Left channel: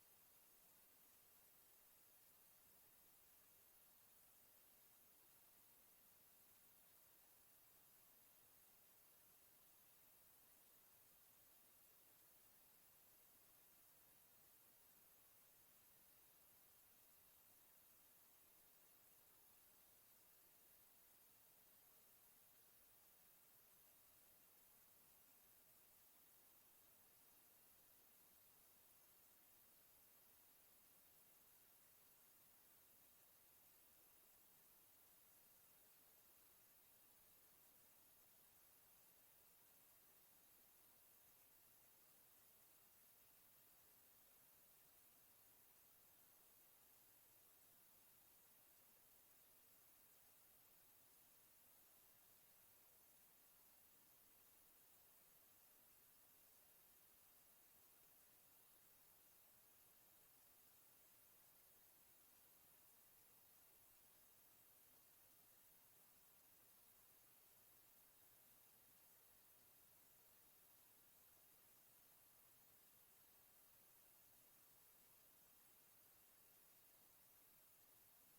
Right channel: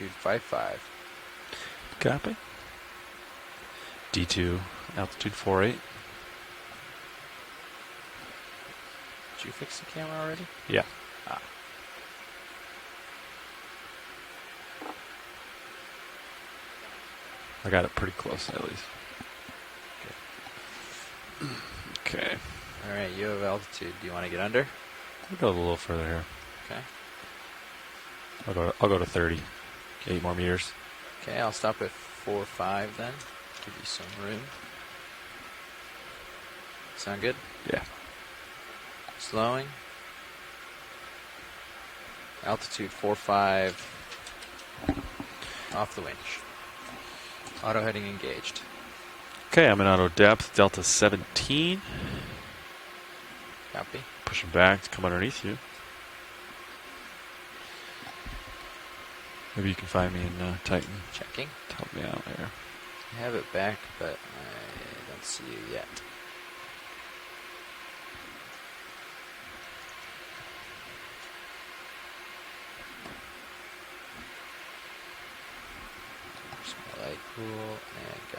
altitude 55. Copy. D2, altitude 48. Did you fix the camera already? Yeah. Ah. I got it pretty close at least. Okay. All right, you have altitude. Do you want to get under? I'll go a little further here. Okay. I'll go to 30. 8 more meters. Okay, I'll stop at 4.5 then. Give you some room. Sound good? Yeah. Slowing. Altitude 4.5. Off the winch. Auto heading engaged. Okay, I'm in auto depth, Delta 17. Copy. Pushing back to come underneath you. Maybe you can find me in Titan. Checking. Help me out here. I have it back, but I don't see you yet. Small light, cool, and go.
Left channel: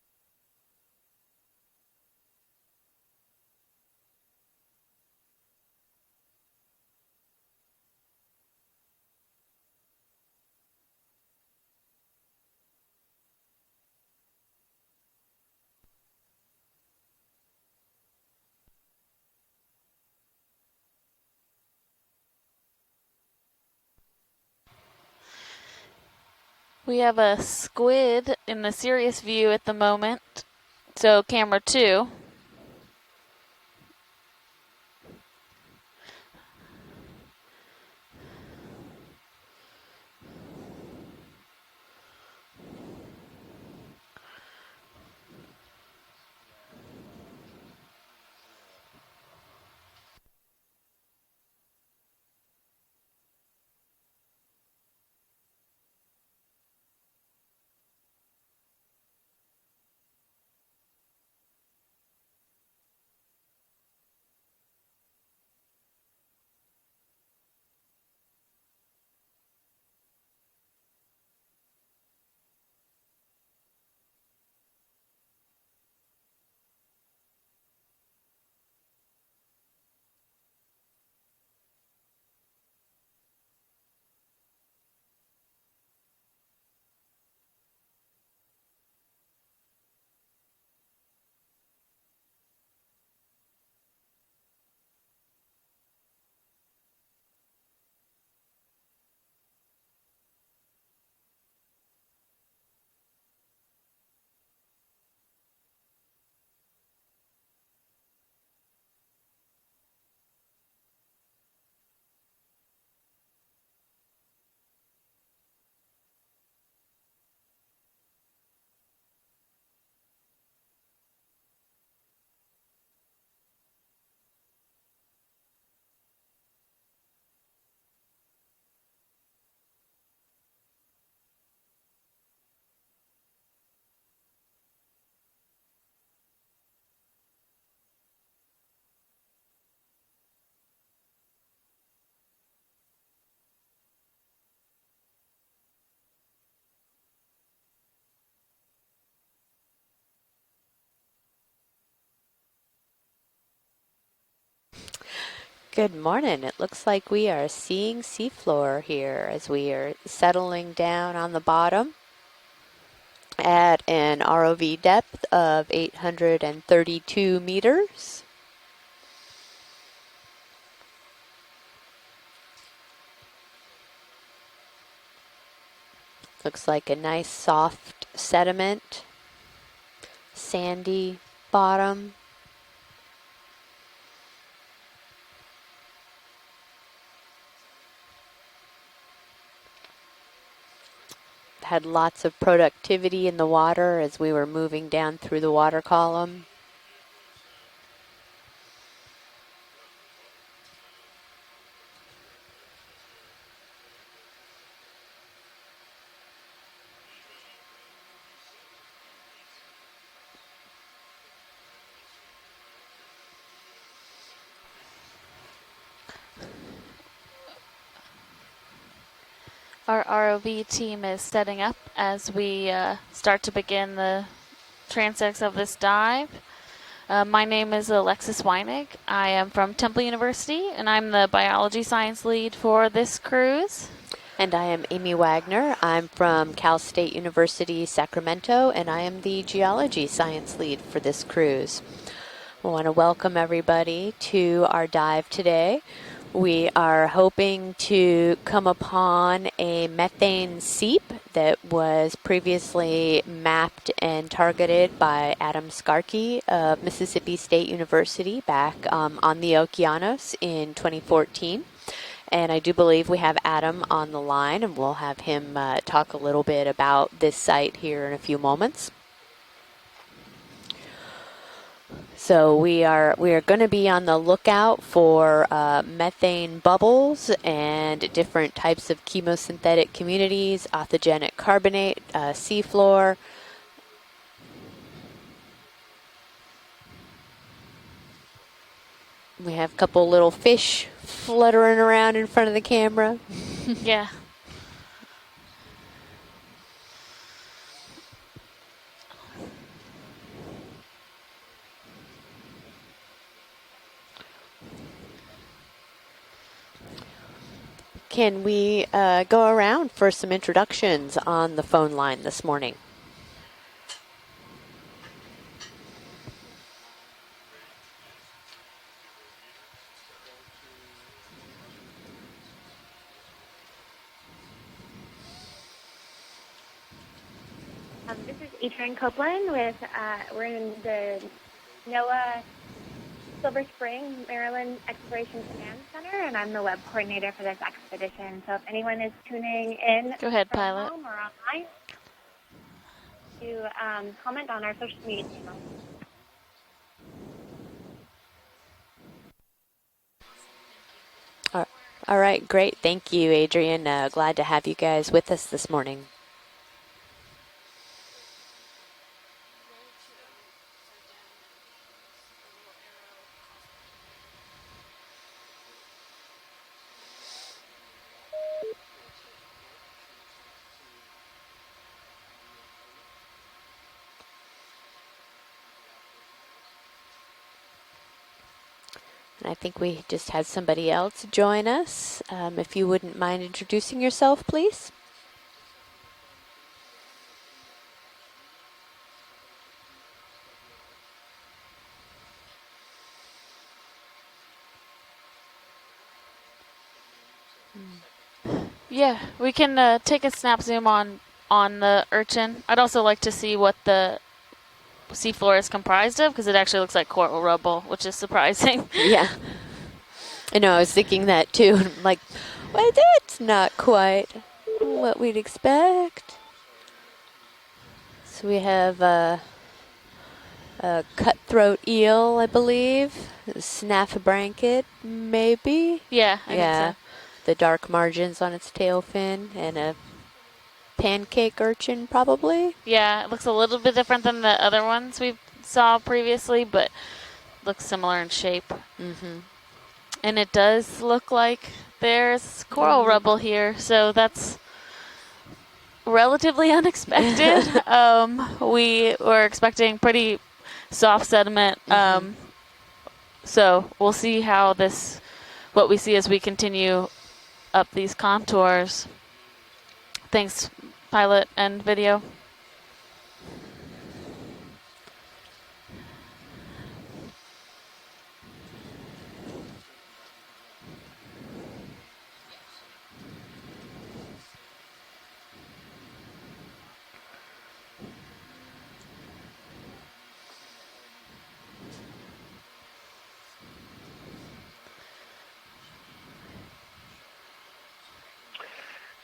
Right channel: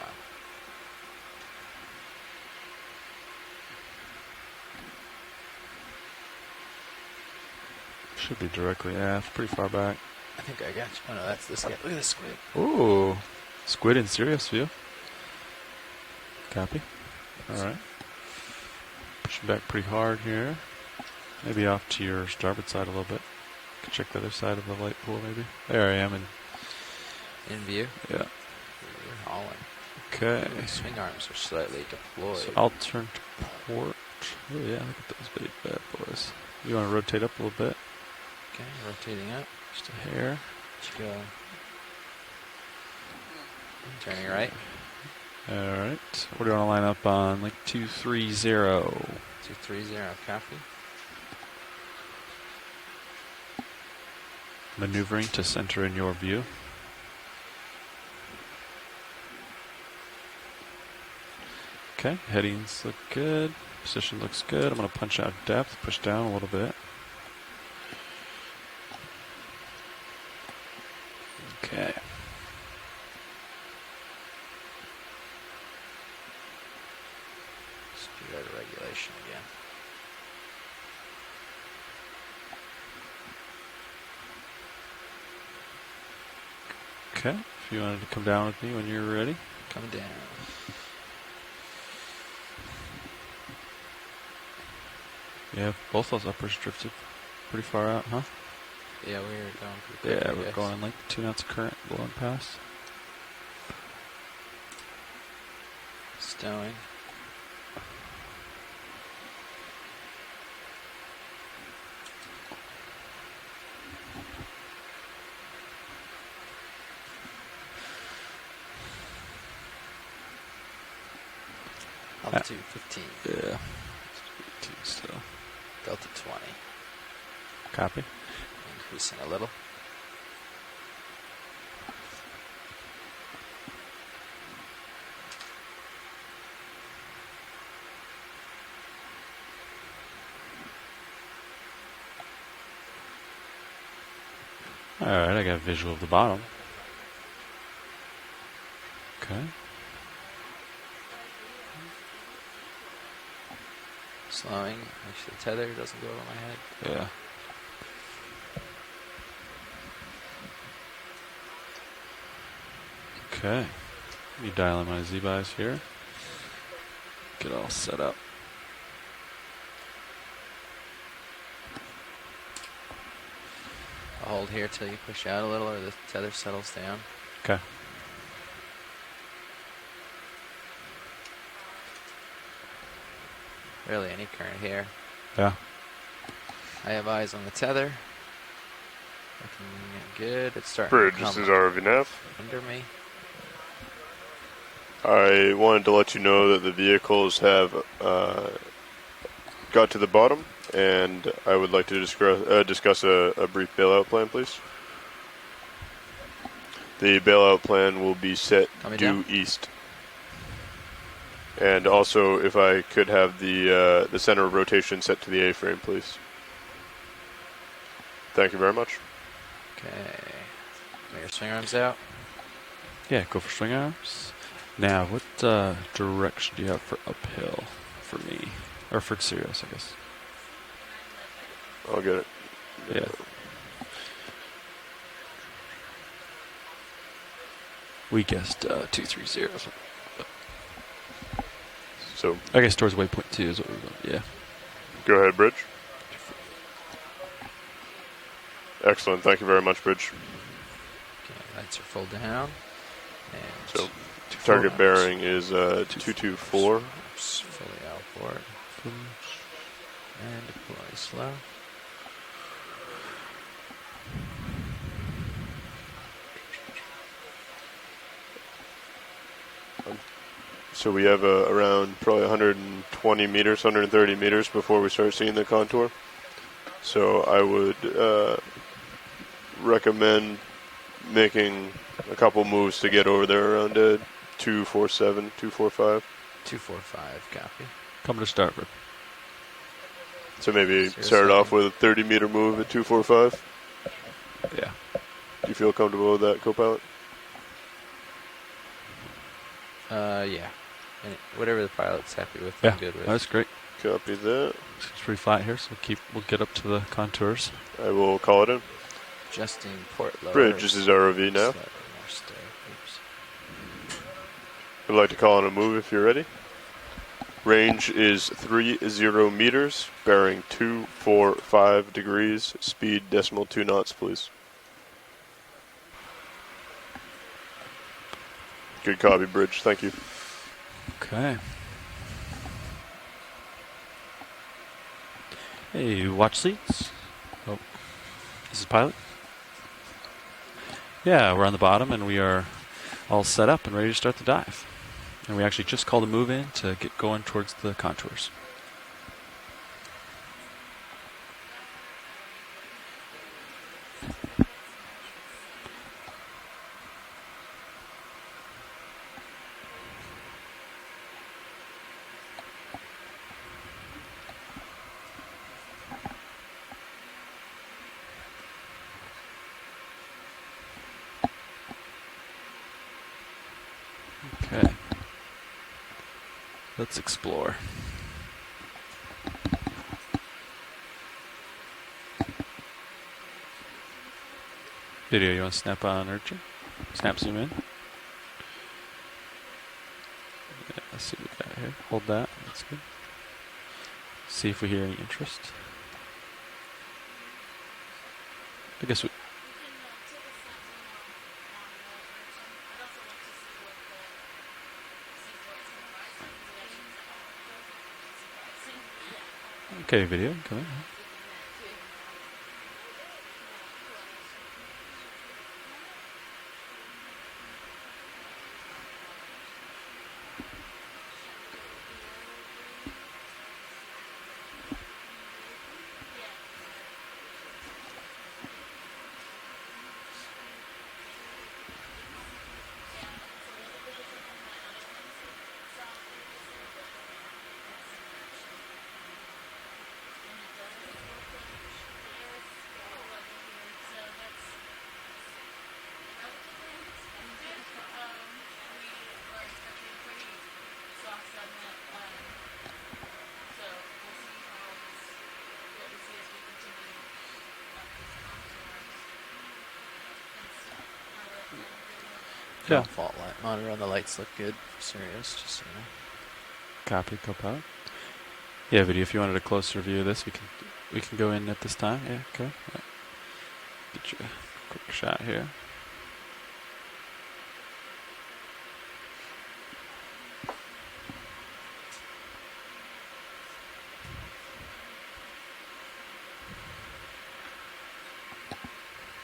Should be directly aft, pretty far back. I think I got you. Oh no, that's this guy. Look at this squid. Ooh, squid in serious view. Copy. All right. Pushing back pretty hard here. Maybe off to your starboard side a little bit. Could check the other side of the light pool maybe. There I am. We have a squid in the serious view at the moment. Okay. So camera 2. So I'll turn to port. Oh yeah, look at those big bad boys. You want to rotate up a little bit? Okay, rotating up. Just a hair. Let's go. Turning right. All right. What do you want to line up on? Like 230. 230, copy. Maneuvering to center in your view. Okay, headings look good. Position looks good. I'm going to punch out depth, push down a little bit. Okay. Speed out of regulation again. Okay, if you wanted to come down with me when you're ready. Coming down. Yeah, both those uppers drifted pretty far out, huh? Yeah, we were going pretty quick. Yeah, we're going like 2 knots of current blowing past. Stowing. Altitude 15. Yeah. Still. Delta 20. Copy. Increasing a little. All right, I got a visual of the bottom. Okay. Slowing. Tether. Good morning. It looks like we are seeing seafloor here as we are settling down on the bottom at an ROV depth of 832 meters. I'll hold here till you push out a little, or the tether settles Looks like down. a nice soft sediment, sandy bottom. Really, any current here. Yeah. I have eyes on the tether. Looking good. It's starting Bridge, to this come. is ROV Had nav. lots of productivity in the water as we were moving down through the I water wanted to column. let you know that the vehicles have got to the bottom, and I would like to discuss a brief bailout plan, please. The bailout plan will be set due east. And also, if I could have the center of rotation set to the A-frame, please. Thank you very much. Our ROV team is setting up out. as we Yeah, start go to for begin the now, transects what of this dive. direction do you have for uphill my name is Alexis for me? Weinig. Or for I am Sirius, from guess. Temple University, and I'm the biology science it. lead for this cruise. And I am Amy Wagner. I'm from Cal State University, Sacramento, and I am the 230. geology science lead for this cruise. So I I guess want to towards welcome 1.2 is what- everybody yeah. to our Go dive ahead, Rich. today. We are hoping to come upon Thank you very much, a Rich. methane seep that Thanks for was folding out. previously mapped So, and target targeted bearing by is, Adam Scarkey 224. of Mississippi State University back on the Okeanos in 2014. And I do believe we have Adam on the line, and we'll have him talk a little bit about this site here in a few moments. So we have around probably So 120 we are meters, going to be on 130 the meters before lookout we start seeing the for contour. methane bubbles So I would, and different types of chemosynthetic recommend communities, authogenic making carbonate, a couple moves to get over there around 247, 245. 245, copy. Coming to starboard. We have a couple little So fish maybe start off with a fluttering 30 around meter in front of move the at camera. 245. Yeah. Yeah. Do you feel comfortable with that, co-pilot? Yeah. And whatever the pilot's happy with, Yeah, I'm good with. that's great. Copy that. It's pretty flat here, so we'll get up to the contours. I will Can call it we go Justin around for some Bridge, this is introductions ROV on now. the phone line this morning? I'd like to call on a move if you're ready. Range is 30 meters, bearing 245 degrees, speed .2 knots, please. This is Good copy, Bridge. Thank you. We're in the Okay. NOAA Silver Spring, Maryland Exploration Command Hey, Center, watch and I'm the web seats. coordinator for this expedition. So This is if pilot? anyone is tuning in, Go ahead, pilot. Yeah, we're on the bottom, and we are all set up and ready to start the comment dive. on our social media. And we actually just called a move in to get going towards the contours. All right, great. Thank you, Adrian. Glad to have you guys with us this morning. Okay. Let's explore. I think we just had somebody else join us. If you wouldn't mind introducing yourself, please. Video, you want to snap on Urchin? Snap zoom in. Yeah, let's see what we got here. Hold that. That's good. See if we hear any interest. I guess Yeah, we can take a snap zoom on the Urchin. I'd also like to see what the seafloor is comprised of, because it actually looks like coral rubble, which is surprising. Yeah, Okay, video. I know. I was thinking that too. I'm like, well, that's not quite what we'd expect. So we have a cutthroat eel, I believe. A snaff blanket, maybe. Yeah, I Yeah, think the dark margins on its tail fin, and a pancake urchin, probably. so. Yeah, it looks a little bit different than the other ones we saw previously, but looks similar in shape. Mm-hmm. And it does look like there's coral rubble here, so that's relatively unexpected. We were expecting pretty soft sediment, so we'll see how what we see as we continue up these contours. Thanks, pilot and video. Yeah. Fault line monitor on the lights look good. Serious, just so you know. Copy, co-pilot. Yeah, video. If you wanted a closer view of this, we can go in at this time. Yeah, okay. Yeah. Get you a quick shot here.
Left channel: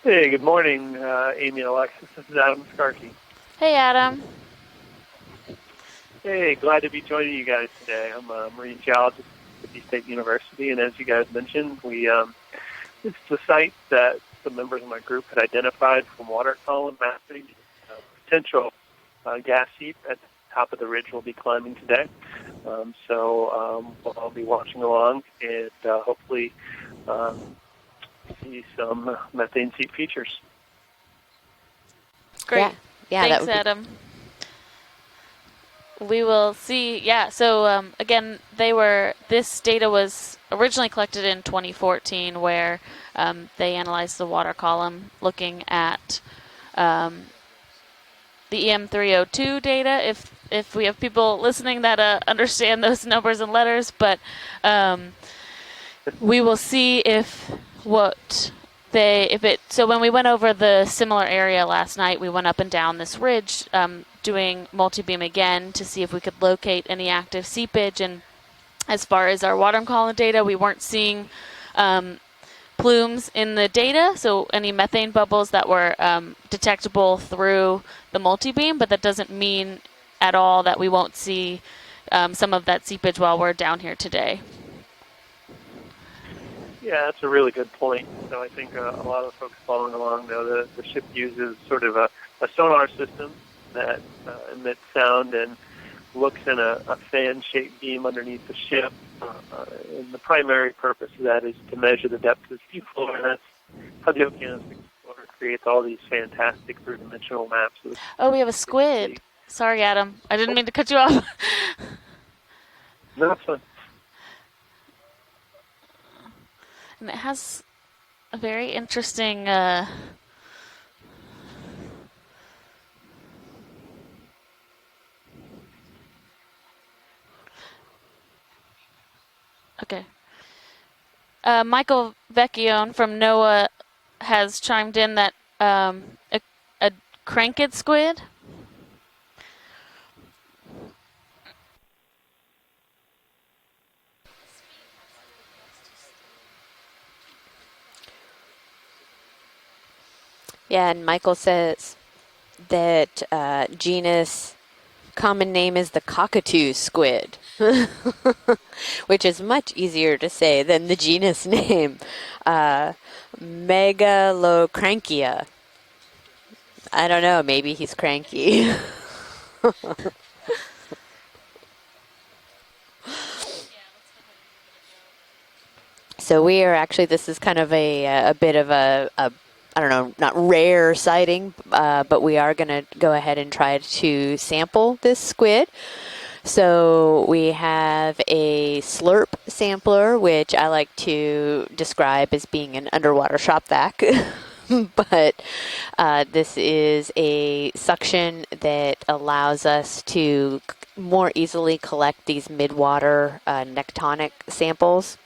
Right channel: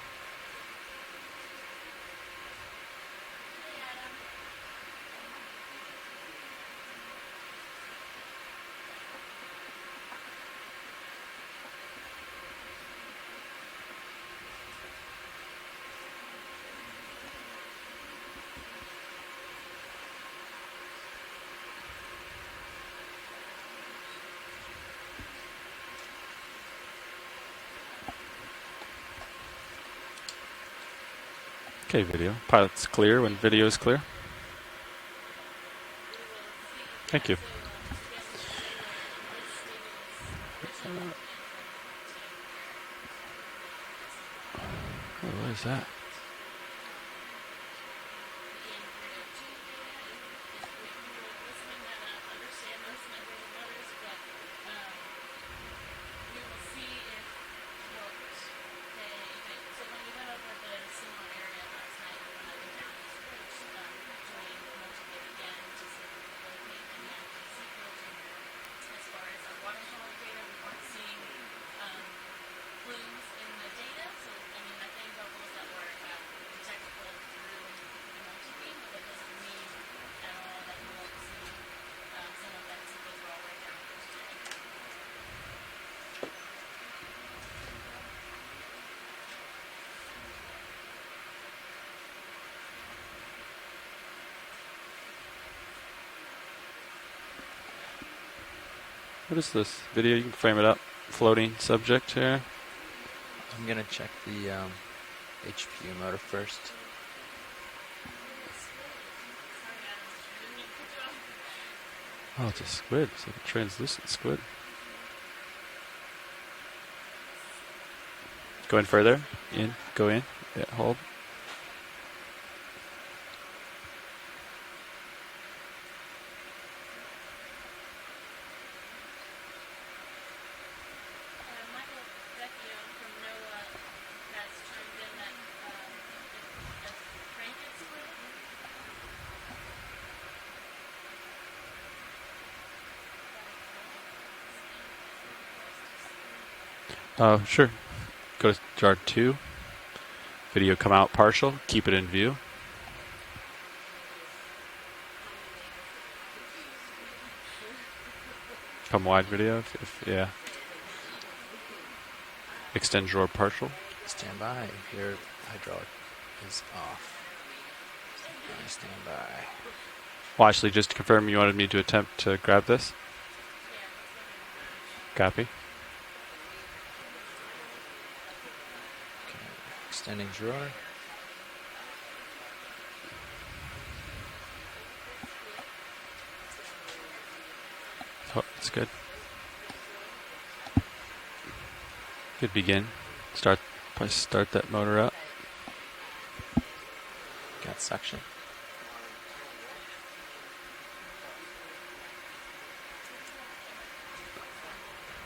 Hey, good morning, Amy and Alexis. This is Adam Starkey. Hey, Adam. Hey, glad to be joining you guys today. I'm a marine geologist at Mississippi State University, and as you guys mentioned, it's the site that some members of my group had identified from water column mapping potential gas seep at the top of the ridge we'll be climbing today. So I'll be watching along and hopefully see some methane seep features. Okay, video. Great. It's clear. Yeah, Thanks, Video is Adam. clear. We will see. Yeah. you. So again, this data was originally collected in 2014, where they analyzed the water column, looking is that? at the EM302 data. If we have people listening that understand those numbers and letters, but we will see so when we went over the similar area last night, we went up and down this ridge, doing multi-beam again to see if we could locate any active seepage. And as far as our water column data, we weren't seeing plumes in the data, so any methane bubbles that were detectable through the multi-beam, but that doesn't mean at all that we won't see some of that seepage while we're down here today. Yeah, that's a really good point. So I think a lot of folks following along know the ship uses sort of a sonar system that emits sound and looks in a fan-shaped beam underneath the ship. What is this video The you can primary frame up? purpose of that Floating is to subject measure the here. depth of the seafloor, and that's I'm gonna check how the the Okeanos creates all these mode first. fantastic three-dimensional maps. Oh, we have a squid. Sorry, Adam. I didn't mean to cut you off. Oh, it's a squid. It's No, a it's fine. translucent squid. And it has a very Going further? interesting. Go in. Yeah, hold. Okay. Michael Vecchione from NOAA has chimed in that a cranked squid. Oh, sure. Go to jar 2. Video Yeah, come and out Michael partial. says Keep it in view. that genus common name is the cockatoo squid, From which wide is video. much easier Yeah. to say than the genus name. Extend drawer partial. Megalocrankia. Hydraulic is off. I don't know. Maybe he's cranky. Well, actually, just to confirm, you wanted me to attempt to grab this? Copy. So we are actually, this is kind of a bit of a I don't know, Extended not drawer. rare sighting, but we are going to go ahead and try to sample this squid. So we have a that's slurp sampler, which I like to describe as Good being begin. an underwater Start- shop vac. Let's start that motor up. But this is a suction that allows us to more easily collect these mid-water nectonic samples.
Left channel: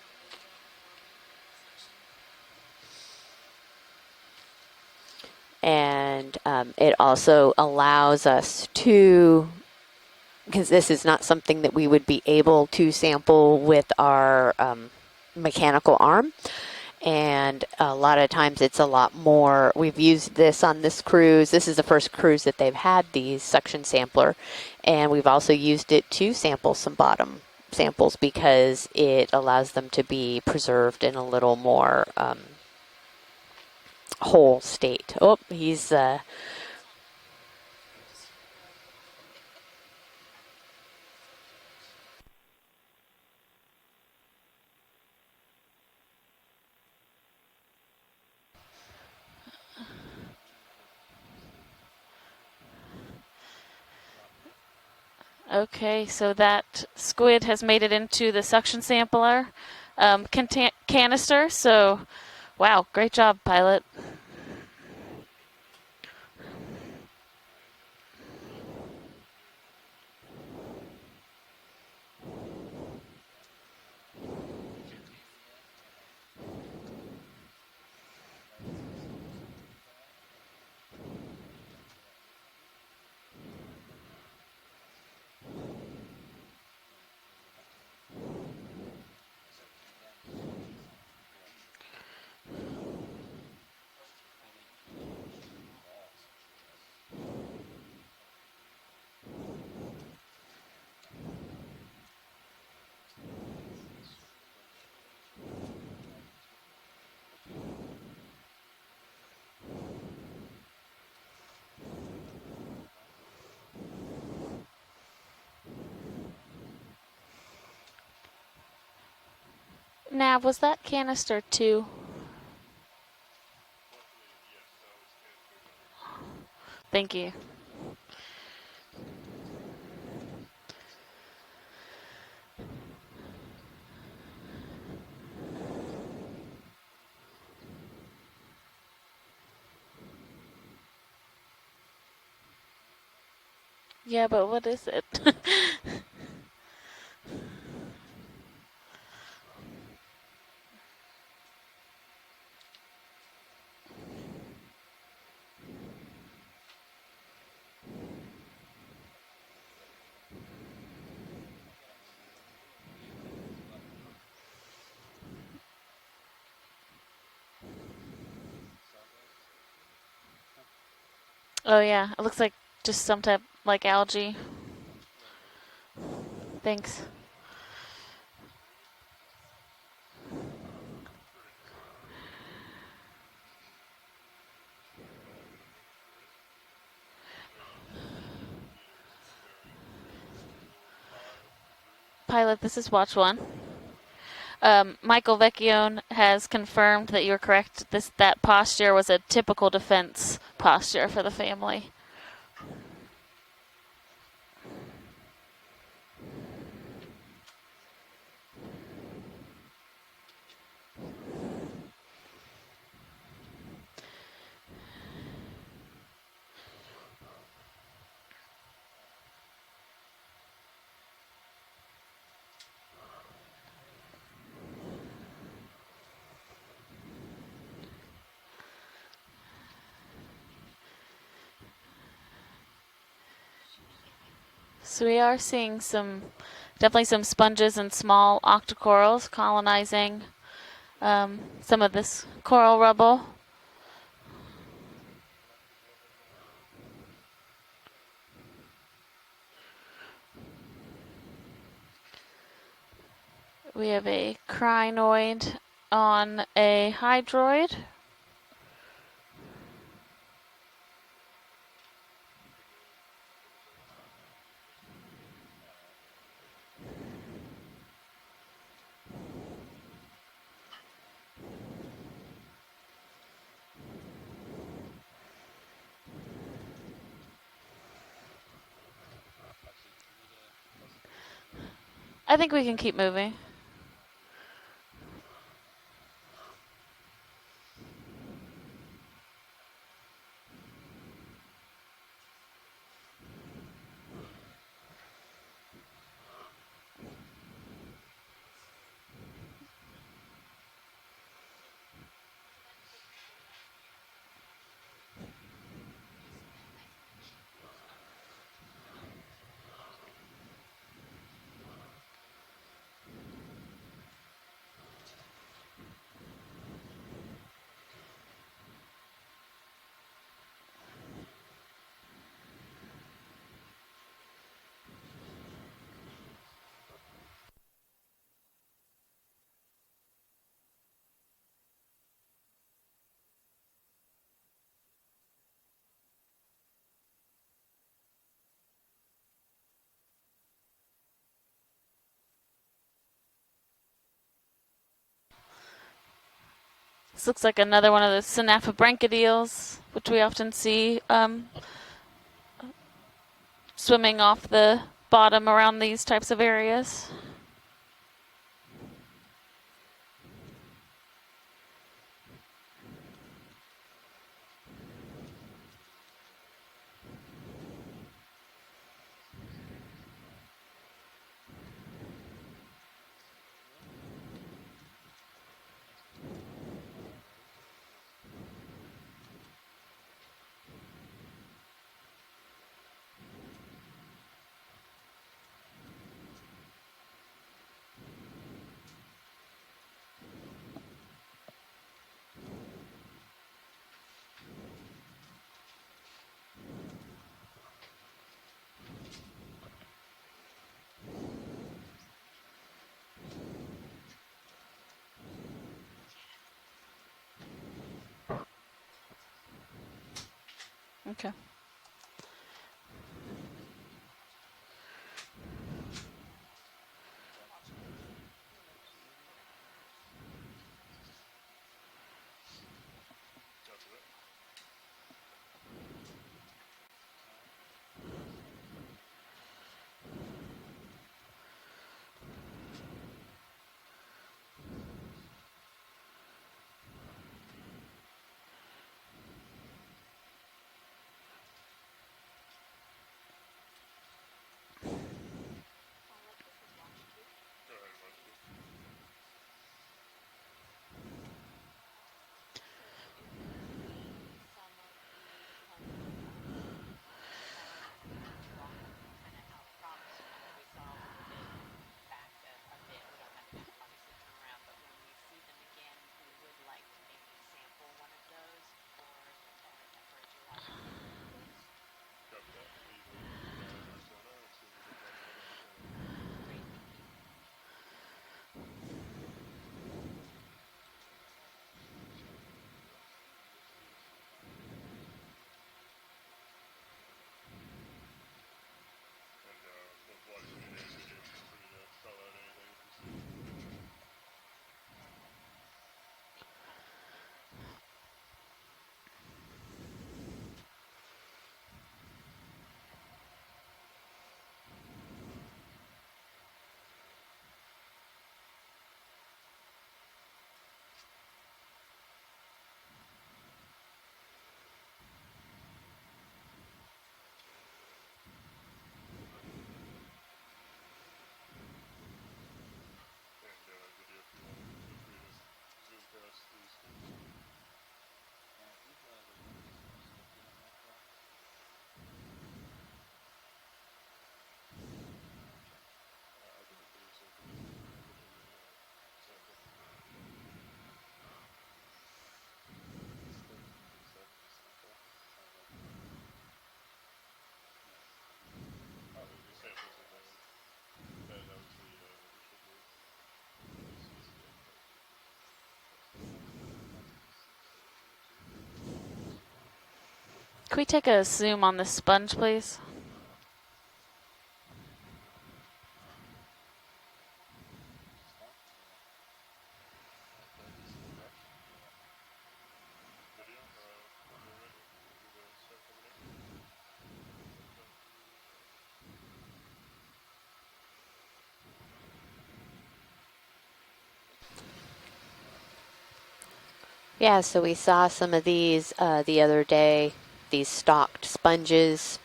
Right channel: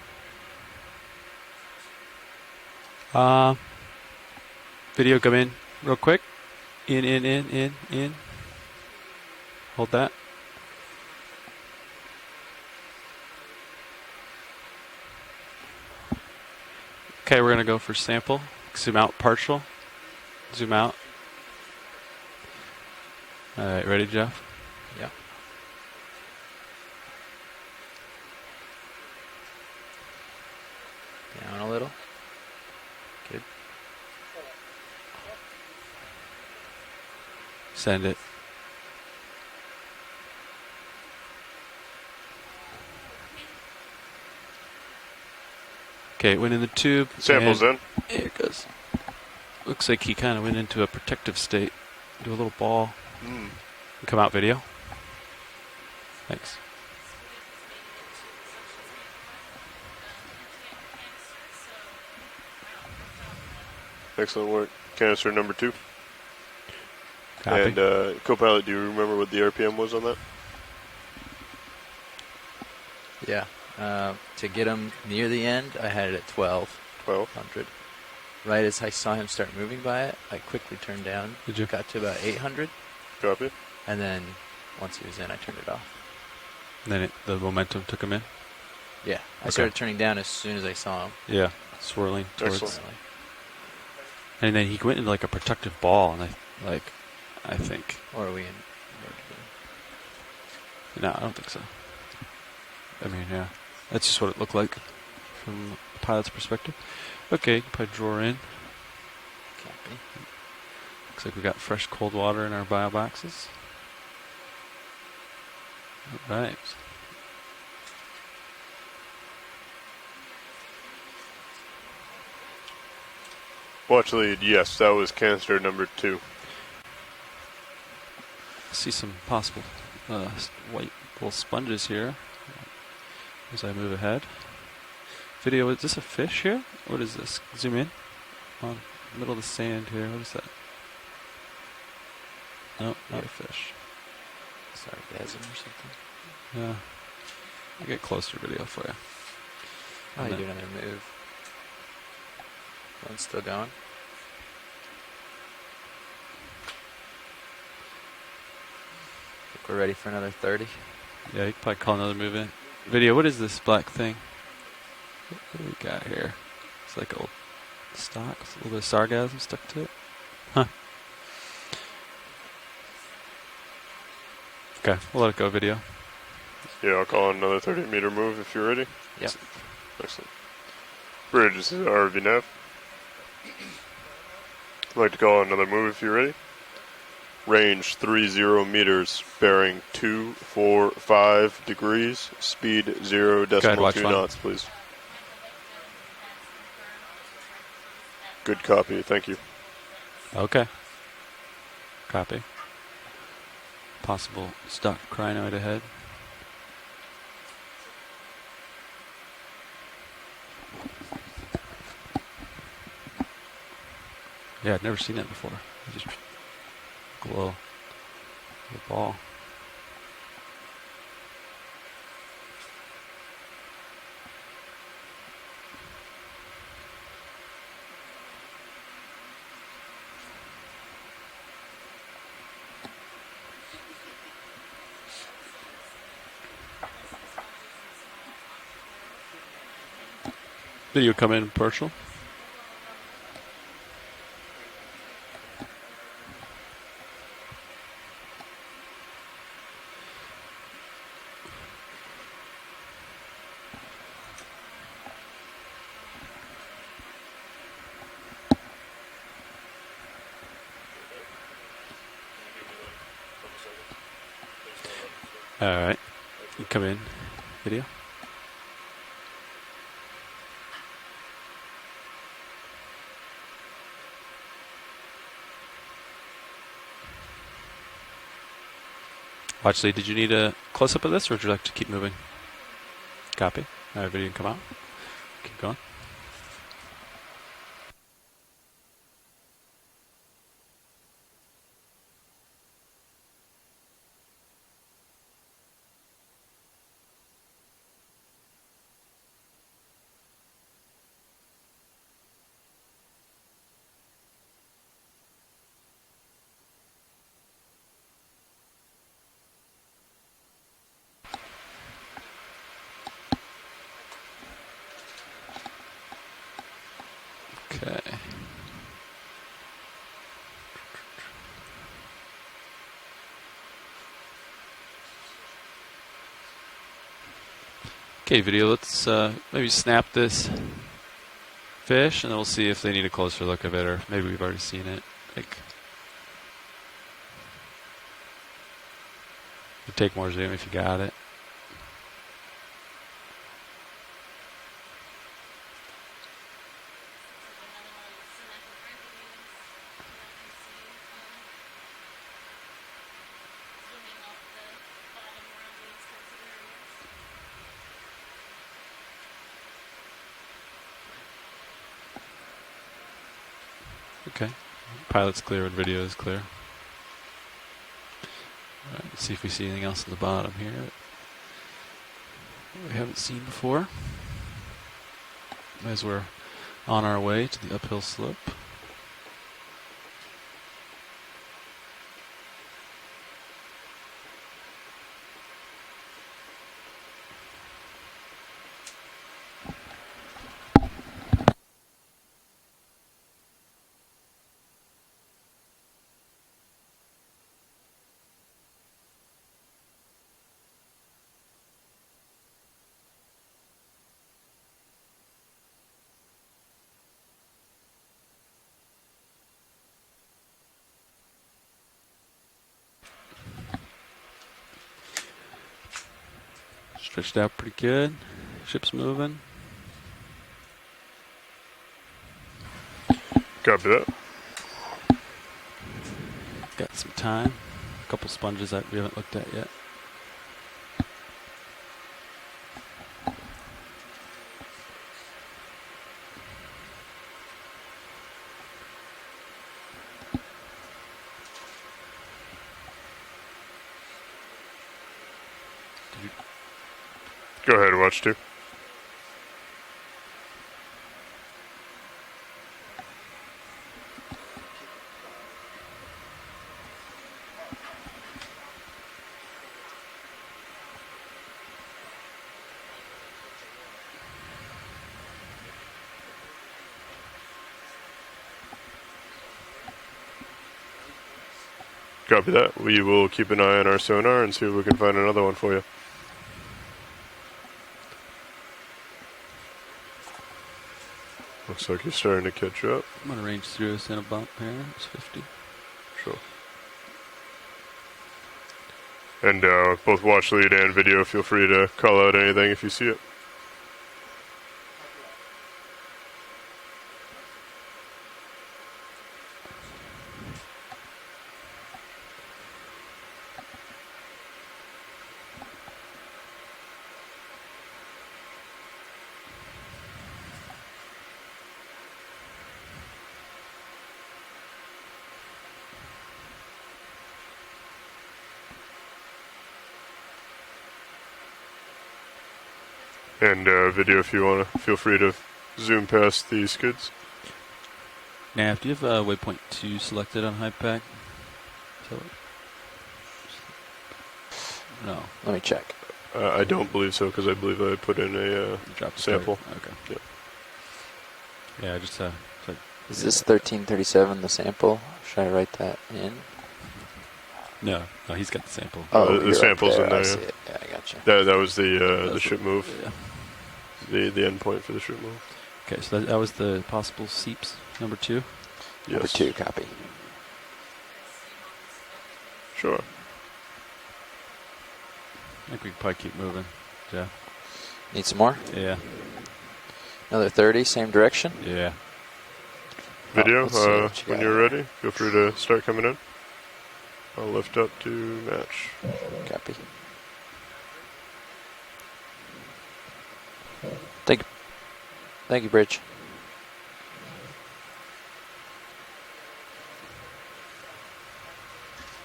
Video come in And real quick. It In, also in, allows us to, Hold that. because this is not something that we would be able to sample with our mechanical arm. And we're gonna go for a lot sample. of times it's Zoom a lot out partial. more. We've used this Zoom on out. this cruise. This is the first cruise that they've had the suction Alright, ready, sampler. Jeff? And we've also used it to sample some bottom samples because it allows them to be preserved in a little Alright. more Good. whole state. Oh, he's Send it. Okay, it went in the tube. Samples and in. Here it goes. Looks like he kind of went into a protective state. Do a little ball. Come out video. Okay, so Thanks. that squid has made it into the suction sampler canister. So, wow, great job, pilot. Excellent work. Canister number 2. Copy. And co-pilot, do you remember what the RPM was on that? Yeah. To get him near the end, I had it at 1200. 12. Right as I saw him start moving by it, I quickly turned down. Did you? Got to about 800, Copy. and then once he was in, I turned it off. And then the momentum took him in. Yeah, I Okay. started turning down as soon as I saw him. Yeah, swirling towards. Excellent. And then he went into like a protective ball, and I think. Or are we in? No, I don't think so. I mean, yeah, that's just what it looked like from the pilot's perspective. Okay, put a drawer in. Copy. Looks like we got fresh cold water in our bio boxes. Right. Nav, was that canister 2? Well, actually, yes, that was canister number 2. Thank you. See some possible white little sponges here as I move ahead. Video, is this a fish here? What is this? Zoom in. On the middle of the sand here. What is that? No, not a fish. Yeah, but what is it? Yeah. I'll get closer video for you. Oh, you do another move. One's still going. Think we're ready for another 30. Yeah, you can probably call another move in. Video, what is this black thing? What do we got here? It's like old stock. It's a little bit of sargassum stuck to it. Huh. Oh yeah, it looks like just some type like algae. Okay, we'll let it go, video. Thanks. Yeah, I'll call another 30-meter move if you're ready. Yep. Excellent. Bridge, this is RV nav. I'd like to call another move if you're ready. Range 30 meters, bearing 245 degrees. Pilot, this speed is watch 0 one. decimal watch 2 one. knots, please. Michael Vecchione has confirmed that you're correct. That Good posture copy, was a thank you. typical defense posture for the family. Copy. Possible stuck crinoid ahead. Yeah, I'd never seen that before. Just glow the ball. So we are seeing definitely some sponges and small octocorals colonizing Did you come in partial? some of this coral rubble. We have a crinoid on a hydroid. All right, you come in, video. Actually, did you need a close-up of this, or would you like to keep moving? I think we can keep moving. Copy. All right, video can come out. Keep going. Okay. Okay, video, let's maybe snap this fish, and then we'll see if they need a closer look of it, or maybe we've already seen it. Like, we'll take more zoom if you got it. This looks like another one of the synaphobranchidials, which we often see swimming off the bottom around these types of areas. Okay. Pilot's clear and video is clear. All right, let's see if we see anything else at the bottom here that we haven't seen before, as we're on our way to the uphill slope. Okay. Stretched out pretty good. Ship's moving. Copy that. Got some time. A couple sponges that we haven't looked at yet. Go ahead, watch 2. Copy that. We will keep an eye on our sonar and see if we can find another one for you. Looks like you're starting to catch up. I'm going to range through us in a bump here. It's 50. Sure. And both watch lead and video, feel free to call out anything if you see it. And video, if you want to, feel free to zoom past the skids. Nav, do you have waypoint 2 selected on HiPAC? No. Let me check. I don't believe so, because I believe I put in a sample. Okay. Yep. Yeah, just Is this 1337 the sample? Should I write that in? No, he's got the sample. Oh, the sample's in there. I see it. Yeah, I got you. That was the ship move. Yeah. The endpoint for the ship move. Okay, so that was the possible Seeps, number 2. Yes. Number 2, copy. Can we take a zoom on this sponge, please? Sure. I think we can probably keep moving. Yeah. Need some more? Yeah. Another 30, same direction? Yeah. Video, let's see what you when got. you're ready, feel free to start coming in. I'll lift up to match. Copy. Thank you, Bridge. Yeah, so we saw some of these the other day, these stalked sponges.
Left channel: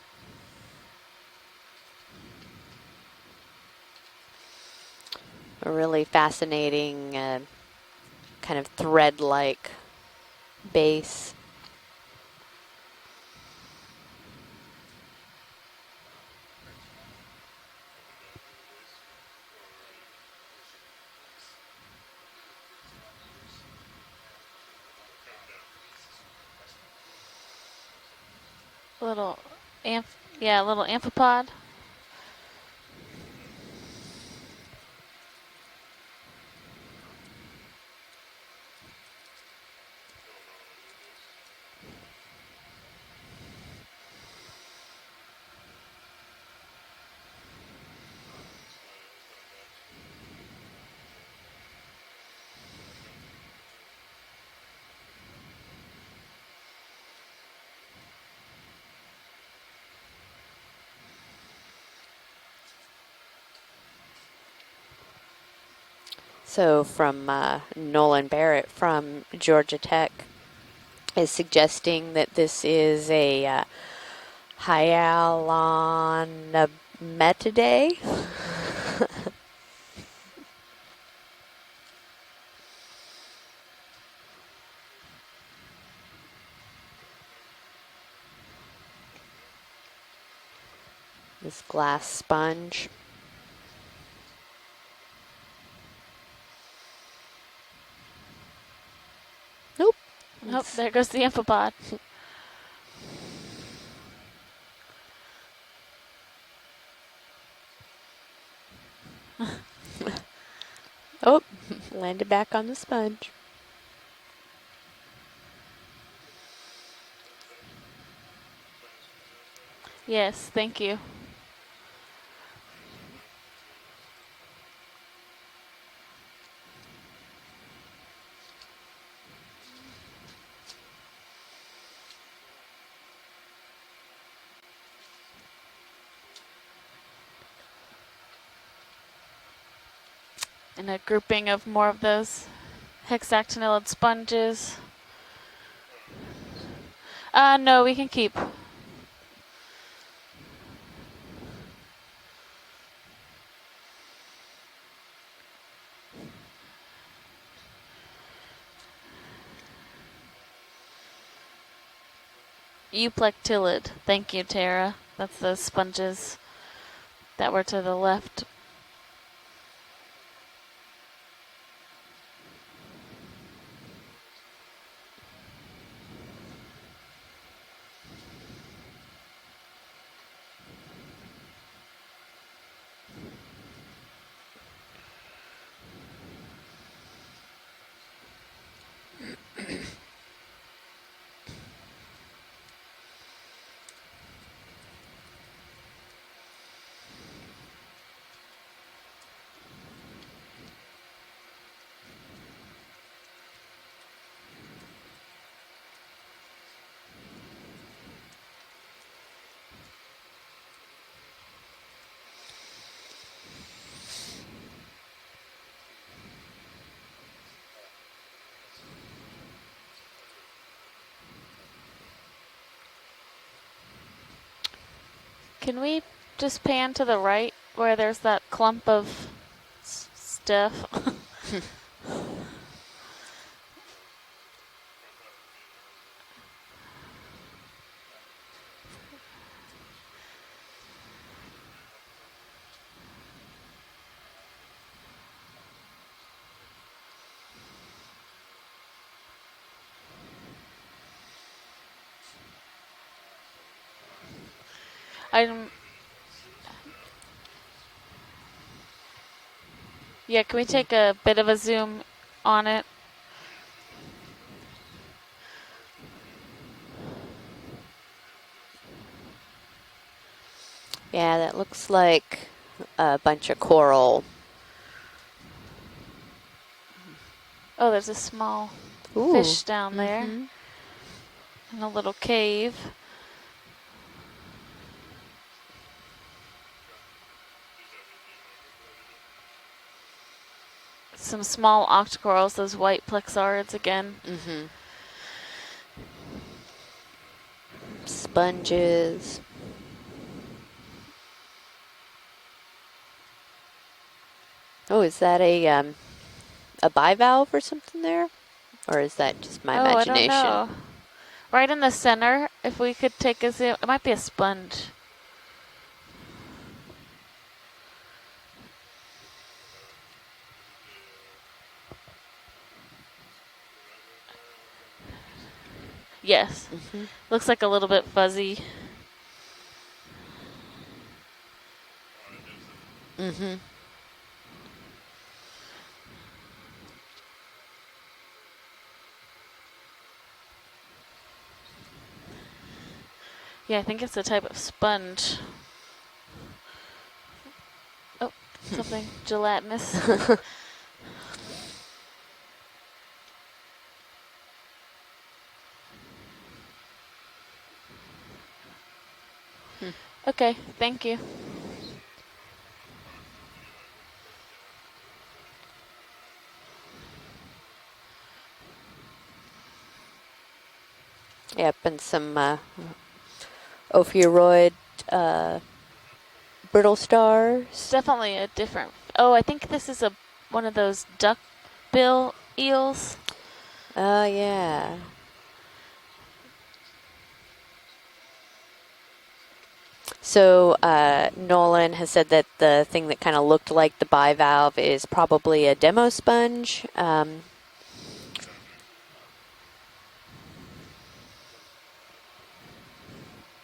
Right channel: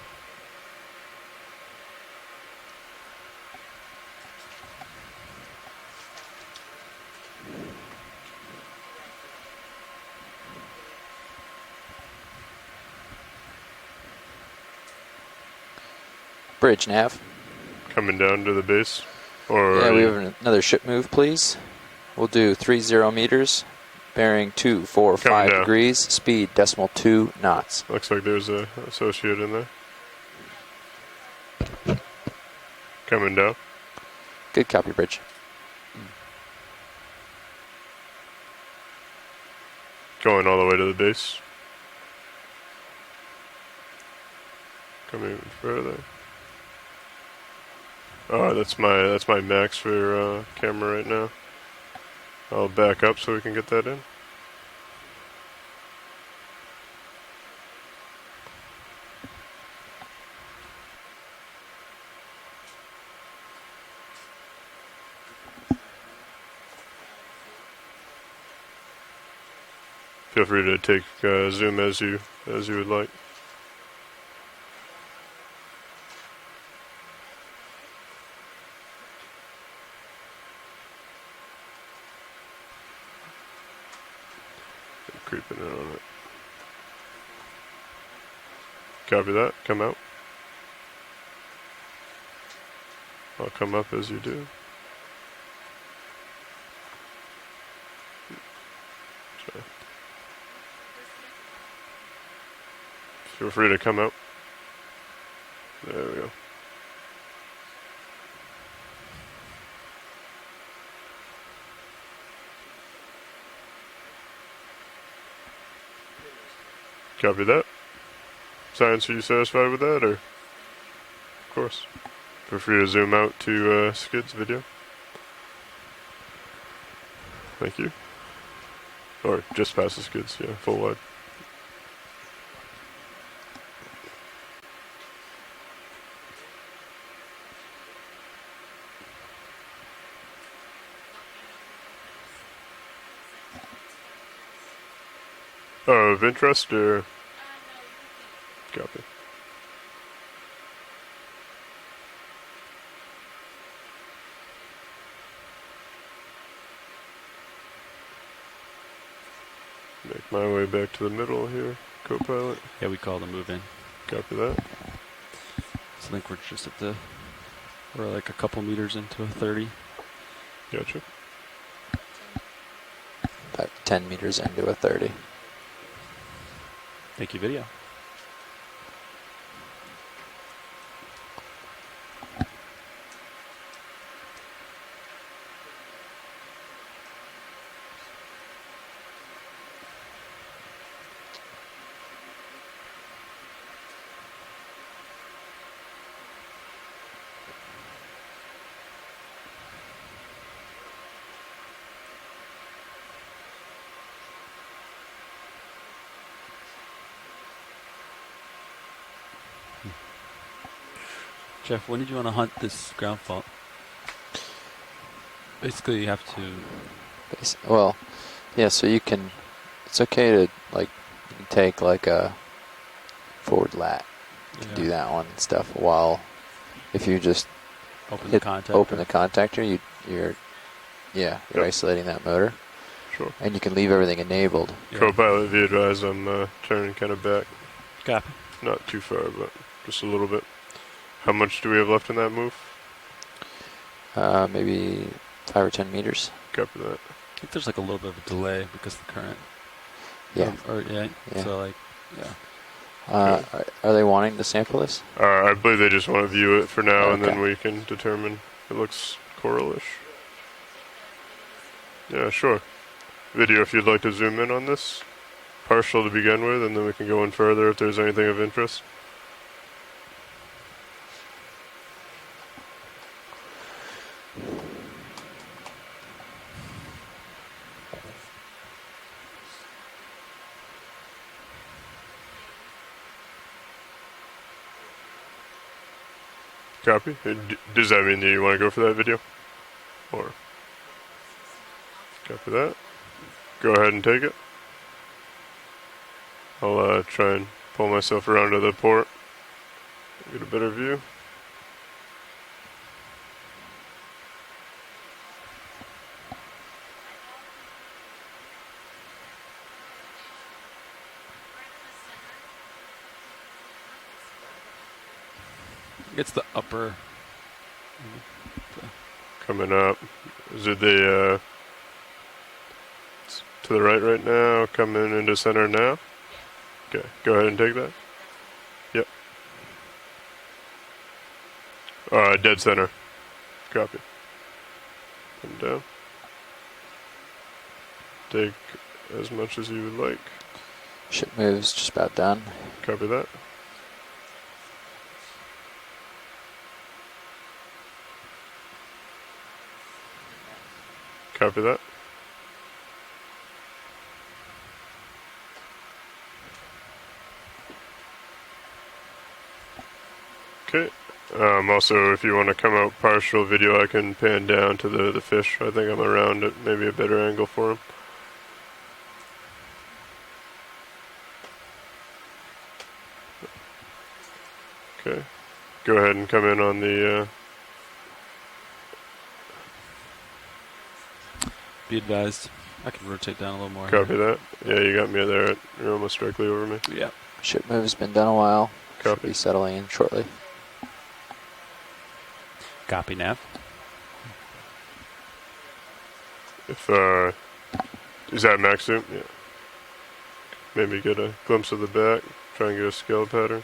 A really fascinating kind of thread-like base. Bridge, Nav. Coming down to the base. Or Yeah, we have another ship move, please. We'll do 30 meters, bearing 245 down. degrees, speed 2 knots. Looks like there's a associate in there. Yeah, a little amphipod. Coming down. Good copy, Bridge. Going all the way to the base. Coming even further. Oh, that's my max for camera right now. I'll back up so we can get that in. So from Nolan Barrett from Georgia Tech Feel free to take is zoom as suggesting you that this as you would is like. a hyalonimetidae. Creeping in on it. Copy that. Come out. This glass sponge. I'll come up as you do. Oh, there goes the amphipod. Feel free to come out. There we go. Oh, landed back on the sponge. Copy that. Science, are you satisfied with that? Or? Yes, thank you. Of course. Feel free to zoom out to Skid's video. Thank you. Or just past the Skids, yeah, full wide. and a grouping of more of those hexactinellid sponges. Of interest or? No, we can keep. Copy. Make my way back to the middle here, co-pilot. Yeah, we call it moving. Euplectillid. Thank Copy you, that. Tara. That's those I sponges think we're just at the, that were to the we're left. like a couple meters into a 30. Gotcha. About 10 meters into a 30. Thank you, video. Jeff, when did you want to hunt this ground fault? Basically, you have to. Well, yeah, so you can, it's okay to, like, you can take like a forward lat to do that one and stuff Can while we just pan if to the you're just right where there's open that the clump open the of contactor, you're, stuff? yeah, you're isolating that motor. Sure. And you can leave everything enabled. Yeah. Co-pilot, if you advise, I'm turning kind of back. Copy. Not too far, but just a little bit. How much do we have left in that move? Maybe 5 or 10 meters. Copy that. I think there's like a little bit of a delay because of the current. Yeah. Yeah. So like, yeah. Are they wanting to sample this? I believe they just want to view it for now, and then Okay. we can determine. It looks coralish. Yeah, can we take a bit of a zoom Yeah, sure. on it? Video, if you'd like to zoom in on this. Partial to begin with, and then we can go in further if there's anything of interest. Yeah, that looks like a bunch of coral. Oh, there's a small Ooh. fish down there Mhm. in a little cave. Copy. Does that mean that you want to go for that video? Or Some small octocorals, Copy that. those white plexarids go ahead again. and take it? Mhm. I'll try and pull myself around to the port. Sponges. Get a better view. Oh, is that a bivalve or something there? Or is that just my imagination? I don't know. Right in the center, if we could take a zoom. It might be a sponge. It's the upper. Coming up. Is it the to the right now? Coming into center now? Yes. Okay. Go Looks ahead like and a take little that. bit fuzzy. Dead center. Mm-hmm. Copy. Come down. Take as much as you would like. Ship moves just about done. Copy that. Yeah, I think it's a type of sponge. Oh, something gelatinous. Copy that. Okay, Okay. thank you. Also, if you want to come out partial video, I can pan down to the fish. I think I'm around at maybe a better angle for him. Yep, and some ophiuroid Okay. Go ahead and come in on brittle the stars. It's definitely a different. Oh, I think this is one of those duck Be bill advised. I eels. can rotate down a little more. copy that. yeah. You got me there. You're almost directly over me. Yeah. Ship move's been done a while. Should Copy. be settling in shortly. So Nolan has said that the thing Copy that now. kind of looked like the bivalve is probably a demo sponge. If, Is that max zoom? Yeah. Maybe get a glimpse of the back. Try and get a scale pattern.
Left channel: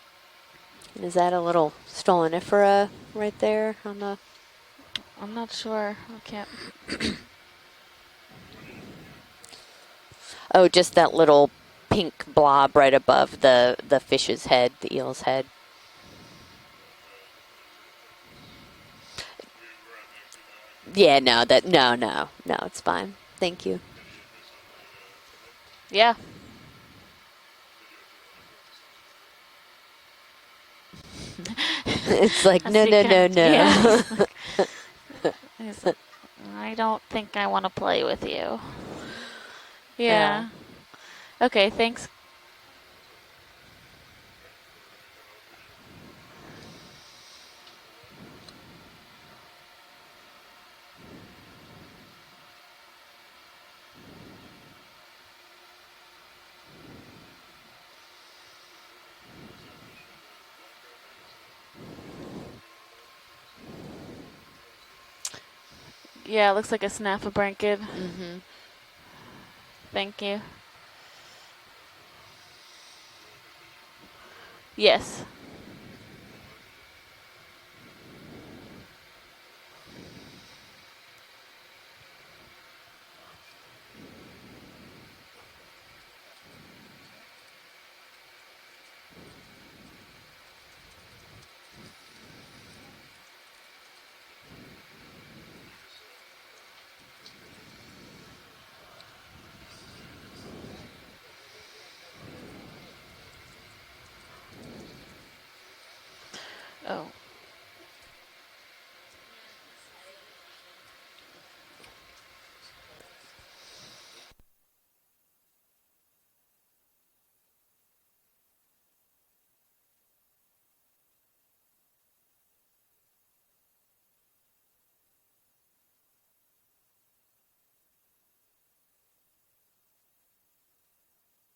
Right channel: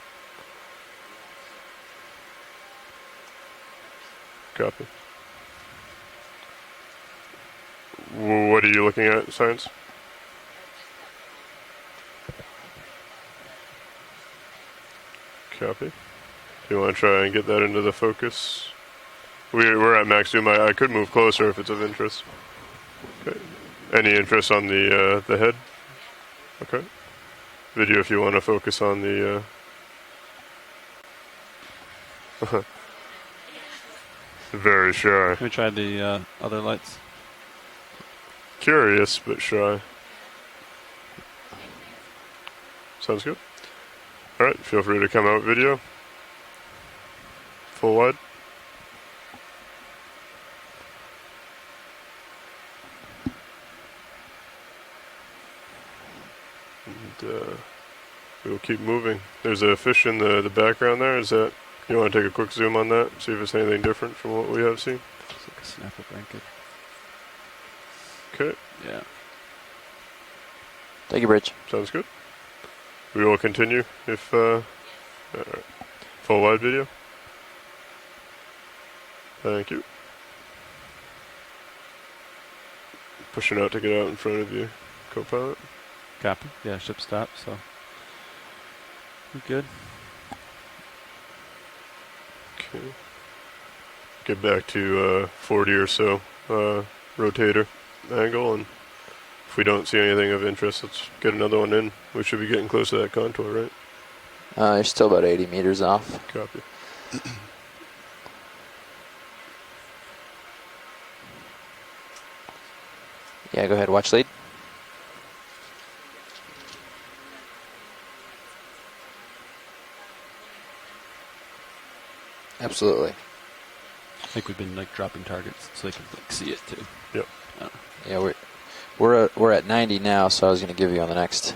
Is that a little stolonifera right there on the? Copy. I'm not sure. I can't. What are you looking at, Science? Oh, just that little pink blob right above the fish's head, the eel's head. Copy. You want to try and get that into the focus? We're at max zoom. I could move Yeah, closer. no, if it's of no, interest. no, it's fine. Okay. Thank you. Any interest on the head? Yeah. Okay. Video, if you want to focus on the It's like, A no, no, no, secant, no. yeah. Very shy. Can we try the other I lights? don't think I want to play with you. Curious, but shy. Yeah. Okay, thanks. Sounds good. All right, feel free to come out video. Full wide. And, we'll keep moving. There's a fish in the background there. Is that, you want to take a quick zoom on that? See if it's anything different from what we have seen? Like a snapper blanket. Yeah, it looks like a snafflebrankid. Okay, Yeah. Thank you. Thank you, Bridge. sounds good. We will continue if, Yes. all right. Full wide video. Thank you. Pushing out to get out in front of you, co-pilot. Copy. Yeah, ship stop, so we're good. Okay. Get back to 40 or so rotator angle, and if we don't see anything of interest, let's get another one in. We should be getting close to that contour, right? You're still about 80 meters off. Copy. Oh. Yeah, go ahead. Watch lead. Absolutely. I think we've been like dropping targets so they can like see it too. Yep. Yeah, we're at 90 now, so I was going to give you on the next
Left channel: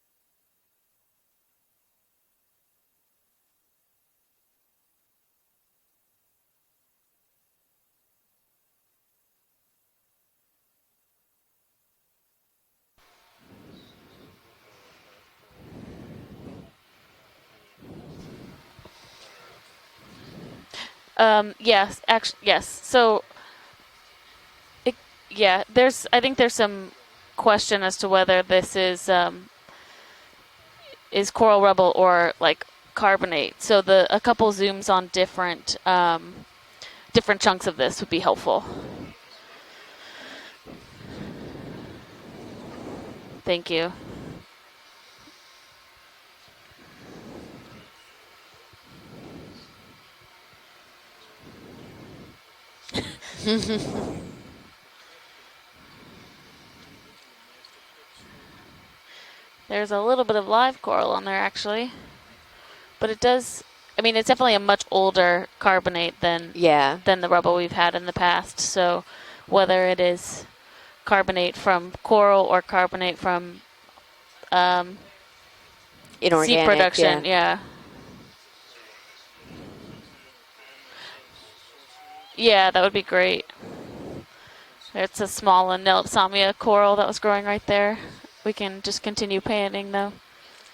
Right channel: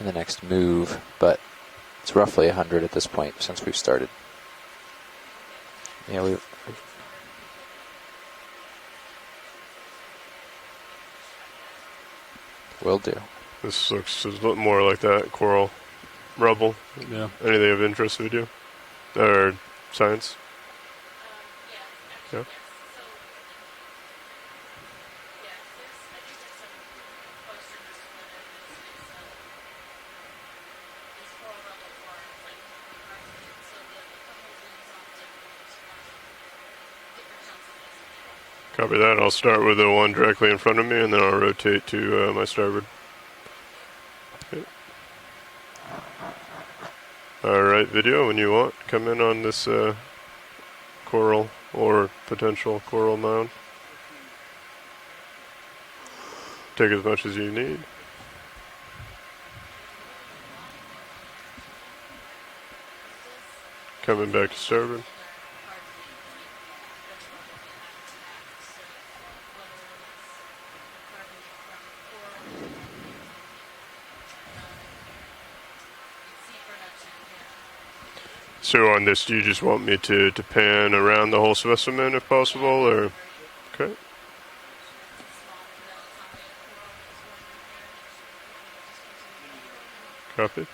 in the next move, but it's roughly 100 at this point since we've started. Yeah, we. Will do. This looks a little more like that coral rubble. Yeah. Anything of interest with you? Or science? Yes, actually, Yeah. yes. So, I think there's some question as to whether this is coral rubble or like carbonate. So a couple zooms on different chunks of this would be helpful. Copy that. I'll start with the one directly in front of me, and then I'll rotate to my starboard. Thank you. Okay. All right, video, when you want, come in on this coral or potential coral mound. Take as much as you need. There's a little bit of live coral on there actually, but it does. I mean, Coming it's definitely a back much starboard. older carbonate than the rubble we've had in the past. So whether it is carbonate from coral or carbonate from Inorganic, seed production, yeah. So on this, do you just want me to pan around the whole specimen if possible? Yeah, that would or? be great. Okay. It's a small Nelipsamia coral that was growing right there. We can just continue panning though. Copy.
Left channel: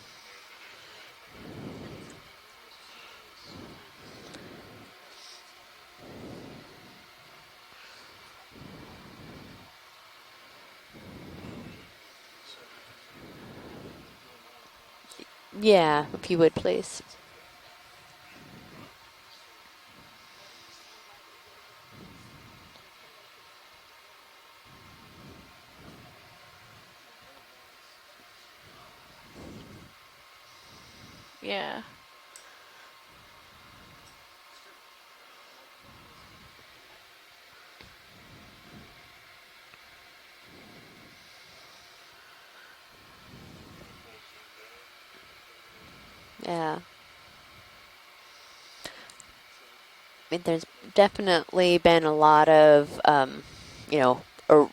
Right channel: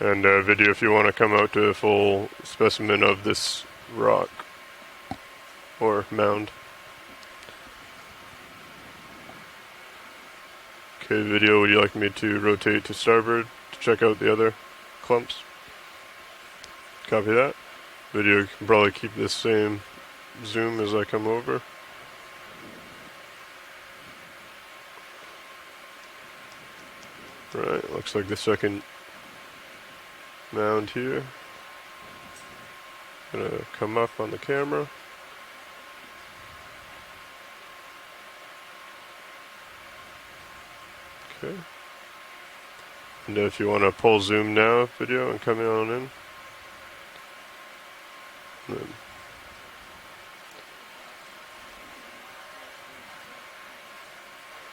And video, if you want to come out to a full specimen of this rock or mound. Okay, video, would you like me to rotate to starboard to check out the other clumps? Yeah, if you would, please. Copy that. Video, you can probably keep this same zoom as I come over. Right, looks like the second mound here. Yeah. Gonna come up on the camera. Okay. And if you want to pull zoom now, video, and come on in. Yeah. Then I mean, there's definitely been a lot of,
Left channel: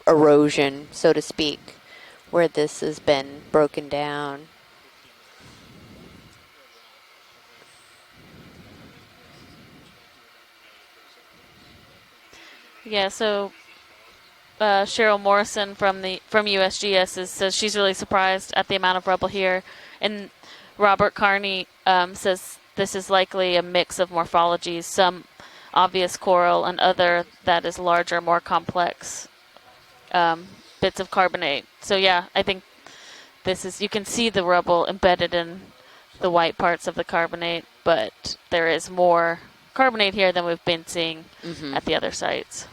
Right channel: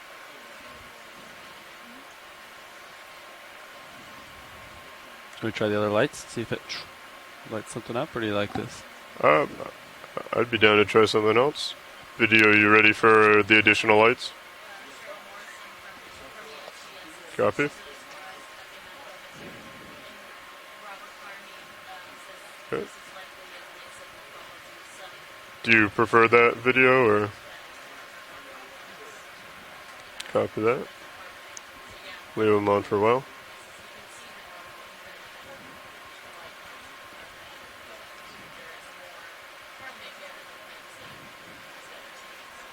erosion, so to speak, where this has been broken down. Can we try the other lights? See if it lights something up, or do you like this? I'd be down to try something else. Video, you ready Yeah, for so- the additional lights? Cheryl Morrison from USGS says Copy. she's really surprised at the amount of rubble here, and Robert Carney says Okay. this is likely a mix of morphologies, some Do you obvious prefer coral that and video other or that is larger, more complex copy that? bits of carbonate. So yeah, I Leave think them on for a while. this is, you can see the rubble embedded in the white parts of the carbonate, but there is more carbonate here than we've been seeing at the other sites.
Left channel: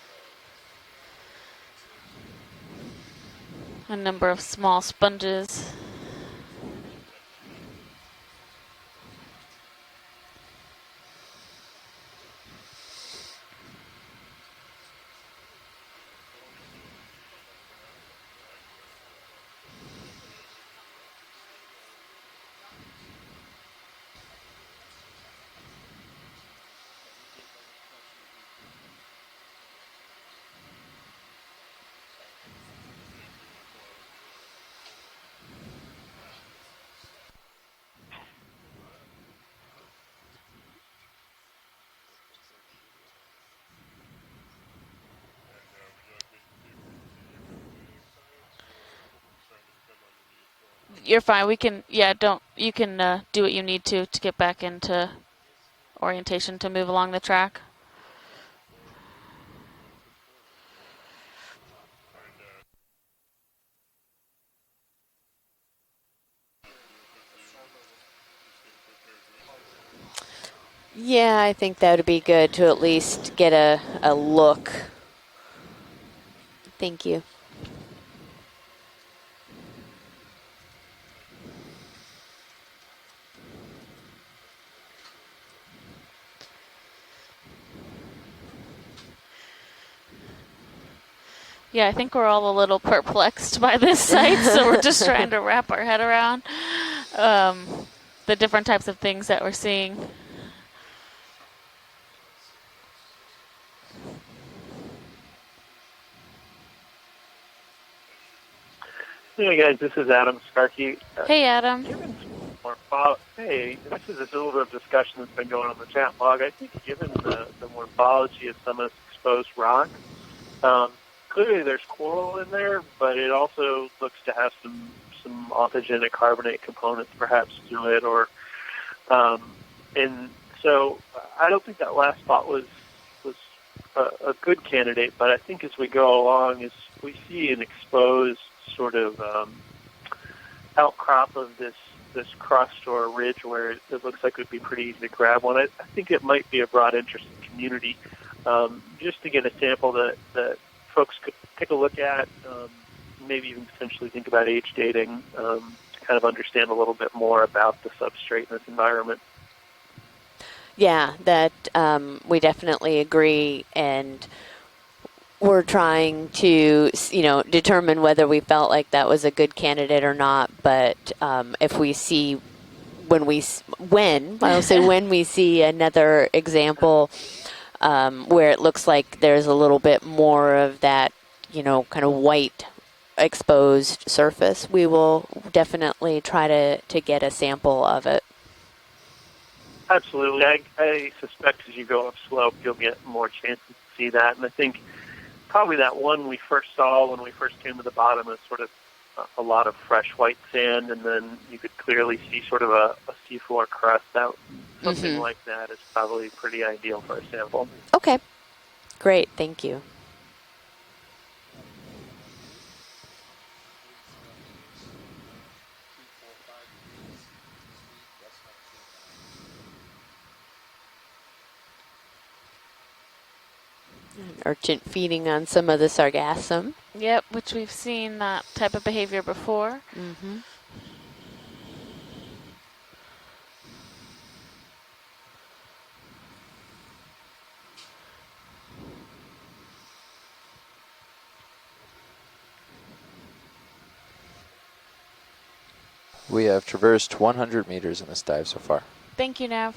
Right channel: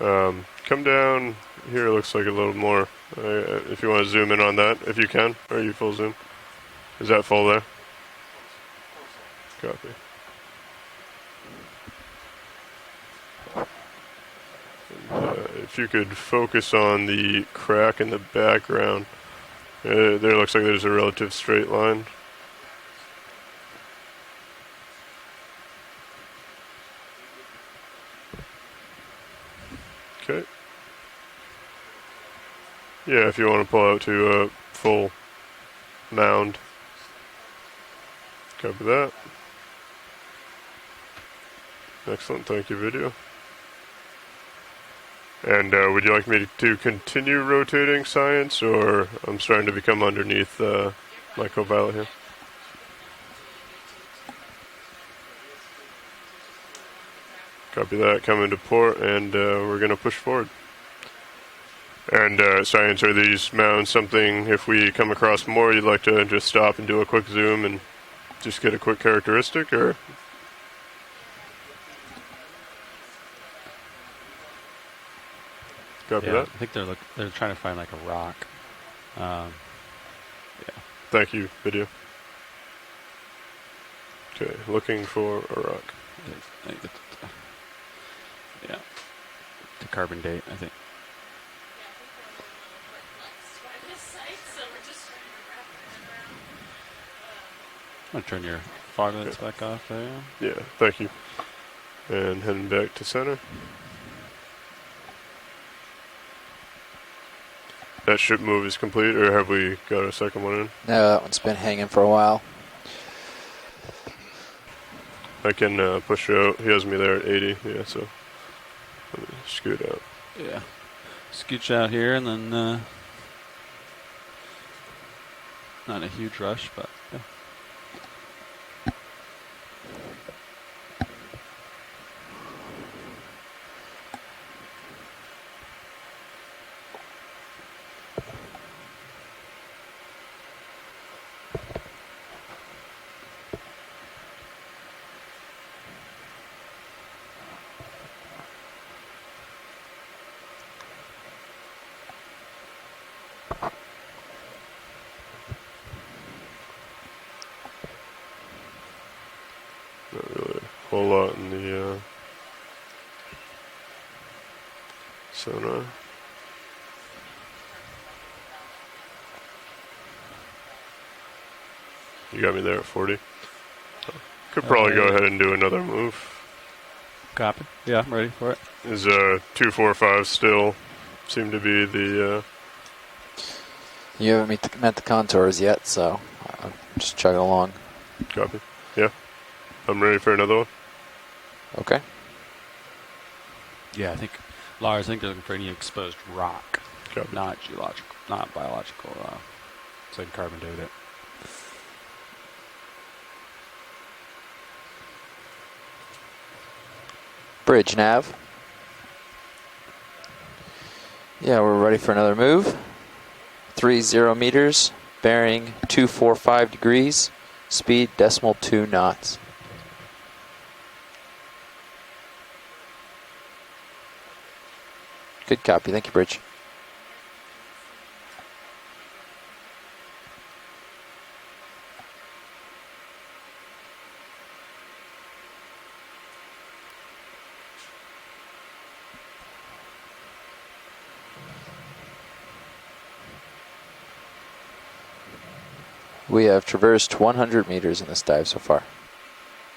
Come down here. Looks like a little more. If you want to Number zoom in of on small that, if you can, sponges. or you full zoom. Is that full there? Copy. If you could focus on the crack in the background, there looks like there's a relative straight line. Okay. Yeah, if you want to pull out to a full mound. Copy that. Excellent, thank you, video. And would you like me to continue rotating science, or I'm starting to become underneath? You're fine. We can. here? Yeah, don't. You can do what you need to get back into orientation to move along the track. Copy that. Come into port, and we're gonna push forward. And science, are these mounds something? If we come across more, you'd like to just stop and do a quick zoom and just get a quick characteristic, or? Yeah, I think that would be good to at least get a look. Copy yeah, that. I think they're trying to find like a rock. Yeah. Thank you, video. Okay, looking for a rock. Yeah. The carbon date, I think. Yeah, I think we're all a little perplexed by this site, so we're just trying to wrap our head around the different types of things that we're seeing. Yeah, thank you. And heading back to center. That ship move is complete, or have we guys, this got is a Adam second one? Starkey. It's Hey, been Adam. hanging for a while. Hey, I think there's a little bit of discussion that's been I going can on. push out. He has me there at 80. The Yeah, so morphology of some of the exposed rock. Yeah. Clearly Scooch there's out here and coal then, in there, but it also looks to have some autogenic carbonate components perhaps to it, or and so I don't think that last spot was a good candidate, but I think as we go along, as we see an exposed sort of outcrop of this crust or a ridge where it looks like it would be pretty easy to grab one, I think it might be a broad interest in the community, just to get a sample that folks could take a look at, maybe even potentially think about age dating, to kind of understand a little bit more about the substrate in this environment. Yeah, that we definitely agree, and we're trying to, determine whether we felt like that was a good candidate or not. But if we see, you got me there at 40. when we see another example where it looks like there's a little bit more of that, kind of white exposed surface, we will definitely try to get a sample of it. Copy. Yeah. I'm ready for another one. I suspect as you go up slope, you'll get more chances to see that. And I think probably that one we first saw when we first came to the bottom is sort of a lot of fresh white sand, and then you could clearly see sort of a seafloor crust out. Something like that is probably pretty ideal for a sample. Bridge nav. Great, thank you. Yeah, we're ready for another move. 30 meters, bearing 245 degrees, speed 0.2 knots. Urchin feeding on some of the sargassum. Yep, which we've seen that type of behavior before. We have traversed 100 meters in this dive so far. Thank you, Nav.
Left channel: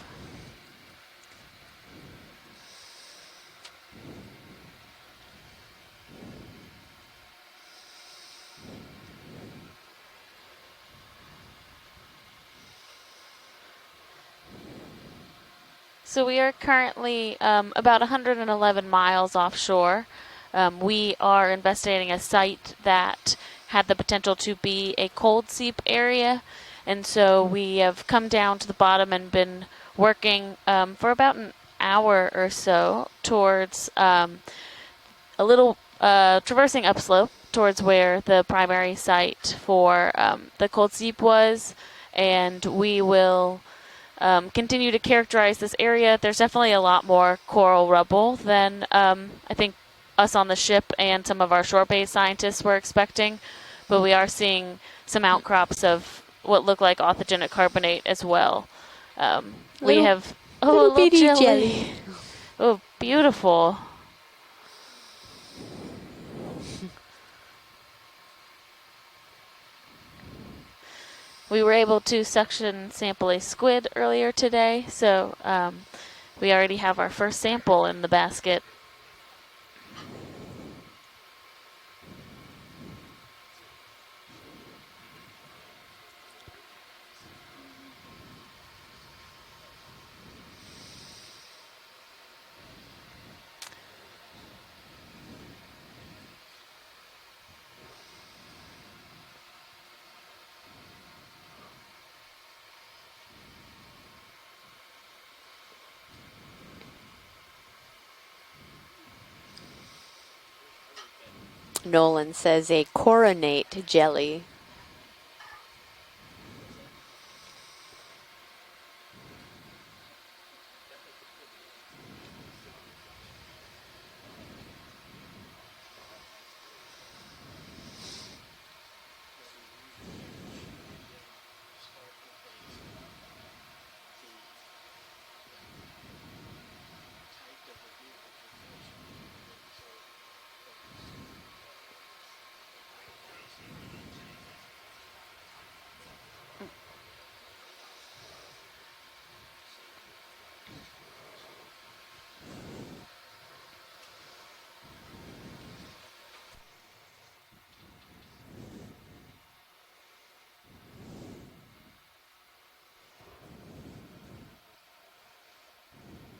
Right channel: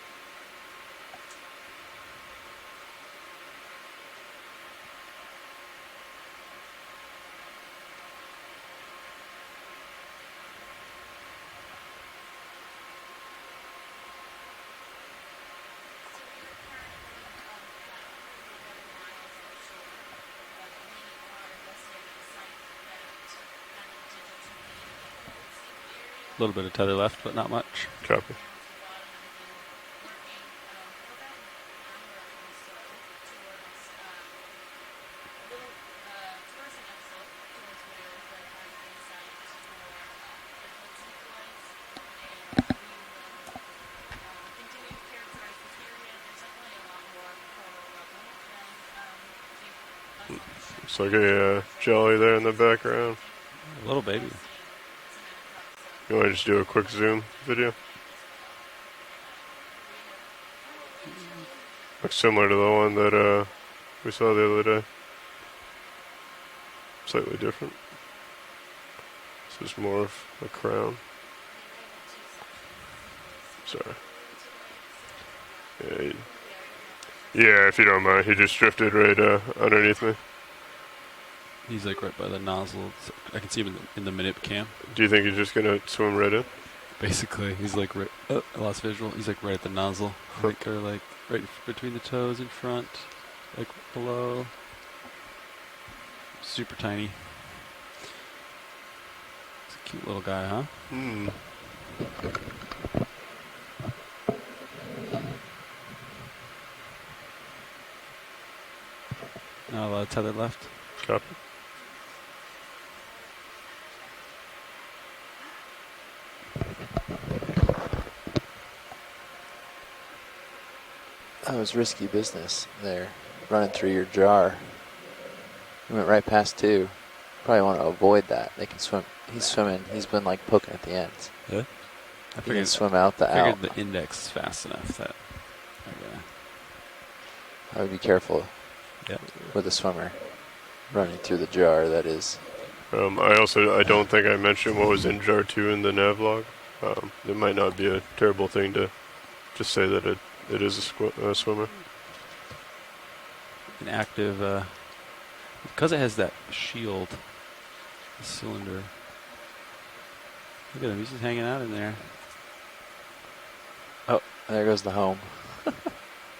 So we are currently about 111 miles offshore. We are investigating a site that had the potential to be a cold seep area. A little bit of tether and left, so but not we much. have come down to the bottom and been working for about an hour or so towards a little traversing upslope towards where the primary site for the cold seep was, and we will continue to characterize this area. There's definitely a lot more coral rubble than I think us on the ship and some of our shore-based scientists were expecting. But we are seeing some outcrops of You wanna just do what a look quick like zoom authentic video? carbonate as well. We Little- have little a bitty jelly. jelly. Looks similar to the Oh, one that beautiful. we saw the other day. Slightly different. This is more of a crown. We were able to suction sample a squid earlier today, so we already have our first sample if you in don't the mind, basket. he just drifted right underneath me. He's like right by the nozzle. I can see him in the minute cam. Do you think he's just gonna swim right in? Basically, he's like right. Oh, I lost visual. He's like right at the nozzle, right there, like right between the toes in front, like below. Super tiny. It's a cute little guy, huh? Hmm. Not a lot of tether left. Copy. Nolan says a coronate jelly. That was risky business there, running through your jar. You went right past two. Probably want to avoid that. They can swim. He's swimming. He's been like poking at the ends. Yeah. He can swim out the out. The index is fast enough that. I would be careful with a swimmer running through the jar. That is. I don't think I mentioned what was in jar 2 in the nav log. It might not be a terrible thing to just say that it is a swimmer. An active, because it has that shield, the cylinder. Look at him, he's just hanging out in there. Oh, there goes the home.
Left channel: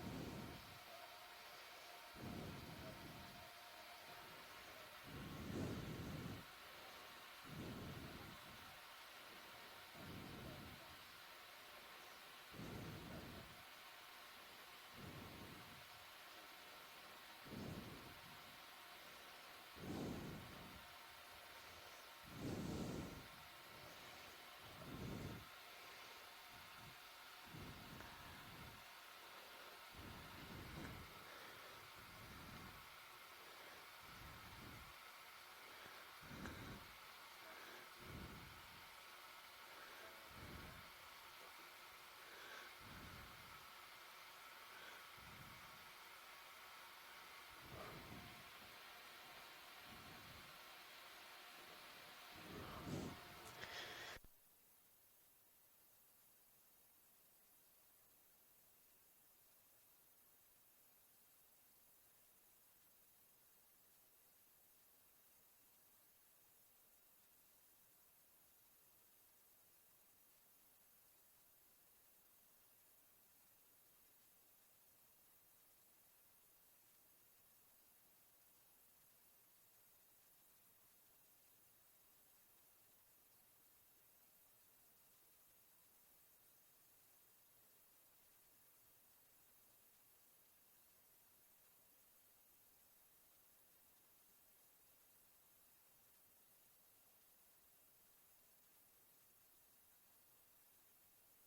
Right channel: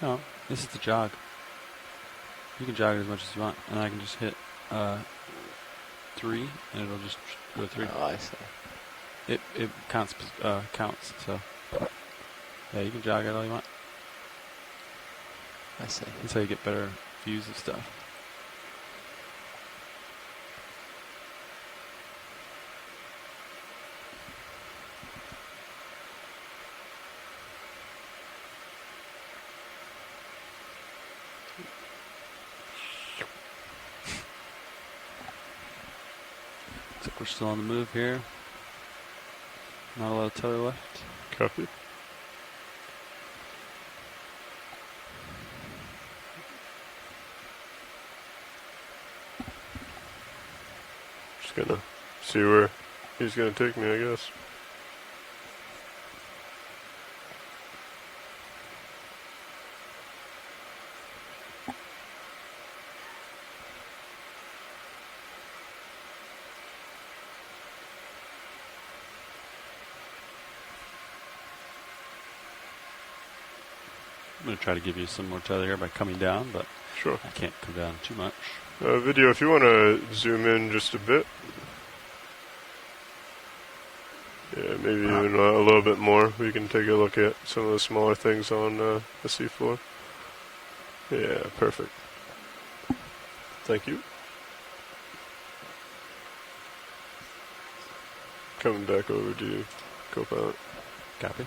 No, this is the jog. You can jog as much as you want, and I can just hit 3, and it'll just go 3. Oh, I see. It counts, so yeah, you can jog it all you want. I see. That's how you get better views of stuff. Looks like we're still on the move here. Not a lot of tether left. Copy. Just gonna see where he's gonna take me, I guess. I'm going to try to give you some more tether here by coming down, but Sure. I can't come down too much. Video, if you want to zoom in just a bit. Yeah, maybe even a little bit more. We can take a look at some of the smaller things on the seafloor. Yeah, perfect. Thank you. Coming back over to you, co-pilot. Copy.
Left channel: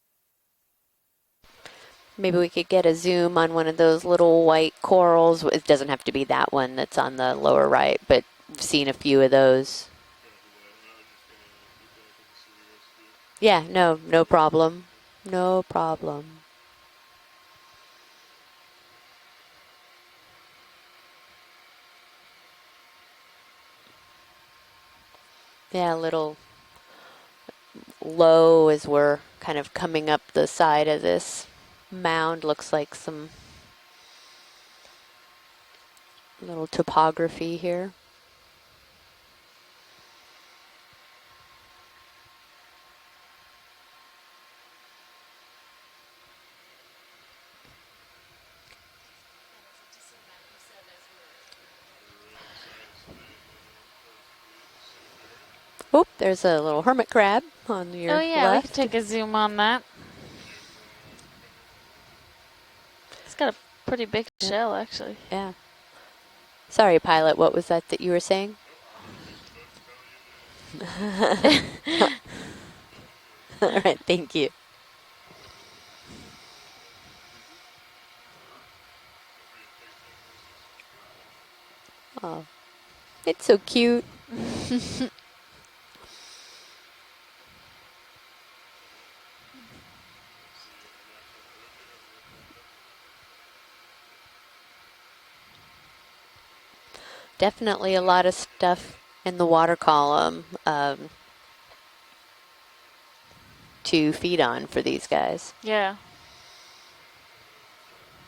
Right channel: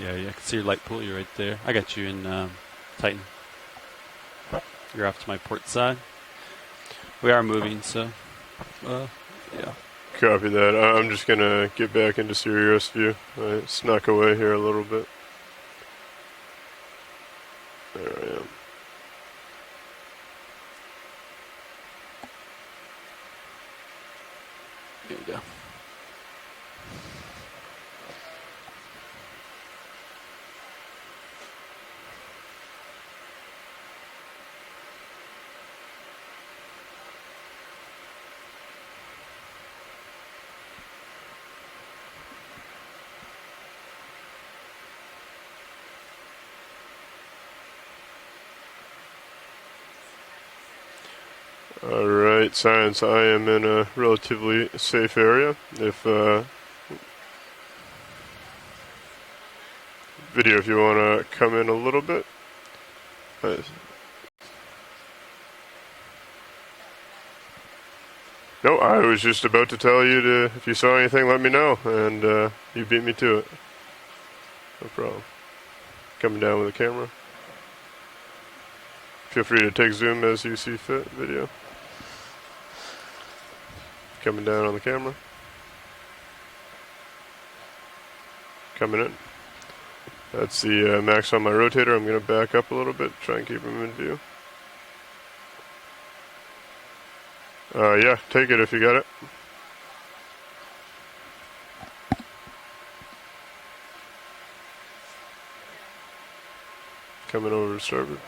Yeah, I can see your light pulley right there. I got you in. Maybe we could get a zoom on one of those little white corals. It doesn't have to be that one that's on the lower right, but I've seen a few of those. Yeah. Copy that. I'm just going to get back into serious view. Yeah, no away problem. Here a little bit. No problem. There I am. There you go. Yeah, a little low as we're kind of coming up the side of this mound. Looks like some little topography here. All right, science. I am in a relatively safe area. If There's a little hermit crab on your Oh yeah, left. we can take a zoom on that. video, if you want to come in a little bit. It's got a pretty big shell, actually. Yeah. Sorry, pilot. What was that you were saying? No, I was just about to tell you to, if you saw anything, let me know, and you beat me to it. All right, thank you. No problem. Coming down with the camera. Feel free to take zoom as you see fit. Video. Oh, it's so cute. Coming down on the camera. Coming in. That's the max on my rotator. I'm going to back up a little bit, try and keep him in view. Definitely a lot of take it if you got it. in the water column to feed on for these guys. Yeah. Coming over to starboard.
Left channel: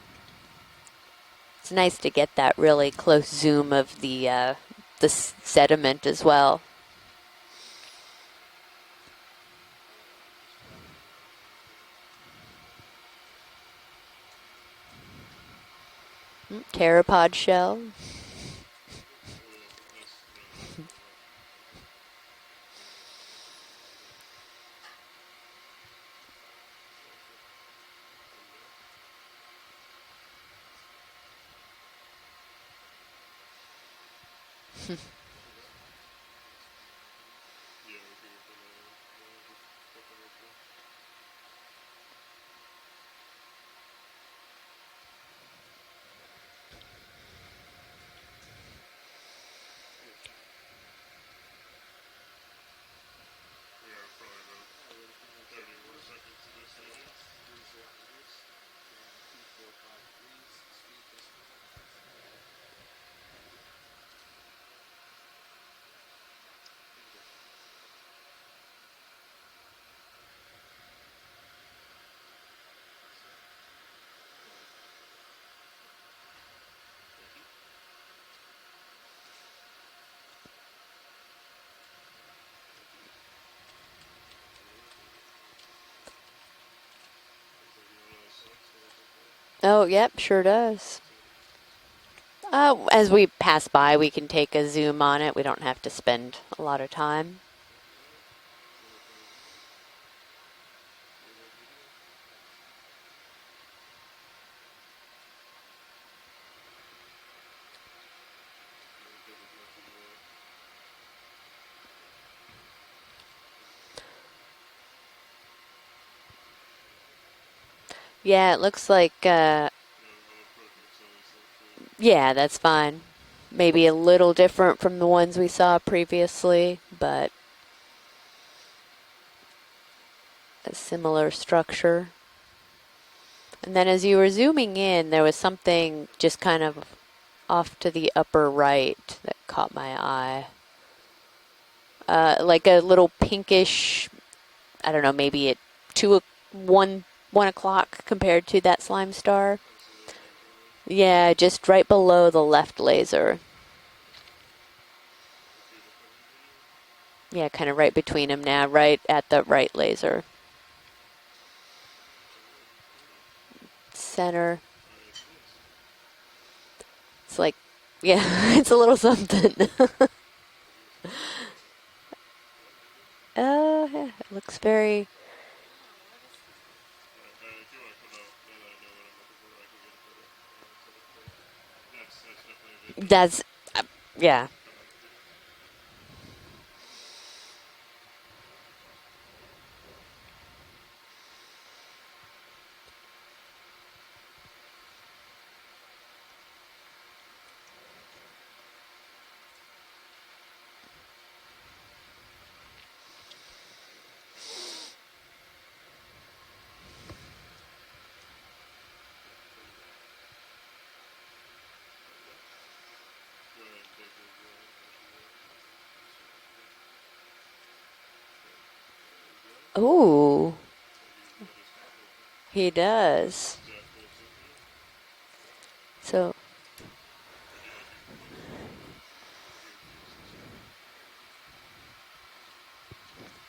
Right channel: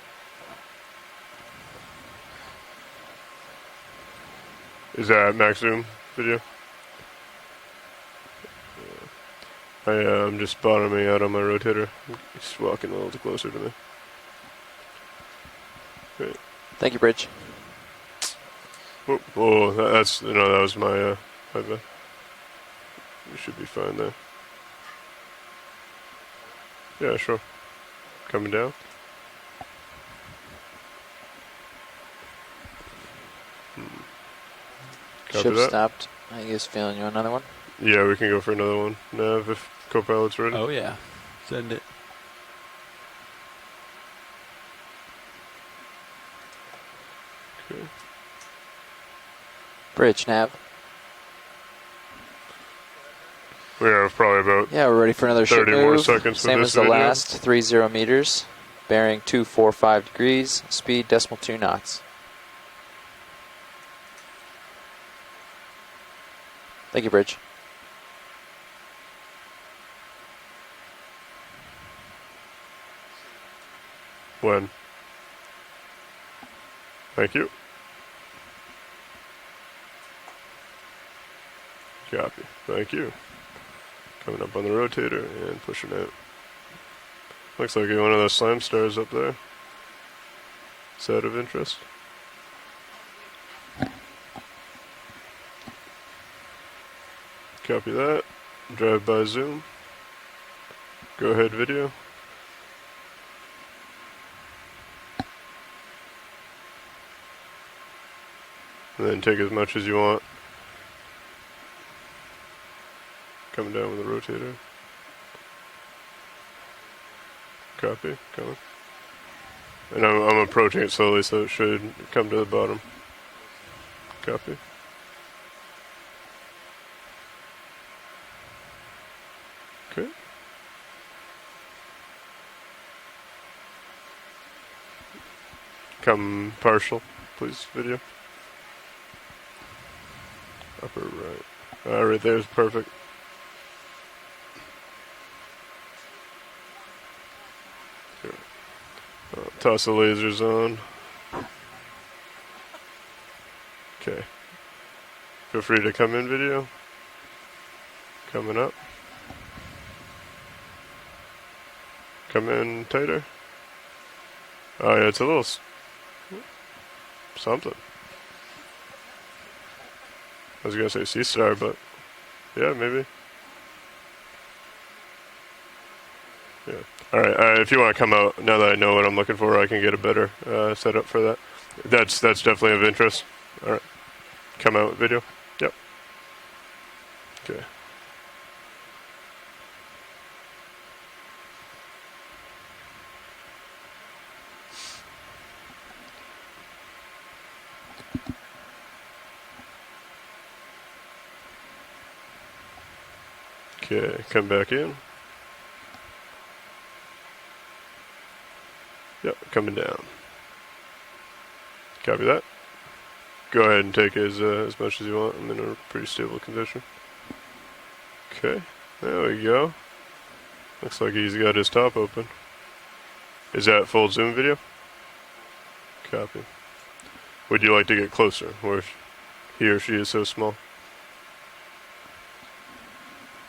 It's nice to get that really close zoom of the sediment as video? well. I'm just bottoming out on my rotator. He's walking a little too closer to me. Great. Pteropod shell. Oh, that was my bad. You should be fine there. Yeah, sure. Coming down. Ship stopped. I guess feeling you another one? Yeah, we can go for another one. Nav, if co-pilot's ready. Oh, yeah. Send it. Okay. Bridge, nav. We have probably about Yeah, we're ready for another ship 30 move. more seconds Same with as this the video. last, 30 meters. Bearing 245 degrees, speed 2 knots. Thank you, Bridge. When? Thank you. Copy. Thank you. Coming up on the rotator and pushing out. Looks like one of those slime stars up there. Oh, yep, sure does. Is that of interest? As we pass by, we can take a zoom on it. We don't have to spend a lot of time. Copy that. Drive by zoom. Go ahead video. And then take as much as you want. Coming down with the rotator. Copy. Yeah, it looks like... and I'm approaching it slowly, so it should yeah, come to that's the bottom. fine. Maybe a little Copy. different from the ones we saw previously, but... Okay. a similar structure. And then as you were zooming in, there was something just kind of partial, please, off video. to the upper right that caught my eye. Upper right. Right there is like perfect. a little pinkish, I don't know, maybe at 1 o'clock compared to that slime star. Toss the lasers on. Yeah, just right below the left laser. Okay. Feel free to come in video. Yeah, kind of right between them Coming now, up. right at the right laser. Come in tighter. Center. Oh yeah, it's a little It's like, something. yeah, it's a little something. I was gonna say sea star, but yeah, maybe. Yeah, it looks very... Yeah. All right. If you want to come out, now that I know what I'm looking for, I can get a better setup for that. That's definitely of interest. That's, All right. yeah. Come out video. Yep. Okay. Okay, come back in. Yep, coming down. Copy that. Go ahead and take as much as you want. I'm in a pretty stable condition. Okay, there we go. Ooh, Looks like he's got his top open. he does. Is that full zoom video? So, Copy. Would you like to get closer, where he or she is so small?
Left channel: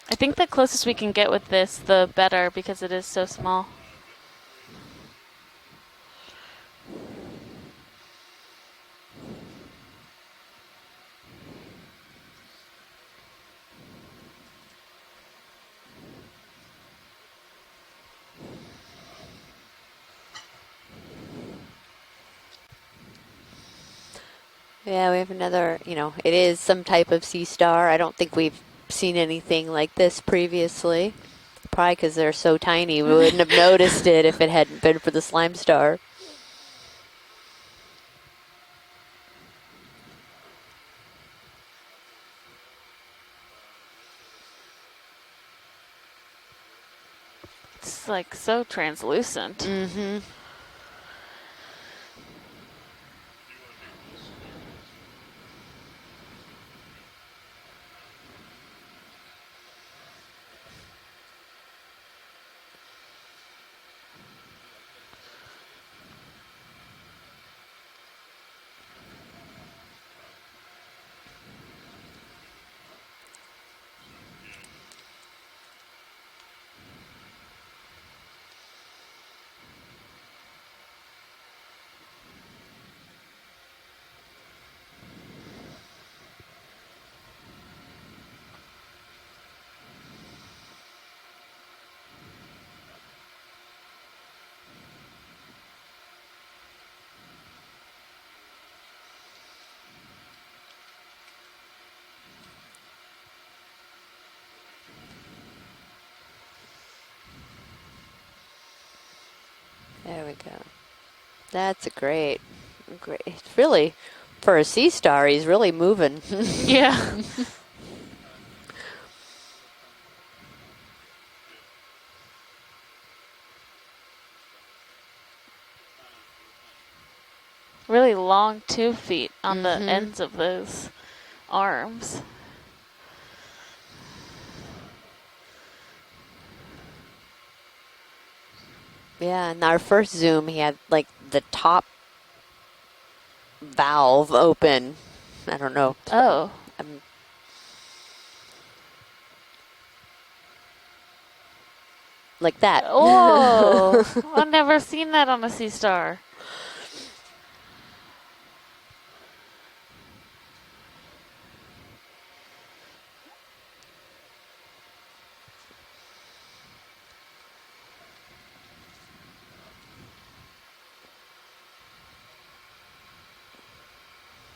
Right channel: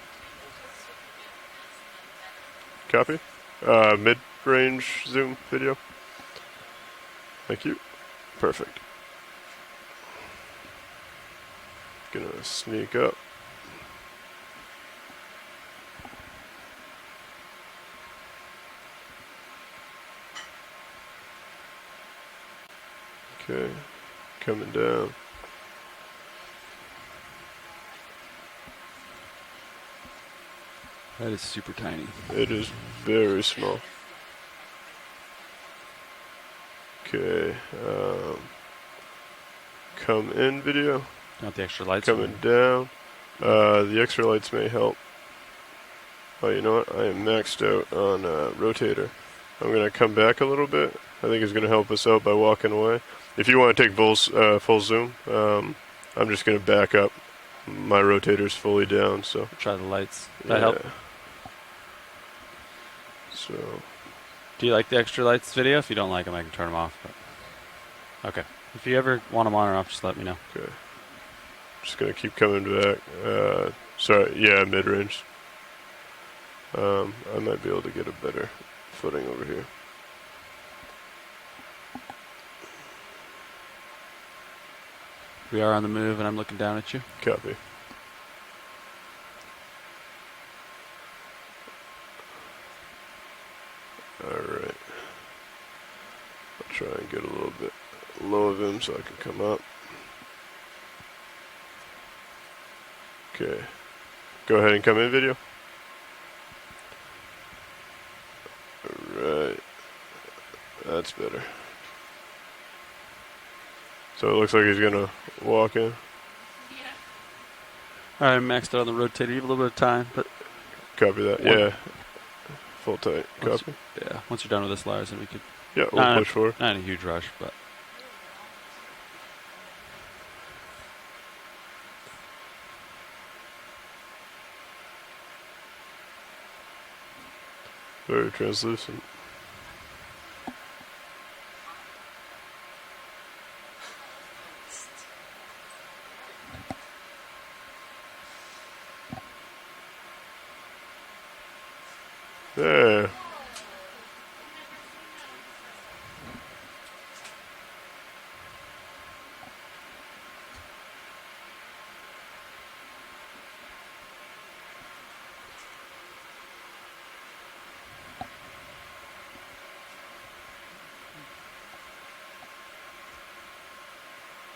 I think the closest we can get with this, the better, because it is Copy. so small. Mid-range zoom video. Thank you. Perfect. Gonna sneak up. Okay, coming down. Yeah, we have another, you know, it is some type of sea star. I don't think we've seen anything like this previously. That is super Probably tiny. because they're It so is tiny. We very wouldn't have small. noticed it if it hadn't been for the slime star. Okay, come in video. Got the extra lights. Coming down. The extra lights may help. Oh, you know what? I am maxed out It's on like so rotator. translucent. I'm gonna come back a little bit. I think it's gonna help us out by walking away. If you want to take full zoom, I'm just gonna back up. My rotator's fully down, so. Try the lights. That help? So. Do you like the extra lights video? If you don't like them, I can turn them off. But. Okay. If you ever want them on or off, just let me know. Okay. Just gonna keep coming back. Sorry, yeah, mid-range. I might be able to get a better footing over here. We are on the move, and I'm looking down at you. Copy. Alright. I'll try and get a little bit low of him so I can come up. Okay. Go ahead and come in video. Alright. There we go. That's better. That's a great. It's really, So it looks for like a he's sea gonna star, he's really walk in. moving. Yeah. All right, I'm maxed out on the rotator. You have a little bit of time, but Copy that. One- Yeah. Full tight. Once- Copy. yeah, once you're done with this, Lars, then we could. Yeah, we'll Nah, push forward. Not in a huge rush, but Really long 2 feet on the Mhm. ends of those arms. Very translucent. Yeah, in our first zoom, he had like the top valve open. I don't know. Oh. Like that. Yeah. Oh. I've never seen that on a sea star.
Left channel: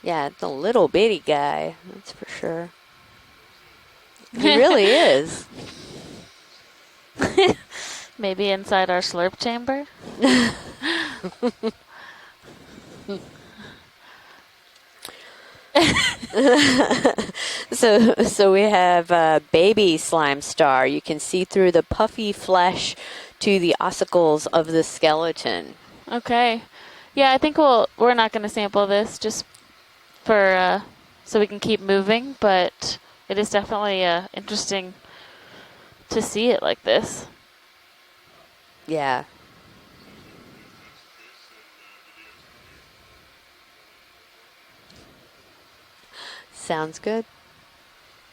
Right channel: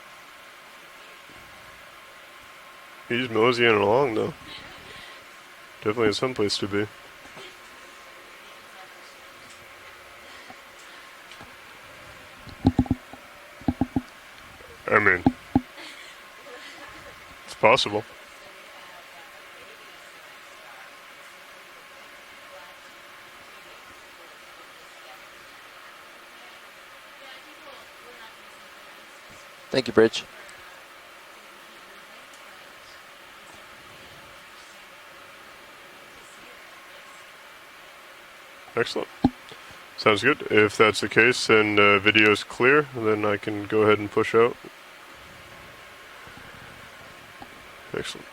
Yeah, it's a little bitty guy. That's for sure. He's moseying along though. He really is. Definitely has some place to be. Maybe inside our slurp chamber? I mean, possible. So we have baby slime star. You can see through the puffy flesh to the ossicles of the skeleton. Okay. Yeah, I think we're not going to sample this just Thank you, Bridge. for so we can keep moving, but it is definitely interesting to see it like this. Excellent. Yeah. Sounds good. If that's the case and video's clear, then I can go ahead and push out. Sounds good. Excellent.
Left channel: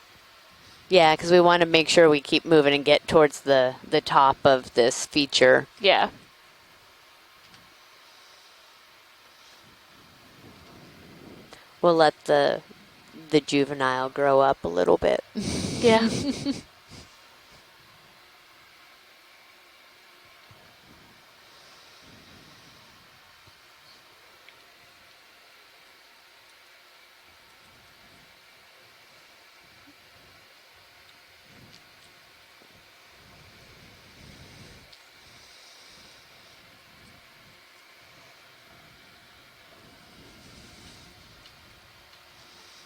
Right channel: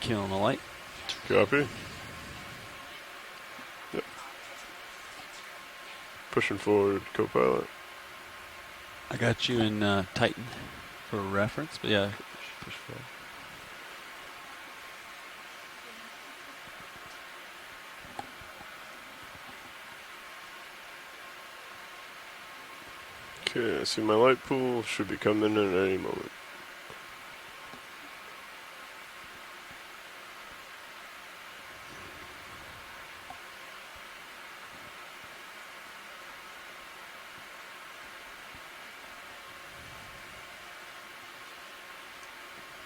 killing the light. Yeah, because we want to Okay. make sure we keep moving and get towards the top of this feature. Yeah. Pushing forward, co-pilot. I got you in Titan for reference. but We'll yeah, let the push forward. the juvenile grow up a little bit. Yeah. Okay, I see my light pool. Should be coming in at any moment.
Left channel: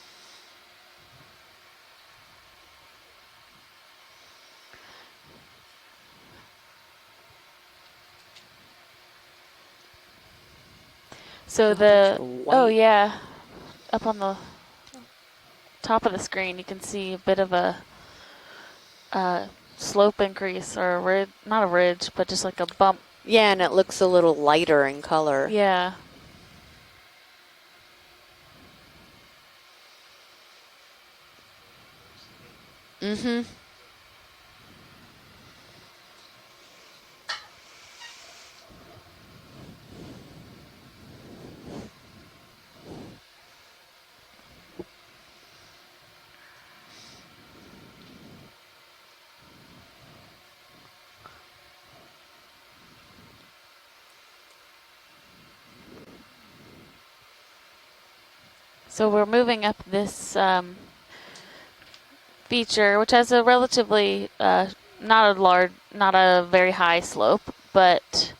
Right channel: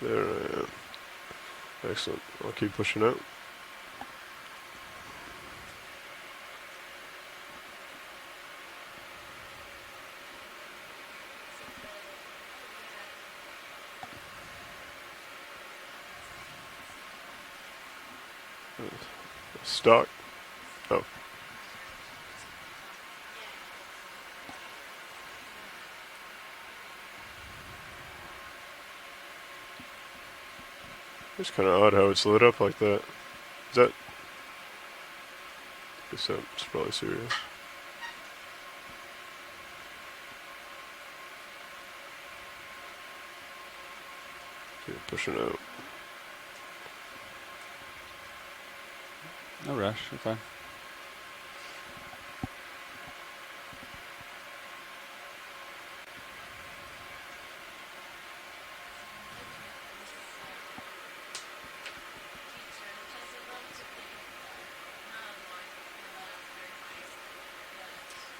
There I am. Excellent. I'll keep pushing out. So There's the, a oh white- yeah, up on the top of the screen you can see a bit of a Stop. slope increase, or a Oh. ridge, not a ridge, but just like a bump. Yeah, and it looks a little lighter in color. Yeah. It's kind of odd how it's lit up like that. Mm-hmm. Is that? Guess that's probably serious. Okay, pushing out. No rush. Okay. So we're moving up this feature, which has a relatively not a very high slope, but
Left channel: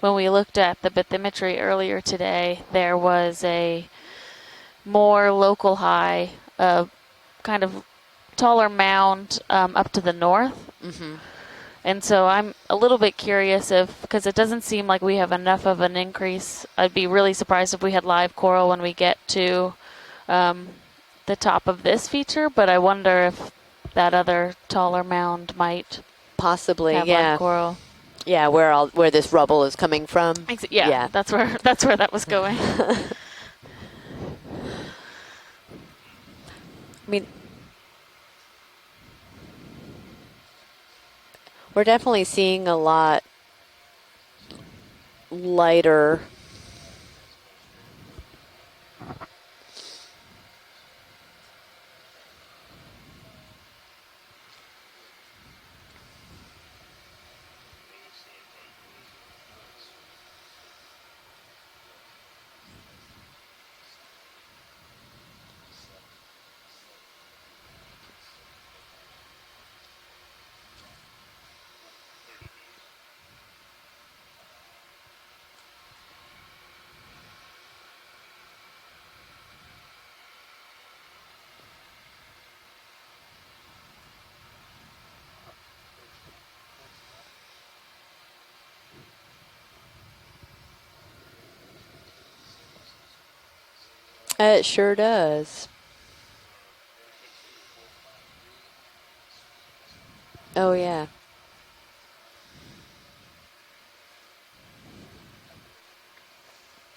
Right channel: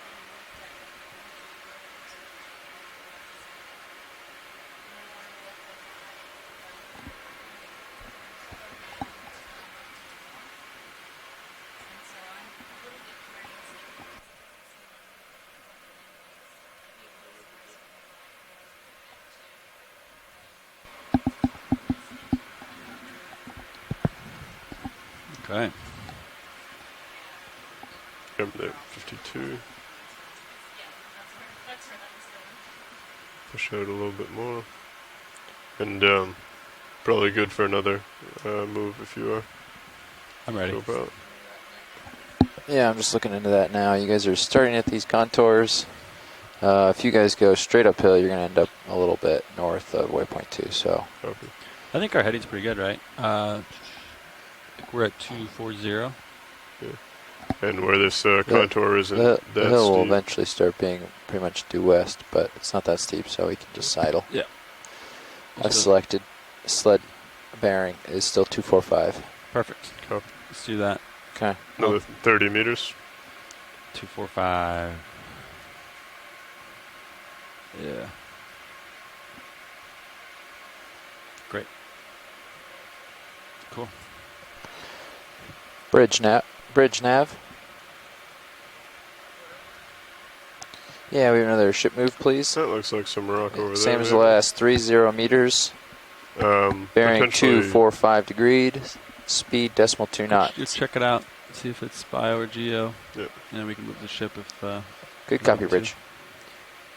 when we looked at the bathymetry earlier today, there was a more local high, kind of taller mound up to the north. Mm-hmm. And so I'm a little bit curious because it doesn't seem like we have enough of an increase. I'd be really surprised if we had live coral when we get to the top of this feature, but I wonder if that other taller mound might possibly have live coral. Yeah, where this rubble is coming from. Yeah, that's where that was going. Push out a little bit more. And probably good for another move if you are. I'm ready. We're definitely seeing a I'm just lot looking into that now. You guys are starting at these contours. lighter. If you guys go straight uphill, you're going to end up a little bit north of waypoint 2. So I think our heading's pretty good, right? I think we're at 240. Yeah. And where this contour isn't the that hill steep. will eventually start being pretty much due west, but it's not that steep, so we can just sidle. Yeah. I've selected sled bearing is still 245. Perfect. Copy. Let's do that. Okay. Another 30 meters. 245. Yeah. Great. Cool. Bridge nav. Yeah, we have another ship move, please. That looks like some rock over there. Same as the last, 30 sure meters. Bearing Potentially 245 degrees. Speed decimal 2 knots. Let's Oh, check it yeah. out. See if it's bio or geo. Yep. And then we can move the ship if. Good copy, Bridge.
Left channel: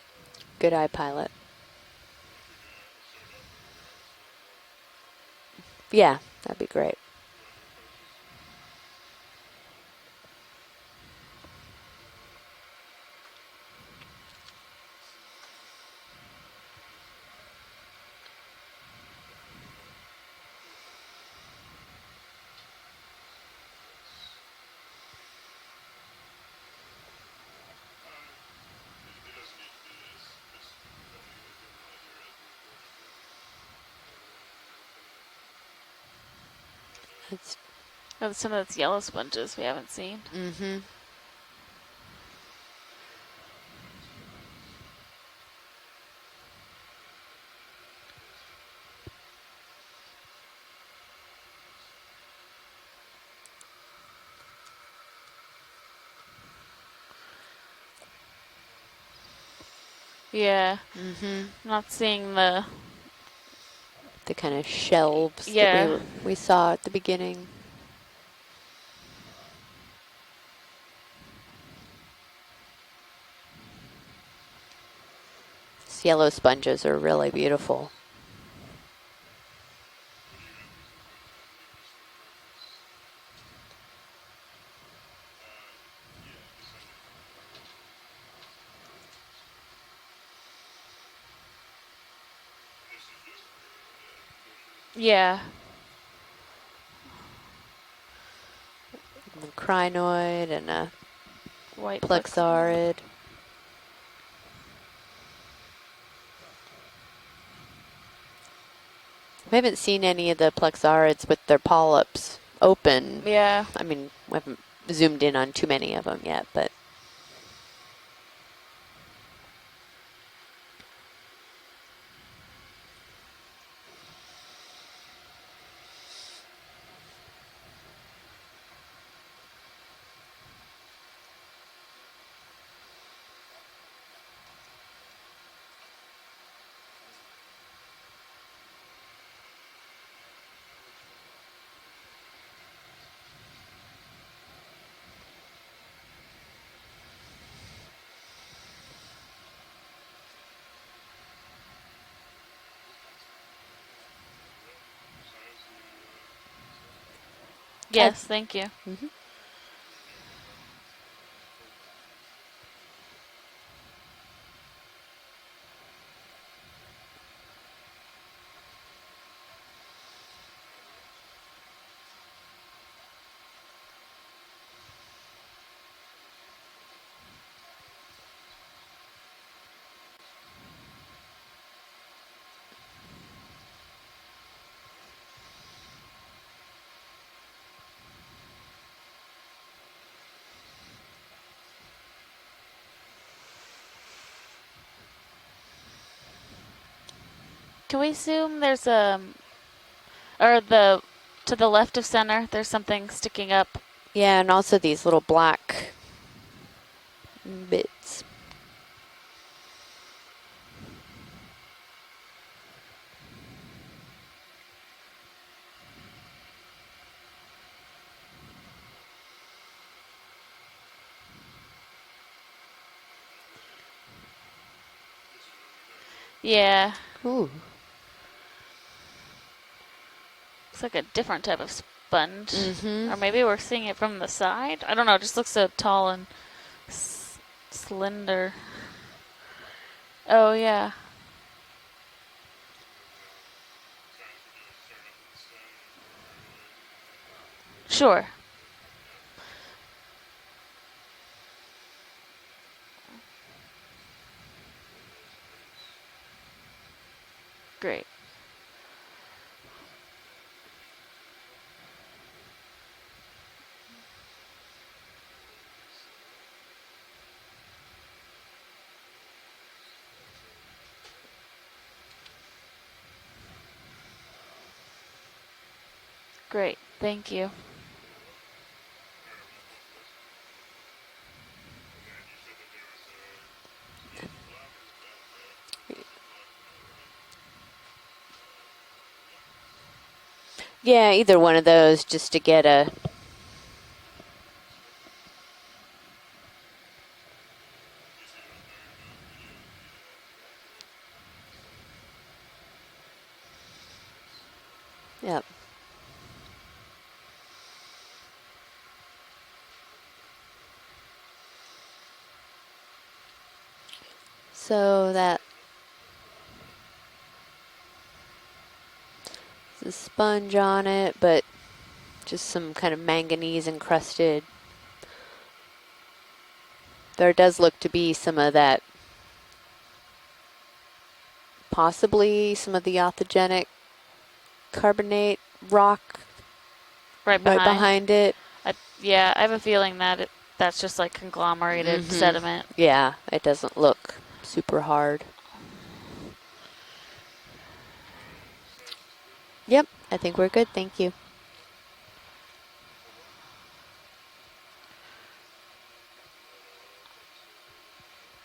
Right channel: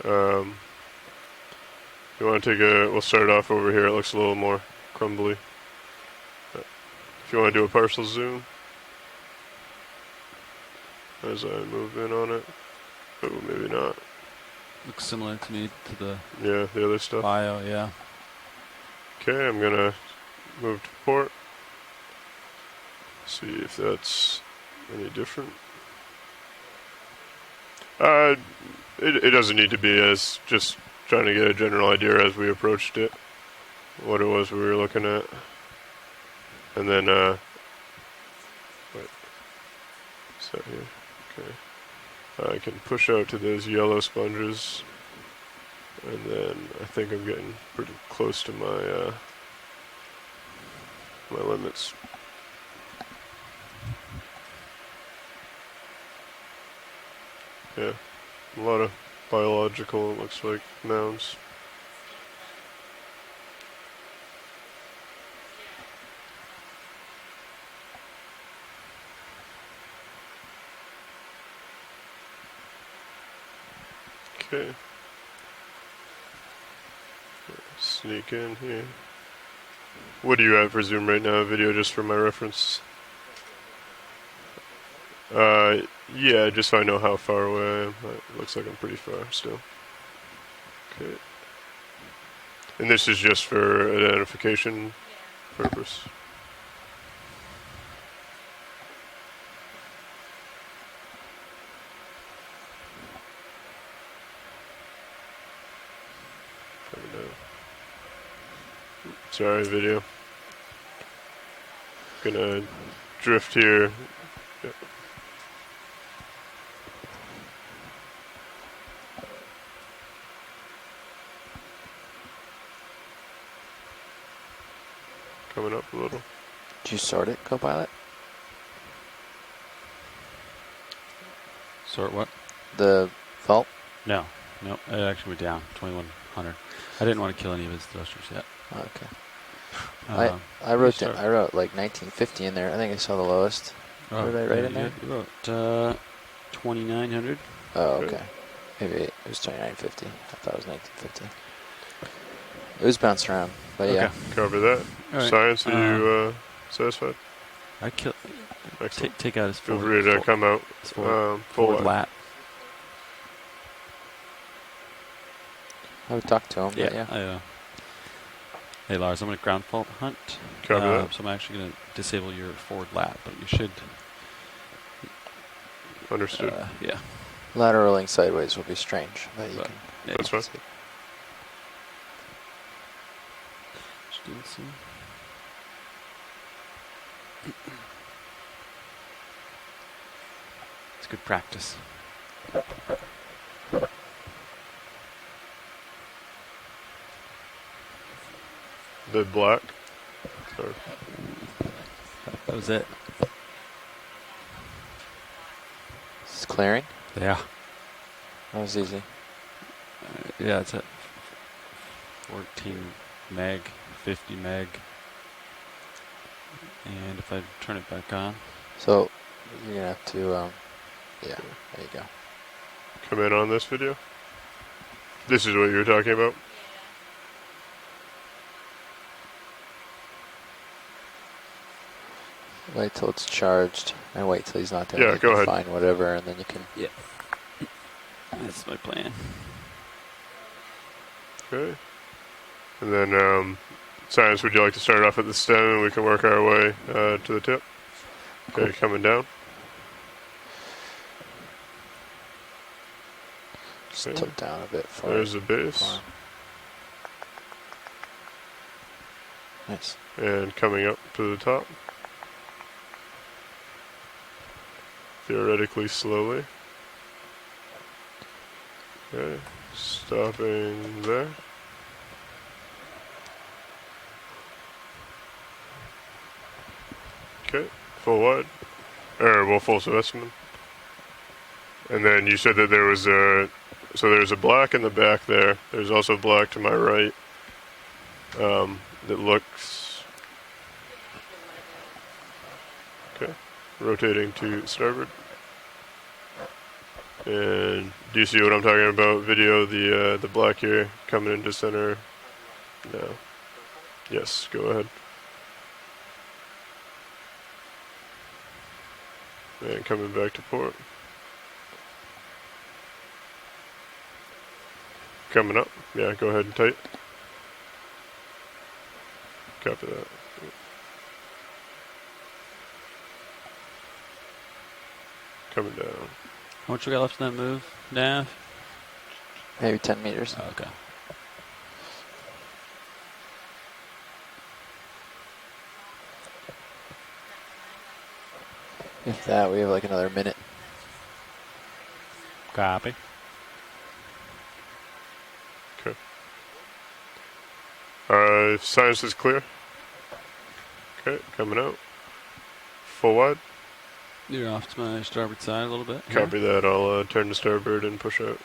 Good eye, pilot. You want to take we'll start off over here. It looks a little more crumbly. Yeah, that'd be great. If you want to do a partial zoom. As I move in on it. Oh, maybe not. Looks similar to me to the Yeah, the other stuff. bio, yeah. Okay, I'm going to move to port. See if that's any different. It doesn't need to be, as just trying to get a general idea as we approached it, what it was we were looking at. And then Some of those yellow sponges we haven't seen. Mm-hmm. I can push out to those yellow sponges, and then I think I'm getting pretty close to my my limits. Yeah, a lot of biological, it looks like, mounds. I'm not seeing the kind of shelves Yeah. that we saw at the beginning. Okay, These yellow sponges are really beautiful. sneak in here. What do you have for zoom right now? Video just for my reference. Yeah, just so I know how far away I am. It looks like I'm pretty far still. Okay. And this is just for identification Yeah. purpose. A crinoid and a White plexaurid. Sorry, I haven't video. seen any of the plexaurids with their polyps Gonna open. drift Yeah. here. I mean, we haven't zoomed in on too many of them yet, but Coming up a little. Did you sort it, Copilot? Sort what? The fault? No. No, it actually went down, 2100. I didn't want to kill any of his thrusters yet. Okay. I wrote like 1950 in there. I think I saw the lowest. What did I write in there? You wrote 2900. Oh, okay. Maybe it was 2950. I thought it was 1950. It was bouncing around, but yeah. Cover that. All right. Science, are you satisfied? I can Yes, thank you. Excellent. take out his Feel forward, free to come out full forward lap. lap. I would talk to him, Yeah. but yeah. Hey Lars, I'm going to ground fault hunt. Copy that. So I'm actually going to disable your forward lap, but you should. Understood. Yeah. Lateraling sideways will be strange, but you But, can. yeah, That's fine. Stetson. It's good practice. Can we assume there's The a, black. or the, to the left of center, there's Is it? something sticking up. Yeah, and also these little black It's clearing. Yeah. bits. That was easy. Yeah, it's at 14 meg, 50 meg. And if I turn it back on, So you're gonna have to, yeah, there you go. Come in on this video. This is what you were talking about? Yeah. Ooh. It's like a different type of sponge. Wait till Or it's maybe charged. we're seeing it from and the wait till he's side. not I don't Yeah, know, it go just looks ahead. so whatever, tall and and then you can. yes, slender. that's my plan. Oh, yeah. Okay. And then, Science, would you like to start off at the stem and we can work our way to the tip? Sure. Okay, coming down. Just Okay. tilt down a bit for There's it. the base. Farm. Great. Nice. And coming up to the top. Theoretically slowly. Okay, stopping there. Great. Thank you. Okay, full wide. Well, full specimen. And then you said that there was so there's a black in the back there. There's also black to my right. That looks, Yeah, either one of those just to get a. okay, rotating to starboard. And do you see what I'm talking about? Video, the black here coming into center. No. Yes, go ahead. Yep. And coming back to port. So that Coming up. Yeah, go ahead and tight. Copy the that. sponge on it, but just some kind of manganese encrusted. Coming down. How much we got left? There to does move look to be now? some of that, Maybe 10 meters. Oh, okay. possibly some of the authogenic carbonate rock Right right behind. behind it. Yeah, I have we a have like feeling another that minute. that's just like conglomerated Mhm. sediment. Copy. Yeah, it doesn't look super hard. Okay. Science is clear. Yep, I think we're good. Thank you. Okay, coming out. Full wide. You're off to my starboard side a little bit. here. Copy that. I'll turn to starboard and push out.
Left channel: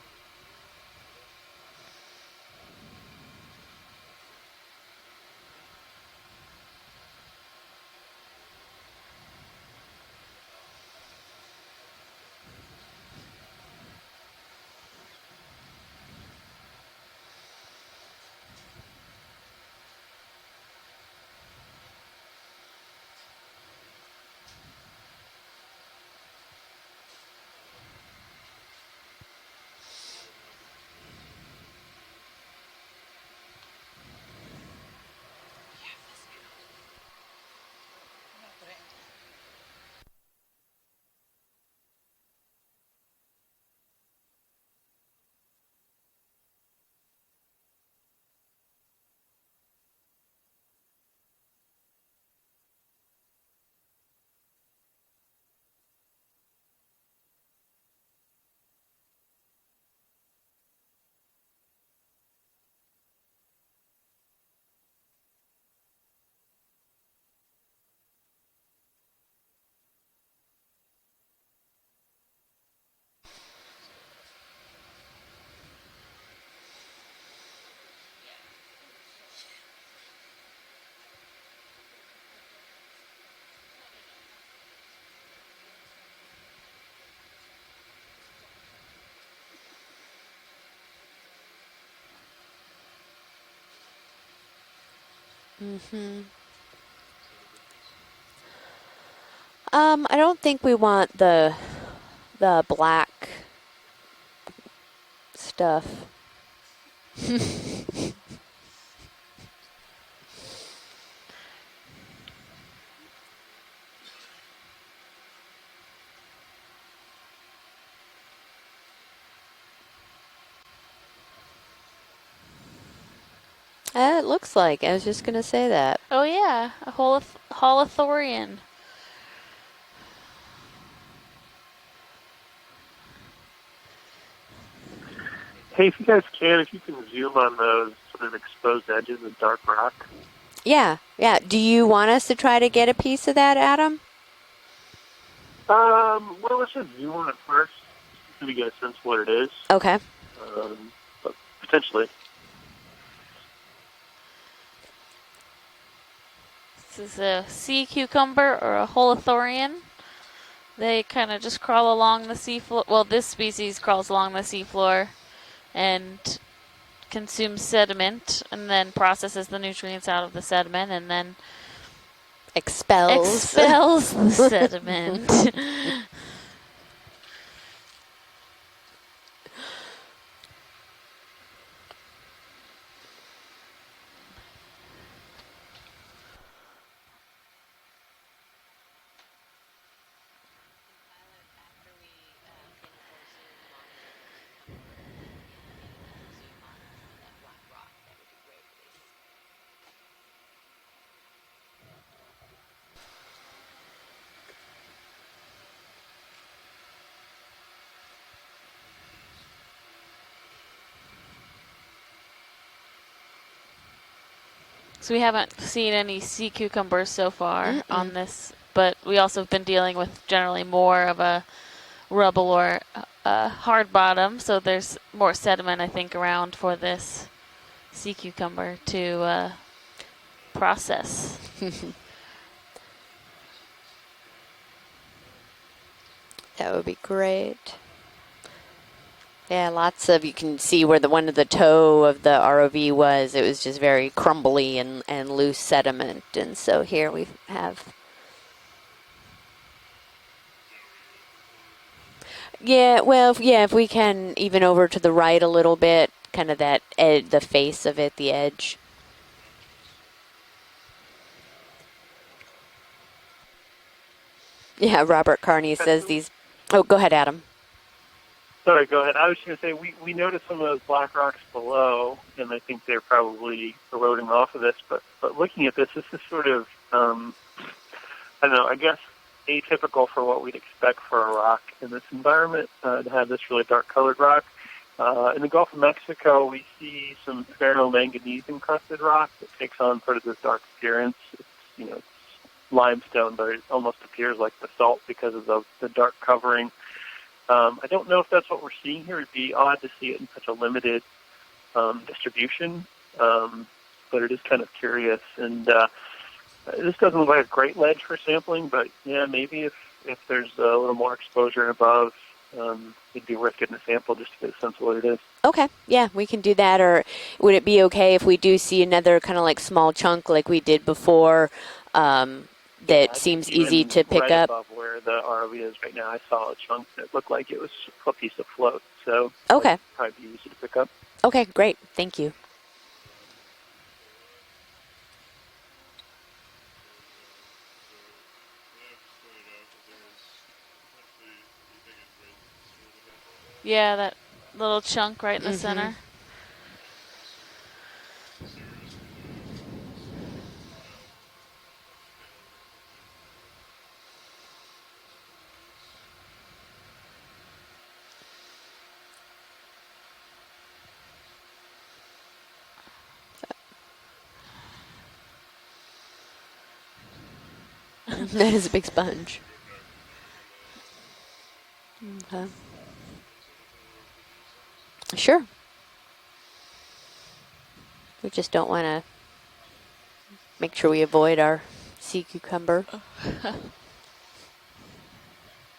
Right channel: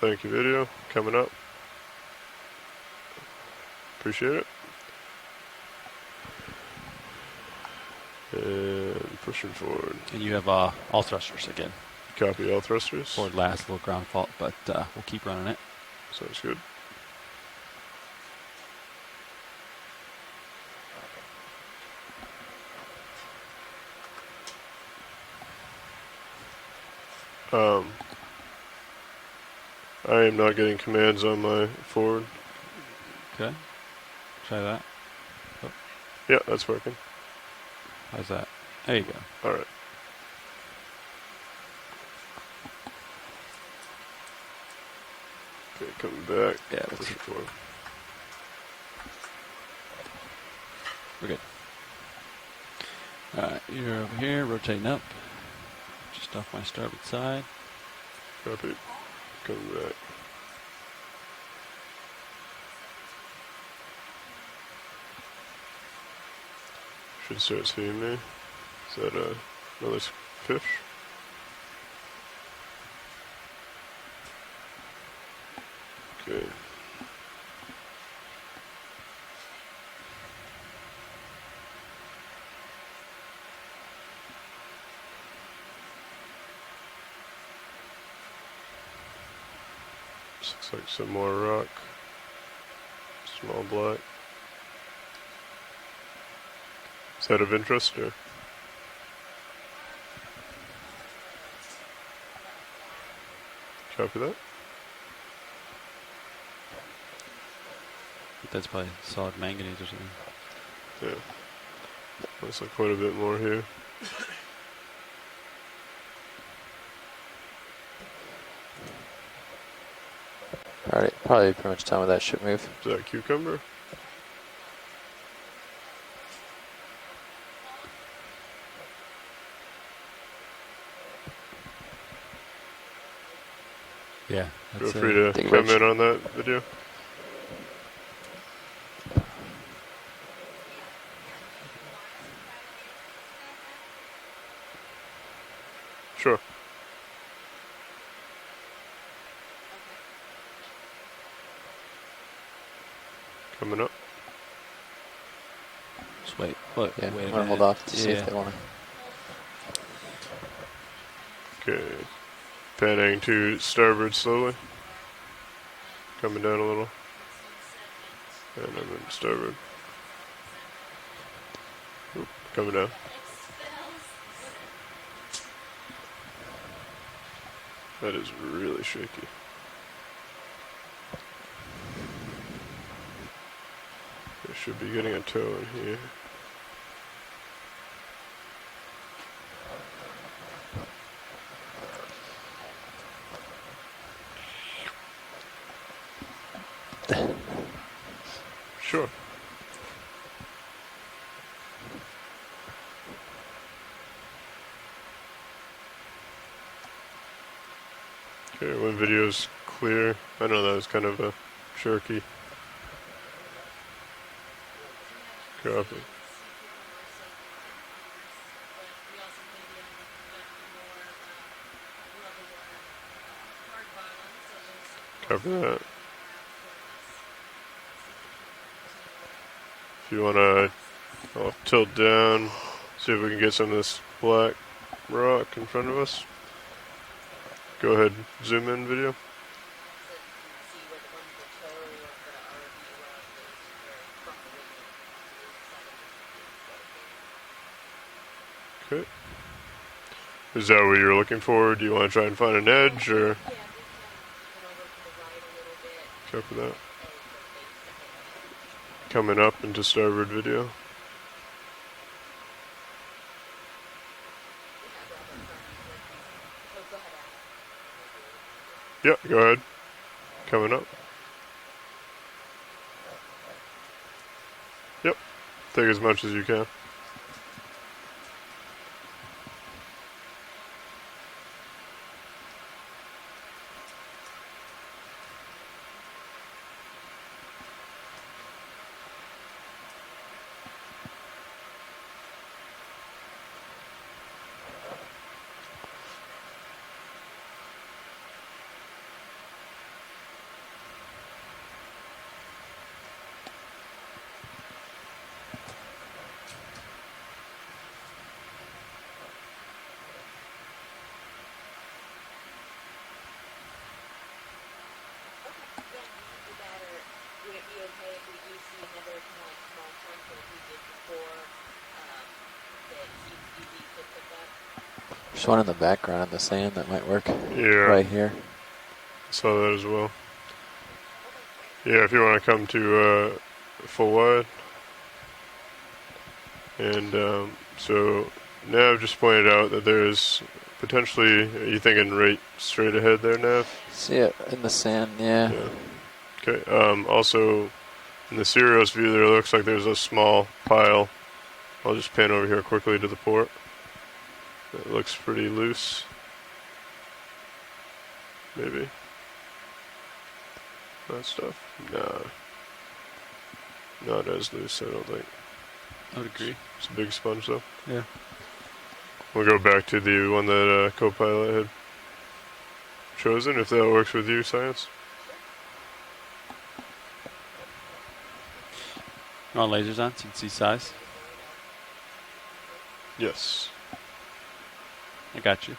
Thank you, video. Coming up. Appreciate it. And pushing forward. And you have all thrusters again. Copy all thrusters. Forward last, little ground fault, but we'll keep running it. Sounds good. I am not getting commands on my forward. Okay. Try that. Yeah, that's working. How's that? There you go. All right. Okay, coming back. Yeah, that's Pushing forward. We're good. Alright, you're over here, rotating up. Just off my starboard side. Copy. Coming back. Should start seeing me. Is that another fish? Okay. Looks like some more rock. Small black. Mhm. Is that of interest or? I don't think we want the black Copy that. stuff. That's probably solid manganese or something. Yeah. Looks like quite a bit more here. Alright, probably pretty much time with that ship move. Is that cucumber? It looks like. I was just going to say that. Oh yeah, a holothorian. Yeah, Feel that's free to Big come Rich. in Hey, on if you guys that can, video. if you can zoom on those sort of exposed edges of dark rock. Yeah, yeah. Do you want us to try to get a piece of that, Adam? Sure. Well, let's just zoom on it first so we get a sense of what it is. Okay. But potentially. Coming up. just wait. Look, This is Yeah, a hold off sea to see if they cucumber wanna- or a holothorian. They kind of just crawl Okay. along the seafloor. Well, Panning this to species crawls starboard along the slowly. seafloor and Coming down a little. consumes sediment and then then processes starboard. the nutrients out of the sediment and then Coming down. Expels. expels the sediment. That is really shaky. I should be getting a toe in here. Sure. Okay, when video's clear. I know that was kind of a jerky. So we haven't Copy. seen any sea cucumbers so far on this, but we also have been dealing with generally more of a rubble or hard bottom, so there's more Copy sediment, that. I think, around for this sea cucumber to If you want to, process. I'll tilt down, see if we can get some of this black rock in front of us. That would be great. Go ahead, zoom in video. Yeah, lots of, you can see where the one of the toe of the ROV was. It was just very crumbly and loose sediment. And so here we have. Okay. Is that what you're looking for? Do you want to try and find an Yeah, edge? well, or? if we can even over to the right a little bit, kind of Copy that the face of it, the edge. Coming up into starboard video. Yeah, Robert Carney says these. Oh, go ahead, Adam. Sorry, go ahead. Yep, I was go going to ahead. say, we noticed some Coming of up. those black rocks below, and I think they're probably eroding off of this, but, Yep. but looking at Take this, as this much is as you sort of, I don't know, I guess atypical for what we'd expect for a rock in this environment, to have this really dark-colored rock. In the Gulf of Mexico, we see some ferromanganese-encrusted rock that takes on sort of this dark appearance. It's, you know, limestone, but it almost appears like basalt because of the dark covering. I don't know if that's what we're seeing here. It'd be odd to see it in such a limited distribution, but it is kind of curious. And this doesn't look like a great ledge for sampling, but yeah, maybe if there's a little more exposure above, it'd be worth getting a sample just to get a sense of what it is. Okay, yeah, we can do that. Or would it be okay if we do see another kind of like small chunk like we did before that seems easy to pick right up? above where the There's ROV one in is the right now, background I of the saw a sand chunk that might looked work. like it was Yeah. Right a here. piece of float. So Saw Okay. that as well. might be easy to pick up. Okay, great. Yeah, Thank if you want to come to full wide. And so Nav just pointed out that there's potentially, are you thinking right straight ahead there, Nav? Yeah, that See it in the little sand, chunk right in the yeah. center. Okay, also in the Sirius view there looks like there's a small pile. I'll just pan over here quickly to the port. It looks pretty loose. Maybe. That stuff? Nah. Not as loose, I don't think. I would agree. It's a big sponge though. Yeah. That is a big sponge. We'll go back to the one that co-pilot had Okay. chosen, if that works with you, Science. Sure. We just don't want to On lasers on, so you can see make size. sure we avoid our sea cucumber. Yes. I got you.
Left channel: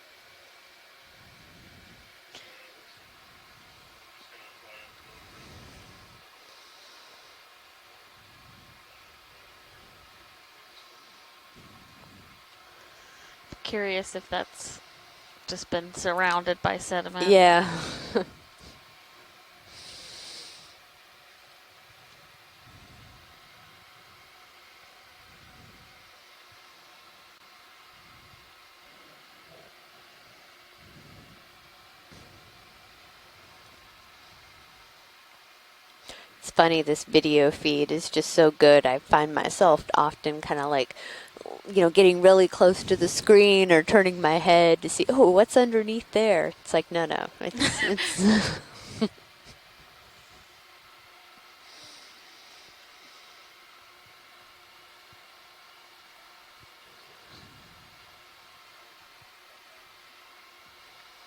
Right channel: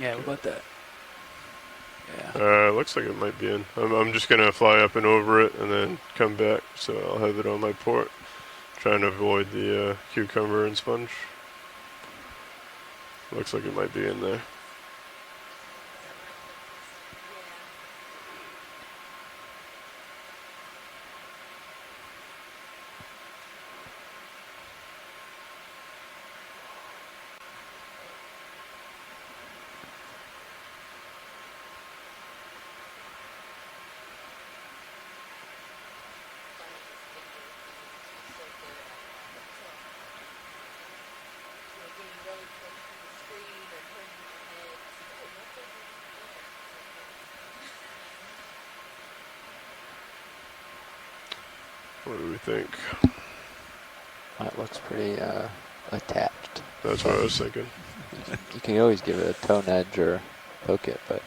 Yeah, what about that? Yeah. Looks like it might be in. I'm just gonna fly up and over it and then come back, so I'll have it on my port. Trying to avoid the cucumber and sponge. Looks like it might Curious be in if there. that's just been surrounded by sediment. Yeah. funny. This video feed is just so good. I find myself often kind of like, getting really close to the screen or turning my head to see, oh, what's underneath there? It's like, no. It's What do we think? That looks pretty attached. That's what I was thinking. You can always give it a tone edge or poke it, but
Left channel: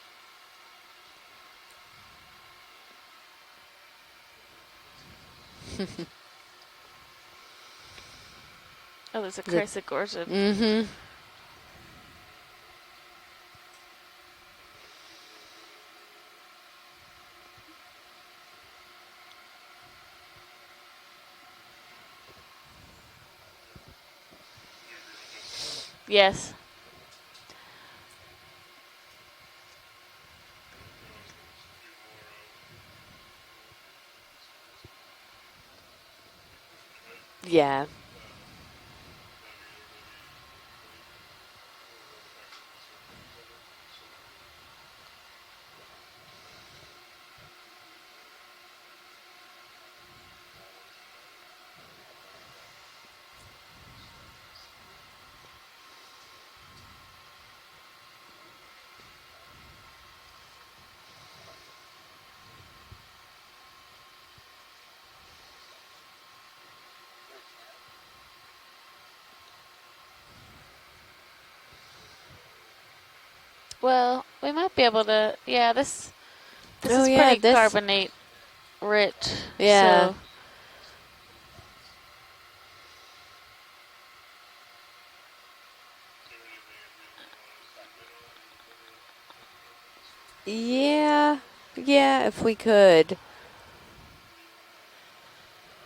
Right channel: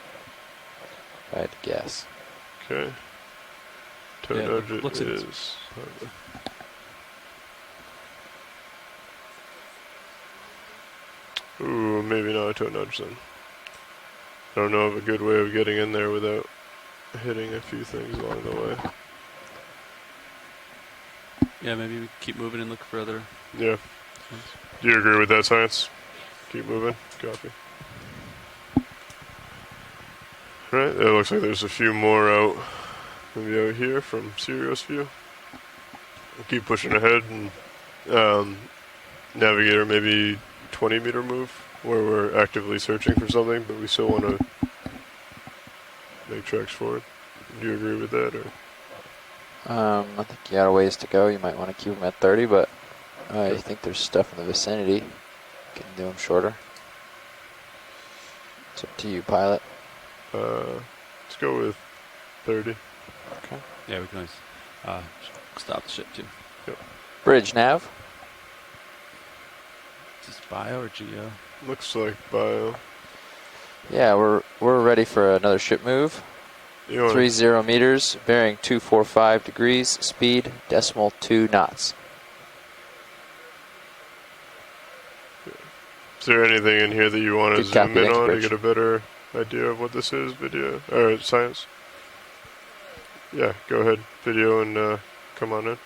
if I had to guess. Okay. Tone edge it is. Oh, there's a chrysogorgia. Mm-hmm. Ooh, maybe not a toe nudge then. I don't know of a good way of getting in there without hitting a few things along the way. Yeah, maybe we keep moving and look for other. Yeah. Do you agree with that, Science? Yes. Keep moving. Copy. Right, it looks like there's a few more out, maybe out here from Sirius view. We'll keep pushing ahead and Yeah. Navigator maybe 20-meter move where we're actively searching for something, but we still want to make tracks forward. Do you agree with that, or? I think you got a ways to go. You might want to keep them at 30, but I think there's stuff in the vicinity. You can do them shorter. It's up to you, pilot. Let's go with 30. Okay. Yeah, we can always stop the ship too. Yep. Bridge nav. Is this bio or geo? Looks like bio. Well, Yeah, we might we're be able ready to, for another yeah, ship this, move. This You is wanna- like 30 carbonate meters, bearing 245 rich. degrees, Yeah. speed decimal 2 knots. Is there anything in here that you want to Good copy, zoom in thanks, on to Bridge. get a better idea of what this is, video Yeah. or Science? Yeah, if we could. Yeah, go ahead, video, and come on in.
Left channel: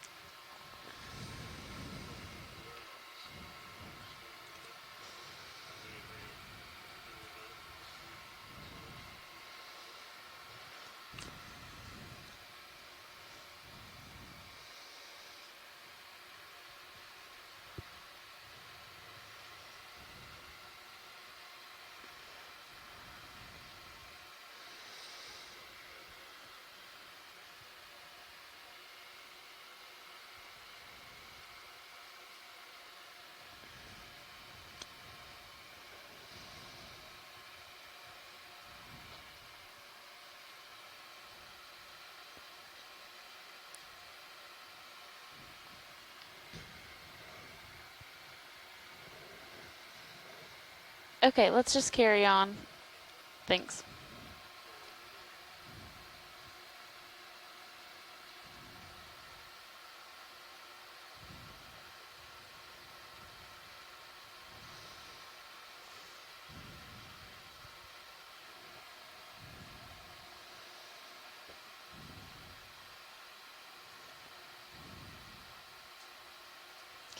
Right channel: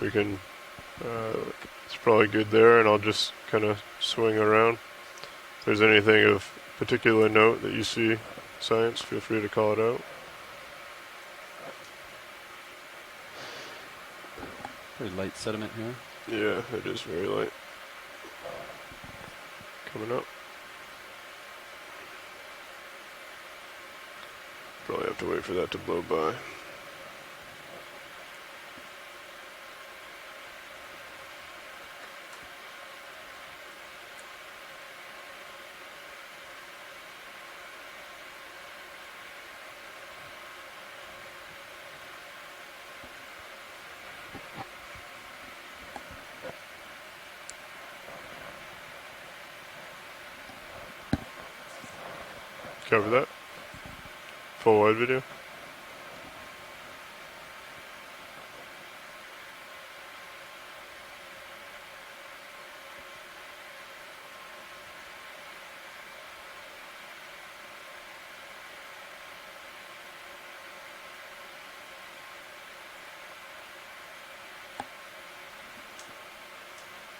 We can, it's probably good there, and I'll just kind of swing around. If there's anything of particular note that you see, Science, feel free to call it out. Pretty light sediment here. Yeah, it is very light. Coming up. Probably have to wait for that to blow by. Okay, let's just carry on. Cover that. Thanks. Full wide video.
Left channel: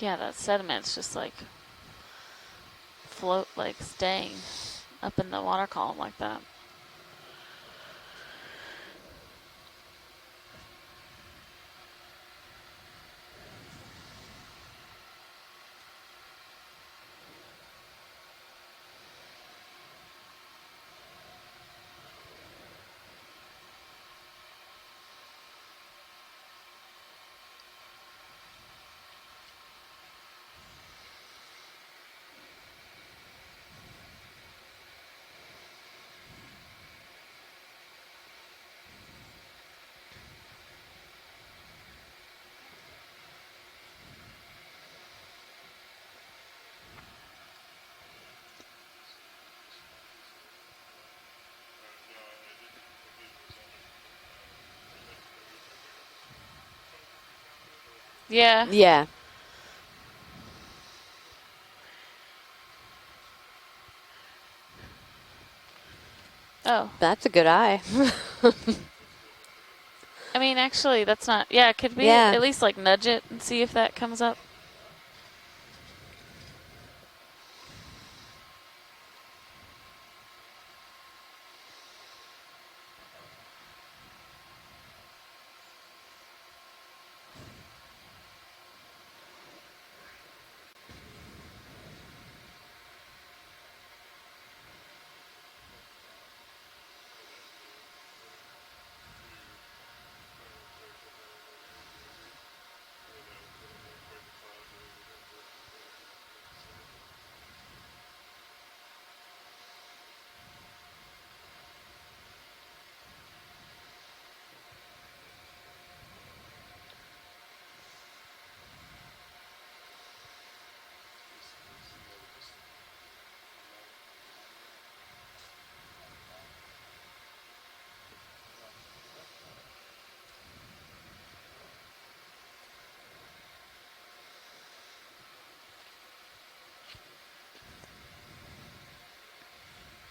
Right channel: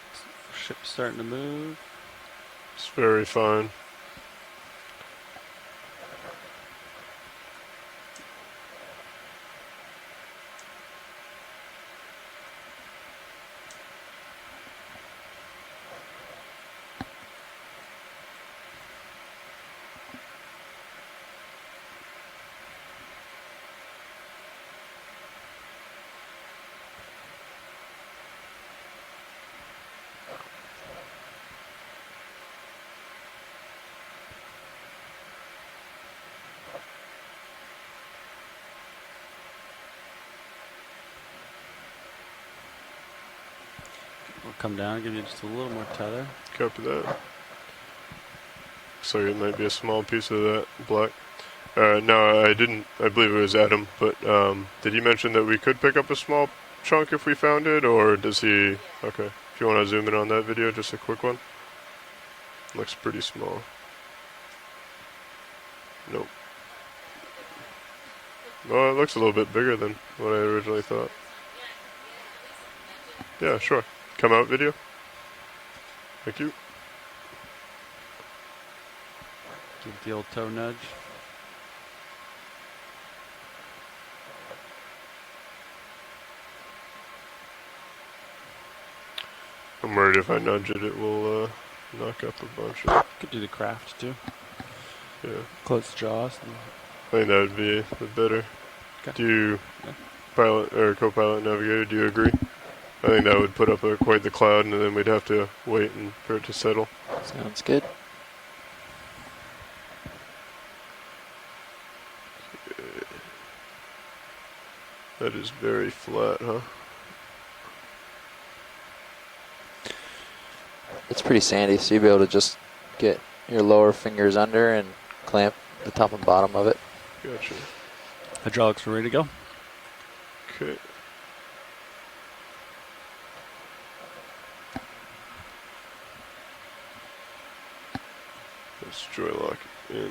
Yeah, that sediment's just Starting like to move. It's very fine. like staying up in the water column like that. We'll come down, give you just a little more tether. Copy that. Looks like it might be a small piece of that black. No, I didn't. I believe it was Adam, but did he mention that we could pick up a small chunk if we found it, or does Yeah. he? Yeah. Okay. If you want to zoom in on that video, just a quick one. Looks pretty small. Nope. Oh. That's a good eye. Well, it looks a little bit bigger than what I I mean, originally actually, thought. that's not. Yeah, could we Yeah. at least like nudge it and Yeah, see sure. if that comes Come up? out video. Thank you. Give the old toe nudge. I'm worried if I nudge it, it will knock up a bunch of. Could do the craft too. Yeah. Close jaws. I think that would be the better Okay. Do you, pilot or co-pilot navigator, do you agree? I think that would put up quite the cloud, and then we'd have to wait for it to settle. Sounds good. That is very flat, huh? It's pretty sandy, so you'll be able to just get your lower fingers under and clamp the top and bottom of it. Gotcha. Hydraulics are ready to go. Okay. Let's joy lock in.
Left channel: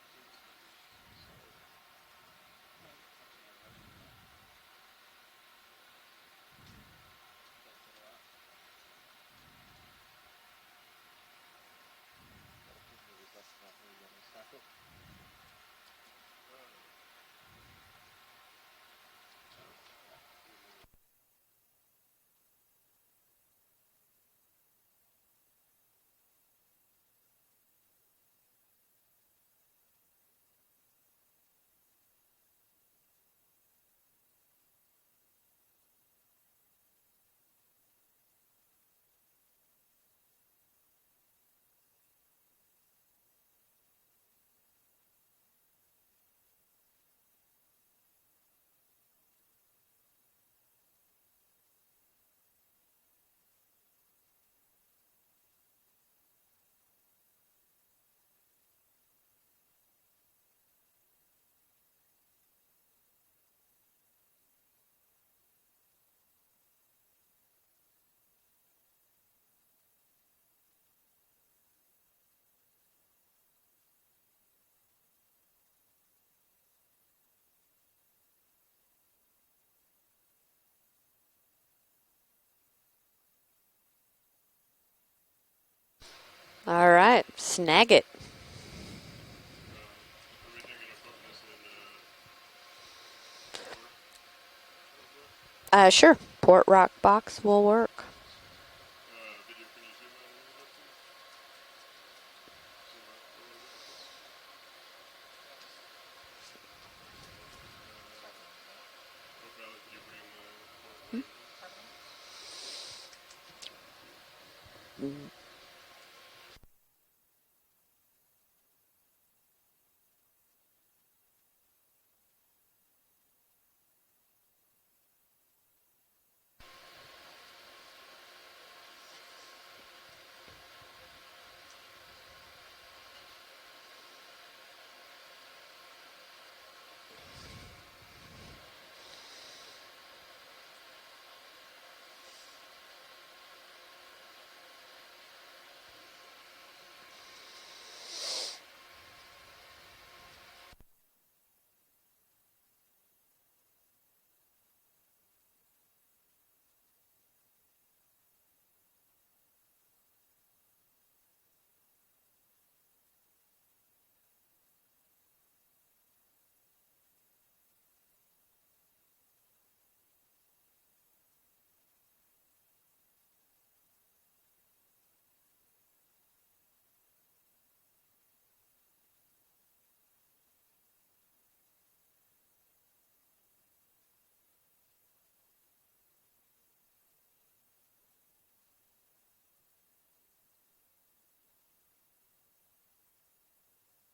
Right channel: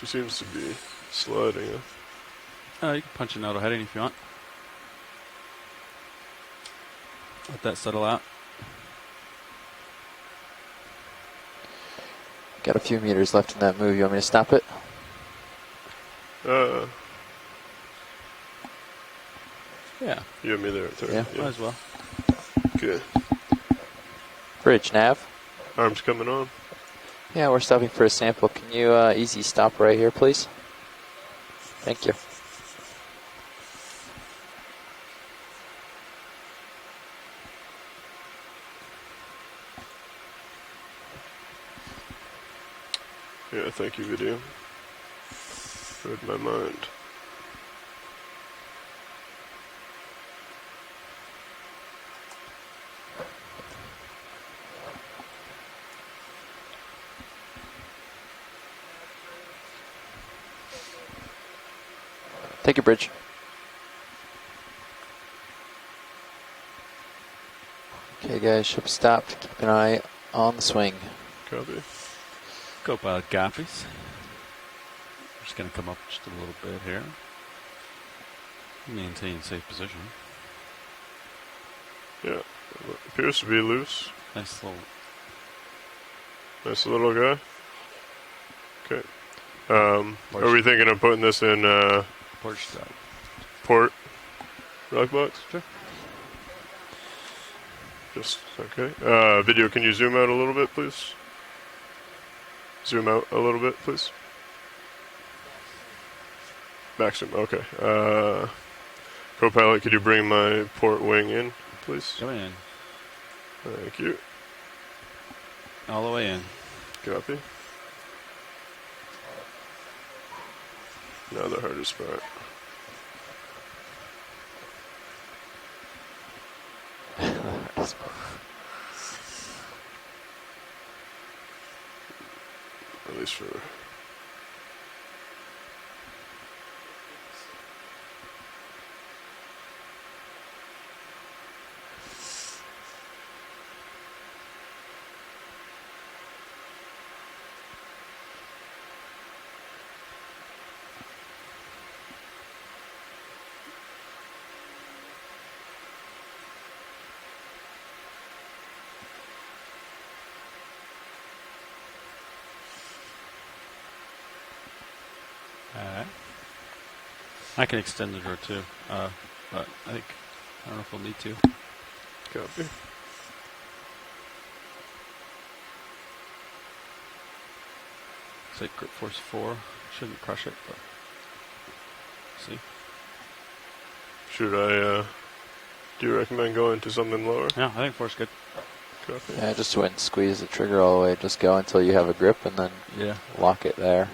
She seems to be sliding. You can punch an auto heading if you want. Let that settle out. Got a few meters left in that move. You want me to stop it? Yeah. You have me there at 30. Yeah. Might as well. Okay. Bridge nav. Arms coming on. Yeah, we're stopping for a sample. Can you easy stop right here, please? Thank you. Yeah, thank you, video. Read my mind. Take your bridge. Okay, guys, ship stopped. Keep an eye on the swing. Copy. Co-pilot copies. Just going to come up just a little bit here. Maintain safe position. Yeah, appears to be loose. Nice little. Nice All little right, guy. snag it. Okay. Are we thinking of putting this in Port stop. port rock box? Sure. Port rock box will work. Just okay. Video, can you zoom out a little bit, please? Zoom out a little bit, please. Back zoom. Okay. Co-pilot, could you bring my port wing in, please? Come in. Thank you. All the way in. Copy. Now the hardest part. At least for Alright. I can extend the door too, but I don't know if we'll need to. copy. Say grip force 4. Shouldn't crush it, but see. Should I, do you recommend going to something lower? Yeah, I think 4's good. Copy. Yeah, just wouldn't squeeze the trigger all the way. Just go until you have a grip and then lock it there.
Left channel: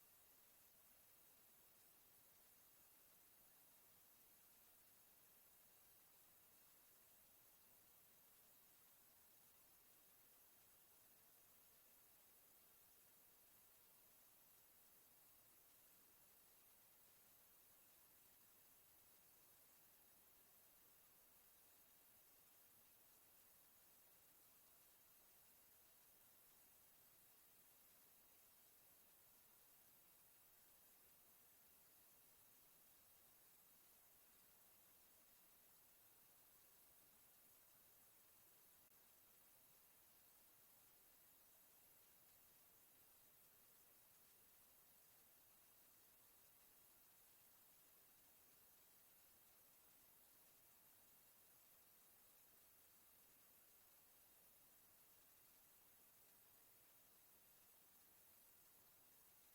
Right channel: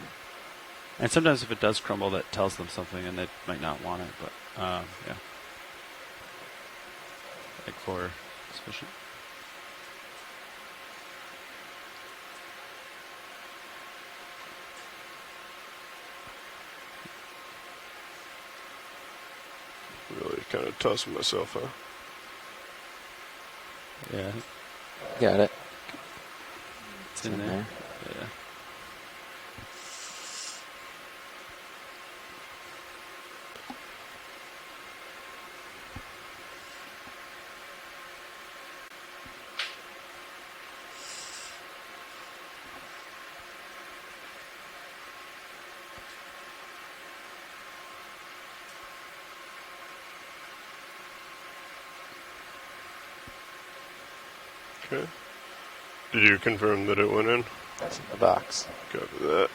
And sometimes if it does crumble, that tells them something and they might not want it, but yeah. I think 4 is sufficient. Really kind of tossing myself, huh? Yeah, Got it. it's in there. Yeah. Okay. Did you confirm that it went in? That's in the box. Copy that.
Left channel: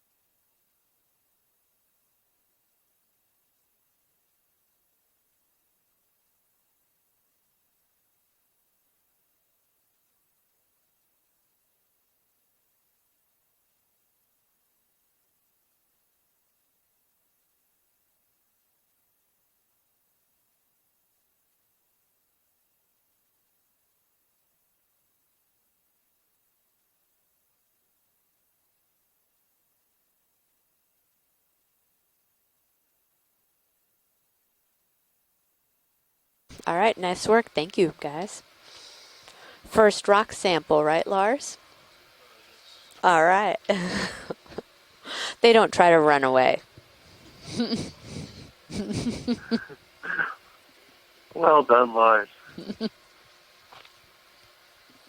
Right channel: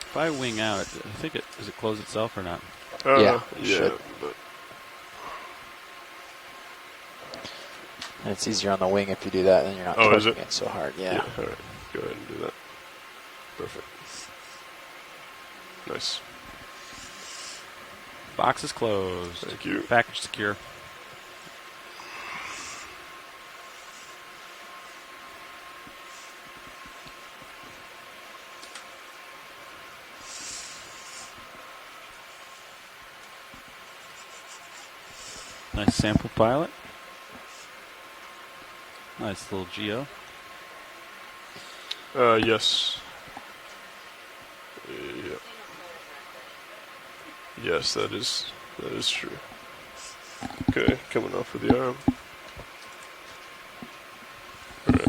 If I wing out, I think does it close itself or not? Yeah, yeah. But And it's easier on the wing if you do that, then you're not is torquing it? it so hard. Yeah. All right. Go ahead and do that. Perfect. Nice. Box is closed. Thank you. Package secure. Nice sample pilot. All right, nice work. Thank you, guys. Nice little First geo. rock sample, right, Lars? Yes. All right. Yeah. They don't try to run away. Yes, that is true. Okay, coming off. Well of the done, arm. Lars. All right.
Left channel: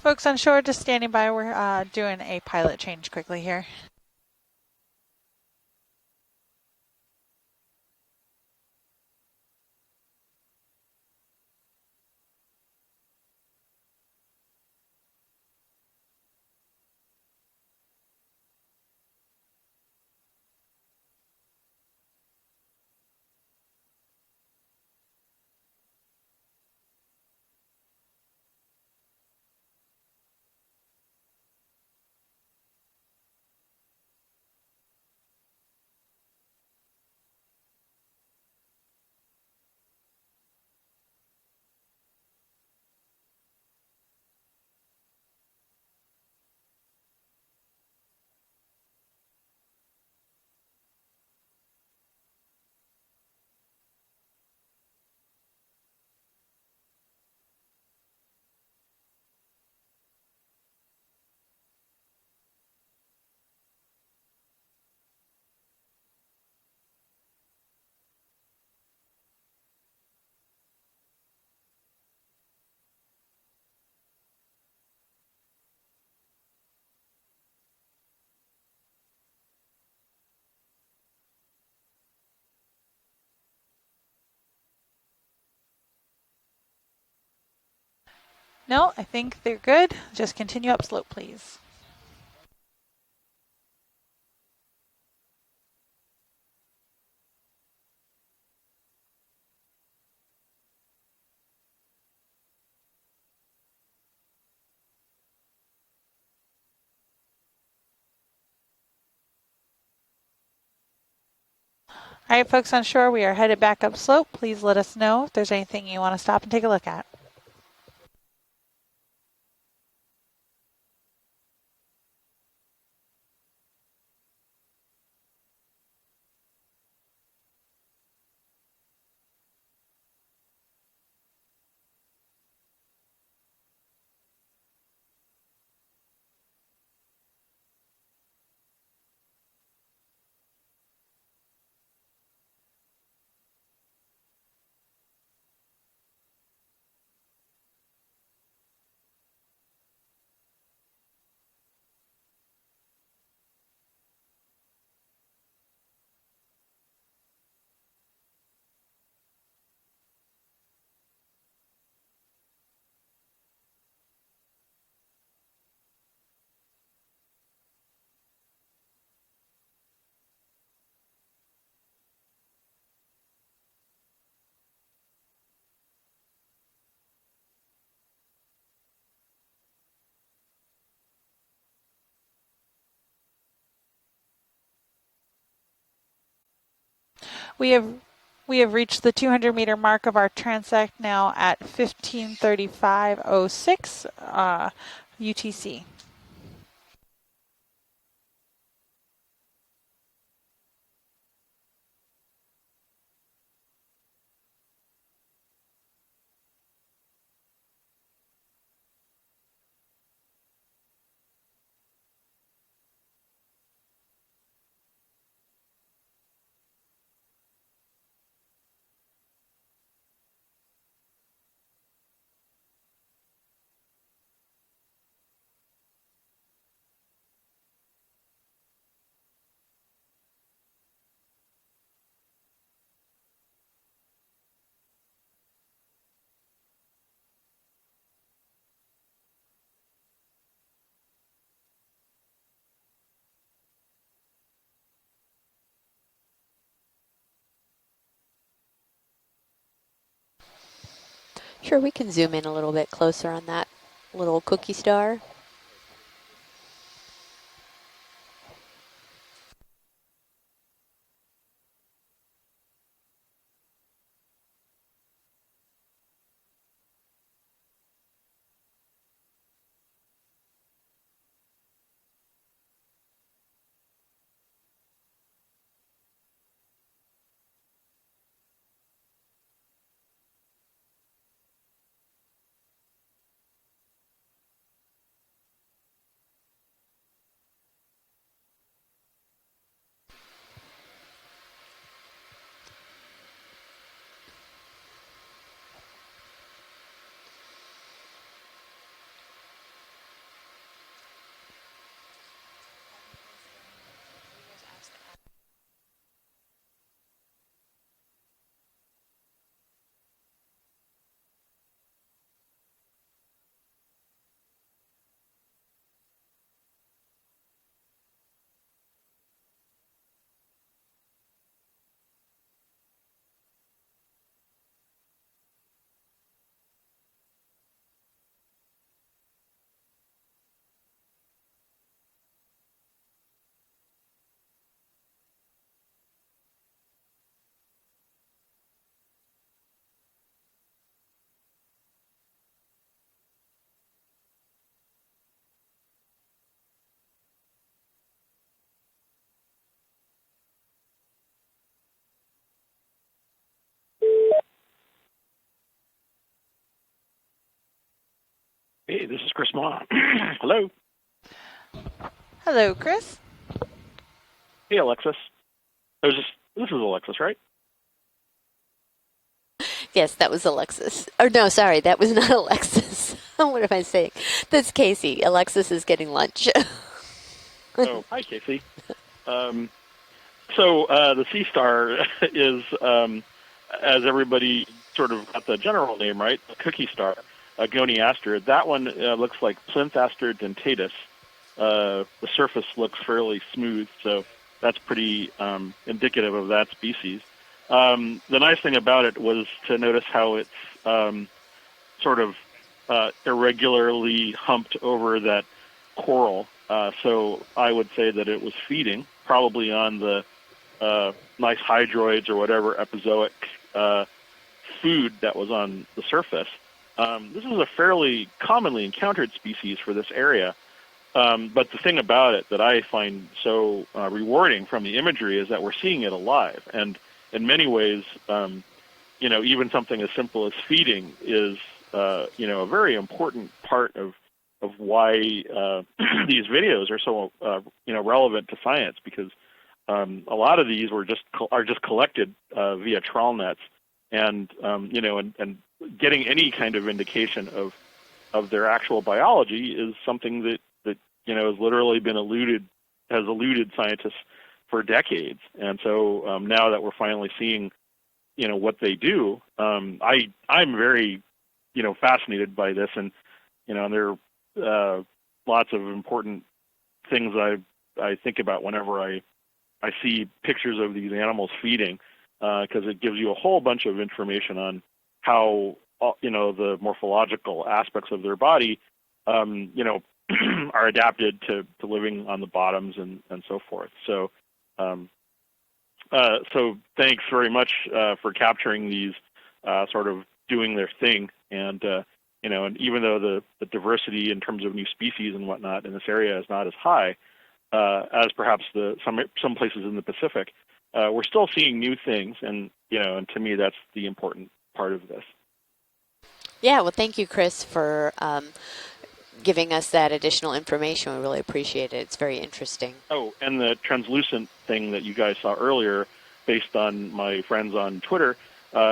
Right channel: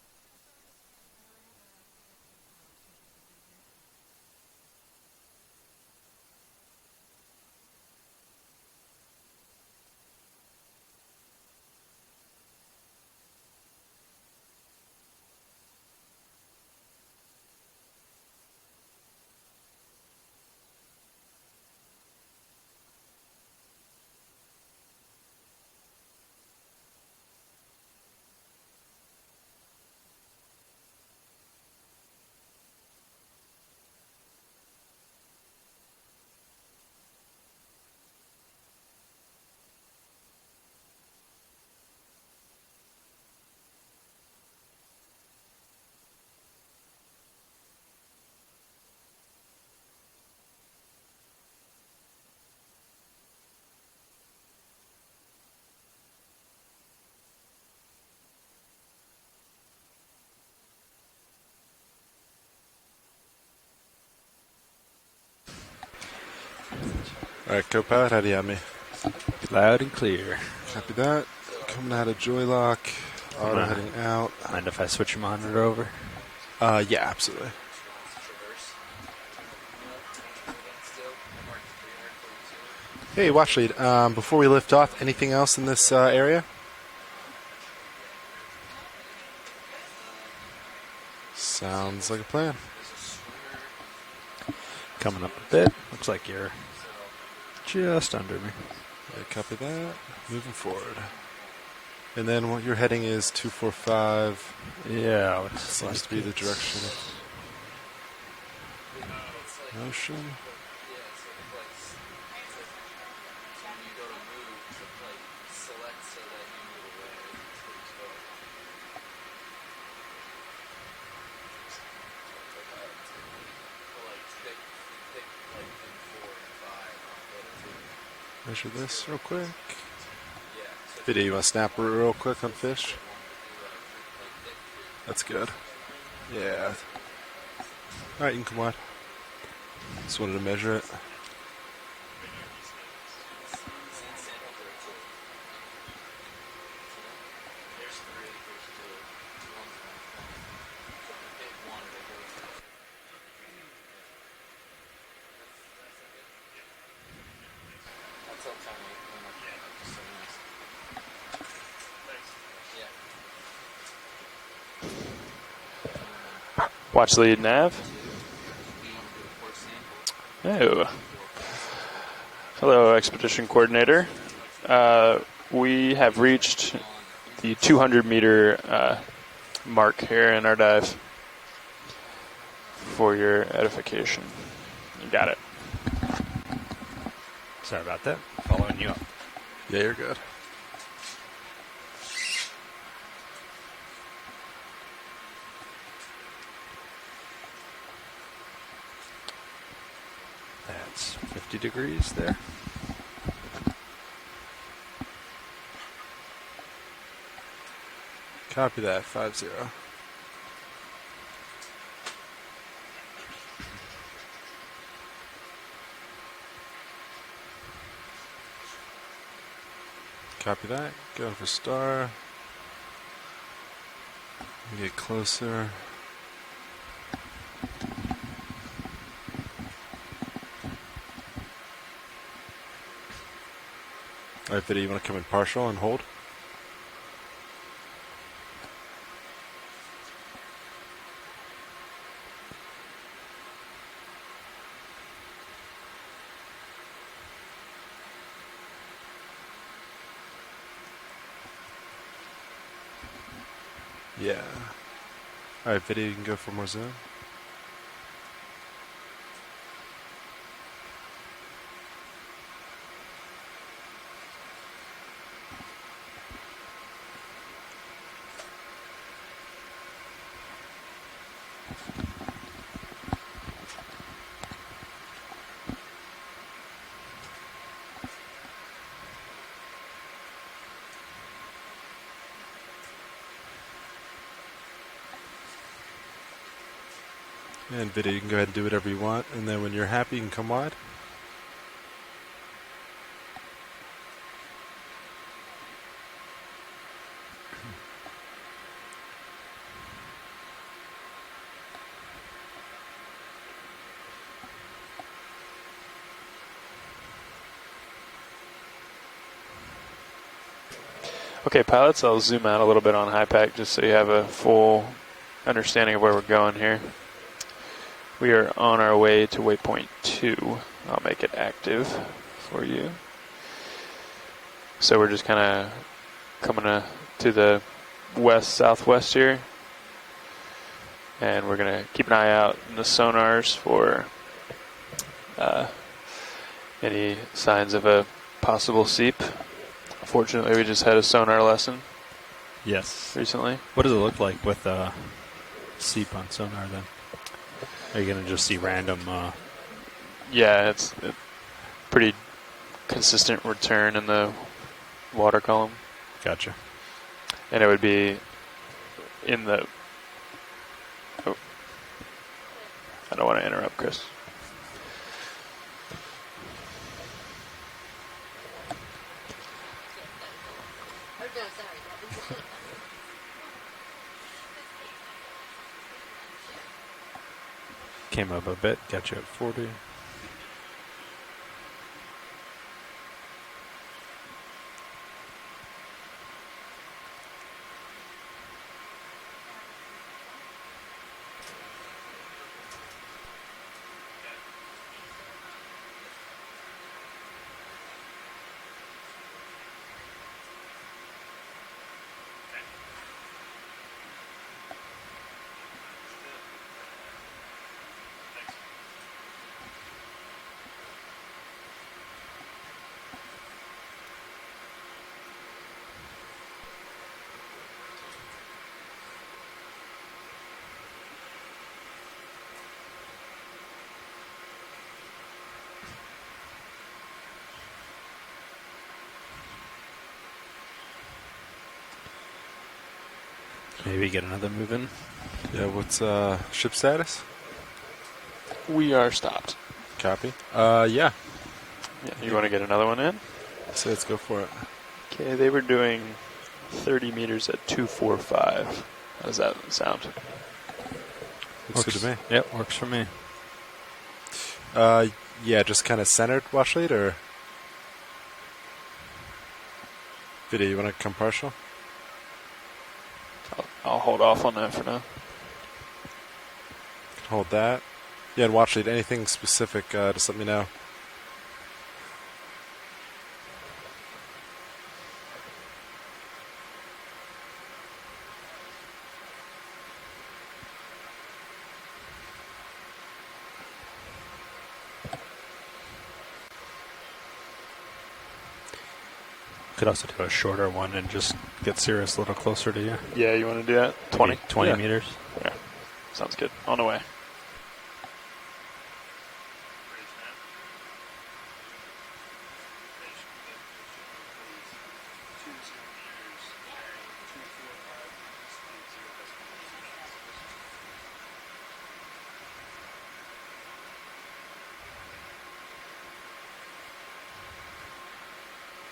Folks on shore, just standing by. We're doing a pilot change quickly here. All right, co-pilot, how do you have me? Loud and clear. Copy that. Coming out of joy lock. Auto heading out. Mind if I switch your monitor over? Yeah, absolutely. Hey, watch lead. Before we lift off, anything else in this area? No, I think they're good. Just continue upslope, please. Sounds like a plan. Coming up a bit. Looks like you're just under me. Yeah, copy that. Moving forward. And then what your heading is 245. Yeah, Seems to be the direction of motion. All right, folks on shore, we are headed back upslope. Please let us know if there's anything you want to stop and take a look at. Measure this real quick. Video, you want to snap real quick on fish? That's good. Yeah. All right, you can come wide. Just wanted to measure it. Watch lead nav. Oh. Hello, expedition coordinator. We have reached the 200-meter mark here in our dive. For your edification, you got it. We have reached the 200-meter mark of our transect now at 15:35:06 UTC. That's 50 degrees there. Copy that, 5-0. Copy that, go for star. We get closer. Alright, Vidya, you want to come in partial and hold? Sure, we can zoom in a little bit closer on that little cookie star. Alright, Vidya, you can go for more zoom. And Vidya, you can go ahead and do whatever you want, and then when you're happy, you can come wide. Okay, pilots, I'll zoom out a little bit on HiPAC just so you have a full understanding of where we're going here. We are on our way to waypoint 2. I'll make it active for you. So we're just kind of coming to the west-southwest here. And we're going to keep an eye out in the sonars for any signs of a possible seep. Fortunately, we just had a sonar lesson. Yes. Recently. What does it look like with seep on sonar then? Are you going to just see random? Yeah, it's a pretty consistent return in the water column. Gotcha. And it would be. Hey, this is Chris. Hello. Oh. Hello, Chris. I don't want to interrupt, Chris. Hey, Alexis. This is Alexis, right? Yes, that was Alexis. Or no, sorry, that was not Alexis. What am I saying? That's Casey. Alexis is getting lunch. Oh, came up a bit. Got you at 40. So the Sea Star is, as everybody sort of got the general name right, the cookie star, Goniaster. That one looks like Plinth-aster dentatus. The surface looks fairly smooth, so that's pretty indicative of that species. The nice thing about it was to notice how it's sort of irregularly humped over that coral. So I would say that it was feeding, probably on the nice hydroids or whatever epizoic food that was on the surface. This is a fairly commonly encountered species for this area. But the thing about it that I find so rewarding from the imagery is that we're seeing it alive. And in many ways, even something as simple as feeding is a very important part of why these videos are so relevant to science. We are stopped. A lot of these are just collected you want to get another one via in? trawl nets. So let's go and for it. and they were doing getting any kind of 30 indication meters at of 245. their actual biology is sound? something that has literally been eluded, works for me. has eluded scientists for decades. Yeah, and just so, kind of centered. now that roughly, we're or? finally seeing, what they do, I'm You very, come partial? fascinated by this, and I'll there hold off on that for now. lots of important things Hold that. I think Yeah, about watch it. whenever Anything specific, I just see let me know. pictures of these animals feeding, because it gives you a whole bunch of information on how the morphological aspects of their body, are adapted to living on the bottoms and so forth. So, so thanks very much for capturing these sort of doing their thing. And get serious a little closer to even you. though Yeah, the you wanna do diversity that? in terms 20 of meters. species and whatnot in this area Sounds is good. not On as the way. as perhaps some places in the Pacific. We're still seeing new things, and and to me that's the important part of this. Yeah, well, thank you, Chris, for giving us that additional information. We really appreciate it. It's very interesting. Oh, and the translucent thing that you guys saw earlier, based on my friends on Twitter,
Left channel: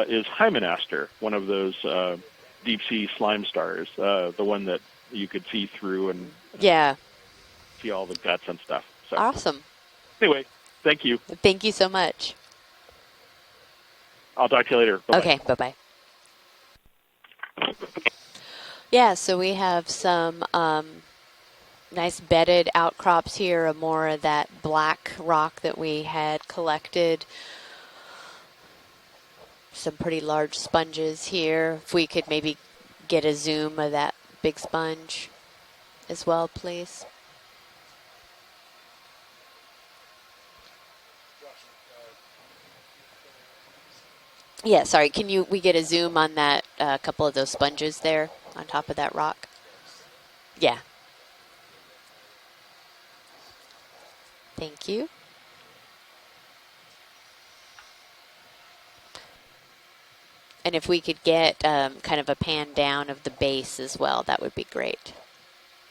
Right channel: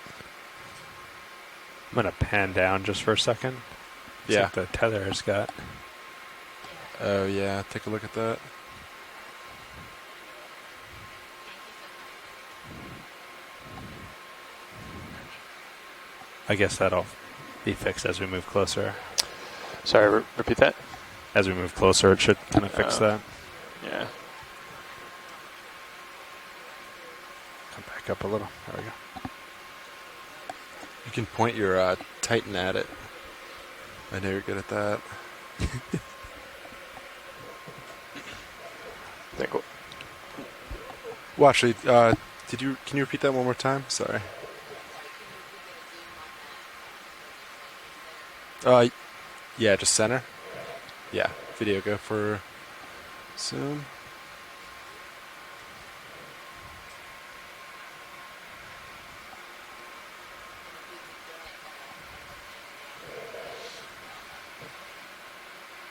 is Hymenaster, one of those pan down just for a slime second. stars. Yeah, the one that Tether's you got. can see through and Yeah. Oh yeah, take see a all look the at that. jets and stuff. So, Awesome. anyway, thank you. Thank you so much. I'll talk to you later. Bye-bye. Okay, bye-bye. I guess that'll be fixed as we move closer. Yeah, so we have some as we move closer, nice it should bedded fix outcrops here, more of that black rock that we had collected. Come back up a little. There we go. Some pretty large sponges you can here. point your, if we could Titan maybe at it. get a zoom of that I know you're big good at sponge as well, please. Well, actually, can you repeat that one more time? Sorry. Yeah, sorry. Can we get a zoom on that couple of those sponges there on top of that rock? Yeah, just center. Yeah. Yeah. Video go for zoom. Thank you. And if we could get kind of a pan down of the base as well, that would be great.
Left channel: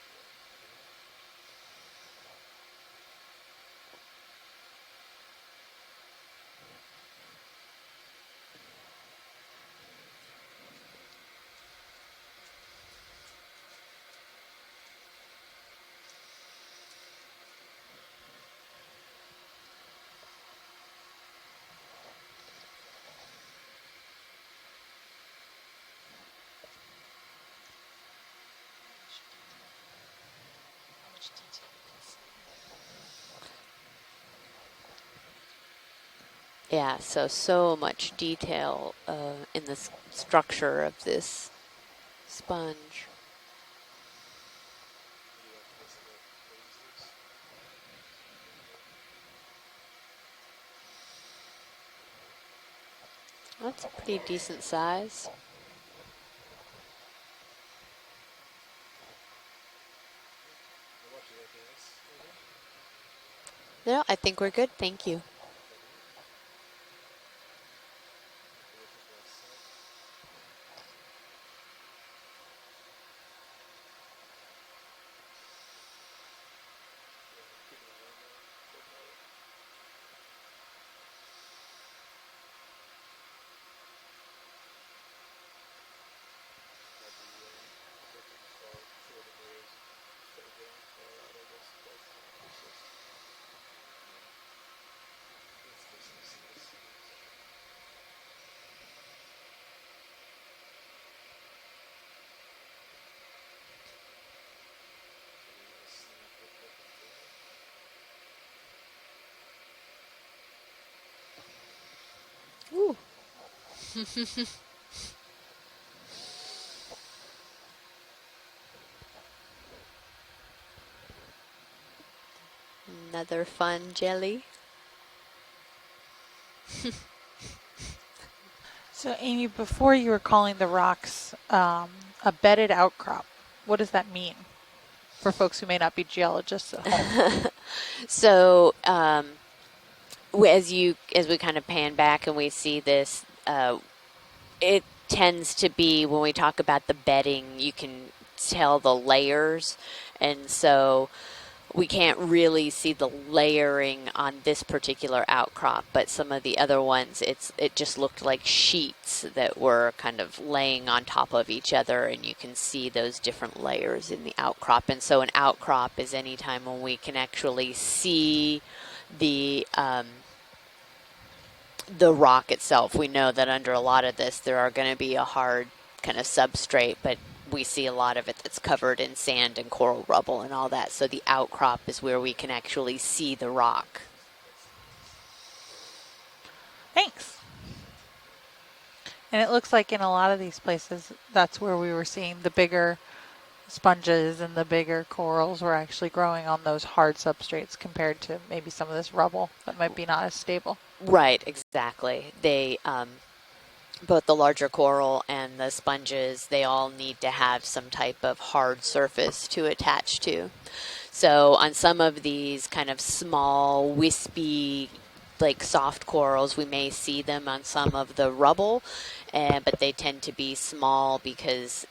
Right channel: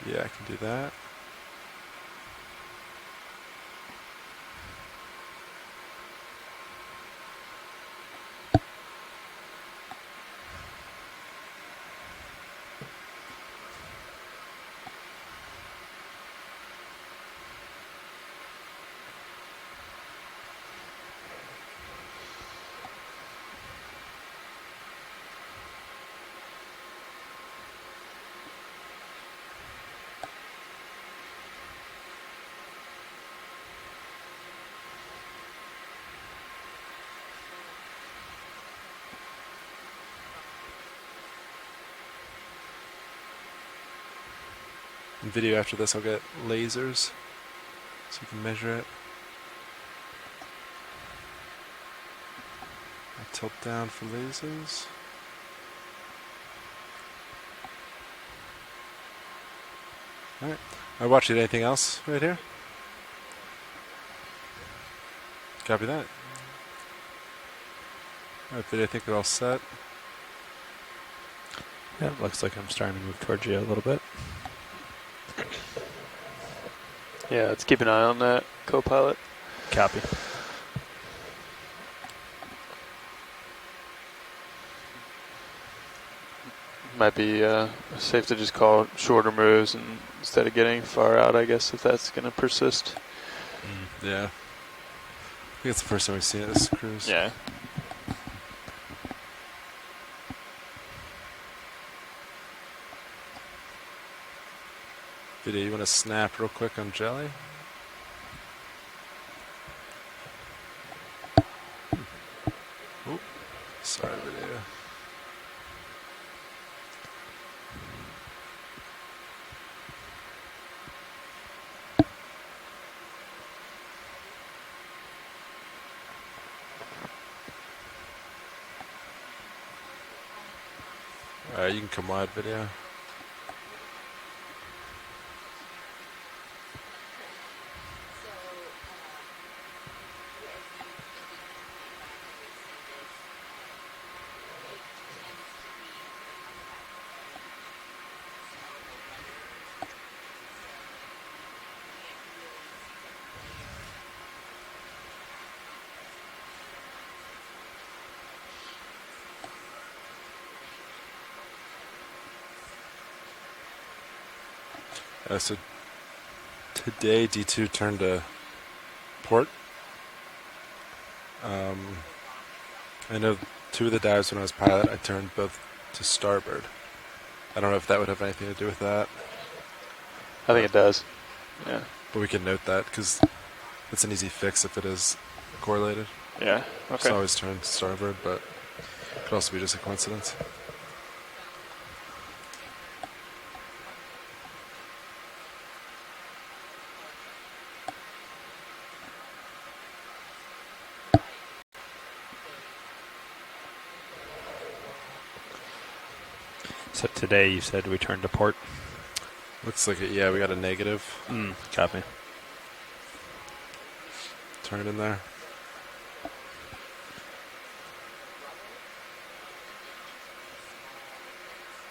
Yeah, I can do that. Yeah, so much detail in the structure of this sponge. In video after this, I'll get lasers so you can measure it. I'll tilt down That's a for pretty lasers. decent size. All right. I watched it. Anything else right here? No, I think we're good. Thank you. Copy that. All right, video, I think we're all set. Yeah, it looks like I'm starting to move towards you a little bit. Yeah, let's keep an eye on that, co-pilot. Copy. Might be safe to just call shorter moves instead of getting far out, I guess, if that's going to persist. Yeah. I think it's the first time we've seen it this cruise. Yeah. Video, you want to snap real quick on Jelly? Ooh. Ooh. Sorry, video. Another fun jelly. So, Amy, before you were calling the rocks you can come live a video. bedded outcrop, what does that mean for folks who may not be geologists at home? So, as we kind of pan back and we see this, it tends to be, when we talk about the bedding, you can tell the layers, and so we can't really see the layering on this particular outcrop, but some of the other ones, it just looked like sheets that were kind of laying on top of each other, and you can see those different layers in the outcrop. And so an outcrop is any time when we can actually see the rock itself. We know that under a lot of this, there are going to be a hard kind of substrate, but we see a lot of it that's covered in sand and coral rubble and all that. So the outcrop is where we can actually see the rock. It's an easy fix if it is correlated. Yeah. Okay. It's always turned starboard, but and it looks like in a lot of these places, that's where we were seeing the bigger sponges and the bigger corals were actually growing on those hard substrates compared to maybe some of this rubble that might be not as stable. Right, exactly. They both the larger coral and the sponges, they all So need to today you have said some we type turned to of port. hard surface to Let's see if attach yeah, to. we got a negative. So on some copy. of these kind of small, wispy, Turn in there. like soft corals, we may see them on some of the rubble, but they tend to be small because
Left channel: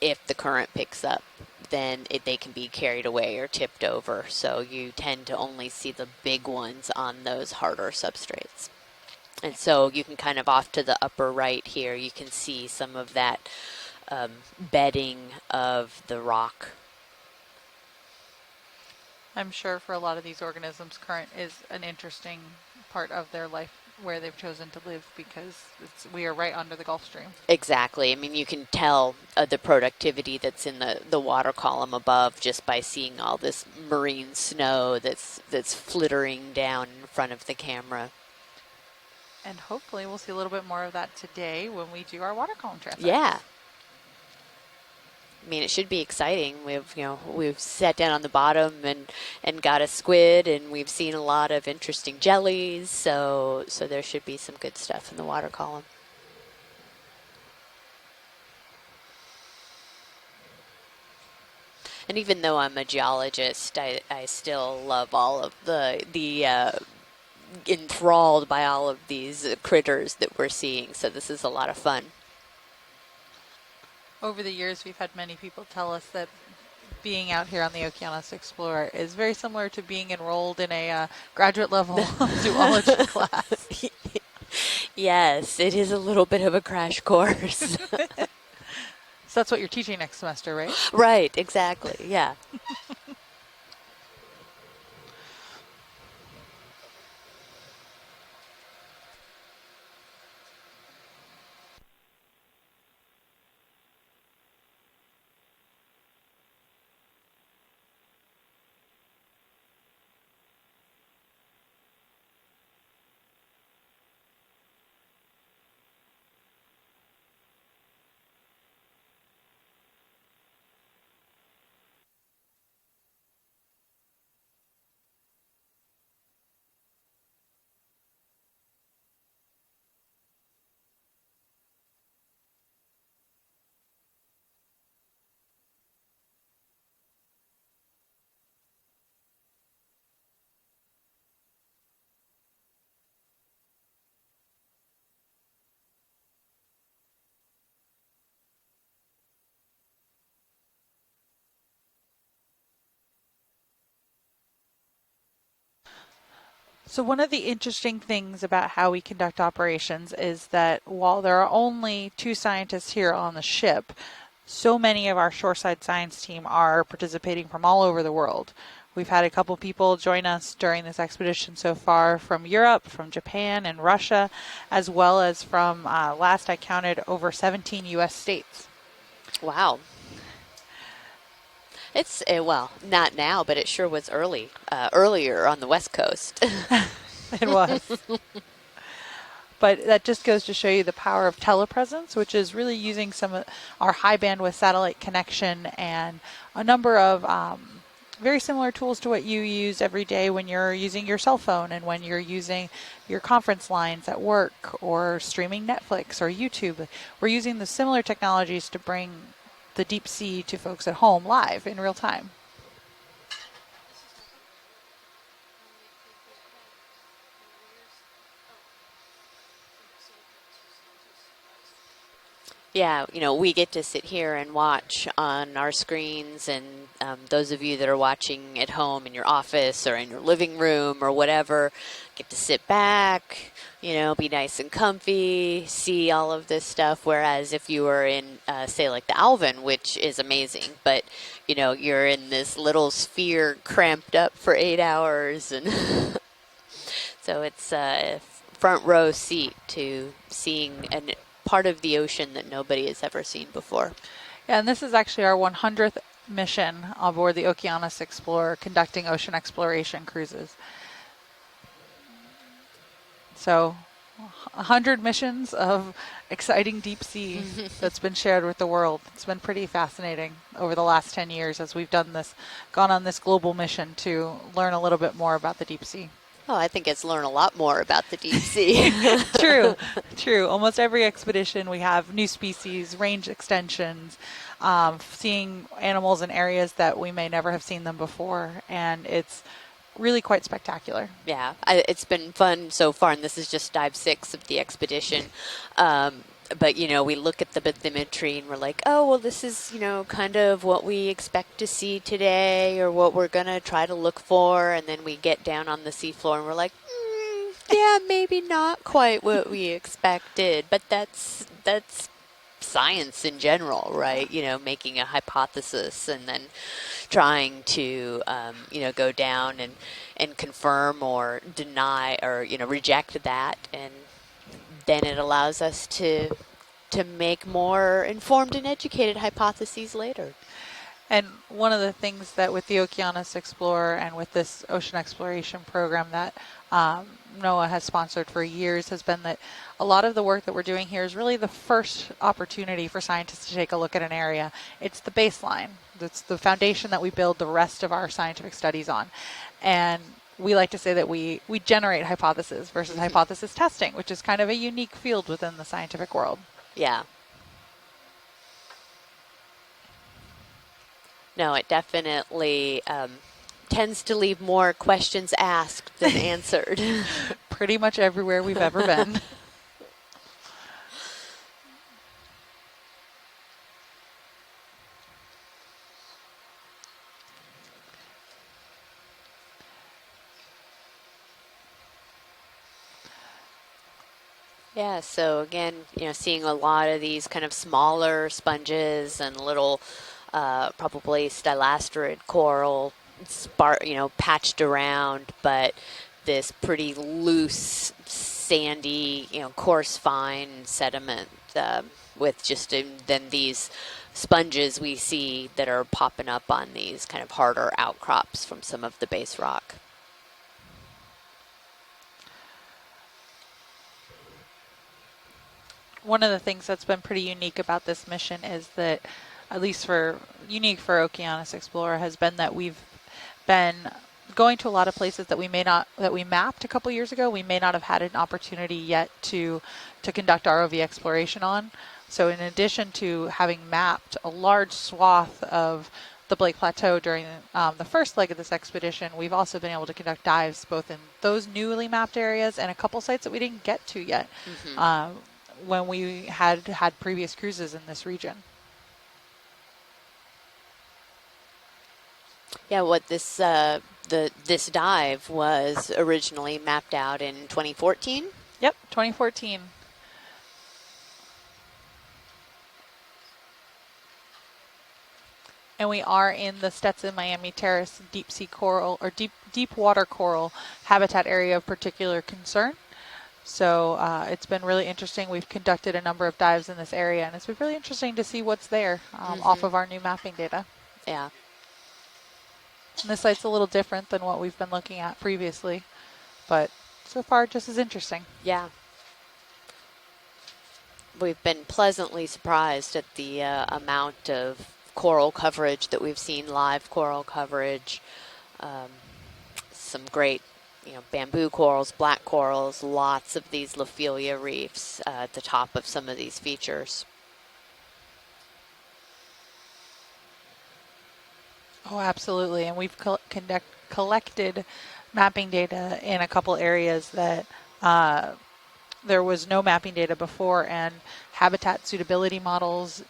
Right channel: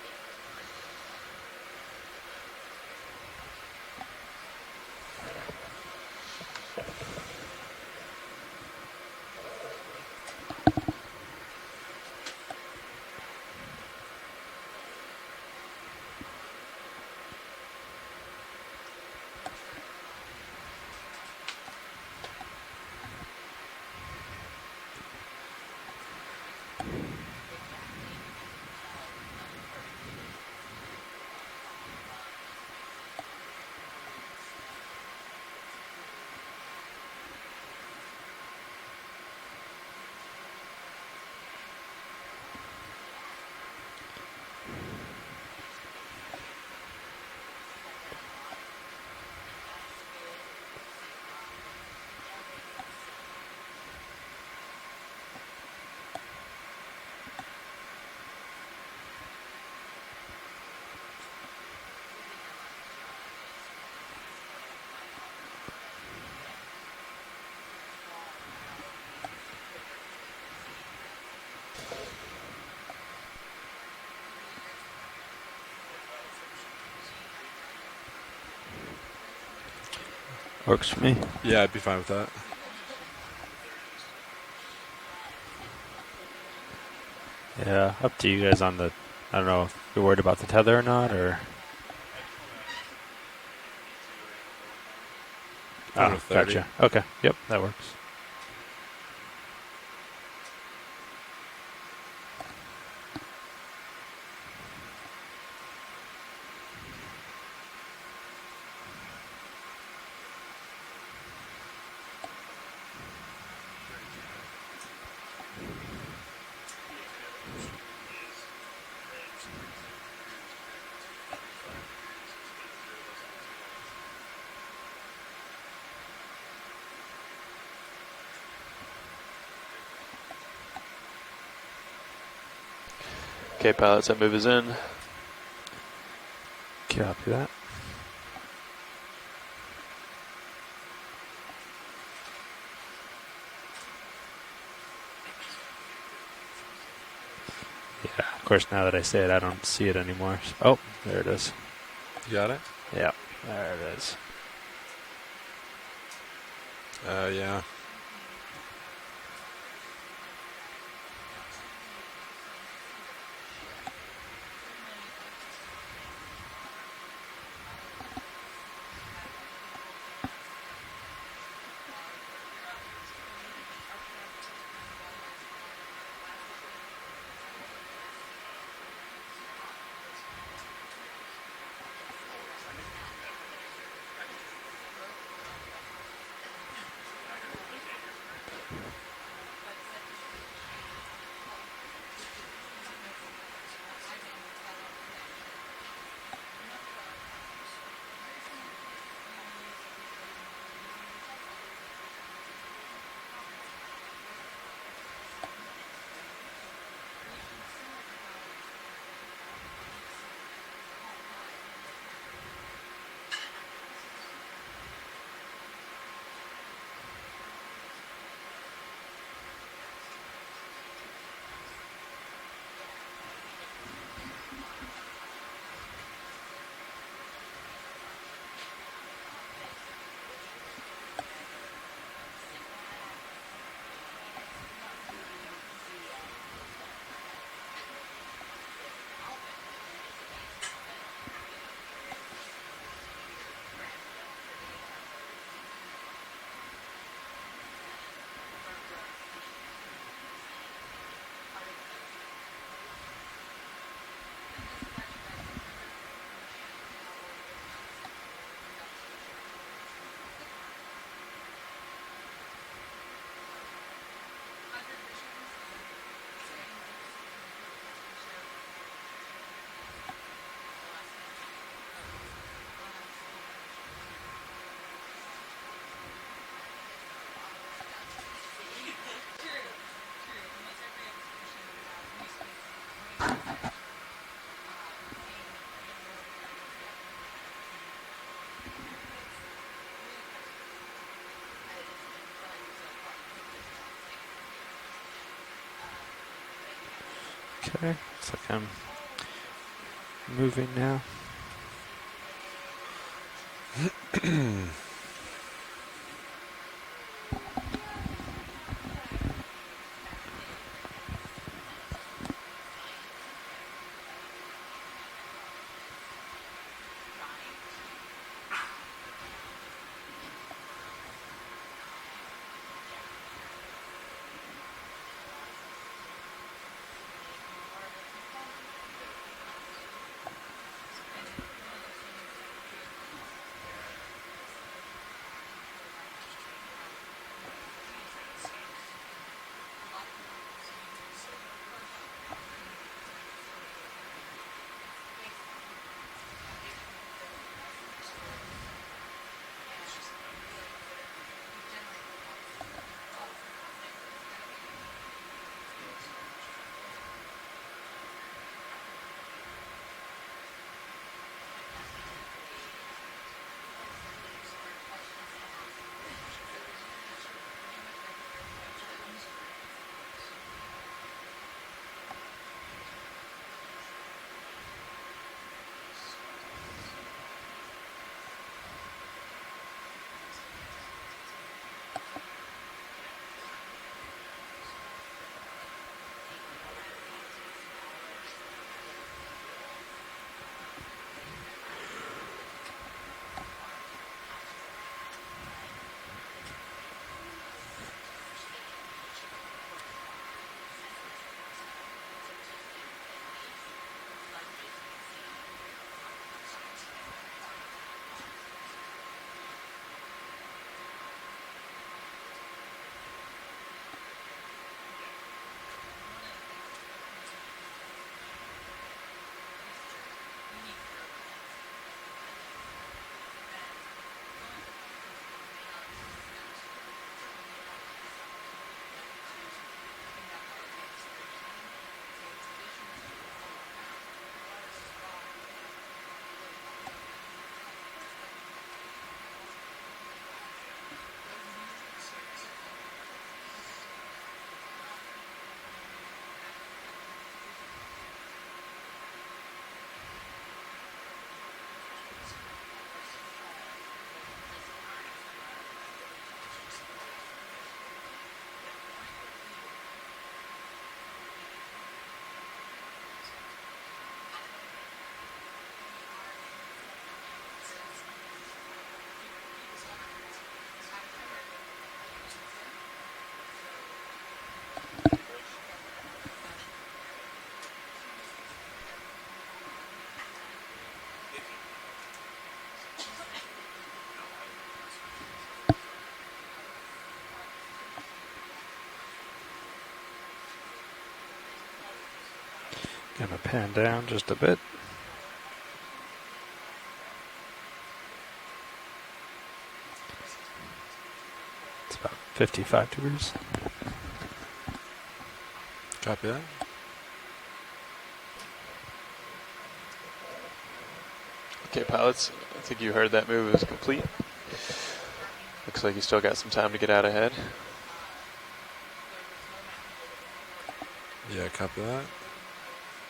if the current picks up, then they can be carried away or tipped over. So you tend to only see the big ones on those harder substrates. And so you can kind of off to the upper right here, you can see some of that bedding of the rock. I'm sure for a lot of these organisms, current is an interesting part of their life where they've chosen to live because we are right under the Gulf Stream. Exactly. I mean, you can tell the productivity that's in the water column above just by seeing all this marine snow that's flittering down in front of the camera. And hopefully we'll see a little bit more of that today when we do our water column transect. Yeah. I mean, it should be exciting. We've sat down on the bottom and got a squid, and we've seen a lot of interesting jellies. So there should be some good stuff in the water column. And even though I'm a geologist, I still love all of the enthralled by all of these critters that we're seeing. So this is a lot of fun. Over the years, we've had many people tell us that being out here on the Okeanos Explorer is very similar to being enrolled in a graduate level zoology class. Yes, it is a little bit of a crash course. Yeah, up to you guys on the. So that's what you're teaching. You're worried about the tether or not? Right, or? exactly. Yeah. Oh, gotcha. Okay. Yep, that works. Okay, pilots, that move is in. Copy that. Yeah, of course, now that I say it, I don't see it anymore. Oh, there it is. You got it? Yeah, there it is. So one of the interesting things about how we conduct operations is that while there are only 2 scientists here on the ship, so many of our shoreside science team are participating from all over the world. We've had a couple people join us during this expedition so far from Europe, from Japan and Russia, as well as from, last I counted, over 17 U.S. states. Wow. It's, well, not now, but it sure was earlier on the West Coast. It was. But that just goes to show you the power of telepresence, which is really using some of our high bandwidth satellite connection and a number of very similar tools to what you use every day when you're using your cell phone and when you're using your conference lines at work or streaming Netflix or YouTube. We're using the similar technologies to bring the deep sea to folks at home live in real time. Yeah, we get to sit here and watch on our screens, and those of you that are watching at home in your office or in your living room or whatever, get to sit back, be nice and comfy, see all of this stuff. Whereas if you were in, say, like the Alvin, which is amazing, but, you're in this little sphere cramped up for 8 hours. And so it's a front row seat to seeing a part of the ocean that nobody has ever seen before. Yeah, and this is actually our 100th mission aboard the Okeanos Explorer, conducting ocean exploration cruises. So 100 missions of exciting deep sea that's been shared with the world. It's been pretty fascinating over the last 10 years as we've done this, gone on this global mission to learn a little bit more about the deep sea. Oh, I think it's learned a lot more about the deep sea. True, true. Almost every expedition we have new species, range extensions, seeing animals in areas that we may never have seen them before, and it's really quite spectacular. Yeah, it's been fun so far, and this is just dive 6 of the expedition. But, you know, we look at the bathymetry and we're like, oh, well, this is, you know, kind of what we expect to see today or what we're going to try to look for. And then we get down on the seafloor and we're like, yeah, maybe not quite what we expected. But that's science in general, right? You know, making a hypothesis and then trying to, you know, go down and confirm or deny or, you know, reject that. And then it allows us to make more informed and educated hypotheses later. And one of the things that with the Okeanos Explorer and with this ocean exploration program that NOAA has sponsored for years has been that a lot of the work that we're doing here is really the first opportunity for scientists to take a look at an area. It's the baseline. It's the foundation that we build the rest of our scientific studies on. And we like to say that we generate hypotheses versus hypothesis testing, which is kind of a unique field within the scientific world. Yeah. No, it definitely tends to leave more questions asked than answered. Pretty much everywhere we've ever been. Yeah, so again, you know, seeing a lot of these kind of smaller sponges and little, probably stylasterid coral, you know, patched around, but this pretty loose, sandy, you know, coarse, fine sediment with just then these sponges we see that are popping up on these kind of harder outcrops from some of the base rock. One of the things that's been pretty unique about this mission is that, at least unique for Okeanos Explorer, has been that we've been going to a lot of places that we mapped a couple years ago. We may not have had an opportunity yet to conduct ROV exploration on. So in addition to having mapped a large swath of the Blake Plateau during the first leg of this expedition, we've also been able to conduct dives both in those newly mapped areas and a couple sites that we didn't get to yet. When we had previous cruises in this region. Yeah, what this this dive was originally mapped out in 2014. Yep, 2014. And we are in the Stetson Miami Terrace deep sea coral or deep water coral habitat area of particular concern. So it's been really interesting. We've conducted a number of dives in this area, and it's been really interesting to see what's there off of our new mapping data. Yeah. And this site's a little different than what we've been looking at previously, but so far just as interesting. Yeah. We've been pleasantly surprised at the amount of coral coverage that we've seen, live coral coverage, some great bamboo corals, black corals, lots of these Lophelia reefs at the top of some of these features. Okay, pilots. Absolutely, and we heard that move is complete. Collected mapping data in a couple areas that there was no mapping data before, and habitat suitability models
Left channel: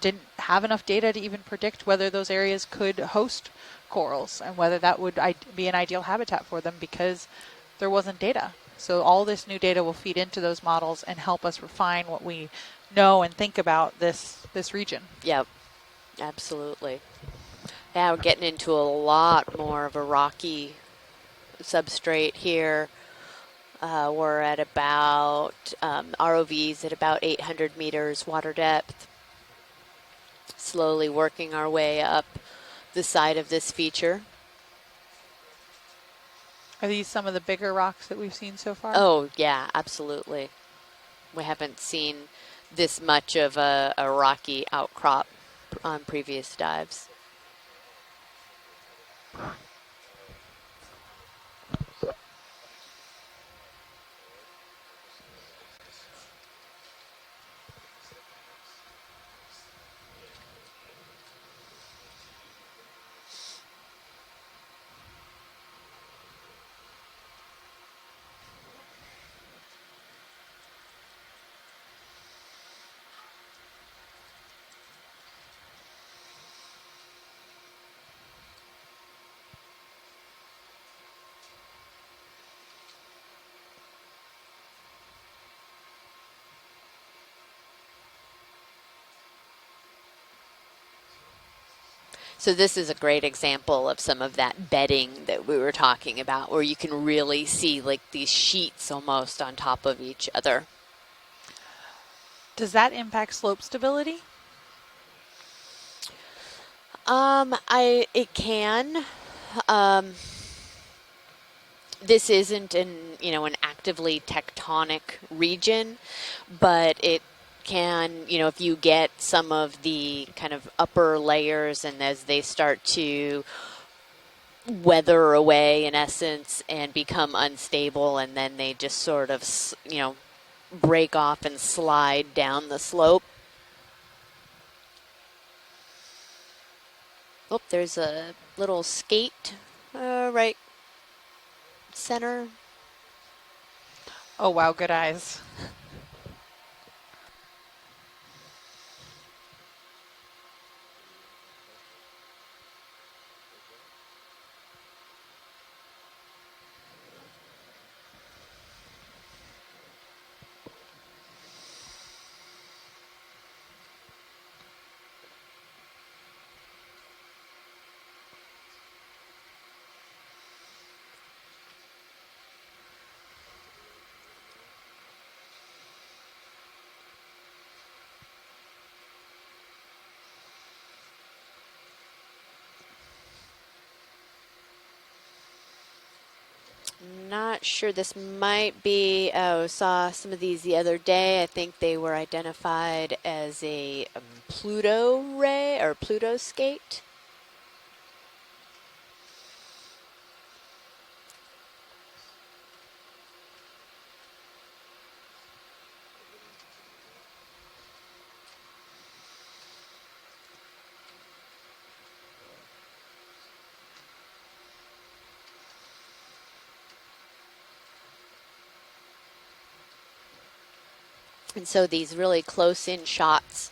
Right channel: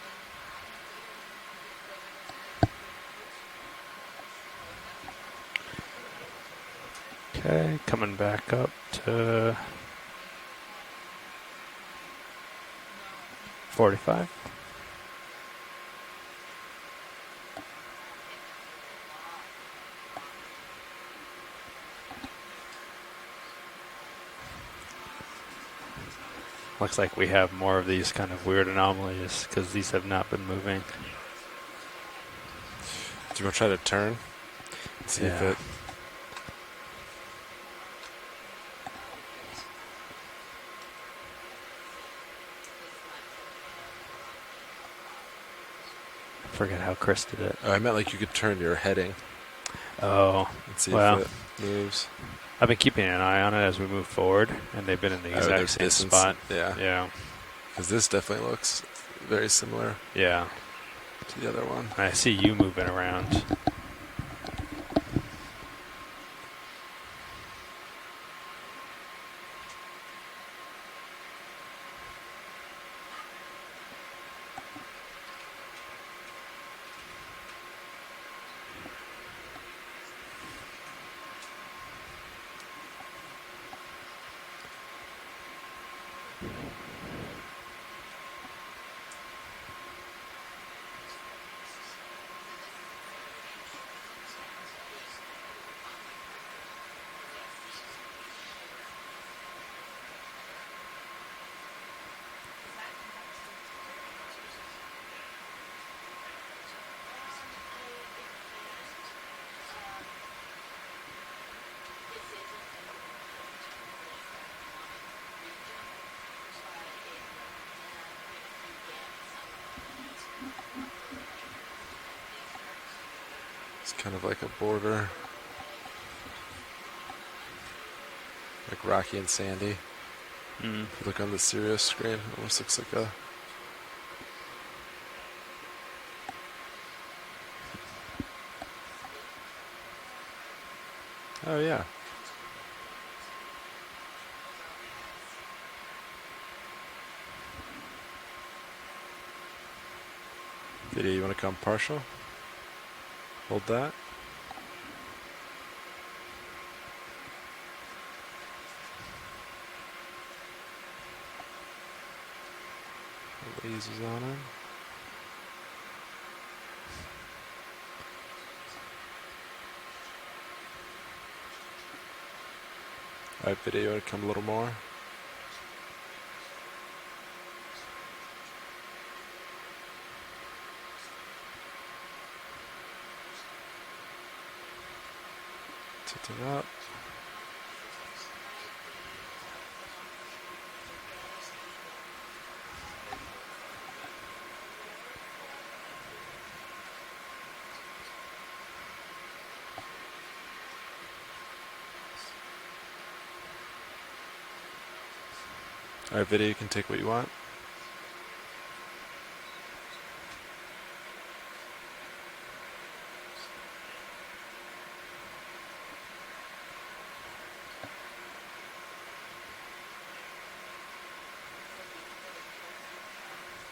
didn't have enough data to even predict whether those areas could host corals and whether that would be an ideal habitat for them because there wasn't data. So all this new data will feed into those models and help us refine what we know and think about this region. Yep, absolutely. Yeah, we're getting into a lot more of a rocky substrate here. We're at about ROVs looks at about like we 800 have more meters of these kind of water weird depth. anomalies because these have not been moving. Slowly working our way up the side of this feature. See if it. Are these some of the bigger rocks that we've seen so far? Oh yeah, absolutely. We haven't seen this much of a rocky outcrop on previous dives. How Chris did it. Oh, I meant like you could turn your heading. Oh, and see if it moves. I've been keeping an eye on it as we move forward, and they've been in the exact same spot. Yeah. Yeah. Because this definitely looks very similar. Yeah. To the other one. I see you moving around. So this is a great example of some of that bedding that we were talking about, where you can really see like these sheets almost on top of each other. Does that impact slope stability? It can. This isn't an actively tectonic region, but it can, if you get some of the kind of upper layers, and as they start to it's kind of like a border. weather away in essence and become unstable, and then they like just Rocky sort and of, Sandy. break Look on off the and serious slide screen, down almost the looks like slope. Oh, there's a little skate right Oh, yeah. center. Oh, wow, good eyes. Video, you want to come partial? Hold that. Lasers on him. Alright, video, you want to come a little more? Tilt it up. Not sure. This might be, saw some of these the other day. I think they were identified as a Pluto ray or Pluto skate. Alright, video, you can take what you want. And so these really close-in shots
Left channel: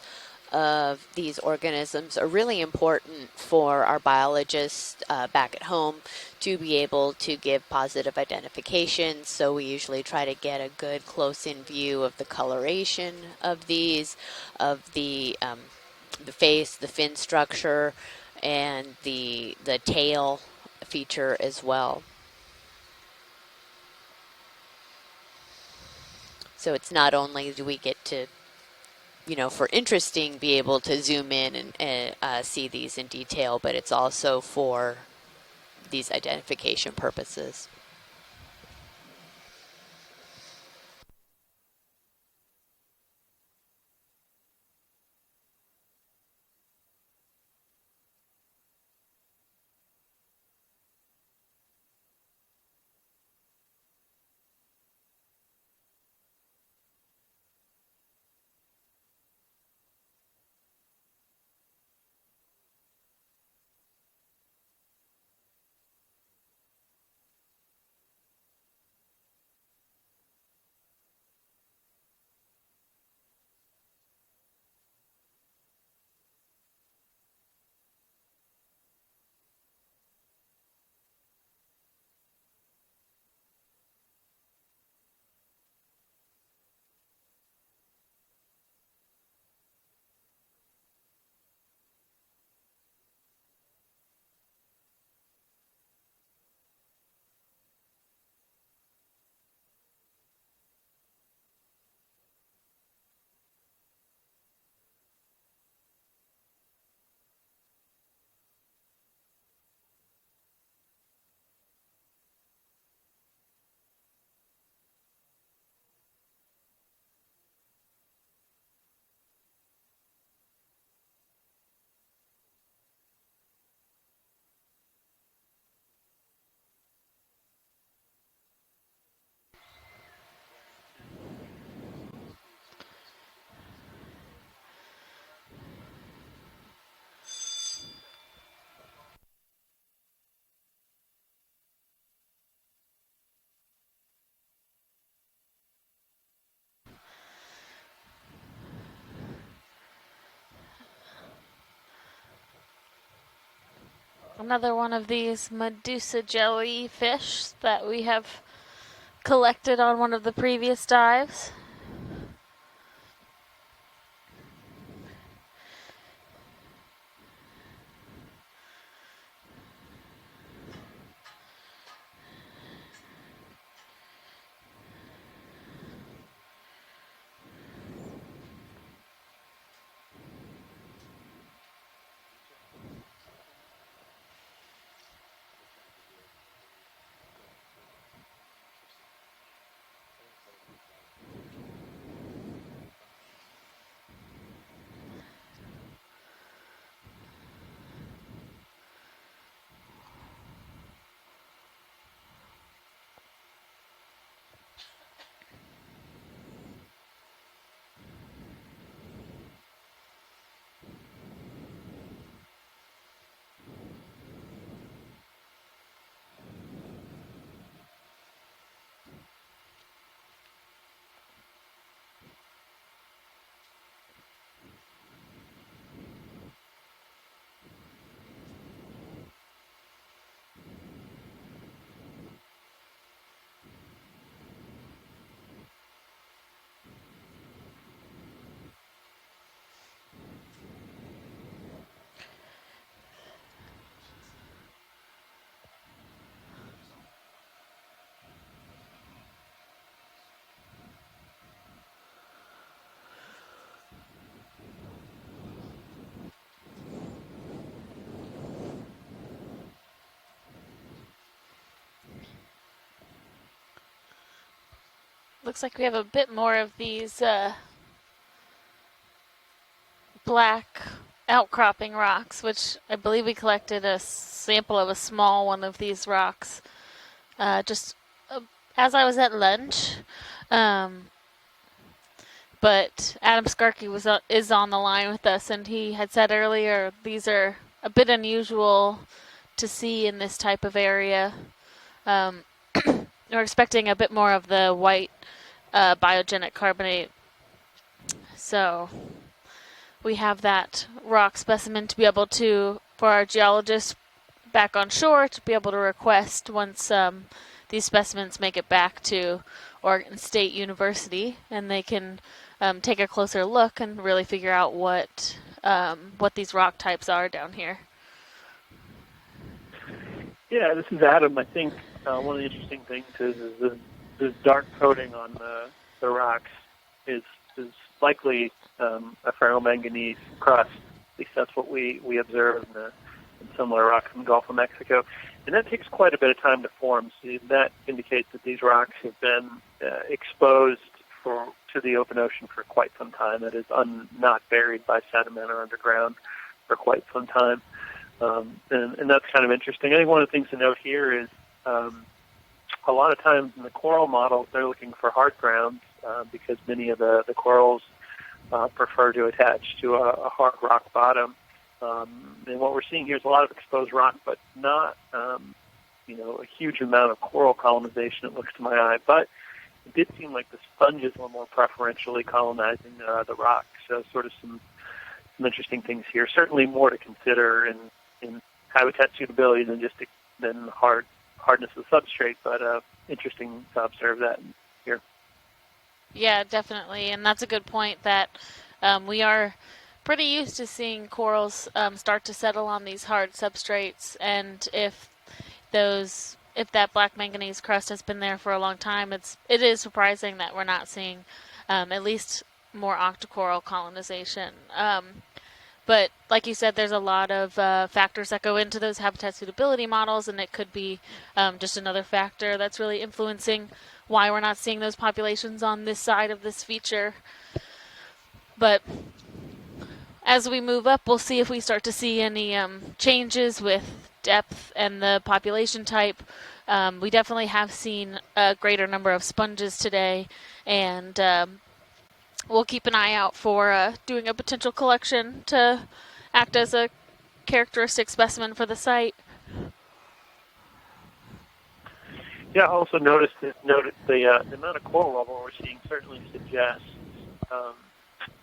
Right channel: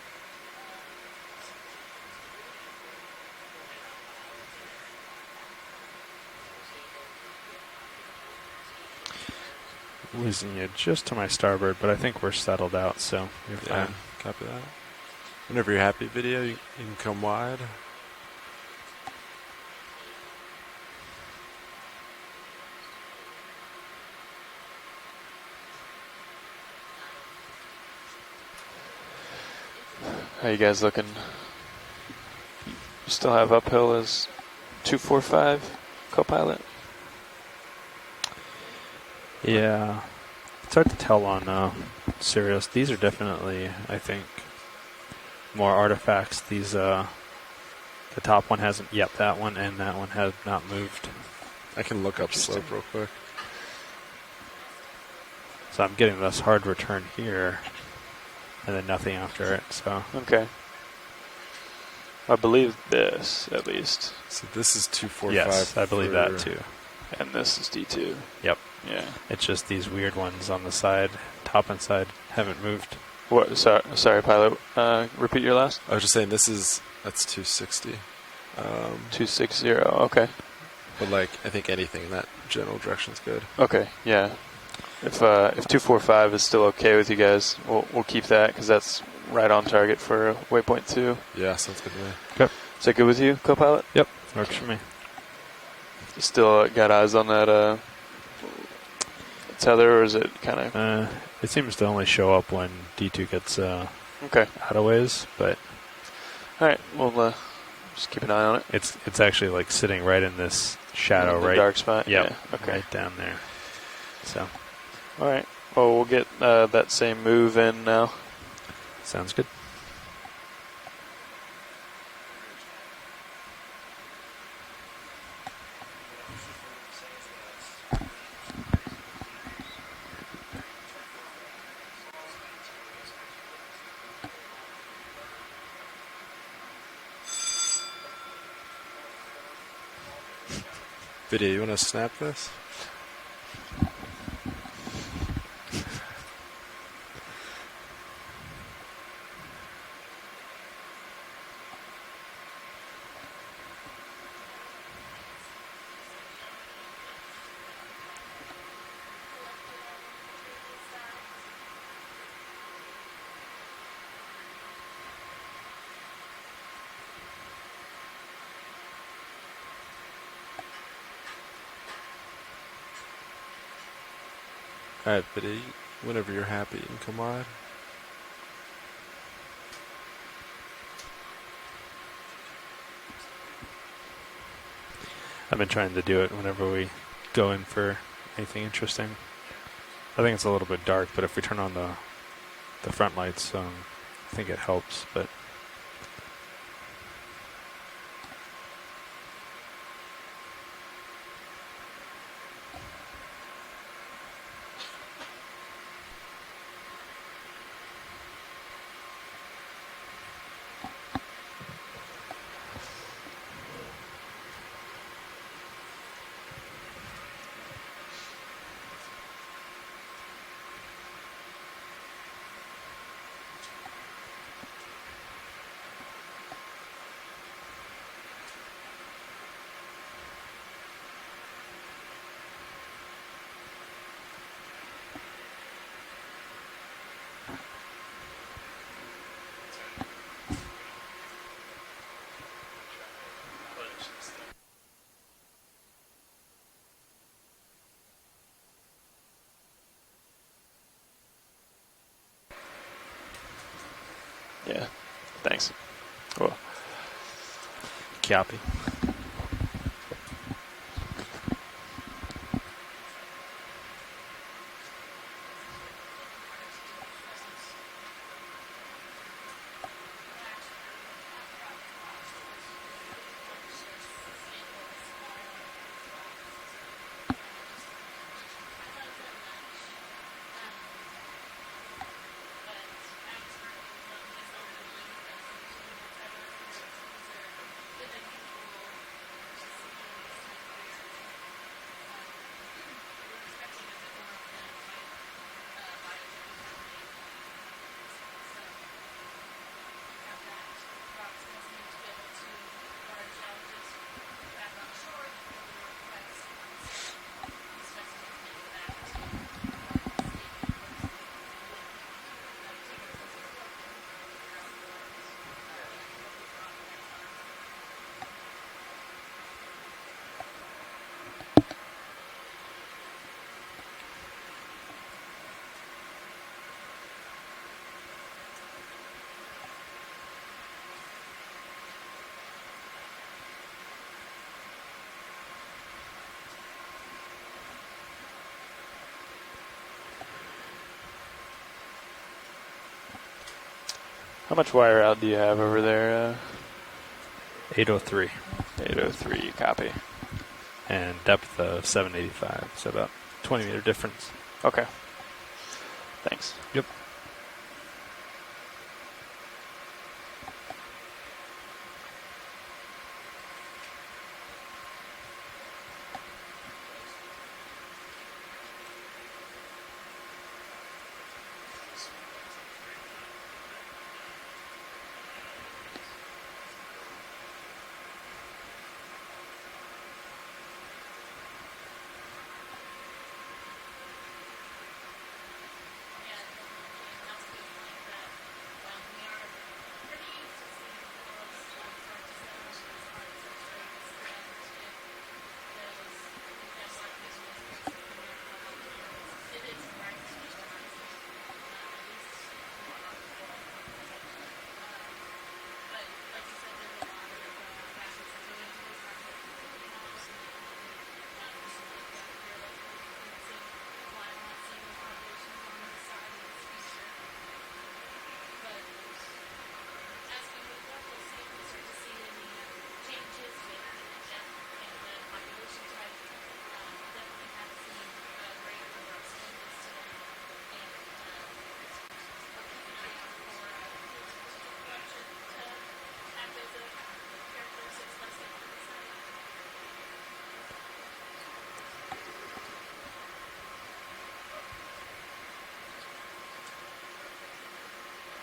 of these organisms are really important for our biologists back at home to be able to give positive identification. So we usually try to get a good just to my close-in starboard, view but I of think the we're settled out. coloration So of these, of the Whenever you're happy, video, face, you the can fin come structure, and the tail feature as well. So it's not only do we get to, for interesting, be able to zoom in and see these in Still have detail, but it's uphill also for 245 these Copilot. identification purposes. yeah, it's hard to tell on Sirius. These are definitely, I think, more artifacts. These the top one hasn't. Yep, that one and that one have not moved. I can look up slope real quick. So I'm getting this hard return here, and then nothing after it. So okay, I believe this at least. So this is 245. yes, I believe that too. And this is D2. Yep. Yeah. It's just these weird ones on the side, top and side, haven't moved. What? Sorry, pilot. Repeat your last. I was just saying that's 260. 260. Okay. But like, I think anything in that general direction is good. Okay. Yeah. If 245 is still okay with you guys, we'll keep that because that's right on target for waypoint 2. Yeah, sounds good to me. Okay. Is that good with you, co-pilot? Yep, works for me. You still got eyes on that tether, or is it kind of? It seems to only show up when D2 gets okay out of ways, but all right, we'll just keep an eye on it. It's actually like sitting right in this shadow, the right? Dark spot. Yep, Yeah. Okay. Right down there. So. All right. Well, we'll get that same move in now. Sounds good. Video, you want to snap this? Another one of these Medusa jelly fish that we have collected on one of the previous dives. Alright, Biddy, whenever you're happy, you can come on. I've been trying to do it whenever we go in for anything interesting. I think it's a little bit dark, but if we turn on the front lights, I think it helps. But Yeah, thanks. Cool. copy. Looks like we have a bit more of these black outcropping rocks, which I believe we collected a sample of a small one of these rocks just as I was at lunch. But Adam Skarkey is on the line with us, and he had said earlier these are a bit unusual to see in this type of area. We're expecting a bit more of the white biogenic carbonate. So we have that rock specimen to be able to, for our geologists back on shore, to be able to request once these specimens make it back to Oregon State University, and they can take a closer look and really figure out what these rock types are down here. Yeah, this is Adam. I think one of the interesting things is this dark coating on the rocks is likely a ferromanganese crust. At least that's what we observe in similar rocks in the Gulf of Mexico. And that takes quite a bit of time to form. So that indicates that these rocks have been exposed to the open ocean for quite some time. That is not How much wire out do you have over there? For quite some time. 803. And that's kind of interesting. I think one of the things to note here is depth 785. So a lot of times 20 meter coral difference. models, they're looking for hard ground because many of the corals prefer to attach to a hard rock bottom. And what we're seeing here is a lot of exposed rock, but not a huge amount of coral colonization, it looks to my eye. But it did seem like the sponges were more preferentially colonizing the rocks. So sort of some interesting things here. Certainly more to consider in habitat suitability than just hardness of substrate, but interesting to observe that here. Yeah, definitely, and that's a good point that we are pretty used to seeing corals start to settle on these hard substrates, and if that black manganese crust has been there for a long time, it is surprising that we're not seeing at least more octocoral colonization. But like you said, there's a lot of factors that go into those habitat suitability models, and it could be just another factor that's really influencing why we're not seeing those populations on this side of this feature. But as we move up, we'll see if we start to see any changes with depth and the population type. We definitely have seen a greater number of sponges today, and we'll keep an eye out for doing a potential collection to act as a characteristic specimen for the site. Yeah, I also noticed the amount of coral level we're seeing certainly suggests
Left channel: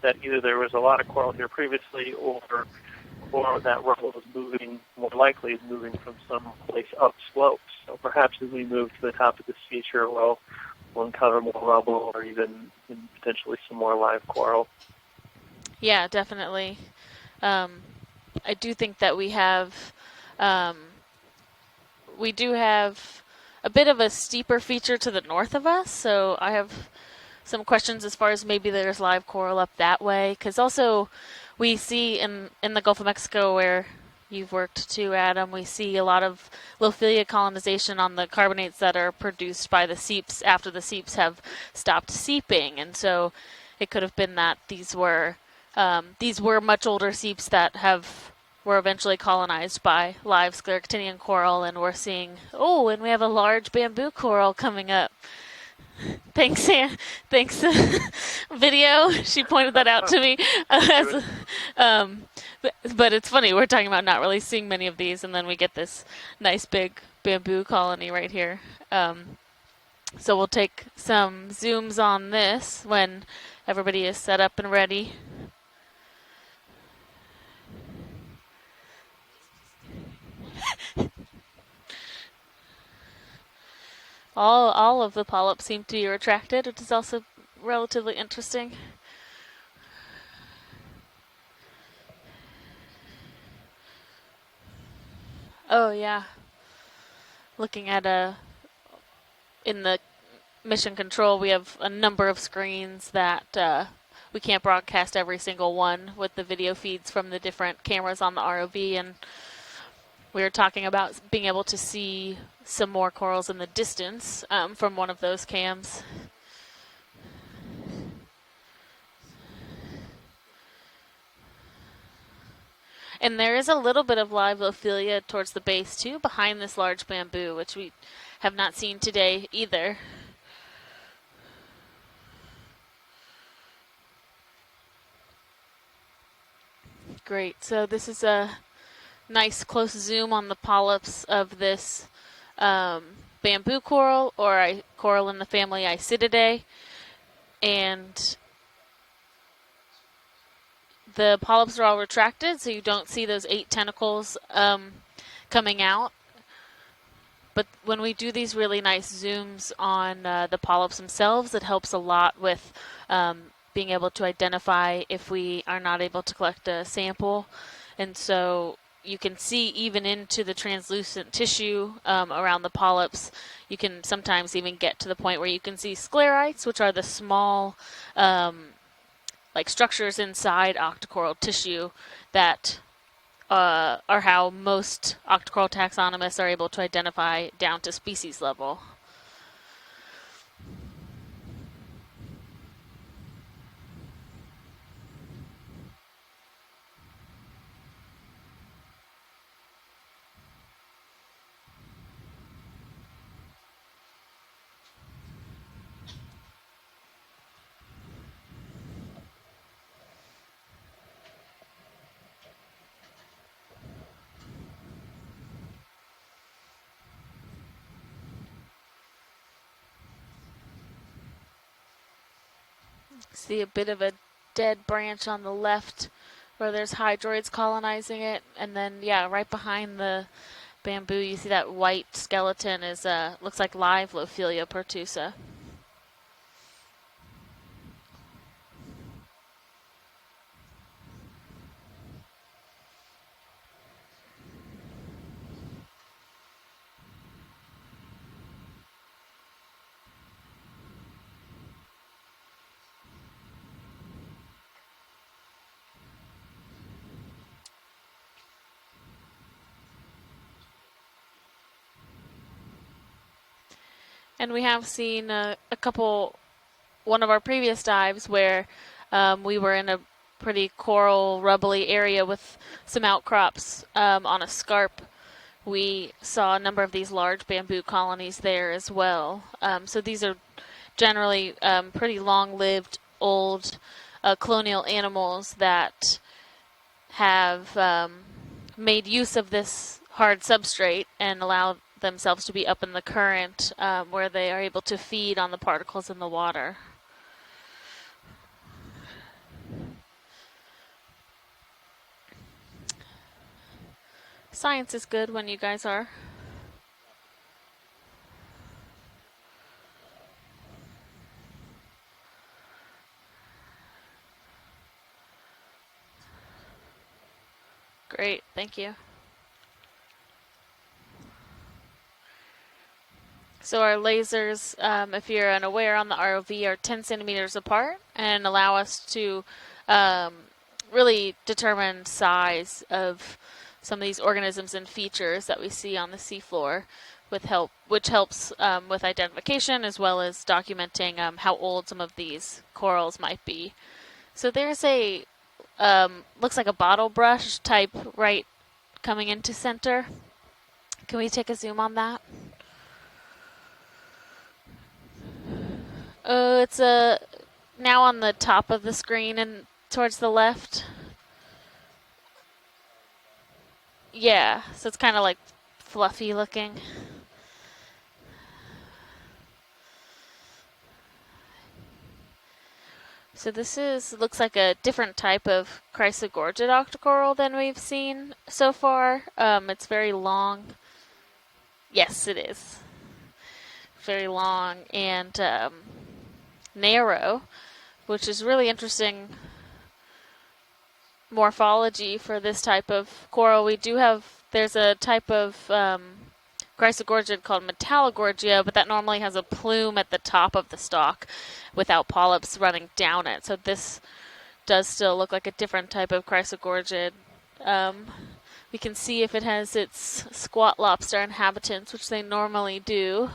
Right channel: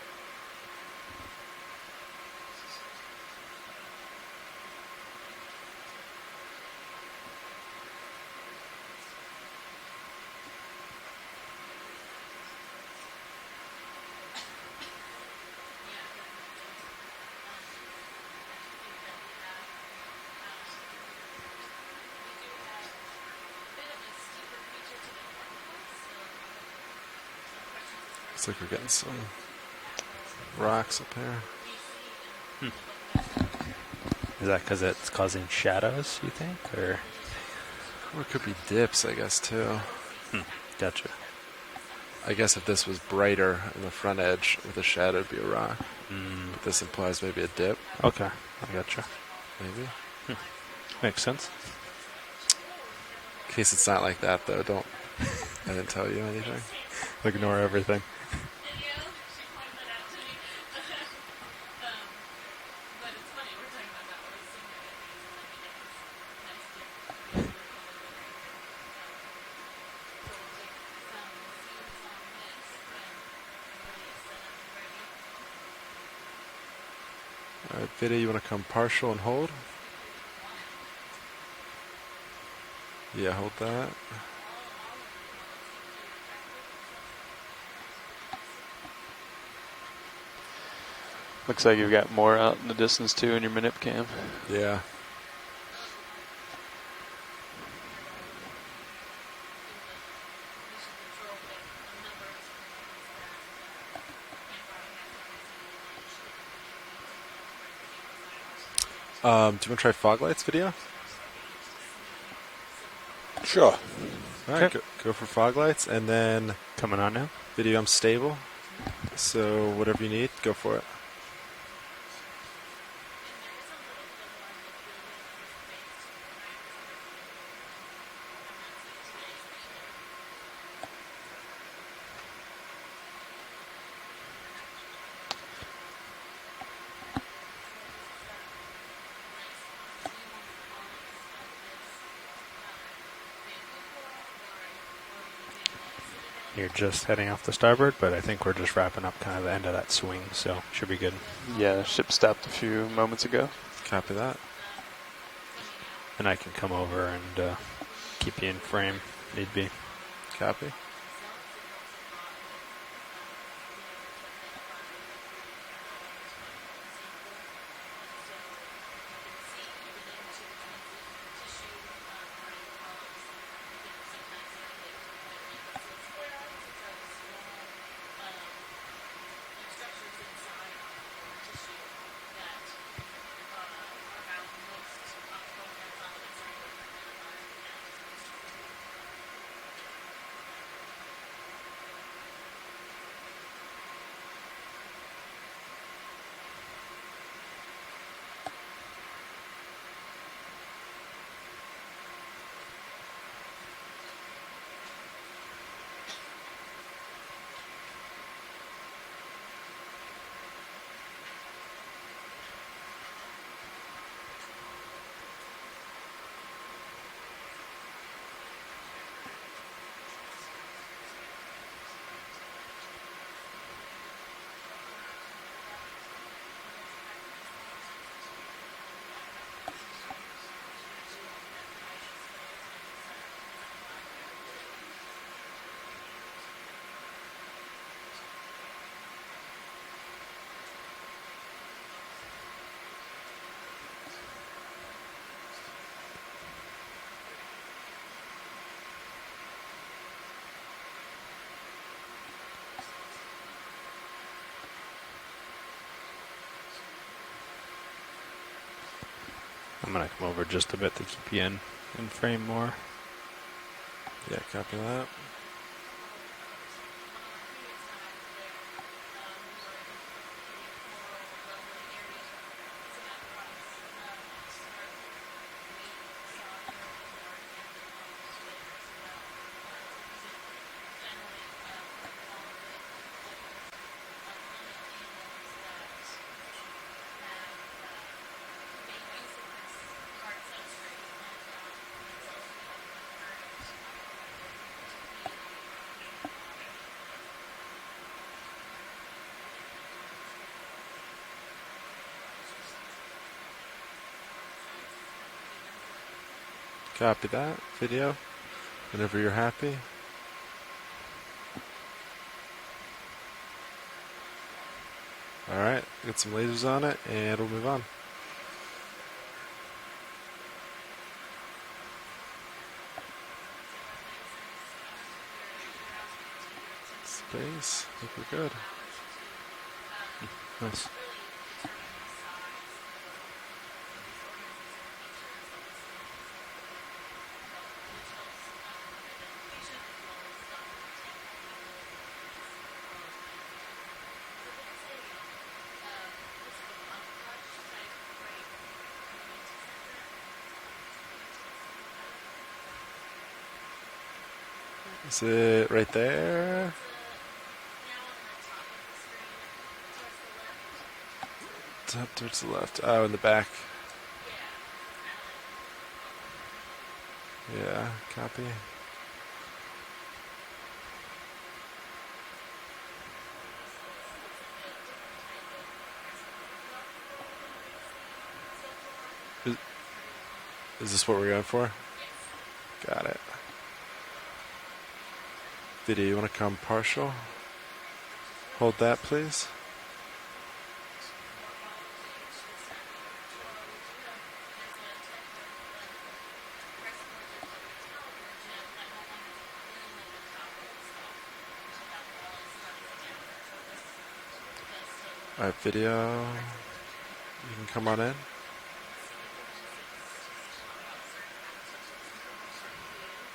that either there was a lot of coral here previously, or that rubble was moving, more likely moving from some place up slopes. So perhaps as we move to the top of this feature, we'll encounter more rubble or even potentially some more live coral. Yeah, definitely. I do think that we do have a bit of a steeper feature to the north of us, so I have some questions as far as maybe there's live coral up that way, because also we see in the Gulf of Mexico where you've worked too, Adam, we see a lot of Lophilia colonization on the carbonates that are produced by the seeps after the seeps have stopped seeping, and so it could have been that these were much older seeps that were eventually colonized by live scleractinian coral, and we're seeing, and we have a large bamboo coral coming up. I didn't tell you anything. Thanks, Sam. Thanks. Video. She pointed that out to me. But it's funny. We're talking about not really seeing many of these, and then we get this nice big bamboo colony right here. So we'll take some zooms on this when everybody is set up and ready. All right, Vida, you want to come partial and hold? Yeah, hold that. All of the polyps seem to be retracted, which is also relatively interesting. Looks like you've got more out in the distance too in your minute cam. Yeah. Oh yeah. Looking at in the mission control, we have a number of screens that we can't broadcast every single one with the video feeds from the different cameras on the ROV. And do you want to try fog lights? We were talking about being able to see some more corals in the distance from one of those fog cams. Lights, and then coming on now. Video, I'm stable. So whatever you need, go for it. And there is a little bit of live Lophilia towards the base too, behind this large bamboo, which we have not seen today either. Great. So this is a nice close zoom on the polyps of this bamboo coral, or coral in the family Isididae. You're just heading off the starboard, but I think we're just wrapping up kind of the end of that swing, so should be good. The polyps are all retracted, so you don't see those 8 tentacles coming out. And I can come over and but when we do these really nice zooms on the polyps themselves, it helps a lot with being able to identify if we are not able to collect a sample. And so you can see even into the translucent tissue around the polyps. You can sometimes even get to the point where you can see sclerites, which are the small like structures inside octocoral tissue that are how most octocoral taxonomists are able to identify down to species level. See a bit of a dead branch on the left where there's hydroids colonizing it, and then right behind the bamboo you see that white skeleton is looks like live Lophilia pertusa. I'm going to come over just a bit to keep you in frame more. Yeah, and we have seen one of our previous dives where we were in a pretty coral rubbly area with some outcrops on a scarp. We saw a number of these large bamboo colonies there as well. So these are generally pretty long-lived old colonial animals that have made use of this hard substrate and allowed themselves to be up in the current where they are able to feed on the particles in the water. Science is good when you guys are. Copy that. Video. Whenever you're happy. Alright, get some lasers on it and we'll move on. Great, thank you. So our lasers, if you're unaware on the ROV, are 10 centimeters apart and allow us to really determine size of some of these organisms and features that we see on the seafloor, which helps with identification as well as documenting how old some of these corals might be. So there's a, looks like a bottle brush type right coming into center. Can we take a zoom on that? Is it right there? It's now on the top of the screen and towards the left. Top towards the left. Oh, in the back. Yeah, so it's kind of like fluffy looking. Yeah, copy. So this looks like a different type of chrysogorgid octocoral than we've seen so far. It's very long. Is this what we're going for? Yes, it is. Got it. Very long and Video, you want to come partial? narrow, which is really Hold interesting. That, please. Morphology for this type of coral. We do have, there's a type of chrysogorgid called metallogorgia, but that normally has a plume at the top of the stalk without polyps running down it. So this does still look like a different type of chrysogorgid. You can come on in. You can see if it has its squat lobster inhabitants, which they normally do.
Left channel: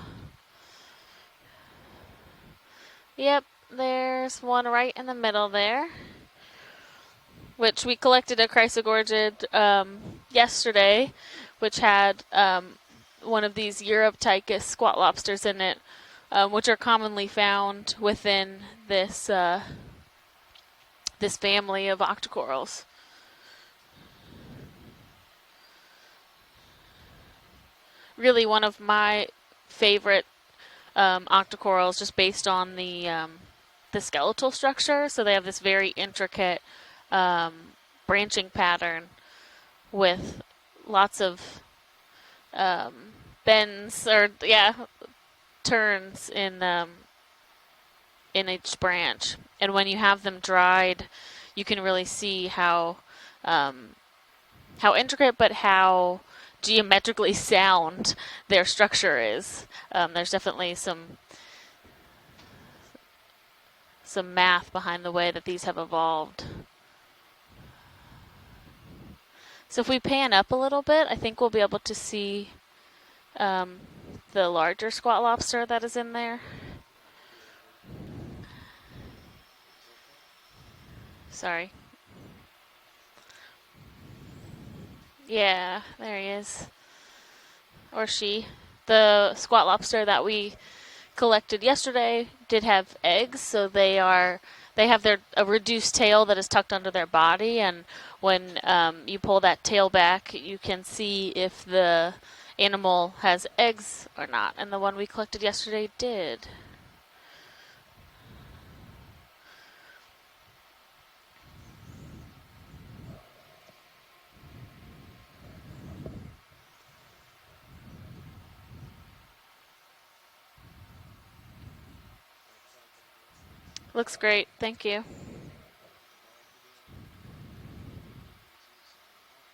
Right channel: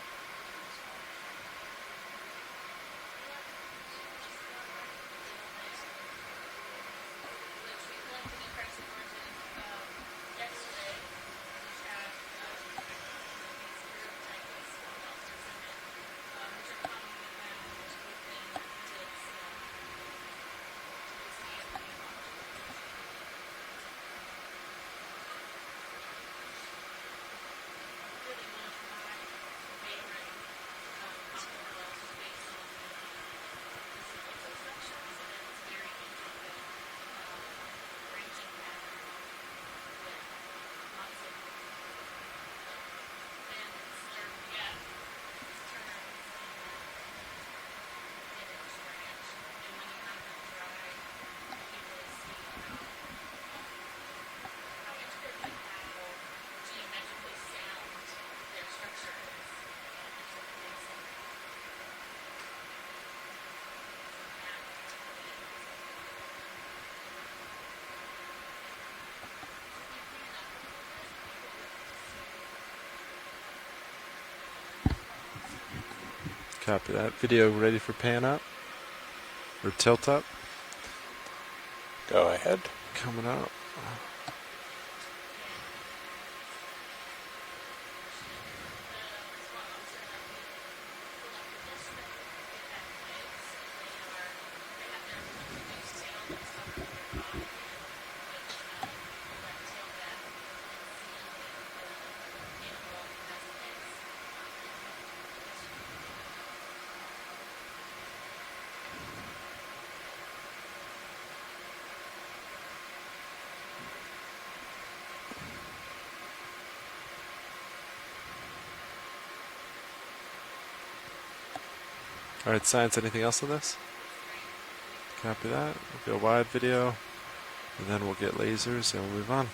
Yep, there's one right in the middle there, which we collected a chrysogorgid yesterday, which had one of these Europtychus squat lobsters in it, which are commonly found within this this family of octocorals. Really one of my favorite octocorals, just based on the skeletal structure. So they have this very intricate branching pattern with lots of bends or turns in each branch. And when you have them dried, you can really see how intricate but how geometrically sound their structure is. There's definitely some math behind the way that these have evolved. So if we pan up a little bit, I think we'll be able to see the larger squat lobster that is in there. Copy that. Video ready for pan up? Or tilt up? Sorry. Go ahead. Coming up. Yeah, there he is. Or she. The squat lobster that we collected yesterday did have eggs, so they have a reduced tail that is tucked under their body, and when you pull that tail back, you can see if the animal has eggs or not, and the one we collected yesterday did. All right, science, anything else on this? Looks great, thank you. Copy that. We'll go wide video, and then we'll get lasers, and we'll move on.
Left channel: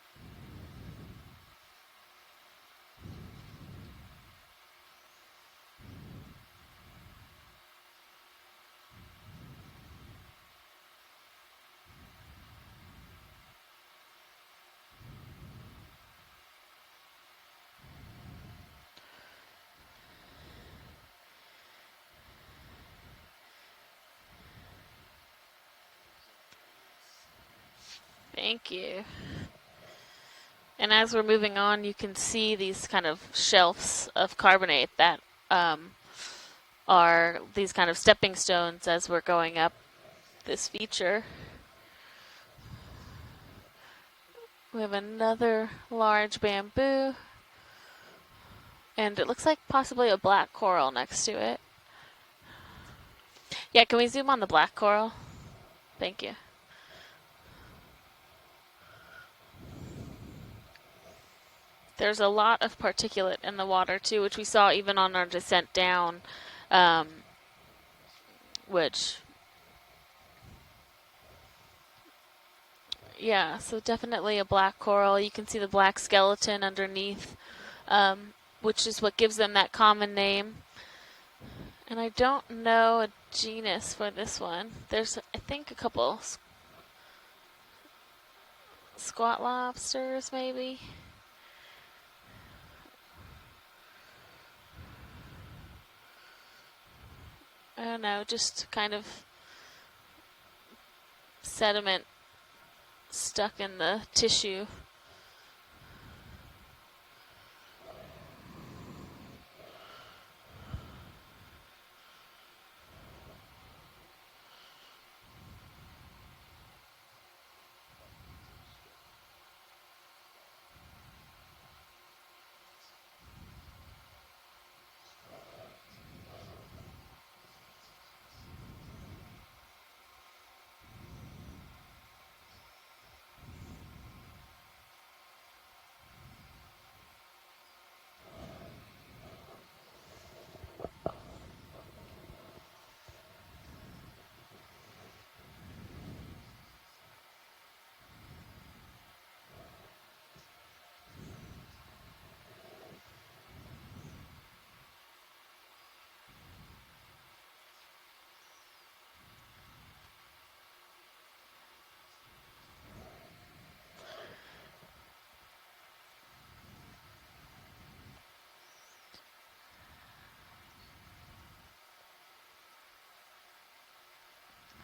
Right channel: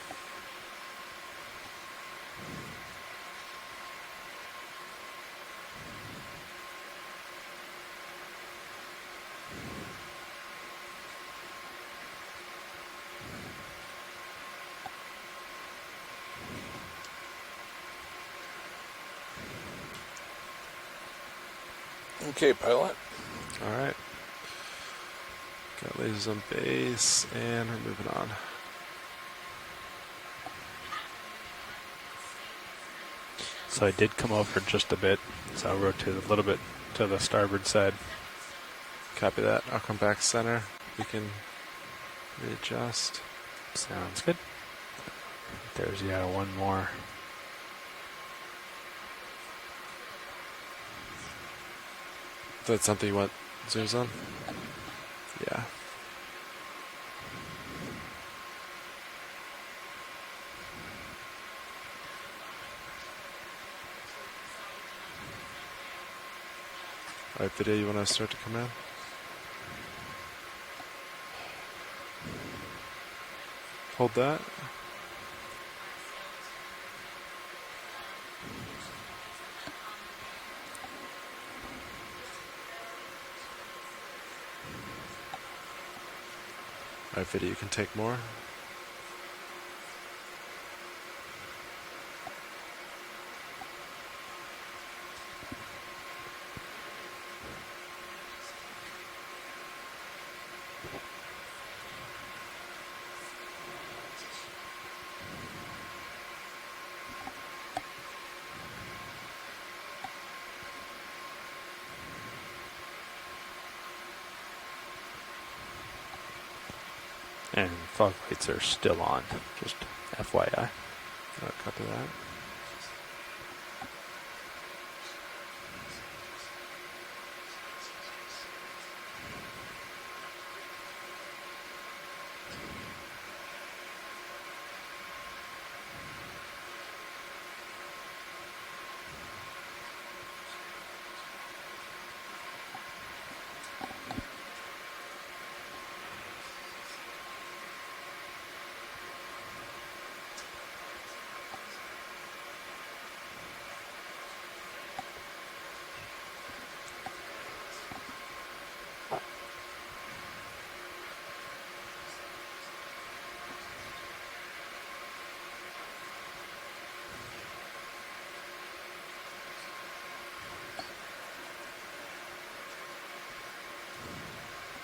Okay, pilot. All right. Got lasers on base, and we're moving on. Thank you. And as we're moving on, you can see these kind of shelves So I did come of over carbonate just a that bit, so I rotated a little bit to the are starboard these side. kind of stepping stones as we're Copy going that. up I'll come back center. this feature. We can readjust. Sounds good. We have another There's large one bamboo. more. And it looks like possibly a black coral next to it. Is that something you want? Yeah, can we zoom on the black coral? Yeah. Thank you. There's a lot of particulate in the water too, which we saw even on our descent down. All right, video, you want to start to come in? Which, yeah, so definitely a black coral. You can see the black skeleton underneath, which is what gives them that common name. And I don't know a genus for this one. There's, I think, a couple. All right, video, you can take more. Squat lobsters, maybe. I don't know, just kind of sediment stuck in the tissue. And fog lights are still on, just FYI. Copy that.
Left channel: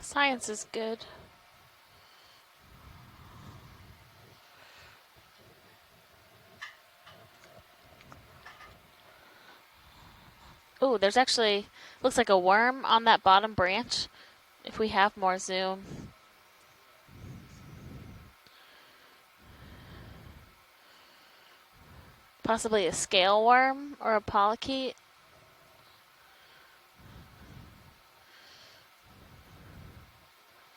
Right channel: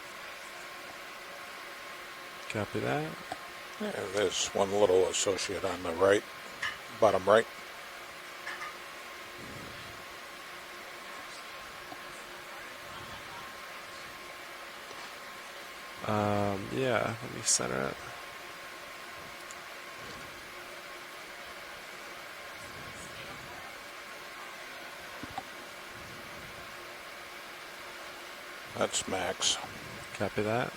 Science is good. Copy that. Yeah, there's one little associate on the right, bottom right. Oh, there's actually, looks like a worm on that bottom branch. If we have more zoom. Yeah, let me center it. Possibly a scale worm or a polychaete. That's Max. Copy that.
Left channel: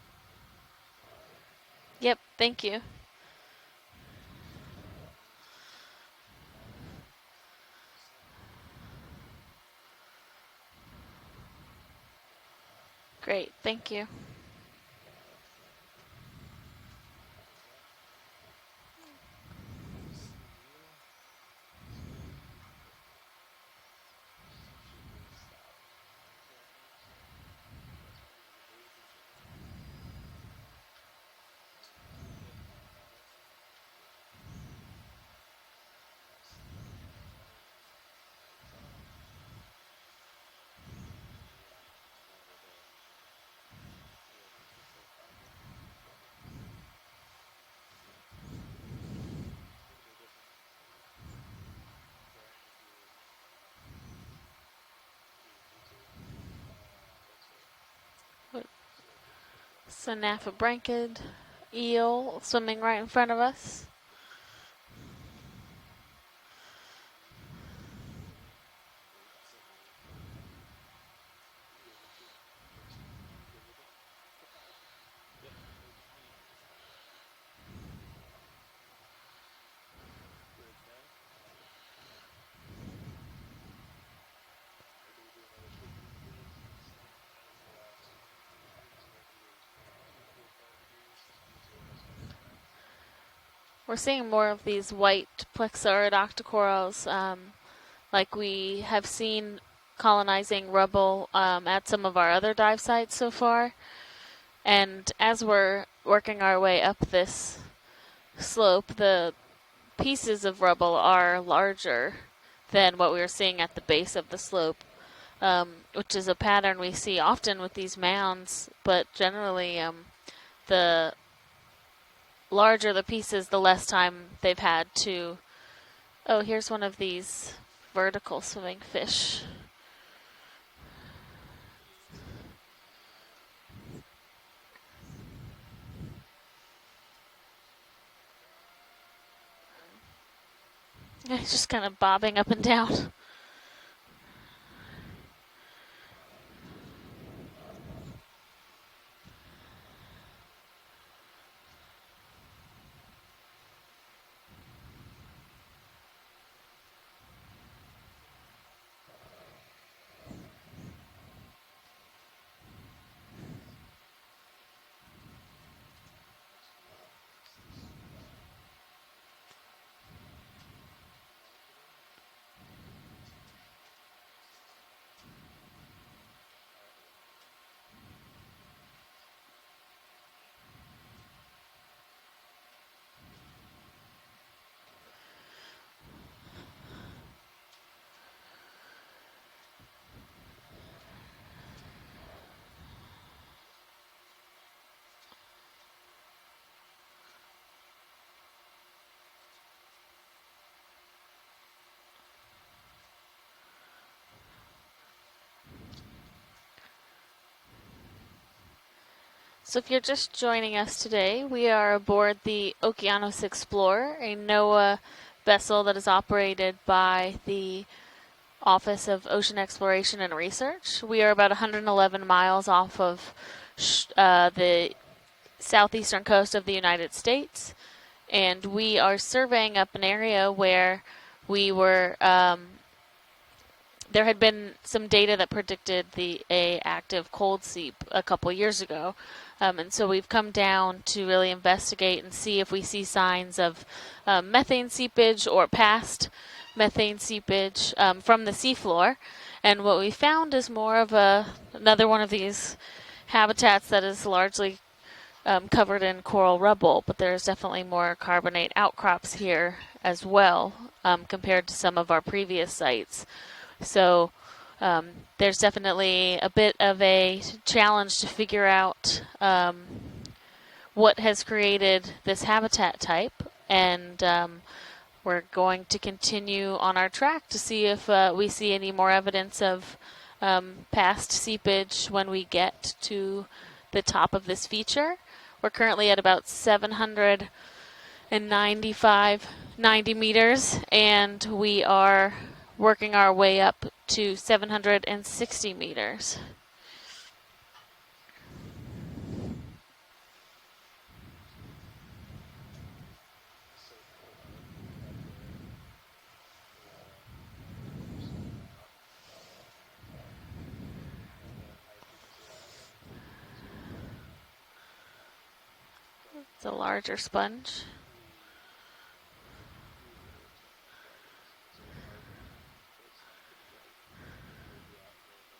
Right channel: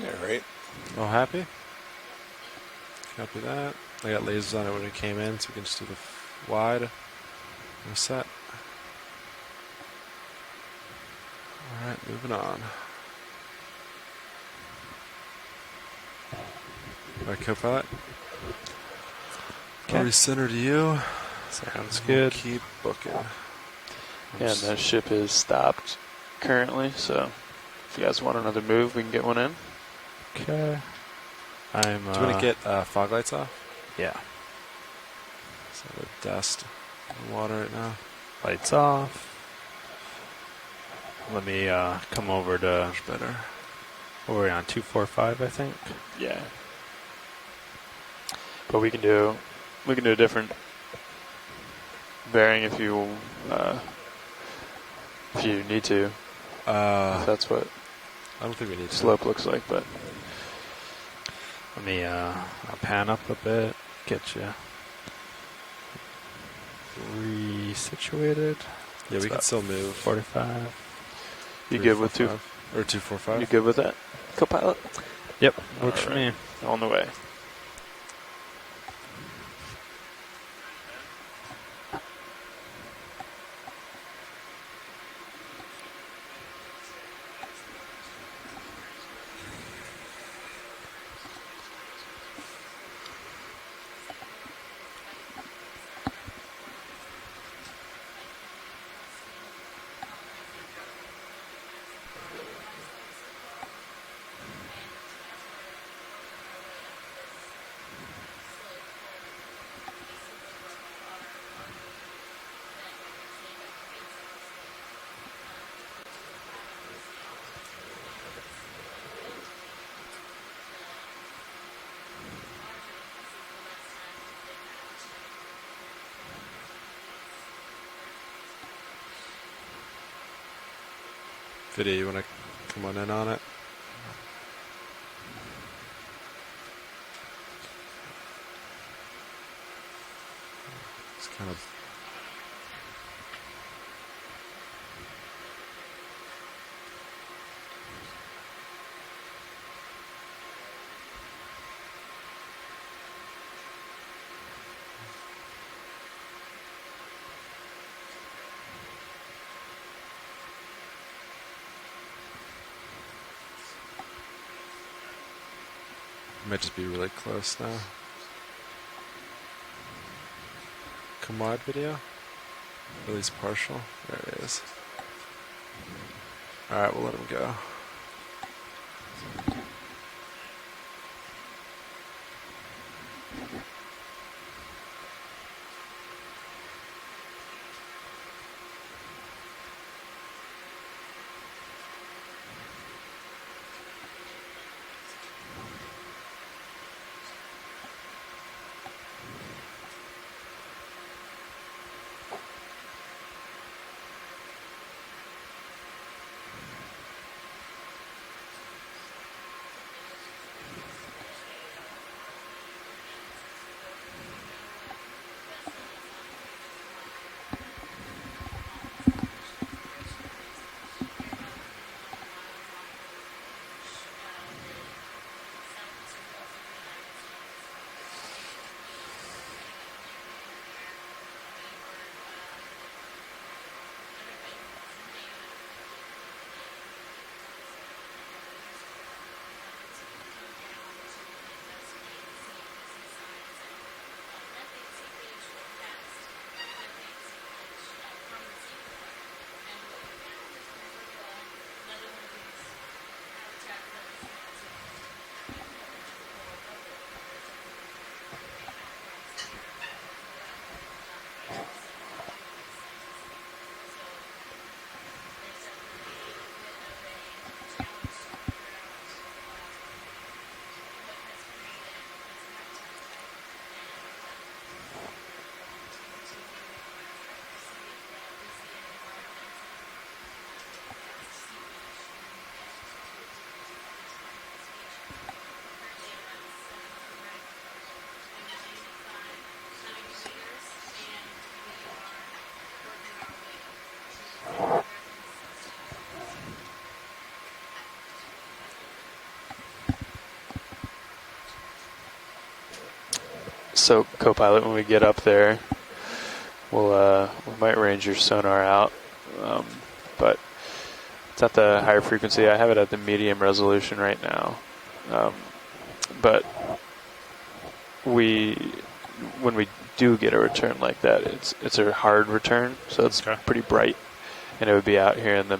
Yeah, right. All happy? Yep, thank you. Copy that. I got lasers on it when it came in, so we can just do the wide and the set. All right, moving on. Great, thank you. All right, co-pilot. Okay. Already center to you. Sounds We'll good. keep booking. Yeah, and the ship is stopped currently, so if you guys want another move, we can get one in. Okay. I'm. Do you want to get fog lights off? Yeah. So the dust in the water right now. Lights off. Let me come over to. Much better. What were we on? 245, I think. Yeah. But we can do a different bearing if you need to. If that's what I don't think we need to. Slope looks like, but So Naphobranchid Let me, eel swimming right pan in up front a of bit. us. Get you resituated. Yeah, we can still move. 45. you good with 245? You good with that, co-pilot? Yep, works for me. On the way. We're seeing more of these white plexaurid octocorals, like we have seen colonizing rubble at some of our other dive sites so far. And as we're working our way up this slope, the pieces of rubble are larger than what we were seeing at the base of the slope, which is a pattern we see often with these mounds, but generally the larger the pieces, the less time they've had to. Oh, here's one of these vertical swimming fish. Video, you want to come on in on it? It's just kind of bobbing up and down. Might just be really close now. Come wide video. At least partial. There it is. Alright, we'll let him go. So if you're just joining us today, we are aboard the Okeanos Explorer, a NOAA vessel that is operated by the Office of Ocean Exploration and Research. We are about 111 miles off of the southeastern coast of the United States, and we are surveying up an area where we were there had been some data that predicted a active cold seep a couple years ago. And so we've come down to really investigate and see if we see signs of methane seepage or past methane seepage from the seafloor. And what we found is more of another one of these habitats that is largely covered in coral rubble, but there's definitely more carbonate outcrops here as well compared to some of our previous sites. So there's definitely a bit of a challenge to figure out what has created this habitat type, and we're going to continue on our track to see if we see any more evidence of past seepage when we get to the top of this feature. We're currently at about 90 meters, and we are working our way up to 760 meters. So, co-pilot, when we get up there, we might range your sonar out, but it's at the higher frequency. I have it at the medium resolution right now, but it's a larger sponge. When we do get a return like that, it's a hard return, so it's pretty bright, and it would be out here in the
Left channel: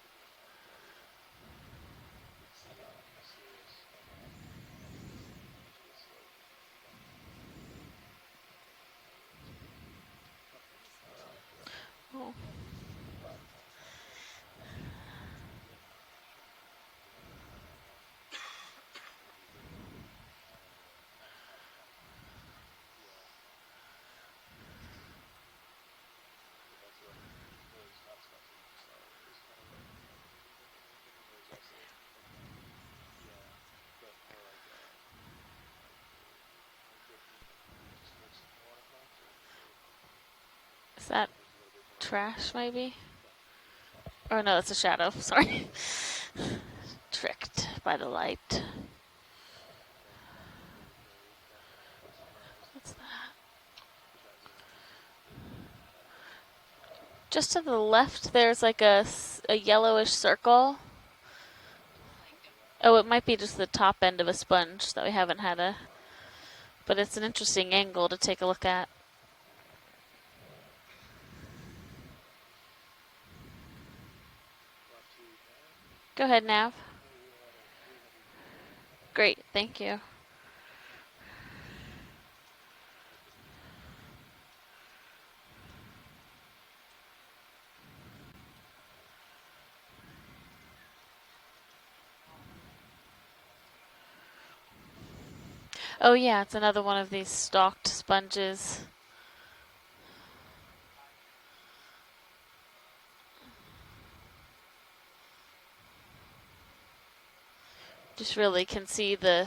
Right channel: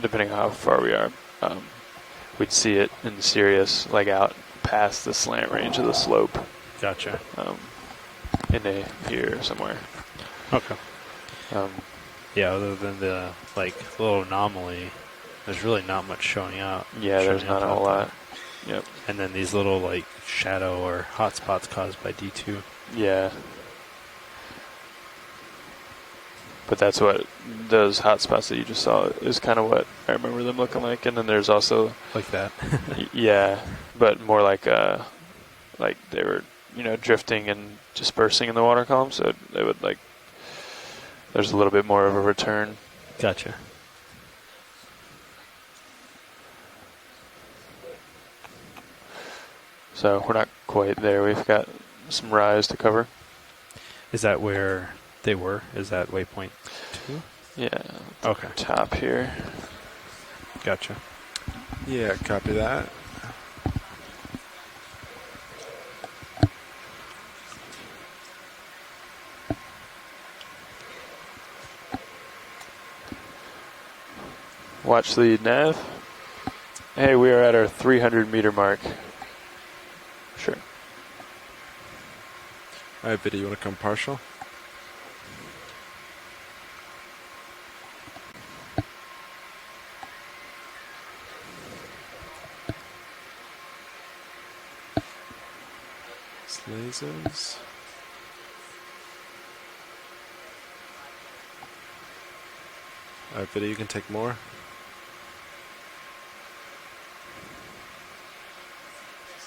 depending on how far we are, we'd see it in Sirius, like out past the slant range of the slope. Gotcha. In here somewhere. Okay. Yeah, other than the little anomaly, there's really not much showing out. Yeah, there's not a whole lot. Yep. And then these little shadow or hot spots caused by D2. Yeah. But that's what those hot spots that you just saw is kind of what I remember them looking like. And then there's also like that. Yeah, but more like they were drifting and dispersing in the water column, so they would there's a little bit more of a return. Maybe? Gotcha. Oh no, it's a shadow. Sorry. Tricked by the light. So we're not quite there. We've got some rise to cover. Is that where they were? Is that waypoint 2? Just to the left, there's Top a yellowish circle. Gotcha. Yeah, copy that. Oh, it might be just the top end of a sponge that we haven't had but it's an interesting angle to take a look at. Watch the nav. Go ahead now. Hey, we are at our 300 meter mark. Great, thank you. Sure. All right, Biddy, you want to come partial? Oh yeah, it's another one of these Sneezes. stalked sponges. Alright, video, you can take more. Just really can see the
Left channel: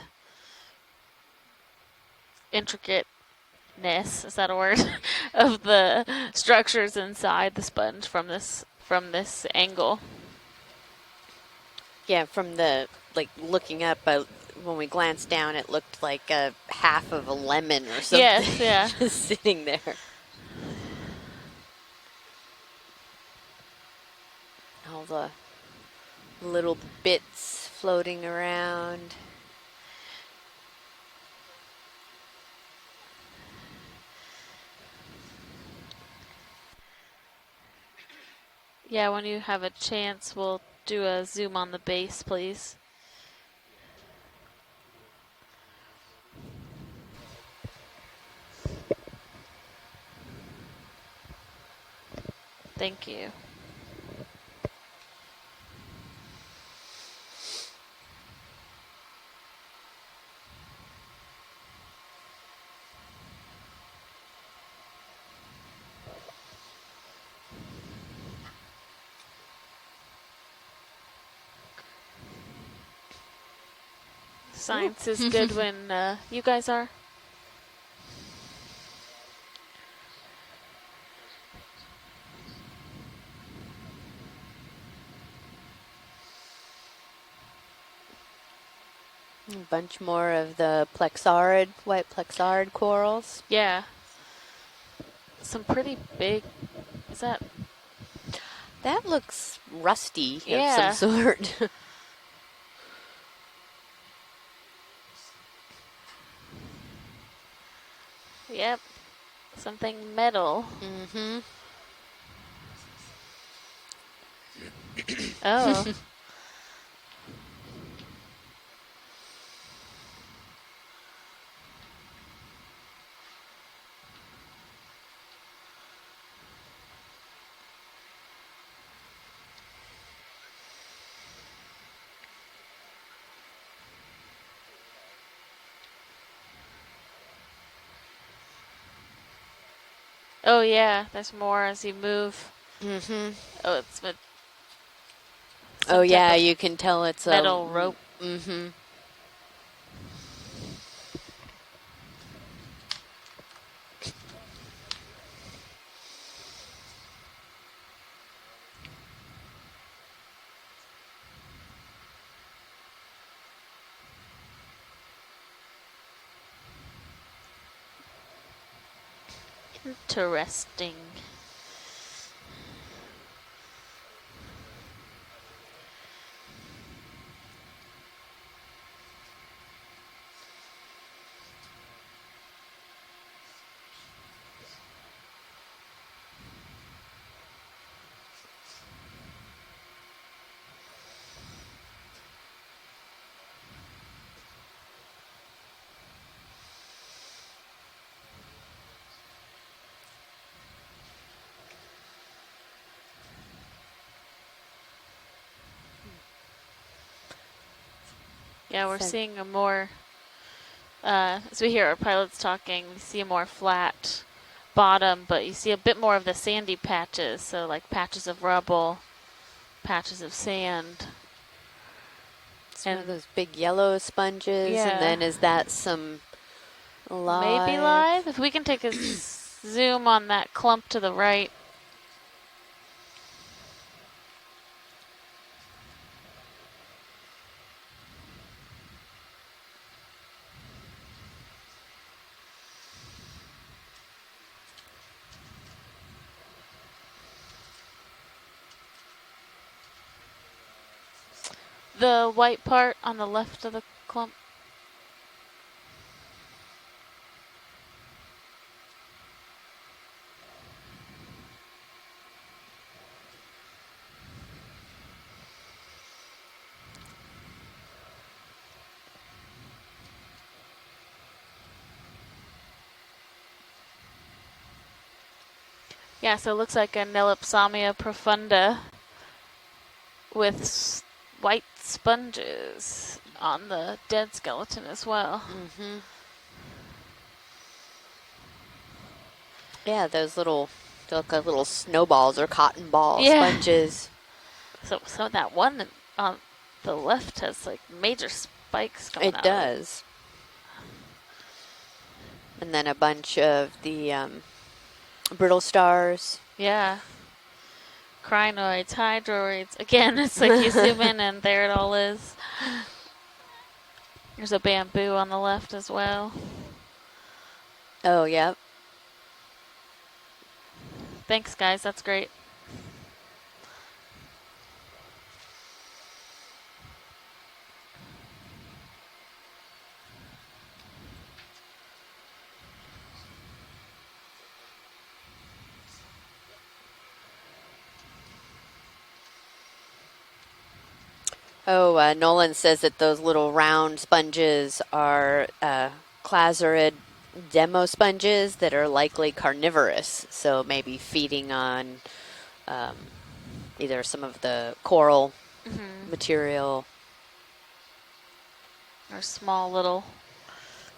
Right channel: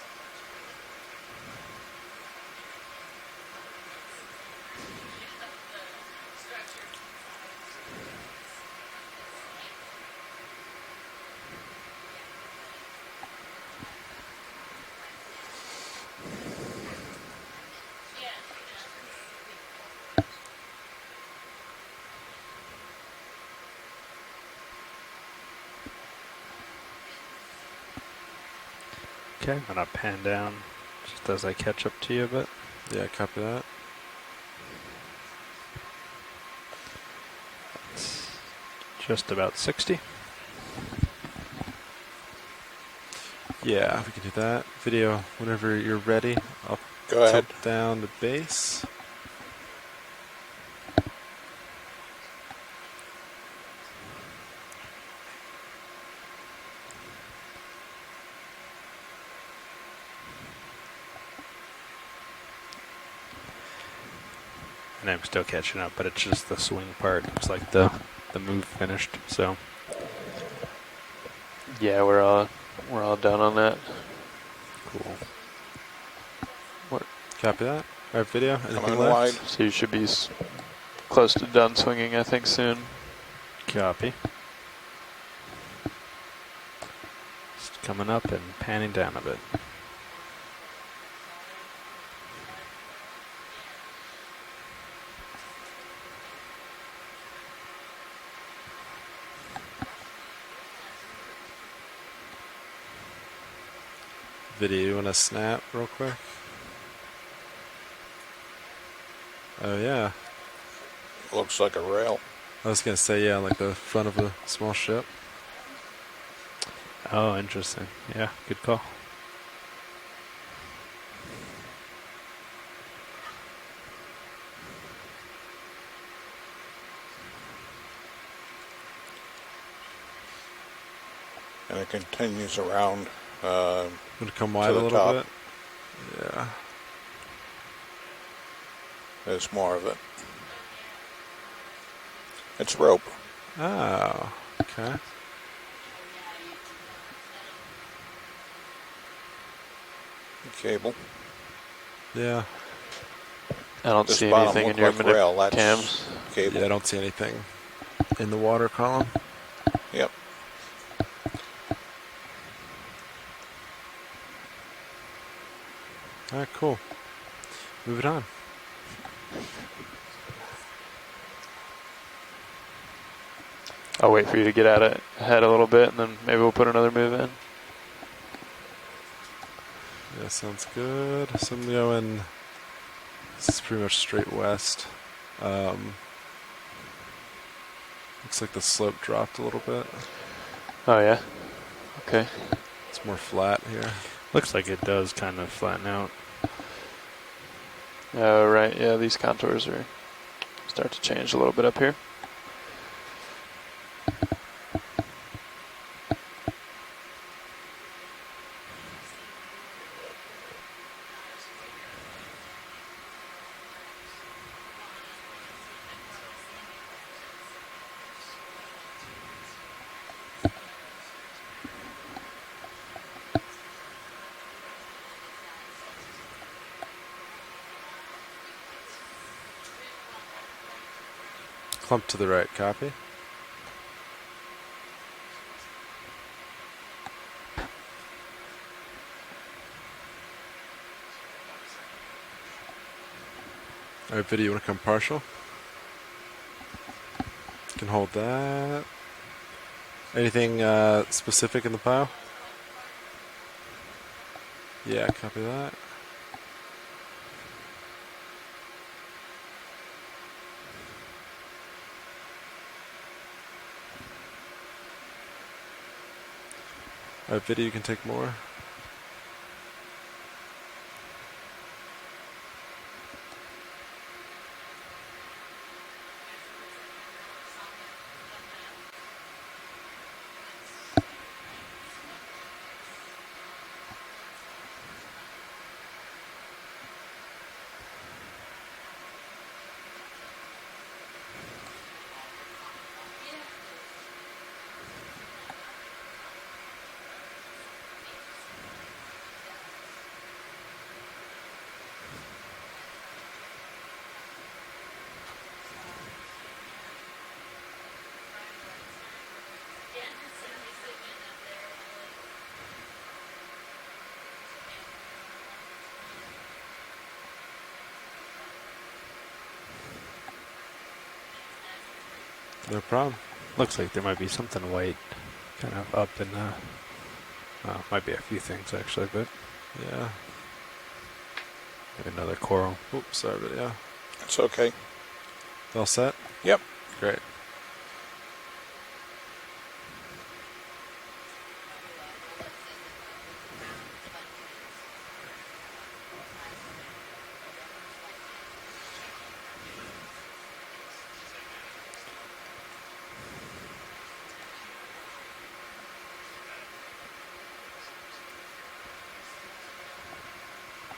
intricateness, is that a word, of the structures inside the sponge from this angle. Yeah, from the, like, looking up, when we glanced down, it looked like a half of a lemon or something. Yes, yeah. Just sitting there. All the little bits floating around. Okay, I'm gonna pan down just as I catch up to you a bit. Yeah, copy that. Yeah, Just when you about have 60. a chance, we'll do a zoom on the base, please. Yeah, we can do that. Video, whenever you're ready, I'll Go ahead. tilt down the base. Thank you. And I'm still catching up, but it's just the swing part. Looks like the move finished. So Yeah, we're all done on that. Science is good when you guys are. What? Copy that. Alright, video. Anything Coming left? wide. So you should be close to done swinging, I think, soon. copy. Just coming up and panning down a bit. A bunch more of the plexarid, white plexarid corals. Yeah. Some pretty big, is that? That looks rusty Yeah. of some sort. Video, you want to snap real quick? Yep. Oh, Something yeah. metal. Mm-hmm. Looks like a rail. I was going to say, yeah, like the front of a small ship. Oh. Oh, interesting. Yeah, good call. And it continues around Want to come wide a the little top. bit? Yeah. There's more of it. Oh yeah, there's more as you move. It's rope. Mm-hmm. Oh, okay. Oh yeah, you can tell it's a Metal rope. Mm-hmm. Cable. Yeah. I don't This see bottom anything in looked your like rail. That's cams. cable. Yeah, I don't see anything in the water column. Yep. All right, cool. Move it on. Interesting. I'll wait for you to get out ahead a little bit, and then maybe we'll put another move in. Yeah, sounds good. So I'm going, this is pretty much straight west. Looks like the slope dropped a little bit. Oh yeah. Okay. It's more flat here. Looks like it does kind of flatten out. Oh right. Yeah, these contours are start to change a little bit up here. Yeah, we're seeing a more, as we hear our pilots talking, see a more flat bottom, but you see a bit more of the sandy patches, so like patches of rubble, patches of sand. Some of those big yellow sponges, Yeah. and then is that some live? Maybe live? If we can take a zoom on that clump to the right. Clump to the right, copy. All right, video, you want to come partial? You can hold that. Anything specific in the pile? The white part on the left of the clump. Yeah, copy that. All right, video, you can take more. Yeah, so it looks like a Nelipsamia profunda with white sponges on the dead skeleton as well. Mm-hmm. Yeah, those little, they look like little snowballs or cotton ball Yeah. sponges. So that one on the left has like major spikes coming It out. does. And then a bunch of the brittle stars. Yeah. Crinoids, hydroids. Again, it's like you zoom in and there it all is. There's a bamboo on the left as well. Oh, yep. Thanks, guys. That's great. No problem. Looks like there might be something white kind of up in the... might be a few things actually, but yeah. Maybe another coral. Oops, sorry, but yeah. It's okay. All set? Yep. Great. Oh, Nolan says that those little round sponges are clazorid demo sponges that are likely carnivorous, so maybe feeding on either some of the coral material. Or small little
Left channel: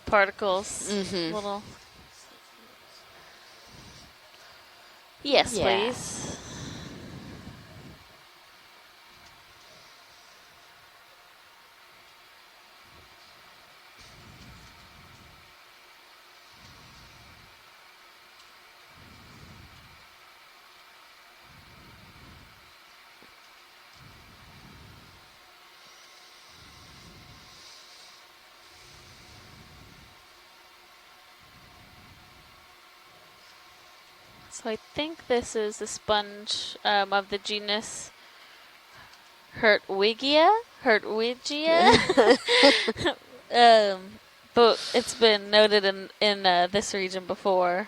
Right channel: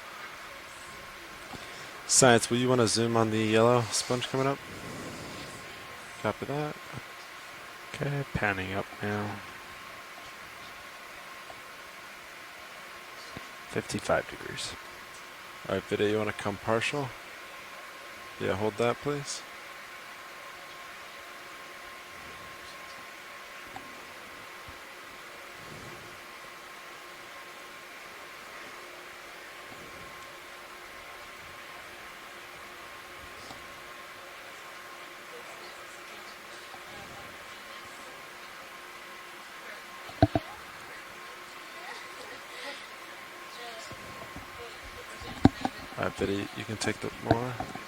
particles. Little. Science, will you want to zoom on the yellow sponge coming up? Yes, Yeah. please. Copy that. Okay, panning up now. 55 degrees. All right, video, you want to come partial? Yeah, hold that, please. So I think this is the sponge of the genus Hertwiggia. But it's been noted in this region before.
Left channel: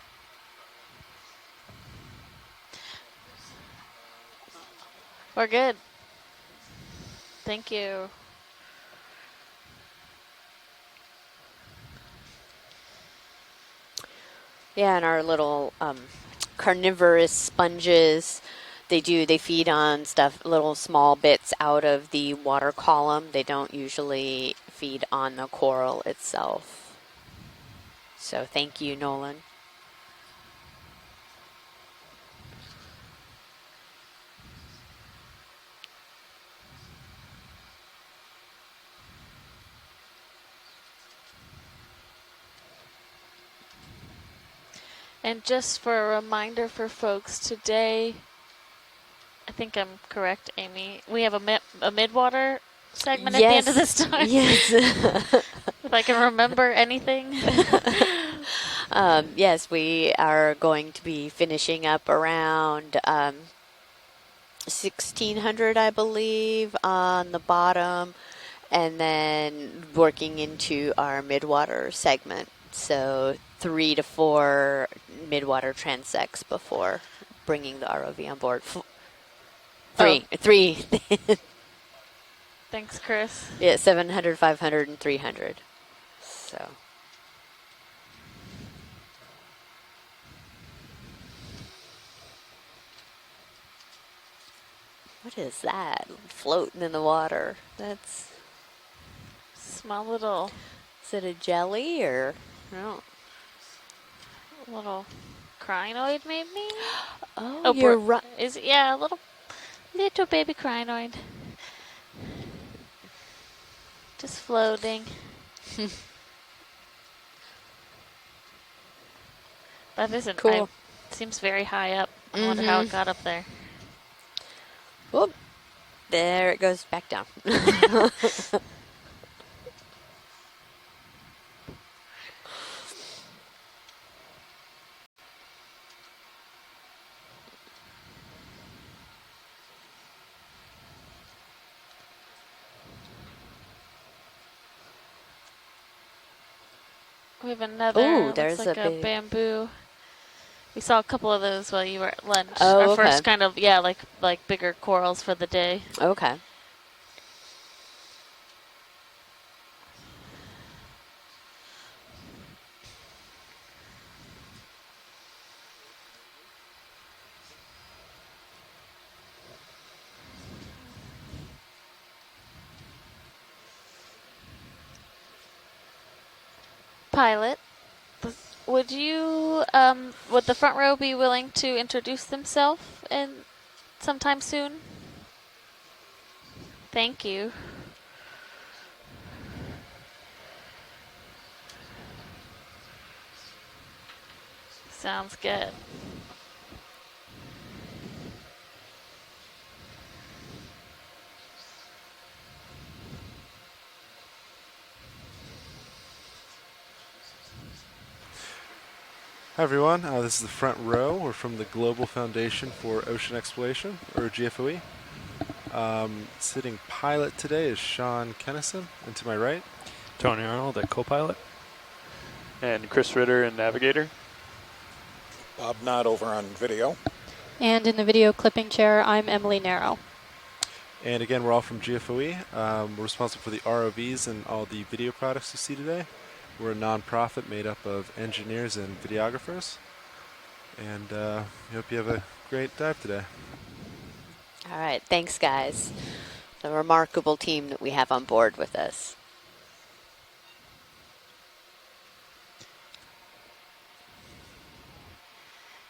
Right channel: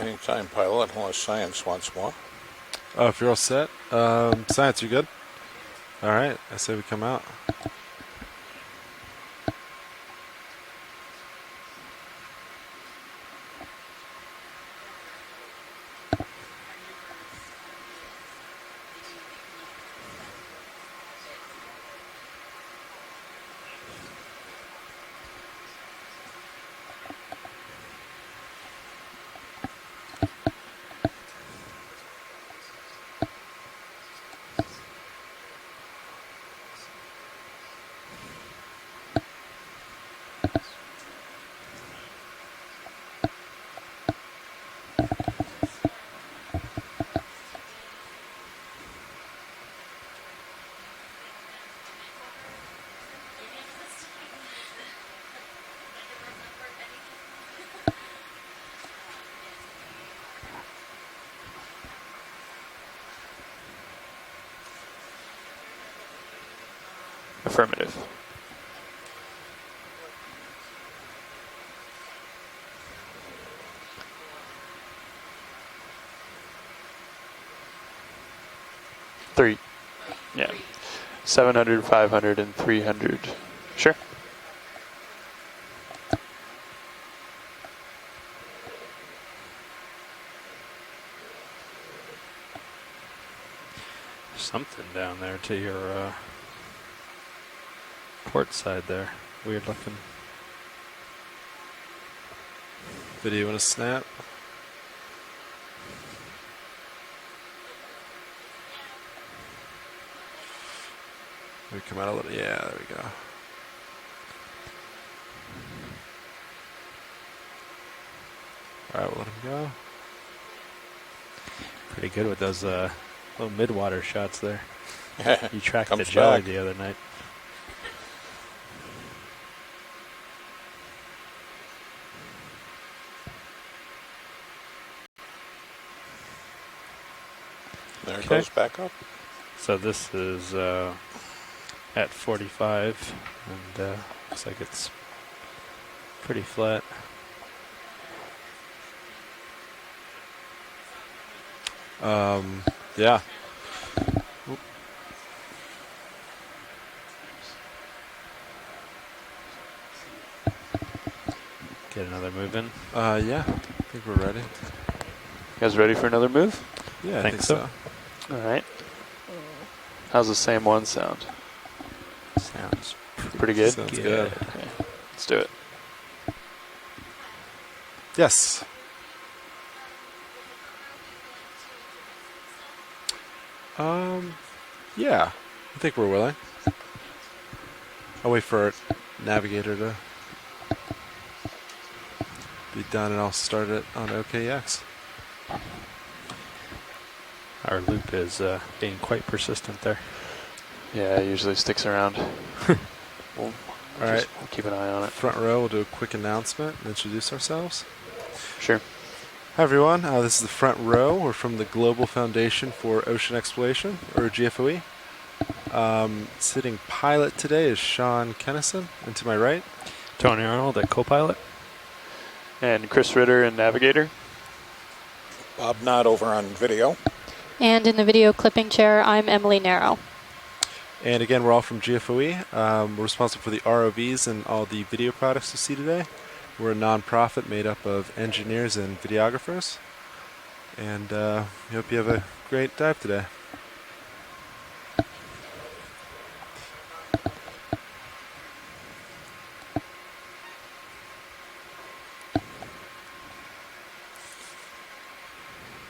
Anytime, pilot, unless science wants more. Oh, if you're all set. Science, you good? We're good. All right, I say we come out. Thank you. Yeah, and our little carnivorous sponges, they feed on stuff, little small bits out of the water column. They don't usually feed on the coral itself. So thank you, Nolan. And just for a reminder for folks, today, I think I'm correct, Amy, we have a mid-water segment at the end of this time. Yes. If I can remember anything. Yes, we are going to be finishing up around 1600, I believe, on the bottom, and then working into our midwater segment. So 3 to 4 midwater transects before bringing the ROV on board. 3. Three. Yeah. 3. 700, 500, and 300. Chris. Yeah, Sure. 700, 500, and 300. So. Something down there What to is your that? Floating in the water. That's port side there. Weird looking. Small little, Is it a jelly or no? Video, you want to snap? little crinoid maybe? Oh, you're bro- right. Is it? Yeah, a little baby crinoid. We come out a little. Yeah, there we go. Just floating. All right, we'll let him go. That isn't Cool. Seems very high up. Pretty good with I those wonder how it got up there. little mid-water shots there. Whoop. You tracked Come the back. jog There the it other goes night. back down. There it Okay. goes back up. So this is at 45, and looks like it's Pretty flat. We have another. Ooh, there's looks like a a big bamboo. We saw a couple of those while you were at lunch. Oh, Our okay. first kind of like bigger corals for the day. Okay. Get another move in. Yeah, I think we're ready. You guys ready for another move? Yeah, I Think think so. so. All right. How's the same one sound? Sounds Pretty good? Sounds good. Okay. Let's do it. Pilot, Yes. would you, would the front row be willing to introduce themselves and sometime soon? Yeah, I think we're willing. Thank you. I'll wait for our navigator to be done, and I'll start it on OKX. Sounds good. Our loop is being quite persistent there. Yeah, it usually sticks around. We'll All right. we'll keep an eye on it. Front row, we'll do a quick announcement and introduce ourselves. Sure. Hi, everyone. This is the front row. We're from the Global Foundation for Ocean Exploration, or GFOE. Sitting pilot today is Sean Kennison, and to my right, Tony Arnold at co-pilot. And Chris Ritter and navigator. Bob Knott over on video. And in the video clipping chair, I'm Emily Narrow. and again, we're all from GFOE. We're responsible for the ROVs and all the video products you see today. We're a non-profit made up of engineers and videographers, and we hope you have a great dive today. All right, thanks guys. A remarkable team that we have on board with us.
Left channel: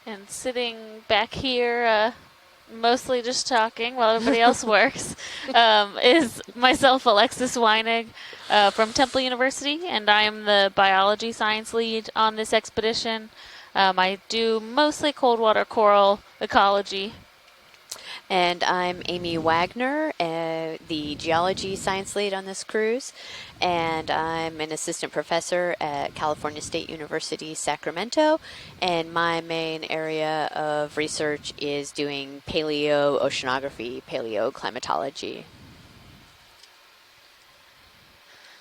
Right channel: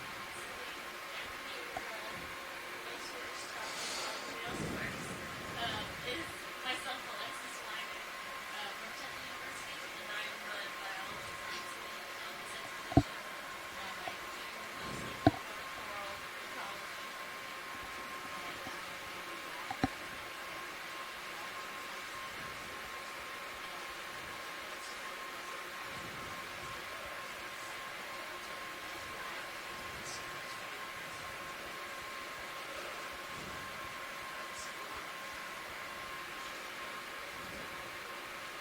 And sitting back here, mostly just talking while everybody else works, is myself, Alexis Weinig, from Temple University, and I am the biology science lead on this expedition. I do mostly cold water coral ecology. And I'm Amy Wagner, the geology science lead on this cruise. And I'm an assistant professor at California State University, Sacramento. And my main area of research is doing paleoceanography, paleoclimatology.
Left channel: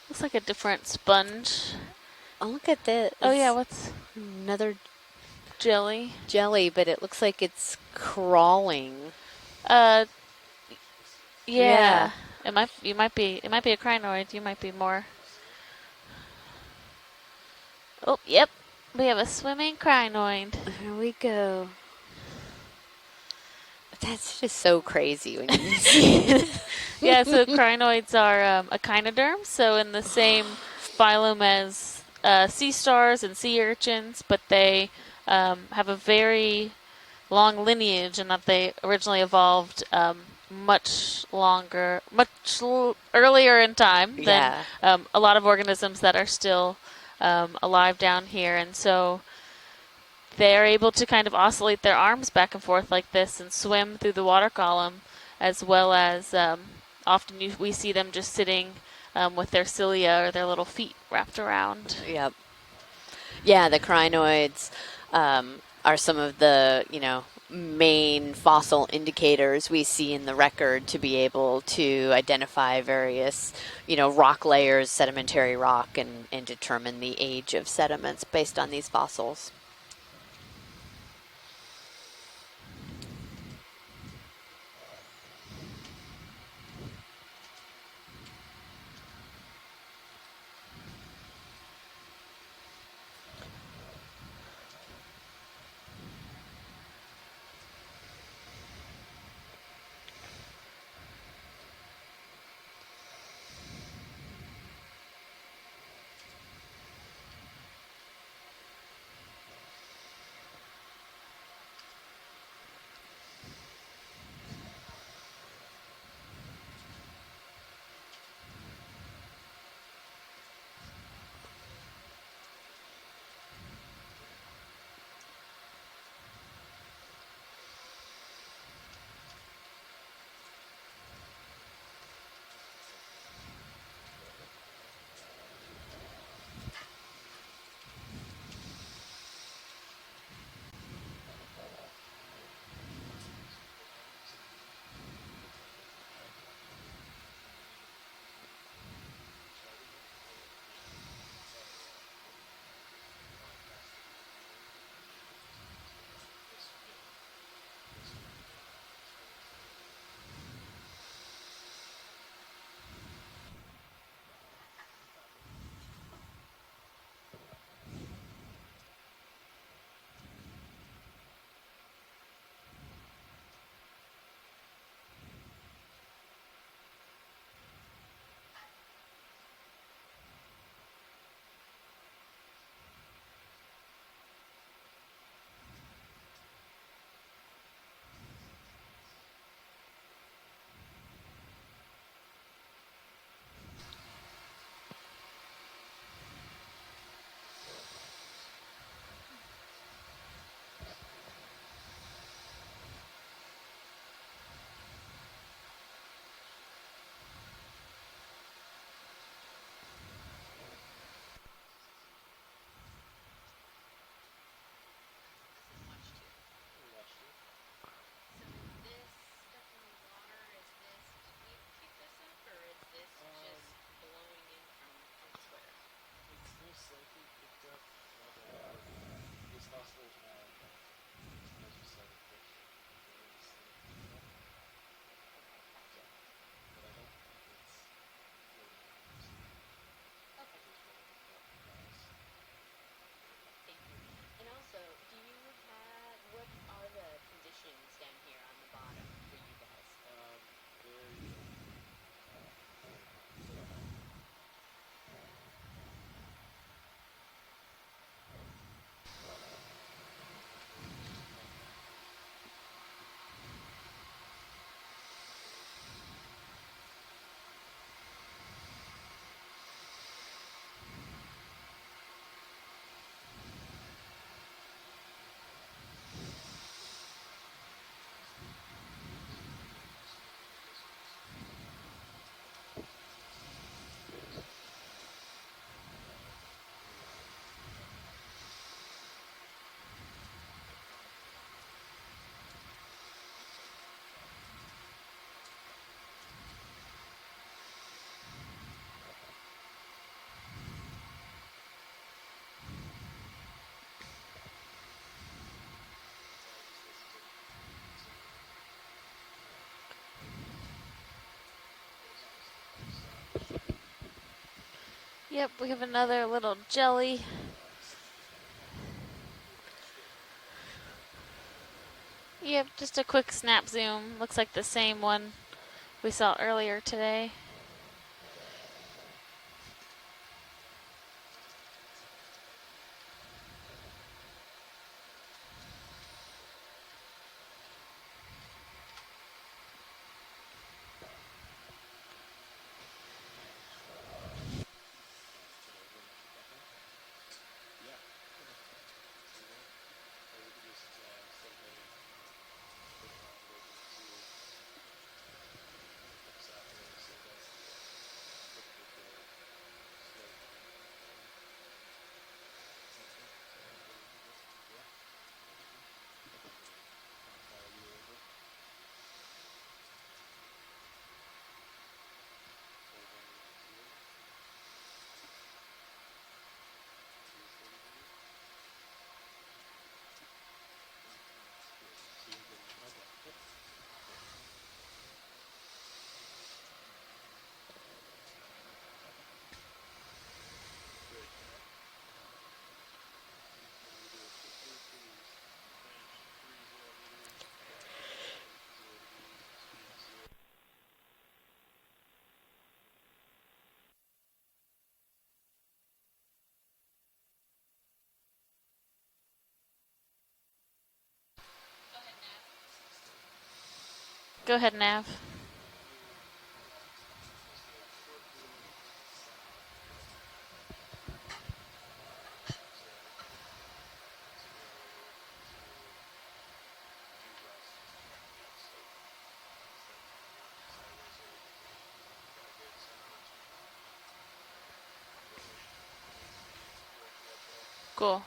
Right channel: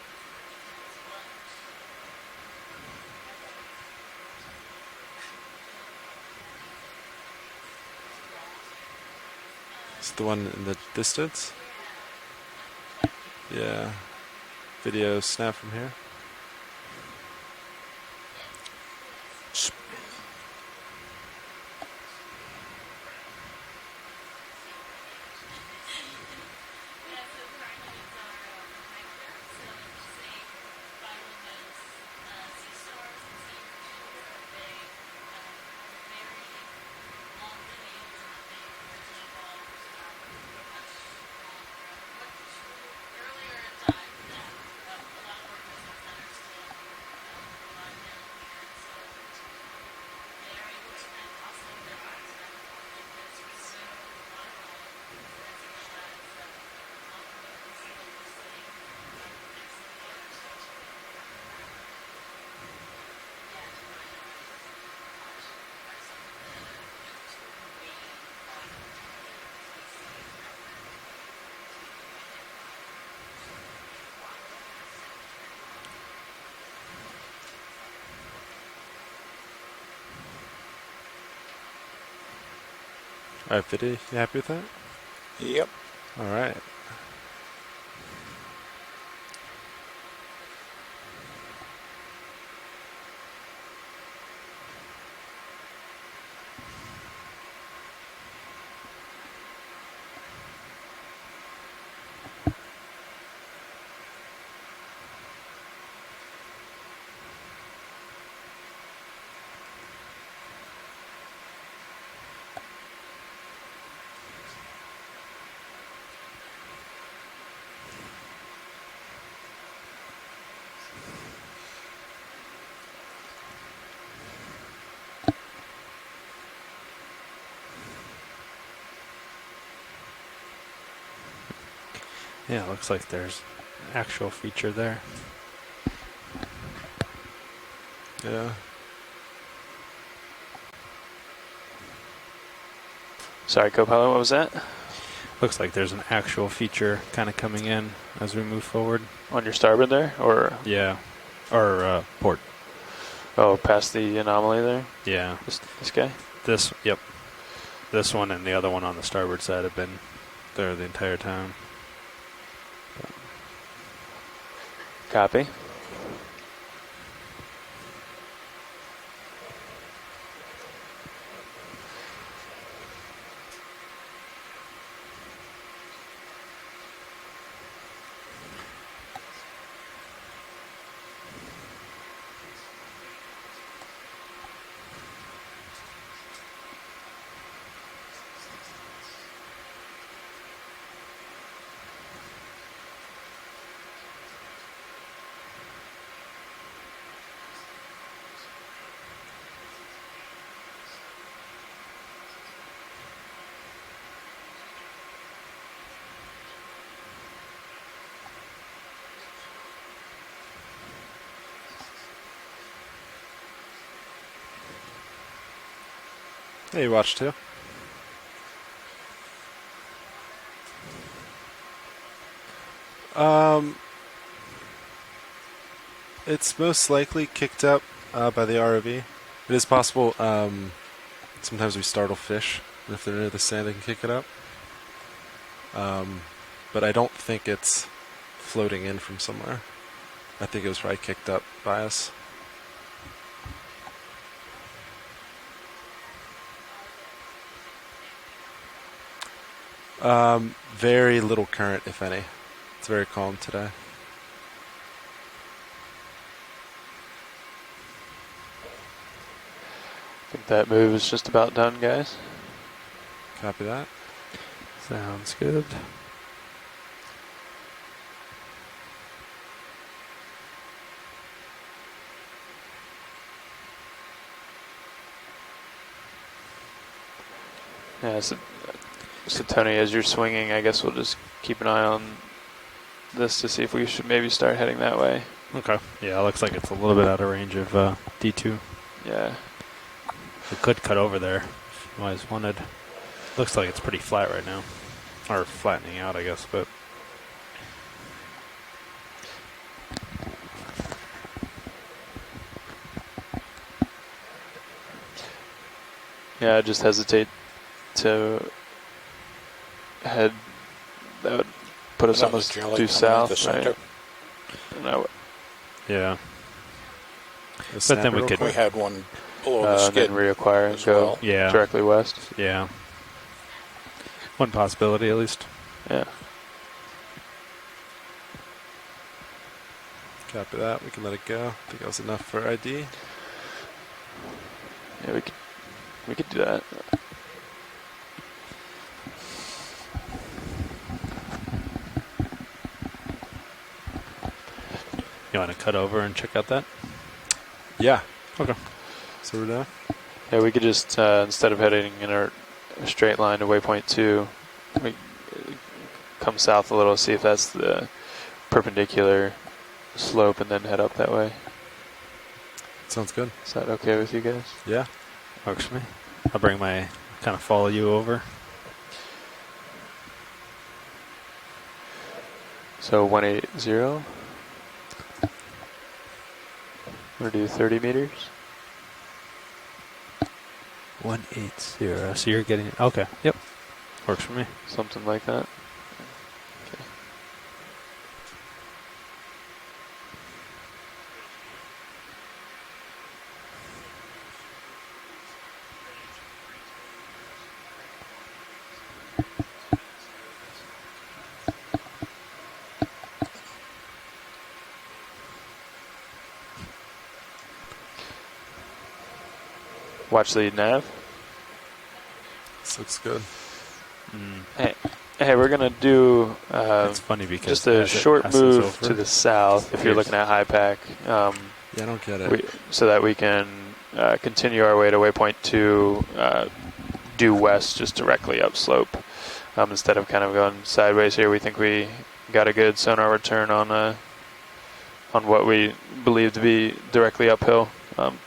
Looks like a different sponge. Oh, look at this. Oh yeah, what's another jelly? Jelly, but it looks like it's crawling. It's the one in the distance? Yeah. It might be a Yeah. crinoid. You might be more. Video snap from here. Oh, yep. We have a swimming crinoid. Here we go. That's just so crazy when you see it. Yeah, so crinoids are echinoderms, so in the same phylum as sea stars and sea urchins, but they have a very long lineage in that they originally evolved much earlier in time than a lot of organisms that are still alive down here, and so they're able to kind of oscillate their arms back and forth like this and swim through the water column, as well as often we see them just sitting with their cilia or their little feet wrapped around. Yep. Yeah, the crinoids are some of the, main fossil indicators we see in the record to be able to identify various, rock layers, sedimentary rock, and determine the age of sediments based on these fossils. All right, Fiddy, you happy with that? Yep. All right. Yeah, it looks like there's an actual feature there. Yeah. Sorry, co-pilot, what was that? Looks like there's an actual feature kind of coming in as we move forward. On your starboard there, or? Yeah. Or port. Oh, past the anomaly there? Yeah. This guy? Yep. This one and the other one on the starboard side have been there the entire time. Copy. Hey, you watch too. It's most likely kicked up by the ROV. It is possible. Sometimes we startle fish, and if they're near the sand, they can kick it up. But I don't think it's floating in from somewhere. I think it was probably kicked up by us. Very little current, if any. It's very calm today. I think that move is just about done, guys. Copy that. Sounds good. Yeah, so Tony, as you're swinging, I guess we'll just keep an eye on this to see if we should maybe start heading that way. Okay. Yeah, it looks like it's a little bit out of range of D2. Yeah. We could cut over there if you guys wanted. Looks like it's pretty flat right now. Or flattening out, I guess, but... Yeah, I just hesitate to head. That would put us almost due south, right? No. Yep, we have another little jelly. But then We had one below the skid. And then reacquire and go directly west. Yeah. Yep, just a quick snap zoom. Looks One like the possibility same at one least. Yeah. we saw earlier today. Copy that. We can let it go. I think that was enough for ID. Yeah, we could do that. You want to cut over and check out that? Yeah. Okay. So we're done? Yeah, we could just, instead of heading in a straight line to waypoint 2, we come south a little, see if that's the perpendicular slope, and then head up that way. Sounds good. Is that okay with you guys? Yeah. Works for me. I'll bring my, kind of follow you over. So 180. Want to do 30 meters? 180. So you're getting... Okay. Yep. Works for me. Something like that. Okay. Watch the nav. This looks good. Go ahead, Nav. Hey, we're going to do It's funny because just a as it short passes move over, to the south if you're looking at high pack. Yeah, I don't get it. So that we can continue our way to waypoint 2 due west, just directly upslope. Instead of kind of going sideways here, we think we got a good sonar return on what we believe to be directly uphill. Cool.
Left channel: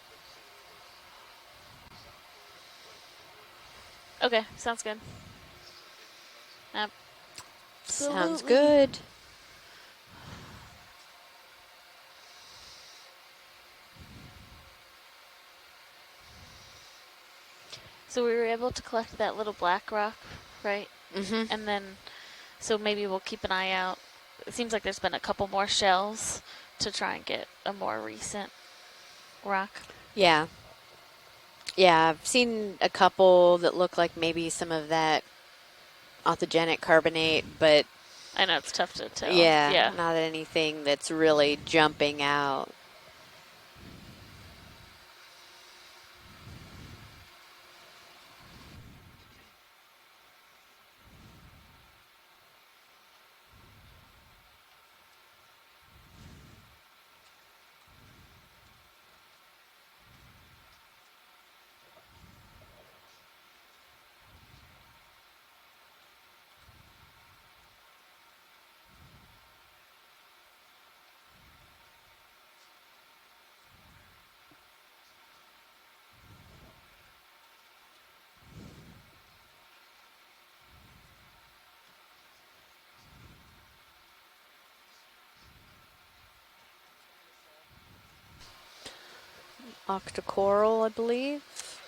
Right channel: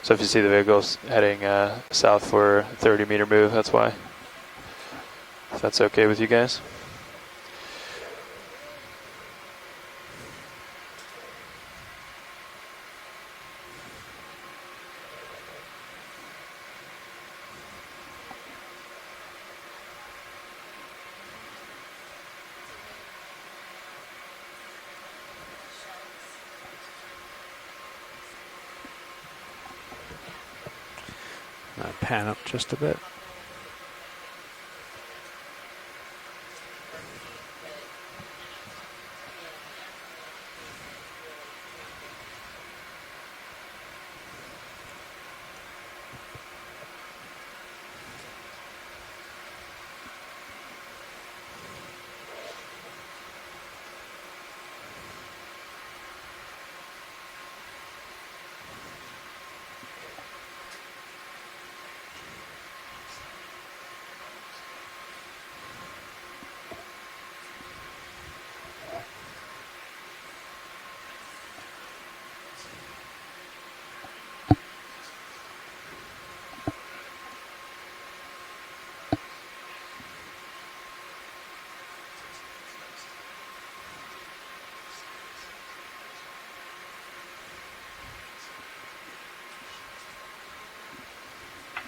So if you see the vehicles heading south for a 30-meter move, that's why. Okay, sounds good. If that's okay with you guys. Yep. Sounds good. So we were able to collect that little black rock, right? Mm-hmm. And then, so maybe we'll keep an eye out. It seems like there's been a couple more shells to try and get a more recent rock. Yeah. Yeah, pan I've up seen just a a bit. couple that look like maybe some of that autogenic carbonate, but I know it's tough to tell. yeah, not anything that's really jumping out. Octocoral, I believe.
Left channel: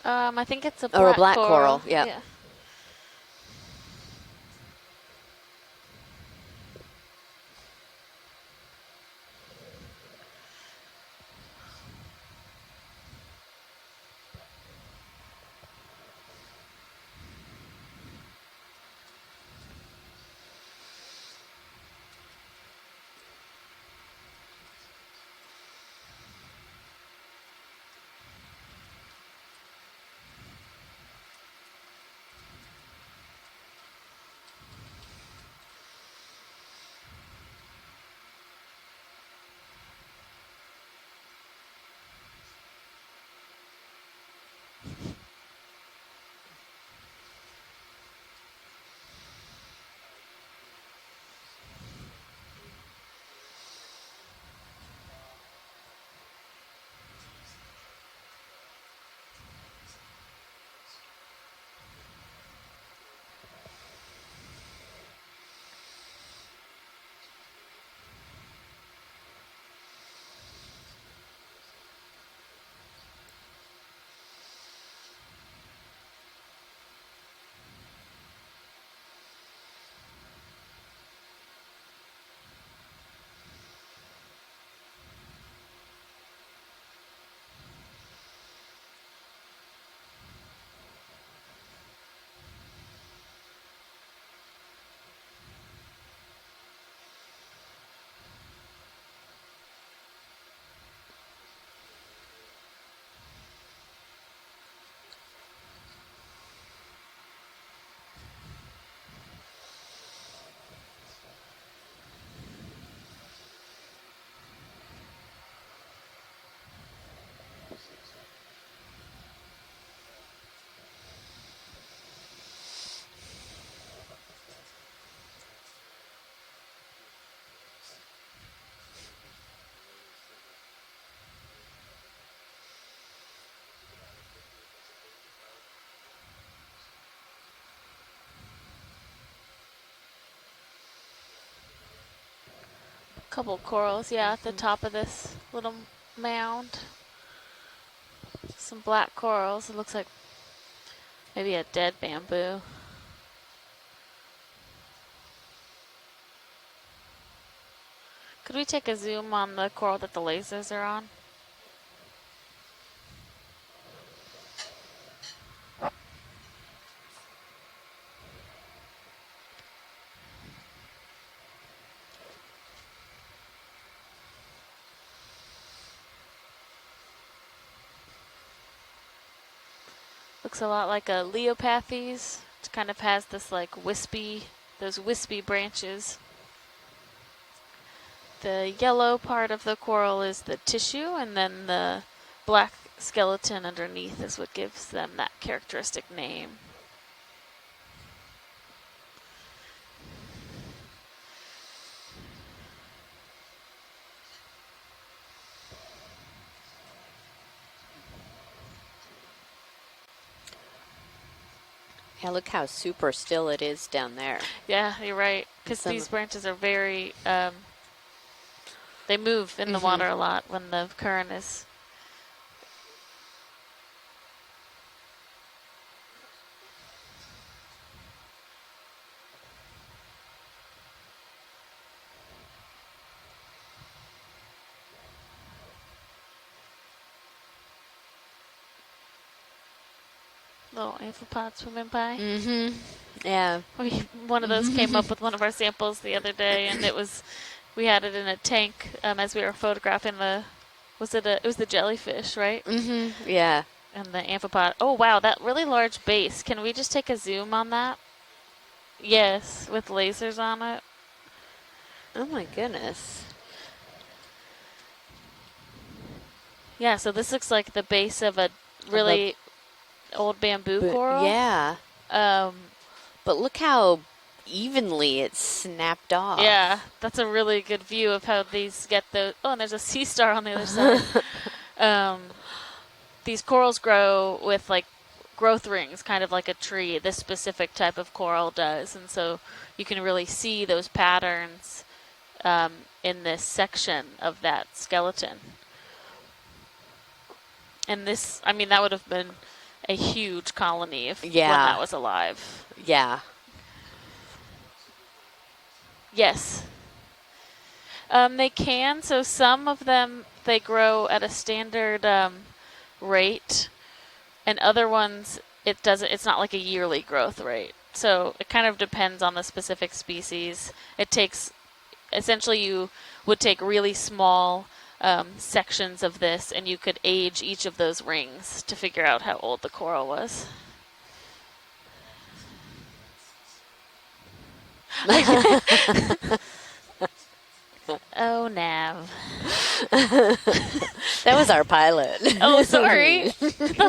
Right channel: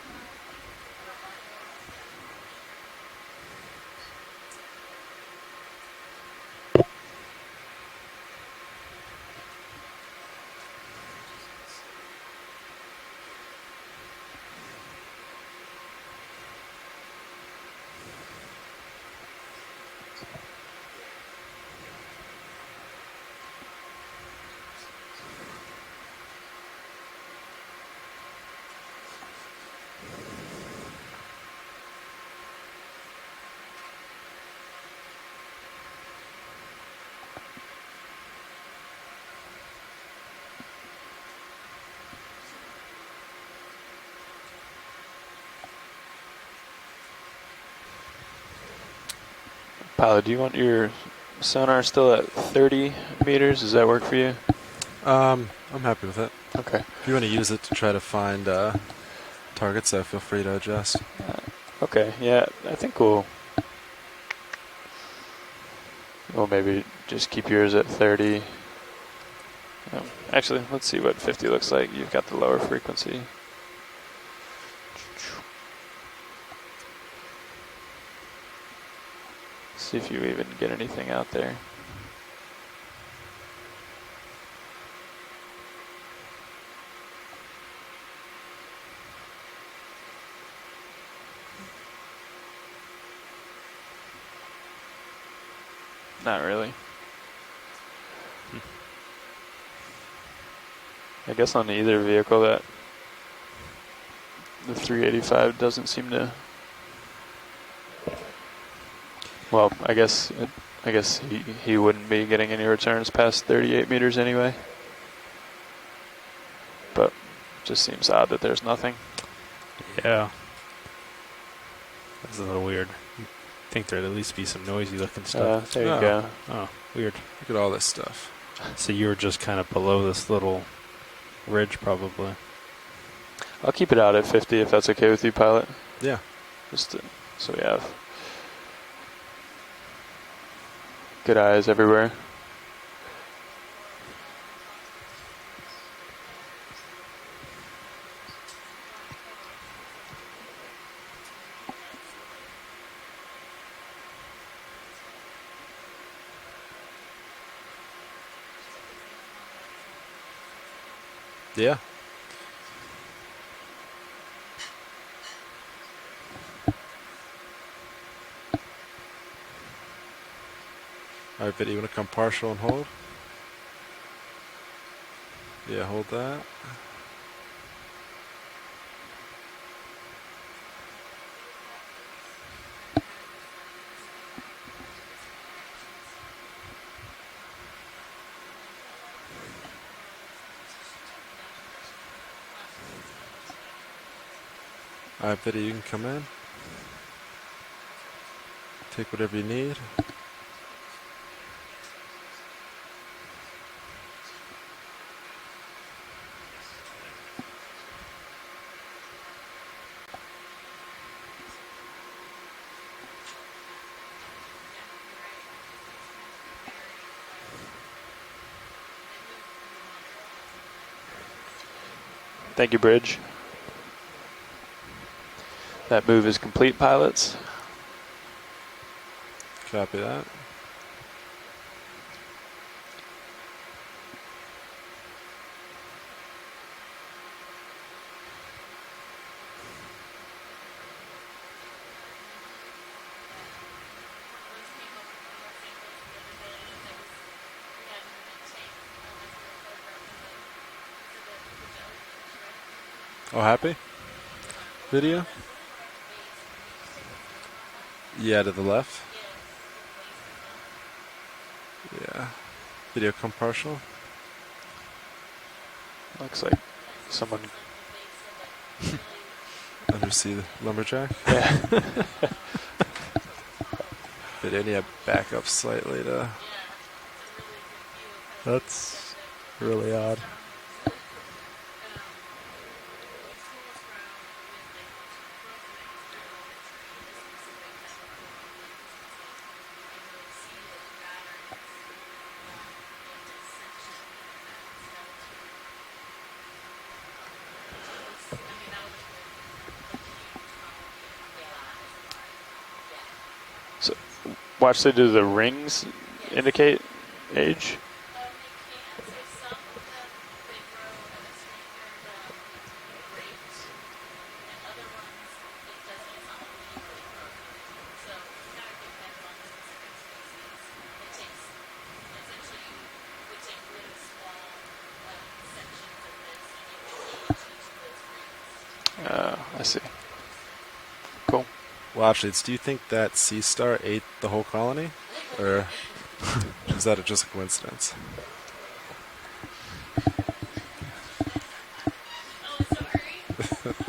I think it's a black, Or a black coral. coral, yep. Yeah. Pilot, do you want your sonar still at 30 meters? Does that work for you? I'm happy with it. Okay. If you want to use it to try to find targets, feel free to adjust. Okay, yeah, I think we'll maybe just keep yours at 30. Actually, let's see what 50 looks like. You've got the lower frequency. See if you even get anything out there. Not really. I guess on either vehicle that the 385 doesn't seem to. Well, I guess he wouldn't be getting any returns past 38 meters anyway. But just seems odd that there's nothing. Yeah. That's a little weird. I think there'd at least be some noisy looking stuff. There you go. Oh, weird. Look at all this stuff. So you were just kind of below this little ridge, probably. I'll keep it out at 50 if that's okay with you, pilot. Yeah. Just so we have good eyes everywhere. Couple corals, yeah, at the top of this little mound. Some black corals. It looks like maybe a dead bamboo. Could we take a zoom on the coral that the lasers are on? Yeah. All right, Biddy, you want to come partial and hold? Yeah, hold that. Looks a lot like a Leopathes. It kind of has this like those wispy branches. The yellow part of the coral is the tissue, and then the black skeleton underneath is what gives them that characteristic name. Take whatever you need. Yeah, look how super still it is down there. Yeah, you're right. Because these branches are very, they move in the water a lot when the current is. Thank you, Bridge. That move is complete, pilots. Copy that. Little amphipods swimming by. Mm-hmm. Yeah. One of those came up with one of our samples the other day, and we had it in a tank as we were photographing it was the jellyfish, right? Mm-hmm. Oh, Yeah. happy? And the amphipod. Oh, Video? wow, that really large base. Can we just take a zoom on that? Yeah, to the left. Yes, with lasers on it. Yeah. Oh my goodness. Video come partial. Looks like. Yeah, so this looks like the base of a really old bamboo lumberjack. coral. Yeah. But look how But then you evenly back up it's slightly snapped to- off. Yeah, that's a really good view of how these That's get those. Oh, and there's a really sea odd. star on the other side. These corals grow with like growth rings, kind of like a tree. This specific type of coral does, and so you can really see those patterns in this section of that skeleton. And this, I mean, that would have been a huge colony if when that was alive. Yeah. So, watch, they do the rings Yes. indicate age? They can. So some of them, they grow at a standard rate, and other ones, it doesn't. It's not like a yearly growth rate. So it kind of depends on the specific species. It takes, essentially, you would take really small sections of this, and you could age each of those rings to figure out how old the coral was. Cool. Well, actually, do you think that sea star ate the whole colony? Is that just a coincidence? Oh, Nav. That was our pilot. Oh, sorry. All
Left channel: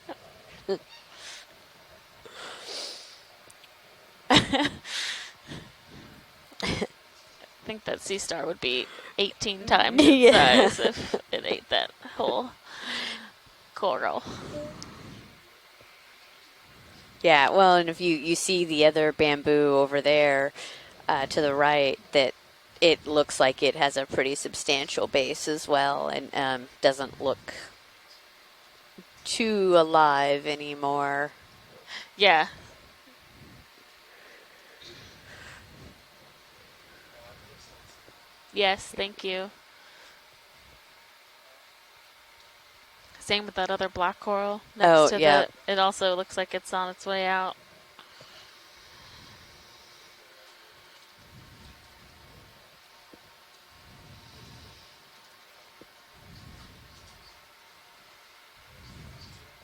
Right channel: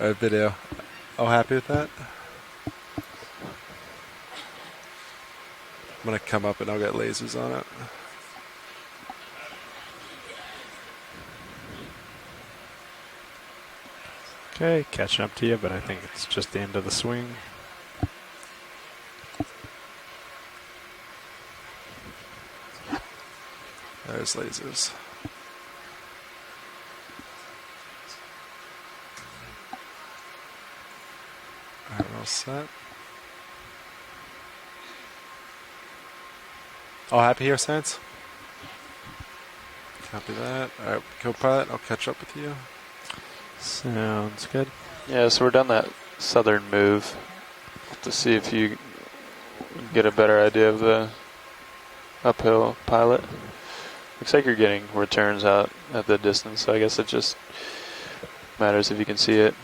right, video. Oh, happy with that? I'm going to come up and I'll get lasers on it. I think that sea star would be 18 times its size if it ate that whole coral. Okay, catching up to you, but I think it's just the end of the swing. Yeah, well, and if you see the other bamboo over there to the right, that it looks like it has a pretty substantial base as well, and doesn't look too alive anymore. Yeah. All happy here, Science? Yes, thank you. Copy that. All right, co-pilot, I'll catch up with you. Same with that other black Sounds coral. good. next to Yeah, so it. we're done It that also looks southern like it's on its move way out. to see if you get a better idea of the uphill pilot. Looks like you're getting returns out at the distance, so I guess it just matters if you can see it.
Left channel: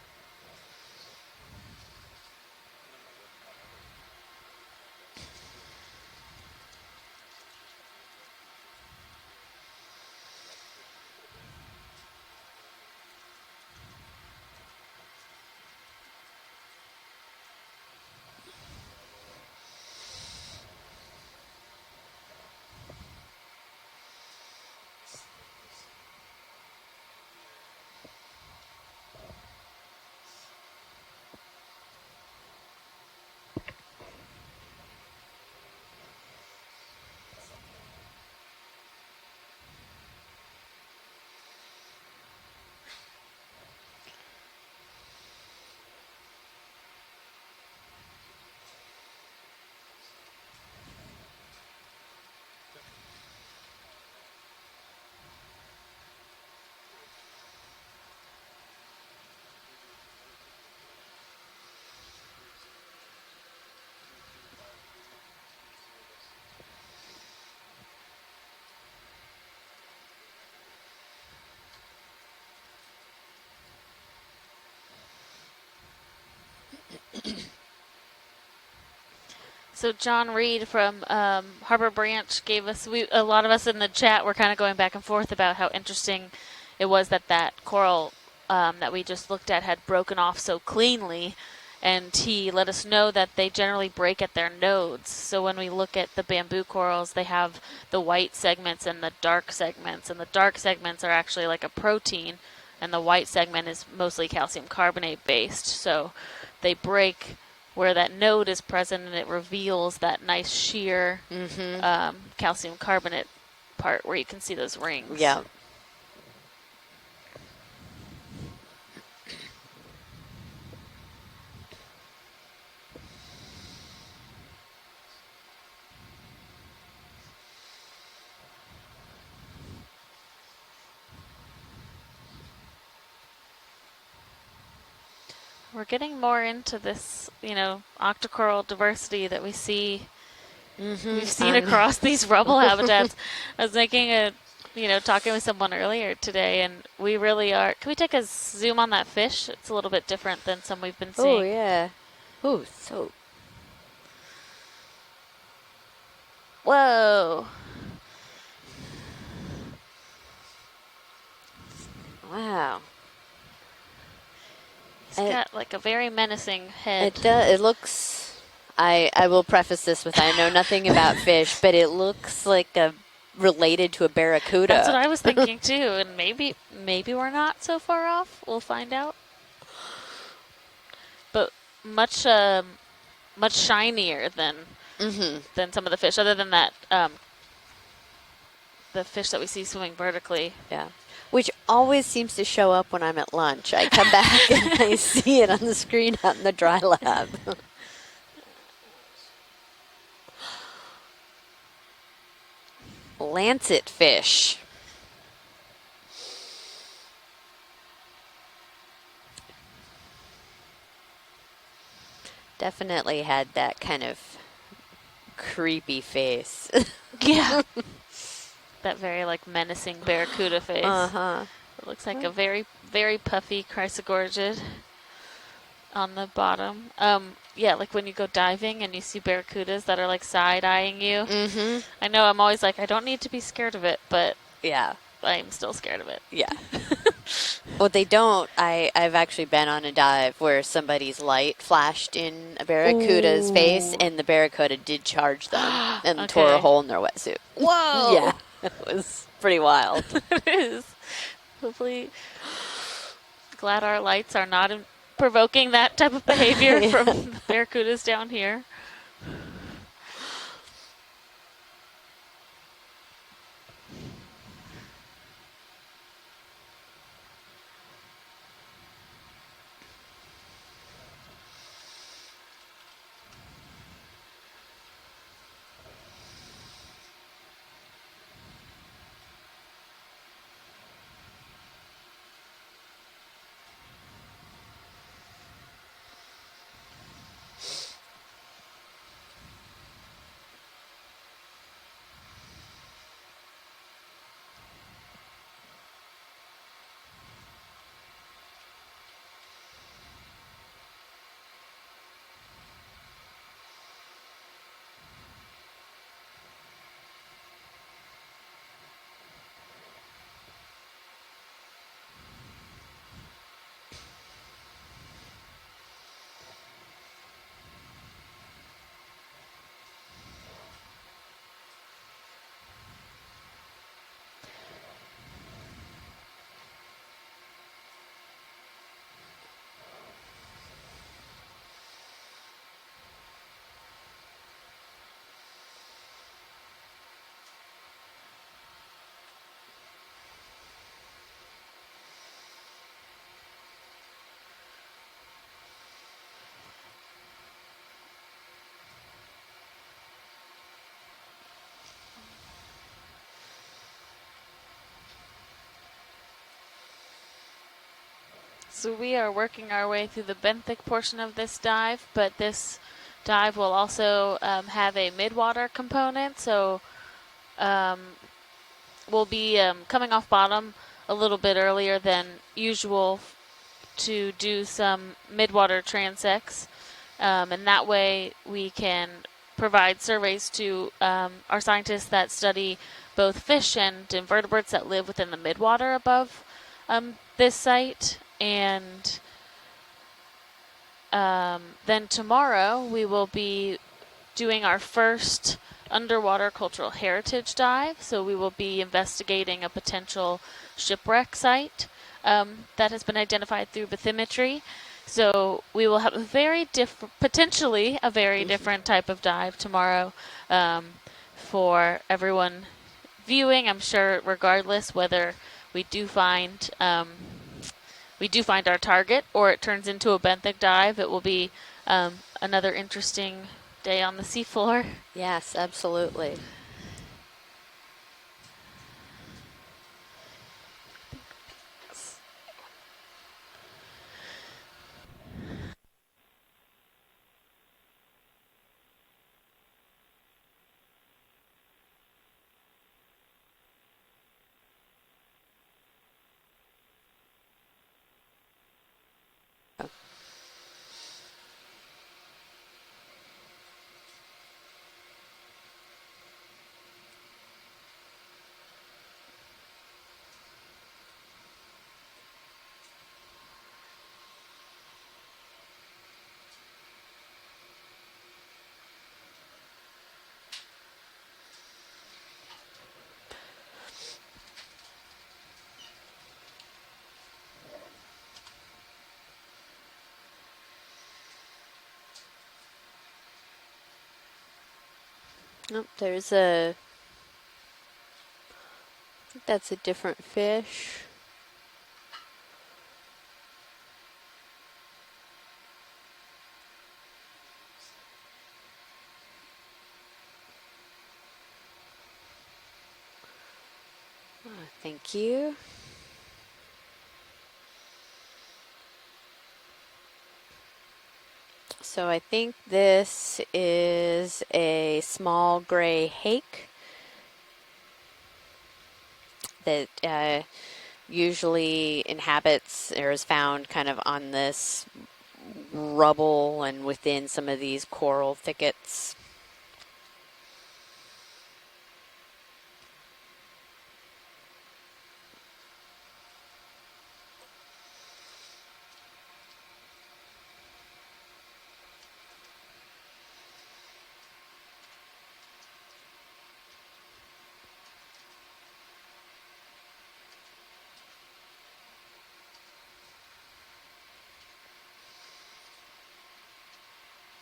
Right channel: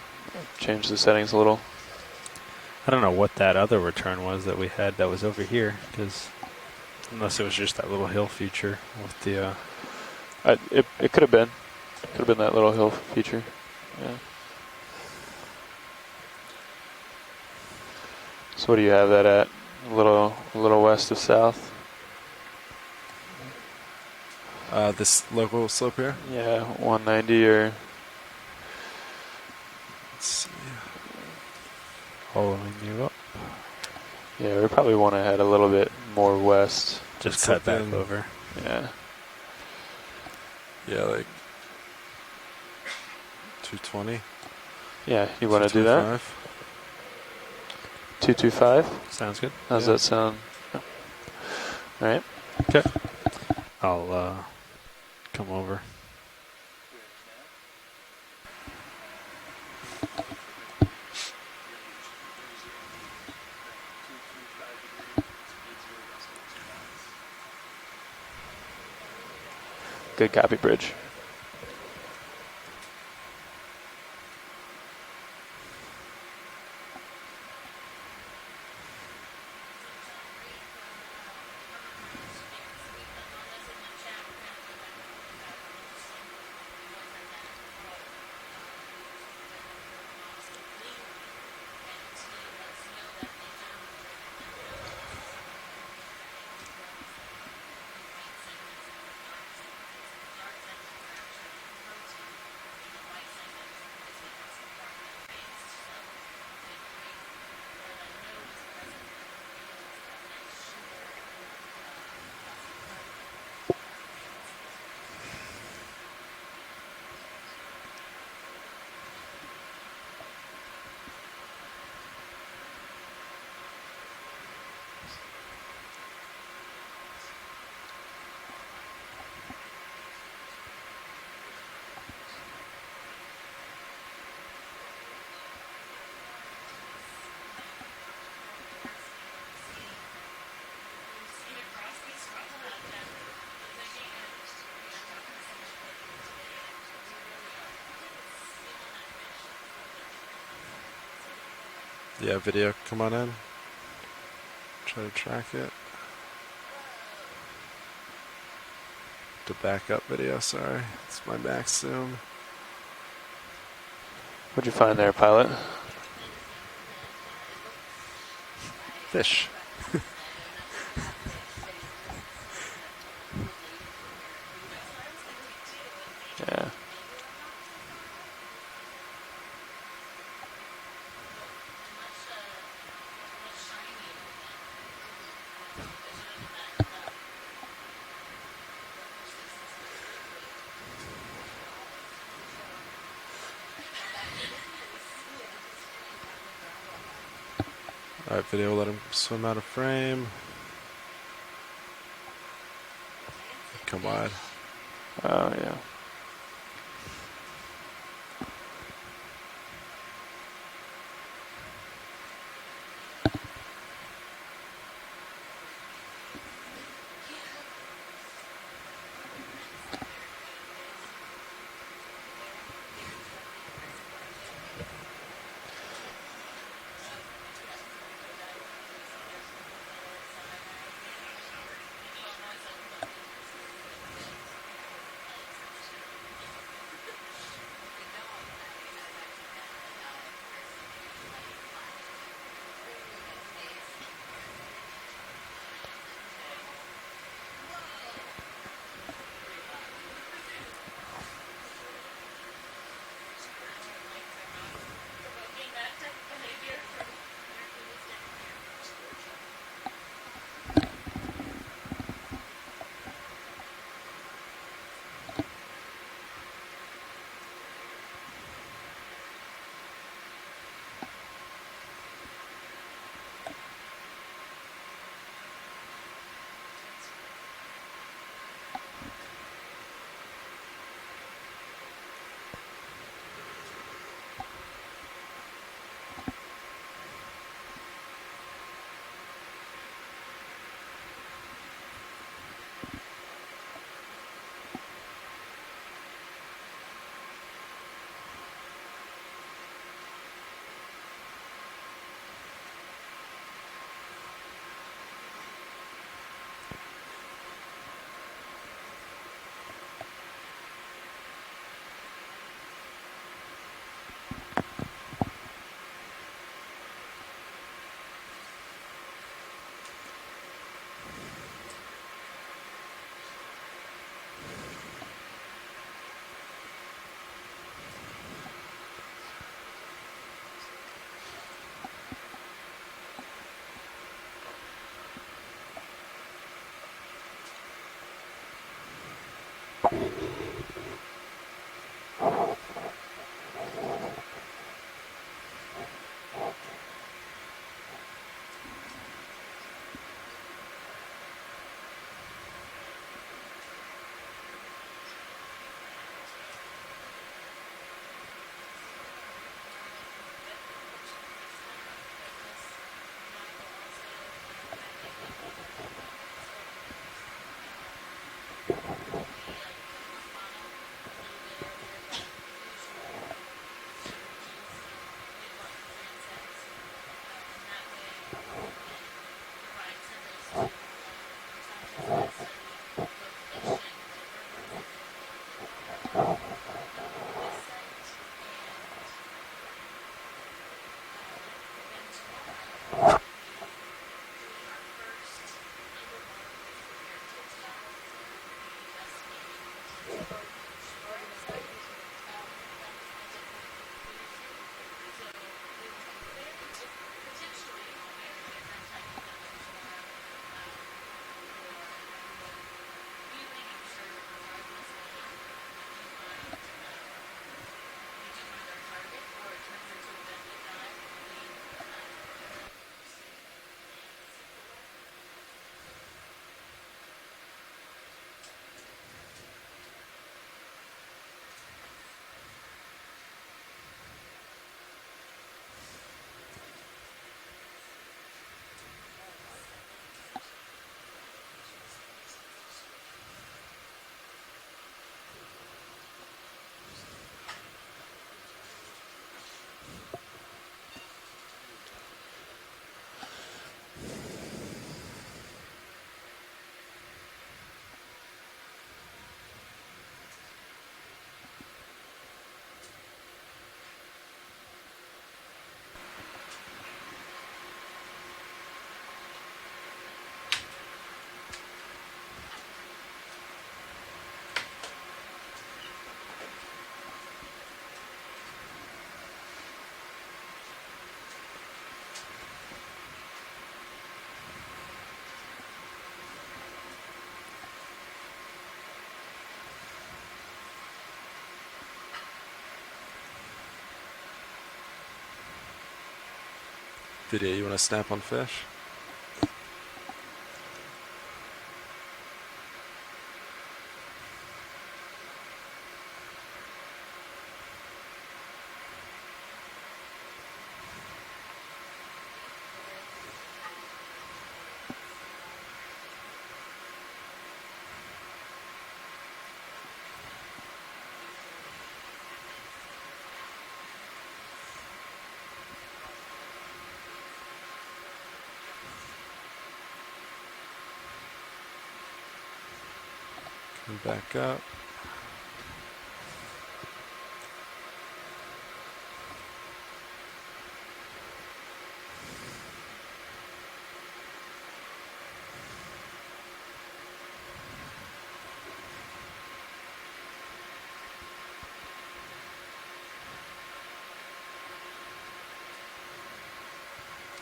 Change the settings a little. I don't know what that other return was that we had that was over here, because unless it was just that little hill feature with the. It could have been. Could have been that little hill feature. Yeah. So what do you have that at? A little west of south. This local slope here? Yeah, 190 or. Let's see. Following you up. Yeah, we probably want to head a little bit more west. Just cut back over. Yeah. Yeah, like 220. Yeah, you want to do that? 225? Sounds good. How's that sound? All right. Okay. I'll come over. Good copy, Bridge. So John Reed from Harbor Branch gave us, a lot of us in the chat were kind of going back and forth about how interesting it was that coral that we just looked at had broken off so cleanly. And he let us know that they generally break at their nodes. So when we look at the bamboo corals, they have the white segments and the dark segments. And the dark segments are actually like a protein, and the white segment is mostly calcium carbonate based. So they break where that node is present, and it reveals that nice sheer calcium carbonate part where you can see those rings. Yeah. We're getting more into this, you know, octocoral diversity that we see. We've seen across these rubble habitats. I was making a, you know, talking with someone earlier today, and we really are. Can we take a zoom on that fish? It's a little bit different than some we've been seeing. Oh, yeah. Yeah, video, come on in. Try to track it. Whoa. The backup video, sorry. It's my max zoom. Wow. What'd you find there, pilot? Like a very menacing head. It does. It looks. I will preface this with I know nothing about fish, but it looks like related to a barracuda. That's what I was thinking too, and maybe we're not so far off. We'll find out. But much shinier than some of the fish. Other than that, the fish that we see swimming vertically. Yeah. Which always seems to show up when I'm at lunch. I come back and I see it on the screen out in the dry lab. All right, video, let him swim out of frame. Lancet fish. Oh, yeah. Definitely had that kind of creepy face. Yeah. That very, like, menacing barracuda face. Uh-huh. It looks like a very, very puffy chrysogorgid on the bottom. Yeah, like when you go diving and you see barracudas that are like side-eyeing you. I know I'm always like, I don't need to be scared of it, but yeah, I'm still scared of it. Yeah. Well, they don't. I've actually been on a dive where somebody's light flashed in a barracuda's face, and the barracuda did charge them and tore a hole in their wetsuit. Whoa! Yeah, it was pretty wild. It is. Hopefully, glad our lights are not provoking that type of behavior from barracudas down here. So we are working our way through the benthic portion of this dive, but this dive will also have a mid-water component, so we'll be coming off bottom a little bit earlier than usual to do some mid-water transects, and that way we can provide surveys to our scientists that study both fish and invertebrates that live within the mid-water above this site. And then tomorrow we will be doing our first underwater cultural heritage dive. So we will be investigating a potential shipwreck site that has been identified through bathymetry. So we will have a very potentially a very different type of dive tomorrow for everyone viewing. I'm sure regardless whether we do find our target or it turns into a benthic dive, it will be another interesting day on the seafloor. Yes, absolutely. Nope, there's a, I think that's a different fish. Video, you want to snap on fish? Thank you. So I think this is a small gray hake that usually inhabits or is found kind of on this rubble and within some of these coral thickets. Come back up.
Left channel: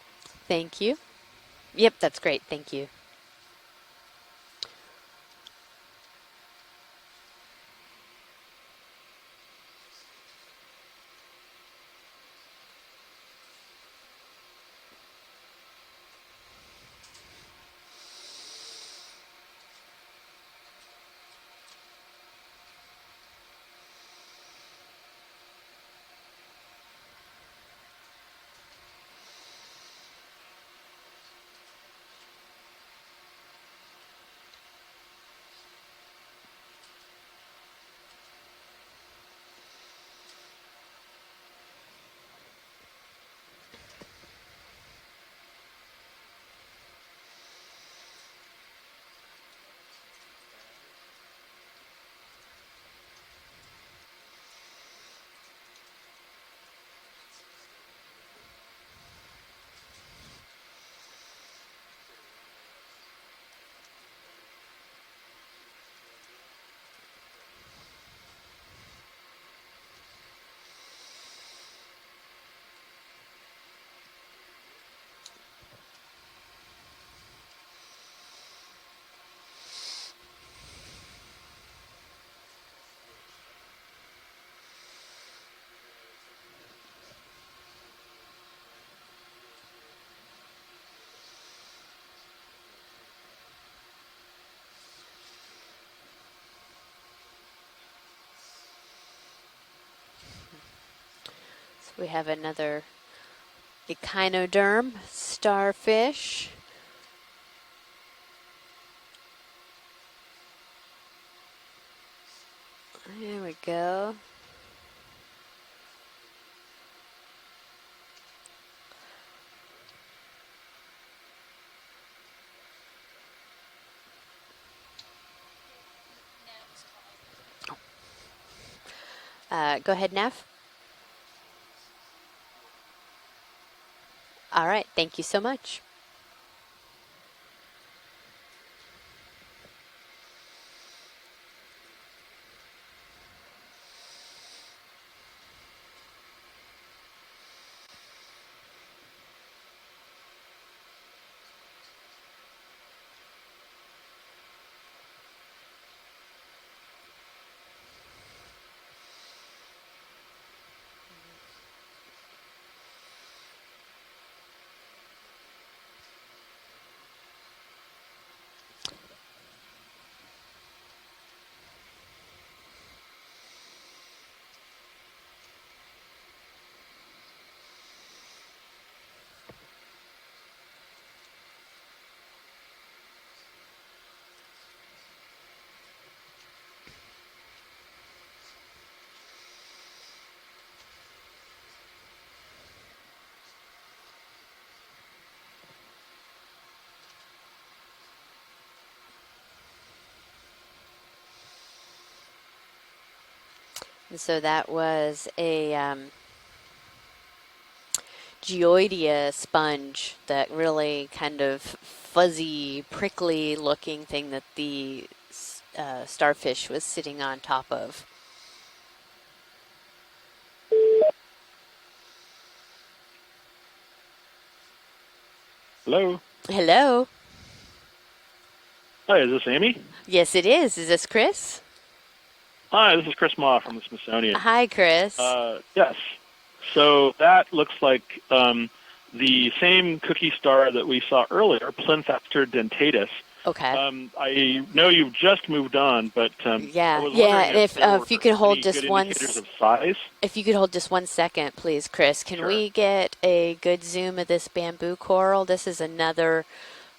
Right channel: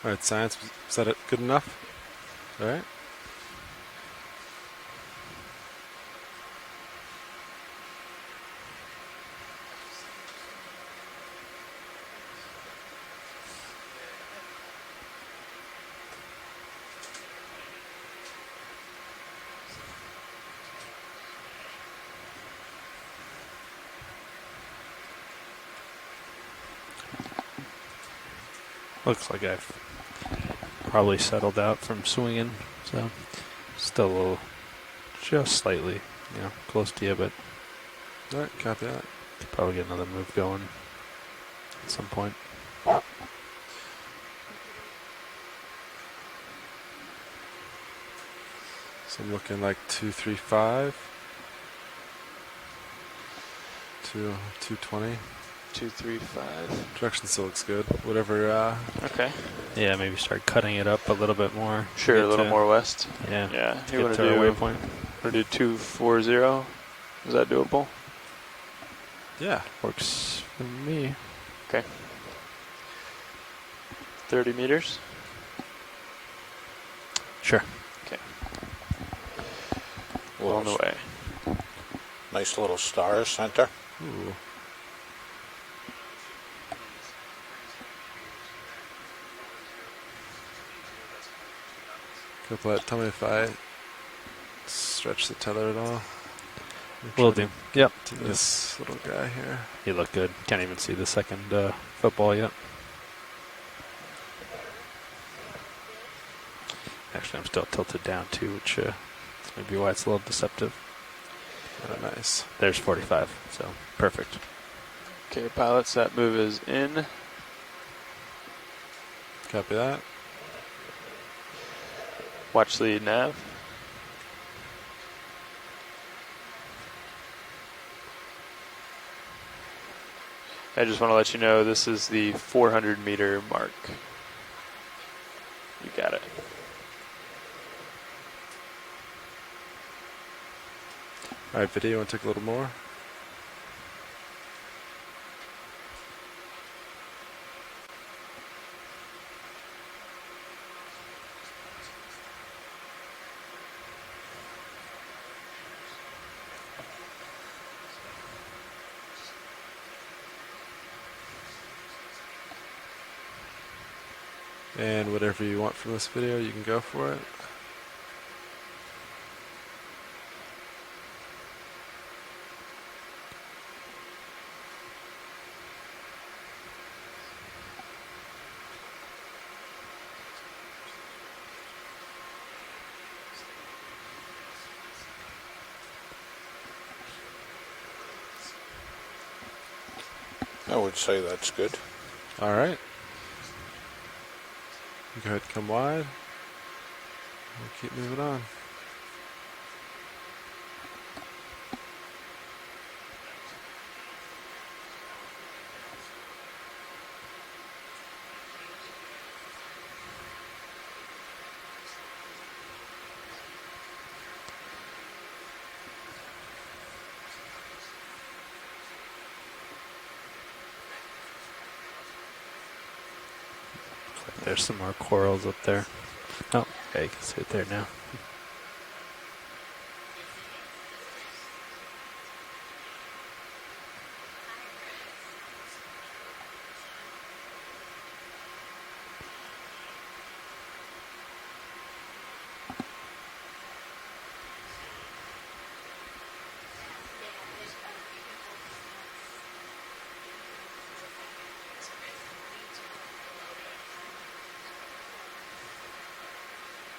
All right, science. Thank you. Is that it? Good enough? Yep, that's great. Thank All right. you. Looks like I've probably settled out from swinging, so still a little, just slightly, close to you, but All right, copy that. could probably get another move going at some point. So I'm looking like 235. 220. 235. Direction still looks good. Whatever. Okay. Yeah, maybe start cutting it up a little bit more. Sure, a little more west. Yeah. Yeah. You Get want to to our do waypoint. Want to do 240? Is that doable? Yeah. Works for me. Okay. 30 meters. Sure. Okay. On the way. Nice little star center. Ooh. Tell me if I stretch the tether at all. Will do. Yep. To this little guy here. You look good. Can't even see the second We football have yet. another echinoderm starfish. Actually, I'm still tilted down too, which may be why it's a little deceptive. Oh, nice. There's 45. There we So go. perfect. Okay, pilots, that move is in. Copy that. Watch the nav. Go ahead, Neff. I just want to let you know this is the 400 meter mark. All right, thank you so much. You got it. All right, video, you want to take a little more? And whatever you want from this video, you can go for it. I would say that's good. All right. Go ahead, come wide. We'll keep moving on. So that was a geoidea sponge, that really kind of fuzzy, prickly looking thing that the starfish was sitting on top of. There's some more corals up there. Hello. Hello. Okay, you can see it there now. Hi, is this Amy? Yes, it is. Is this Chris? Hi, this is Chris Ma from the Smithsonian. Hi, Chris. Yes. So that looks like the same cookie star that we saw earlier, Plinthapter dentatus. Okay. I know you've just moved on, but yeah, I was yeah. If you could hold any just good one, indicators of size. if you could hold just 1 second, please, Chris. Can Sure. we get a good zoom of this bamboo coral? This is another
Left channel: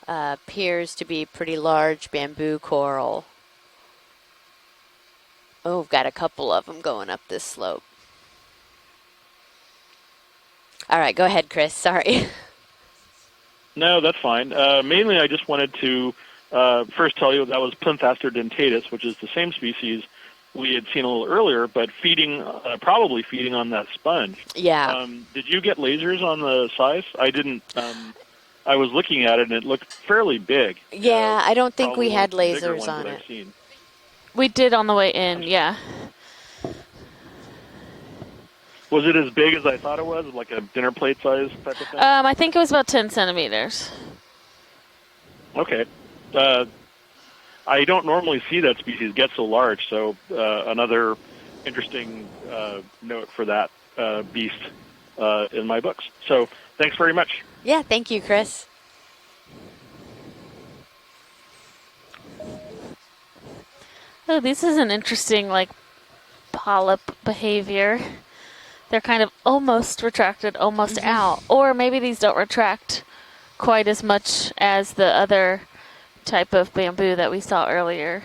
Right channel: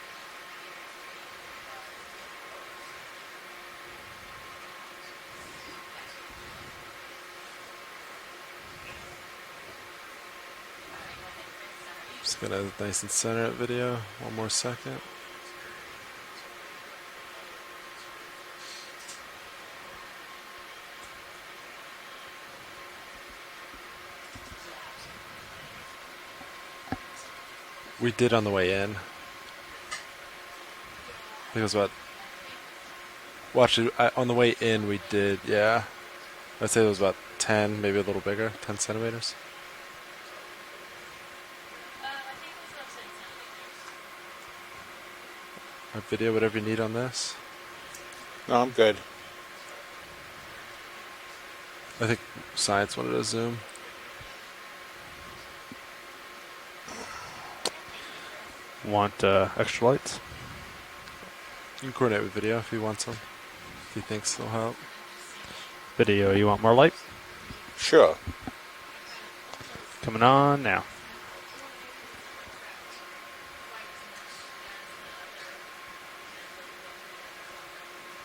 appears to be pretty large bamboo coral. Oh, we've got a couple of them going up this slope. All right, go ahead, Chris. Sorry. Just gonna nice and center it video. No, that's fine. Mainly, I just wanted to first tell you that was Plinthapter dentatus, which is the same species we had seen a little earlier, but feeding, probably feeding on that sponge. Yeah. Did you get lasers on the size? I didn't. We did on the way I in. was looking at it, and it looked fairly big. Yeah, I don't Here's think what- we had Bigger lasers ones on that it. I've seen. Watch it on the way in. We did on the way did, in, yeah. I'd say it was about 10, maybe a little bigger, 10 Was centimeters. it as big as I thought it was, like a dinner plate size type of thing? I think it was about 10 centimeters. Okay. A video, whatever you need on this. I don't normally see Oh, that good. species get so large, so another interesting I think science wanted to note for zoom. that beast in my books. So thanks very much. Yeah, thank you, Chris. Want extra lights? You can coordinate with video if you want some. If you think Oh, this is an interesting, like, Video, you want more light? polyp behavior. Sure. They're kind of almost Come retracted, on now. almost out. Or maybe these don't retract quite as much as the other type of bamboo that we saw earlier.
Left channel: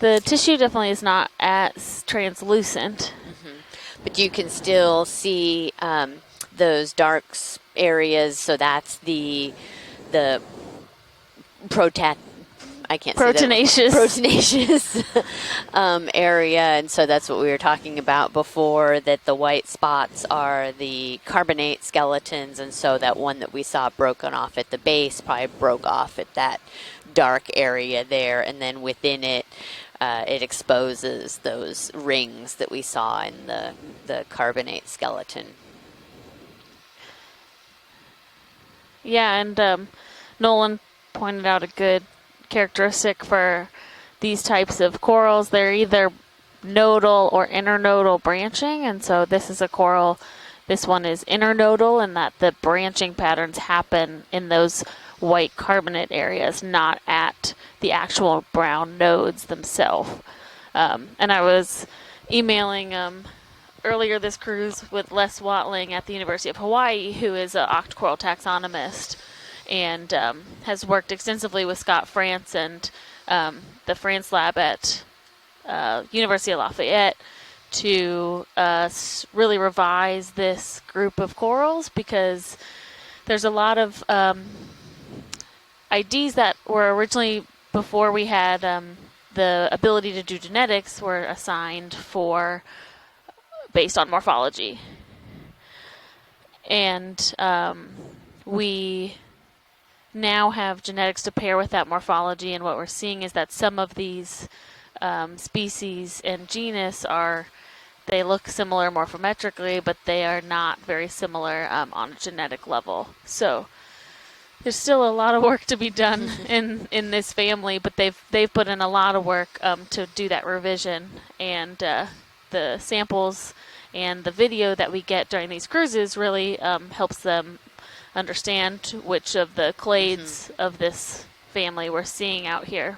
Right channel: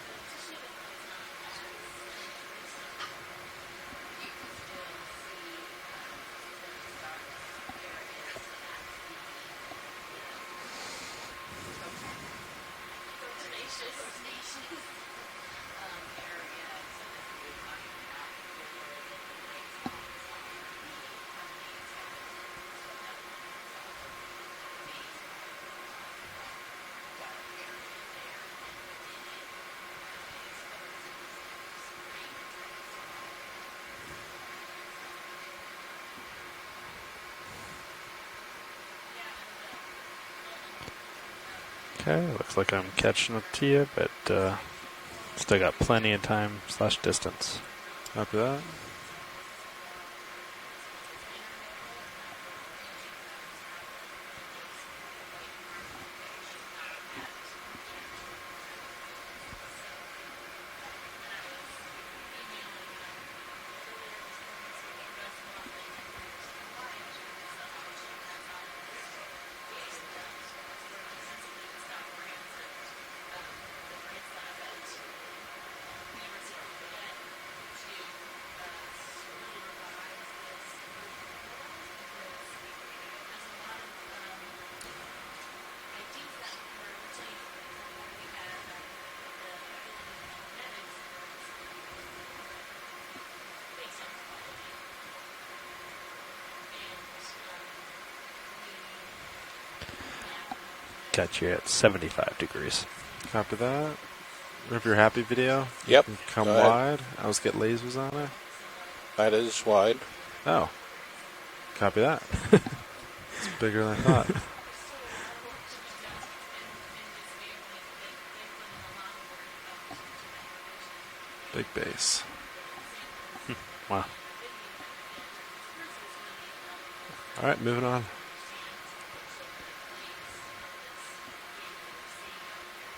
The tissue definitely is not as translucent. But you can still see those dark areas. So that's the I can't say that. Proteinaceous area, and so that's what we were talking about before, that the white spots are the carbonate skeletons, and so that one that we saw broken off at the base probably broke off at that dark area there, and then within it, it exposes those rings that we saw in the carbonate skeleton. Yeah, and Nolan pointed out a good characteristic for these types of corals. still They're got plenty either of time / nodal or distance. internodal Not branching, and so this is a coral. This one is internodal, and that the branching patterns happen in those white carbonate areas, not at the actual brown nodes themselves. And I was emailing earlier this cruise with Les Watling at the University of Hawaii, who is an octocoral taxonomist, and has worked extensively with Scott France and the France lab at University of Lafayette to really revise this group of corals, because there's a lot of IDs that were originally, before we had the ability to do genetics, were assigned for based on morphology. And we now have genetics to pair with that morphology, and what we're seeing is that some of these If you're happy, video. species and Come genus wide. are, Let's get lasers on they it. look similar morphometrically, wide. but they are Oh. not very similar Copy on that. genetic level. So Bigger than I thought. there's still a lot of work to be done in this family, but they've put in a lot of work to do that revision, and base. the samples Wow. and the video that we get during these cruises really helps them All right, moving on. understand which of the clades of this family we're seeing out here.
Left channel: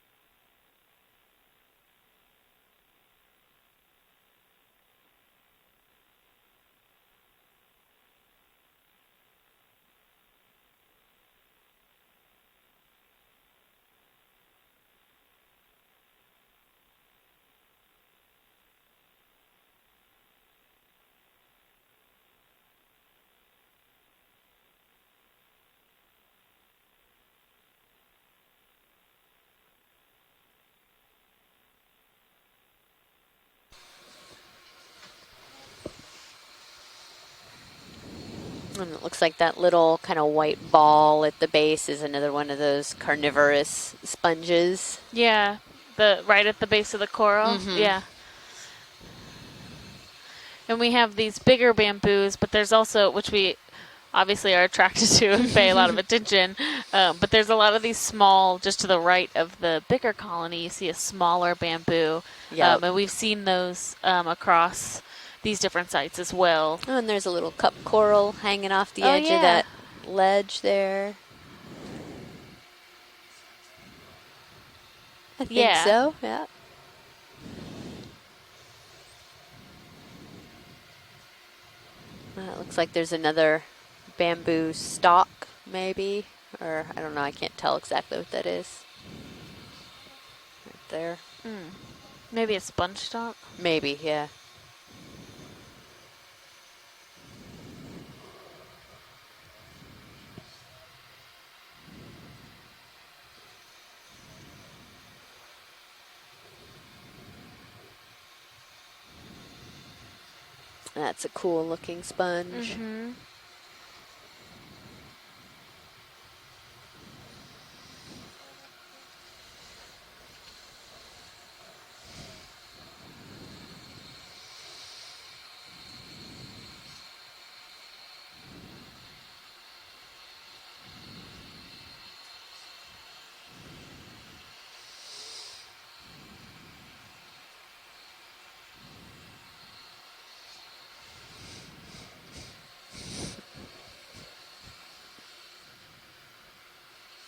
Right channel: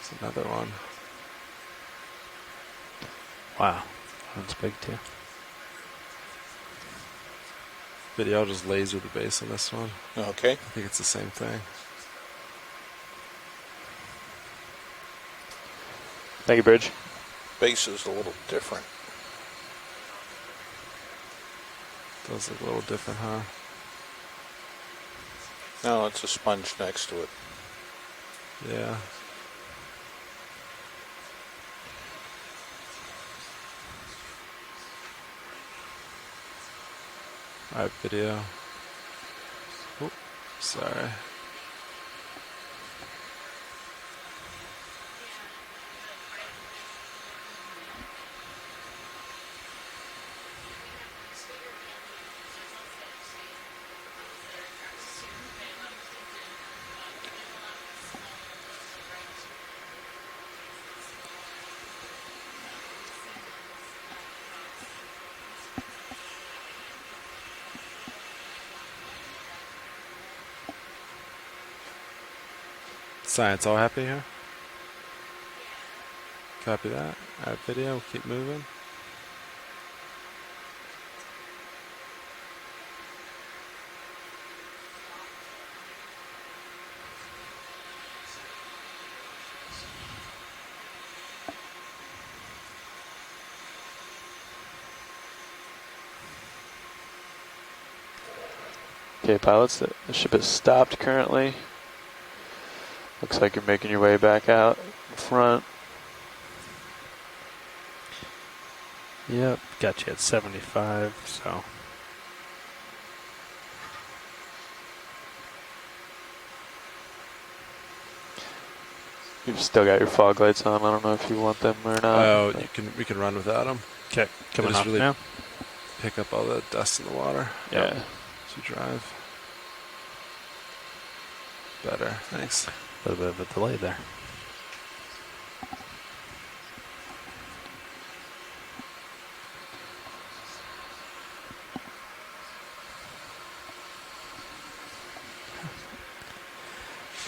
It's another one. Wow, that's big too. Video, I'll just laser the base on this one. Okay. I think it's the same thing. Thank you, Bridge. Base is a little different. Does look a little different, huh? No, it's a sponge next to it. Yeah. Alright, video. And it looks like that little kind of white ball at the base is another one of those carnivorous sponges. Yeah, right at the base of the coral. Yeah. And we have these bigger bamboos, but there's also, which we obviously are attracted to and pay a lot of attention, but there's a lot of these small, just to the right of the bigger colony, you see a smaller bamboo. Yep. And we've seen those across these different sites as well. Oh, and there's a little cup coral hanging off the edge of that ledge there. Science all happy here? I think so, yeah. Copy that. Alright, video, we'll keep moving. It looks like there's another bamboo stalk, maybe, or I don't know, I can't tell exactly what that is. Right there. Maybe a sponge stalk? Maybe, yeah. Okay, pilots, the ship is stopped currently. Looks like you're making your way back out front. Yep, got you at 75. That's a cool looking sponge. You've still got your fog lights on. I don't know if you want them or not. Oh, we can run without them. Okay, coming up really now. Pick up all the dust in the water. Yeah. As you drive. Better, thanks. A little bit of a delay there.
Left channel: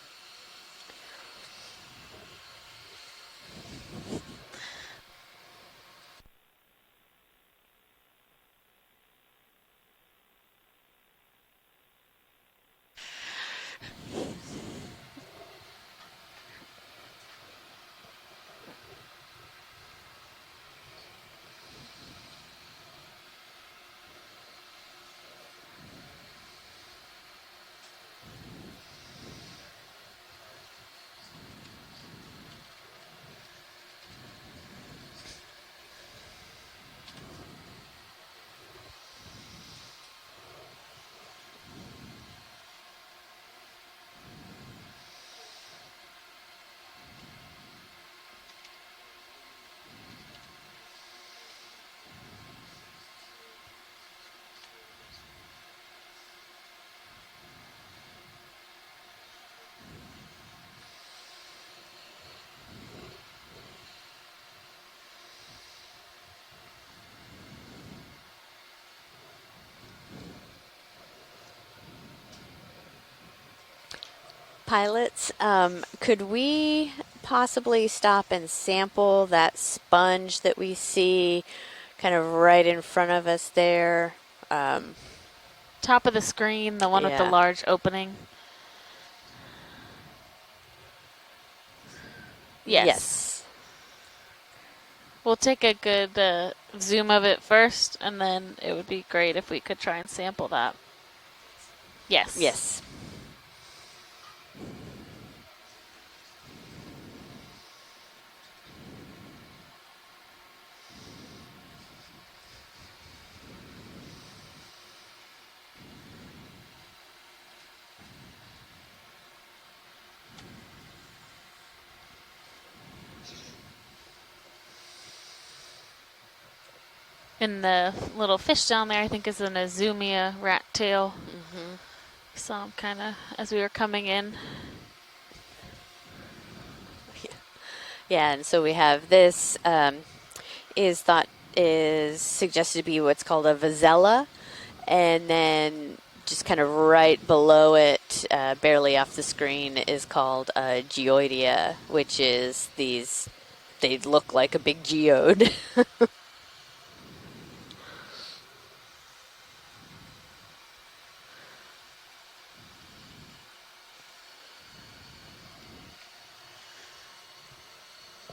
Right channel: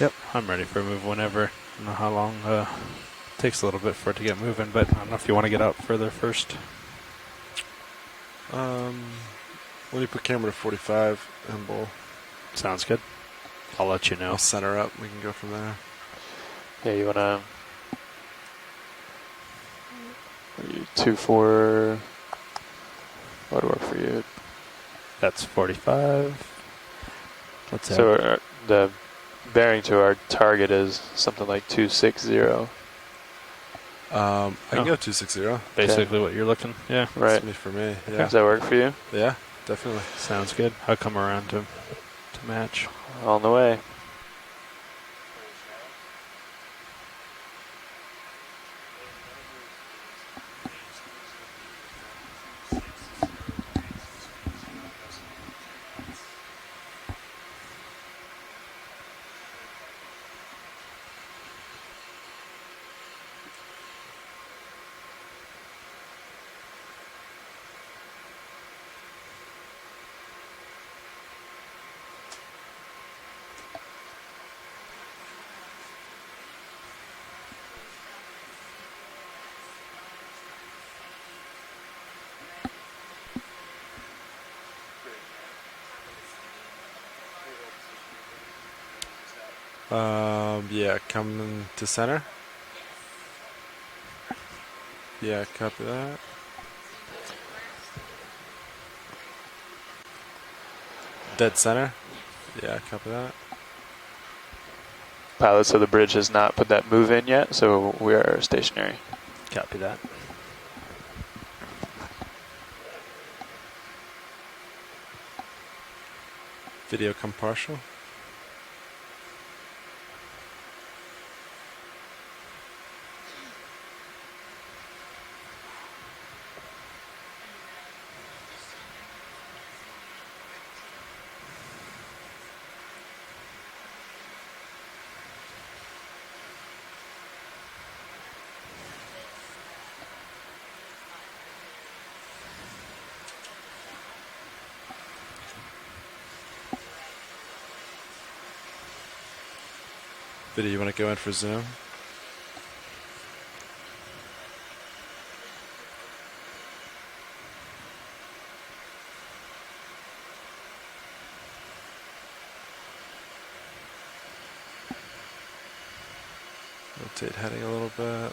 Yep, I'm ready for a move whenever. I don't know how long it takes a little bit for it to get moving, but I don't know if you want to get out further first. When you put camera to 45 and bowl. Sounds good. I'll let you know. We'll center up. We can go from there. Yeah, you want to... 2-4... What would work for you? That's 45. What's that? So the bearing to our target is something like 260. I can go 260. Basically what you're looking. Yeah. Right. That's for me. Yeah. Does that work for you? Yeah, definitely. Sounds good. I'll come around to match. On the way. Pilots, could we possibly stop and sample that sponge that we see kind of right in front of us there? Top of the screen, the one with the large opening. Yeah, coming to center. Yes. We'll take a good zoom of it first, and then it would be great if we could try and sample that. Dead center? Yes. Yes. Yeah, copy that. Pilot, so the bridge has not put that move in yet, so we are stationary. Copy that. Video come partial. And the little fish down there, I think, is an Azumia rat tail. Saw him kind of as we were coming in. Yeah, and so we have this is suggested to be what's called a vazella, and then just kind of right below it, barely off the screen, is called a geoidea, which is these, they look like a big geode. Rotate heading a little bit.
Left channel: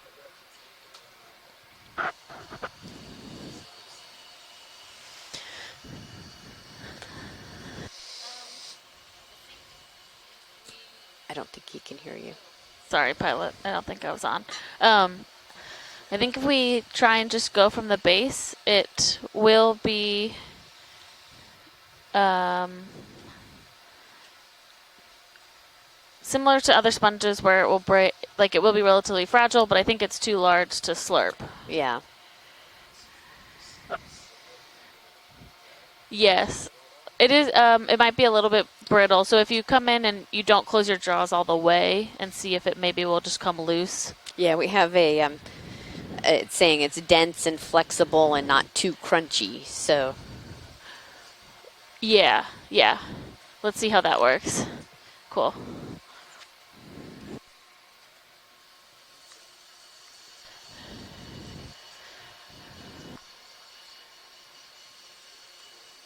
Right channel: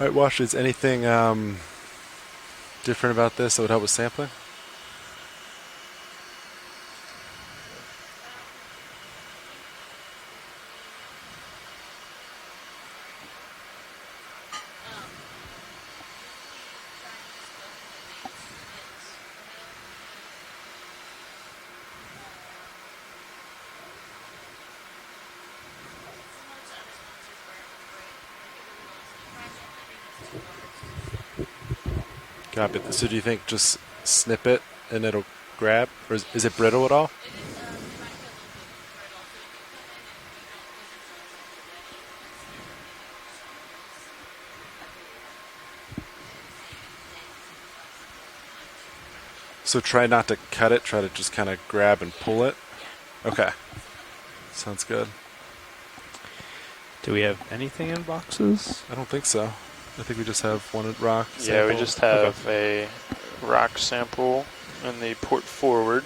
All right, Wash, is anything different about this that would help with sampling? Sorry, pilot. I don't think I was on. I think if we try and just go from the base, it will be similar to other sponges where it will break, like it will be relatively fragile, but I think it's too large to slurp. Yeah. Copy. So do you think just snip it and it'll grab? Or is Yes. it brittle at all? It is. It might be a little bit brittle. So if you come in and you don't close your jaws all the way and see if it maybe will just come loose. Yeah, we have a it's saying it's dense and flexible and not too crunchy. So try not to cut it. Try to just kind of grab and pull it. Yeah. Okay. Let's see how that works. Sounds good. Cool. Do we have anything in boxes? I don't think so. I think we just have one rock sample. Yeah, we just have a rock sample in the port forward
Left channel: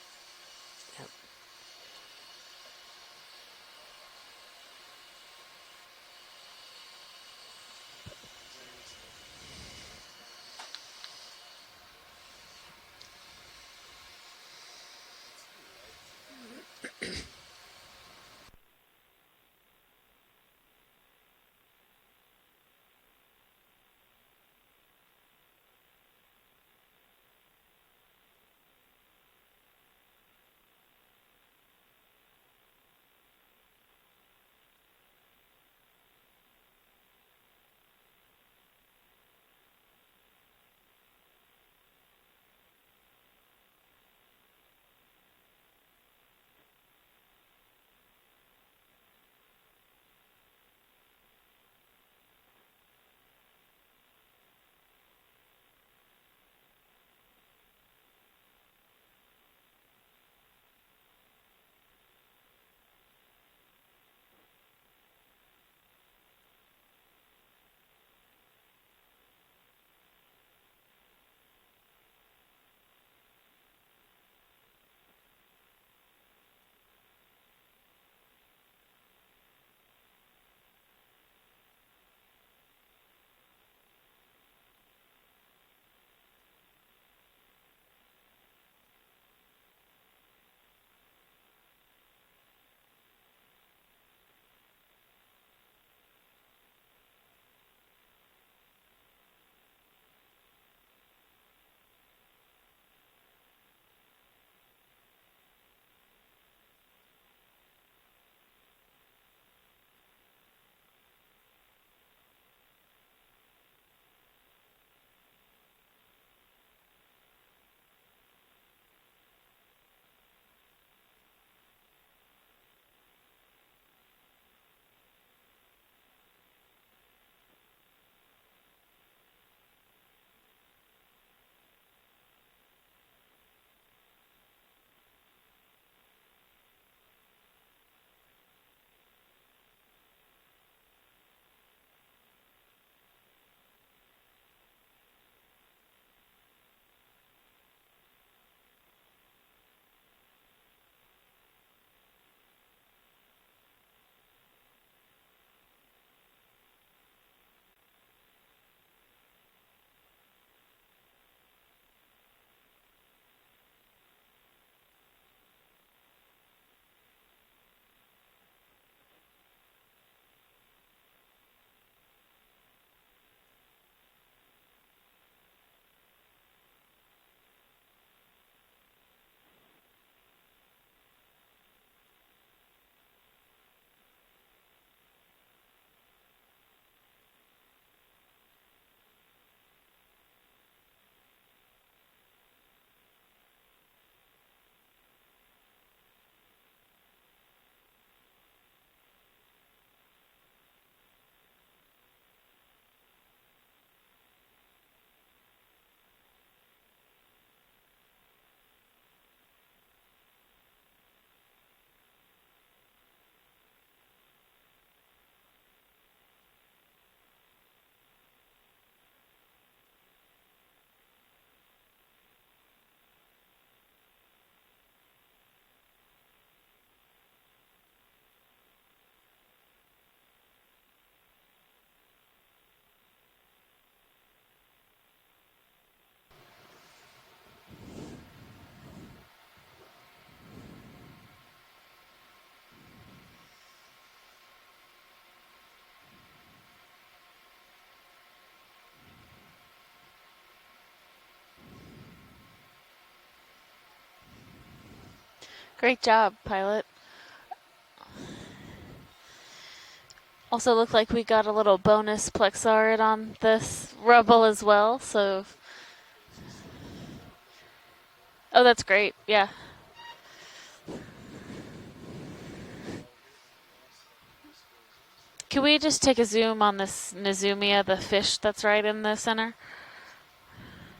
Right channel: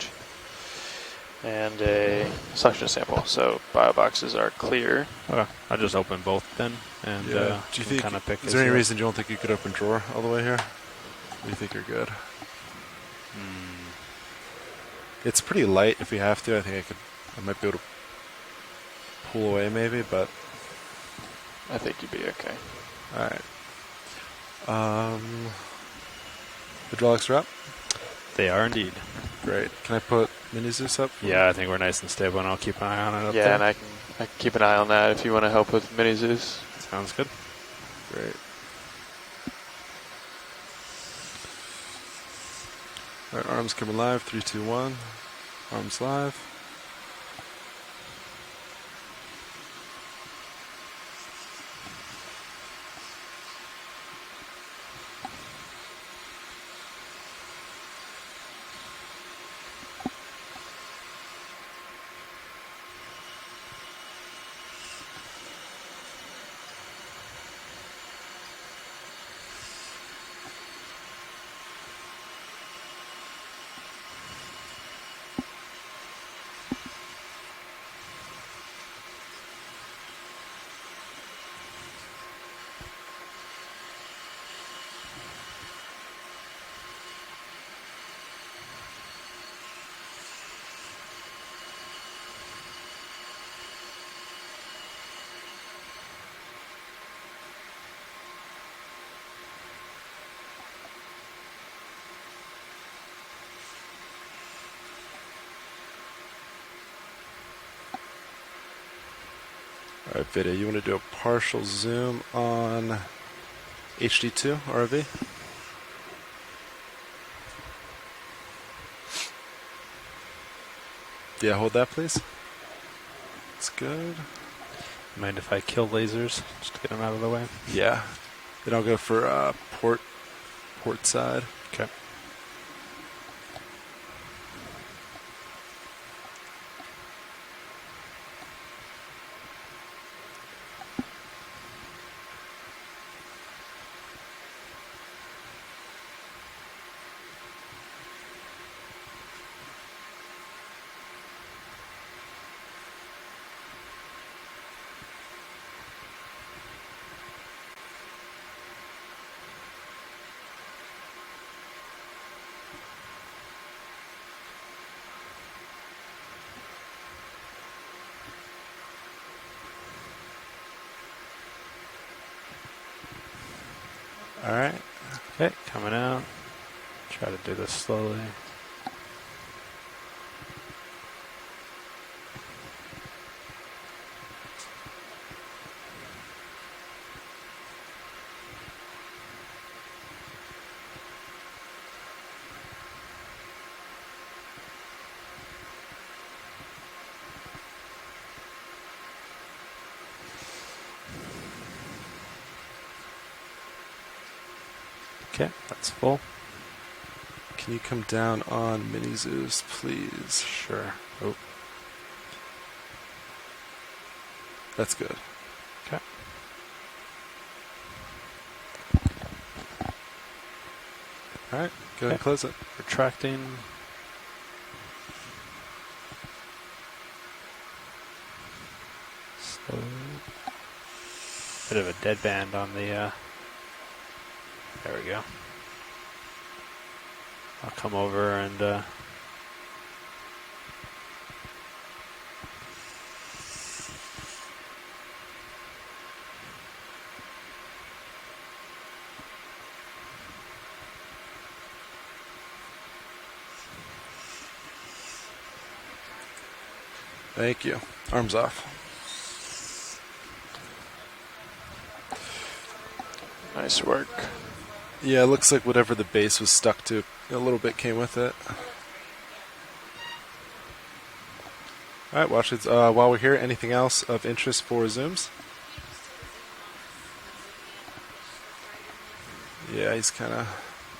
and a suction sample. So bio boxes are clear. Okay, I'll just open both then, and Do you think? kind of pick. Is there any reason you don't think you could open drawer all the way here? Or do you think you're good? It's pretty light. If we have to, I think I might be able to pull away maybe, but I think you'd be okay. all right. Hydraulics are up? They are indeed. Great. Can I put Mini Zeus up? Yeah, I think we're nice and stable, and I'll keep an eye on it up there. Yeah, and I can keep an eye on that if you want to help with Mini Zeus. Sounds good. Great. All right, arms coming live. 3, 2, 1. Arms live. All right, Vida, you want to do a partial zoom on HD2 ROV? Yeah, hold that, please. That's good. Mind if I kill lasers just to get them out of the way? Yeah. Then I'll go for port side. Okay. All right. Okay, coming out. Try to do this slowly. Okay, that's full. Can you come down on Mini Zeus, please? Sure. Oh. That's good. Okay. All right, go ahead and close it. Retracting. Slowly. Bit of a dead band on the, there we go. I'll come over and, Great job, pilot. Thank you. Arms off. Also looked like we got a little bonus Plexart on this Nice work. rubble as well. Yeah, so. it looks like whatever the base was stuck to, a little bit came with it. Oh, that's great. Yeah. All right, watch it. While we're here, anything else of interest for zooms? Can we just take a zoom on this Nizumia, the fish that's right in the center? Yeah, he's kind of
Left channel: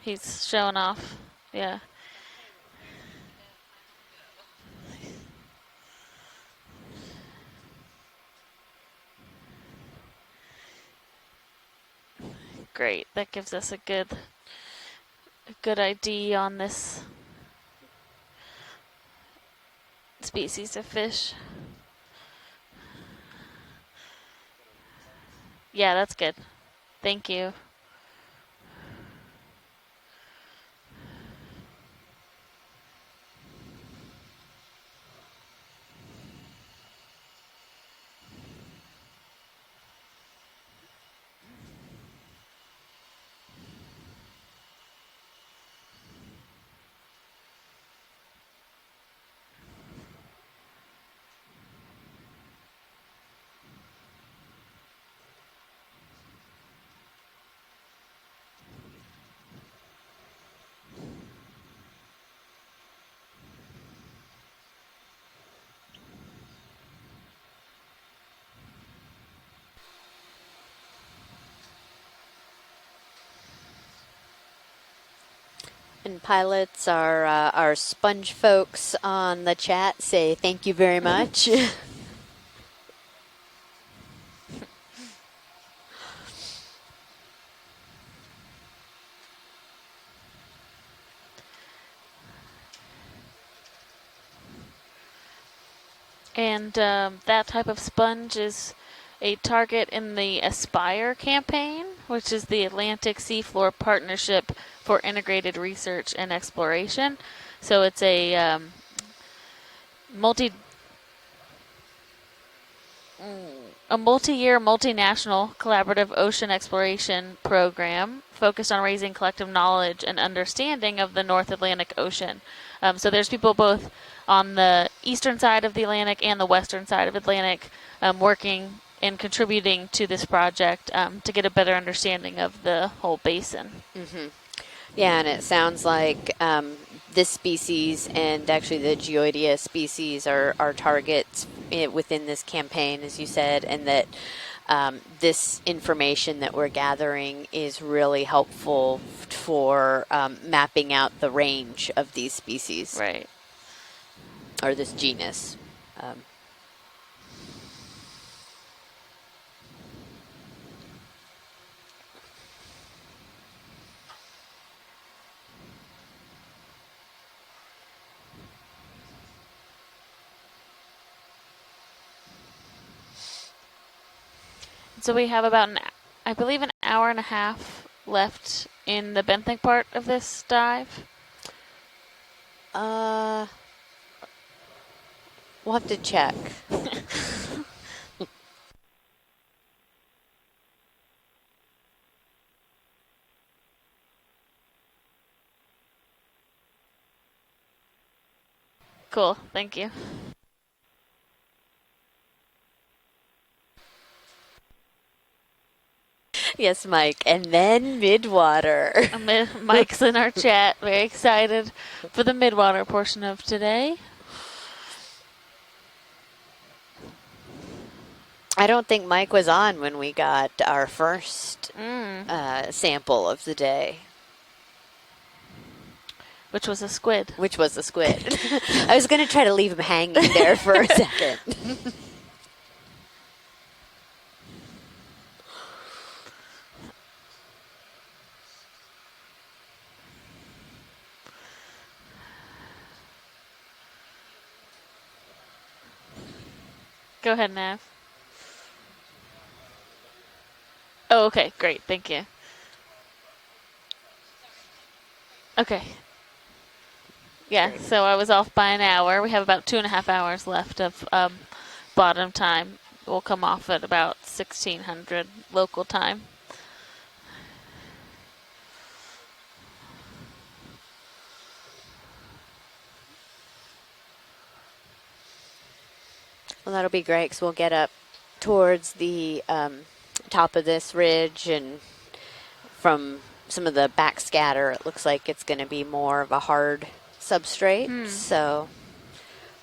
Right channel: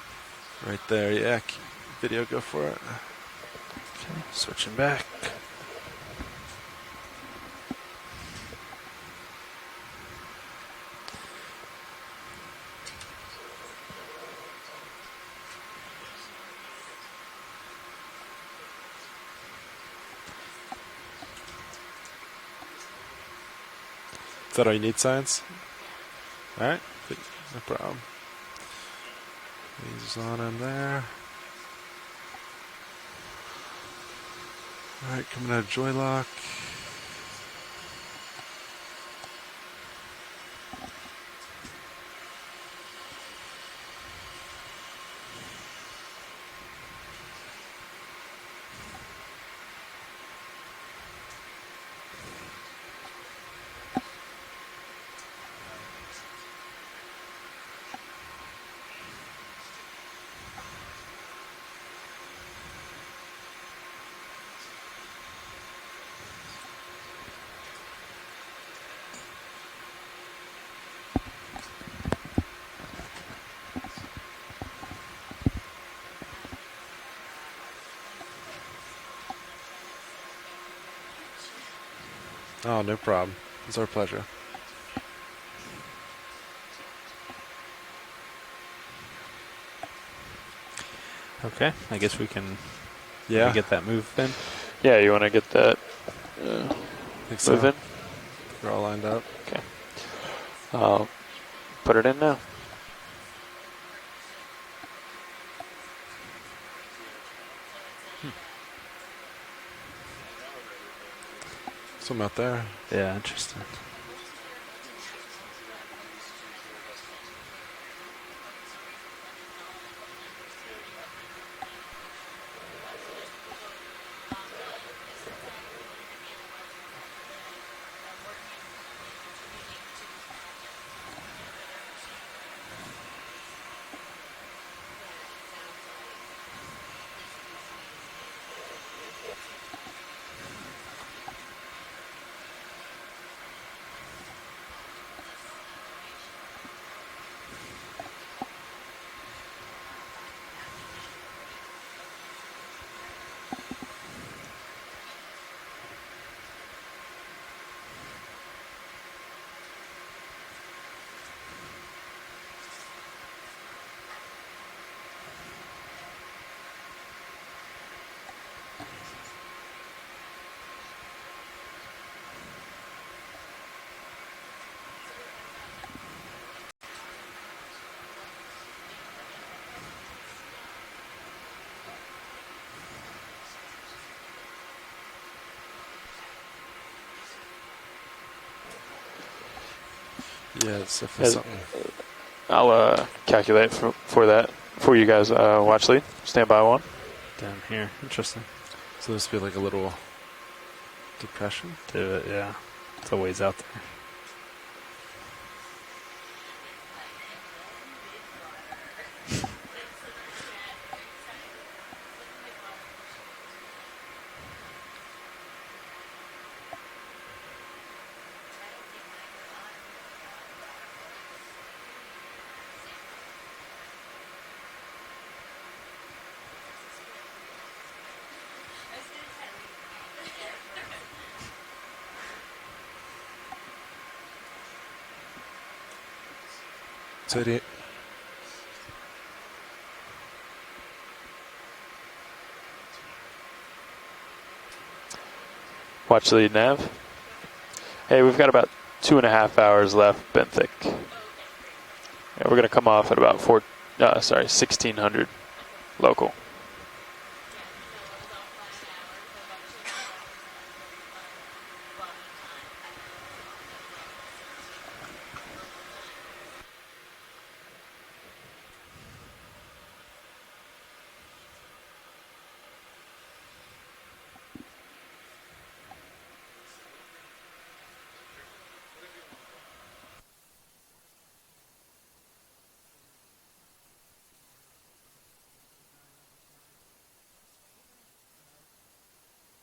He's showing right off. there. Yeah. Yeah. Video, go for it. Okay, switching back. Great. That gives us a good ID on this species of fish. Is that all you need, science? Yeah, that's good. All right. Thank you. No problem. He's on in there. All right, coming out of joy lock. And pilots, our sponge folks on the chat say thank you very much. Oh, no problem. It's our pleasure. Okay, I guess we can get that move then. Yeah, you want to get that. And that type of sponge is They're all lined up. a target in the Aspire campaign, put it in which now. is the Atlantic Seafloor Partnership for Integrated Research and Exploration. So it's a Some out there. Yeah, interesting. a multi-year, multinational collaborative ocean exploration program focused on raising collective knowledge and understanding of the North Atlantic Ocean. So there's people both on the eastern side of the Atlantic and the western side of the Atlantic working and contributing to this project to get a better understanding of the whole basin. Mm-hmm. Yeah, and it sounds like this species and actually the Geoidea species are targets within this campaign, as you said, and that this information that we're gathering is really helpful for mapping out the range of these species. Right. Or this genus. So we have about, I believe, an hour and a half left in the benthic part of this dive. We'll have to check. Yeah, it's definitely something. I'll calculate for that for you guys. Watch lead. Stand by one. Down here. Interesting. So Cool, this be like thank a little you. depression? Do it, yeah. It's a ways out there. Yes, Mike. And then midwater. Mike's in our chat, very excited for the midwater portion of today. I don't think Mike was on when we got our first sample of the day. Which was a squid. Which was a squid. I was going to try to leave him hanging there for a second. So Watch lead, Nav. Go ahead, Nav. Hey, we've got about 2.5 hours left, benthic. Oh, okay, great, thank you. Yeah, we're gonna come off at about 1600. Okay. Local. Yeah, so I was off by an hour. We have about 2.5 hours left of bottom time. We'll come off at about 1600 local time. Well, that'll be great because we'll get up towards the top of this ridge, and from some of the backscatter, it looks like it's going to be more of a hard substrate. So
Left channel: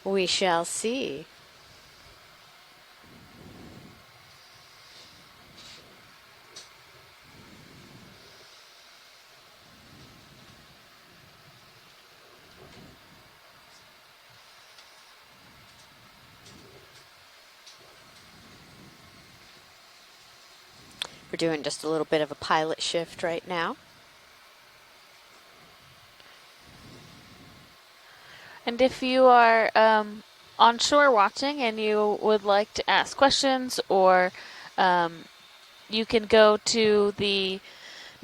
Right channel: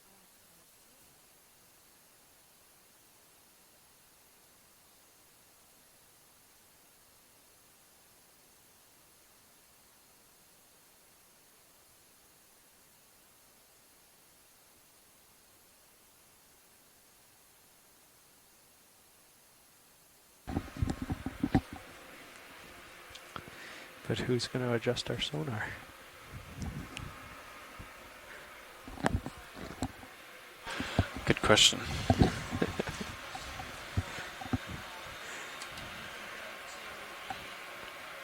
we shall see. We're doing just a little bit of a pilot shift right now. But who's going to adjust our sonar? And if you are on shore watching and you would like to ask questions, or you can go to the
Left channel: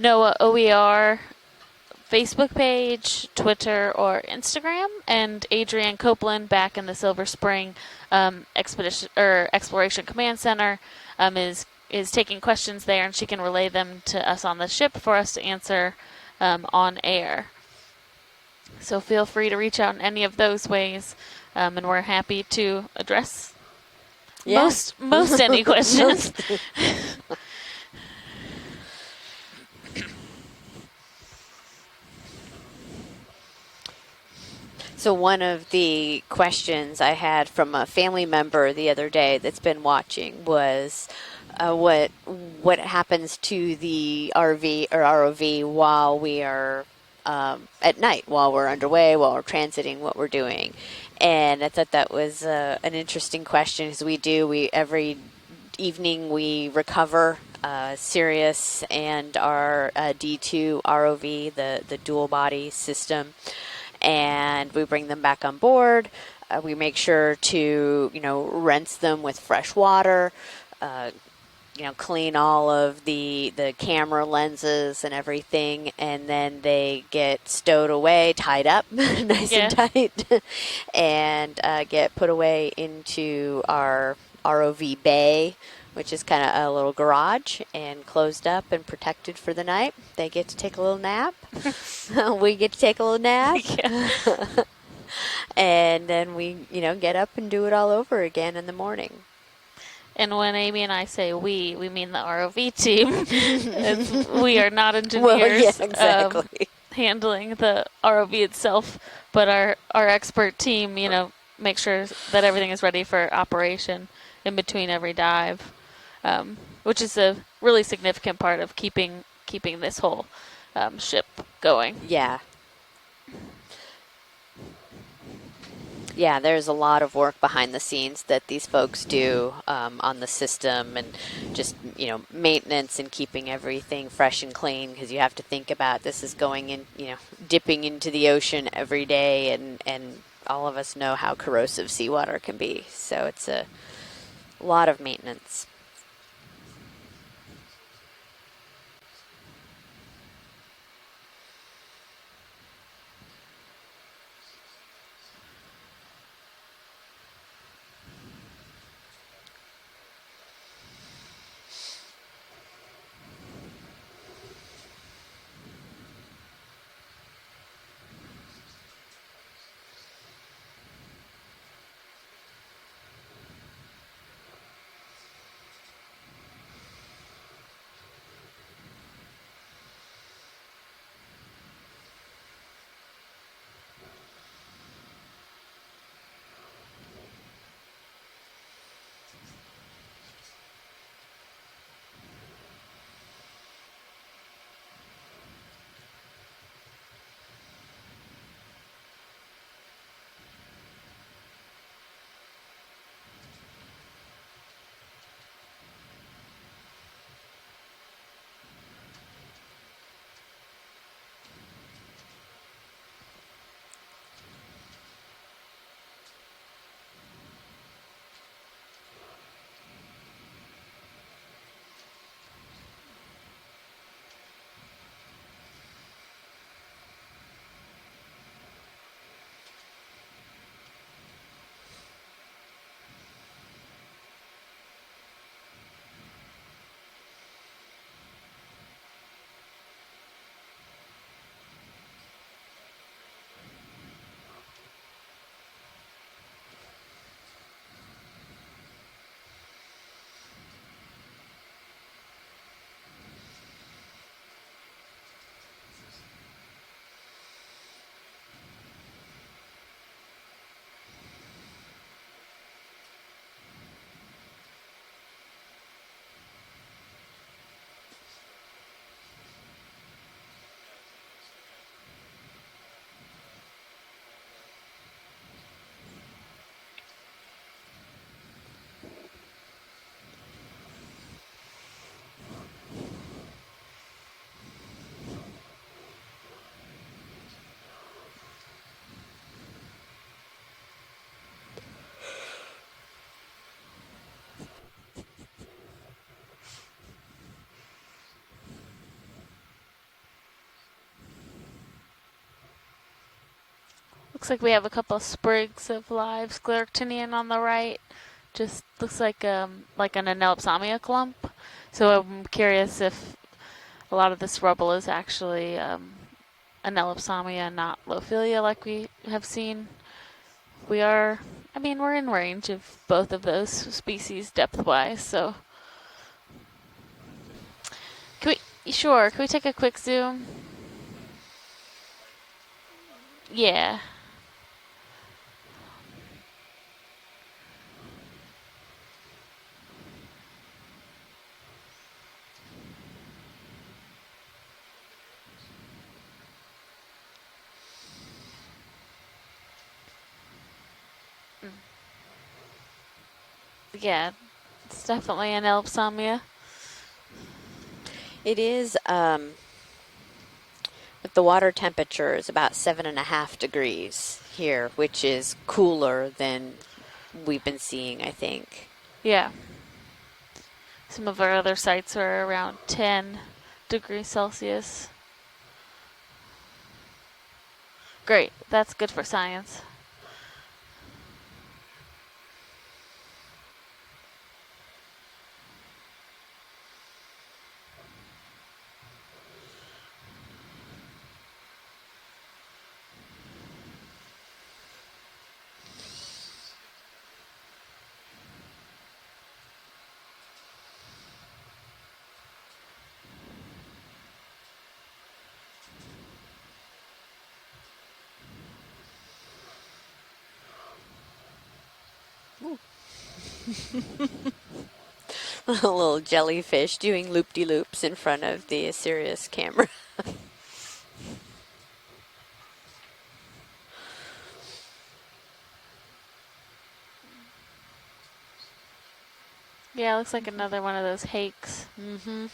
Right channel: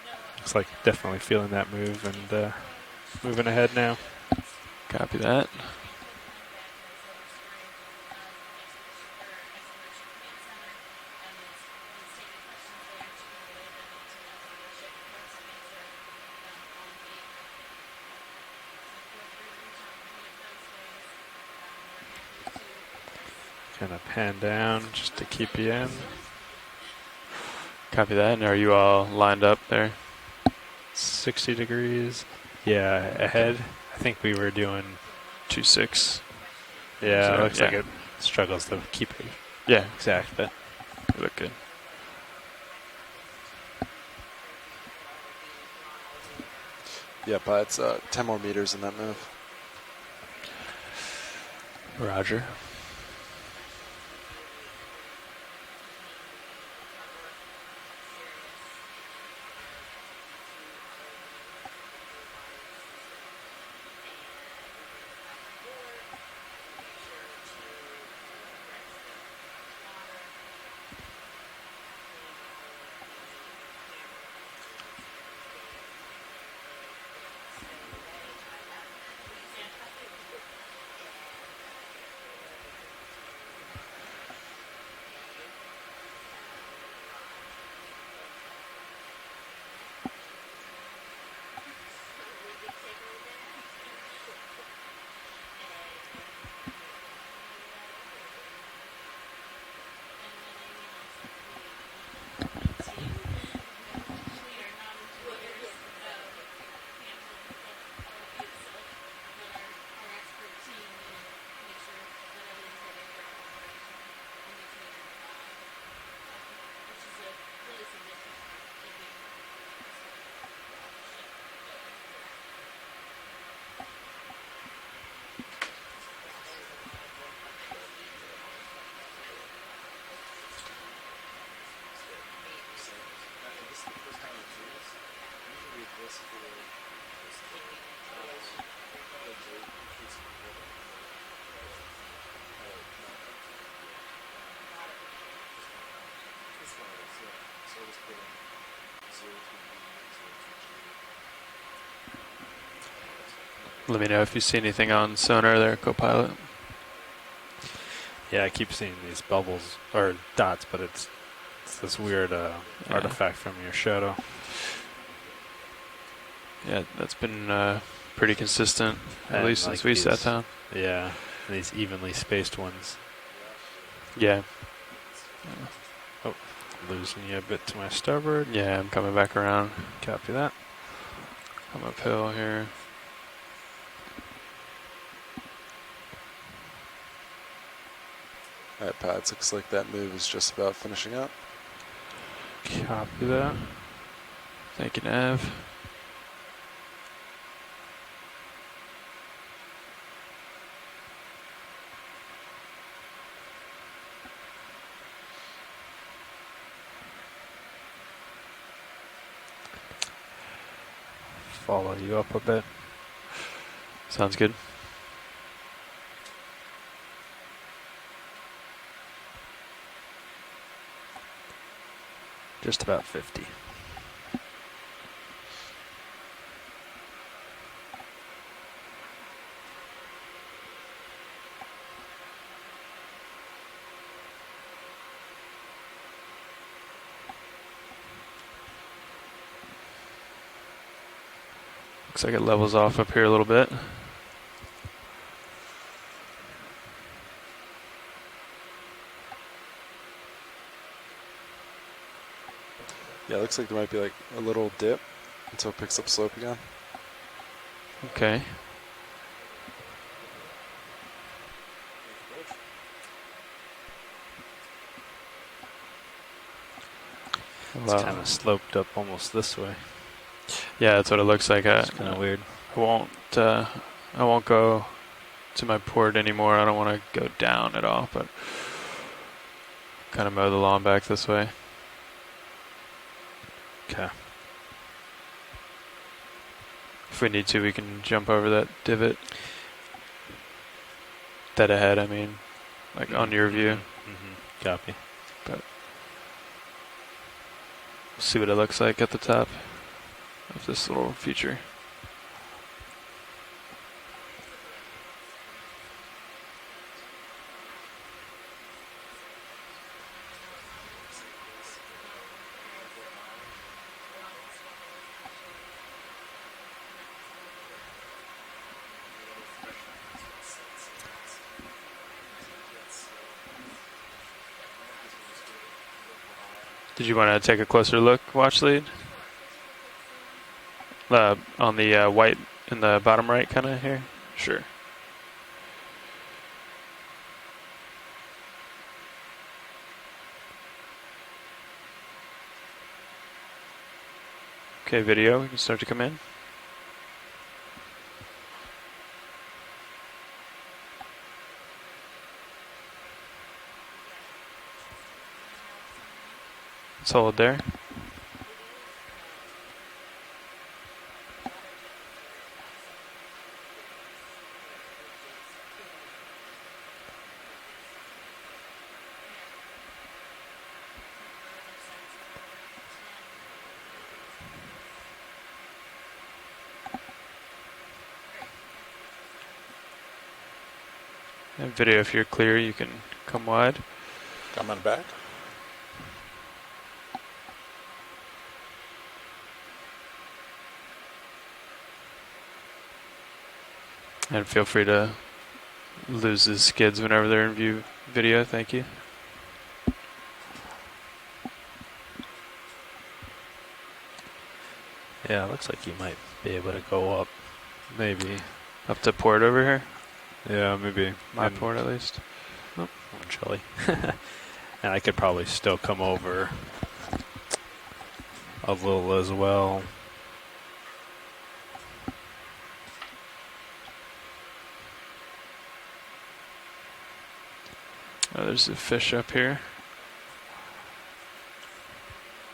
NOAA OER feeling that move Facebook page, Twitter, or Instagram. And Adrienne Copeland back in the Silver Spring Exploration Command Center is taking questions there, and she can relay them to us on the ship for us to answer on air. So feel free to reach out in any of those ways, and we're happy to address kind of pan down. most any questions. Copy that. And are you all lined up there? 60 degrees. Yeah, ahead. I think we were doing. So one of the questions I had from a family member the other day that's been watching was what happens to the RV or ROV while we are at night, while we're underway, while we're transiting, what we're doing. And I thought that was an interesting question, because every evening we recover Sirius and our D2 ROV, the dual body system, and we bring them back on board. We make sure to, rinse them with fresh water, clean all of the camera lenses and everything, and then they get stowed away, tied up nice and tight, and get put away into our ROV bay, which is kind of a little garage, and closed up and protected for the night. They get to take a little nap. We get to take a little nap. And then we, get up and do it all over again in the morning. And when Amy and I say we mean the ROV team. We are not engineers handling the ROV itself, but our expert team, make sure that everything is ready for operation in between every dive, which is a really significant part of keeping this whole ship going. Yeah. Yeah, there's a lot of work behind the scenes that these folks do on the system, and just, maintenance and keeping everything fresh and clean, because you have to think about this is going in, dipping into the ocean every day, and all of us know how corrosive seawater can be. So it's a lot of maintenance. Let me know if you see anything on sonar there, co-pilot. Yeah, I keep seeing these bubbles or dots, but it's this weird artifact from your shadow. Yeah, that's been pretty consistent, at least since we sat down. Yeah, these evenly spaced ones. Yeah. Oh, losing you a bit to my starboard. Yeah, I'm coming back around. Copy that. I'm uphill here. All right, Pads, looks like that move is just about finishing up. Copy that. Thank you, Nav. Follow you up a bit. Sounds good. Just about 50. Looks like it levels off up here a little bit. Yeah, it looks like there might be like a little dip until it picks up slope again. Okay. It's kind of sloped up almost this way. Yeah, that's what it looks like. It's kind of weird. I won't go to my port anymore. I don't want to go down at all, but kind of mow the lawn back this way. Okay. If we need to, we can jump over that divot. Dead ahead, I mean, like on your view. Mm-hmm. Copy. But see what it looks like at the top of this little feature. Looks like we have a couple of sprigs of live scleractinian on the right. Just looks like an anelopsamia clump. So I'm curious if a lot of this rubble is actually anelopsamia, not lophilia, like we have seen. We're in range of both of those species depth-wise, so. Did you want to take a closer look, watch lead? Sure. Can we take a quick zoom? On the white in the bottom right, kind of? Yeah. Here? Sure. Okay, video, we can start to come in. Yeah, it's definitely an anelopsamia. Solid there. It is, the water temperature is about 7.5 degrees here, which is cooler than we've been seeing, I think. Yeah. Some of our other sites are around 10 degrees Celsius. Great, that's good for science. And video, if you're clear, you can come wide. Coming back. And feel free to lose the skids whenever they're in view video. Thank you. Yeah, it looks like you might be able to go up. Maybe. Up to port over here? Yeah, maybe. My port at least. Oh, jelly. And I could probably still A come little over. jellyfish doing loop-de-loops in front of the Lula Sirius as well. camera. Oh, there's a fish up here. Yeah, looks like another one of those hakes. Mm-hmm.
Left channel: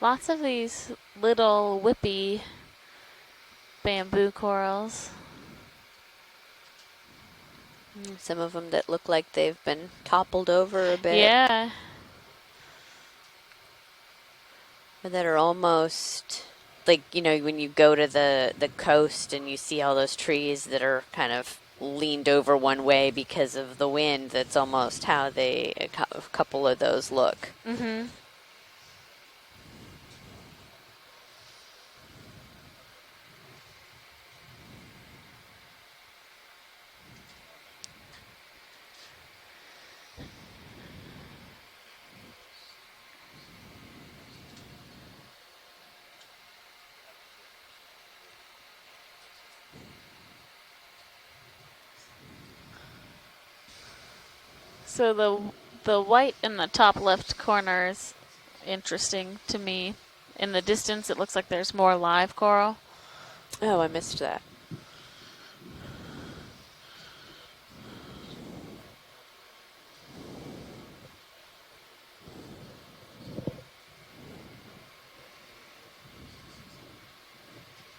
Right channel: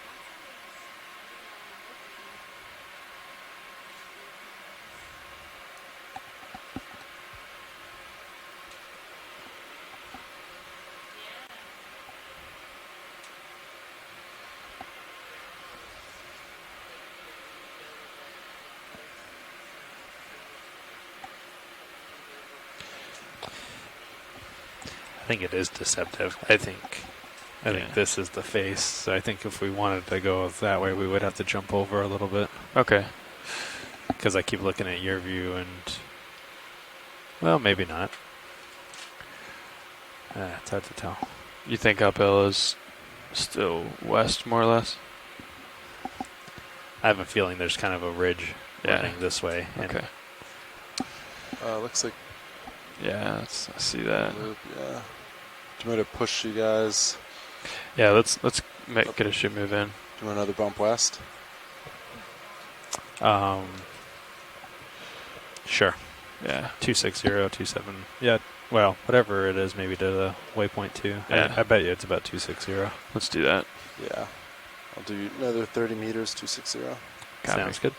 Lots of these little whippy bamboo corals. Some of them that look like they've been toppled over a bit. Yeah. Or that are almost like, you know, when you go to the coast and you see all those trees that are kind of leaned over one way because of the wind. That's almost how a couple of those look. I think this is the face. So I think if we wanted to go that way, we would have to jump over a little bit. Okay. Because I keep looking at your view and, well, maybe not. It's hard to tell. You think uphill is still west, more or less? I have a feeling there's kind of a ridge running this way. Okay. Looks like. Yeah, I see that. So the white in the top left corner is let's interesting get a ship to move me. in. In the distance, it looks like there's more live coral. Oh, I missed that. Sure. Yeah. 260, 27. Yeah. Well, whatever it is, maybe to the waypoint 2. Yeah. I bet you it's about 260. Let's do that. Yeah. I'll do another 30 meters, 260. Copy. Sounds good.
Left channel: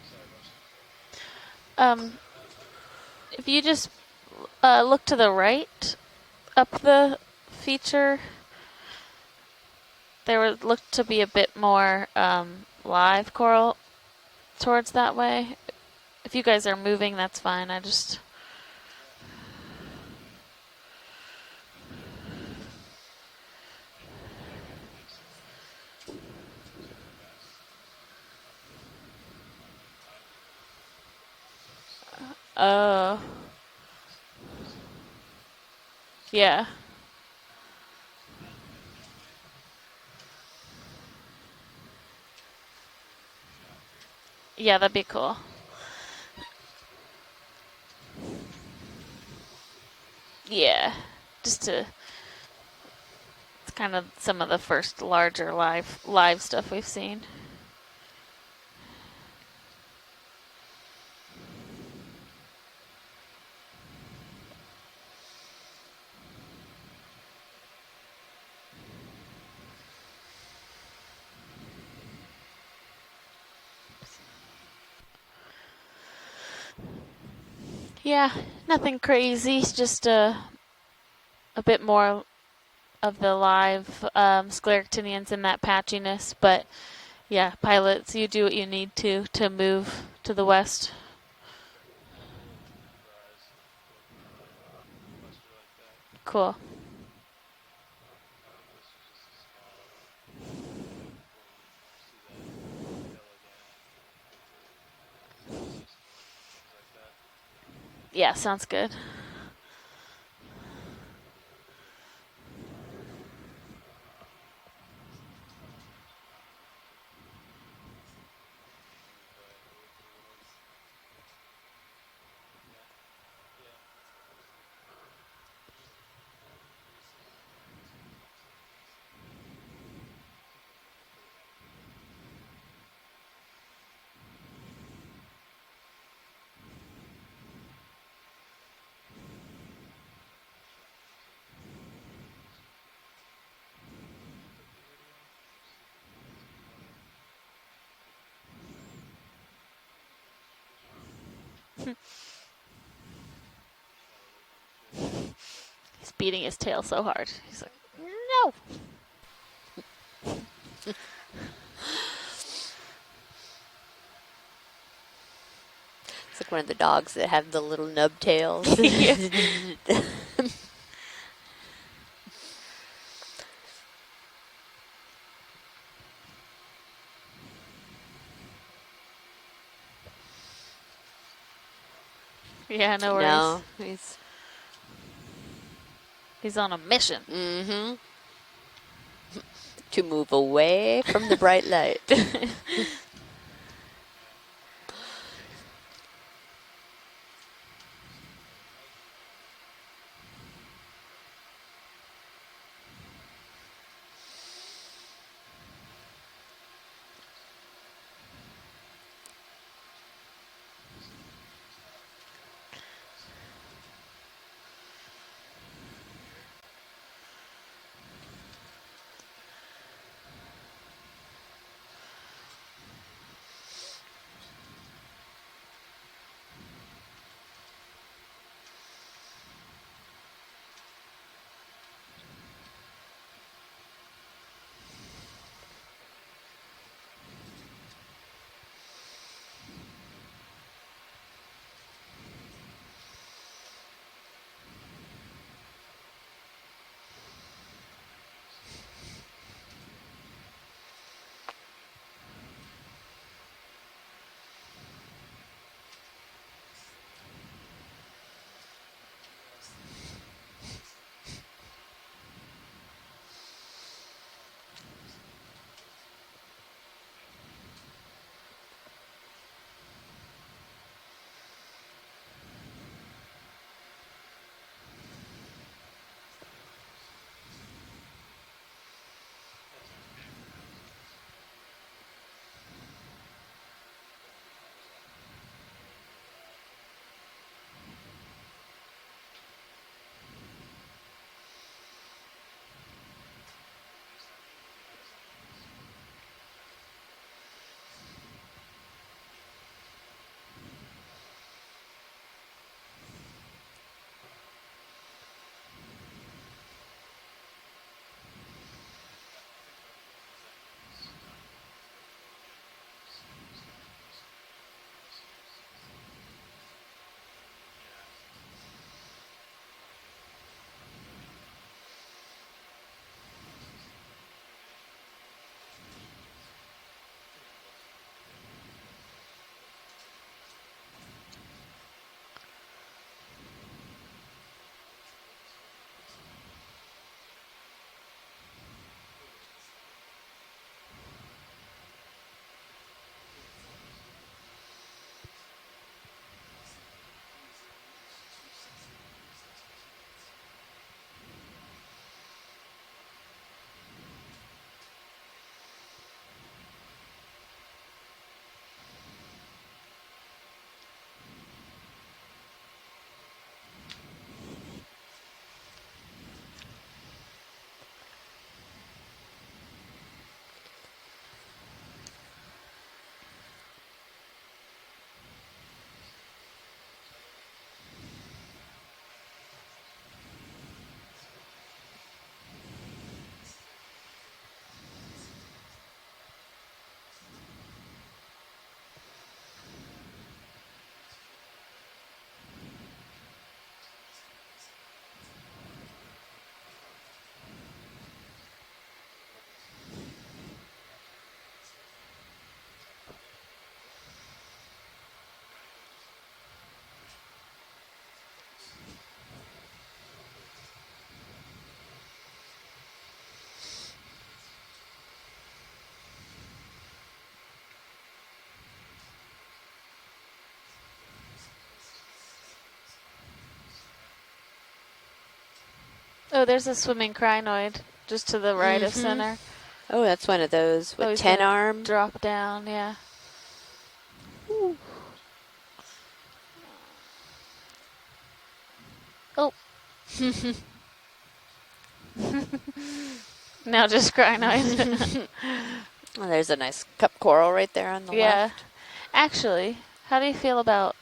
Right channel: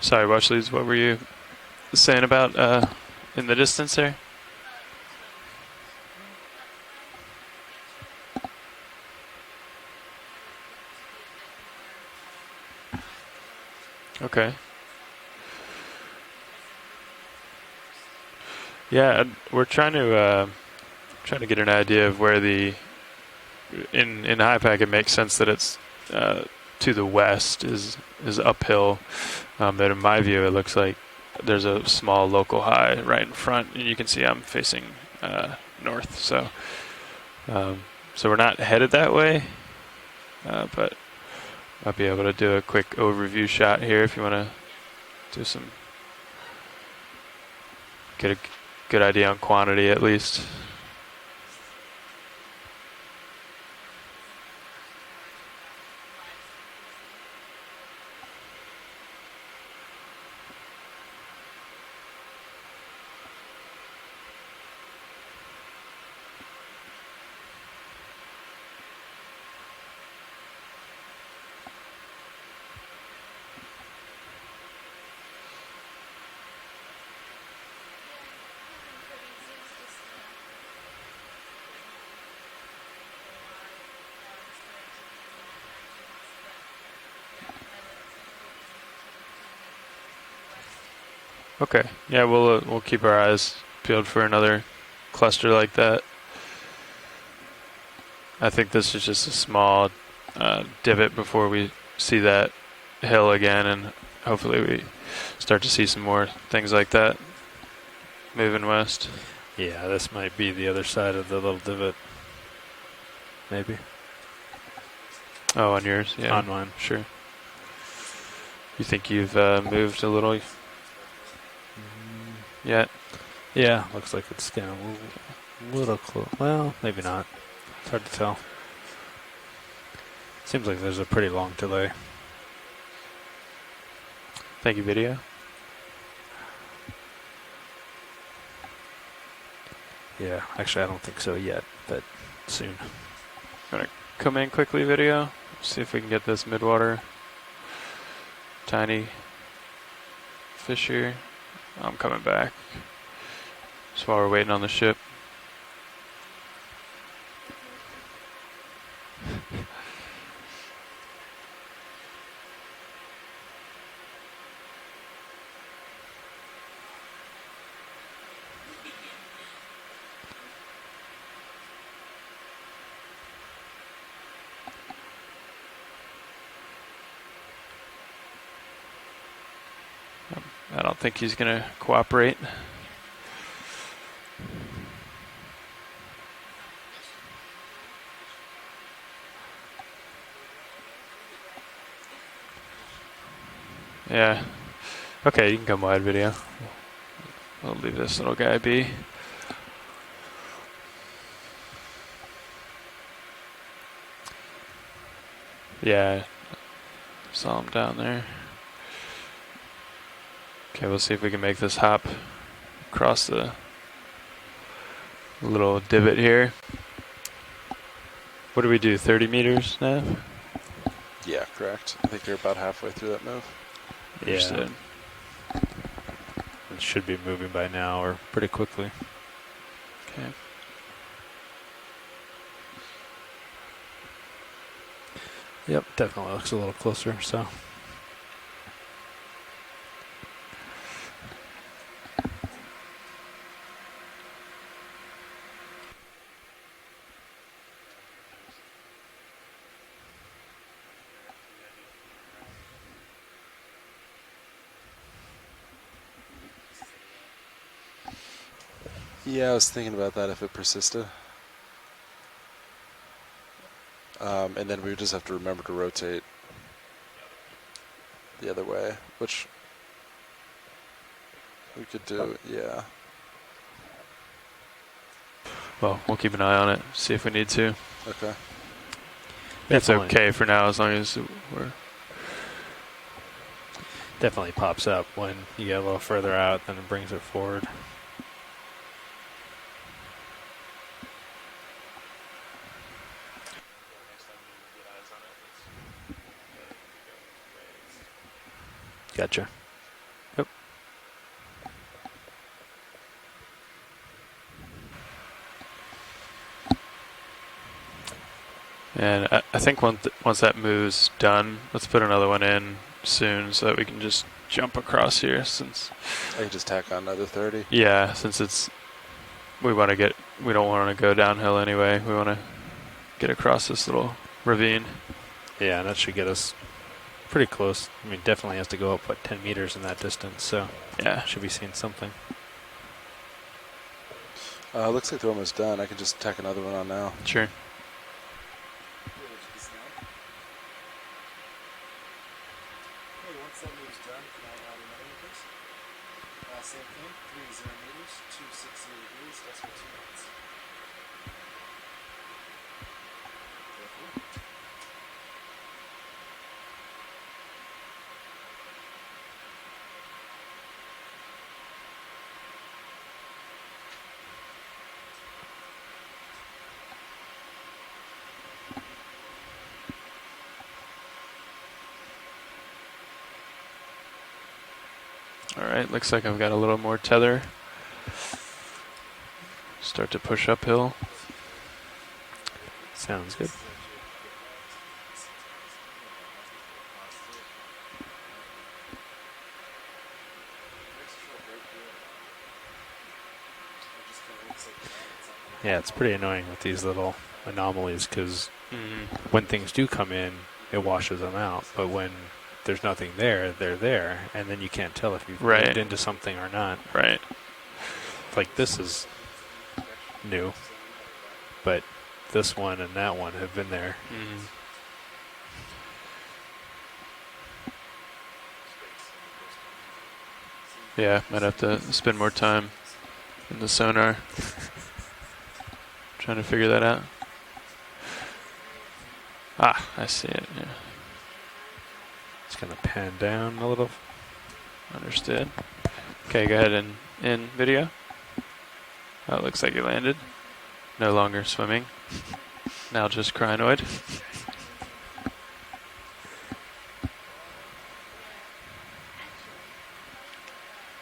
Sorry, watch leads. What were you saying about in the distance there? Look to the right, up the feature. There looked to be a bit more live coral. Okay. Towards that way. If you guys are moving, that's fine. Yeah, we're trying to trying to get an idea of where the in high pack it makes sense that it's to the west is uphill, but in my view it looks like there's a small local high right in front, and you can see I'm facing north. So yeah. So we're not headed that way, but I'll be able to do a quick overview shot here if you want to. Yeah, that'd be cool. Do some. Get a good idea on quantity at least. Yeah, just to. It's kind of some of the first larger live stuff we've seen. Yeah, nothing crazy. It's just a bit more of the live scleractinians in that patchiness. But yeah, pilots, you do what you need to move to the west. Okay. Yeah, we'll keep our eyes peeled for another cluster like that. Cool. I think this is just a small divot before we see that hill again, and hopefully we start to see some more things like that. Yeah, moving west. Yeah, this might be the other side of the little divot. Maybe. Oh, on yours? Yeah. On mine. Sure. You think you've moved a little yet? Yeah, looks like it's getting a little close. Well, maybe not. It's hard to tell. Seems like there's a pretty long delay. Thank you, video. Yeah, actually I don't think so yet, but soon. Gonna come in quickly, video. See if we can get this midwater tiny fish here. I'm coming back. Just while we're waiting on the ship. He's beating his tail so hard. He's like, no. It's like one of the dogs that have the little nub tails. I don't think he's gonna cooperate. Yeah, no worries. No, he's on a mission. Mm-hmm. To move away from the bright light. Yeah. Okay, you can come wide, video. I'll leave this little guy be. Yeah, saw him down there. Okay, we'll see if we can make this hop across the little divot here. What do we do, 30 meters now? Yeah, correct. I think you're about halfway through that move. Yeah. It should be moving by now or pretty quickly. Okay. Yep, definitely looks a little closer, so. Yeah, I was thinking about that if it persisted. And then we would just have to remember to rotate the other way, which we could do, yeah. Well, we'll keep an eye on it, see if we need to. Okay. It's okay for now as long as we're... Definitely pops up when you get a little further out, then it brings it forward. Gotcha. Yep. And I think once that move's done, let's put another one in soon so that we can just jump across here since... I can just tack on another 30. Yeah, since we want to get we don't want to go downhill anyway. We want to get across this little ravine. Yeah, and that should get us pretty close. I mean, definitely has to go up, 10 meters in that distance, so yeah, should be seeing something. Looks like they're almost done. I can just tack another one on now. Sure. All right, looks like I've got a little more tether. Start to push uphill. Sounds good. Yeah, it's pretty annoying with these little anomalies because when things do come in, it washes them out. But when there's nothing there, they're there, and then you can't tell if you've moved into something or not. Right. Like this is new, but this one and that one have been there. Yeah, might have to spend more time in the sonar. Trying to figure that out. There's a swimming crinoid just to the right of center. Ah, oh, that's one of those with 10 arm. Drop down, Just gonna pan down a little. Understood. Okay, go ahead and in video. Oh, it looks like you landed. No longer swimming. Now just crinoid. Now just crinoid. Well, there's a nice cup coral right there on the left. Actually, how do you feel about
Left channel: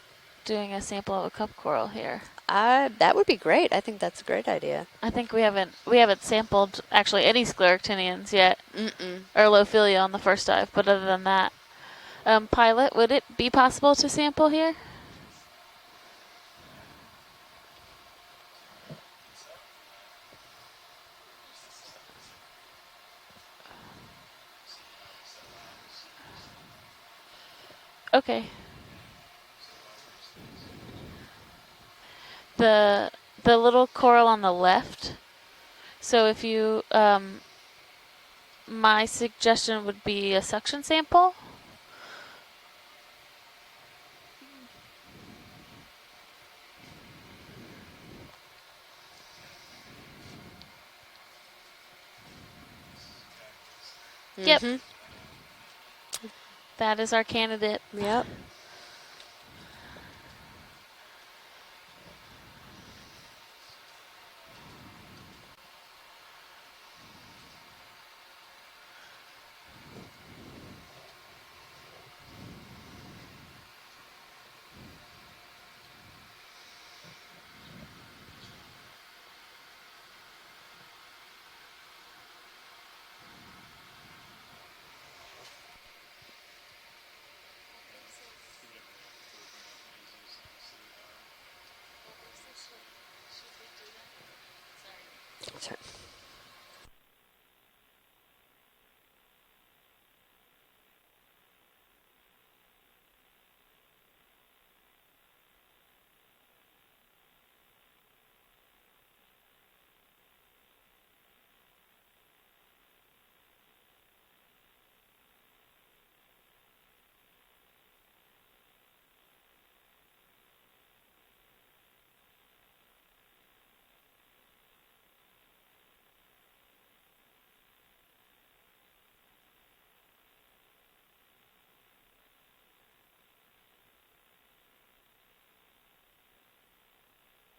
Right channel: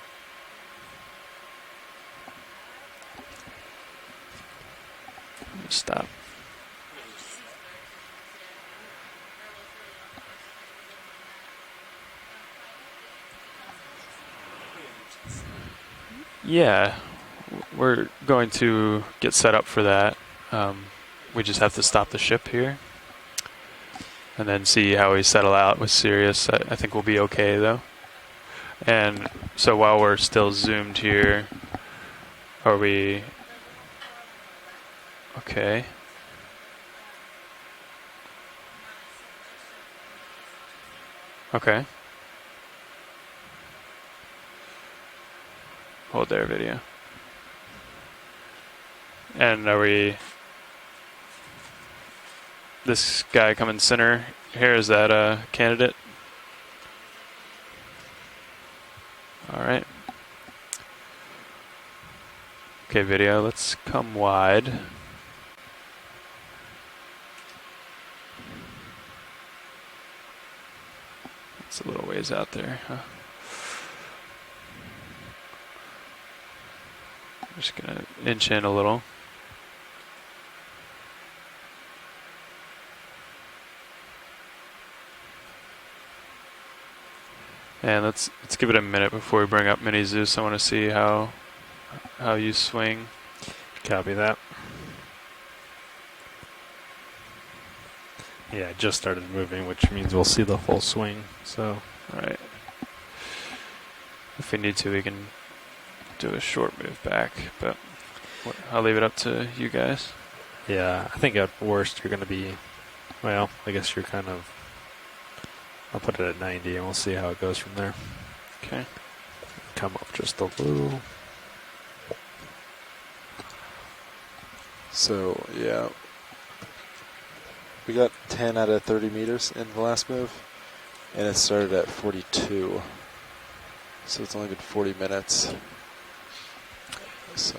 doing a sample of a cup coral here? That would be great. I think that's a great idea. I think we haven't sampled actually any scleractinians yet, or Lophilia on the first dive. But other than that, Pilot, would it be possible to sample here? Yeah, we're going to get set up for that. We just have to stop the ship here, and then see how we settle out with Sirius. I think we'll be okay though. Okay. And so while we're still zoomed here. The little coral on the left. Okay. So if you, my suggestion would be a suction sample. Okay. Hold there, video. And are we, this guy coming center? Yep. Here, is that a candidate? That is our candidate. Yep. All right. Okay, video, let's come wide. It's a little ways out there, huh? I'm just gonna inch in a little. And let's give it a minute before we bring up Mini Zeus. I want to see how you swing. Copy that. Yeah, I just started moving, which means we'll see the full swing. So, all right. If we need to, we can do a short move back, but I'll leave it up to you guys. Yeah, I think at worst you're going to be, well, I guess you're kind of, I'll put it at 90 and we'll see how it goes from there. Okay. Come up just a little. So, yeah. We got 10 out of 30 meters in the last move, and it started at 42. So it's only been 40 minutes. So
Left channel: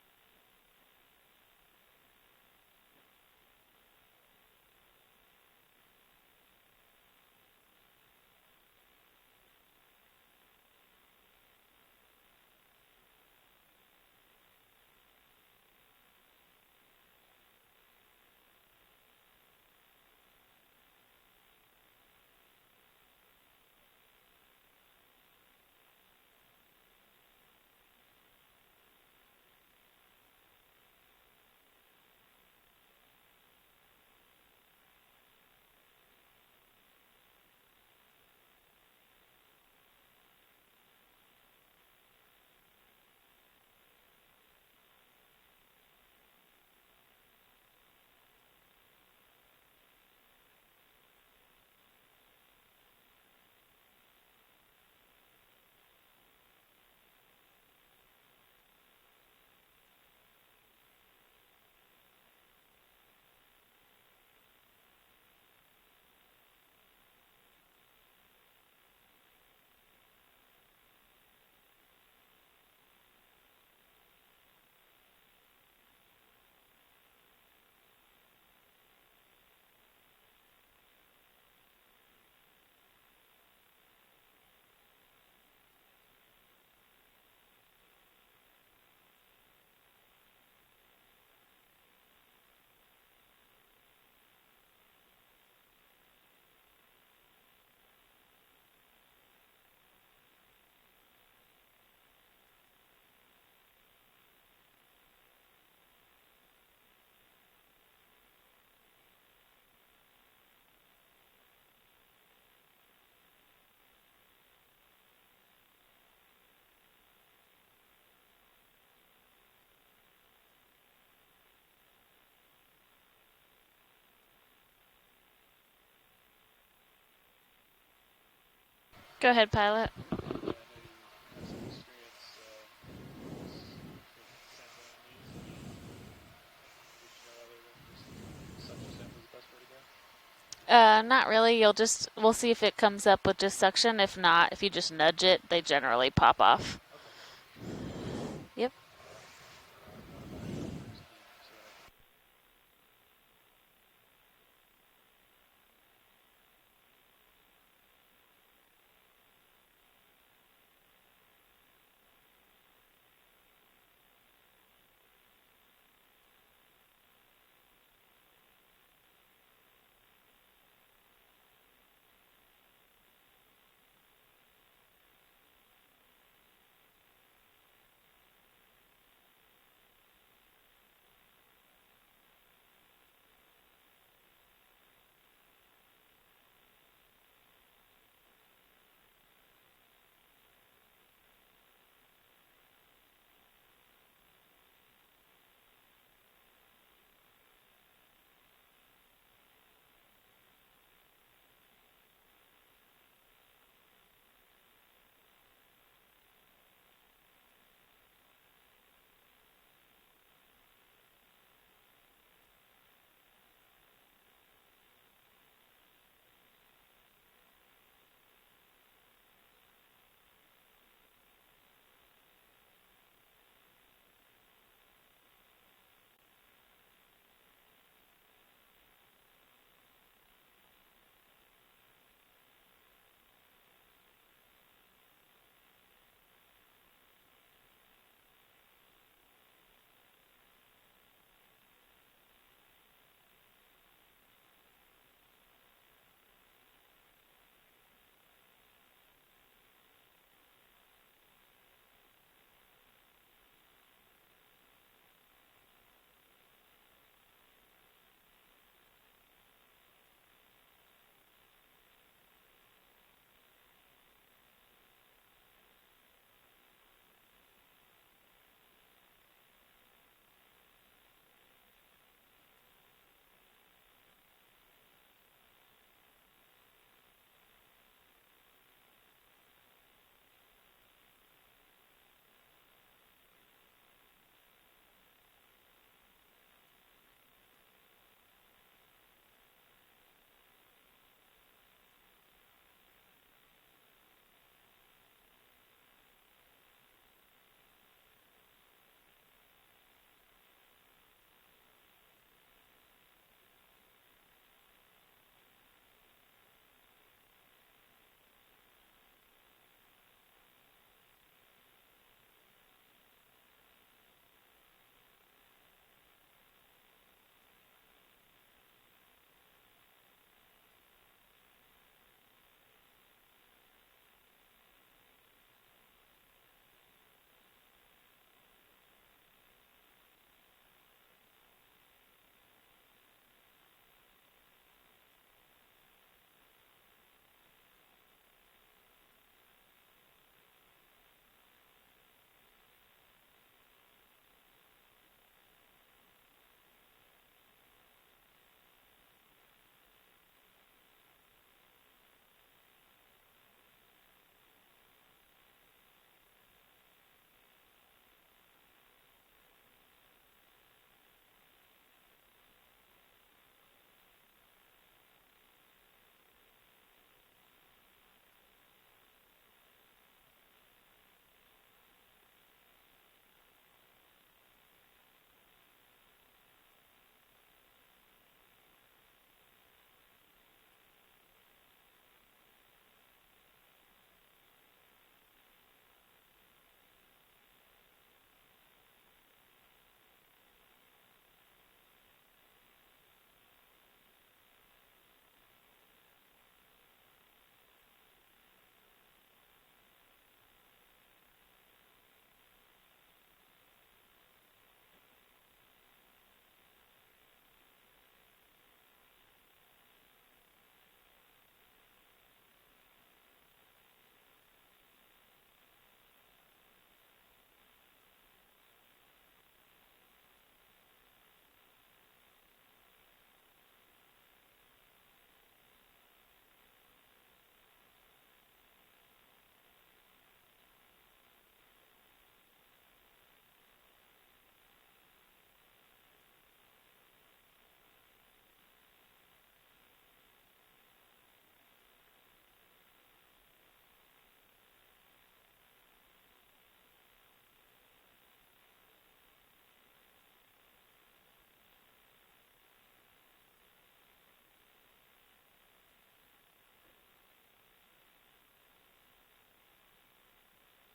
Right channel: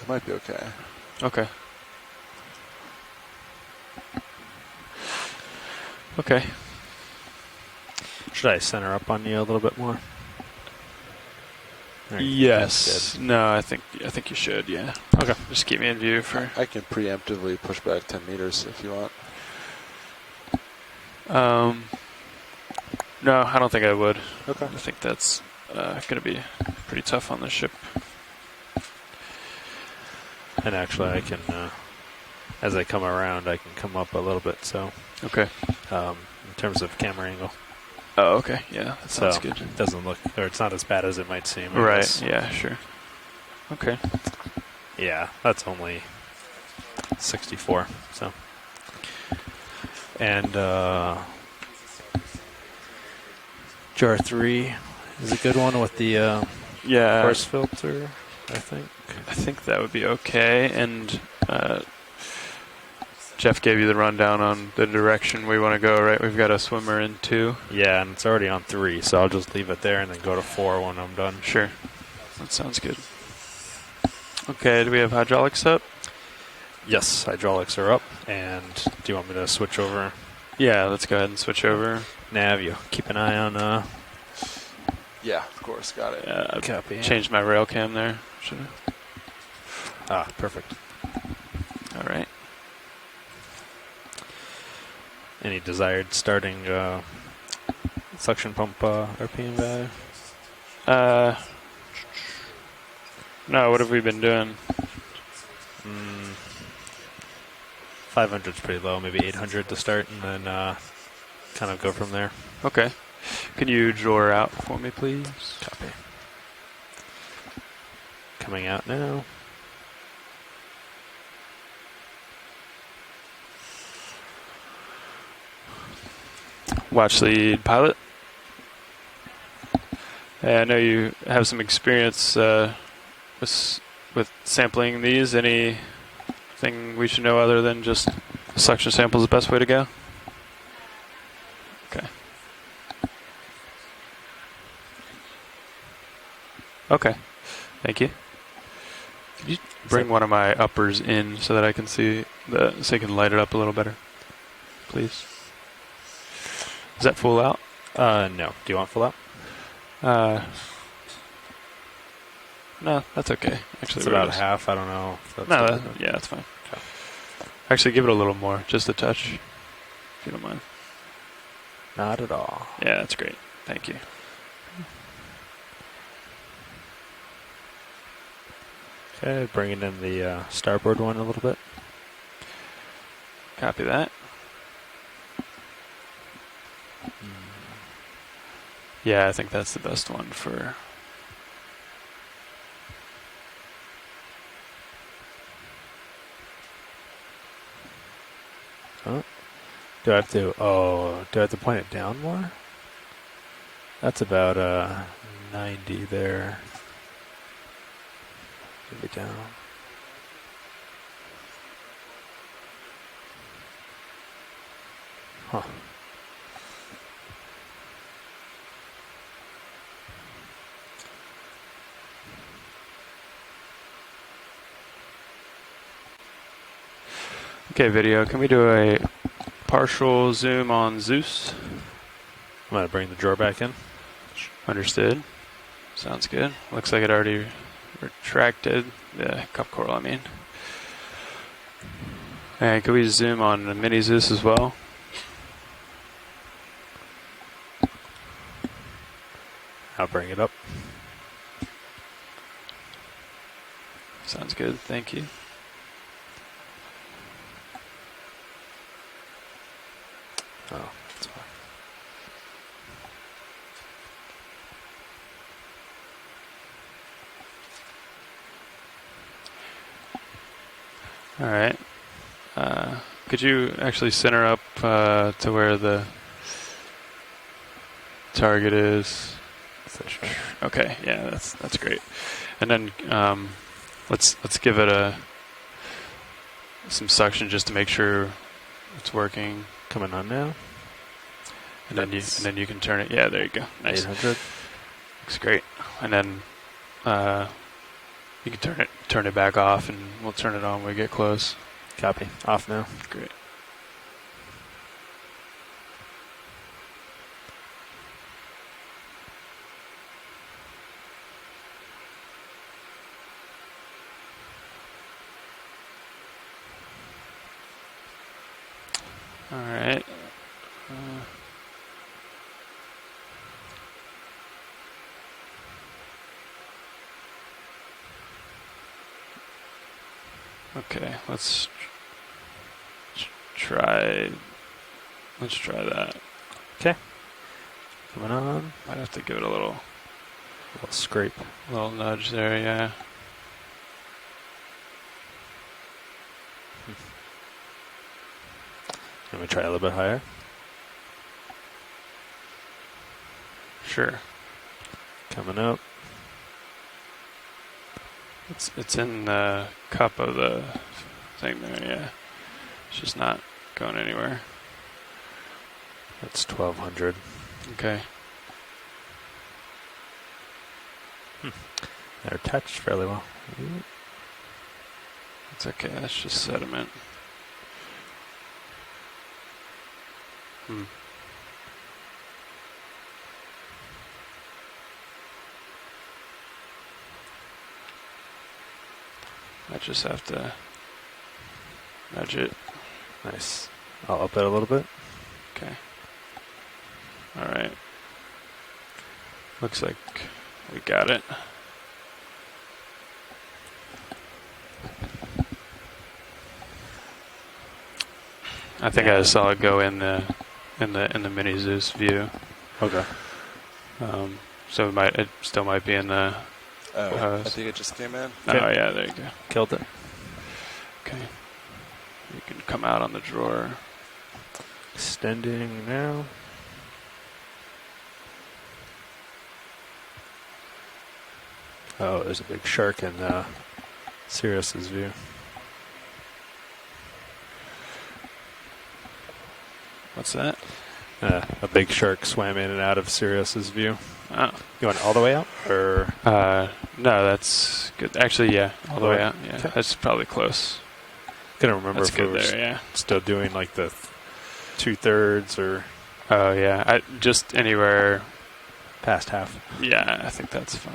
it might be okay. Okay. Okay. Should I center up on you a little bit more? Yes. No, I think you should, yeah. Okay. Just keep me in view for... I can preemptively push back 10 meters if you want. No, I don't think I would. Okay. I think that's going to be pretty tough on the ship. And actually, I can, as I come around, I can come up a little bit. So, okay. In terms of camera angle. Oh, okay. Yeah, that sounds so good. It doesn't look, or it's not as bad as it might seem. I Right. guess. Yeah. Sure. Okay. Yeah, that's only 64. So. And jar 3 is a good one with the coarse filter, I think. I think that would be okay. And Jeff gave you the rundown on the direction we want to go, right? We've got a swimmer in 2. Yeah, and it's already on 3, so I'll just leave it there and then go to 4 when I'm done. Sure. That sounds good. Okay, do we have hydraulics up? Yes, hydraulics are up. And do you want me to switch over? Yeah, let's go ahead and switch over. Nav, you keep an eye on... Yeah, of course, got it. Yeah, copy. Changed my rail cam there. Should've. Ah, perfect. All right. Any desired starting suction pump RPM value? No, what have we been doing? 500's pretty low, maybe 800 to start, and then kind of go from there. Okay. Can you draw her out for me, please? Copy. Coming out now. Watch lead pilot. Go ahead, pilot. I know you have some experience with sampling these. Anything we should know other than just suction sample is the best way to go? Not really. We'll see if it comes up with just suction. If not, if you just nudge it, they generally pop off. Okay. Thank you. Yep. Could you bring one of my uppers in so that I can see so I can light it up a little better, please? Is that full out? No. Do you want full out? No, that's okay. Actually, it's about half. I don't know. If that's yeah, that's fine. Okay. Actually, give it a little more, just a touch, if you don't mind. Not at all. Yeah, that's great. Thank you. Okay, bringing in the starboard one a little bit. Copy that. Yeah, I think that's the best one for... Oh. Do I have to point it down more? That's about 90 there. Maybe down. Huh. Okay, video, can we do a partial zoom on Zeus? I'm going to bring the drawer back in. Understood. Sounds good. Looks like it already retracted. The cup coral, I mean. And can we zoom on the mini Zeus as well? I'll bring it up. Sounds good. Thank you. Oh, that's fine. All right. Could you actually center up to where the target is? Okay. Yeah, that's great. And then let's give it some suction just to make sure it's working. Coming on now. And then you can turn it. Yeah, there you go. Nice. 800. Looks great. And then you can turn it back off, and we'll turn it on when we get close. Copy. Off now. Great. All right. Okay, let's try that. Okay. Coming on. Might have to give it a little scrape. A little nudge there, yeah. Let me try a little bit higher. Sure. Coming up. It's in the cup of the thing there, yeah. It's just not going anywhere. That's 1200. Okay. They're attached fairly well. It's okay, that's just sediment. I just have to nudge it. Nice. I'll up it a little bit. Okay. All right. Looks like we got it. I think I saw it go in the mini Zeus view. Okay. So it still might be in the. I think it just came in. Oh yeah, there you go. Killed it. Okay. You can come out on the drawer. Extending now. Oh, there's a big shark in Sirius's view. What's that? A big shark swam in and out of Sirius's view. Oh. You want all the way out, or? No, that's good. Actually, yeah, all the way out. Yeah, okay. That's probably close. Couldn't remember that's if good we were there. Yeah. Still doing like the 2/3 or. Oh yeah, just anywhere past half. Yeah, I think that's fine.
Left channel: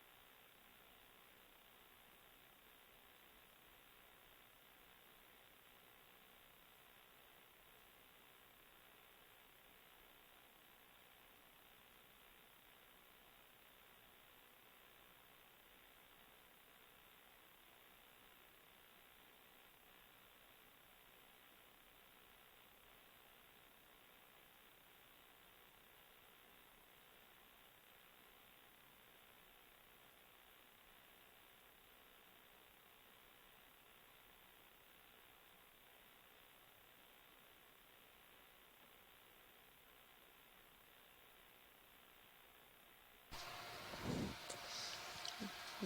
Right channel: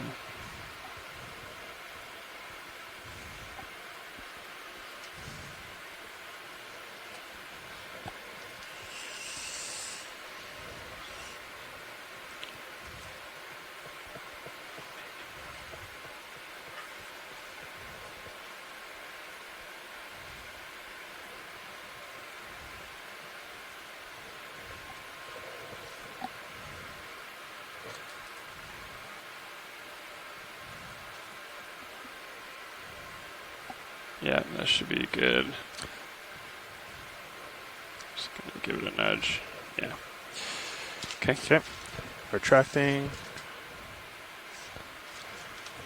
Yeah, that should be good. Just gonna give it a nudge. Yeah. Okay. Okay. Retracting.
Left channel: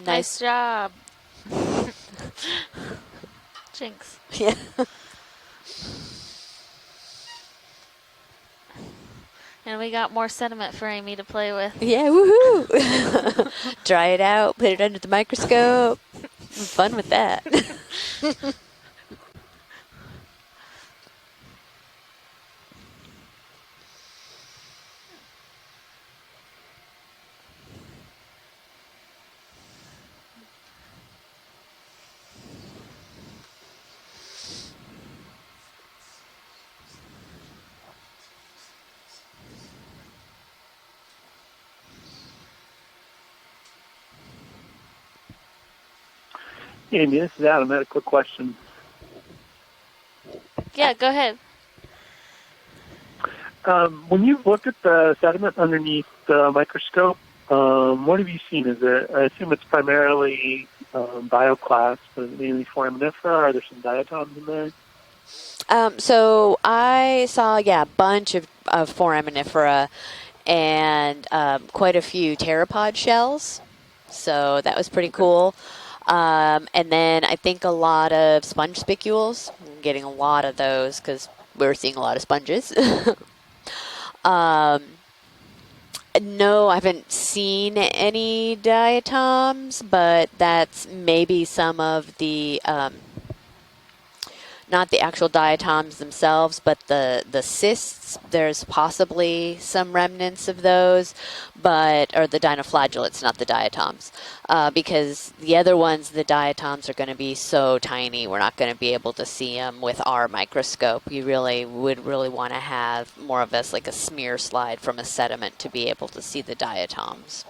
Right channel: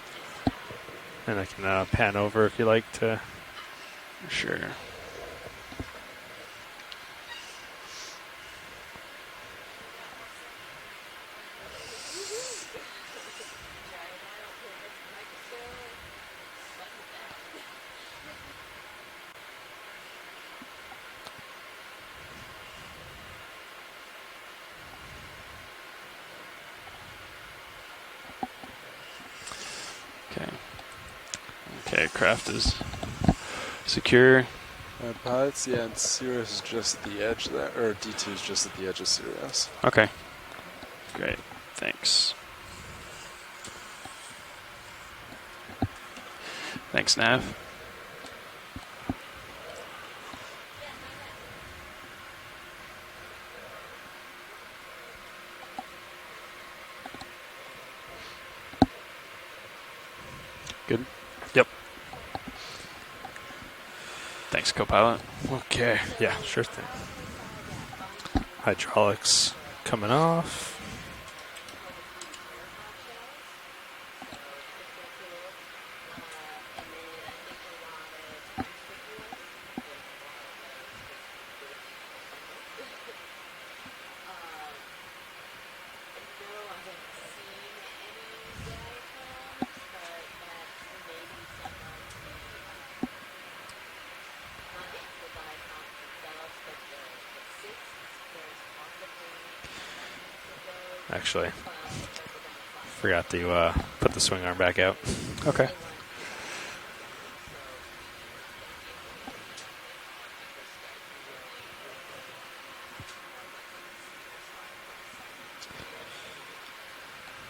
Nice job. And I can pan over if you like to. Jinx. Sure. And we got more sediment for Amy to play with. Yeah, woohoo! Dry it out, put it under the microscope. Fun with that. Okay, craft is secure. Pilots, yeah, and Sirius is just at the edge of that, or D2 is just at the edge of Sirius. Okay. Great. Thanks. Yeah, Thanks, to Nav. answer that, I had a quick question. Yeah, go ahead. When you look at the sediment underneath the microscope, what have you seen? Is it? I assume it's primarily bioclast, but mainly foraminifera. Are there some diatoms in there? Thanks, co-pilot. Okay. So sure. I saw, a bunch of Hydraulics foraminifera coming off. and quite a few pteropod shells. So that was pretty cool. And then I think a lot of sponge spicules. I'm getting a lot of those because we're seeing a lot of sponges. No, I haven't seen any diatoms, but that's maybe some of the, not the actual diatoms themselves, but the cysts. There's possibly some remnants of those. Actually. Or the dinoflagellates, Forgot not to, the diatoms. put the swinger back because out. the other ones, the diatoms, are going to be so tiny, we're not going to be able to see them with our microscope. You would really want to have more of this, like a smear slide from a sediment to be able to see the diatoms.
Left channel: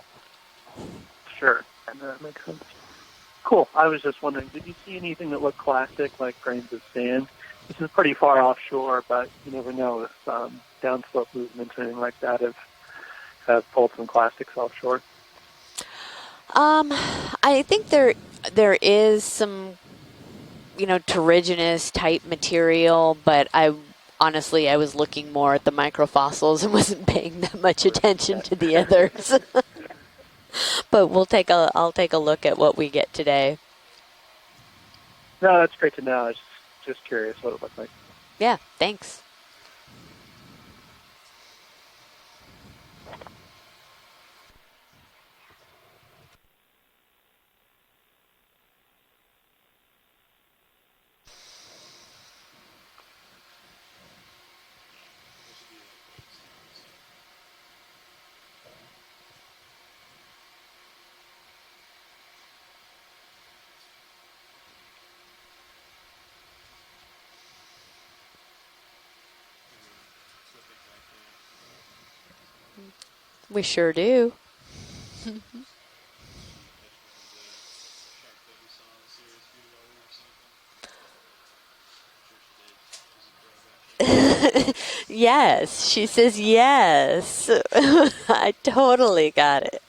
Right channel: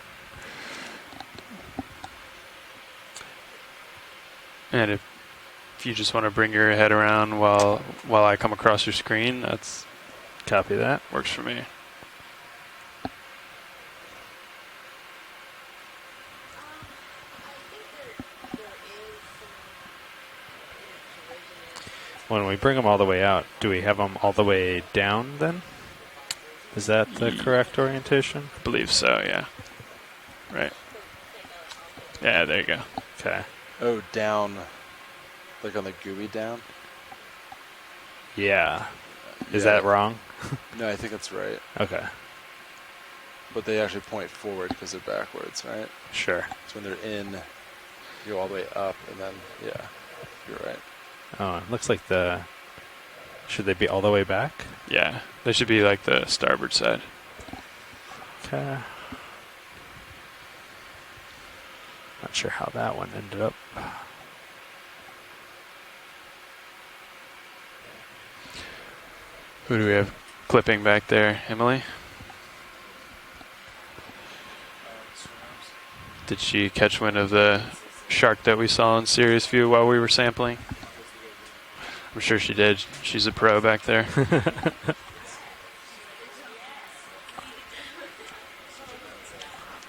Sure, that makes sense. Cool. I was just wondering, did you And see anything that looked classic? If you just want to like bring Frank your was head doing? around while It's pretty I far come across your offshore, but screen, you never that's know if, copy that. Works for me. Anything like that have pulled some classics offshore. I think there is some, terrigenous type When we bring them all the material, way but up, do we have them all the honestly, way I was down looking more then? at the microfossils and Is wasn't that the paying that correct much attention orientation? to the Believe others. so, yeah. Right. But I'll take a look there at you what go. we get today. Oh, down. No, that's Like on great the to know. GUI I down? just curious what it looked like. Yeah, thanks. Is Yeah. that wrong? No, I think that's right. Okay. But they actually point forward because they're backwards, right? Sure. So when they're in, you go all the way up, and then, yeah, you're right. Oh, it looks like should they be all the way back? Yeah, they should be like the starboard side. Okay. Not sure how that one ended up. Who do we have clipping back there, Emily? We sure do. Did she catch wind of the shark that we saw in Serious View while we were sampling? I'm sure she did. She's a pro back there. Yes, she says yes. I totally got it.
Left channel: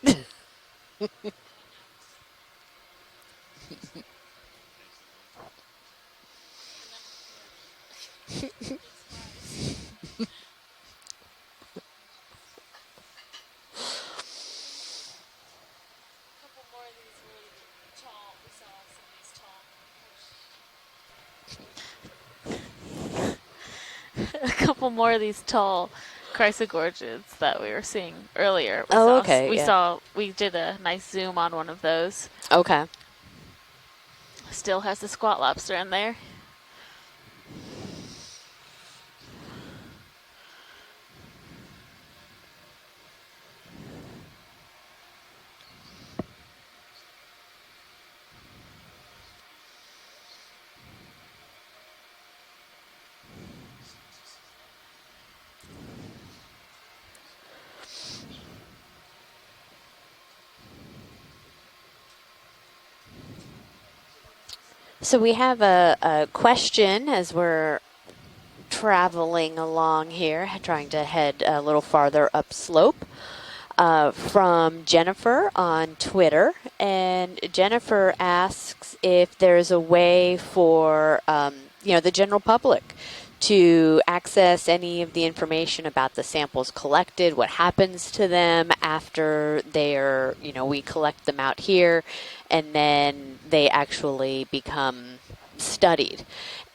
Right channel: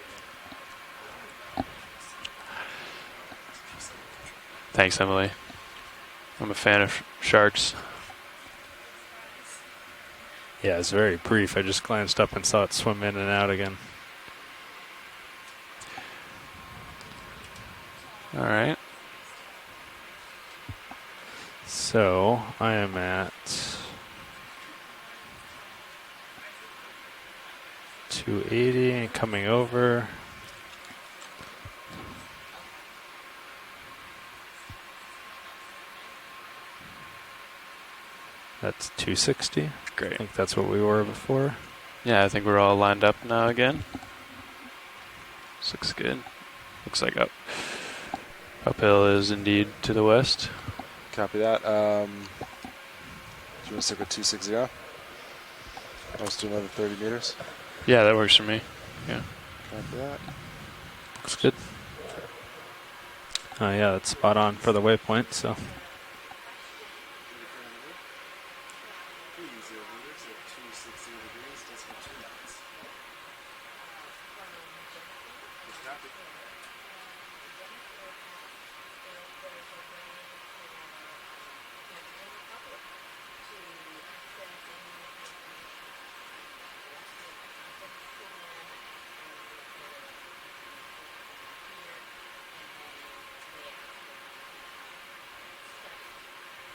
Thanks, Emily. I'm a fan of sharks. Yeah, it's very brief. I just glanced up and saw it swim in and out again. All right. So I am at A couple more of these tall chrysogorges that we were seeing 280 earlier. Oh, okay, coming We did a nice zoom on one of those. Okay. Still has the squat lobster in there. That's 260. Great. I think that's what we were before. Yeah, I think we're all lined up now again. This looks good. Looks like uphill is indeed to the west. Copy that. Do you want to stick with 260? Let's do another 30 meters. Yeah, that works for me. Yeah. Copy that. Looks good. Oh yeah, that's spot on for the waypoint. So we have a question as we're traveling along here, trying to head a little farther upslope, from Jennifer on Twitter. And Jennifer asks if there's a way for the general public to access any of the information about the samples collected, what happens to them after they're, we collect them out here, and then they actually become studied.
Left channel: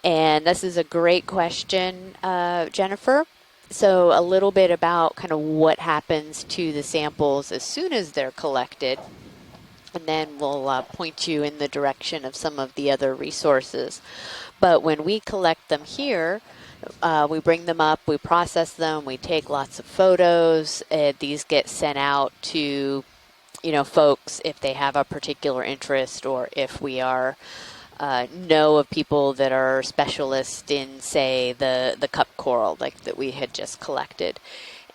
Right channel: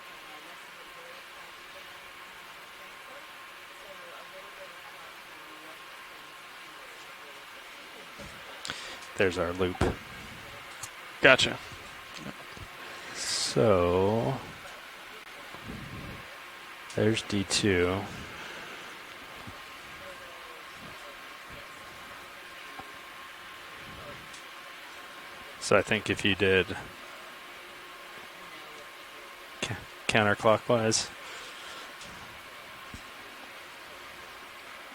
And this is a great question, Jennifer. So a little bit about kind of what happens to the samples as soon as they're collected. There's our loop. And then we'll point Gotcha. you in the direction of some of the other resources. So But when we collect them here, we bring them D2. up, we process them, we take lots of photos. These get sent out to, folks if they have a particular So I think interest, if you or did if we are know of people that are specialists in, counterclockwise. say, the cup coral like that we had just collected.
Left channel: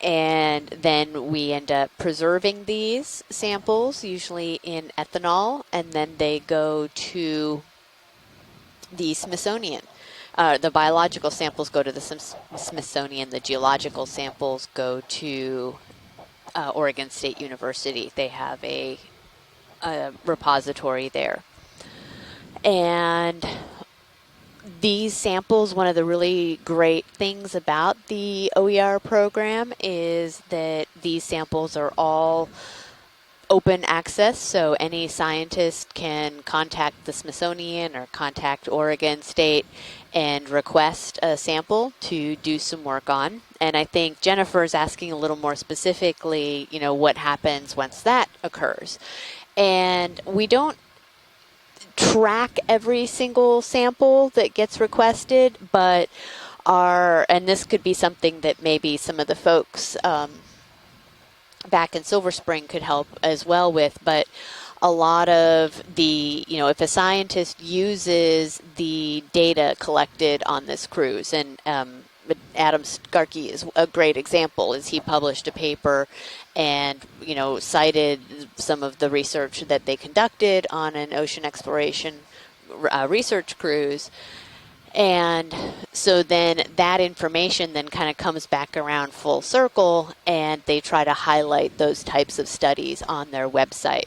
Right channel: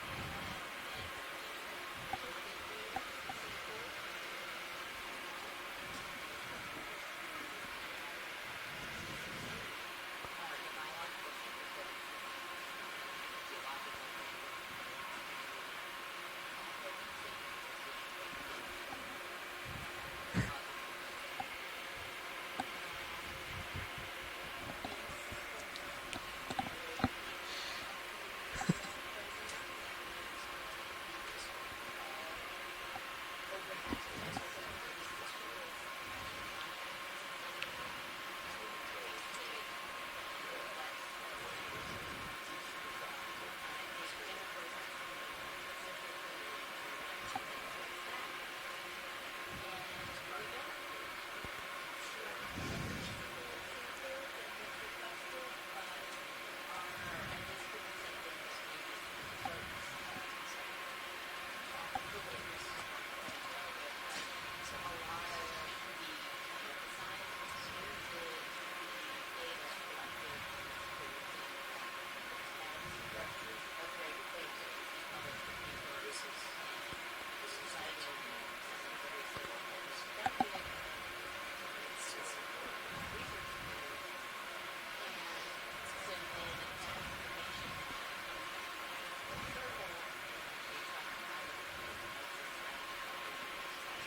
And then we end up preserving these samples, usually in ethanol, and then they go to the Smithsonian. The biological samples go to the Smithsonian. The geological samples go to Oregon State University. They have a repository there. And these samples, one of the really great things about the OER program is that these samples are all open access, so any scientist can contact the Smithsonian or contact Oregon State and request a sample to do some work on. And I think Jennifer is asking a little more specifically, what happens once that occurs. And we don't track every single sample that gets requested, but and this could be something that maybe some of the folks back in Silver Spring could help as well with, but a lot of the, if a scientist uses the data collected on this cruise, and Adam Skarke is a great example, is he published a paper and, you know, cited some of the research that they conducted on an ocean exploration research cruise. And so then that information then kind of comes back around full circle, and they try to highlight those types of studies on their website,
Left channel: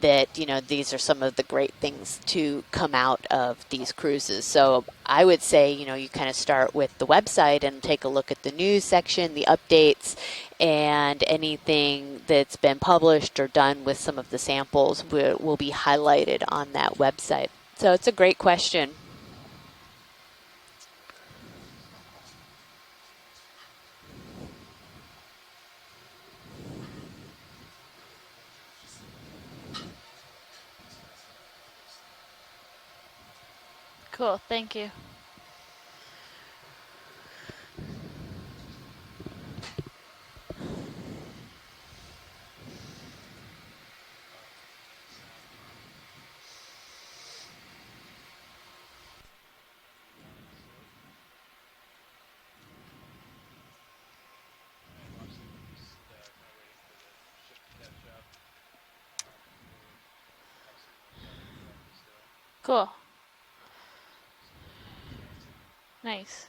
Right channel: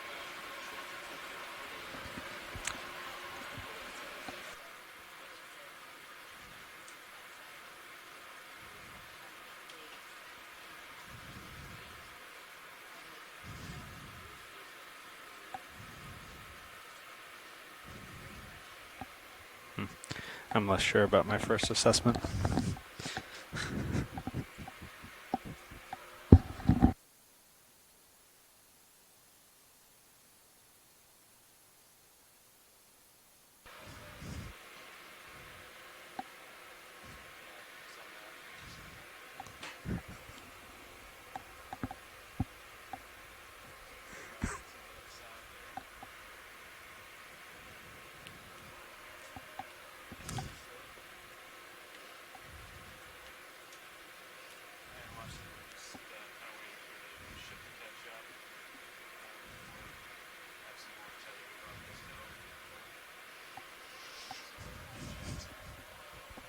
that, you know, these are some of the great things to come out of these cruises. So I would say, you know, you kind of start with the website and take a look at the news section, the updates, and anything that's been published or done with some of the samples will be highlighted on that website. So it's a great question. I'm less sure about my first assessment. Cool, thank you. Cool. Nice.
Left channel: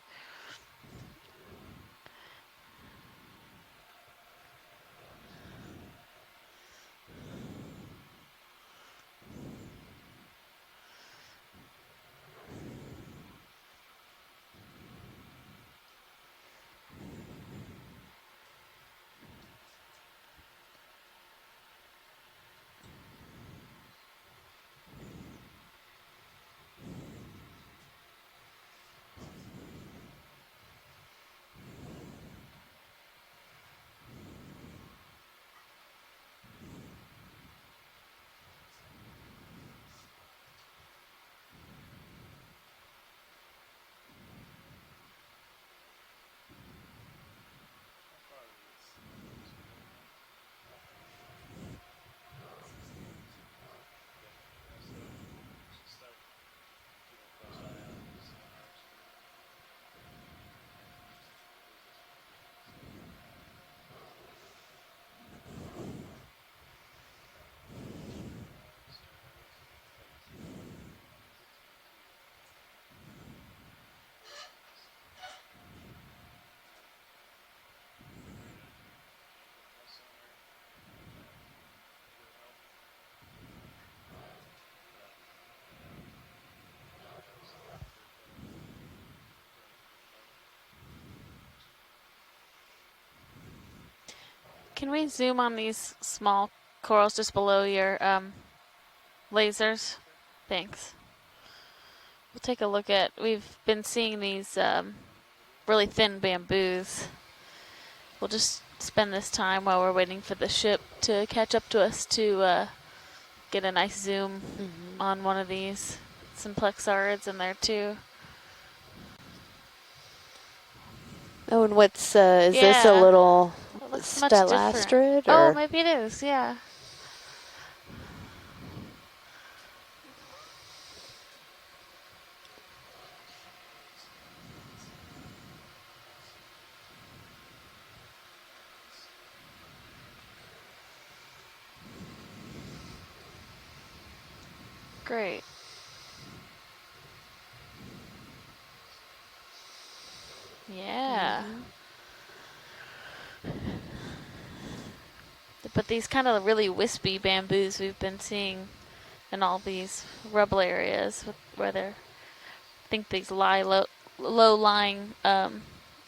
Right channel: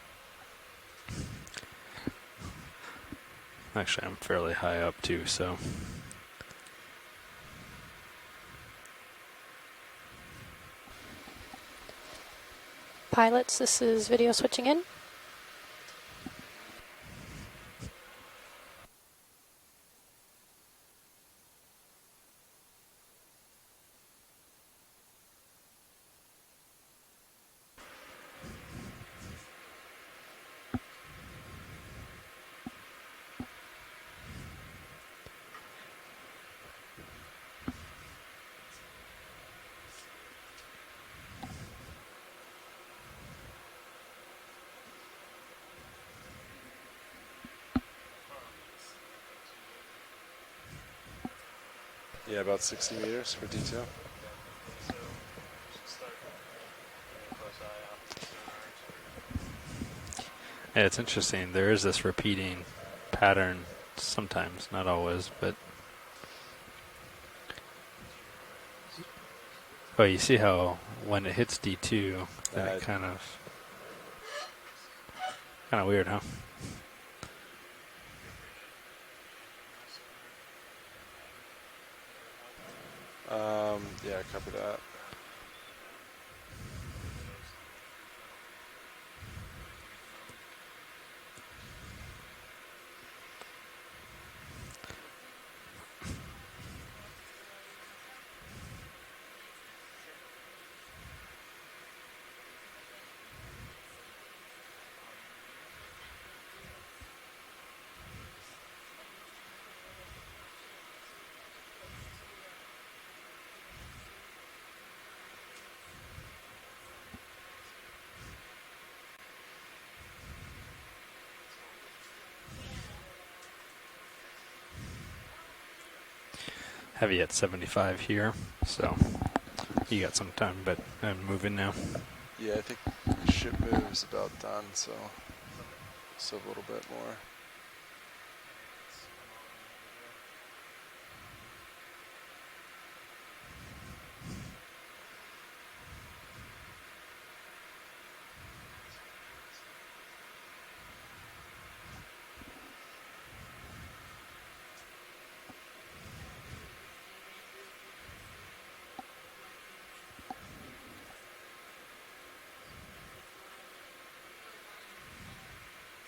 Actually, I'm fairly high up too, so. Pilots, this is video switching in. Yeah, about 60 meters for detail. Yeah, it's interesting. There is this repeating pattern sometimes, not always, but. Oh, you see how when it hits D2, that kind of weird, huh? Yeah, copy that. Can we zoom on these small corals just below your lasers? Thanks. We'll take a look at, we've been seeing these really thin bamboos. We'll just spend this time while we're waiting for the ship to catch up to us to get a nice zoom on one of these. Some plexarids in there too. Oh, and what's, is this a little stelastrid? Oh, maybe it is, yeah. Heavy at 75 here, so you got some time, but I'm moving now. Yeah, I think the ship move's about done, so a little bit more. Great. Yeah. But these kind of really wispy bamboos we've been seeing in all these rubble areas where they're, I think these low-lying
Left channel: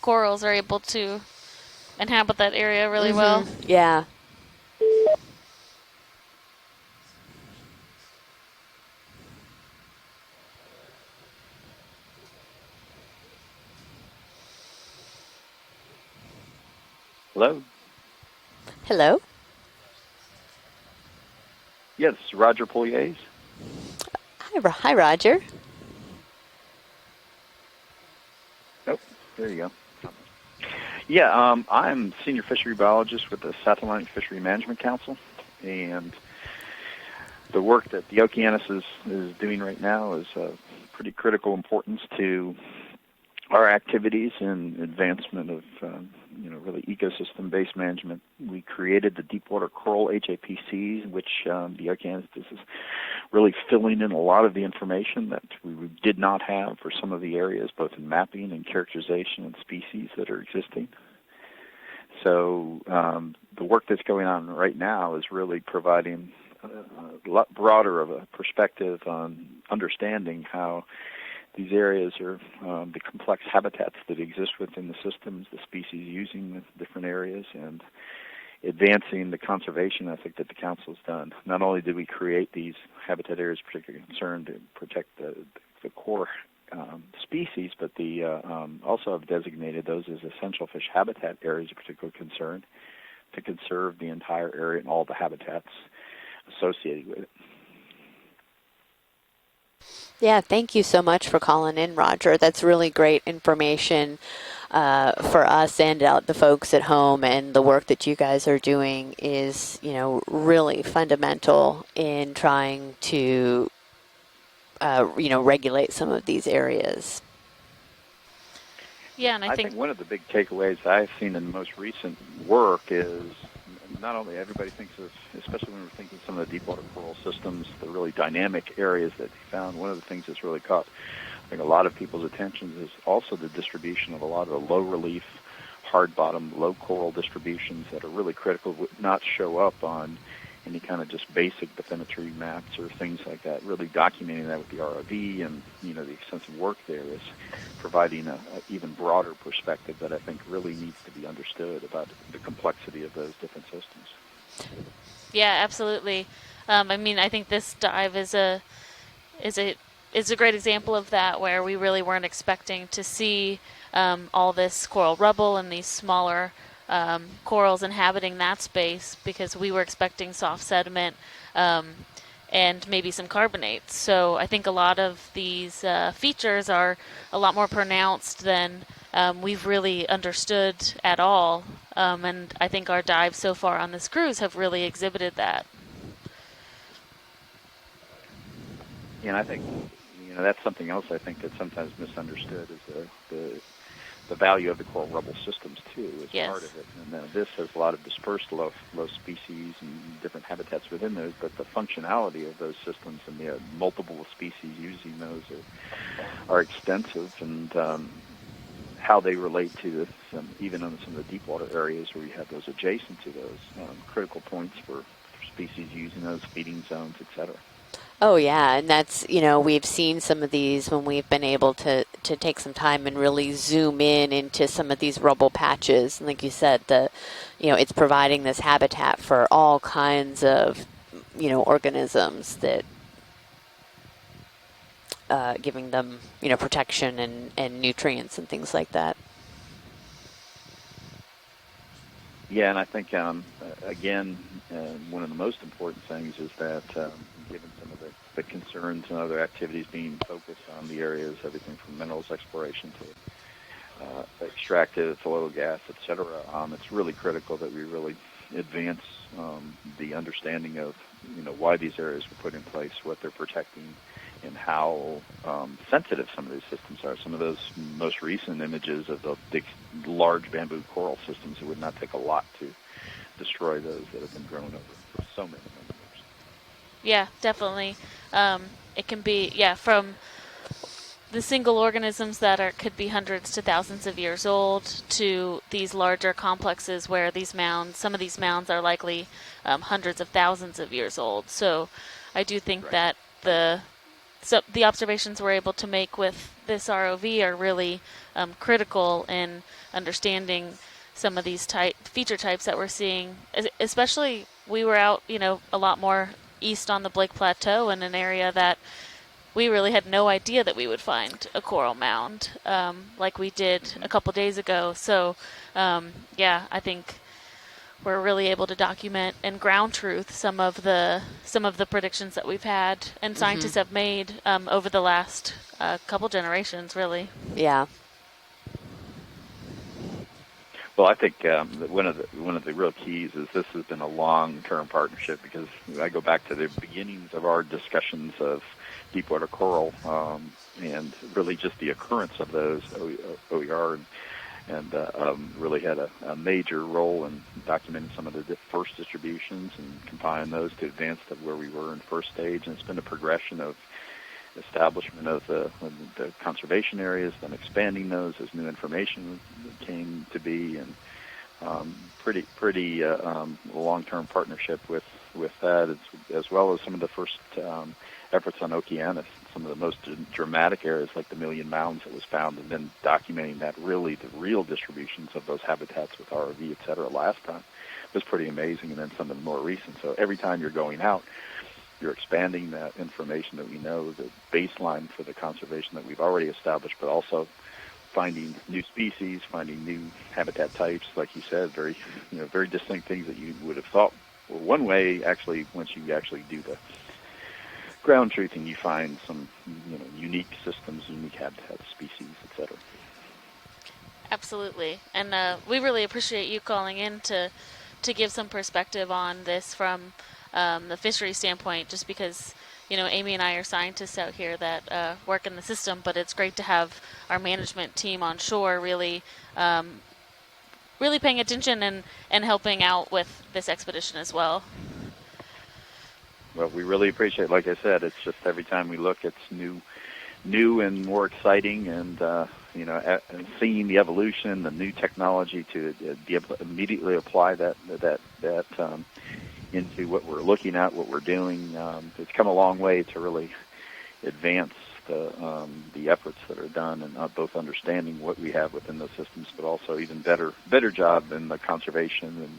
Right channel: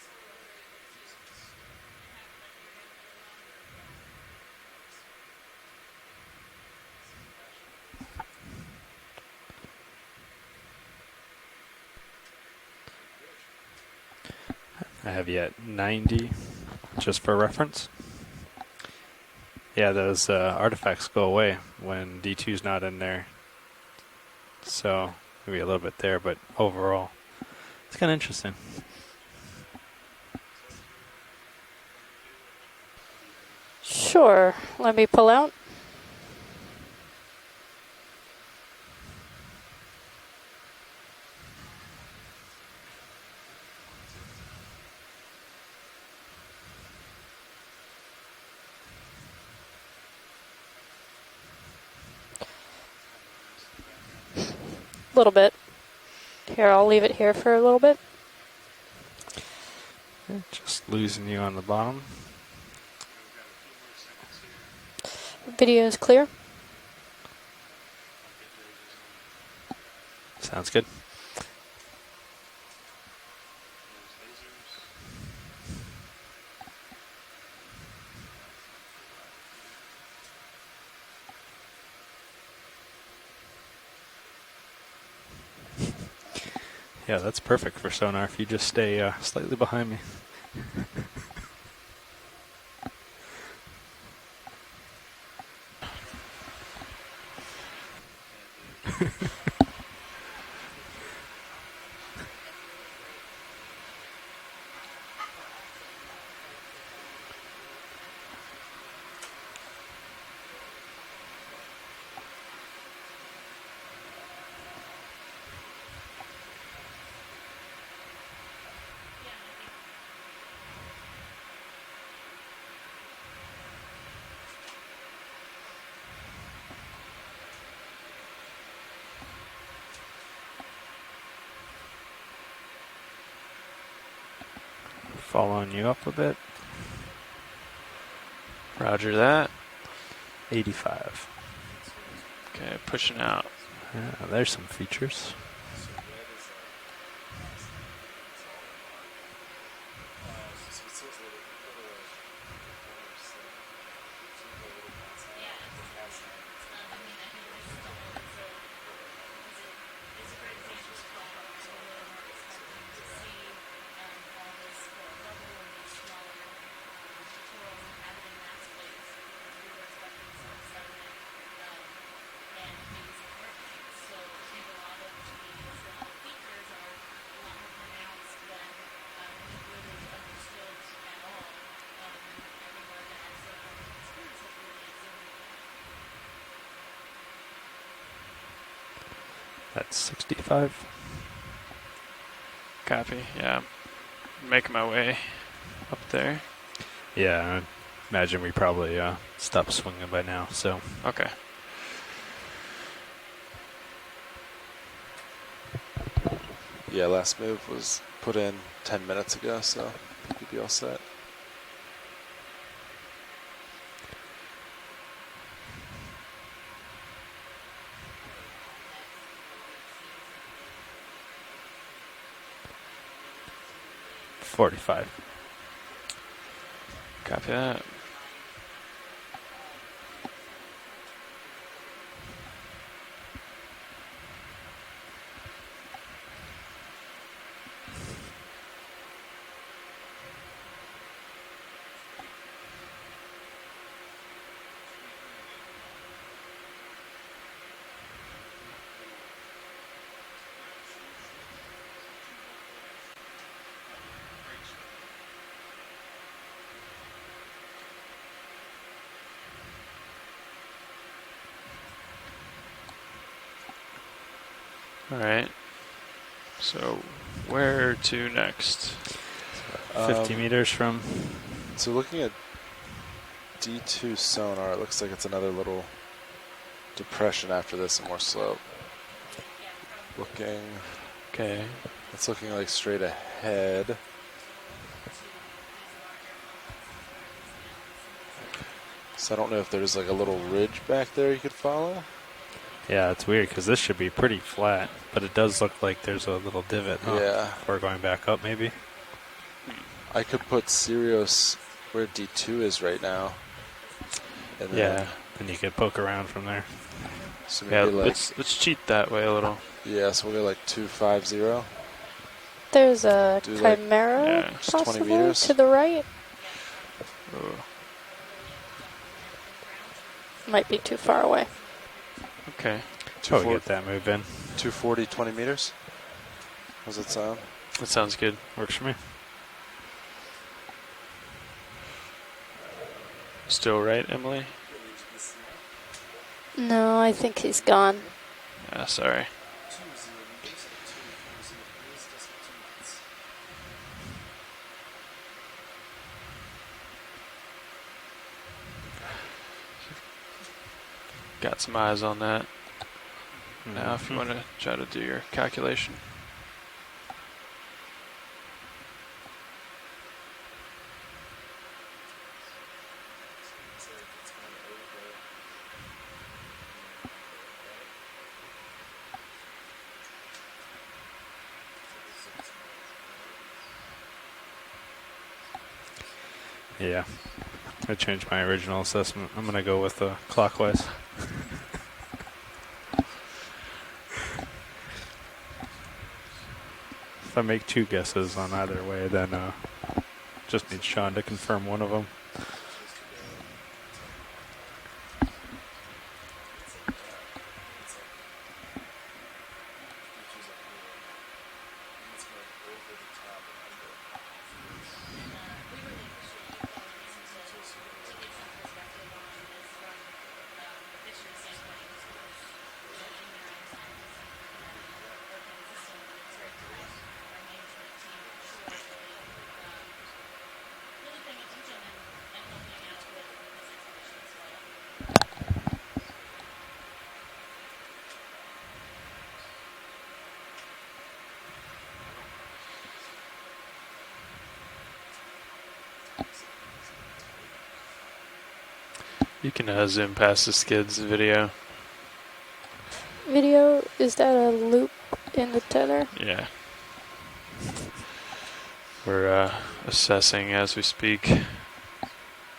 corals are able to inhabit that area really well. Yeah. I have you at 90, just for reference. Hello? Yeah, those artifacts go away when Yes, D2's Roger not in Polier. there. Hi, Roger. Maybe a little bit there, but overall, it's kind of interesting. Oh, there you go. Yeah, I'm senior fishery biologist with the Satellite Fishery Management Council. Let me pull out. And the work that the Okeanos is doing right now is of pretty critical importance to our activities and advancement of really ecosystem-based management. We created the Deepwater Coral HAPCs, which the Okeanos, this is really filling in a lot of the information that we did not have. Here, I'll leave some it of here the for a areas, little both bit. in mapping and characterization and species that are existing. Just losing you on the bottom. So the work that's going on right now is really Video is providing clear. a lot broader of a perspective on understanding Sounds how good. these areas are the complex habitats that exist within the systems, the species using the different areas, and advancing the conservation ethic that the Council has done. Not only did we create these habitat areas particularly concerned to protect the core yeah, that's species, perfect for but sonar if you just stay also have slightly designated behind me. those as essential fish habitat areas of particular concern to conserve the entire area and all the habitats associated with it. Yeah, thank you so much for calling in, Roger. That's really great information for us and the folks at home, and the work that you guys are doing is, really fundamental in trying to, regulate some of these areas. Yeah, and I think one of the big takeaways that I've seen in the most recent work is not only everybody thinks of, especially when you think of some of the deepwater coral systems, the really dynamic areas that found. One of the things that's really caught a lot of people's attention is also the distribution of a lot of low relief, hard bottom, low coral distributions that are really critical that not show up on 85. Kind of just basic bathymetry maps or things out. like that. Really documenting there's that with some the features. ROV and the extensive work there is providing an even broader perspective that I think really needs to be understood about the complexity of those different systems. Yeah, absolutely. I think this dive is a great example of that, where we really weren't expecting to see all this coral rubble and these smaller corals inhabiting that space, because we were expecting soft sediment and maybe some carbonates. So I think a lot of these features are a lot more pronounced than we've really understood at all. And I think our dives so far on this cruise have really exhibited that. Yeah, and I think that's 65. That's something else I think that's sometimes misunderstood. Is Copy. the value Making of my the way rubble systems up too. there. Yes. Part of it. Yeah, there's a lot of imagine we dispersal probably of species stopped swinging by now. So habitats within those, but the functionality of those systems and the multiple species using those are extensive. Yeah, last move was put in 10 how minutes they ago, relate so to it, and be all even in set. some of the deep water areas where you have those adjacent to those critical points for species using those feeding zones, etc. Oh yeah, and that's, we've seen some of these when we've been able to take some time and really zoom in into some of these rubble patches. And like you said, it's providing this habitat for all kinds of, organisms that, giving them, protection and nutrients and things like that. Yeah, and I think, again, one of the most important things is that given some of the concerns and other activities being focused on the areas, everything from minerals exploration to extractive oil, gas, etc., it's really critical that we really advance the understanding of, why these areas were put in place, what they're protecting, and how sensitive some of those systems are. Some of those most recent images of the big, 50 meters from coral systems, it would So not take looking a at lot to destroy D2 those. sonar, it looks like it's another little Yeah, depression after definitely. this, and more slope. It can be, from the single organisms that could be hundreds to thousands of years old to these larger complexes where these mounds, some of these mounds are likely So I don't know if there's hundreds like a of little thousands ridge of back years there you old. could So follow. I do think yeah, that it's weird because this should be pretty flat. the observations but it we're does able look to like make there's with a little this divot. ROV are We're really going back up, maybe? critical in understanding Sirius some of these where feature D2 types that is we're right seeing. now. Especially, And we then were out, you could a lot poke around more from there. east on the Blake Plateau in an area let's that cheat that way a little. we really had Yeah, no so we're idea like that we would find 250. a coral mound There's like we did a couple Chimera days ago. possibly to the right. Yeah, I think we're really able to document in ground truth some Might be too far away. of the predictions that we've Okay. had and Totally scientists that have move made then. over the 240, 20 last meters? couple generations, How's it really. sound? Yeah. That sounds good. Works for me. Well, I think that one of the real keys is this Still has right, been a Emily? long-term partnership, because I go back to the No, I beginnings think of he's our gone. discussions of Sorry. deepwater coral and really just the occurrence of those OER and really had a major role in documenting some of the first distributions and compiling those to advance the Got some eyes on that. stage. And it's been a progression of now if you want to try to do your calculation. The conservation areas, then expanding those as new information came to be, and pretty long-term partnership with that, as well as some of the first efforts on Okeanos, some of the most dramatic areas like the Million Mounds that was found, and then documenting that the real distributions of those habitats with ROV, et cetera, last time. I changed my original assessment. I'm going to go with the every clockwise. time you're going out, you're expanding that information that you know is a baseline for the conservation that we've already established, but also if I make two guesses on either way, then just need Sean to confirm one of them. Very distinct things that you would have thought were one way. Actually, once you actually do the ground truthing, you find some unique systems, unique habitats, species, etc. Absolutely, and we really appreciate you calling in to give some perspective on this from the fishery standpoint, just because Amy and I are scientists out here that work in the system, but it's great to have our management team on shore really paying attention and helping out with this expedition as well. Well, we really appreciate it. Like I said, it's just every time we look, it's new and more exciting, and seeing the evolution, the new technology to be able to immediately apply that. You can zoom past the skids video. It's come a long way to really video. Is that a advance loop in the tenor? the efforts that are done, and both understanding what we have within the We're systems, but also assessing even as we better job speak. in the conservation and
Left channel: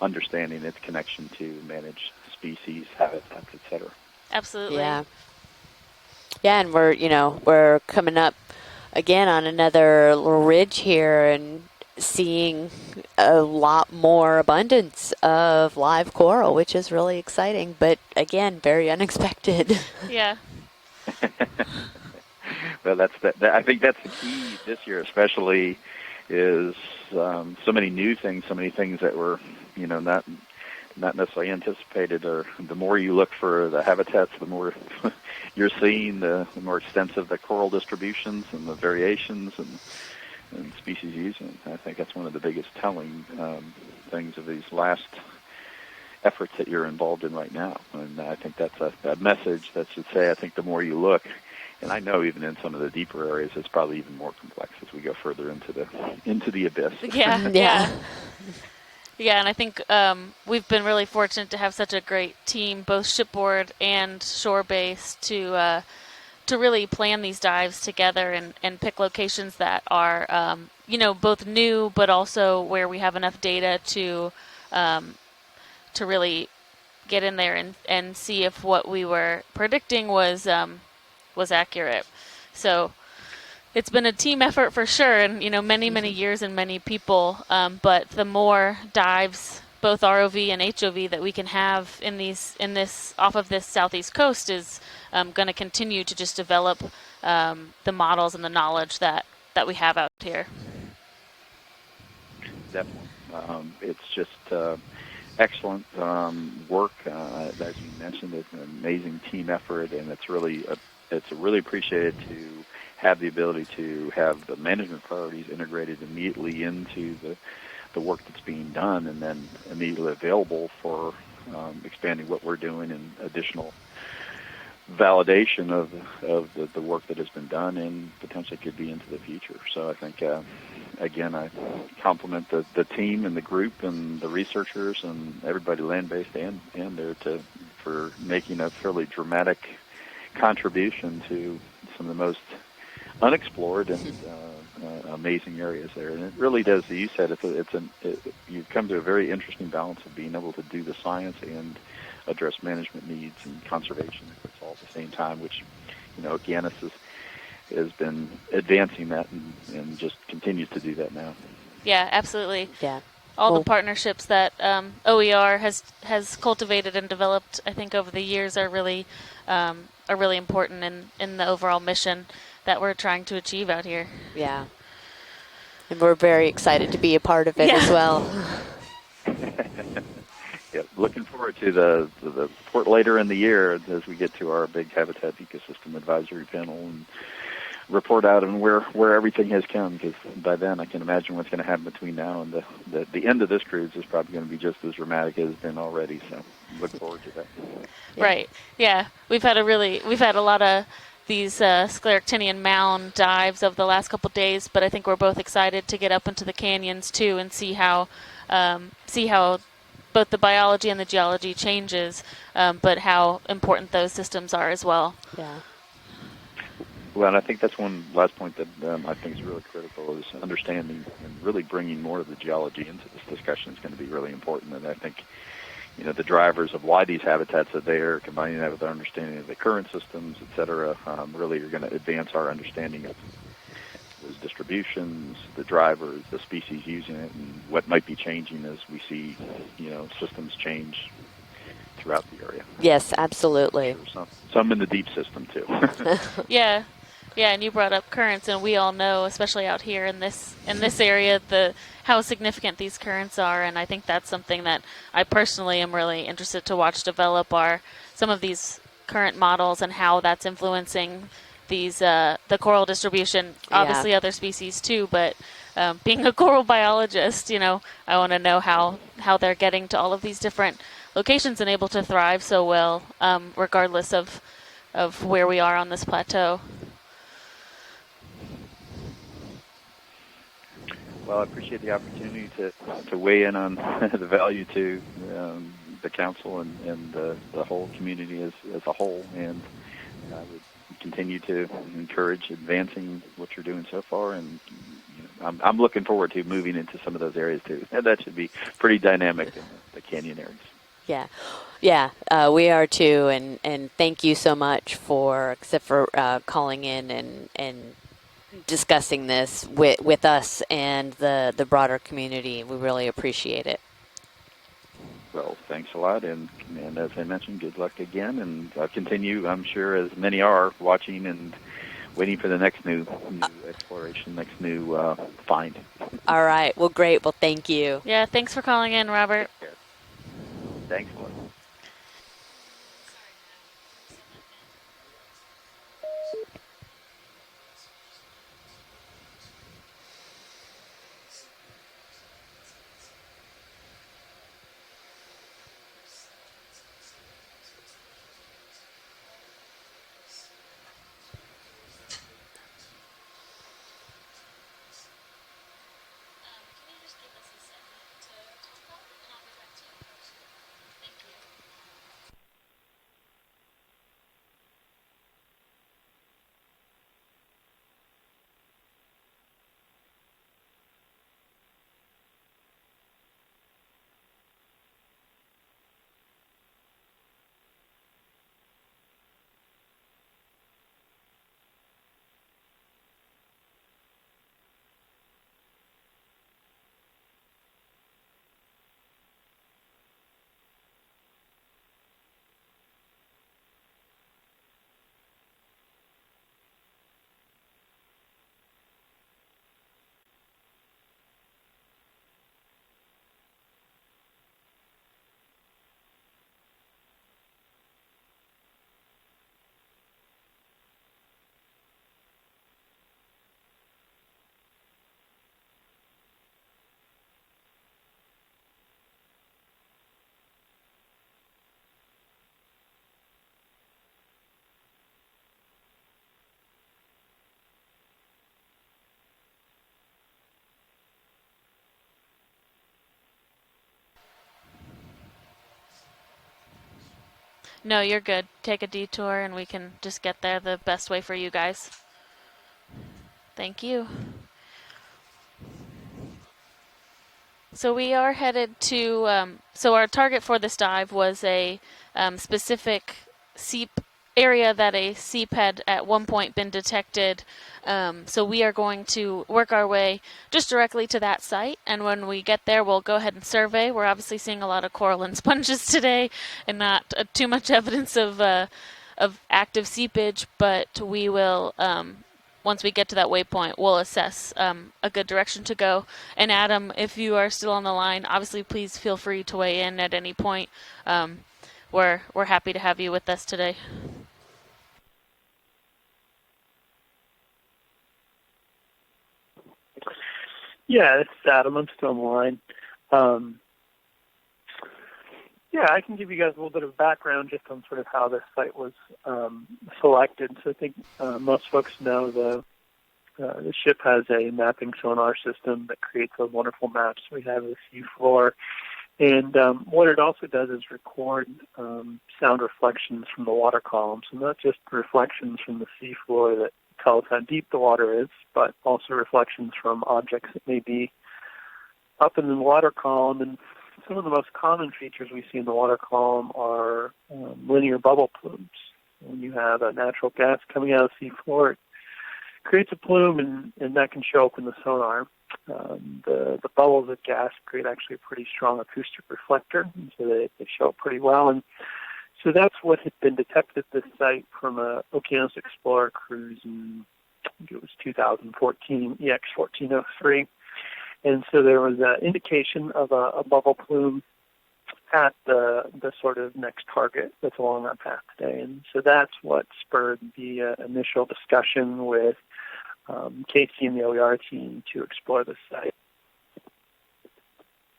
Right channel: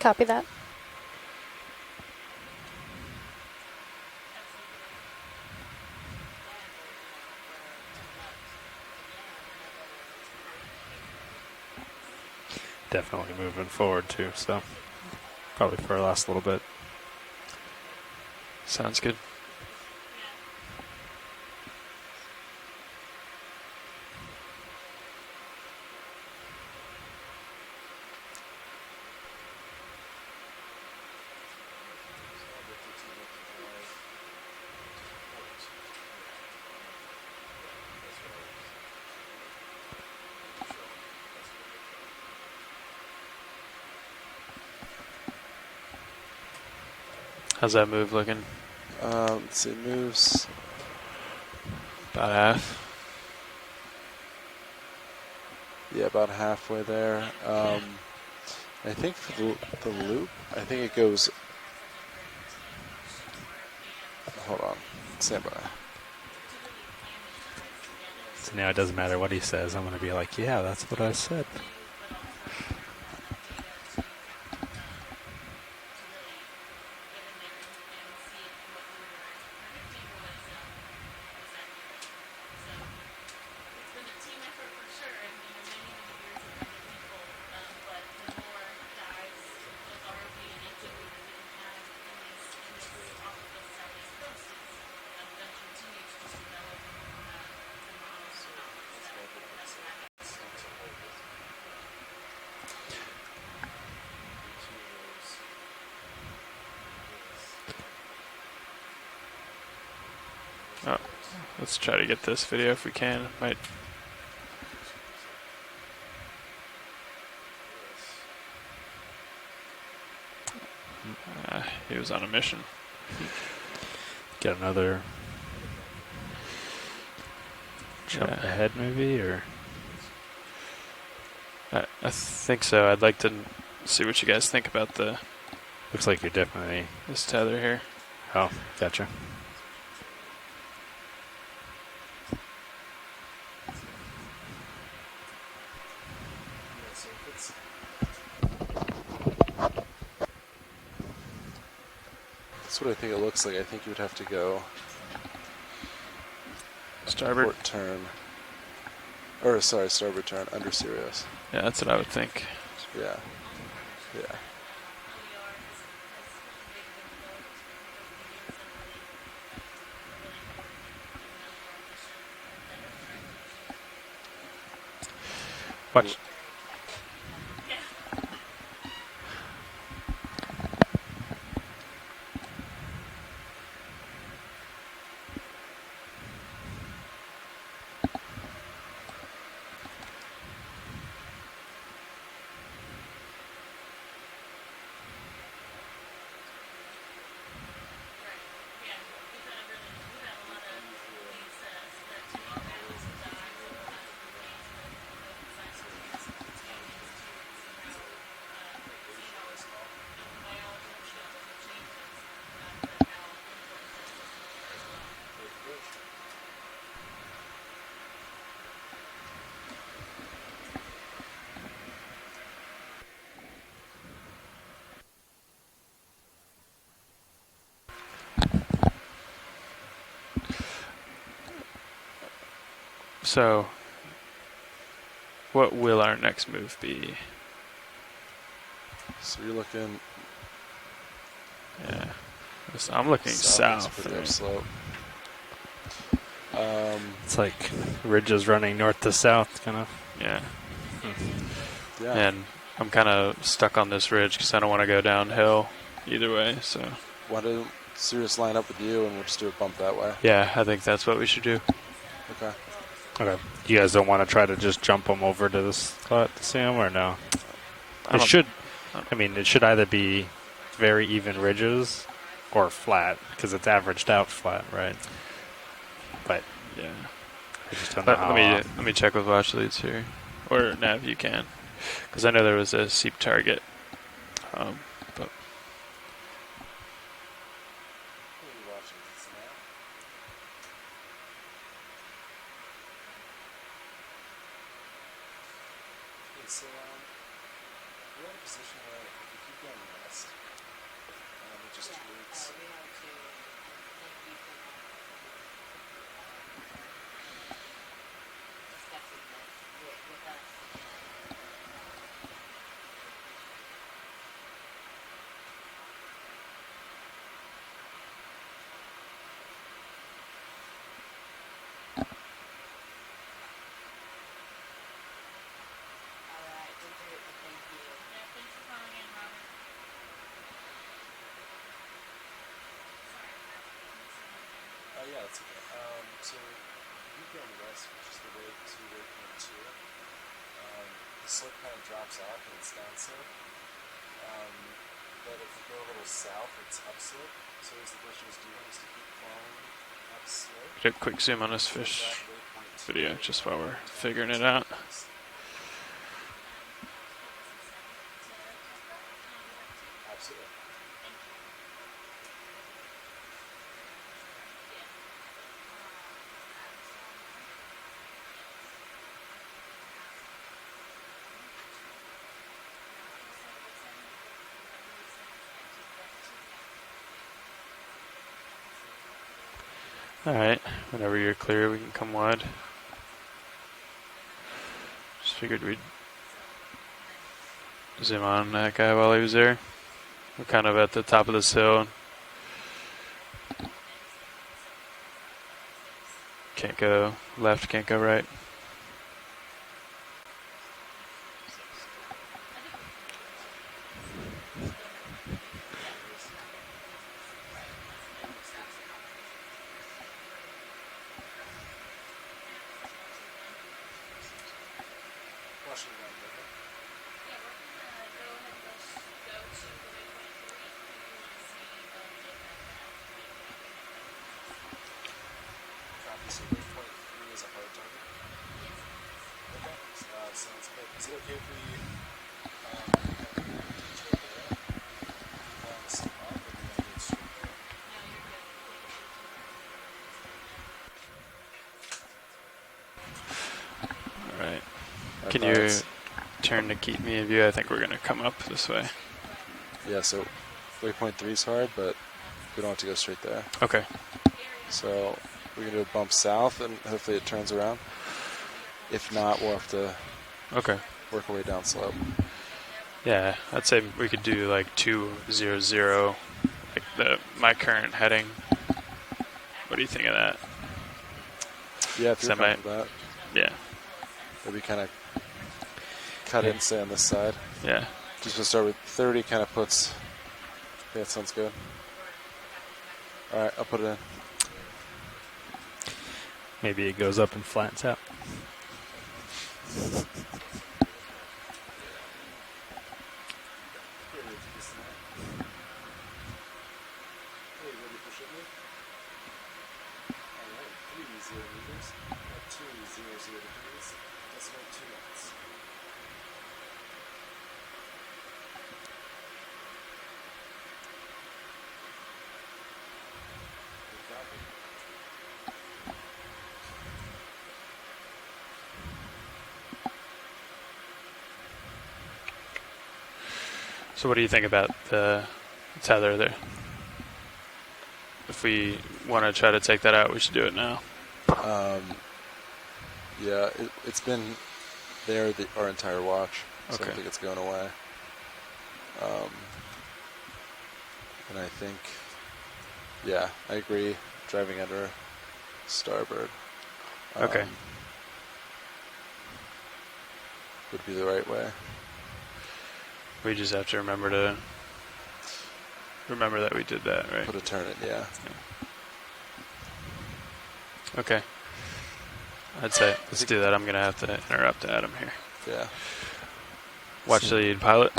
Copy that. understanding its connection to managed species, habitats, etc. Absolutely. Yeah. Yeah, and we're coming up again on another little ridge here and seeing a lot more abundance of live coral, which is really exciting, but again, very Sounds unexpected. Yeah. Well, I think that's the key this year, especially, is so many new things, so many things that were, not necessarily anticipated. Or the more you look for the habitats, the more you're seeing, the more extensive the coral distributions and the variations and species using. I think that's one of the biggest telling things of these last efforts that you're involved in right now. How's that move looking? I think that's a message that should say, I think the more you look, and I know even in some of the deeper areas, it's probably even more complex as we go further into the abyss. Yeah. I think and I think we've been really fortunate to have such a great team, both shipboard and shore-based, to really plan these dives together and pick locations that are, both new, but also where we have enough data to really get in there and see if what we were predicting was accurate. So it's been a team effort for sure, and many years and many people. But the more dives, both ROV and HOV, that we can have in this off of this southeast coast is going to continue to just develop the models and the knowledge that we have out here. Definitely. It's just excellent work. As you mentioned, it's an amazing team effort, and it's really appreciated get this video if we can. Have the ability to have the management priorities integrated immediately into the work that's being done, and then immediately available for expanding what we're doing and additional validation of the work that has been done and jump ahead maybe, or so. I think again, I compliment the I'd team like to and the group and see what you the guys think about researchers and everybody. Looks like you're definitely this tether here for making a really dramatic contribution to some of the most unexplored and amazing areas there. And it really does, as you said, you come to a very interesting balance of being able to do the science and address management. That's what I think it looks like. I think you'd have to go all at the same time, which Okeanos starboard has been advancing that. Starboard turn. Continue to do that now. Yeah, that's what I would think. Absolutely. Yeah. All the partnerships that OER has cultivated and developed, I think, over the years are really important in the overall mission that we're trying to achieve out here. Yeah. And we're very excited to be a part of it as well. Yeah, looking forward to the report later in the year as we get to our big habitat ecosystem advisory panel, and report out on where everything has come, because by then I can imagine what's going to happen between now and the end of this cruise is probably going to be just as dramatic as it's been already. So look forward to that. Right. Yeah. We've had a lot of these scleractinian mound dives over the last couple days, but I think we're both excited to get up into the canyons too and see how both the biology and the geology changes, but how important those systems are as well. Yeah. Well, and I think that's one last point that I think is really critical is understanding and really bringing more of the geology into this discussion is going to be really important. And I think, the drivers of why these habitats are there, combining that with our understanding of the current systems, et cetera, really are going to advance our understanding of those distributions. What will our next move be? And what might be changing as we see systems change throughout the area. Yes, absolutely. Some in the deep system too. Yeah, and you brought up currents, and we all know, especially out here in this area, how significant these currents are, and I think that's something that I personally am really interested to watch develop some of these current models and how that's influencing these the coral distribution. Obviously, other species too, but being a coral biologist, I want to know how they're getting to all of these different locations and able to thrive so well, regardless of where we are on this plateau. Let me check with watch leads here. Or Nav, you can. Well, I appreciate the opportunity. Because I know there was a Seep to weigh target. in on the value to the council and the whole community as a whole, and we continue to encourage advancing what you're doing so far, and I'm looking forward to moving into some of those areas too. And that should be pretty dynamic in the canyon areas. Yeah, we are too, and thank you so much for calling in and discussing this with us and the broader community. We really appreciate it. Well, thanks a lot, and as I mentioned, good luck again, and I'll continue, I'm sure, as many are, watching and waiting for the next new exploration, next new find. All right. Well, great. Well, thank you. Yeah, thanks for calling in, Robert. Thanks. Slope kind of drops off and it's downslope. But if we go a little south, it's upslope. So as the bush is doing is to keep going upslope. Get a quick zoom on this fish video just while we're figuring it out. Absolutely. Alright, whenever you're clear, we can come wide. Just figured we'd zoom on that guy while he was there. We're kind of at the top of this hill. Can't go left, can't go right. So waypoint 3 is a hard target. Okay, sounds good. Is it okay if we No, you're good. Take a detour and we can just get there the best way for you guys. Thank you. All right. Can you turn to keep me in view? I think we're so going to we come are up headed this way. to, so our target for this dive was a specific Seep area that a Seep had at one point been detected. So we are going to work our way just directly to that site, and when we get there, we'll go ahead and survey. We're obviously seeing a lot of coral and sponges today, and not too much evidence of active seepage, but we will, once we get to that waypoint, we'll assess a good direction to go. And Adam, if you are still on the line, obviously please feel free to weigh in at any point. We're happy to have you with us today. Maybe it goes up and flattens out. Yeah, it's Adam. I'm still on the line. Yeah, I can give you guys a little bit of background just on sort of how this site was selected. So I think most folks know the ship has a mapping sonar system that creates those wonderful maps we have of the seafloor. And what it also does is record sound reflections from the water column. So not just reflections from the seafloor that tell us how deep the water is, but also reflections from objects that may be up in the water column. And so what do you think about the we see in the water column are linear bubble. If we want to try to take that out, we should do it now. Coming out of the seafloor, creates a plume, and that can show up in the sonar. Our entire watch. The bubbles of gas create actually a pretty strong acoustic reflector, and so they show up pretty well. And so that's what has been detected at this site from a Okeanos Explorer cruise in it was 2014 EX1903. And so there was an indication of a bubble plume at the sort of next target that's along our path today. And so that's what spurred the initial discussion with I'd say, let's do that. I'm going to have to interrupt Adam to explore the site. Watch the lead pilot.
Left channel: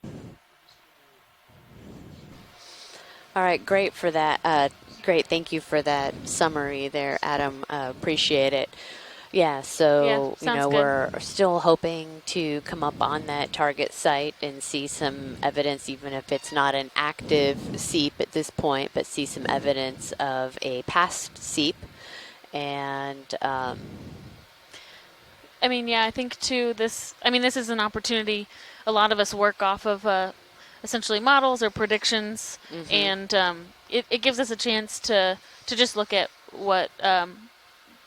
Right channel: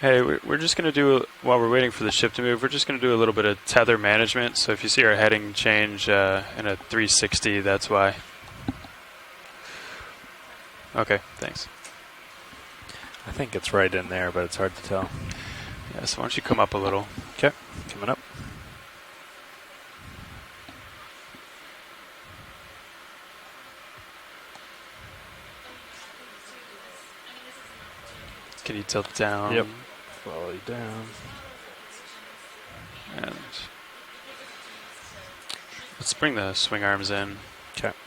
Hey, we're just going to do, while we're waiting for the ship to move, we're just going to do a little bit of tether management. So if you see our heading change in a 360, that's why. Appreciate it. Yeah, so we're still hoping to come up on that target site and see some evidence, even if it's not an active seep at this point, but see some evidence of a past seep. And I mean, yeah, I think too this is an opportunity. A lot of us work off of essentially models or predictions, and it gives us a chance to just look at what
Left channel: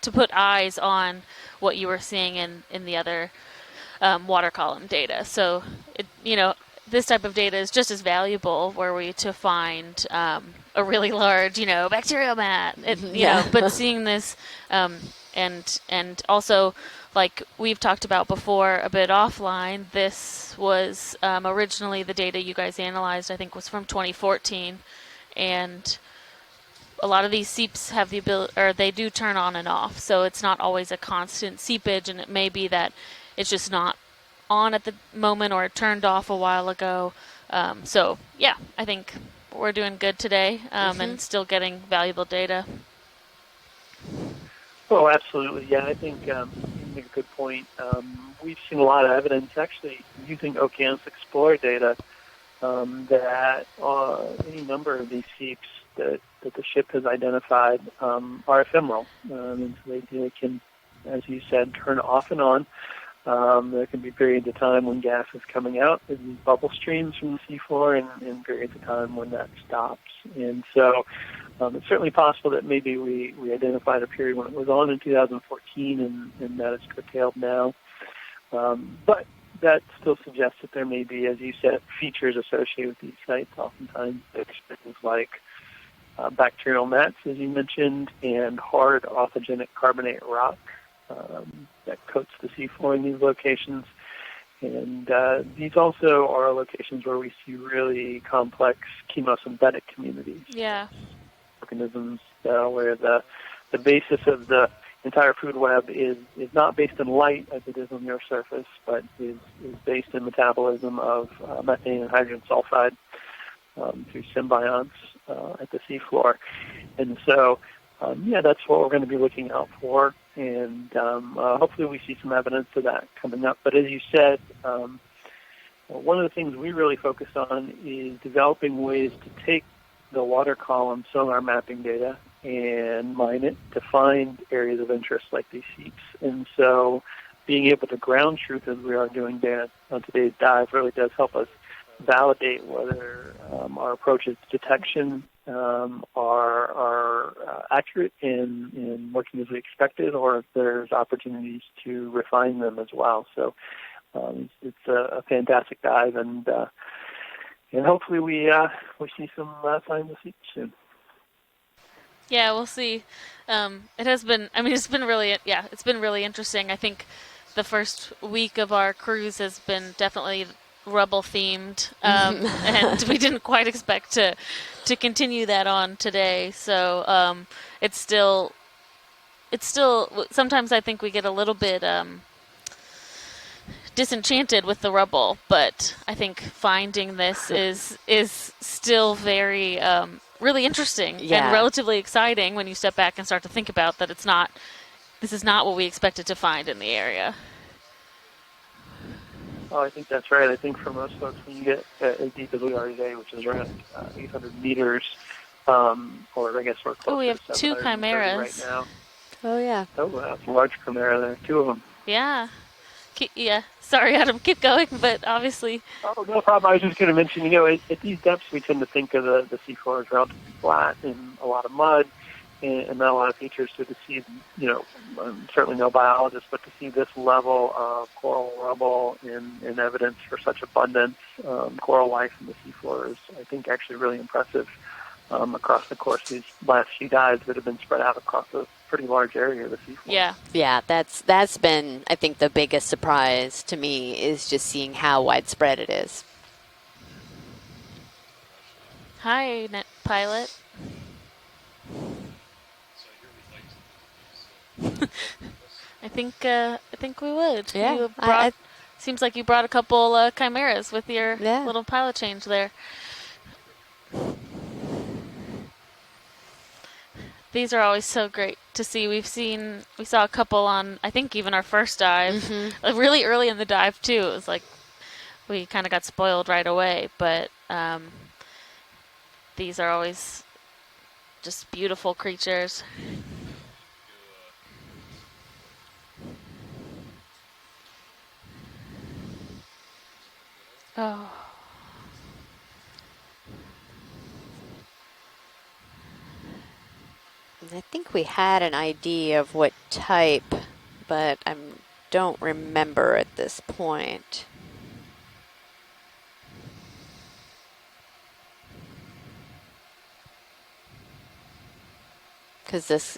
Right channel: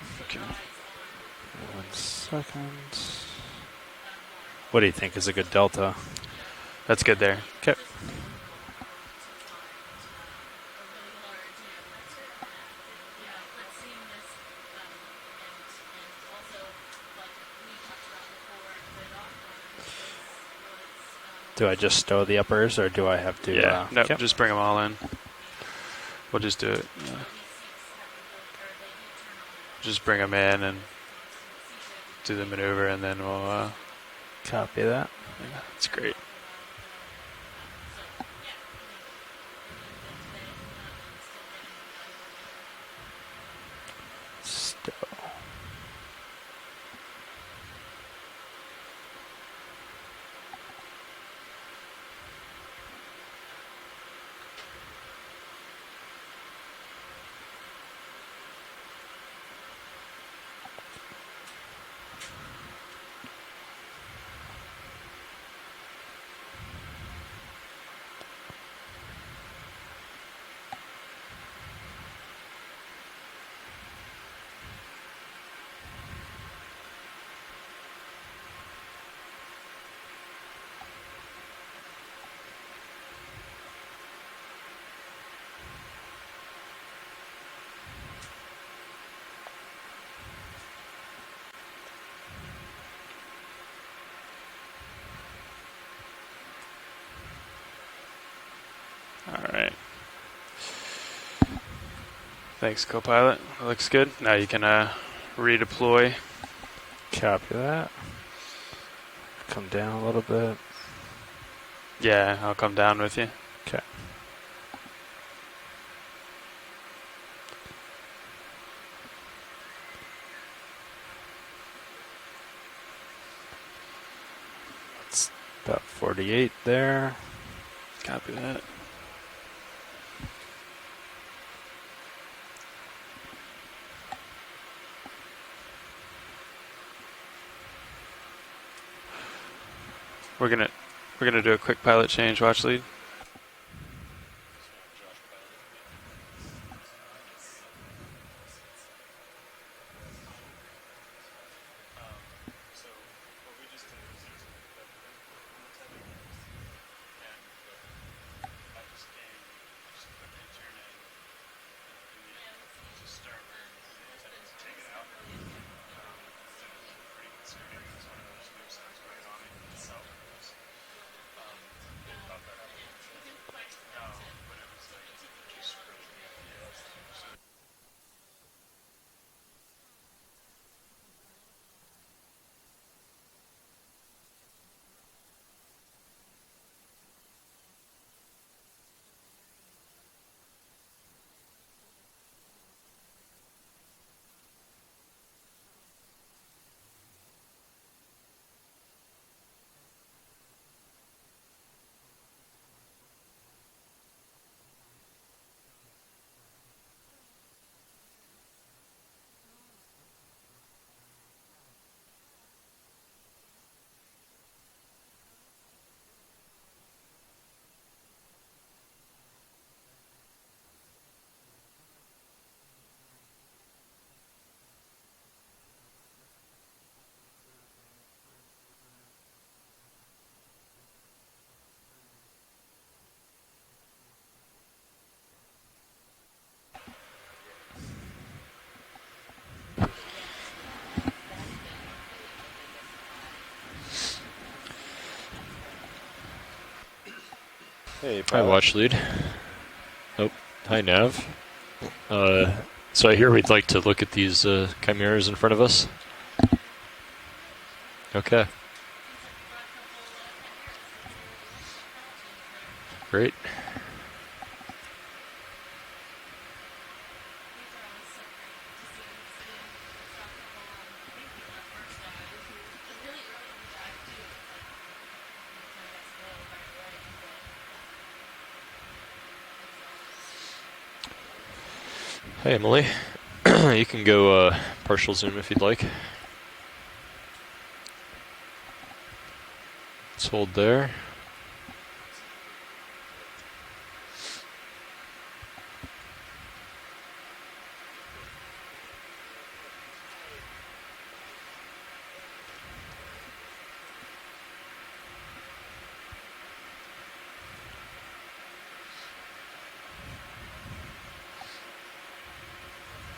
to put eyes on what you were seeing in the other water column data. What do you think is a good delta? This type of data is just as valuable were we to find a really large, bacterial mat. But seeing this, and also, like we've talked about before a bit offline, this was originally the data you guys analyzed. I think it was from 2014. Just bring them all in. And we'll just do it. A lot of these seeps have the ability, or they do turn on and off, so it's not always a constant seepage, and it may be that it's just not on at the moment, or it turned off a while ago. So yeah, I think we're doing good today, and still getting valuable data. Oh, absolutely. Yeah, I think you make a good point. We've seen a lot of evidence, actually, using Okeanos Explorer data, that any number of these seeps that the ship has identified are ephemeral. They can, as you said, turn off and on. There can be periods of time when gas is coming out, there's these bubble streams from the seafloor, and periods of time when that stops. And so it's certainly possible that maybe we identified a period when it was on in 2014 and that is curtailed now. But that still suggests that there may be, as you said, features associated with these sites, oftentimes things like bacterial mats, as you mentioned, and hard authigenic carbonate rock that coats the seafloor in these locations. And these also are locations where we see really complex chemosynthetic communities. Yeah. Organisms Thanks, where co-pilot. the Looks basis good. Now you of the can entire food web is not based in light that. on your surface, but is down based a in little bit. metabolism of methane and Yeah, hydrogen I'll come sulfide, down with you. through symbionts at the seafloor. And so, that's what we're going to be looking out for. And hopefully we see some evidence of that coming up. But as you said, one of the things we really focus on is developing ways to take the water column sonar mapping data and mine it to find areas of interest like these seeps. And so being able to ground truth as we are doing there on today's dive really does help us. We're going to do a quick pilot change, watch lead. Whether our approaches to detection are accurate and working as we expected, or if there's opportunities to refine them as well. So it's a fantastic dive, and hopefully we see some signs of seeps soon. Yeah, we'll see. It has been, it's been really interesting. I think the first week of our cruise has been definitely rubble themed, and we didn't quite expect to continue that on today. So it's still sometimes I think we get a little bit disenchanted with the rubble, but I think finding this is still very really interesting and relatively exciting when you step back and start to think about that this is not what we expected to find in the area. Oh, I think that's right. I think for most folks, when you get as deep as we are today, which is around 800 meters, or I guess we're close we have to 2 chimeras right now. Oh, yeah. Oh, wow, that's a large chimera there, 2 of them. Yeah. Yeah. Sorry, Adam, keep going, but obviously. Oh, no problem. I was just going to mention, at these depths, we tend to think of the seafloor as relatively flat and a lot of mud and not a lot of features. So to see, I'm certainly no biologist, but to see this level of coral rubble in evidence for such abundance coral life in the seafloor is, I think, actually really impressive across the course of these last few dives that have been spread out across a pretty large area of the seafloor. Yeah. Yeah, that's been, I think, the biggest surprise to me is just seeing how widespread it is. Hey, Hi, Watch Lead. Hi, Pilot. Oh, hi, Nav. So I hear we'd like to look at these chimeras in front of us. I think we would. Yeah. Okay. Seems like you brought a couple chimeras with your little pilot change there. Great. These are always so great to see. We saw a couple on, I think, even our first dive, really early in the dive too. It was like we kind of got spoiled right away, but these are always just beautiful creatures. Hey, Emily. You can go partial zoom if you'd like. Let's hold there. Oh. I think we had an idea of what type, but I don't remember at this point. Because this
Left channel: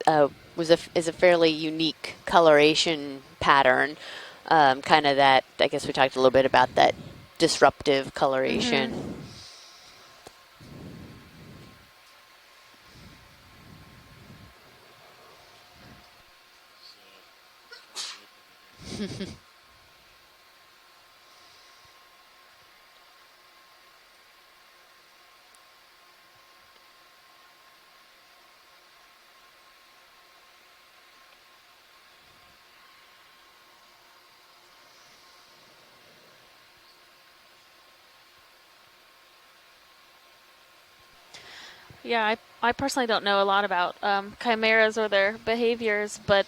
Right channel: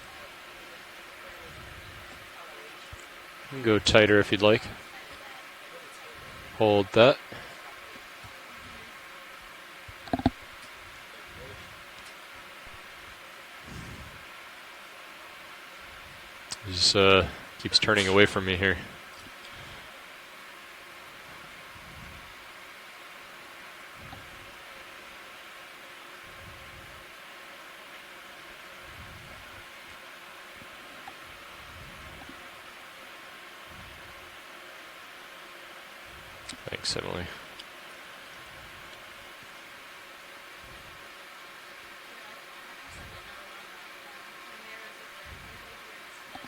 is a fairly unique coloration pattern. Go tighter if you'd like. Kind of that, I guess we talked a little bit about Hold that. Disruptive coloration. Just keeps turning away from me here. Thanks, Emily. Yeah, I personally don't know a lot about chimeras or their behaviors, but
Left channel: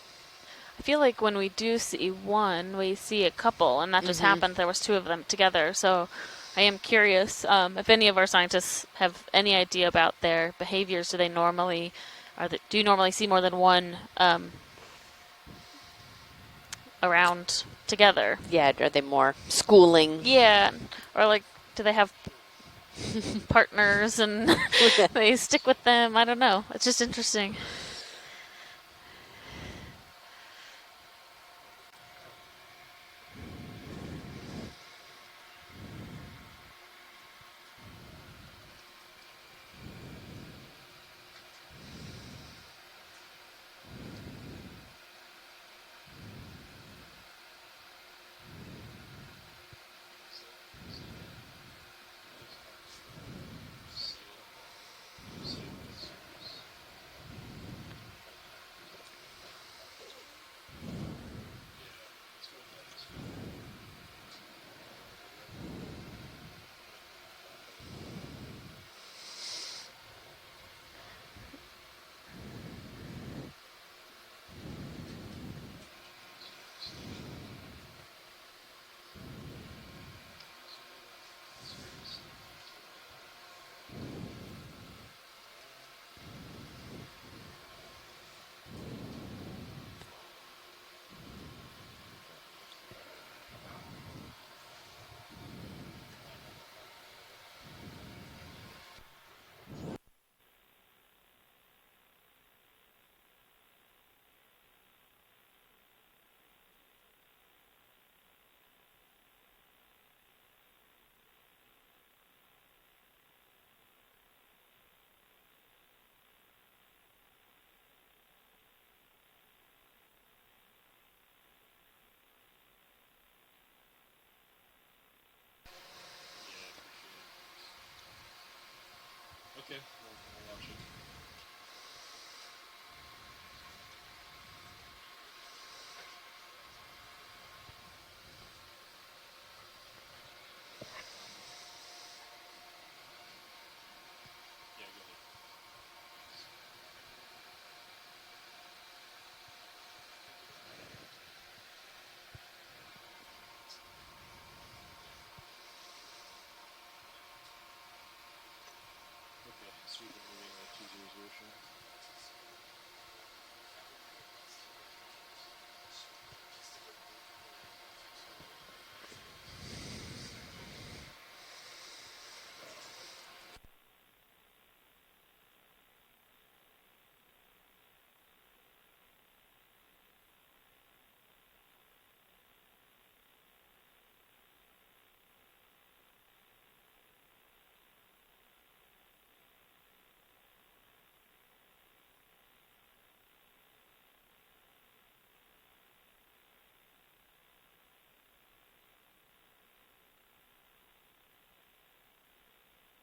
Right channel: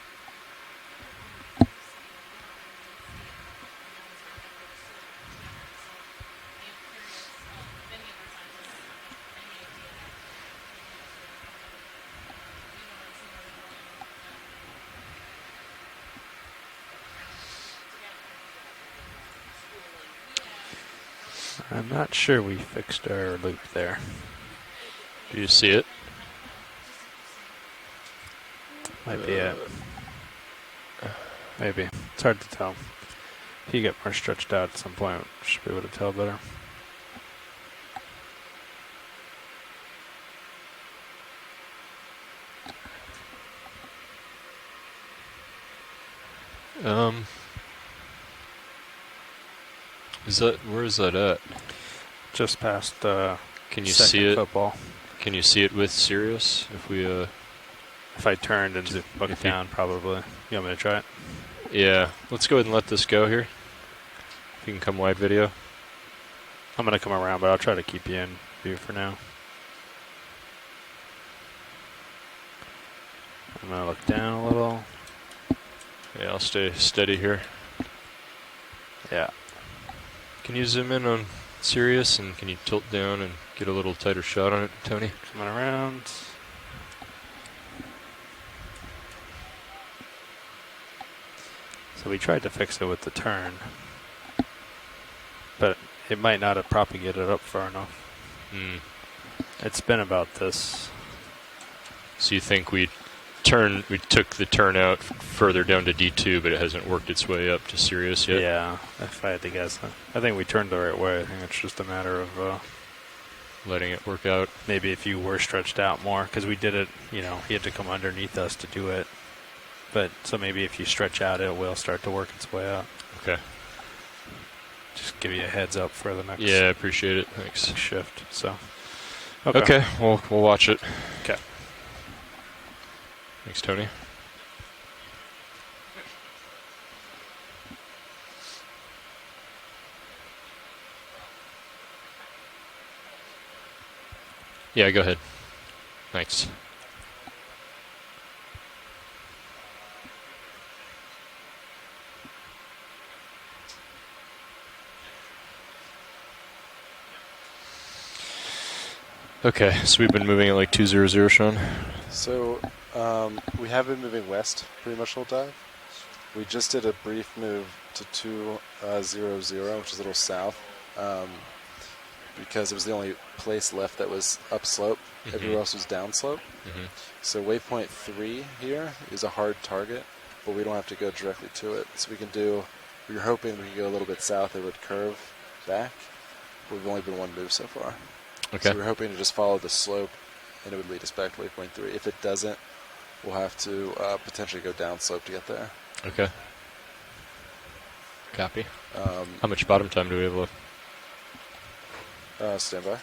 I feel like when we do see one, we see a couple, and that just happened. There was 2 of them together, so I am curious if any of our scientists have any idea about their behaviors. Do you normally see more than one around together? Yeah, are they more schooling? Yeah, or like, do they have? I'm not sure we fixed our partners and they stick with them. I don't know. It's just interesting. Might be it. Maybe. It's hard to tell. If you get more stretched out at some point, we should be able to tell better. Where is that at? Just past Can you see it? Football. Can you see it with Sirius? If we if I turned and looked down, probably. You want me to try it? Yeah. Let's go ahead and let this go here. If you can come wide video. I'm gonna come around, but I'll try to keep you in view for now. I'm gonna look down a little. Yeah, I'll stay steady here. Yeah. Can you zoom in on Sirius, and can you tilt down and get a little tighter shot on it, Tony? Coming around. So we tried to fix it with the turn, but it might not have propagated up far enough. It's been about this. So you think we took the turn out further down to D2, but it hasn't worked its way up to Sirius yet. Yeah, if I had to guess, I think we turned the right way. I think it's just a matter of letting it work out. Maybe if you were stretched out more, because we did it, you know, he had to come underneath us to do it. But so maybe if you stretch out, it will start to work its way out. Okay. Just give you a heads up for the next. Yeah, I appreciate it. Thanks. Next shift. So. Okay. We'll watch it. Okay. Thanks, Tony. Yeah, go ahead. Thanks. Okay, so we've been moving at like 200, Sean? So we have been moving west pretty much the whole time. We just did a brief move to 200, which is a little south, because it was the only place left that was upslope. Everywhere else was downslope. So waypoint 3 here is a hard target, but we don't have to go directly to it. So we were hoping we could go a little bit south, it would curve back, but we've only been one move so far. Okay. So we're hoping to just follow the slope, and it would lead us back to waypoint 3. If it doesn't, we'll have to potentially go down slope to get there. Okay. Copy. How much bottom time do we have left? Stand by.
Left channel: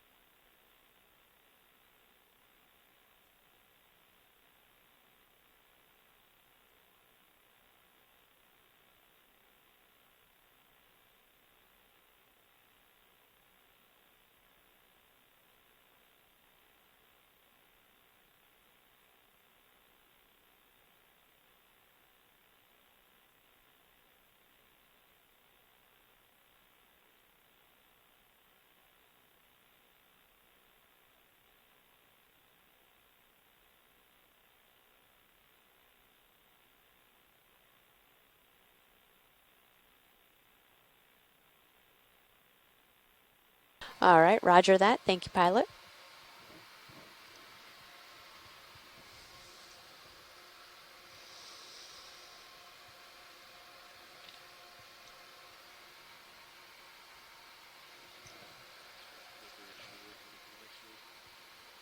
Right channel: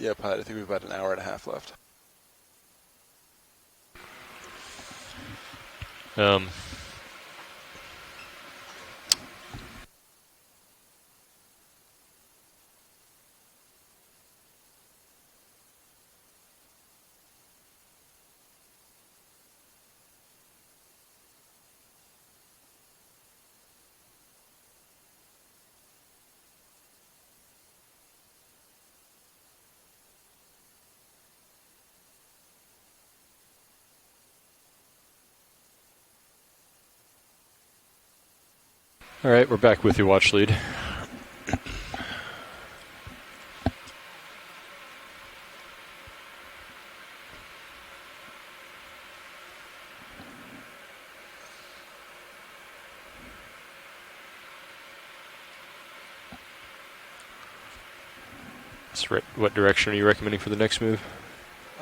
Yeah, Pilot, I think we have about an hour and a half left. All right, we're back with your watch lead. All right, roger that. Thank you, pilot. What direction are you recommending for the next move?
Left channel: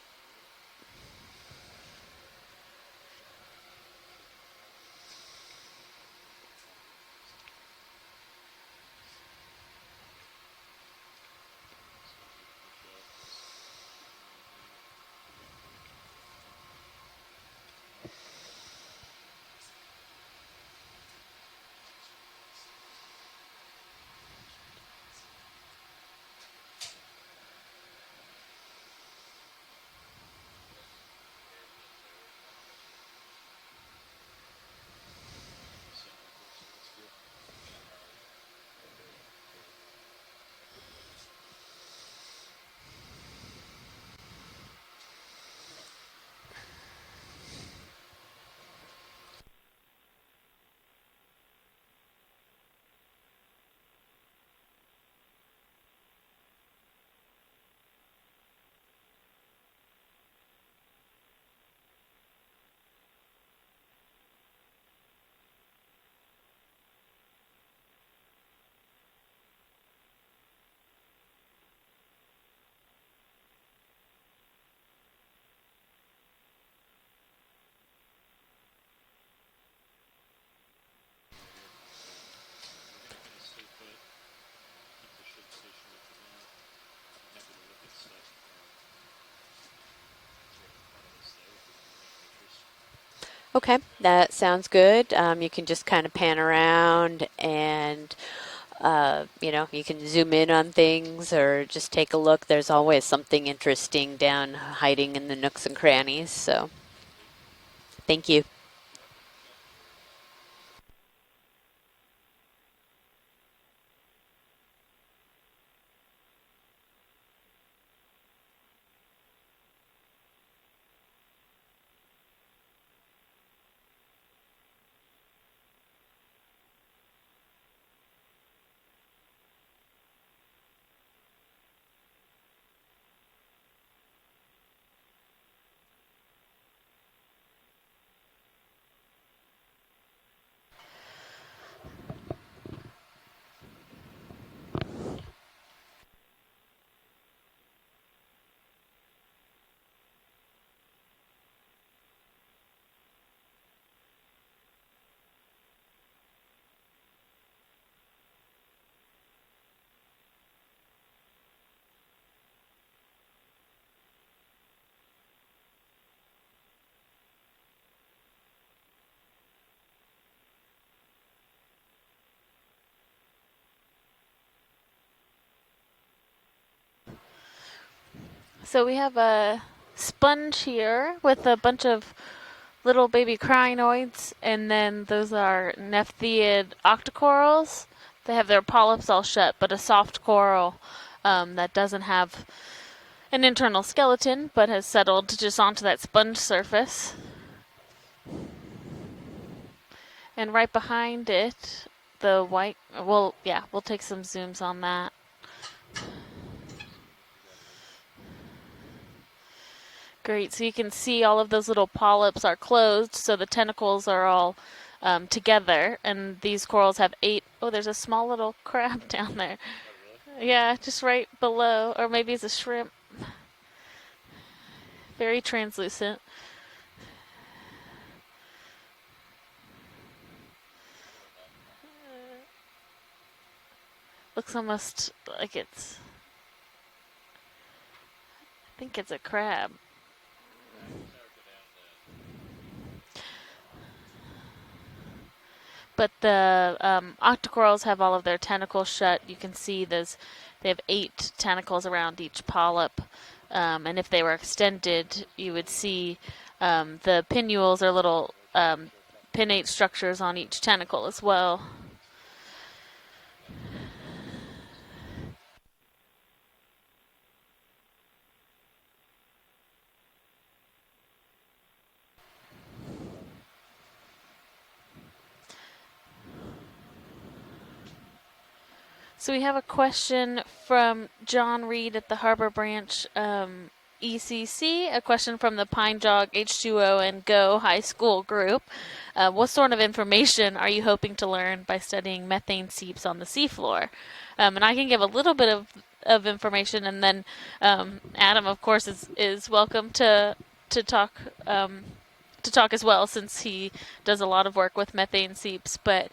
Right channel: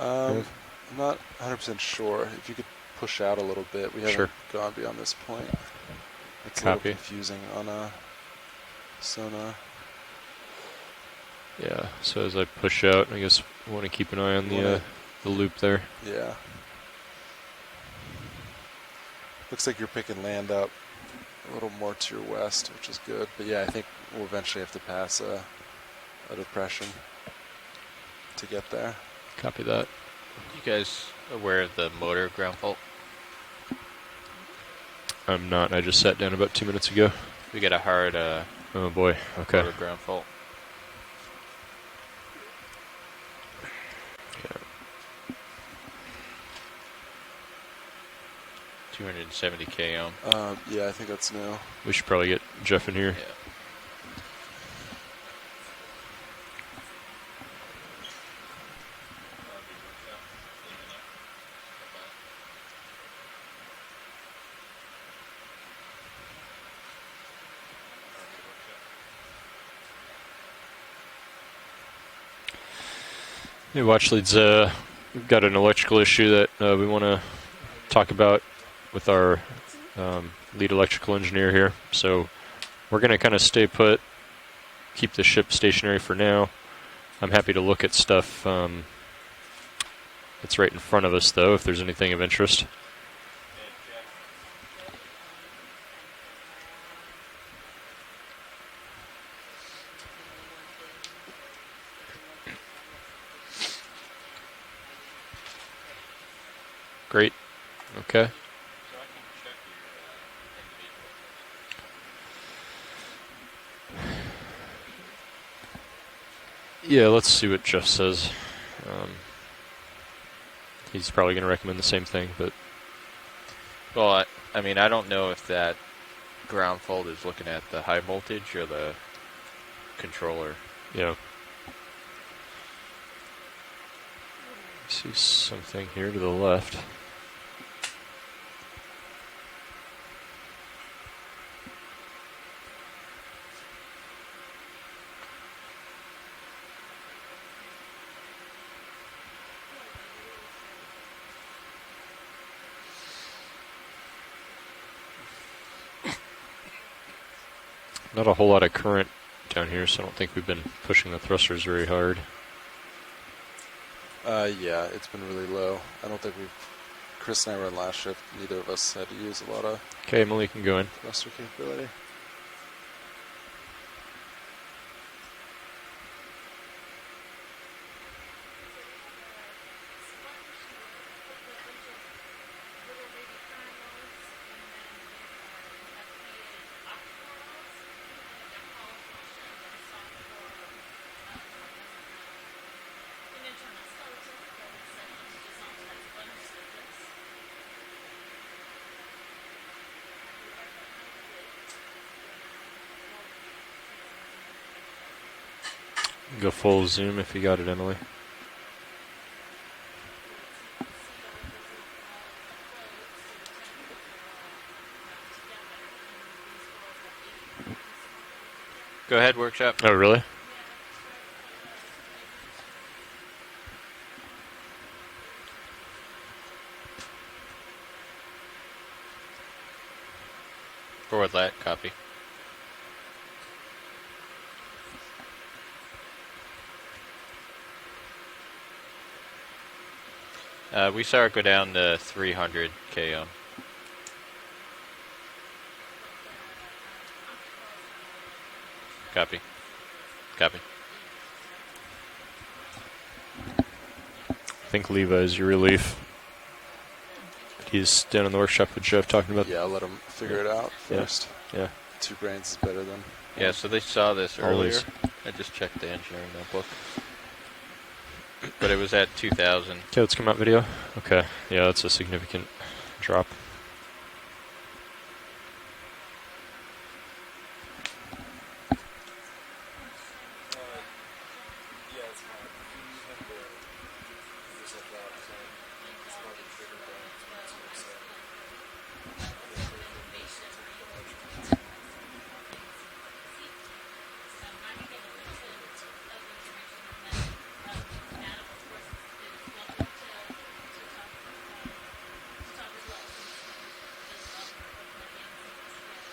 I'm not 100% sure. If you could push out a little bit. We haven't gone beyond this point. It's a little confusing on sonar. Yeah, so as I push out, I guess I want to keep an eye on the loop there. Yeah. Looks like you're picking land up a little more to your west, which is good. But yeah, I think we'll eventually have to pass a depression to get there. Copy that. You guys aware of the motor ground fault? I'm not. I just sat down about 2 minutes ago. We got a hard oh boy. Okay. motor ground fault. Okay. 270 km. Yeah, I think that's new. We should probably get Jeff in here. Yeah. Hey, watch leads. We've got an electrical issue that we want to talk about with our lead electrical engineer here. So we're going to kind of stay put, keep the ship stationary for now. I'm happy to look at stuff that's right in front of us, though, if there's anything of interest. Okay, that sounds good. You can just kind of pan around and you know, you can zoom in on things or just take a look. There's always something interesting down hiding in the nooks and crannies, so. Great. Okay. Thank you. Yeah, let's see what Jeff says. He's probably going to recommend the same thing, but... Well, I mean, I don't know if that ground fault is looking at the high voltage or the controller. Yeah. See something here to the left. Not a whole lot of current down here, so I don't think we've been pushing the thrusters very hard. Yeah, it's been really low. I don't think Chris and I were in last shift. Neither of us had to use a lot of... Okay, Emily, you can go in. Thruster capability. So we have a sponge here with a bunch of little baby crinoids, and then those are nephtheid octocorals. They have their polyps all shut, but a soft coral that doesn't have an internal skeleton, but has settled just onto that sponge surface. And right behind it, the white, well, yeah, we'll take some zooms on that. Go full zoom if you got it, Emily. Great, so you can see all of those little polyps are closed, so the tentacles are all together, and these corals have 8. Oh, there's a small little crab. Go ahead, workshop. Oh, really? Yeah, just right below, or maybe it's a shrimp. Very translucent. Forward lat, copy. Looks almost like it's... I think it's a crab. We saw it go down to 300 km. But the octocorals have all of their tentacles shut. Copy. You can see those. Copy. They have 8 tentacles around each polyp, and if they were extended, Levi's you relief. would see the pinnules He's or little down in the workshop with Jeff talking about pinnate structures on each tentacle as well. Yeah. 2 grains is better than... Yeah, so they saw this earlier. Always. I just checked the engineering notebook. But it was at 2,000. Okay, let's come out video. Okay, yeah, that's a significant drop. So we have a question from John Reed at the Harbor Branch ECC, a question from the Pine Jog H2O and Go High School group. What sort of information are you hoping to learn by studying methane seeps on the seafloor? And I can give a little bit of information, and then Adam, of course, is welcome to talk as well, since he does a lot of work with methane seeps. But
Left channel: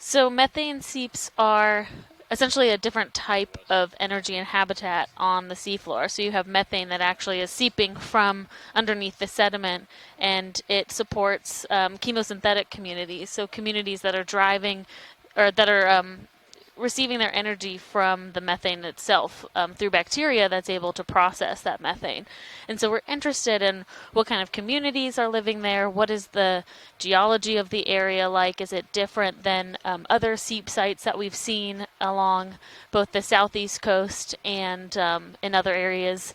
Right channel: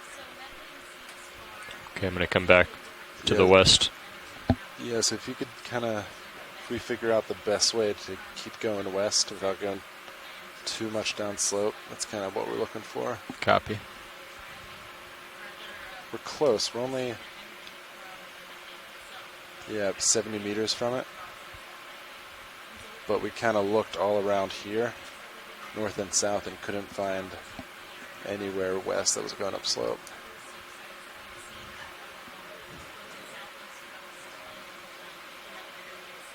so methane seeps are essentially a different type of energy and habitat on the seafloor. So you have methane that actually is seeping from underneath the sediment, and it supports chemosynthetic communities. So communities that are driving, or that are receiving their energy from the methane itself through bacteria that's able to process that methane. And so we're interested in what kind of communities are living there, what is the geology of the area like, is it different than other seep sites that we've seen along both the southeast coast and in other areas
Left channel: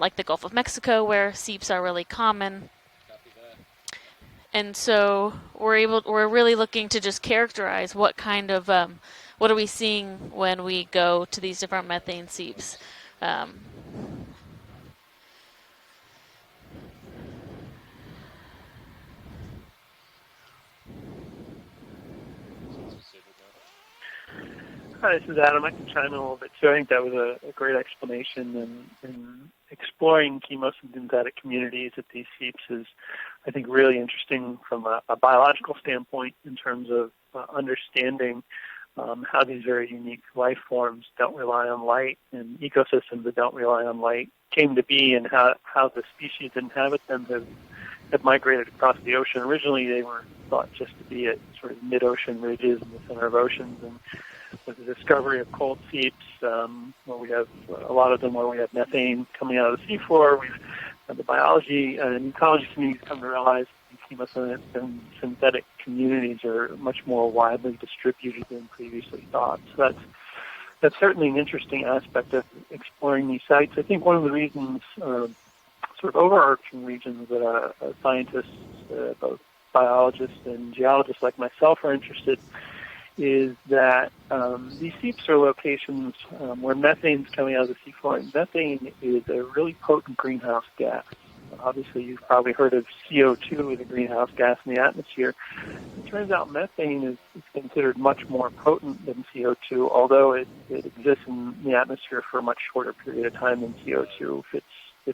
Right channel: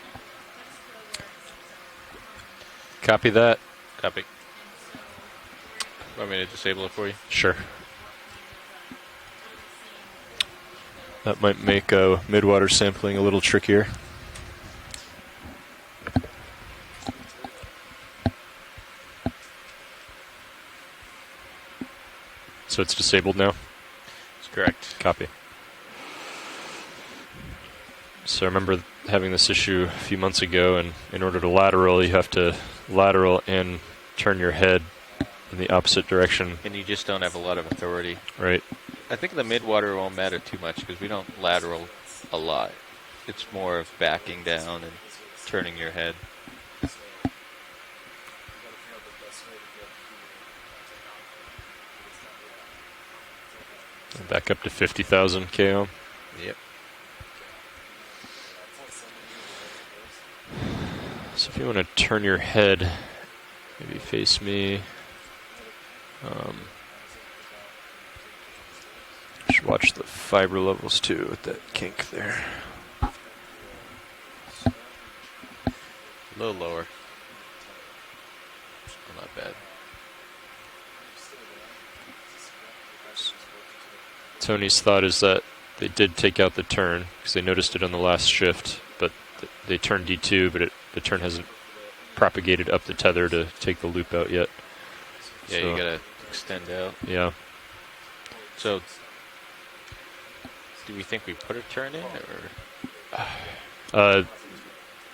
like the Gulf of Mexico, where seeps are really common. Copy that. Copy. And so we're really looking to just characterize what kind of what are we seeing when we go to these different methane That might make midwater seeps. sampling a little trickier. So it's disabled now? That's correct. Hi, Copy. this is Adam. I can chime in a little bit. So I think that was a great explanation. So I remember having this issue a few months ago, and in order to lateral, you have to lateral and turn your head in the opposite direction. And you just don't have a lot of authority. Right. I think the midwater won't matter too much because we don't lateral a lot. Ecosystems that don't more rely of on light backing down came to and be, and how turning the your head. species inhabit them have migrated across the ocean. Originally, they were thought just to be at sort of mid-ocean ridges in the center of oceans. And back up to the 50,000 discovery of coal km. seeps, where we have a lot of them where we have methane coming out of the seafloor. We have the biology want to turn and your ecology head, we come to realize maybe face me. synthetic communities are much more widely distributed than previously thought. Just watch the fiber levels That's too. certainly an with that interesting kink aspect there. of exploring these sites. I think one of the reasons, sort of overarching reasons that scientists, both biologists and geologists like myself are interested is that Tony's these thought is deeper that they locations, did take out the where turn methane's because they coming out noticed of it on the the last soil. shift, Methane but is a really they turned potent D2, but greenhouse gas. the turn hasn't Obviously, you've propagated probably up the heard tether of to CO2 take the as a loop greenhouse out yet. gas in the atmosphere. Yeah, you gotta It turns out stand methane out. is considered much more potent than CO2, although it exists we in put a the turn in, atmosphere for a much shorter period of time than CO2.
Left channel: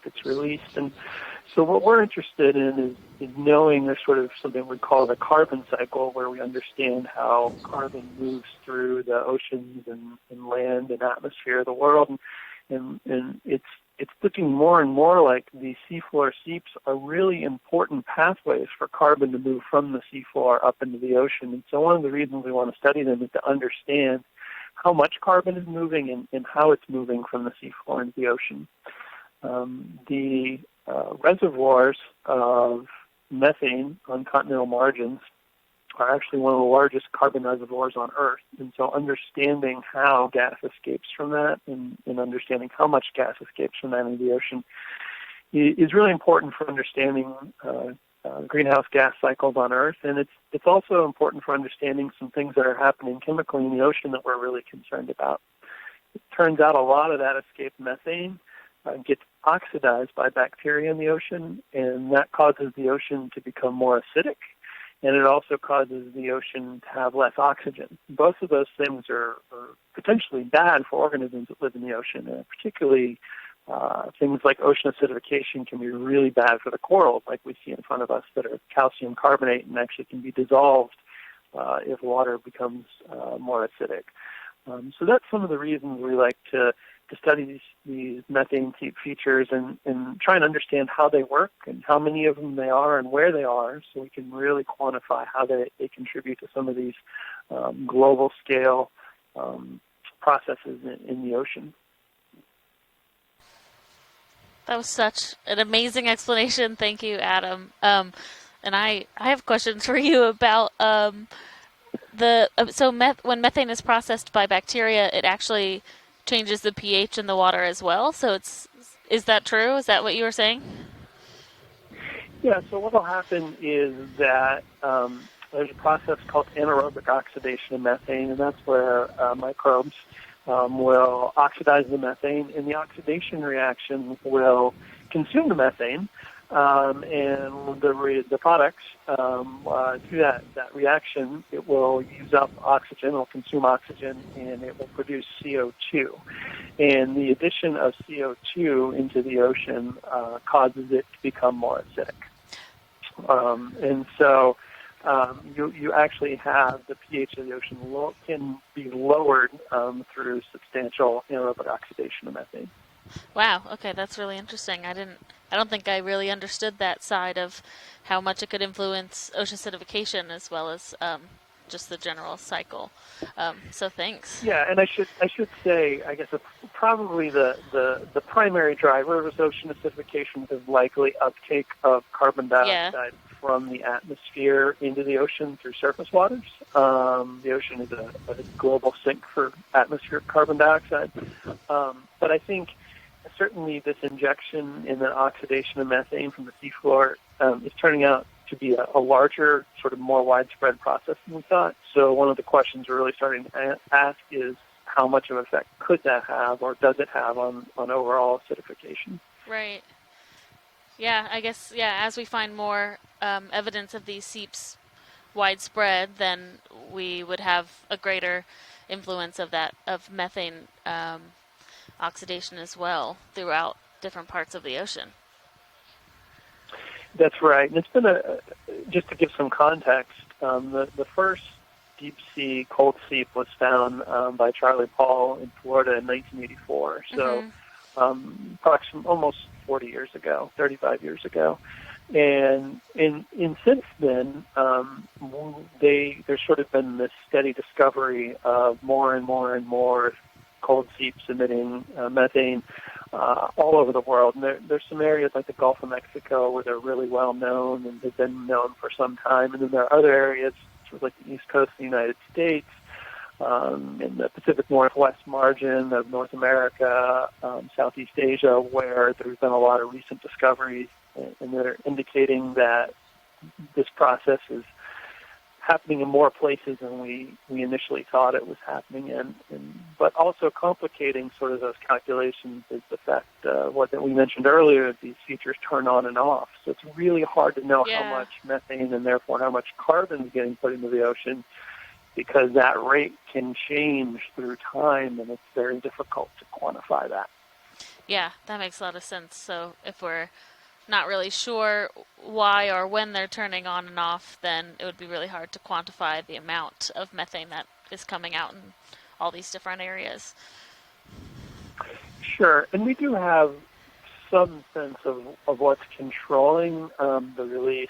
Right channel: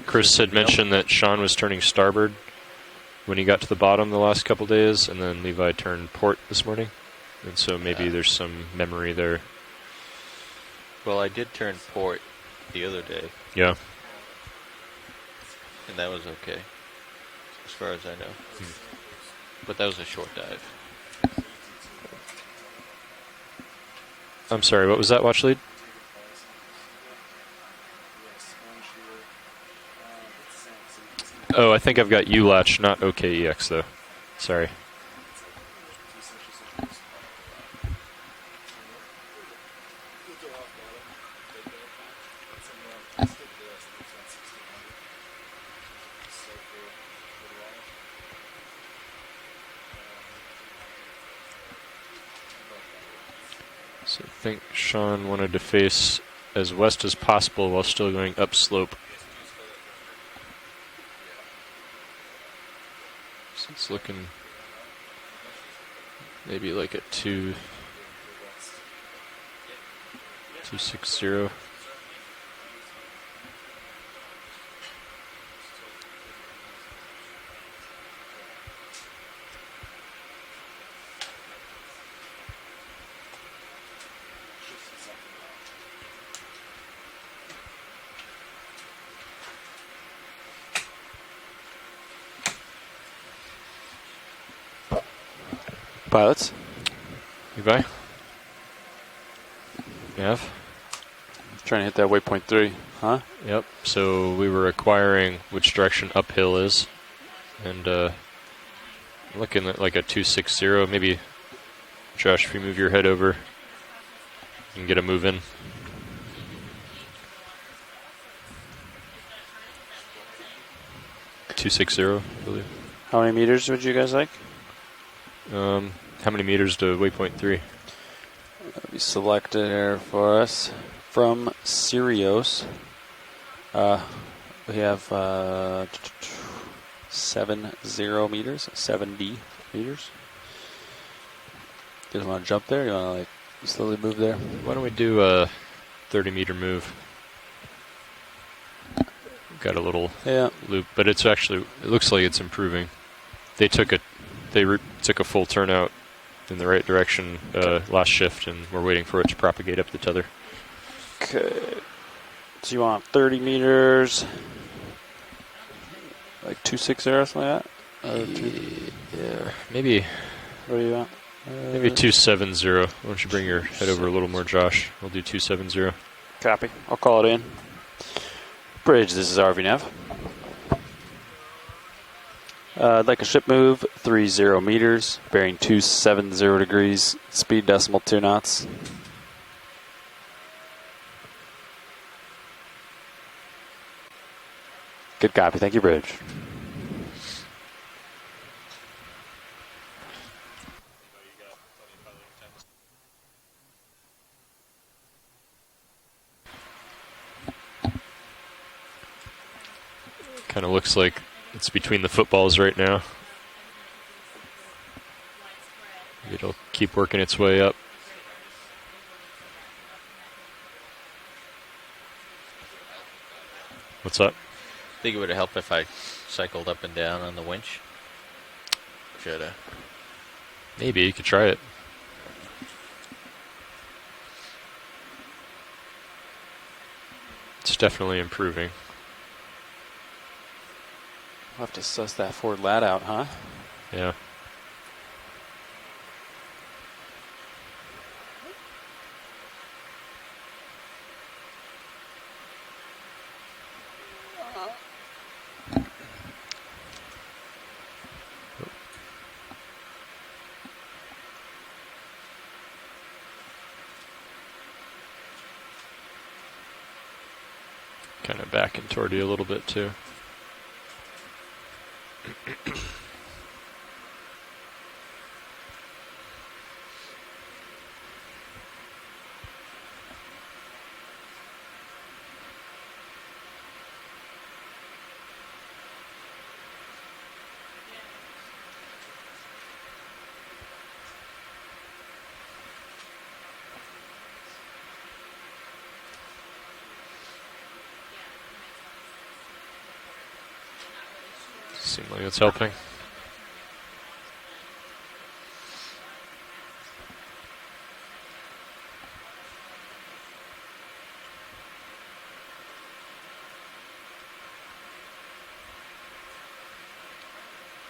Chris had mentioned that Sean was turning what we're starboard interested in is when he got to the knowing bottom the sort of last couple what we call days, the and then carbon Levi cycle, turned where port we this morning. understand how And so carbon maybe there's moves some through memory the there. oceans and land and Well, I did atmosphere of turn the world. port the other day. It's looking more and more like these And that seafloor was okay. seeps are really important I know. pathways for carbon to move But that from was the a short seafloor up into the ocean. And so one of the reasons we want to study them is to understand I'm sorry, how what was much that, watch carbon lead? is moving and how it's moving from the seafloor into the ocean. The reservoirs Oh, I think I've got ULACH, not OKEX though. methane on continental Sorry. margins are actually one of the largest carbon reservoirs on Earth. And so understanding how gas escapes from that and understanding how much gas escapes from that into the ocean is really important for understanding greenhouse gas cycles on Earth. And it's also important for understanding some things that are happening chemically in the ocean that we're I really think concerned Sean about. wanted to face Turns as out a west lot as of that possible escaped while still methane, going upslope. gets oxidized by bacteria in the ocean, and that causes the ocean to become more acidic, and it also causes the ocean to have less oxygen. Both of those things are potentially bad for organisms that live in the ocean, particularly things like ocean acidification can be really bad for the corals, like we see in front of us, that are calcium carbonate and actually can be dissolved if water becomes more acidic. So that's some of the reasons we like to study these methane seep features and try and understand how they work and how many of them there are and where they are, so we can really quantify how they contribute to some of these global scale processes in the ocean. Trying to hit that waypoint 3, huh? Yep. So we were That was acquiring such an which amazing direction uphill explanation. is. Thank you, Adam. And, I have looking questions at like for a you 260, about maybe. Josh, if you move your head over. when methane is processed by bacteria, move it in. actually changes the pH in the water as well. So is that true? Is that what you were saying? 260. Yeah. So what will happen How many meters would you guys like? That, there's a process how many called meters to anaerobic waypoint 3? oxidation of methane, and that's where Select microbes for us will from oxidize the methane, Sirios. and the oxidation reaction will We have consume the methane, and 7 the 0 the meters, product 70 meters. through that reaction, it will You use want to up jump there? oxygen, You want it'll to consume slowly oxygen. move there? Why don't we produce do a CO2. 30-meter move? And the addition of CO2 into the ocean Got a little causes loop, it but it's to actually, become more it looks acidic. like it's improving. They took took a full turnout in the right direction last shift, and we're waiting for it to propagate up the tether. So you want 30 Wow, meters? that's really interesting. I don't think I really understood that 260 or side something of like that? how much it could influence ocean maybe- acidification as well What do you as want? just Maybe the 270. general Why don't you bring your head over a little more, Yeah, Josh? and We'll do I should 270. say, I guess it's Copy. I'll call it probably in. the primary driver Bridge, this is of RV nav. acidification is likely uptake of carbon dioxide. I'd like a ship from move, the 30 atmosphere meters, into the ocean bearing through surface water. 270 degrees, The speed ocean decimal is 2 a knots. global sink for atmospheric carbon dioxide. But I think certainly this injection in the Good copy. oxidation Thank you, of Bridge. methane from the seafloor is turning out to be a larger, sort of more widespread process than we thought. So one of the questions we're really starting to ask is how much of an effect could that have, or does it have on overall acidification? Right. Kind of looks like yeah, I guess, it's between the as we footballs find right more, now. Evidence of these seeps widespread, then It'll keep working we its would way have up. a greater influence of methane oxidation as well throughout different parts of the ocean. I think it would help if I cycled up and down. That's on the right. winch. And it's been just to give some context. Maybe you could first try it. Deep sea cold seep was found by Charlie Paul in Florida in 1984. So It's definitely improving. Almost 40 years ago, 35 years ago. We'll have to suss that Ford Lat out, huh? And since then, there's sort of been this steady discovery of more and more and more cold seeps emitting methane. all over the world. And there's some areas like the Gulf of Mexico where they're really well known and have been known for some time. And then there are other areas, like the East Coast of the United States, in the Pacific Northwest margin of North America, Southeast Asia, where there's been a lot of recent discoveries, and they're indicating that this process is happening in more places than we initially thought it was happening in. But also complicating sort of those calculations is the fact, what we mentioned earlier, that these features turn on and off. So it's really hard to know how much methane and therefore how much carbon is getting put into the ocean, because that rate can change through time, and it's very difficult to quantify that. Yeah, that makes a lot of sense. So if we're not really sure like why or when they're turning on and off, then it would be really hard to quantify the amount of methane that is coming out in all these different areas. Sure, and we do have some sense of what's controlling the release.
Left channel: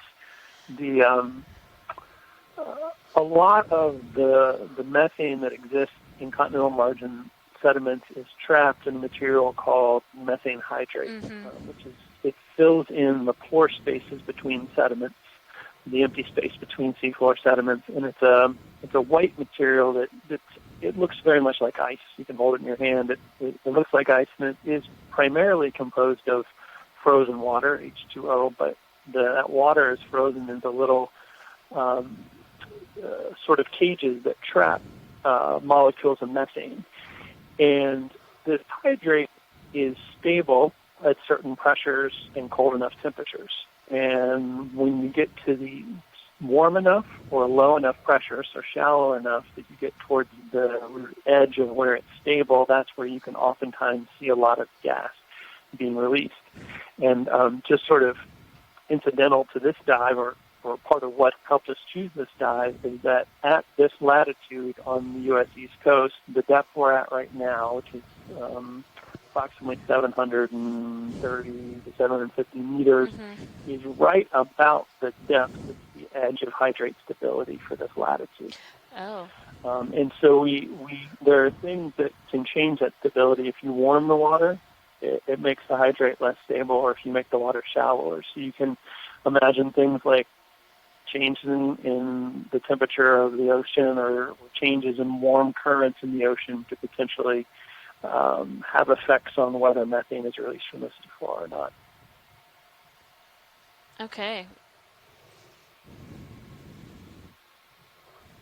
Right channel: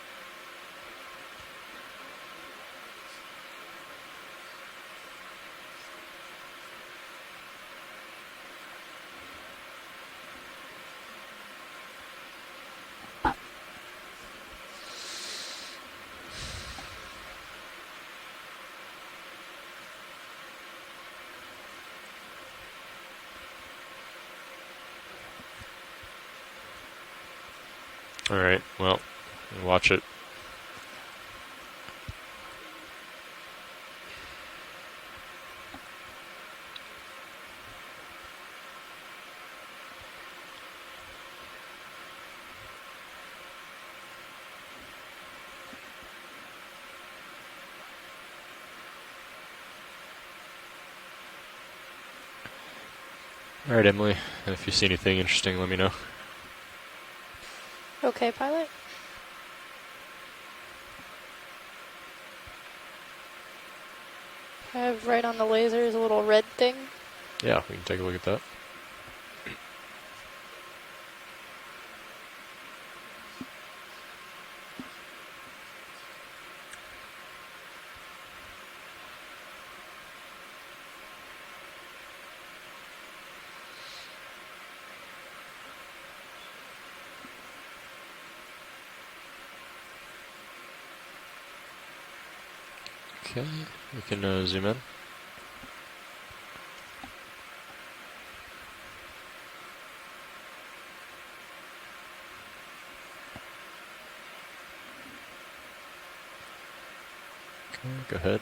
A lot of the methane that exists in continental margin sediments is trapped in a material called methane hydrate, which is, it fills in the pore spaces between sediments, the empty space between seafloor sediments, and it's a white material that it looks very much like ice. You can hold it in your hand. It looks like ice, and it is primarily composed of frozen water, H2O, but that water is frozen into little sort of cages that trap molecules of methane. And this hydrate is stable at certain pressures and cold enough temperatures. And when you get to the warm enough or low enough pressures, or shallow enough that you get towards the edge of where it's stable, that's where you can oftentimes see a lot of if you see anything interesting, let me know. Release. And just sort of incidental to this dive, or part of what helped us choose this dive, is that at this latitude on the U.S. coast, the depth we're at right now, we can take a look at that. Approximately 730 to 750 meters, is right about the depth of the edge of hydrate stability for this latitude. And so there are things that can change that stability. If you warm the water, it makes the hydrate less stable, or if you make the water shallower. So you can imagine things like changes in the temperature of the ocean, or changes in warm currents in the ocean to potentially have effects on whether methane is released from this floor or not. Okay. Go ahead.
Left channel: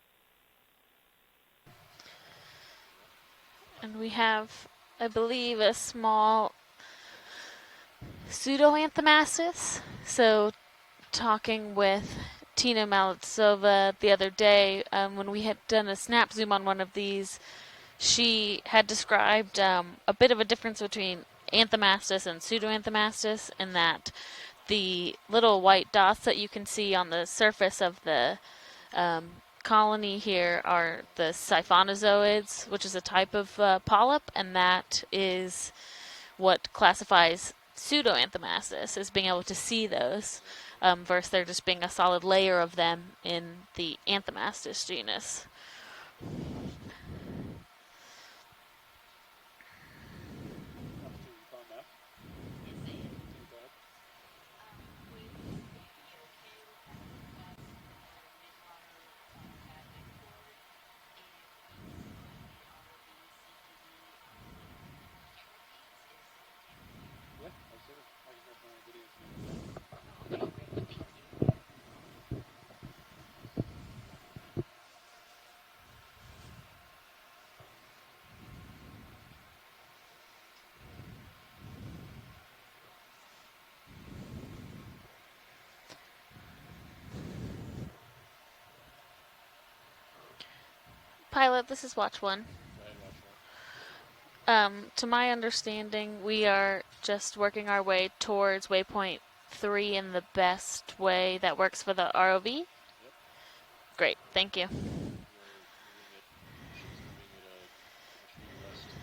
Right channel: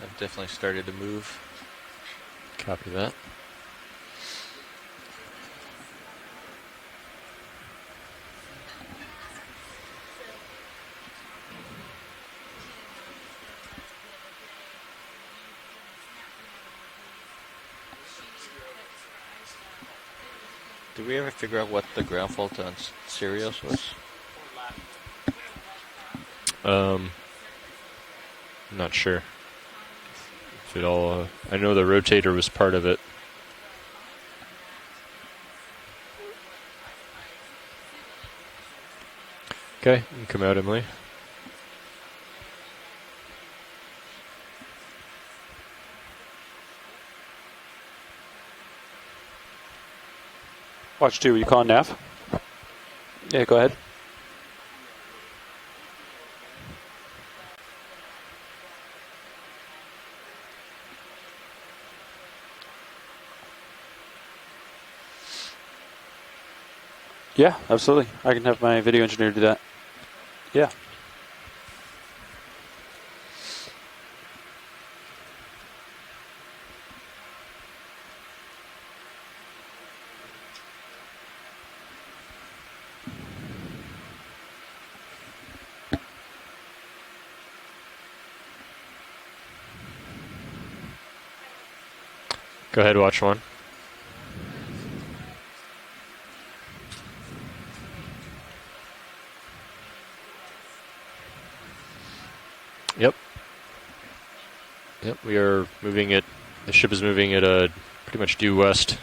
I've definitely started to move. Copy that. And we have, I believe, a small pseudoanthomastus. So talking with Tina Malitsova the other day, when we had done a snap zoom on one of these, she had described a bit of a difference between anthomastus and pseudoanthomastus, in that the little white dots that you can see on the surface of the colony here are the I know the rotator was part of it. Which is a type of polyp, and that is what classifies pseudoanthomastus, as being able to see those. Come out, Emily. Versus there just being a solid layer of them in the anthomastus genus. Watch 2, you calling nav? Yeah, go ahead. Yeah, absolutely. I can have my video engineer do that. Yeah. Pilot, this is watch 1. Go ahead, watch 1. To my understanding, we are just working our way towards waypoint 3 in the best way that works for the ROV. Yep. Great, thank you. Yep, we are moving it. The ship is moving at pretty much due west,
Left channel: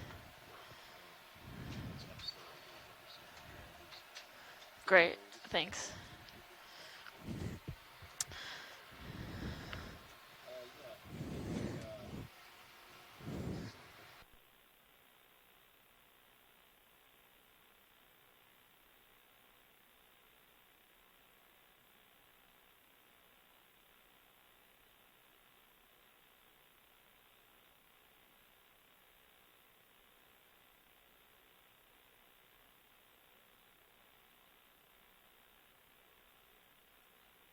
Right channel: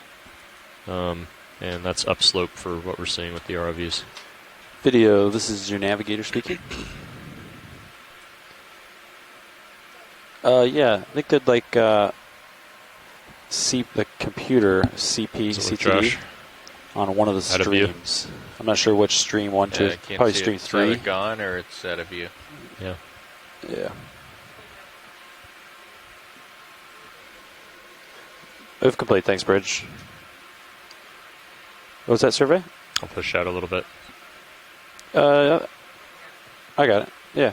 and that's upslope for what we're seeing with the ROVs. Video, this is your navigator speaking. Yeah, I think they'd like Seep, the computer, CP, CTD, on one of the streams. I'm not sure which stream, 1, 2, probably stream 3. Is that gone or it's out of view? Yeah. Yeah. Move complete, thanks, Bridge. What was that survey? I'll push out a little bit. I got it, yeah.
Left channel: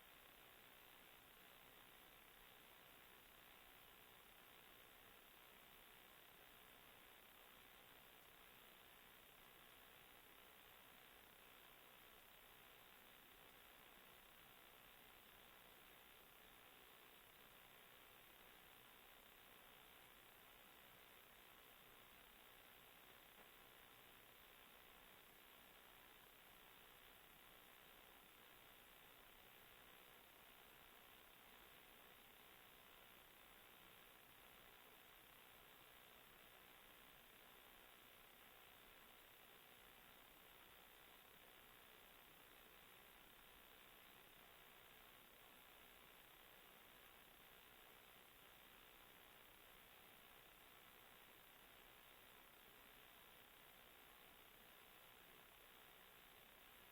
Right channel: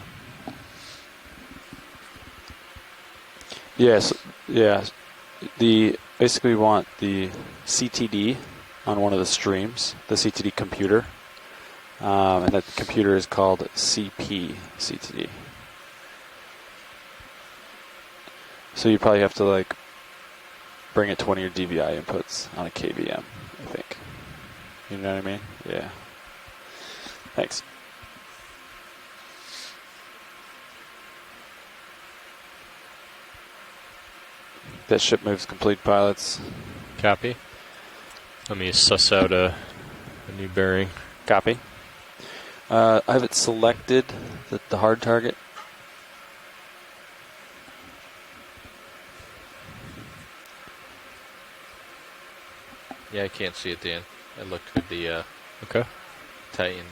Yes, yeah. Basically we want the CTD on one of the streams, the CTD computer. And that computer is called CP CTD. So you probably have to like bring it to one of your DVI inputs on a KVM, I think. You know what I mean? Yeah. Thanks. That ship moves complete, pilots. Copy. Let me suss out a new bearing. Copy. I have it selected, the hard target. Yeah, I can't see it, Dan. I looked with the Titan.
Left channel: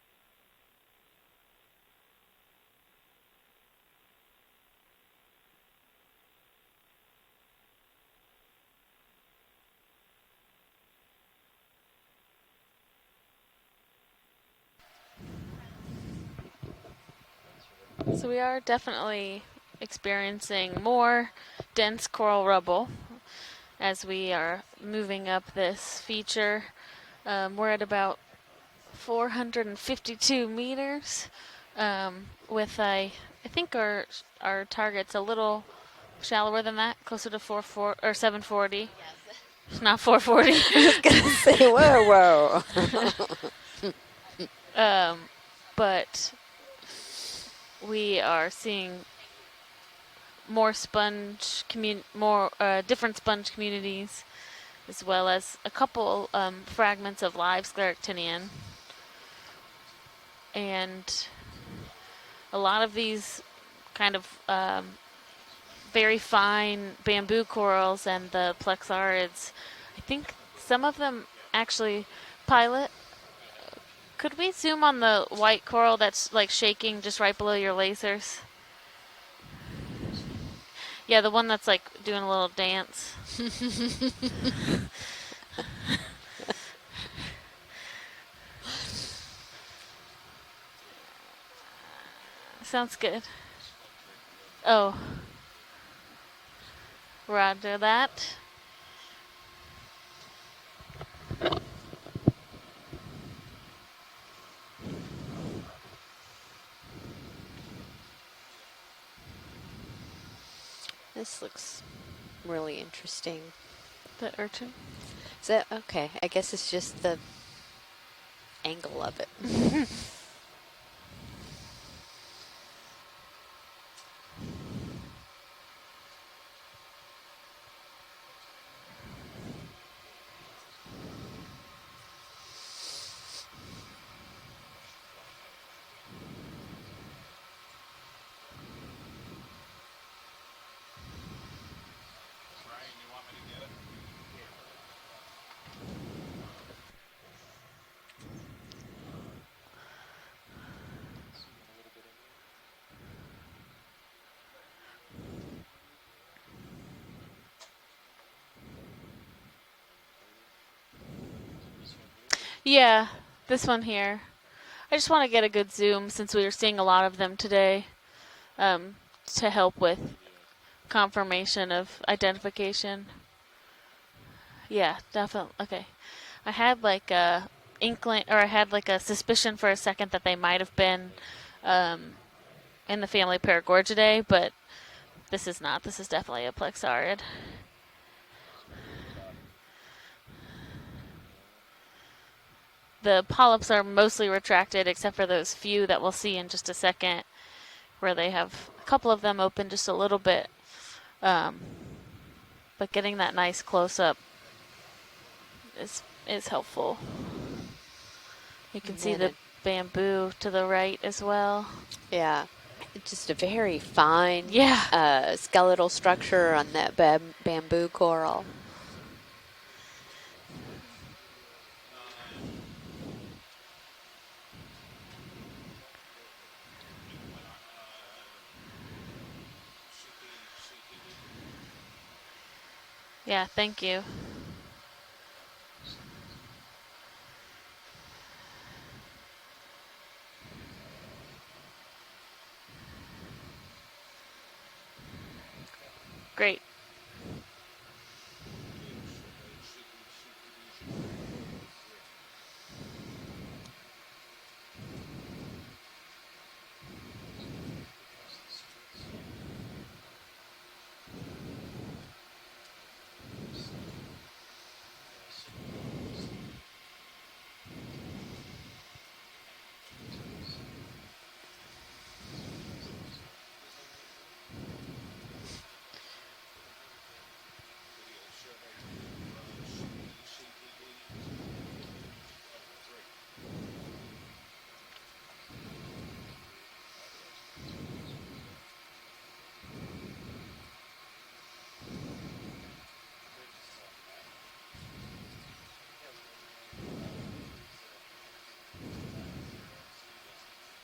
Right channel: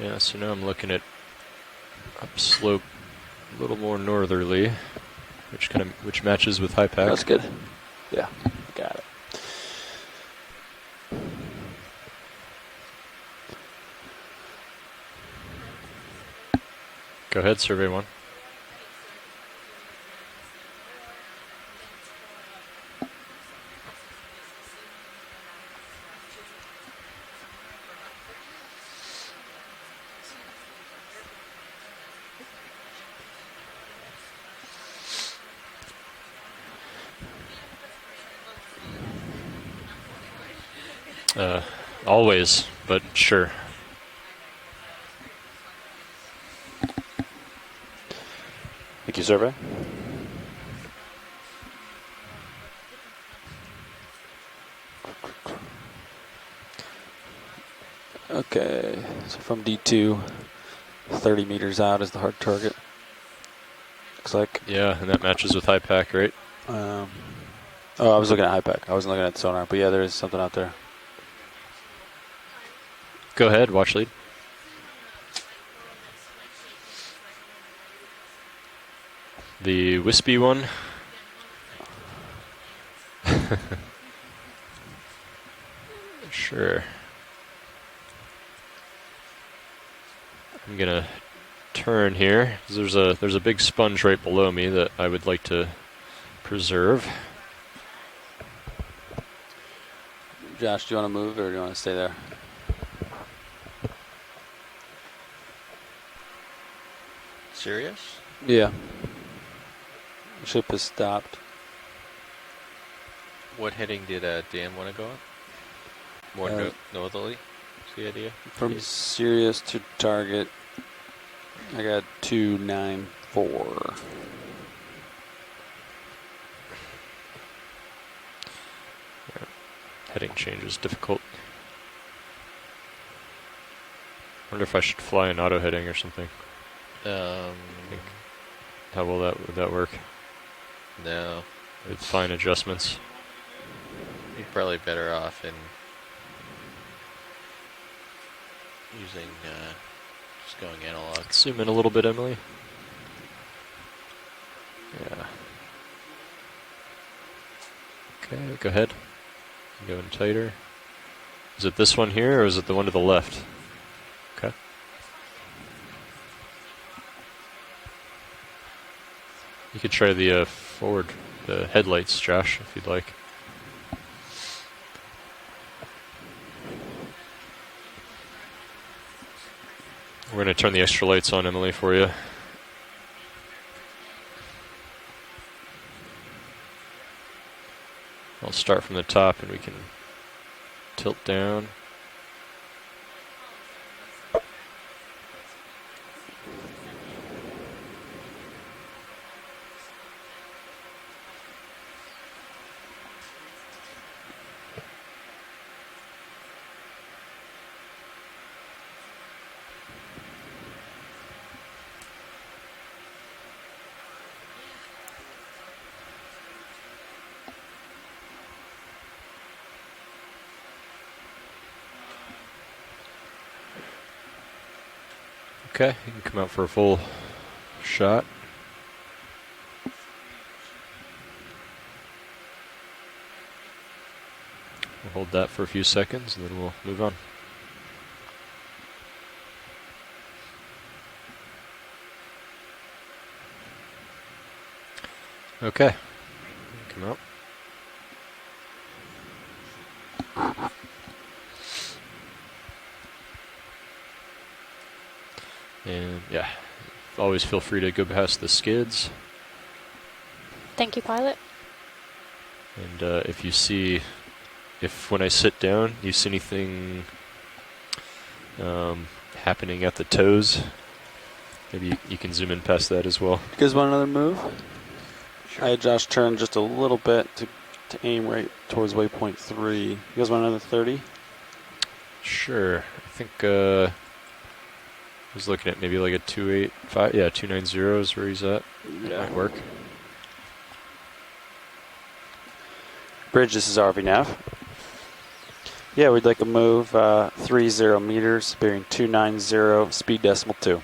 Yeah, so now I'm looking at upslope a little more northerly, which matches with high pack. That's good. Yeah, got it. Go ahead, survey 1. So we are definitely experiencing more dense coral rubble as we are moving up this feature. We're at about 452 meters with I think our target's a little shallower than that, closer to 740. It's not 440. I was gonna say, whoa. Always, but sure. But we are seeing Thank you, survey. more different sponge communities, as well as a couple fragments of live scleractinian. Okay, so from D2, and 30 meters out is the hard target. A lot of these kind of yeah, and that matches with high pack, very right? fine bamboo corals. Oh, I was looking at high pack. I was looking at sonar, but yeah, there is something out there. Some of them actually pilot. Go ahead, watch lead. Could we zoom on the white coral that's like shaking just right below your lasers? The wispy one? Yeah, the one that's like doing a little dance. Sure. I'm gonna turn here. Sounds there's a big sponge right below me that I would like to preserve. Roger that. Josh, do you want to move or do you want to stay there? Serious? Yeah. Ship has stopped. This looks really interesting. What heading did Dan want to go on? Is that okay? I guess it's just normally. The idea from Sirius to target. I got 294. Heading change is difficult. Wonder if I should fly an auto heading or something. How would that work? No. With fine adjustments. You're probably better off in using just going analog. Zoom in a little bit, Emily. Yeah. Okay, go ahead. Going tighter. Is it this one here, or is it the one to the left? This one here. Okay. I just want to get a good zoom since we were seeing a lot of them today, to help with try the forward confirmation the headlights, of identification. Josh, if you'd like. Yeah, definitely. Okay. I had like inkling, or I had like a suspicion for a second that they We're might going have to turn the been extra lights on, Emily, for you. in the family Paragorgidae, but this is not. This is definitely a Plexaurid. I'll start from the top and we can tilt down. The polyps are mostly retracted except for those few that we'll see in just a second, where they have a couple of them open just a little bit. But getting that nice close-up is helpful. You can see the bamboo to the right as well. Yeah. Just a very fine yeah. Skeletal structure on that bamboo coral. Okay, you can come out for a full shot. Yeah, thank you. We'll hold that for a few seconds and then we'll move on. Okay. Great. Come out. And yeah, always feel free to go past the skids. Thank you, pilot. And if you see, when I sit down, you see anything happening at the toes, maybe you can zoom in past that as well. You guys want another move? I had Josh turn just a little bit to aim right towards waypoint 3. You guys want another 30? Sure. I think I was looking at maybe like a 285. Yeah, 290 is where he's at. That might work. Bridge, this is RV Nav. Yeah, we'd like to move 30 meters, bearing 290, speed decimal 2.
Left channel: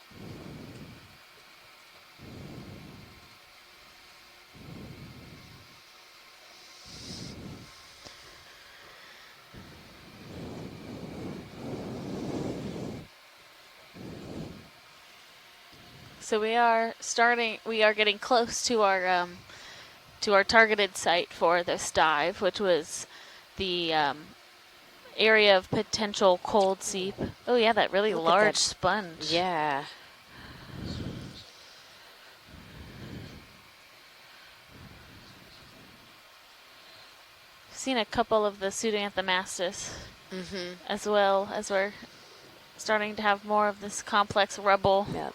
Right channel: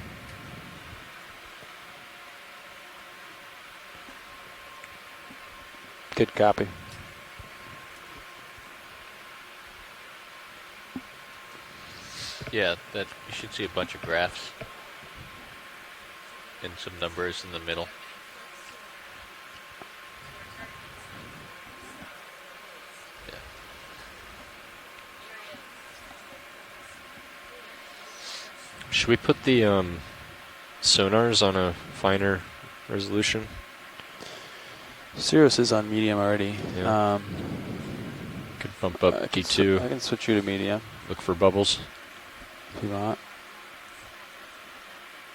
Good copy. Yeah, that you should see a bunch of graphs. So we are starting. We are getting close to our targeted site for this dive, which was the area of potential cold seep. Oh yeah, that really large sponge. Should we put the sonars on a finer resolution? Sirius is on medium already. Yeah. I've seen a couple of the suiting up of the to maps 2. I can switch you to medium. as Look well for bubbles. as we're starting to have more of this complex rubble. Yep.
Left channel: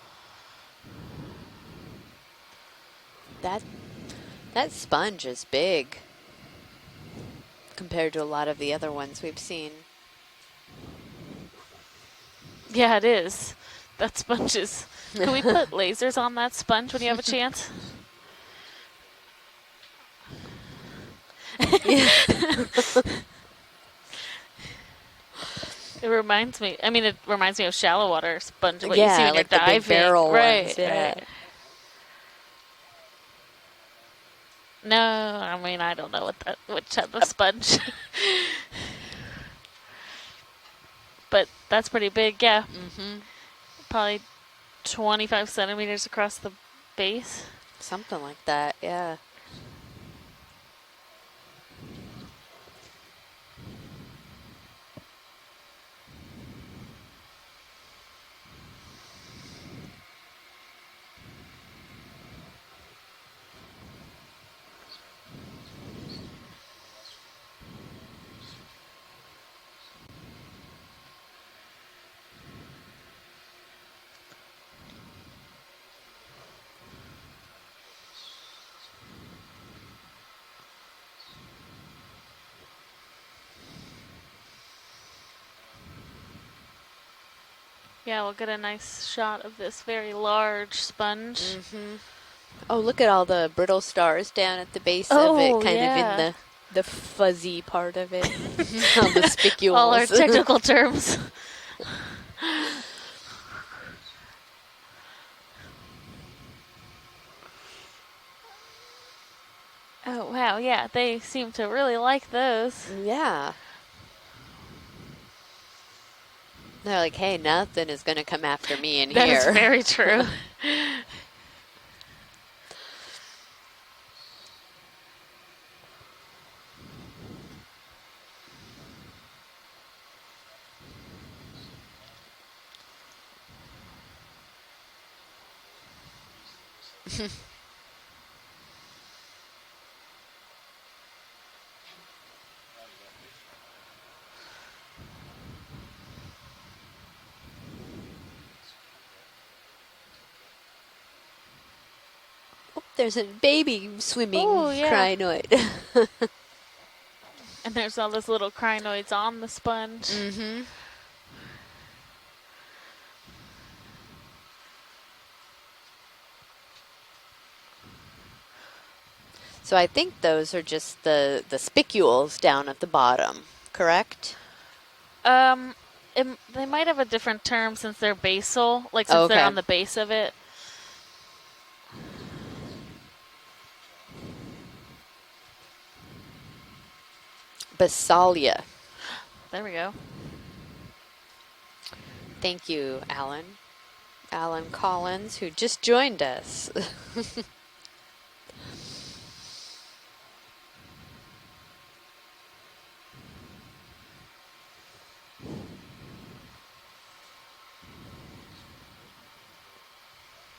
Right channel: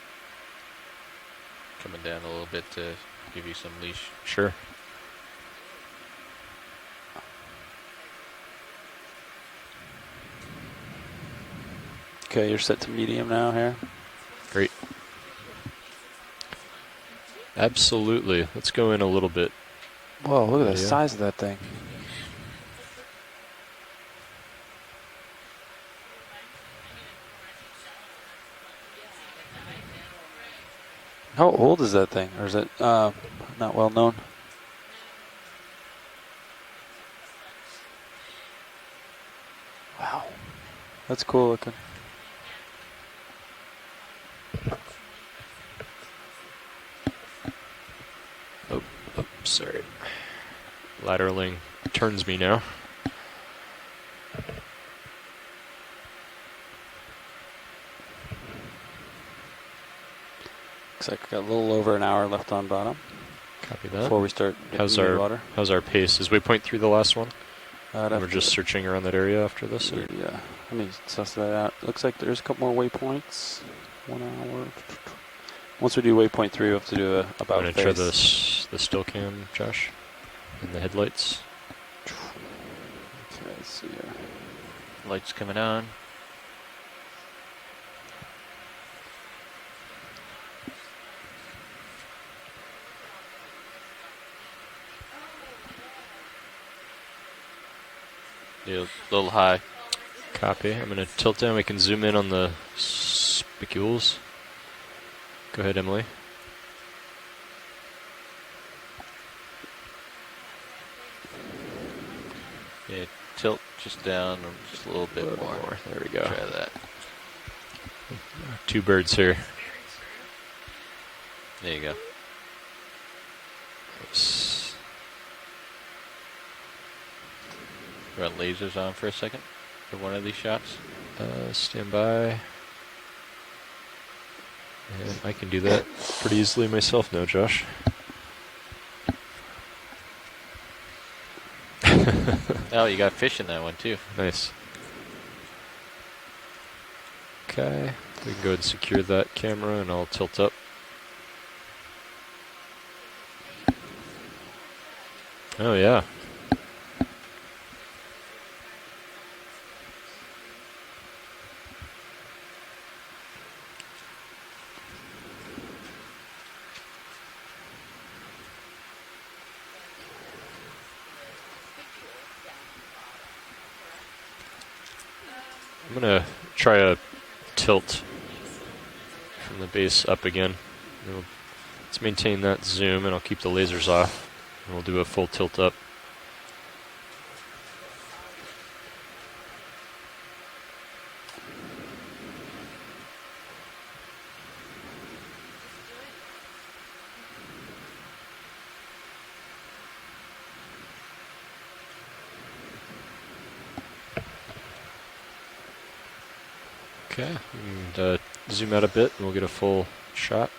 Coming down a little bit to give you some leash. Sure. That sponge is big compared to a lot of the other ones we've seen. Okay, you're set Yeah, to medium it is. now here. That sponge Great. is. Can we put lasers on that sponge when you have a chance? Absolutely. Let's go in a little bit. Whoa, look at the size of that thing. It reminds me. I mean, it reminds me of shallow water sponge. What you see Yeah, when like you're the diving. big barrel right, ones. Yeah. right. How old is that thing? Or is it not well known? No, I mean I don't know what type of sponge. Wow, that's cool but looking. that's pretty big. Yeah. Probably 25 centimeters across the base. Something like that. Yeah. Oh, sorry. Lateraling turns me now. Looks like we got a little over an hour left on bottom. Copy that. Before we start How's getting our water. How's our pace? Is waypoint 3 the last one? We're just to searching around that area after this. Or? Yeah, let me suss that out. Looks like there's a couple more waypoints. 1 hour. Once we do waypoint 3, we have to do a about I'm face. gonna try the still cam, Josh, and the headlights. Okay, let's see here. Lights coming on. Yeah, we'll get a nice shot of this very large sponge. Oh, look at all the brittle stars down at the base of it, kind of in the fuzzy part of it. Yeah, The spicules. All our technical Copy. I'm terms. gonna tilt down. We can zoom in on the spicules. Go ahead, Emily. Oh wow, yeah, they seem to really like those. Yeah. Tilt just down just a little bit more. There we go. Try that. They're like, hey, nothing is going to come after Two me birds in here. here. That's very true. There you go. Run lasers on for a second for one of these shots. Stand by. And I can do that pretty easily myself now, Josh. Oh, you got fish in that one too. Nice. Okay, we can go ahead and secure that camera and I'll tilt up. Oh, there's a baby swimming crinoid. Oh, yeah. And there's all those little crinoids on the sponge. Mm-hmm. So I think those are just the spicules down at the bottom, correct? I'm gonna they try might to have a different term tilt since they're basal, like since they're on the base of up it. again. Let's maintain that zoom, and I'll keep the lasers off. And we'll do a full tilt up. Basalia. There we go. Thank you, Alan. Alan Collins, who just joined us. Okay, and zoom out a bit, and we'll get a full shot.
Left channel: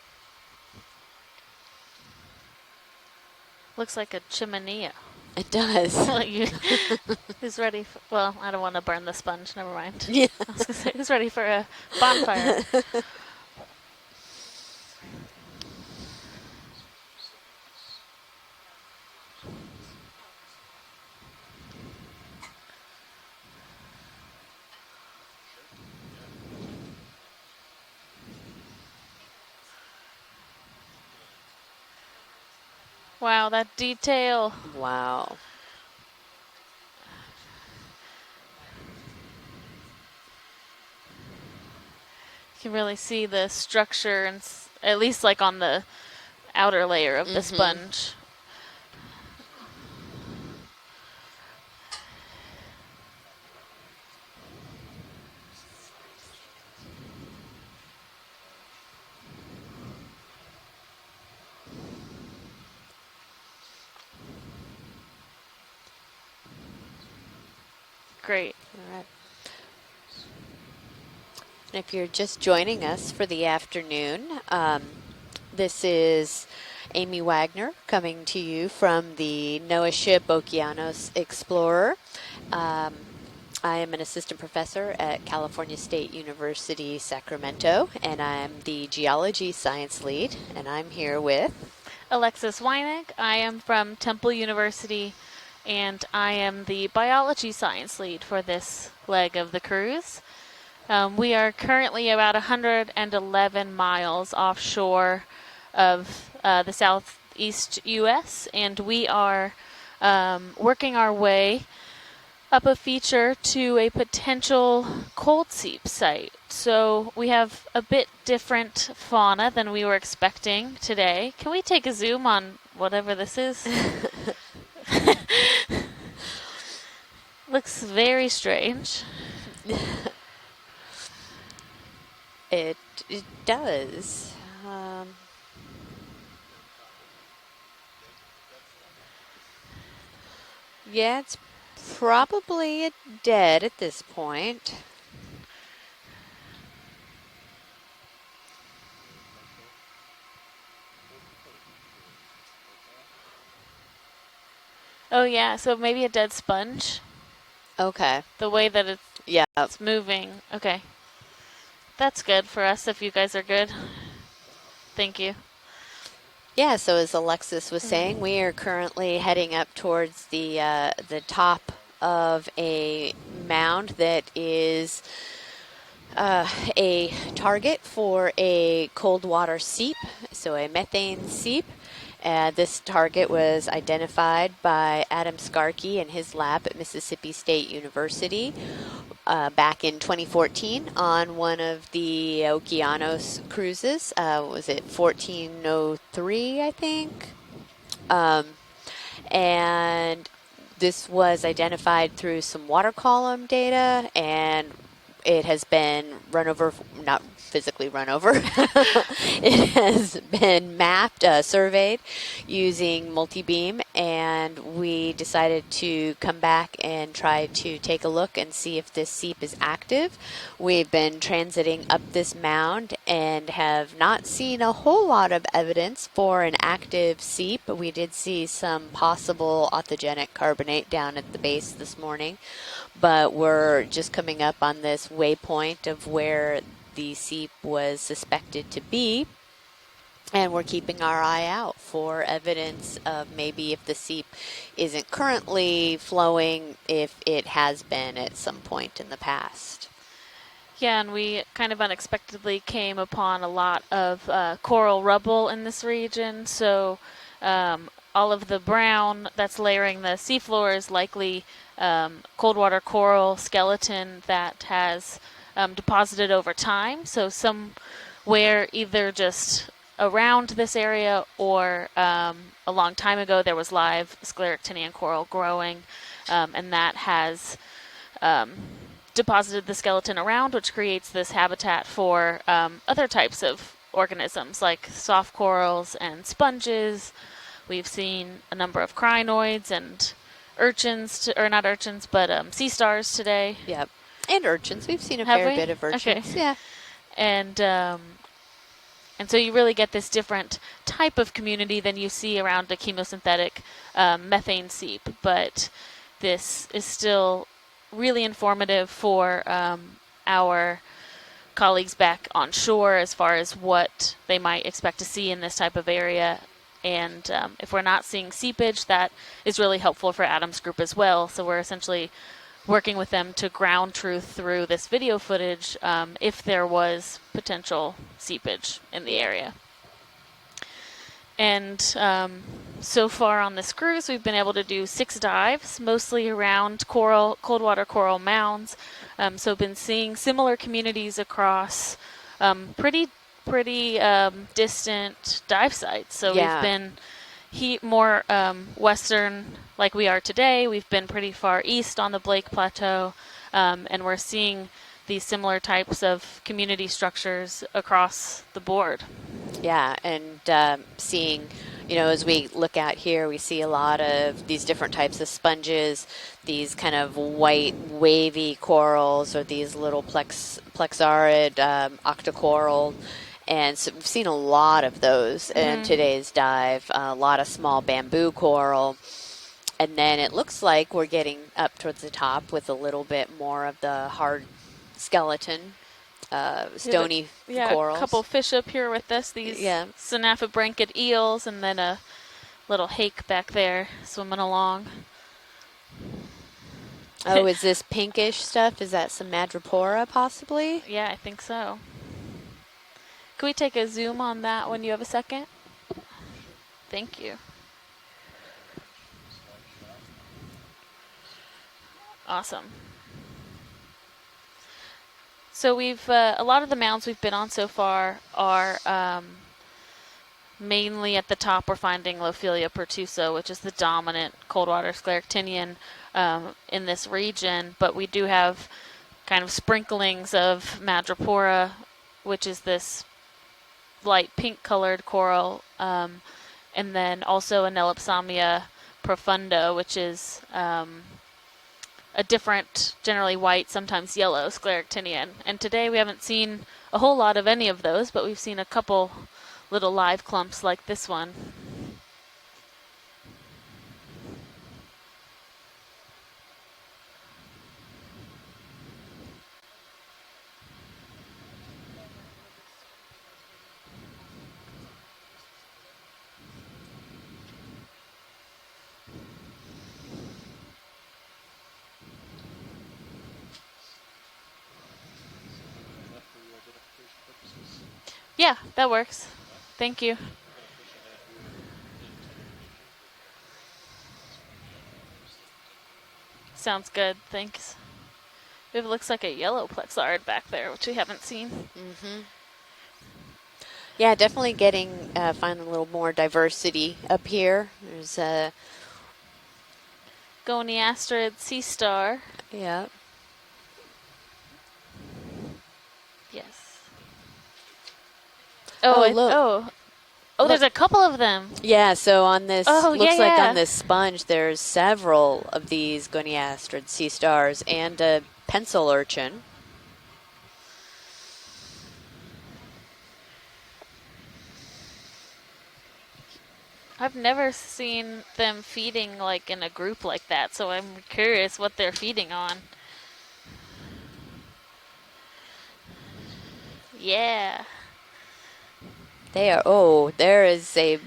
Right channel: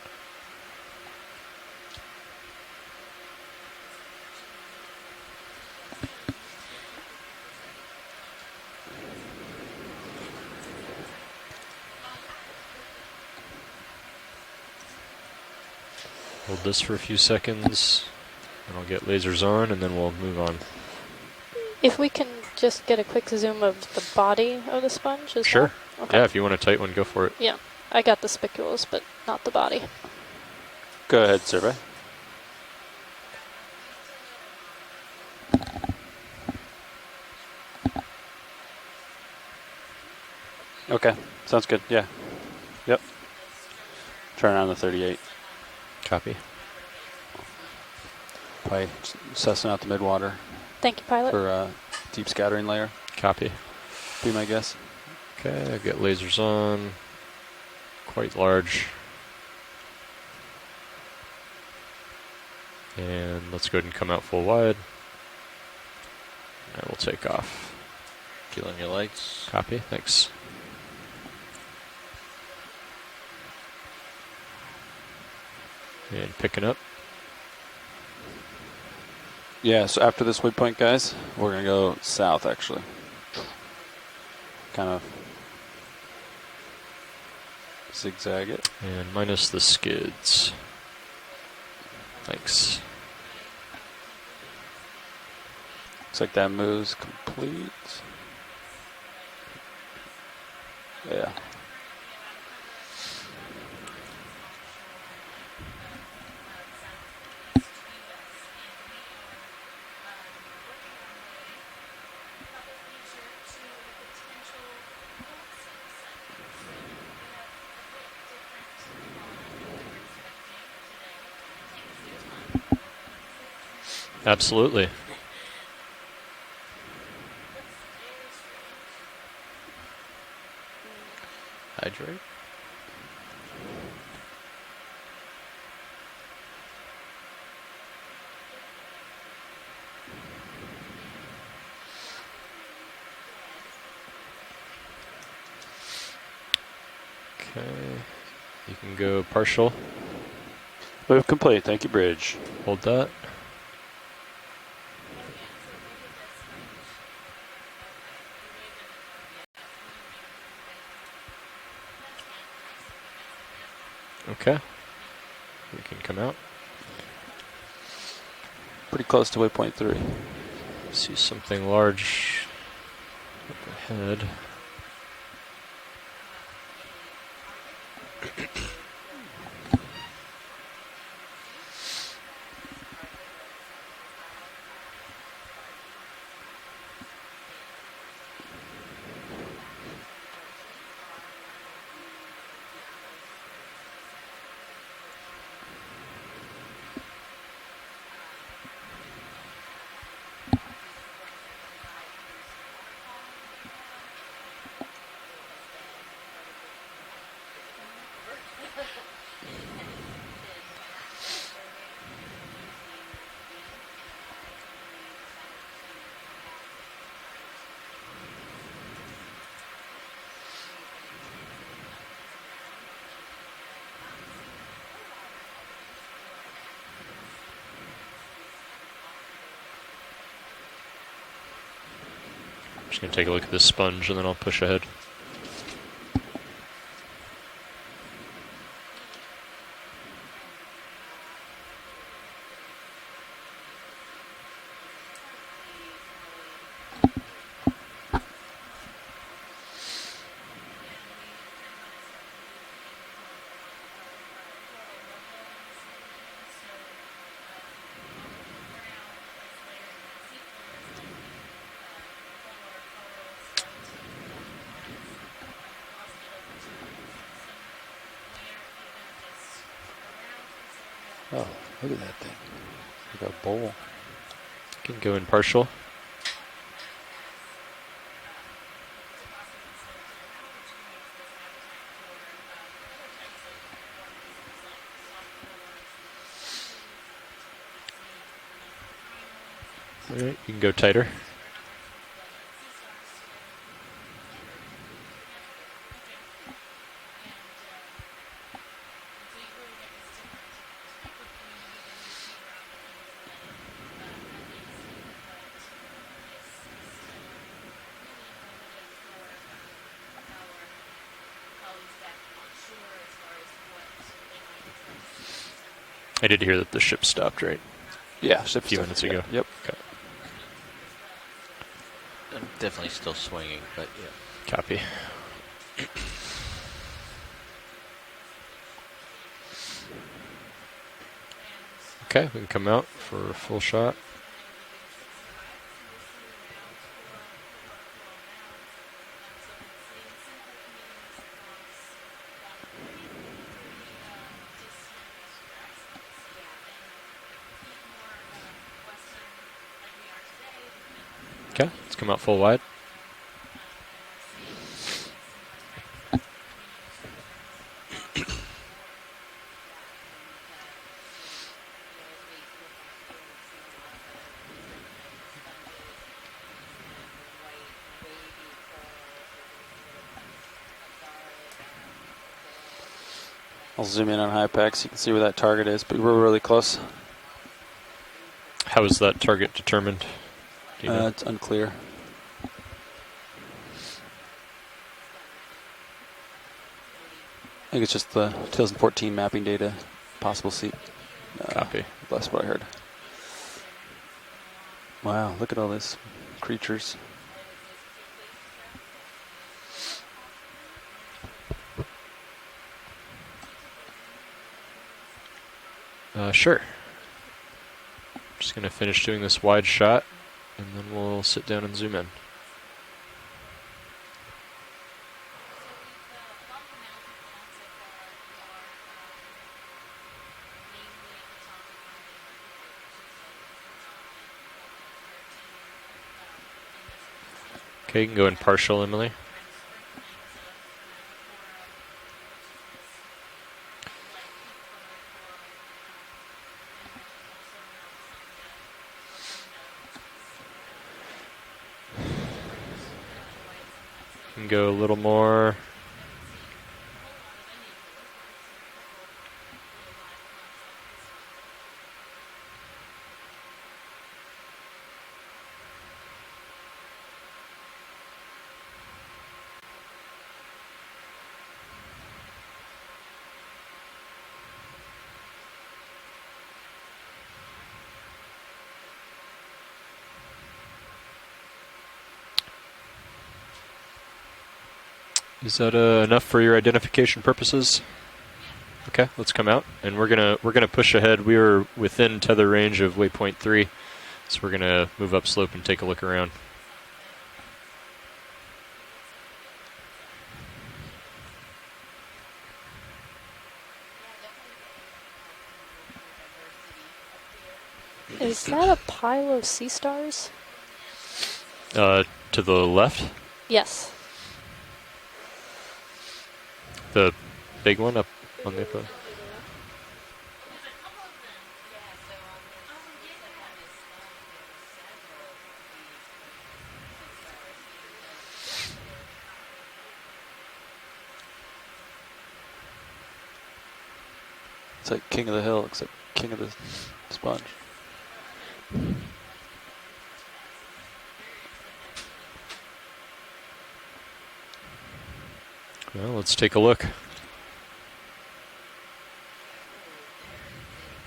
Looks like a chimenea. It does. Who's ready for, well, I don't want to burn the sponge, never mind. Yeah. I was gonna say, who's ready for a bonfire? Hold this for a few seconds, and I'll get lasers on, and then we'll move on. If we can just get a quick zoom of the body of the sponge as Sure. well. Okay. Yeah, if you want a tight one, go for it. Yeah, I got the spicules, but not the body. Go ahead, survey. Wow, that detail. Wow. Okay, sounds good. Yeah. You can really see the structure and turn on the 38. at least like on the Copy. outer layer of the sponge. Pipe Stetson out the midwater. Thank you, pilot. For deep scattering layer. Copy. Be my guess. Okay, I've got lasers on. Quite large. And let's go ahead and come out full wide. And we'll take off. Great. Killing your lights. Copy, thanks. If you're just joining us for the afternoon, this is picking up. Amy Wagner coming to you from the Yeah, NOAA so ship after this midpoint, Okeanos guys, Explorer. we're going to go south, actually. I am an assistant professor at California State University, Sacramento, and I'm the geology science lead, and I'm here with Alexis Weinig. I am from Temple University, and I am the moves, biology science lead for this leg of the cruise. We are currently about 111 miles offshore of the southeast U.S., and we are working our way up a feature to a potential cold seep site. So we have a bit different fauna than we were expecting today. Can we take a zoom on whatever this is? Absolutely. Looks very strange. Hydrate? It does. Yeah, it's probably dead at this point. Okay. You can go partial. Move complete. Thank you, bridge. Hold that. Oh yeah, so maybe a dead sponge. Okay. The way that it's moving. Okay. That's good for us if you guys are good. Okay. Thank you. You can come out. Yeah, so as Alexis was saying, we are currently heading up towards the top of a mound that is a target for a cold water seep, so a methane seep. This target was identified by Adam Skarke in his lab at Mississippi State University back in 2014 on one of the Okeanos cruises. Was it 1403, I think? And this was identified through some water column data, and it has been run over, not physically run over. It has been mapped, surveyed using multi-beam, and we decided to come back and try to take a look and see if this seep is active. We've been transiting up this mound and have not seen a whole lot of evidence for an active seep. We did see some possible authigenic carbonate down at the base this morning, but we're just coming up on this waypoint of where the seep was suspected to be, and we're keeping our eye out for evidence of maybe if the seep isn't currently flowing, if it has been at some point in the past. Yeah, and we kind of unexpectedly came upon a lot of coral rubble in this region, so all of the brown that's layering the seafloor is likely cold water coral skeleton that has deposited over time. So somewhere either just around this area or a long time ago there was live scleractinian coral growing, and that has deposited the skeleton around, which creates this habitat for other types of organisms like soft corals and sponges. We've seen a number of crinoids and urchins, or not urchins, but sea stars today. Yep, and urchins. We've seen a fair bit of urchins. Okay. Yeah, and so you really get this different type of community than you see around a chemosynthetic methane seep, but this is still really informative for our colleagues back on shore as far as what they might expect to see in this type of area. I did hear that the ship stopped, right? If we're not seeing seepage, that is really helpful for Adam's group as well. So we're essentially working with them to ground truth through this video footage if there was potential seepage in the area. And we can come out so far on this cruise, we've been able to do 6 dives, mostly around cold water coral mounds. So we've been seeing similar communities across pretty distant dive sites. So we've been more western, like we are today. We've been pretty far east on the Flake Plateau, and we're seeing these similar types of community structures across the board. Yeah, and seeing, as we look out here, we see a lot of these different types of sponges, these kind of white wavy corals, or these little plexarid octocoral. And so we've seen a lot of those in today's dive. A lot of small bamboo coral. How is that target determined? And then it looks like we're getting up towards the top with a little bit more of the hard skeleton. Stony coral. A couple fish up here with us, these synapobranchid eels, and then a little hake back there swimming along. Wow, look at all these creatures. Oh, is this pinkish stuff? Is that some madrepora, possibly? Yeah, I think so. Can we take a zoom on that when you have a second? Sure. Thank you. Just going to finish doing this wide shot, and then we'll sit down and zoom in. Awesome. So we've a lot of the mounds we've been on so far are mainly at the top. We're finding Lophelia pertusa, which is the dominant cold water scleractinian in this region. But we do have partial, Emily. Kind of sprinklings of madrepora, which is this light pink colored coral, and then also Anelopsamia profunda, which is a different, generally white, sometimes yellow scleractinian. And today we haven't seen a whole lot of any of those, but we've seen a couple little live clumps like this one. Is that enough for your identification purposes? Yeah, that works. Okay, let's come out. Thank and we're gonna push ahead. We are within tether range of waypoint 3, so we're gonna move upslope and take a look around. Sounds good. Thanks. It looks like a yellow plexarid back there, which we haven't seen. Mm-hmm. Yeah, definitely getting finding a little more diversity up here. Is that a pile of sea stars? Goniasterid sea star. To the left? Yes. Yes. The big one up on the. Oh, look. Oh, there's a couple of them. Yeah, so on this, Oh, looks like yeah. on this sponge, there's several of these goniastrid sea stars and a pencil urchin. It's like King of the Hill, except King of the I've Sponge. never seen them feeding like in a group like that, so I'm curious what they're feeding on. Well, let's take a look. Yeah. They are, there is a,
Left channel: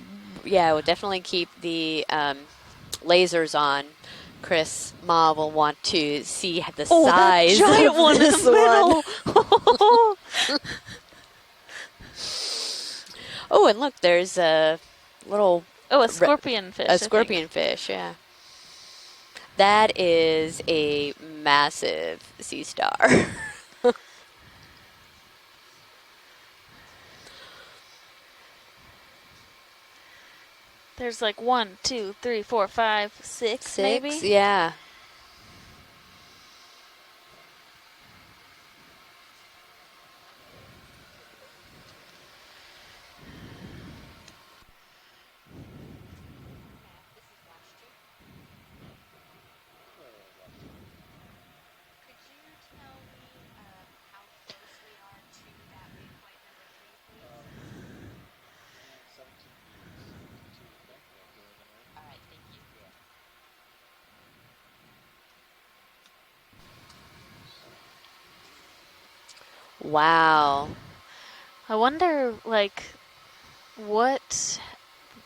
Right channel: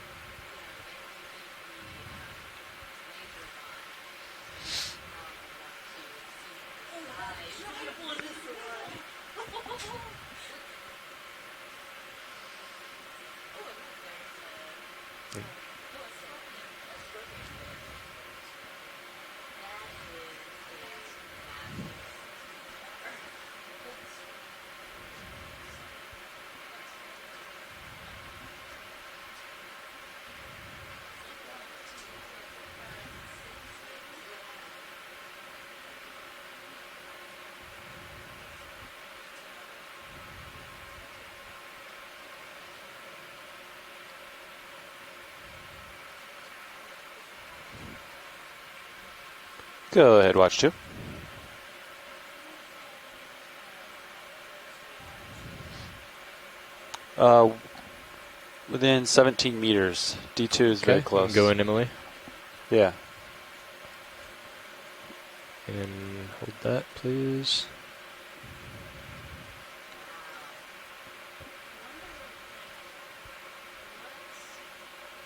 yeah, we'll definitely keep the lasers on. Chris Ma will want to see the size that giant of one in this the middle. one. Oh, and look, there's a little... Oh, a scorpion fish. A scorpion fish, yeah. That is a massive sea star. There's like 1, 2, 3, 4, 5, 6 maybe? Yeah. Go ahead, watch 2. Within 17 meters. D2 is very close. Go in, Emily. Yeah. And hold that, please. Wow. I wonder, like, what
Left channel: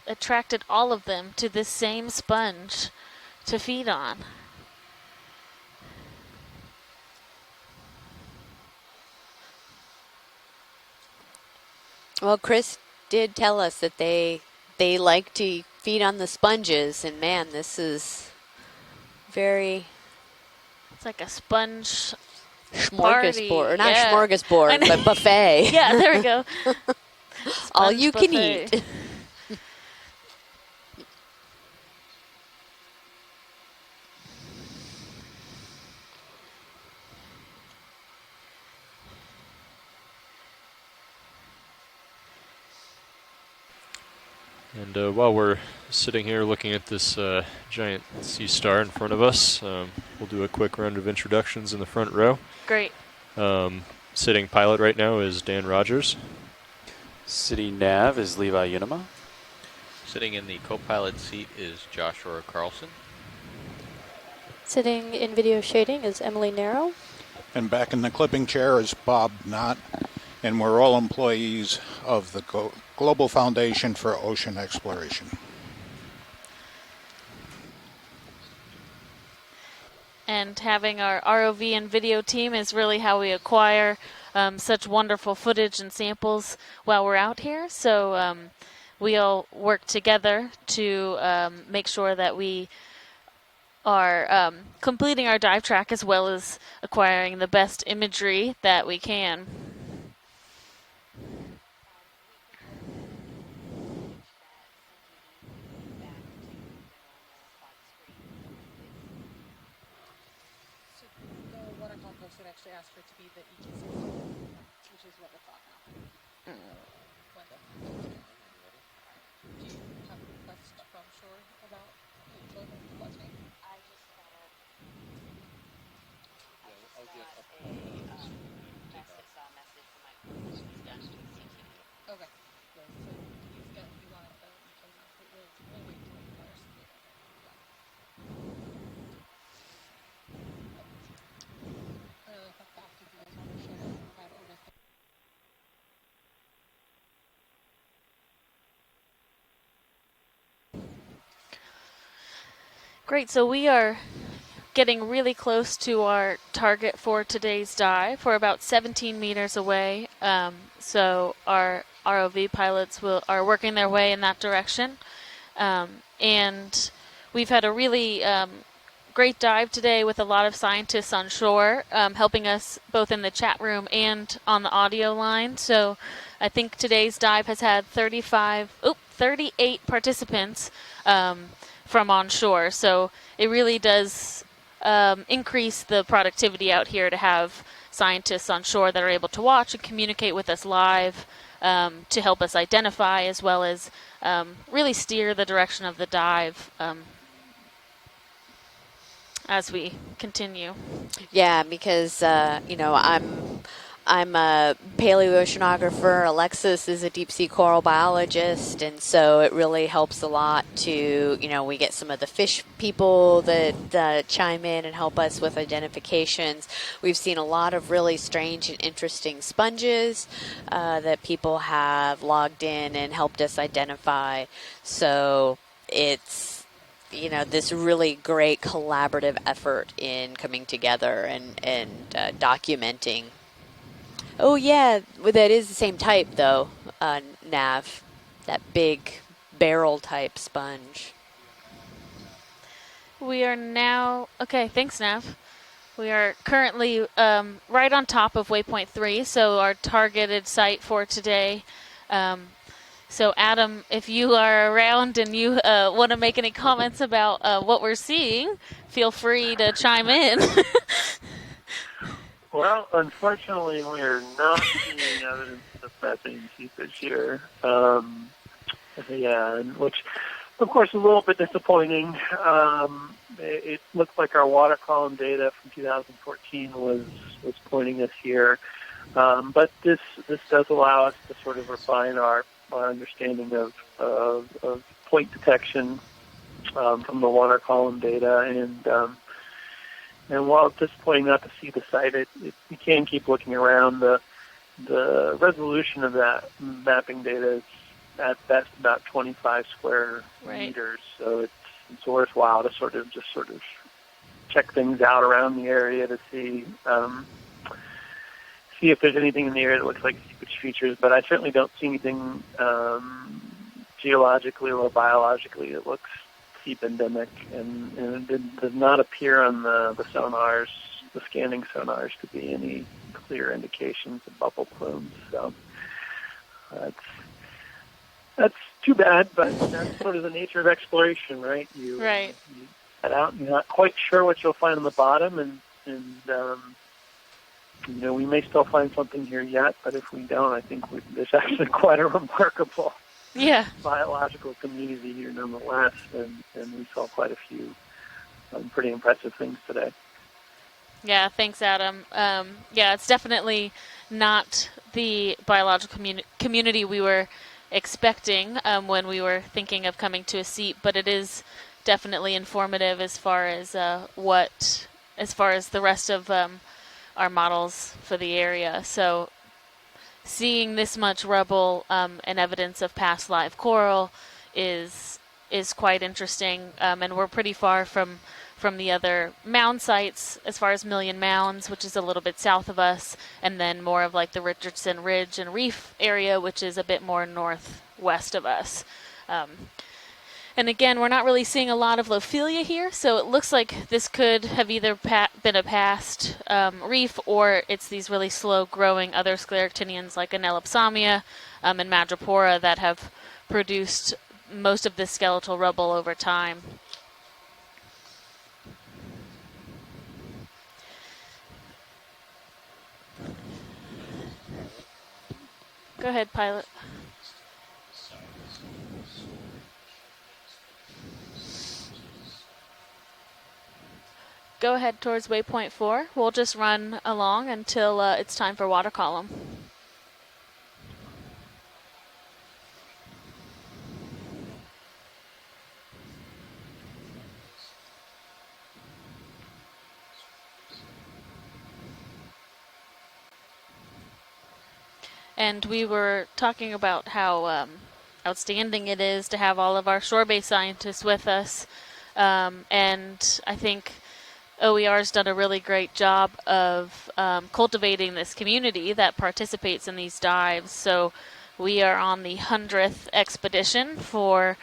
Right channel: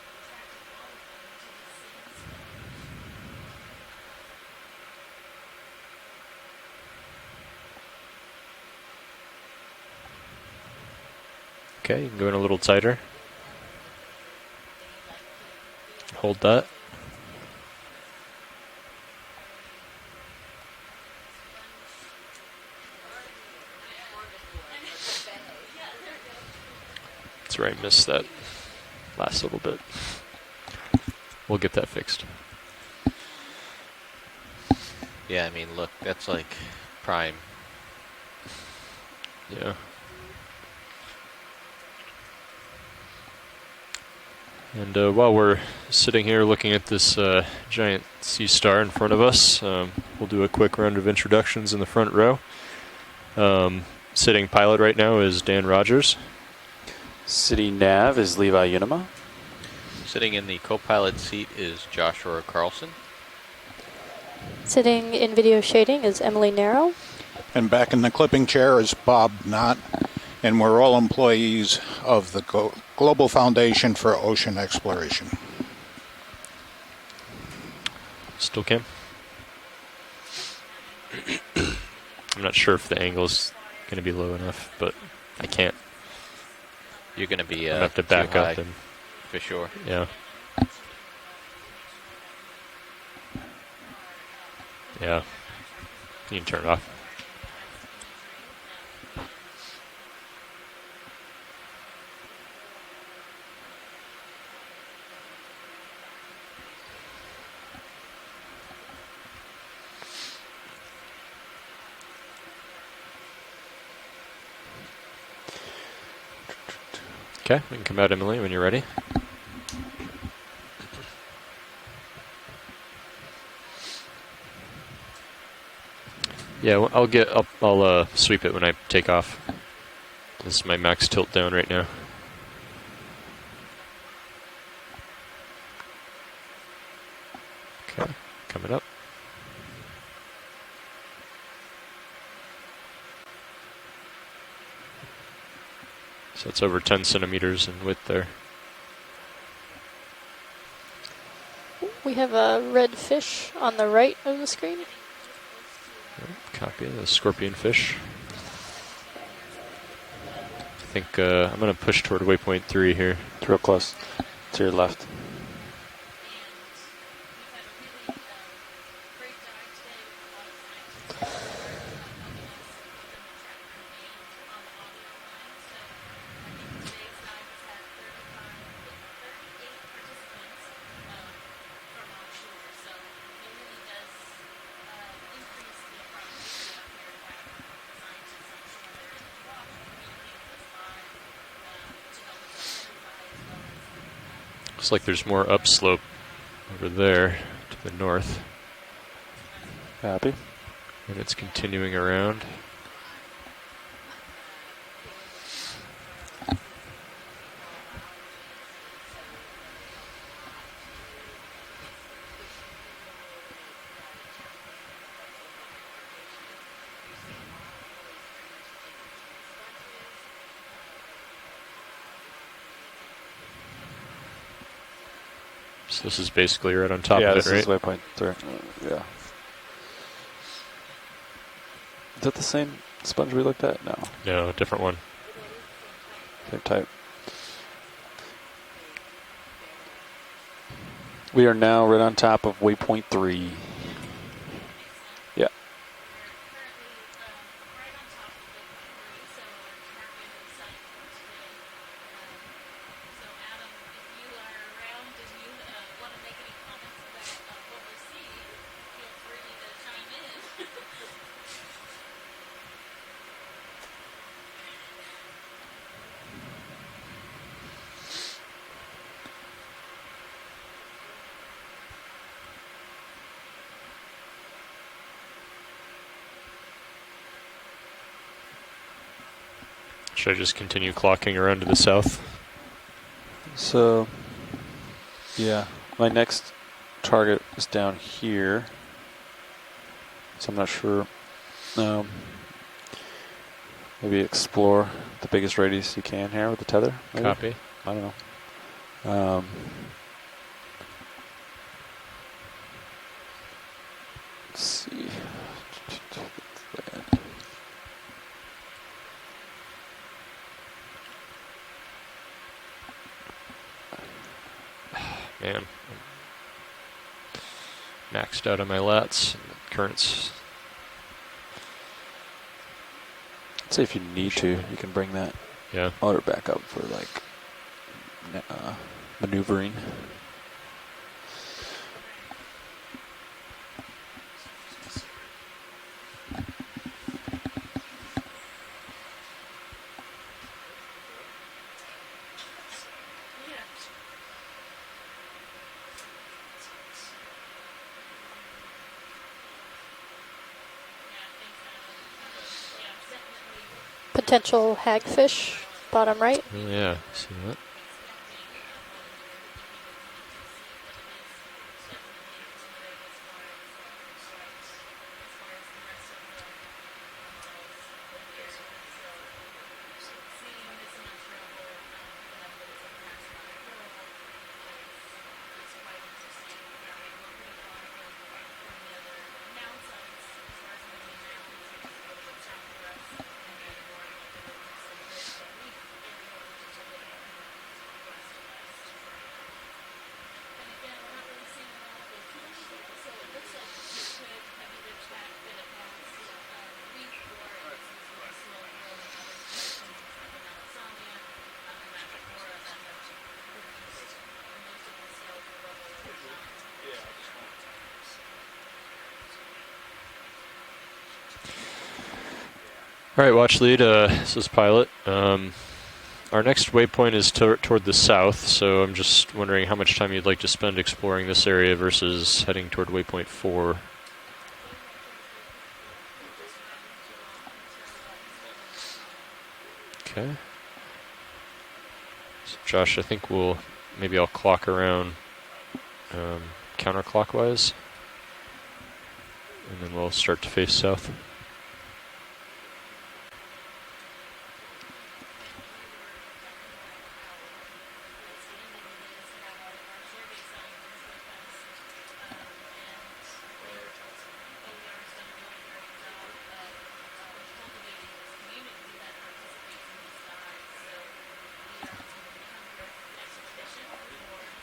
attracted all of them to this same sponge to feed on. Okay, go in a little Chris tighter. did tell us that they like to feed on the Hold sponges, and man, this is very... It's like a sponge smorgasbord, or not yeah. smorgasbord, but buffet. Yeah, there we go. That's right. All nice you stuff. can eat. Last little bit. We'll get that fixed. Yeah, I mean, look, that's like prime. Yeah. And while we're sitting here looking at this giant sea star in front of us, we'll do a quick round of introductions in the front row. Great. Sitting pilot right now is Dan Rogers. Sitting nav is Levi Unima. Sitting in the co-pilot seat is Joshua Carlson. Sitting in video shading is Emily Narrow. And back in the clipping chair is Bob Knott, and we're all employees of the Global Foundation for Ocean Exploration. Still Kim. And having our ROV and video team is sure really how we acquire such wonderful footage and samples while we're out here. So we all work together to make sure that we are completing our dive track as well as acquiring the best imagery that we can. Okay, we can come out, Emily, when you're ready. Yeah, well, I'll sweep it when I take off. This is my max tilt down right now. Okay, coming up. So it's over 10 centimeters in width there. We have a red fish so we on are the right of the screen. Getting really close to our target for today's dive. We're about 17 meters away. So I'm going to push toward ROV waypoint 3 here. are working their way in that direction. And we've had a really great dive today with a lot of scientists on shore helping us both in the chat room and on the audio line. So I think today's dive has had 38 participants from on shore. So it really does increase the productivity out here to have scientists on shore that are able to watch and communicate with us live to help us identify, as well as really Looks like steer there's more the direction of upslope the dive over there to the north. as we continue. And it's Yeah, continuing because around. you know, I'm a paleoceanographer. Alexis is a deep sea coral biologist, and so it really helps a lot to, you know, we get some of the fish people that chime in and help us with identifications. We've seen a lot of really strange and interesting sponges that people have logged in and helped us identify. So This is basically right on top of it, right? It's a really great collaborative effort in coming together and Is it the documenting. same sponge we looked at? No. Oh yeah, well, that is the same type though. Same type. Nav, that big barrel type sponge. We are now right on top of waypoint 3. We are now, okay, thanks Nav. Yeah. We are currently right on top of waypoint 3, so our targeted site for today. So Adam, if you are around and you want to make any comments about what we're seeing, feel free to chime in. Well, unfortunately, we are not seeing evidence of methane seepage here. Yeah, which, of course, is a little bit disappointing. It looks like our water column data from 2014 was pointing us here. But this Should I just does continue allow us clocking around to the south? our understanding of, So, of point detection. My next from the target water is column down data, here. and So while I'm it's not sure. disappointing not to see the site, you can keep looking around. We explore the biggest radius resolution you of can that here with the tether. mapping Copy. data is I don't know. that's about 25 square meters, so it's worthwhile to sort of check things out around the area to see if there's anything in the area that looks like seepage features. But I certainly don't see anything geologically or biologically that looks seep endemic, and Maxed out on does my not lats. appear on the Currents. sonars, the scanning sonars, to be any clear indication. So if you need to, you can bring that motor back up for like That's too bad, but maneuvering. that's sort of the nature of exploration, right? Right. You head out and you're not quite sure what you'll find on the bottom, and you know, we may still find something here yet, but if we don't, I think there's actually quite a remarkable biological community here nonetheless, and we saw quite a few pretty impressive things today. Yeah, thanks Adam. Yeah, it's definitely Potential not the hagfish, biological bottom right. community we were expecting when we were thinking of coming to a seep, but it is definitely informative as far as as far as the rest of our models for the area. So seeing this much rubble and evidence of past live coral is quite interesting, and we're pretty far from the other mound sites as far as Million Mounds, which is a little bit south of us, and then more of like the Richardson Ridge and Reef area, which is a bit more northwest of us. And again, we're not really seeing a lot of Lophelia here, so it looks like this could have either been a past reef, or it's these really slow-growing other scleractinians like Anelopsamia and Madrepora that have produced most of this skeletal rubble over time. All right, watch lead. This is Pilot. Go ahead, Our Pilot. next waypoint is toward the south, so I'm just wondering how much time you'd like to spend exploring this area versus heading toward waypoint 4. Go ahead towards waypoint 4. We'll just run along until it's time for water column. Okay. So Josh, I think maybe I'll clock around counterclockwise, and then we'll start to face south. And we were talking about how outstanding it is to have all of our shore-based scientists with us. And I think OER's done a really great job of cultivating this community that participates in these dives. So we are on the 100th expedition for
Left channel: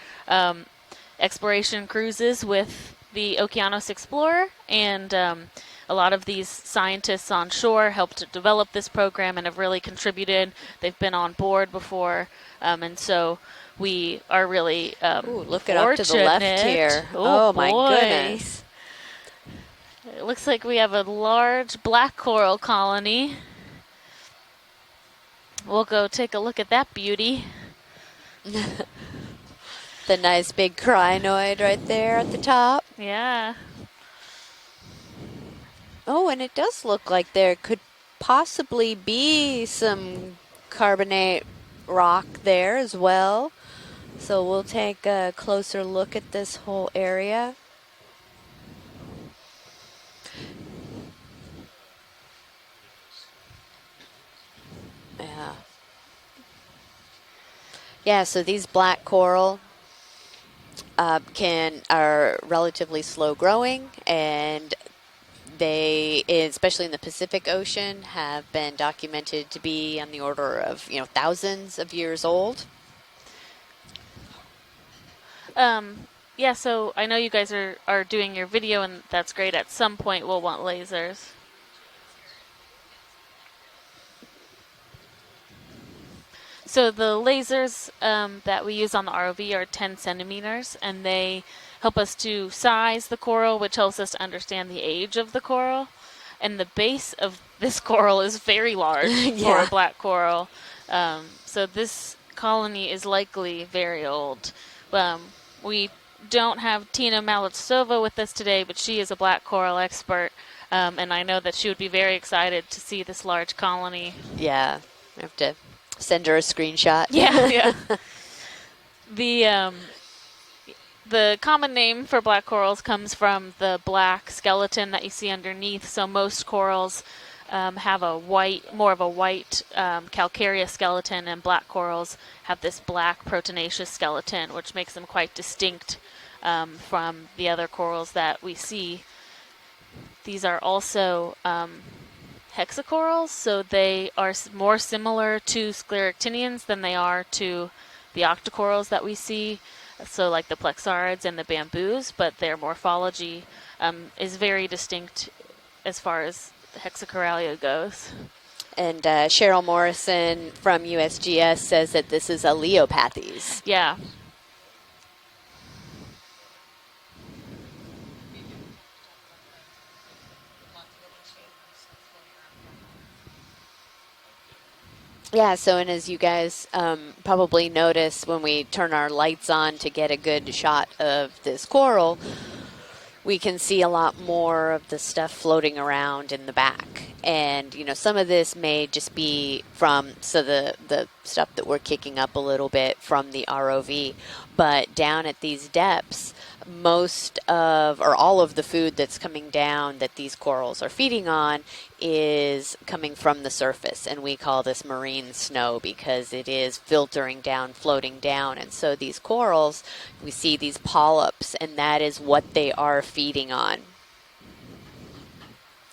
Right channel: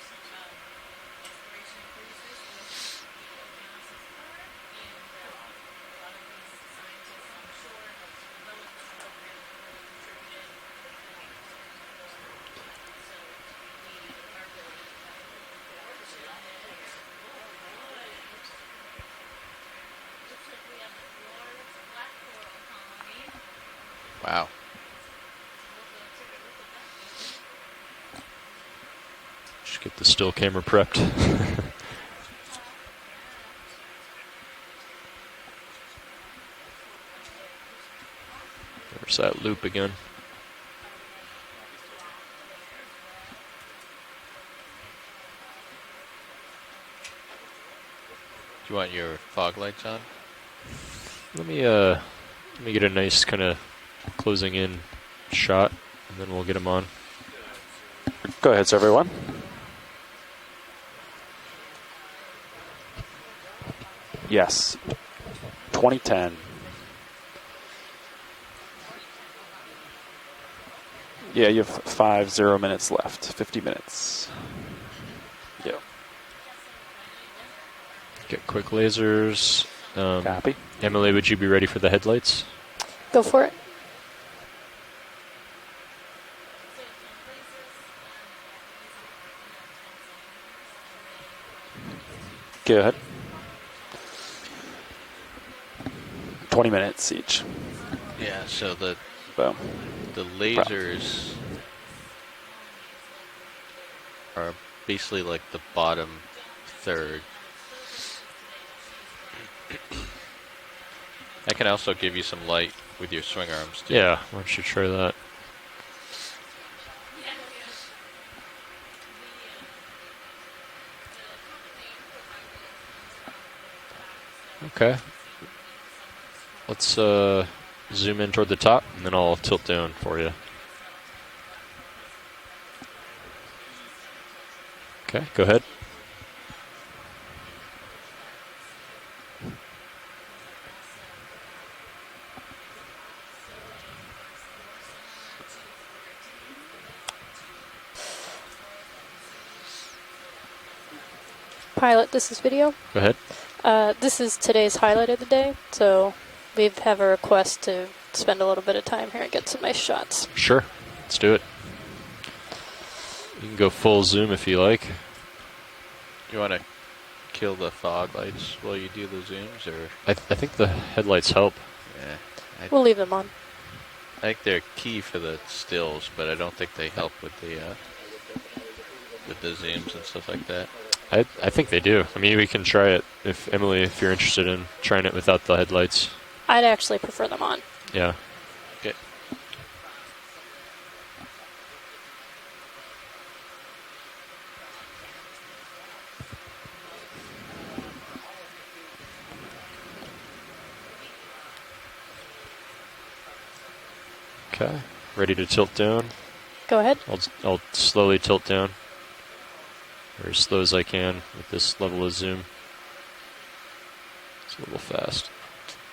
exploration cruises with the Okeanos Explorer, and a lot of these scientists on shore helped to develop this program and have really contributed. They've been on board before, and so we are really look it up to the left here. Oh my boy. goodness. It looks like we have a large black coral colony. Wow. We'll go take a look at that beauty. Just get the The still nice camera big prepped. crinoid right there at the top. Yeah. Oh, and it does look like there could possibly There's that loop be again. some carbonate rock there as well. So we'll take a closer look at this whole area. Do you want your fog lights on? Let me get a nice kind of closing in shot, and then we'll get them on. Yeah, so Go these ahead, black everyone. coral are relatively slow growing, and Yes. they, 2010. especially in the Pacific Ocean, have been documented to be on the order of thousands Yeah, you have of years old. 0 minutes left. 50 minutes. Yeah, so I know you guys are doing Get your quick video, and that's lasers. great. At some point, we'll want lasers. Emily, would you be ready for the headlights? Go for it. So the lasers that we use on the ROV are 10 centimeters, and they help us to size the coral, which helps us to understand the age of the coral. And 20 the minutes base each. of this coral is very large for a black coral. The lasers So this colony is likely very old. are basically like the bottom. We don't have third. Tina Malitsova with us today, but she is a black coral expert. And I know that can she'll also be give very you some excited light to see with this your large swing arms. colony. Yeah, Yeah. sure that. I have to send her a screenshot. Yeah, yeah. The common name for black corals comes from the black skeleton that you see underneath. So most corals have zoom a in toward the white, top, more of a and then I'll white tilt down for you. calcareous skeleton, and black corals have this black proteinaceous skeleton, which makes them quite go ahead. distinct from the other corals that we see. These are also hexacorals, so they are more similar to scleractinians than they are to the octocorals that we see. So like the plexarids and the bamboos, Pilot, this but is their video. morphology this is very today's highlight of the day. So as far as we have a request to goes. spend a little bit of time. And here and get Cheryl some nice Morrison shots. from do it. USGS says that this is a Leopathes. Go full zoom if you like. You want to kill the fog lights while you do the zooms, or? I think the headlights help. Yeah. We'll leave them on. I think they're key for the Yeah, so and stills, as you but I don't guys think they help with probably the, notice when we turn our lights on zooms to and get a stuff good like that. shot I of think this they do. coral, I mean, we can try it. we If can Emily, see a if you're lot interested more in of trying the it stuff without the floating headlights. around in the I back. actually prefer them on. And Yeah. some of this may just be from the stuff that we're kicking up a little bit from the ROV, but down at these depths, most of or all of the food that's coming down that these corals are feeding on is coming from the surface, and we call this marine Ready to snow tilt down? because it is Go ahead. filtering I'll down, slowly floating tilt down. down. And so these corals, Or we as see slow as these I can polyps, with and this that level of is zoom. what they are feeding on. It's a little fast.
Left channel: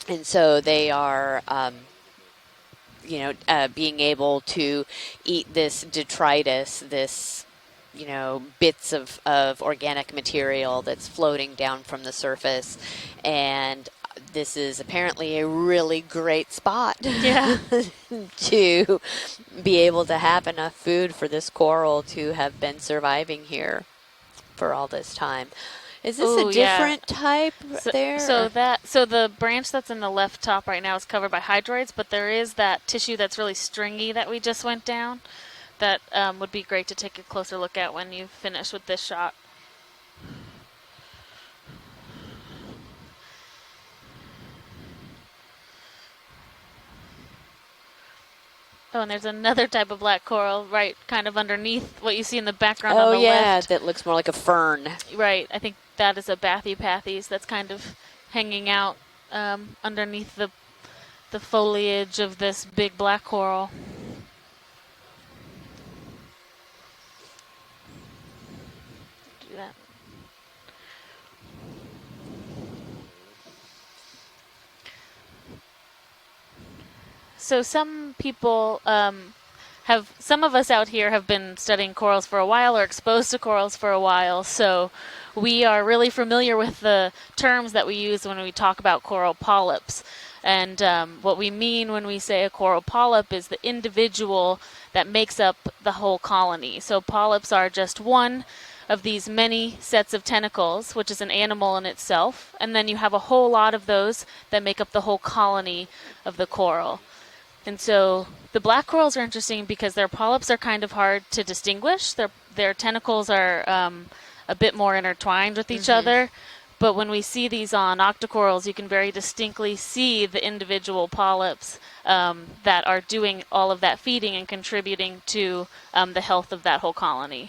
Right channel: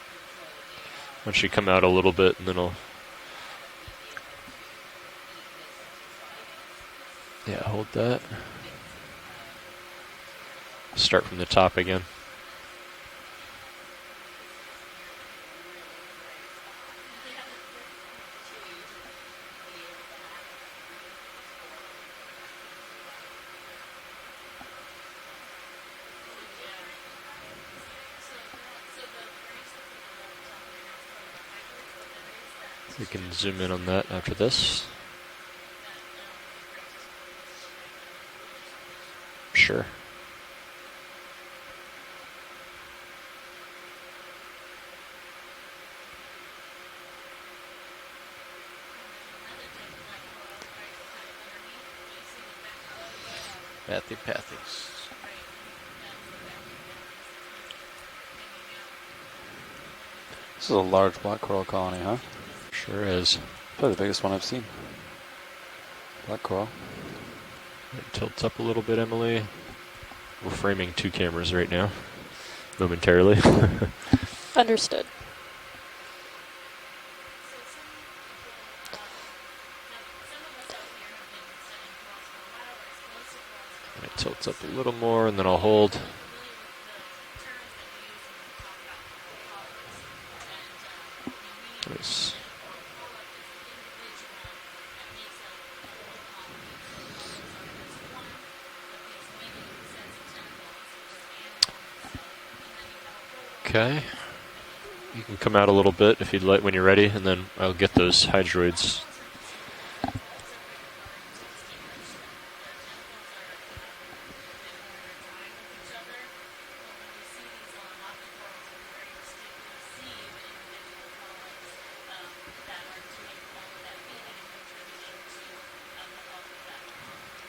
And so they are Actually come out a little bit, and then I'll... being able to eat this detritus, this hold that. bits of organic material that's Start from the floating top down again. from the surface. And this is apparently a really great spot to be able to have enough food for this coral to have been surviving here for all this time. Is this a different type there? So the branch that's in the left top right now is covered by hydroids, but there is that tissue that's really zoom in on stringy that that after we this. just went down. That would be great to take a closer look at when you finish with this shot. Sure. Oh, and there's another type of black coral right kind of underneath what you see in the background on the left. That looks more like a fern. Right, I think that is a Bathypathes that's kind of hanging out underneath the, This is a large black coral colony, foliage huh? of this big Sure black is. coral. Probably the biggest one I've seen. Black coral. Tilts up a little bit, Emily. We're framing 2 cameras right now, momentarily. Understood. So some people some of us out here have been studying corals for a while or exposed to corals for a while. Tilts up a So little more, and then we I'll are hold. really familiar with the terms that we use when we talk about coral polyps. And what we mean when we say a coral polyp is the individual that makes up the whole colony. So polyps are just one of these many sets of tentacles, which is an animal in itself, and then you have a whole lot of those that make up the whole colony. Come out a little bit if you'd like when you're ready, and then I'll get those hydroids. The black corals are interesting because their polyps are kind of hard to distinguish. Their tentacles are a bit more intertwined with each other. But when we see these on octocorals, you can very distinctly see the individual polyps that are doing all of that feeding and contributing to the health of that whole colony.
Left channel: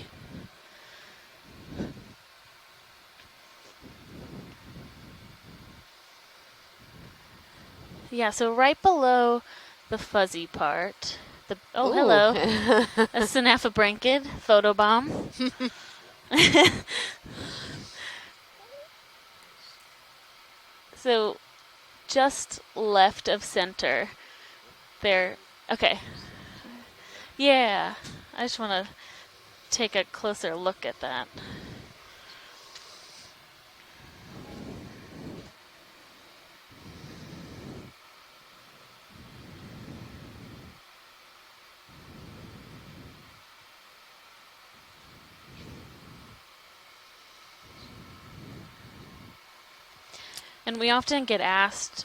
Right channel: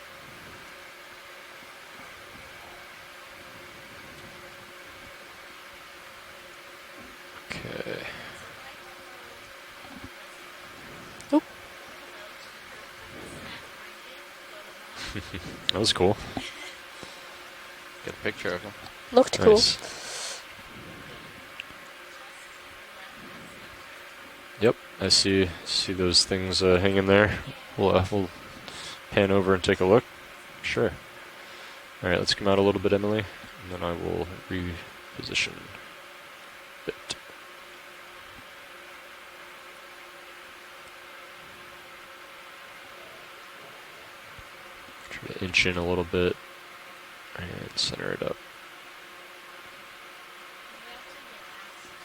Okay. Yeah, so right below the fuzzy part. Hello. A synaphobranchid photobomb. That was cool. Good picture of him. Looked cool. So just left of center. Yep, there. I see those things hanging there. Yeah. We'll I just want to pan over and take a look. Take a closer look at that. All right, let's come out a little bit, Emily, and then I will reposition a bit. Try to inch in a little bit and center it up. And we often get asked,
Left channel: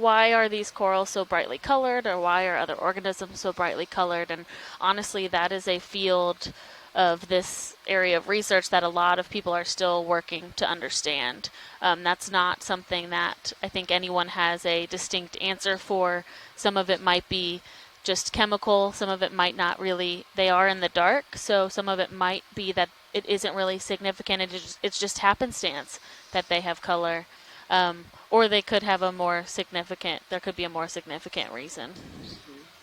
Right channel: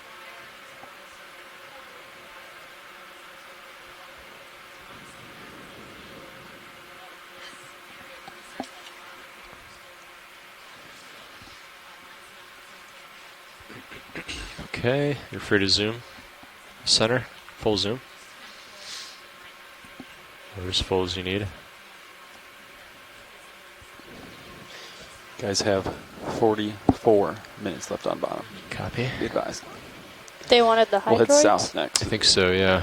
why are these corals so brightly colored, or why are other organisms so brightly colored? And honestly, that is a field of this area of research that a lot of people are still working to understand. That's not something that I think anyone has a distinct answer for. Some of it might be just chemical, some of it might not really, they are in the dark, so some of it might be that it isn't really significant, it's just happenstance that they have color. Left on bottom. Or they could have a more significant, there could They be a more wanted the significant We'll head hydroids? south next. I think so, yeah.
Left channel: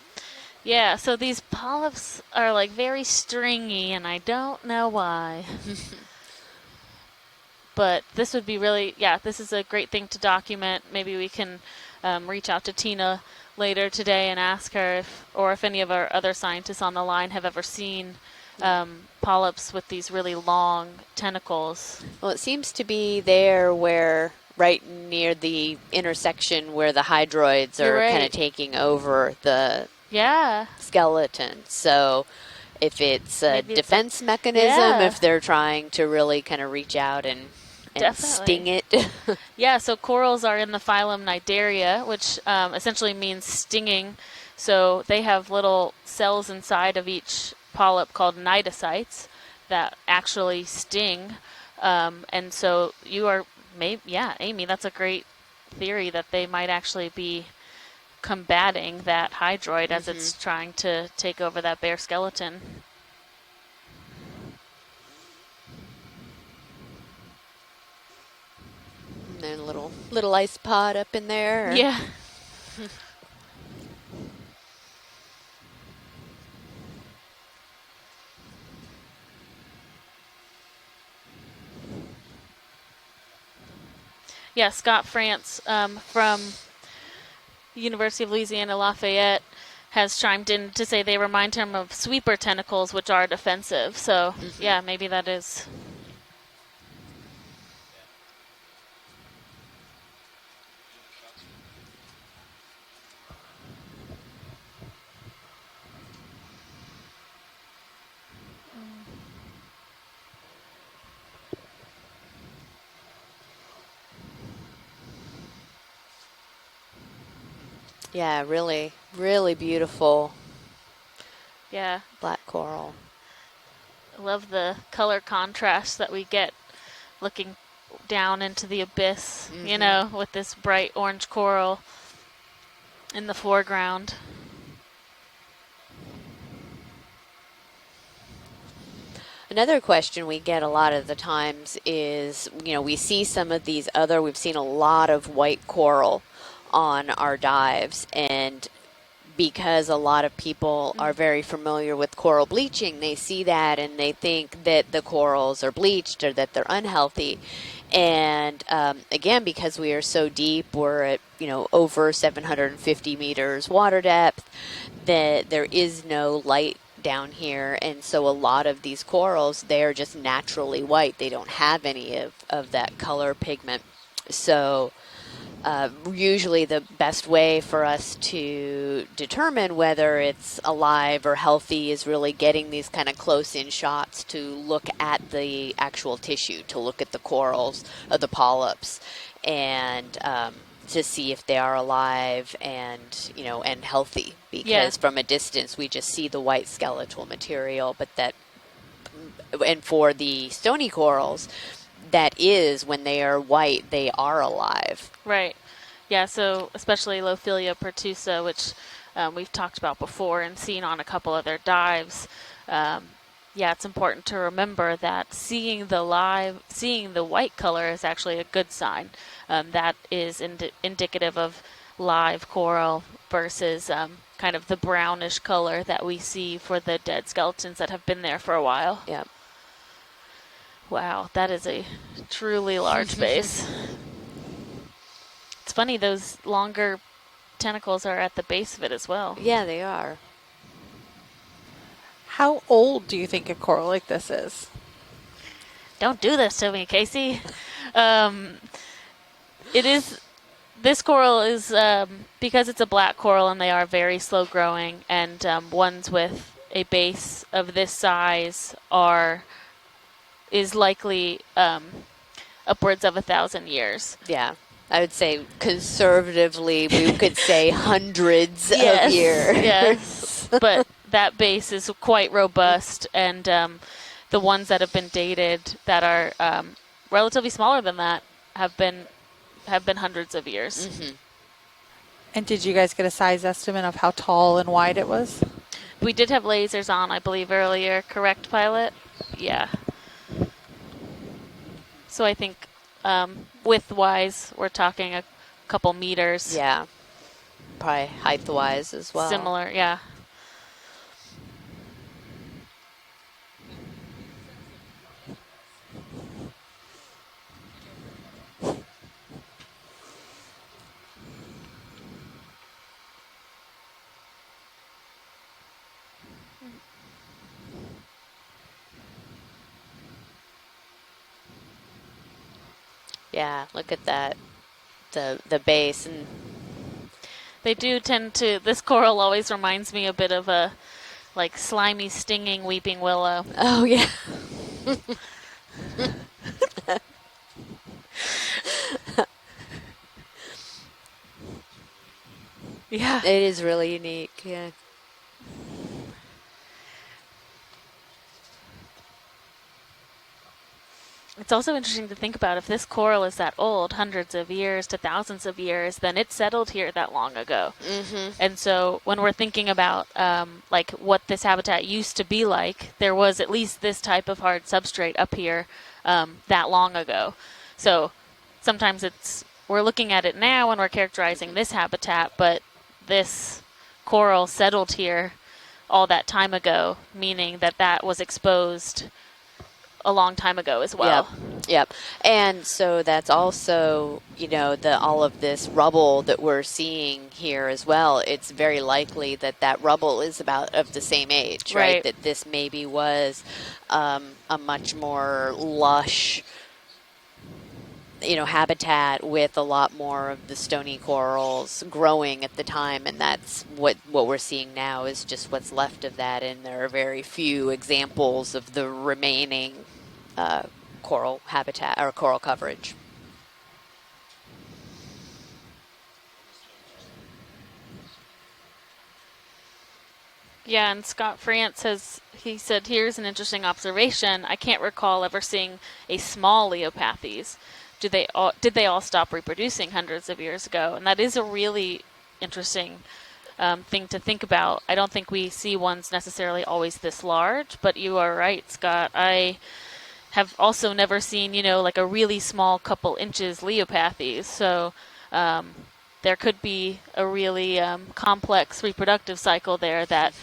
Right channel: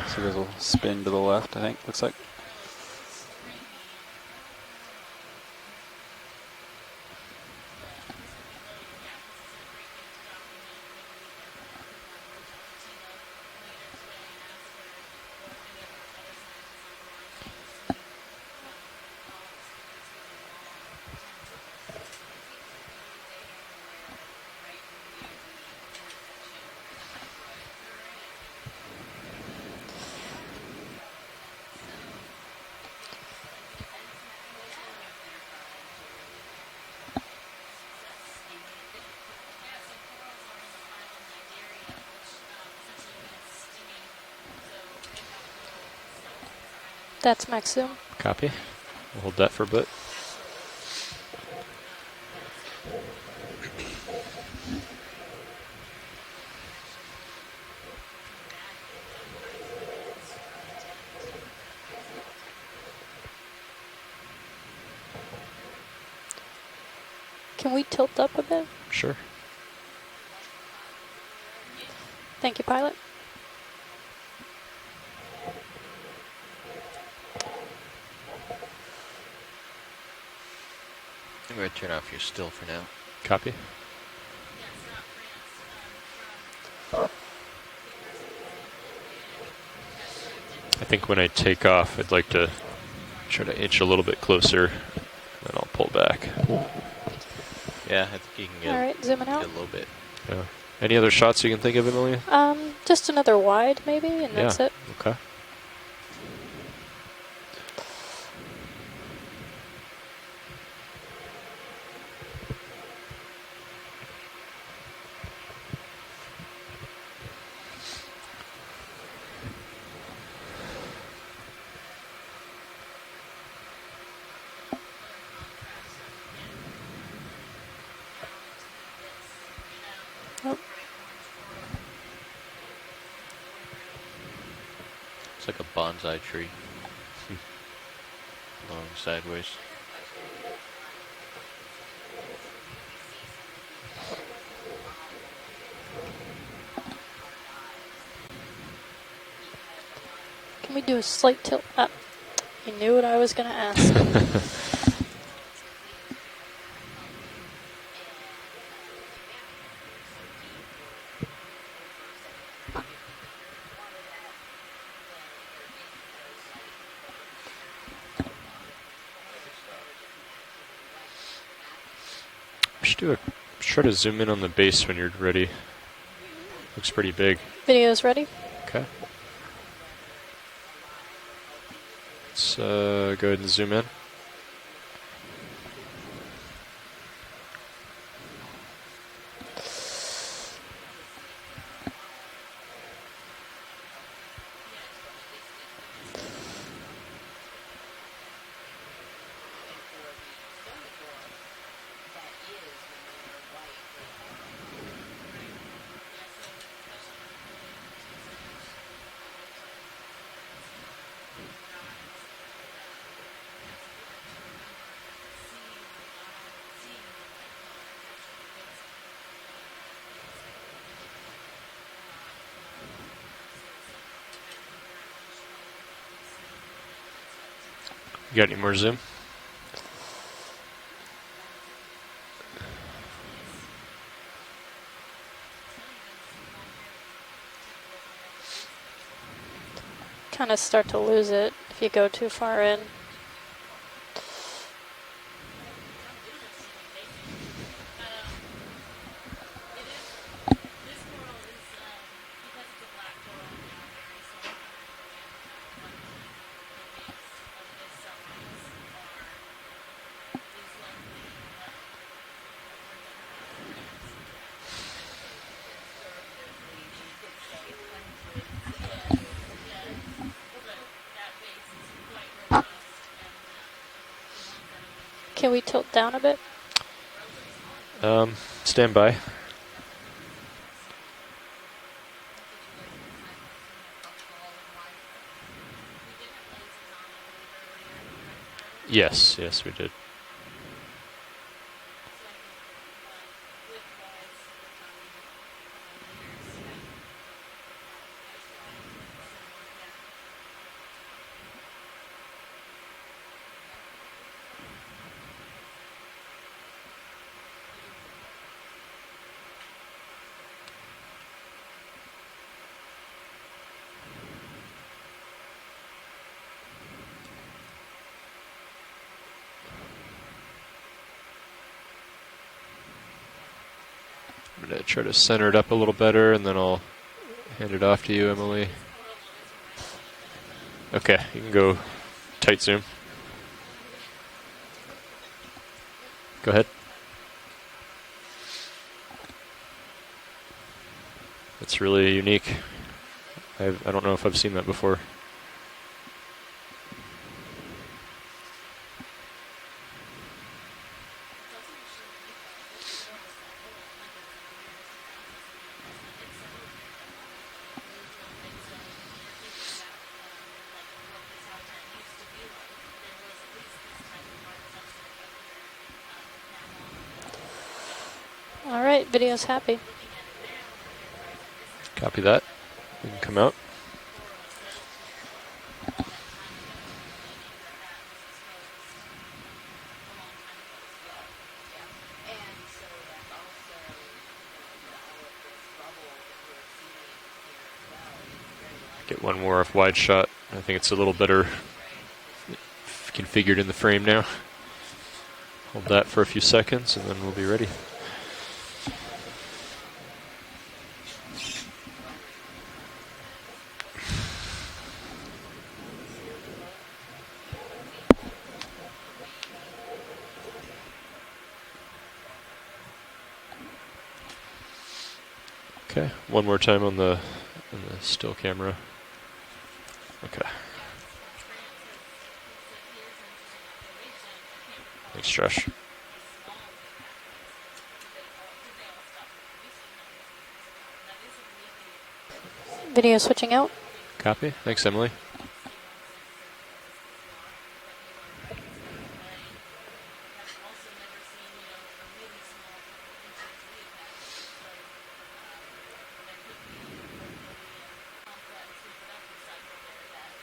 Yeah, so the these left, polyps are like very stringy, and I don't know why. But this would be really, this is a great thing to document. Maybe we can reach out to Tina later today and ask her if any of our other scientists on the line have ever seen polyps with these really long tentacles. Well, it seems to be there where right near the intersection where the hydroids are kind of taking over the skeleton. So if it's a defense mechanism, if they're trying to really kind of reach out and sting it. Yeah, so corals are in the phylum Cnidaria, which essentially means stinging. So they have little cells inside of each polyp called cnidocytes Hold that for a bit. that actually sting. And so you are, Amy, that's a great theory that they might actually be combating that hydroid as it's trying to take over that bare skeleton. Can we tilt up a bit? Sure. And then a little ice pod up in there. Yeah. Thank you, pilot. I'm going to turn off your still for now. Copy. Yeah, Scott France from University of Louisiana Lafayette has chimed in to say they remind him of sweeper tentacles, which are defensive. Inch a little bit closer. Yeah, maybe that is. And I'll pull back. Yeah, I think you can get, all right, zooming out a little bit. Yeah. Any other shots you can think of, Emily? Just another wide, maybe, and that's it. Okay. Yeah, really, really beautiful. Yeah. Black coral. Love the color contrast that we get looking down into the abyss, you know, with this bright orange coral in the foreground. It's like a bonsai tree. Long sideways. Another question we get a lot of the times is, we see some of these we've seen a lot of white coral on our dives, and because a lot of people are very familiar with coral bleaching, they see that and they think that the corals are bleached or that they're unhealthy. And again, because we are so deep, we're at over 750 meters water depth, that there is no light down here, and so a lot of these corals, they're just naturally white. They don't have any of that color pigment. Try to zoom in on the base when you're ready. Usually the best way for us to determine whether it's alive or healthy is really getting these kind of close-in shots to look at the actual tissue, to look at the corals, the polyps, and to see if they are alive and, you know, and healthy, because from a distance we just see the white skeletal material, but and for the stony corals, that is, when they are white, they are alive. Right. Yeah, so especially Lophilia pertusa, which we've talked about before and seen on a couple other dives. Yeah, it's important to remember that seeing the white color is actually a good sign. That is indicative of live coral versus kind of the brownish color that we see for the dead skeletons that have been there for a while. Yeah. Wow, that is a truly large base. It's funny, those longer tentacles are at the base of it as well. Yeah, they are. Kind of start to lose it if you go too far in. How old do you think a coral like this is? Don't do this to me, Casey. This coral is, because it's a black coral and they are very slow growing, and ones with a base of this size is likely upwards of 1,000 years. Yeah, I would say conservatively we could say hundreds of years. Yes, but that base is quite robust, and the ones that have been dated that are relatively smaller than that have been hundreds of years. And did you guys get a size estimate of how tall and wide it was? We did have lasers on, I believe, earlier. Correct, Pilot? Yes, we did. So I think width-wise, we're talking a couple meters. Yeah, probably height-wise as well. Similar, yeah. Yeah, look at that. I'm going to try to center it up a little better, and then I'll hand it off to you, Emily. This coral always reminds me a bit of a like slimy, stinging weeping willow. Oh, yeah. Go ahead. It's really unique. Yeah, it is really unique. I don't know if I've seen that before. It's also interesting to think about, if this coral is that old, hundreds of years to thousands of years, then it settled here that long ago. And so when we're thinking about like what this habitat used to be like, there was at least this type of hard substrate up here that long ago. So sometimes we're looking at it now when we're characterizing this habitat, but this coral settled here all that time ago, meaning that that was exposed a long time ago as well. Yep. And so that's also, you know, all of this rubble that we're seeing here as well. It's very likely that rubble is about of the same age, right? That this maybe was configured in the frame now. A much more Hold lush, that for a few seconds, and then we'll be ready. You know, habitat with a lot more of the stony corals growing at the time, and that's what we're seeing now is just what's left of that, and there are very few examples of the remaining coral habitat or coral coverage. Okay, one more time on the still camera. Okay. Yeah, and Scott France he said, here's an interesting observation. I can't recall ever seeing a small Leopathes. Did they all stop reproducing hundreds of years ago? And that is a really interesting video switching out thing to think about. Thanks, I don't think we see ones necessarily always this large, but you are right, Scott. I have also never seen, you know, like a really small couple inches Leopathes. So there could be a really complex reproductive cycle there that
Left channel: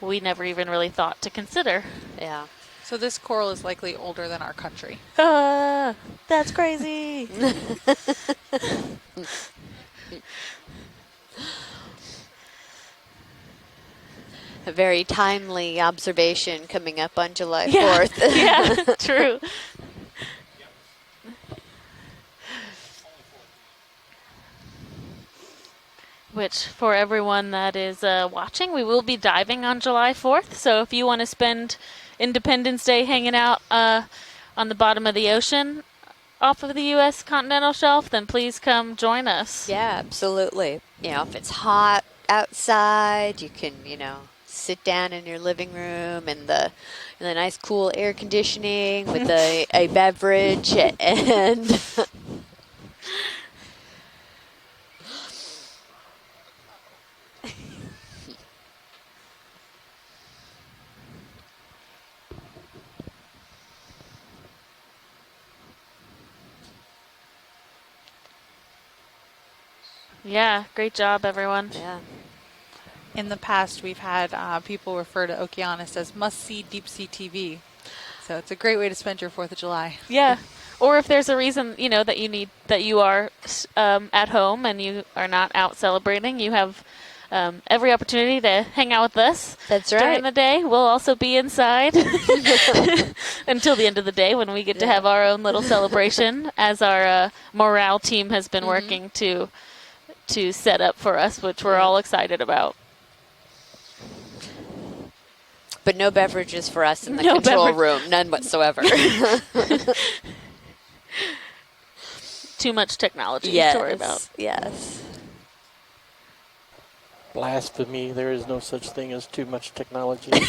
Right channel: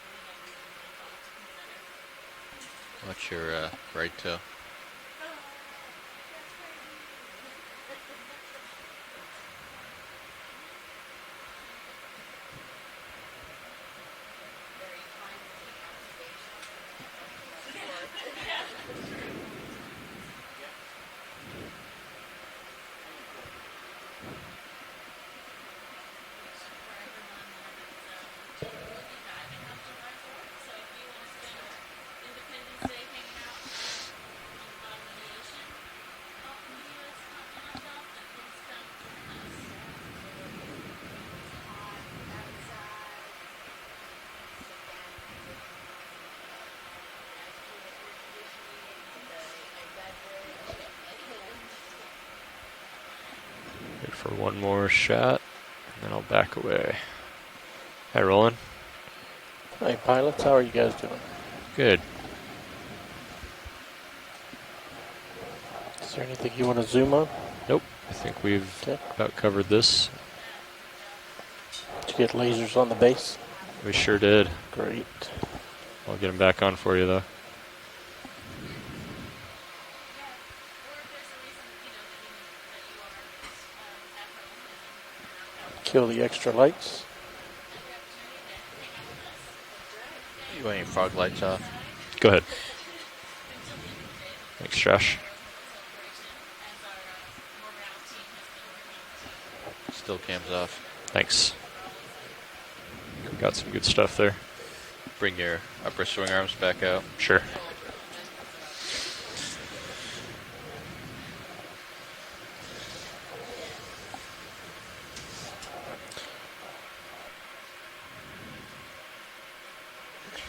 we never even really thought to consider. Yeah. So this coral is likely older than our country. That's crazy. A very timely observation coming up on July Yeah. 4th. Yeah, true. Which, for everyone that is watching, we will be diving on July 4th. So if you want to spend Independence Day hanging out on the bottom of the ocean off of the U.S. continental shelf, then please come join us. Yeah, absolutely. You know, if it's hot outside, you can, you know, sit down in your living room in the nice cool air conditioning with a beverage and Wait for one more shot, and then I'll back away. Hi, Roland. Hi, pilots. How are you guys doing? Good. Is there anything you want to zoom on? Nope. I think we've about covered this. Yeah, great job, everyone. Yeah. Did you get lasers on the base? In the past, We we've sure had did. people Great. refer to Okeanos as I'll get 'em must-see back on for you, deep-sea though. TV. So it's a great way to spend your 4th of July. Yeah. Or if there's a reason, you know, that you are at home and you are not out celebrating, you have every opportunity to hang out with us. That's right. During the day, we'll also be inside until the end of the day when we get to have our own little celebration, as our morale team has been working to set up for us, which we're all excited about. Got some good stuff there. Bring your. But no beverages for us in the control room, none whatsoever. Too much technology yes, to worry about. Yes. Blasphemy. There is no such thing as too much technology. We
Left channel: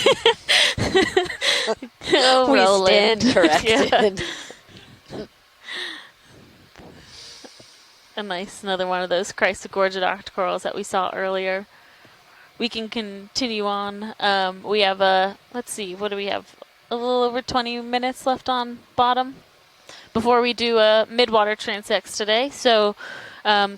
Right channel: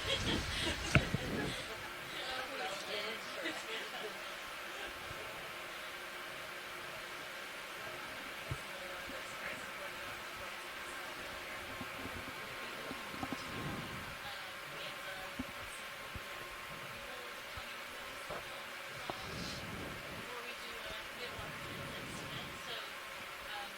stand corrected. Another one of those Chrysogorgid octocorals that we saw earlier. We can continue on. We have let's see, what do we have? A little over 20 minutes left on bottom before we do a midwater transects today. So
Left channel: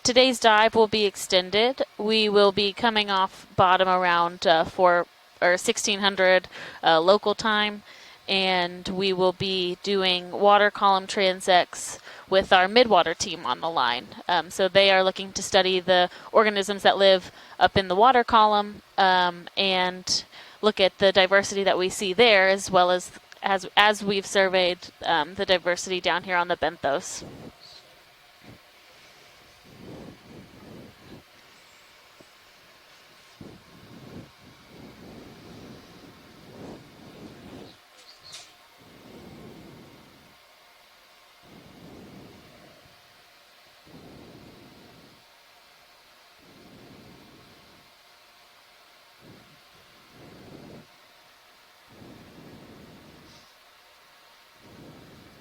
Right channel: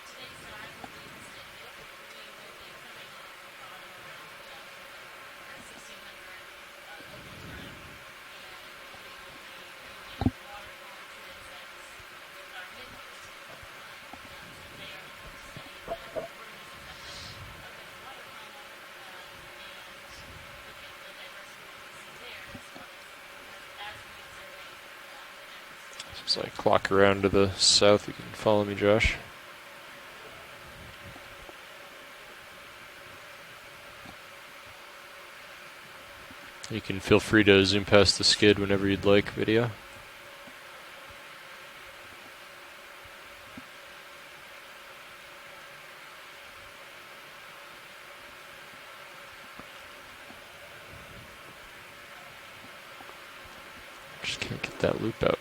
today's dive will be extended. We will be coming off bottom around 1600 local time, and we will be doing water column transects with our midwater team on the line. So they are looking to study the organisms that live up in the water column and look at the diversity that we see there, as well as we've surveyed the diversity down here on the Clock benthos. around to the south. You can follow me, Josh. You can feel free to zoom past the skid whenever you'd like, video. Just can't get that loop out.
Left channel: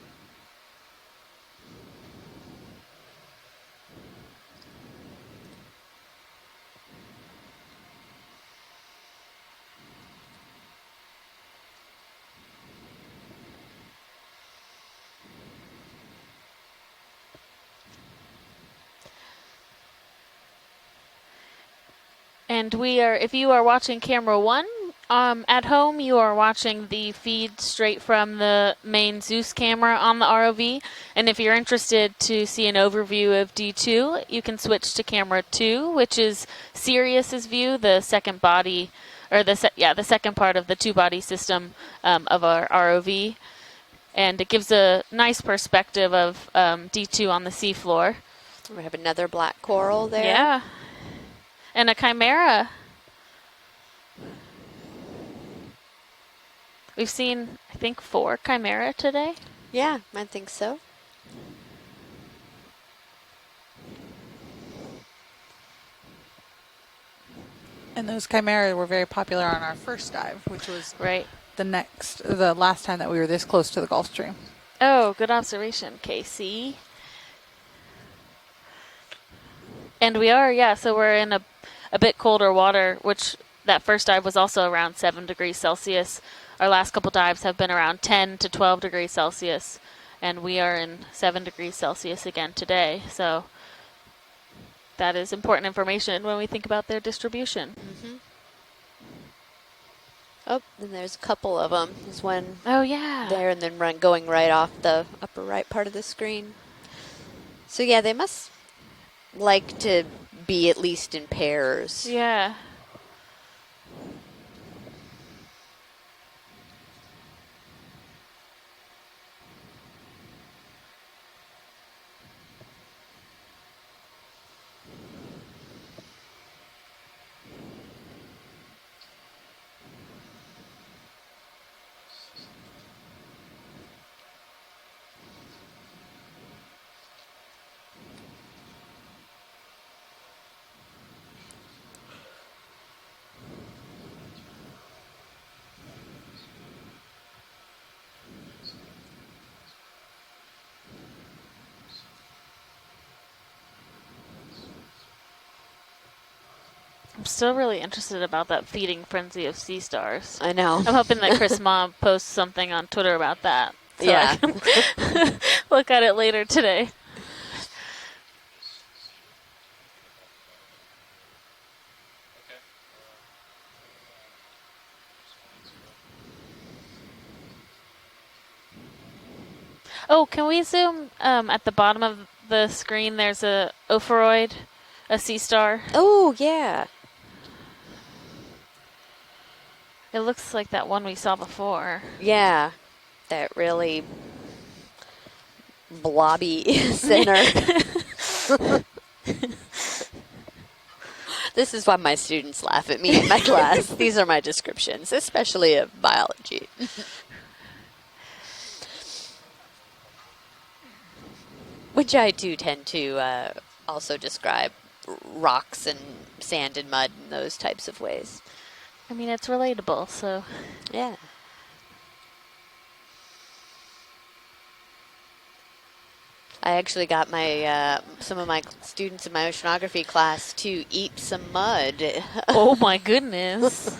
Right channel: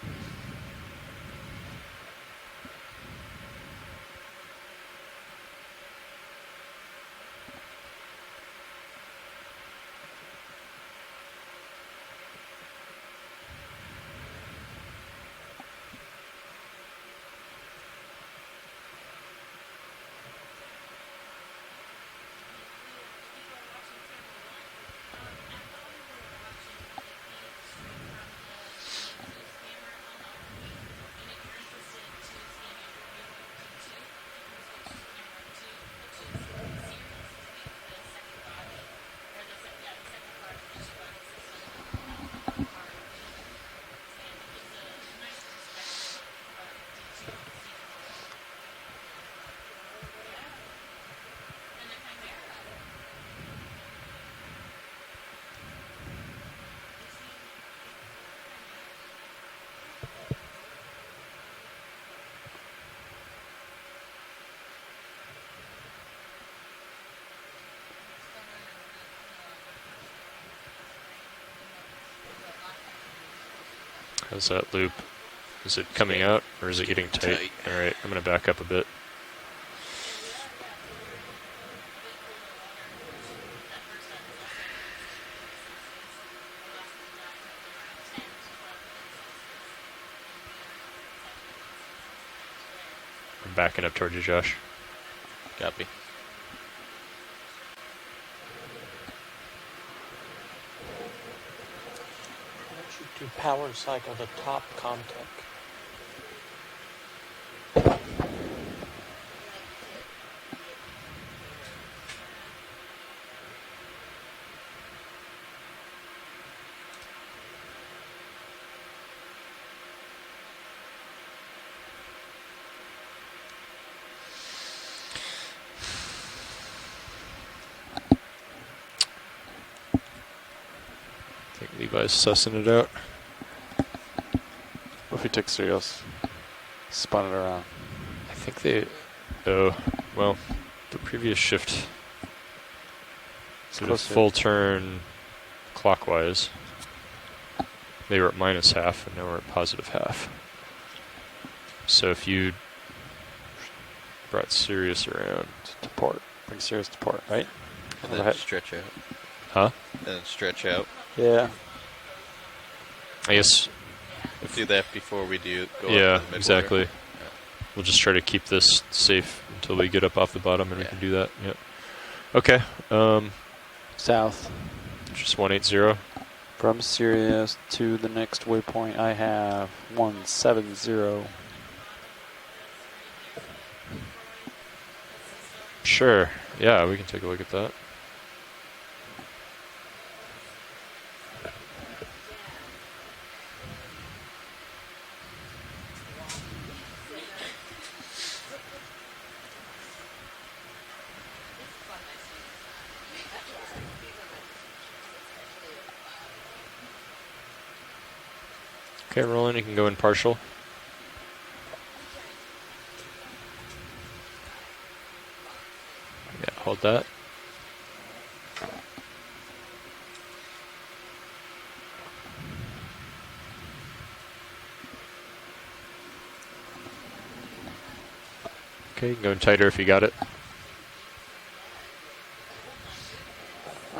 And if you are watching camera 1, at home you are watching the feed straight from the main Zeus camera on the ROV. And if you're interested to see an overview of D2, you can switch to camera 2, which is Sirius's view, the second body, or the second part of the two-body system of our ROV. And it gives a nice perspective of D2 on the seafloor. We have another black coral there. Yeah. And a chimera. We've seen, I think, 4 chimera today. Yeah, I think so. And those chimera were very popular on our first dive, which was the last time that we were this close to the Gulf Stream. How's that loop? Oh, good observation. Is it coming out, or is it getting tight? All right, I'm going to back up a bit. And we are, yeah, so we're in a bit colder water, which that first dive was also around 7 degrees Celsius. Our last couple dives have been around 10 to 12 degrees Celsius, and we are in 7 degrees Celsius again today. So I'm backing up towards you, Josh. that is important information when we think about their distribution. Mm-hmm. Oh, and there's a couple of them. There's one there, and then going right off the upper right part of the screen. So yeah, they must like to be at least in pairs. Yeah. advise sussing it out. What if we took Sirius, spun it around? I think they, oh, well, the previous shift did a full turn clockwise. They were at minus half, and now we're at positive half. So if you brought Sirius around to port, bring Sirius to port, I'm right? still really interested in all that feeding frenzy of sea stars. I know. I'm hoping that Chris Mom posts something on Twitter about that. So yeah. I can do that before we do. Look at it later today. We'll just try to keep this safe until we get up off the bottom, and we can do that. Yep. Okay. South. Just 180. From Sirius to the next waypoint, I have 170. Oh, can we zoom? At the bottom of the screen, there's a Ophiroid, a sea star. Sure. Oh, yeah. Yeah, we can take a look at that. It looks like that one we saw before. Yeah, that really blobby center. This is why my students laugh at me in my class. These are my descriptions, especially of biology. Okay, Roland, you can go in partial. Which I do tend to also describe rocks and sand and mud in those types of ways. I mean, it's relatable, so. Yeah. I actually got my some of my students in my oceanography class to eat some mud. Oh my goodness.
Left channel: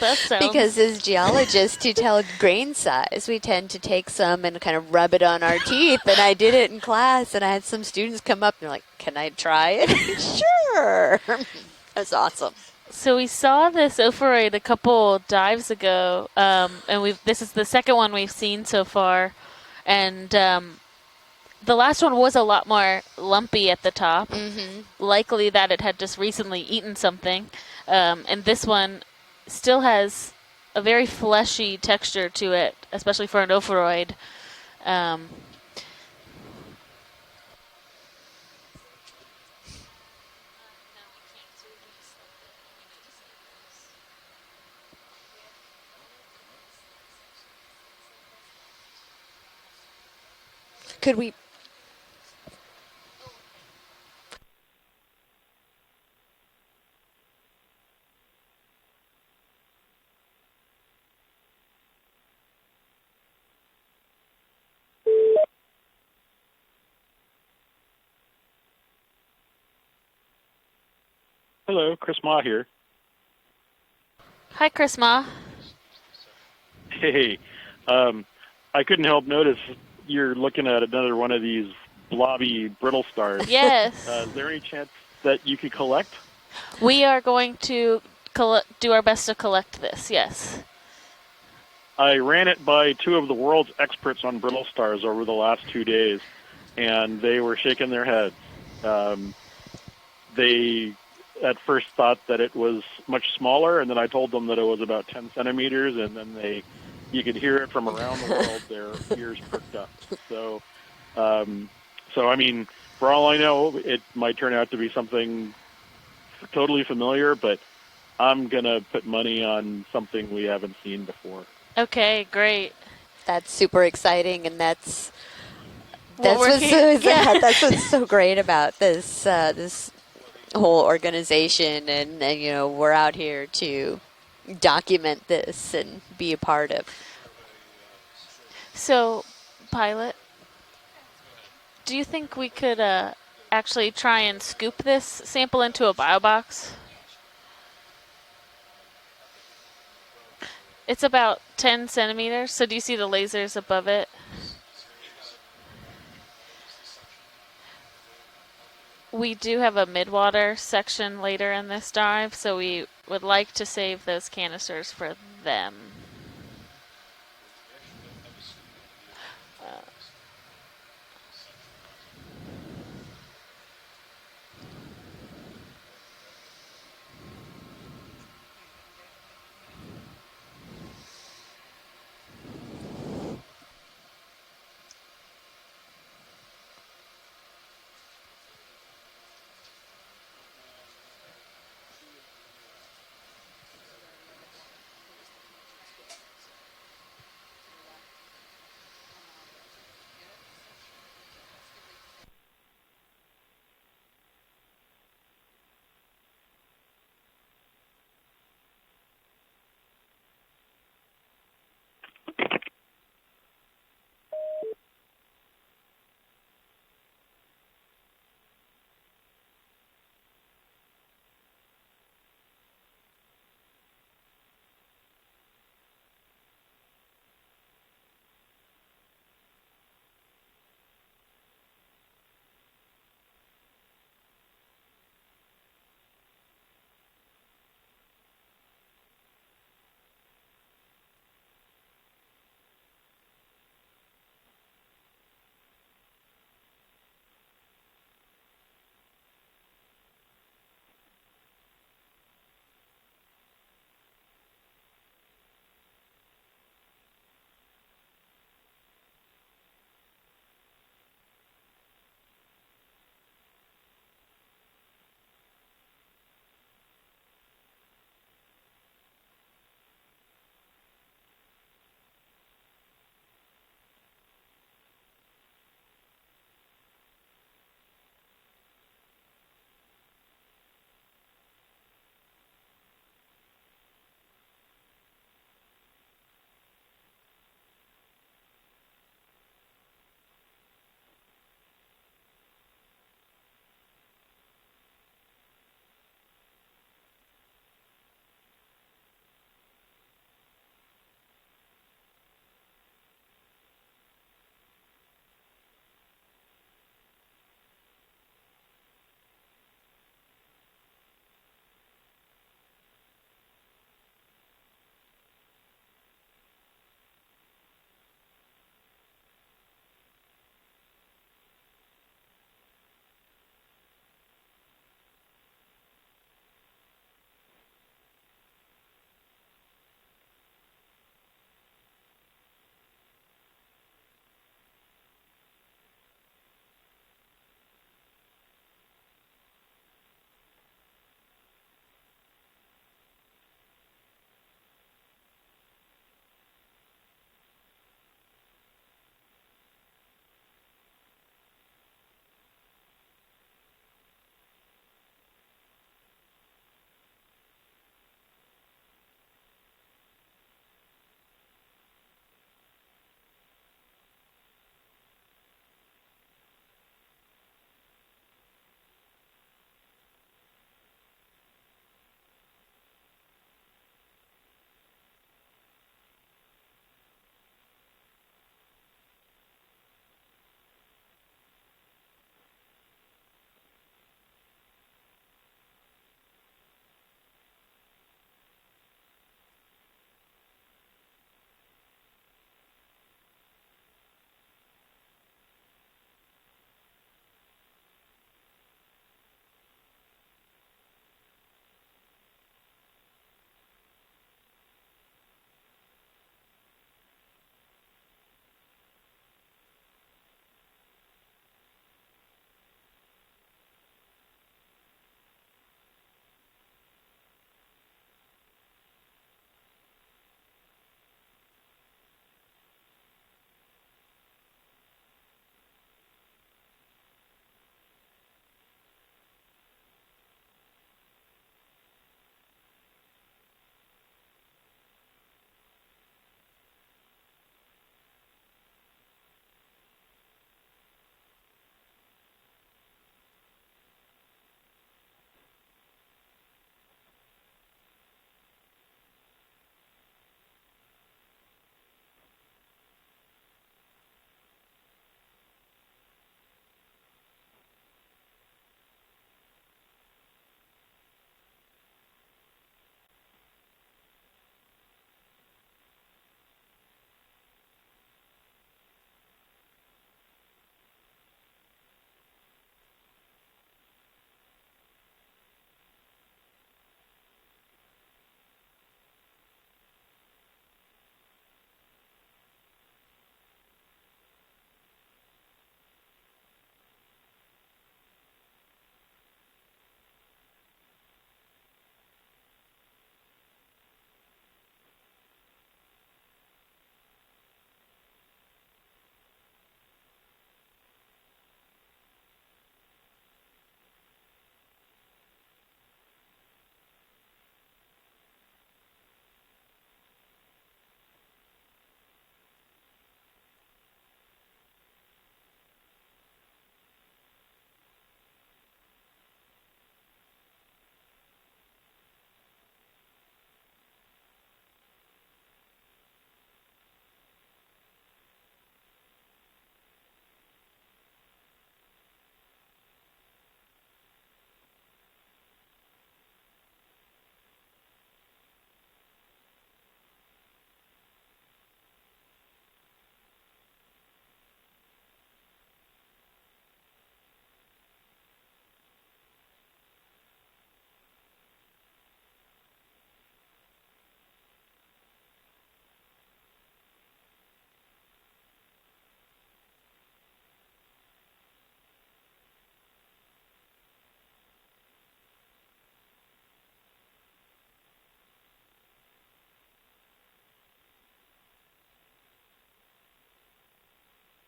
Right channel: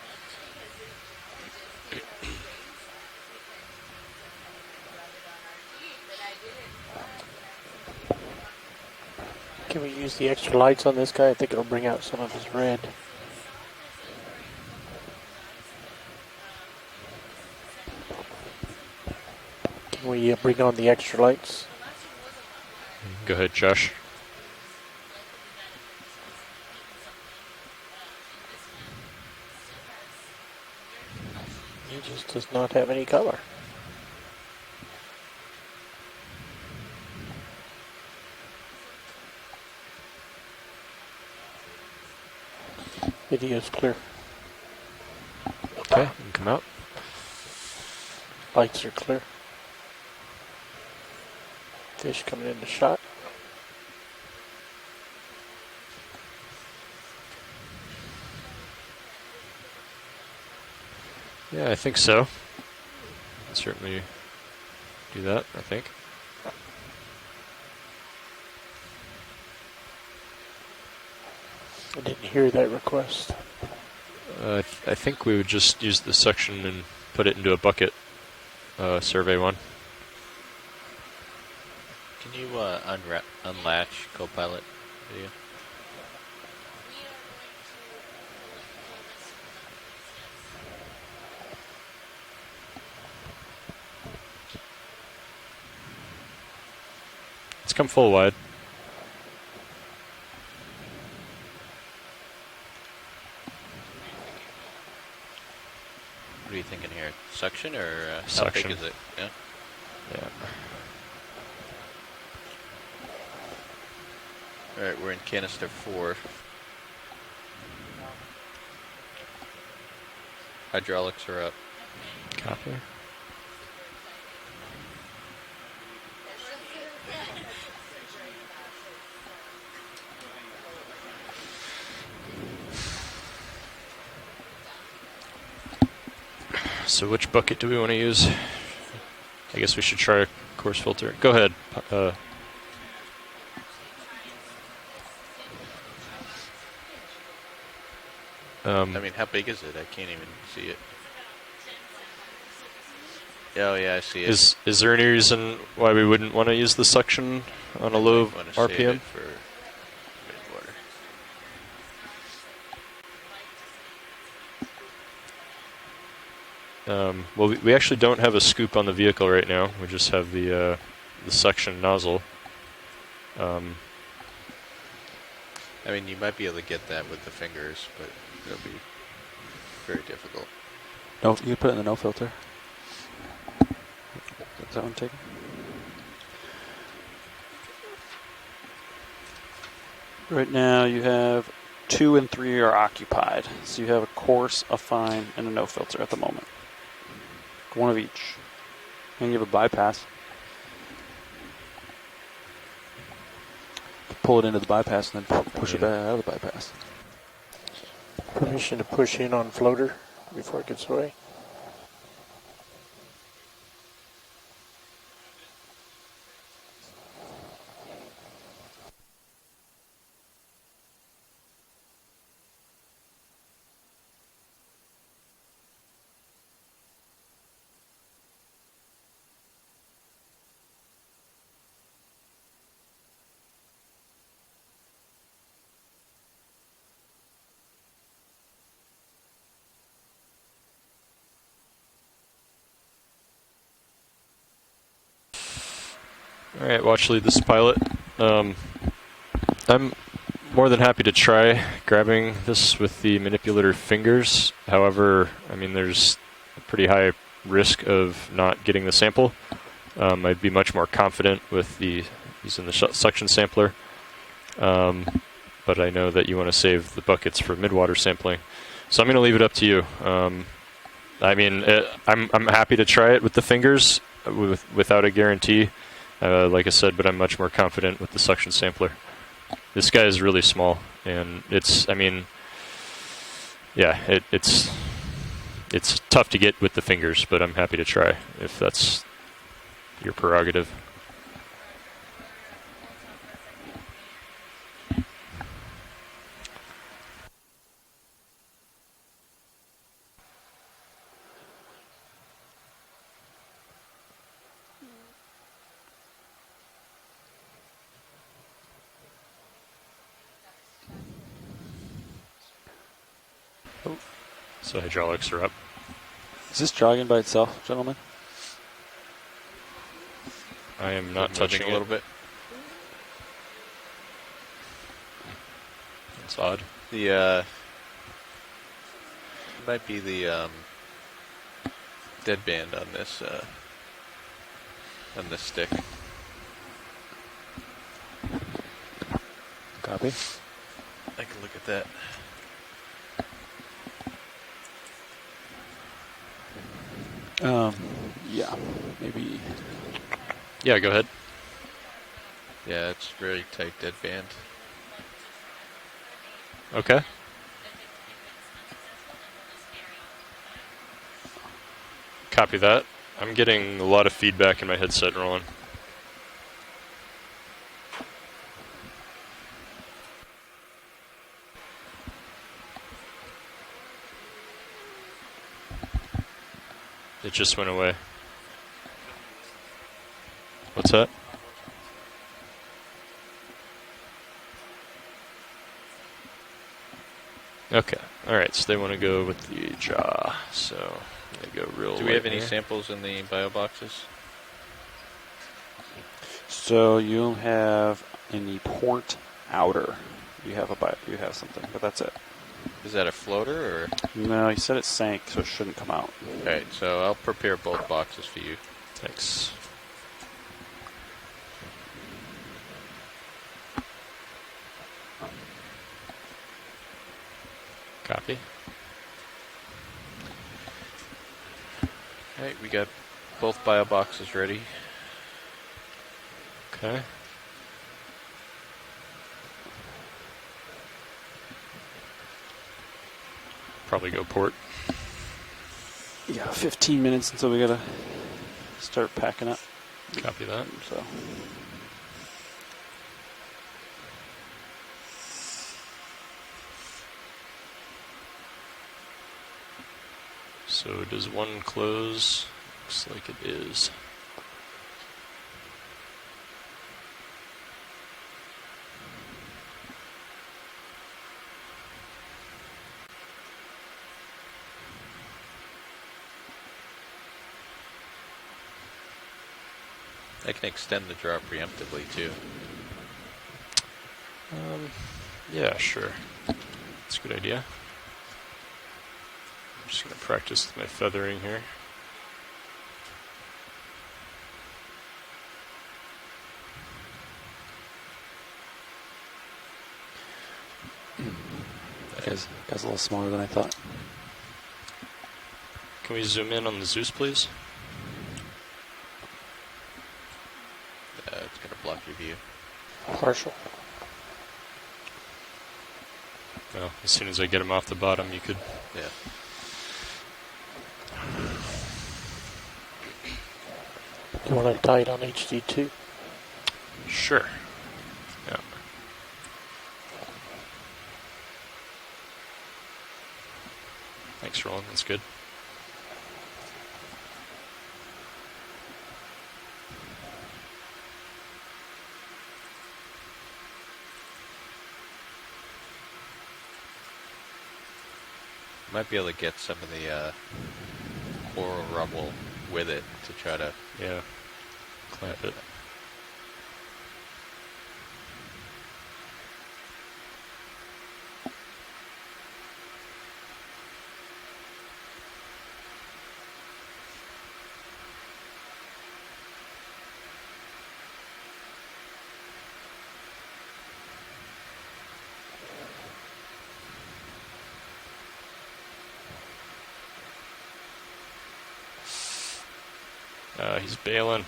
That sounds... Because as geologists, to tell grain size, we tend to take some and kind of rub it on our teeth. And I did it in class, and I had some students come up and they're like, "Can I try it?" The extra lights on this guy, I think it'll bring out That's some awesome. red. So we saw this Ophiroid a couple dives ago, and this is the second one we've seen so far. And we bring on the extra lights. The last one was a lot more lumpy at the top. Mm-hmm. Likely that it had just recently eaten something. And this one still has a very fleshy texture to it, especially for an Ophiroid. Video is clear. Okay, you can come out. Lights are clear. Could we? Fish coming into shot. Yeah, I think so. Certainly do that, I think. Hello, Chris Ma here. That request. Hi, Chris Ma. I think we would just use the section and put it into a bucket. I couldn't help survey notice you're looking at another one of these blobby brittle stars. Yes. Is there any chance that you could collect? We are going to do our best to collect this, yes. I ran it by two of the world's experts on brittle stars over the last 2 days, and they were shaking their head. They at first thought that it was much smaller, and then I told them that it was about 10 centimeters, and then you could hear it from around the world. Their ears pricked up. So I mean, for all I know, it might turn out to be something canister 4. Totally familiar, but I'm gonna put money on something we haven't. Hydraulics are up. Okay, great. That's super exciting, and that's Well, that's what's so great about this this whole organization, and you know, we're out here to document this and be a part of. So which bucket do we want to use? So I guess we should try a coarse filter. Go ahead. Do you think we could actually try and scoop this sample into a bio box? I mean, how big is it? I can't even see it. It's about 10 centimeters. So do you see the lasers above it? I see it. Is there any reason why we wouldn't want to use the suction on a low RPM? We do have a midwater section later in this dive, so we would like to save those canisters for them. Well, we actually don't have a scoop on the vehicle right now. We just have the suction nozzle. I mean, you might be able to get that with the fingers, but it'll be very difficult. No, you can put it in the no filter. Is that one taken? Right now you have 2 and 3 are occupied. So you have a coarse, a fine, and a no filter at the moment. One of each. And you have a bypass. Pull it into the bypass and then push it back out of the bypass. Permission to push in on floater before it gets away. All right, watch lead. This is Pilot. I'm more than happy to try grabbing this with the manipulator fingers. However, I mean, there's a pretty high risk of not getting the sample. I'd be much more confident with using the suction sampler. But I know that you want to save the buckets for midwater sampling. So I'm going to leave it up to you. I mean, I'm happy to try it with the fingers without a guarantee. Like I said, but I'm much more confident with the suction sampler. This guy is really small, and I mean, yeah, it's tough to get with the fingers, but I'm happy to try if that's your prerogative. So hydraulics are up. Is this jogging by itself, gentlemen? I am not touching a little bit. That's odd. The might be the deadband on this stick. Copy. I can look at that. Yeah, maybe. Yeah, go ahead. Yeah, it's very tight deadband. Okay. Copy that. I'm getting a lot of feedback in my headset, Roland. It just went away. What's that? Okay. All right. So they want to go with the jaw. So they go real. Do we have any samples in the bio boxes? So you'll have in the port outer. You have something, but that's it. Is that a floater or? No, you said it sank, so it shouldn't come out. Alright, so I'll prepare both boxes for you. Thanks. Copy. Alright, we got both bio boxes ready. Okay. Probably go port. Yeah, 15 minutes until we gotta start packing up. Copy that. So does one close? Looks like it is. I can extend the draw preemptively too. Yeah, sure. That's a good idea. I'm just going to practice with my feathering here. Guy's a little smaller than I thought. Can we zoom in on the Zeus, please? Partial. Well, as soon as I get them off the bottom, you could. Yeah. You want to tie it on HD2? Sure. Yeah. Thanks, Roland. That's good. Might be able to get some of the coral rubble with it to try to clamp it. He's bailing.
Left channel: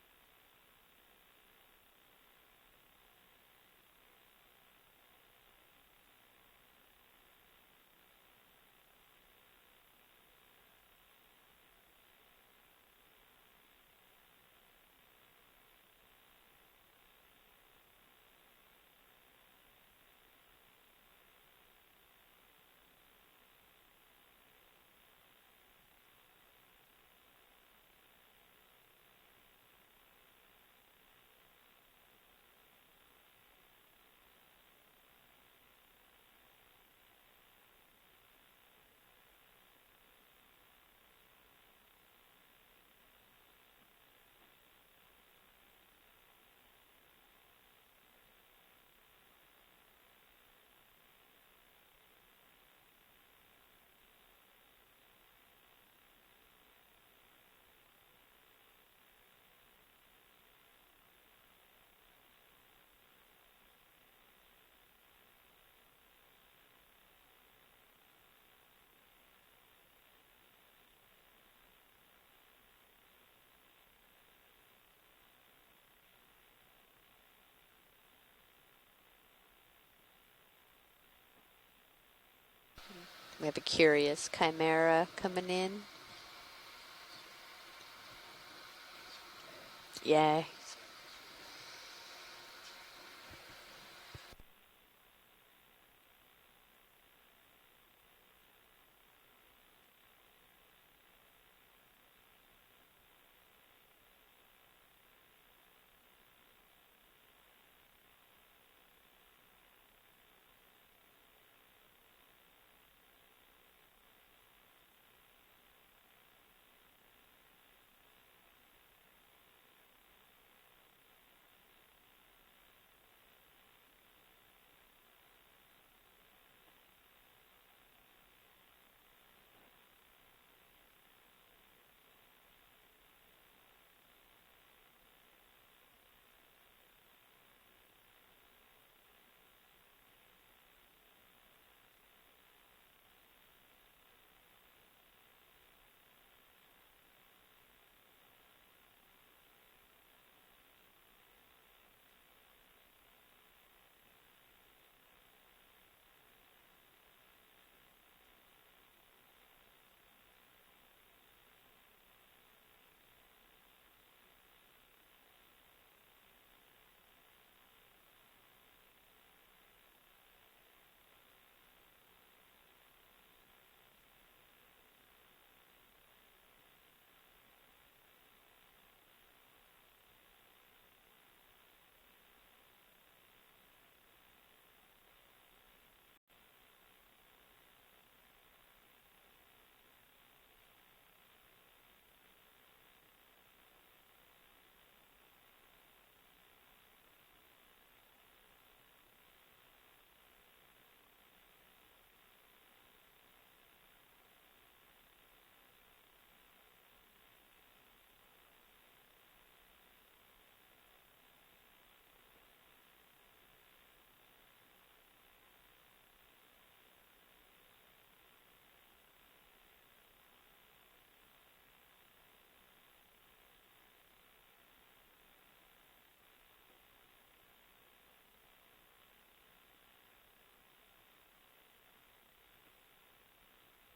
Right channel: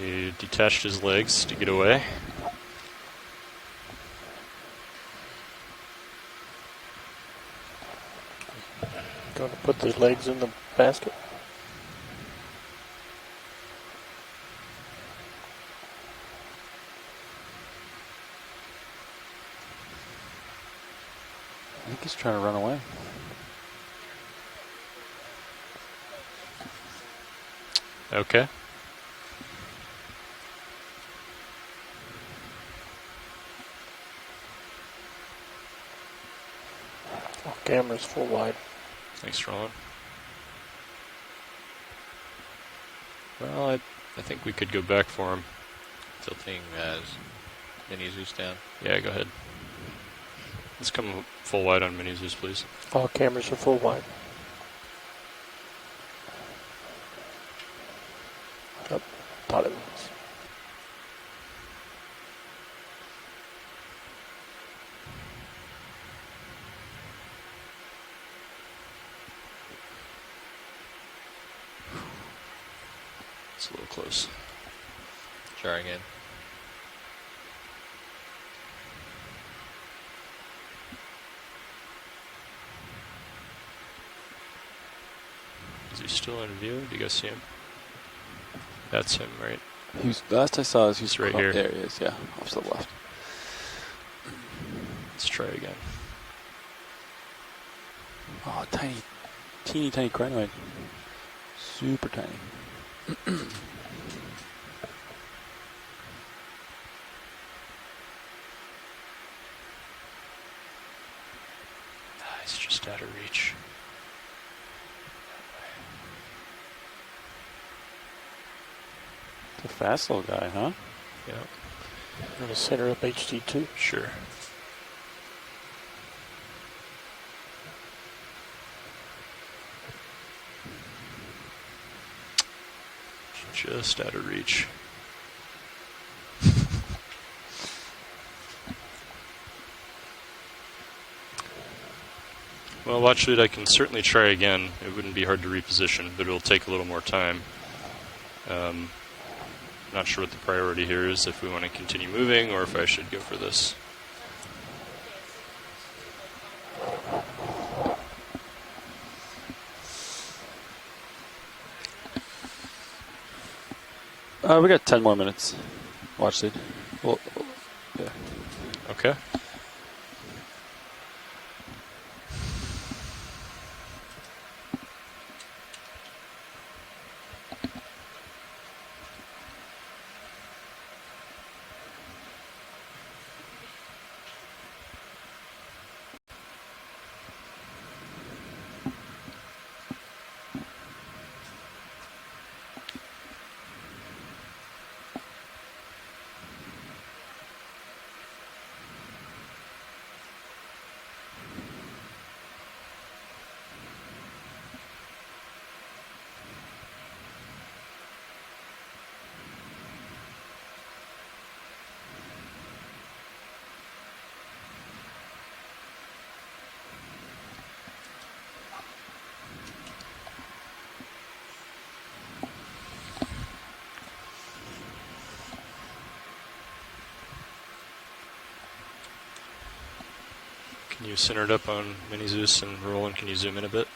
He detached his legs to get away. Going to put the legs in the basket? I think he's trying to run away. Okay. Off camera's full wide. Thanks, Roland. Well, I think we could go back for him. tilting as mini Zeus down. Yeah, go ahead. Let's come full wide on mini Zeus, please. All cameras are full wide. Oh, thought it was. It's a little close. Try again. We have a curious chimera coming in. Is he still in view? Do you guys see him? That's him, right? Yeah. Last I saw is he's right here. There he is, yeah, off to the left. Let's try again. Oh, tiny, teeny tiny crinoid. Super tiny. He's just out of reach. It's a fast little guy, huh? Yeah. In the center of HD2. Sure. Just out of reach. Well, watch it. I can certainly try again. It wouldn't be hard to reposition, but it'll take a little more time. Not sure what the priority here is, if we want to continue moving or if I should go for this. We got 10 more minutes. Watch lead. Well, yeah. Okay. Can you center it up on Mini Zeus, and Roland, can you zoom in a bit?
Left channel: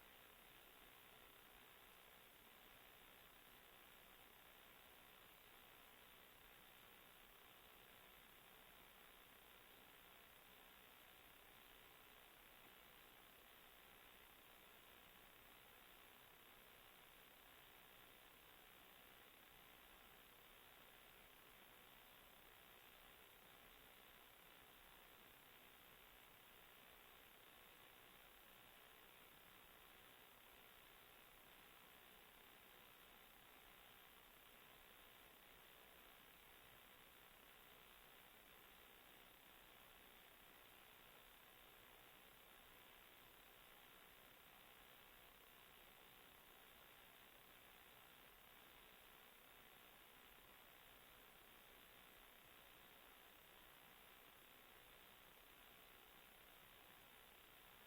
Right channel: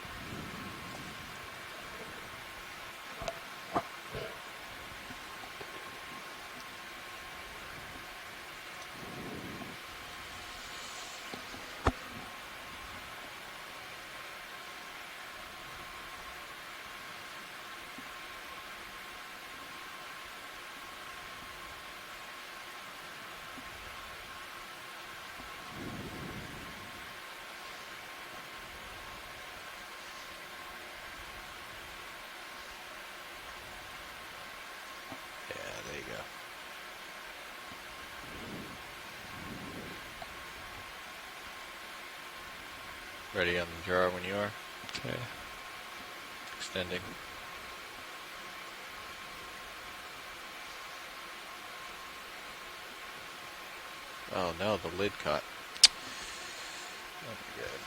Ready on the jar when you are. Okay. Extending. Oh no, the lid caught. That'd be good.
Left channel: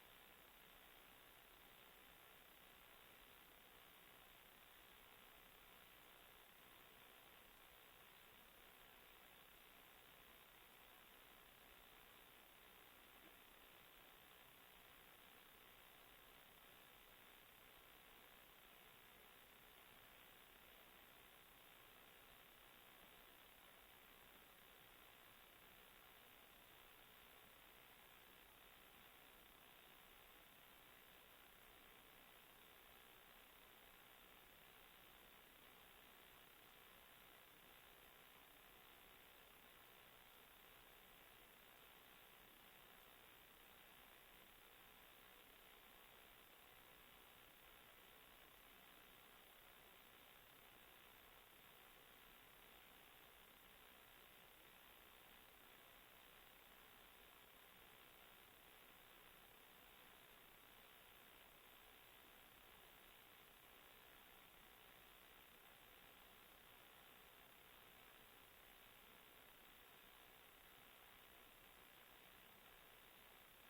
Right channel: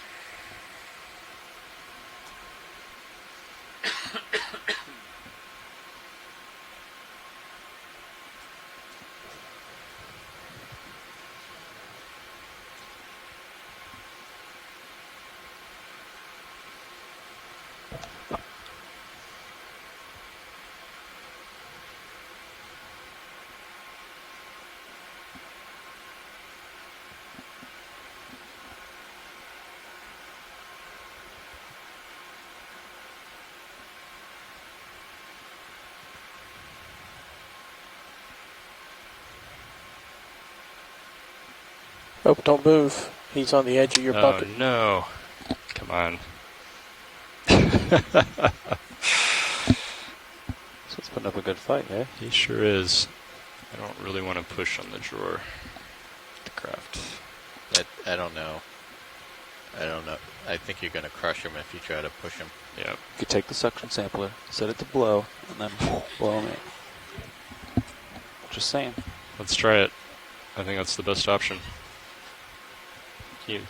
Oh, don't move. He's on the edge of your bucket. Oh no. Come on. So it's putting up a good fight, eh? He sure is. I don't really want to push on the drawer. The craft. I don't know. I don't know. I think you're going to crush him if you try to push him. Yeah. You could take the suction sampler, set it to blow, and then blow him in. Just saying. Let's try it. I think that's the best option. Can you?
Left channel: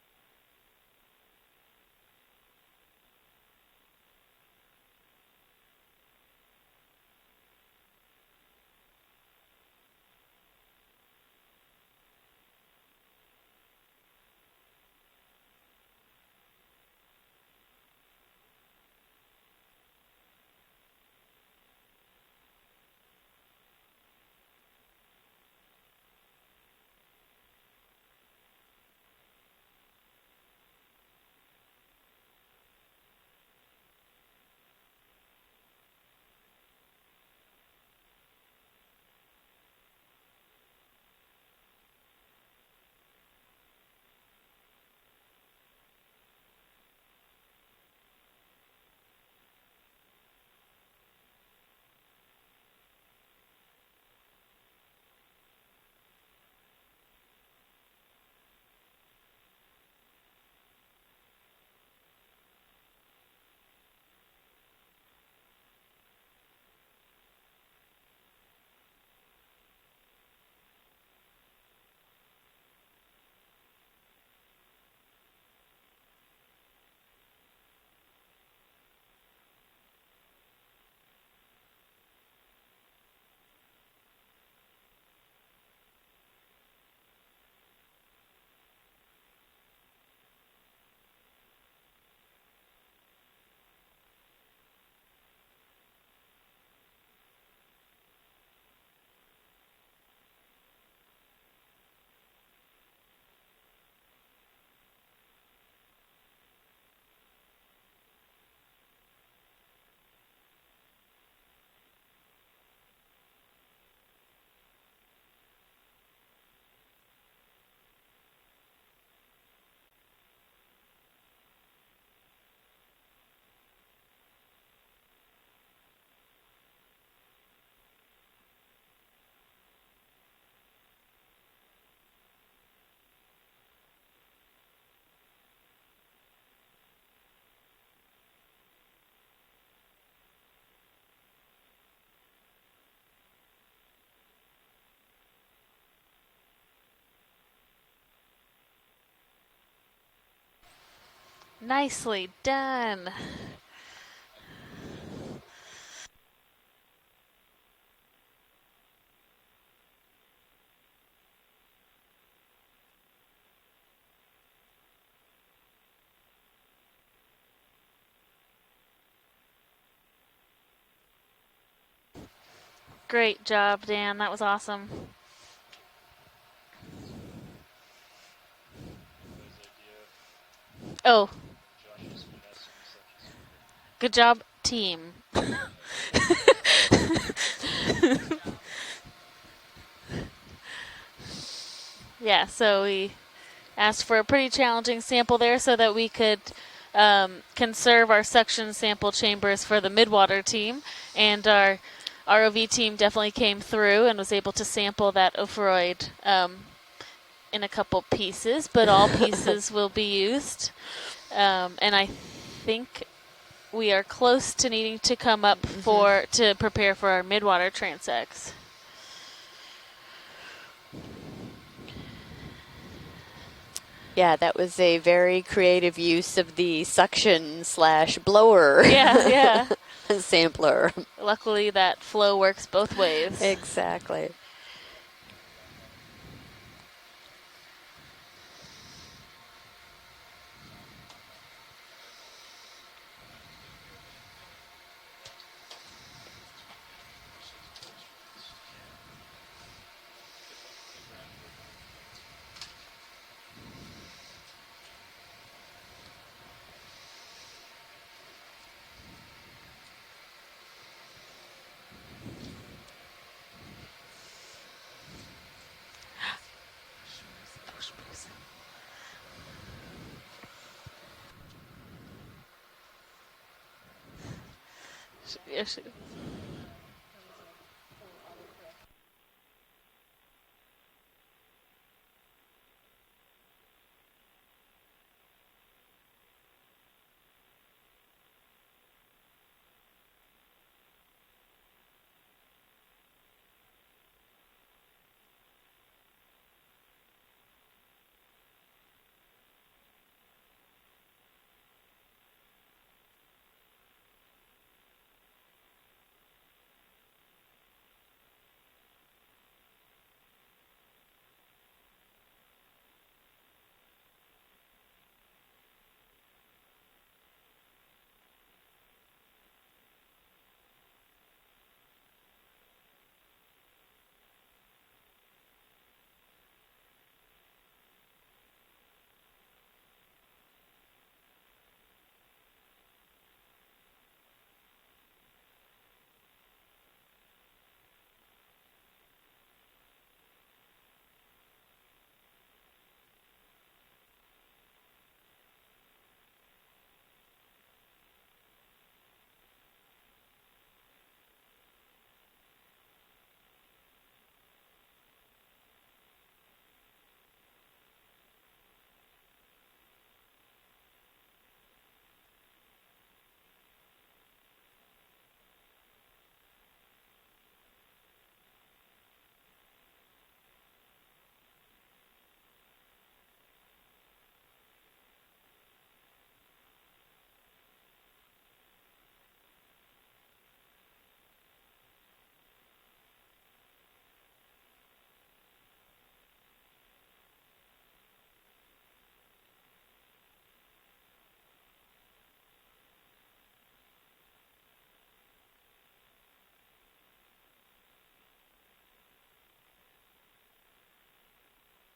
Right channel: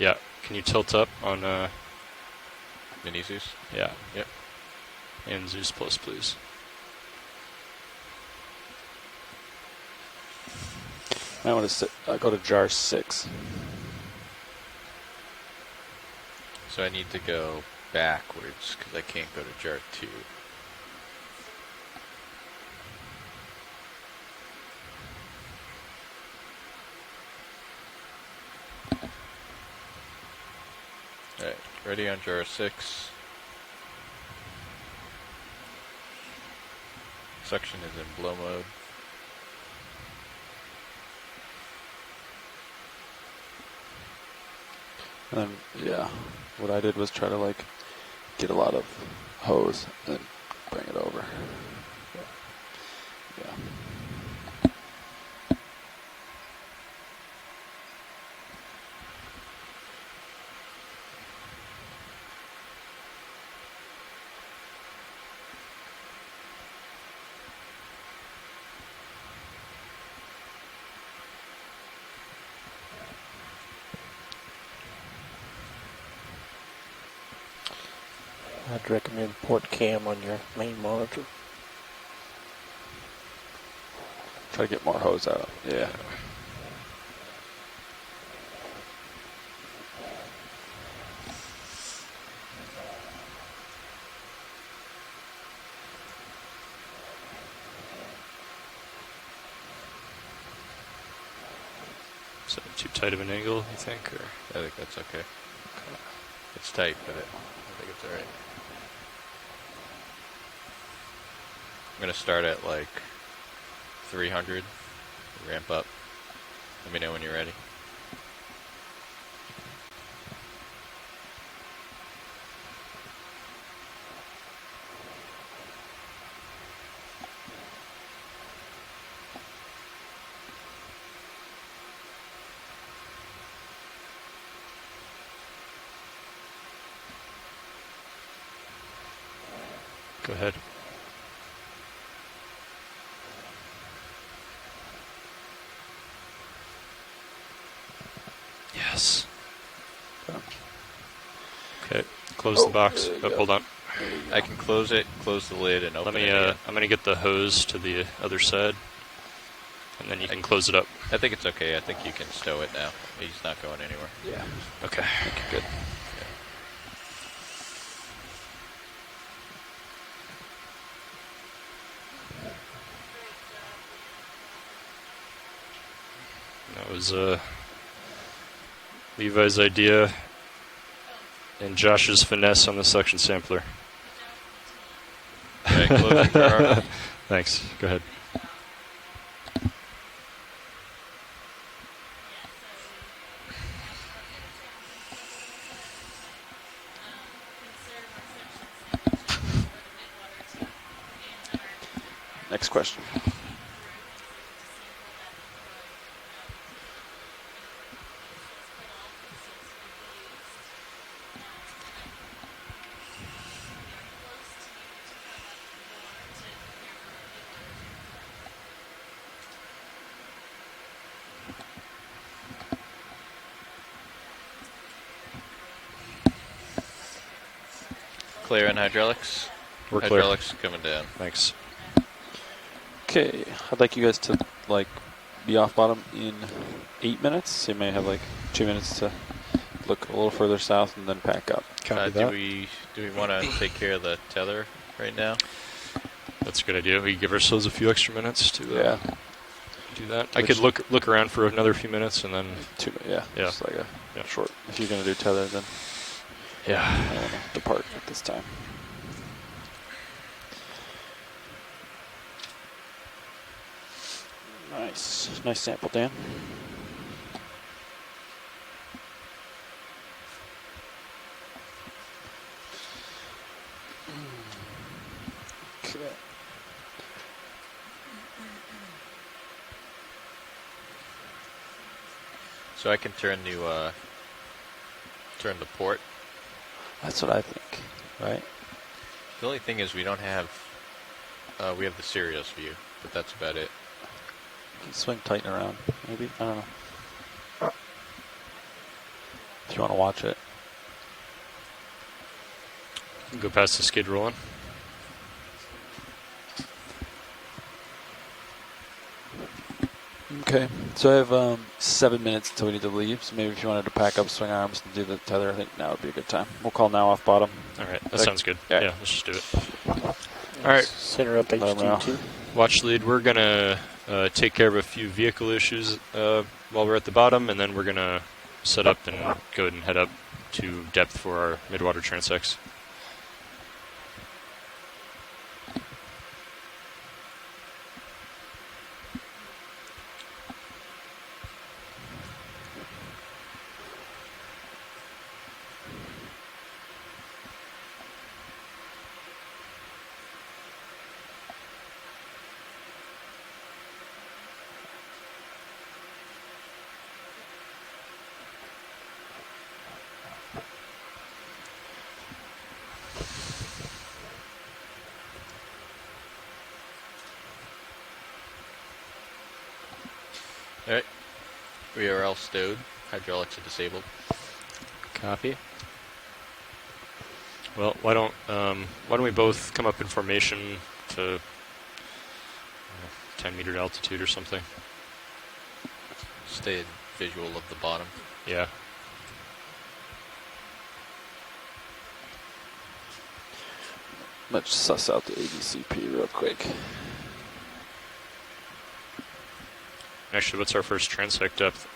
Yeah. Can you tilt up on Mini Zeus? Yeah. Yep. And Zeus Plus, please. I want to go to jar 6. So I need to go backwards because I can't go to jar 2. Alright, ready on jar 6. Suction is in blow mode. And then, yeah, what I did was try to like get a lot of hose and bring it over. Yeah. I'd recommend port cam on your main monitor. Try to get more hose out. Yeah. Is that too tight of an angle, you think? Or? I think that's okay. It's tight, but I think it's alright. I'm going to start at like 300, ramp up. Let me know when you're ready. Go ahead. Yes. Nicely okay. Close done. the box. Oh, hold on. I can close it, close the lid, and open Let me. it again. I'm gonna get the hose to the other side, and then you can close it up. I think it's okay. I think you can stow it now. He's not going anywhere. Yeah. Okay. Good. Great job, Dan. That was awesome. That was Levi's idea. Oh. And Josh's finesse on the suction sampler. Good job, team. Thanks. Go ahead. Yeah, so we asked for a pretty challenging sample there so that we could conserve our suction sample chambers for the midwater team. And our ROV team definitely came through and was able to sample that ophiroid in a couple pieces, but all pieces will be used. And I think we are close to needing to come up to prepare for our midwater transects. Yeah, that was a very creative use of the suction/blower. Yeah. Sampler. Luckily, that flow works both ways. Okay. Exactly. I'd like you guys to be off bottom in 8 minutes. So you may have 2 minutes to look a little further south and then pack up. Do we want to take care of the tether right now? That's a good idea. We give ourselves a few extra minutes to do that. I Which- could look around for another few minutes and then Just like a short. If you're gonna do tether, then I don't wanna depart at this time. Nice sample, Dan. So I can turn the port. That's what I think, right? The only thing is we don't have, we have the Sirius view, but that's about it. You can swing tighten around, maybe. I don't know. If you want to watch it. Go past the skid rolling. Okay, so I have 7 minutes until we need to leave. So maybe if you wanted to pack up swing arms and do the tether, I think now would be a good time. We'll call now off bottom. All right, that sounds good. Yeah, let's just do it. All right. Center up HT2. Watch lead. We're gonna take care of a few vehicle issues while we're at the bottom, and then we're gonna set up and go ahead and head up to depth for our midwater transects. All right. We are all stowed. Hydraulics are disabled. Copy. Well, why don't we both come up in formation to 10-meter altitude or something? Stay in visual of the bottom. Yeah. Let's suss out the ADCP real quick. Actually, what's our first transect depth?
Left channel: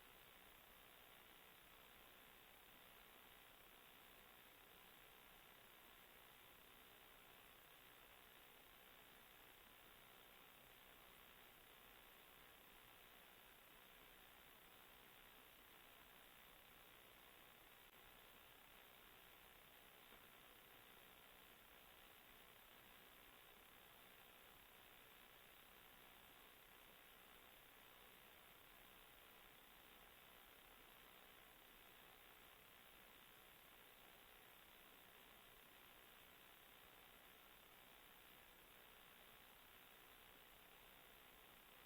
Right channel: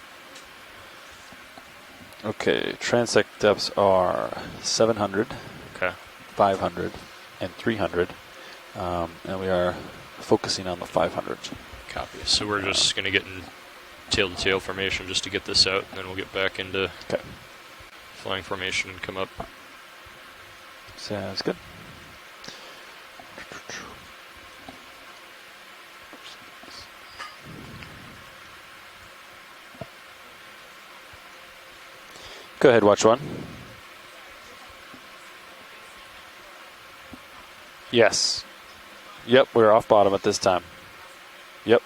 Okay, transect depths are 700, 500, and 300, and we are focusing on the 500. Copy. So we're just going to get in tail-to-tail formation just to get this out, and then we'll get back into flying formation and come up. Sounds good. Go ahead, watch one. Yes. Yep, we're off bottom at this time. Yep.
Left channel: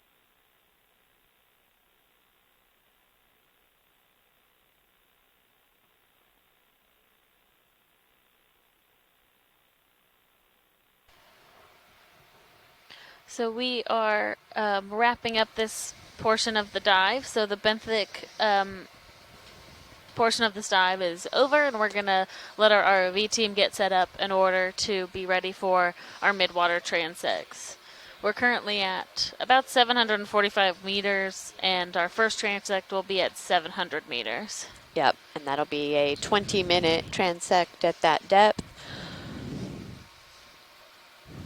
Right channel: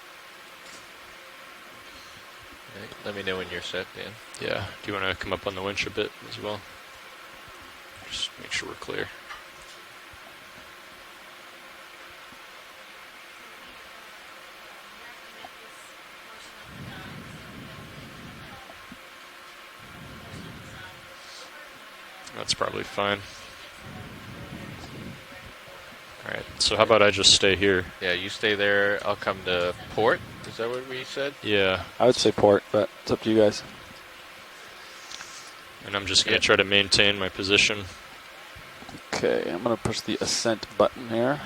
Right, let me know when you're set, Dan. Yeah. Do you want to come up on the winch a bit as well? Just make sure we're clear. So we are wrapping up this portion of the dive. So the benthic portion of this dive is over, and we're gonna let our ROV team get set up in order to be ready for our midwater. So how about I just transits. stay here? Yeah, you We're stay there. at I'll come to about port. 745 meters, Yeah. and our first transect will be at 700 meters. Yep, and that'll be And I'm a just gonna try to 20-minute maintain my position. transect at that depth. Okay, I'm going to push the ascent button here.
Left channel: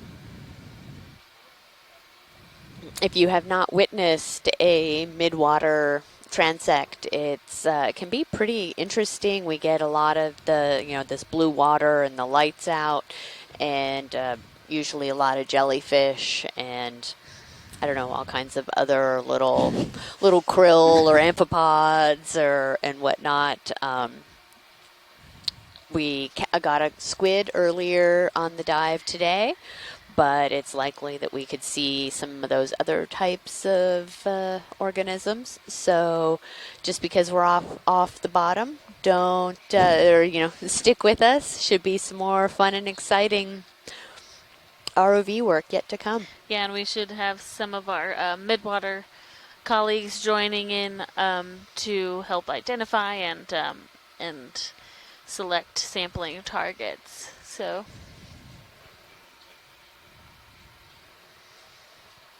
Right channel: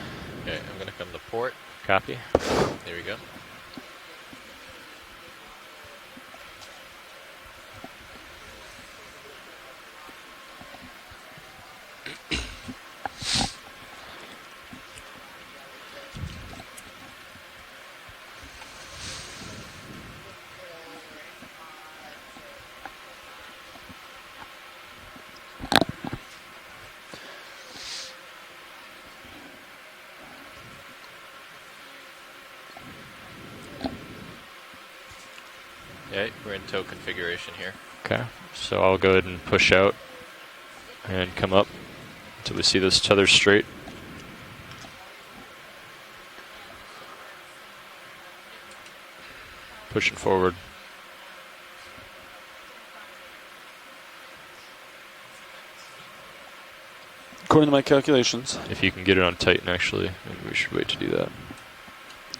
Okay, I'm going to come to port. Copy. There we If go. you have not witnessed a midwater transect, it's can be pretty interesting. We get a lot of the, this blue water and the lights out, and usually a lot of jellyfish and I don't know, all kinds of other little krill or amphipods and whatnot. We got a squid earlier on the dive today, but it's likely that we could see some of those other types of organisms. So just because we're off the bottom, so I'll go ahead and push out, or stick with and come us. up Should be some more till fun we see and this tether exciting straight. ROV work yet to come. Yeah, and we should have some of our midwater colleagues forward. joining in to help identify and select sampling targets. According to my calculations, If you can get it on Titan, actually, maybe we should wait to do that.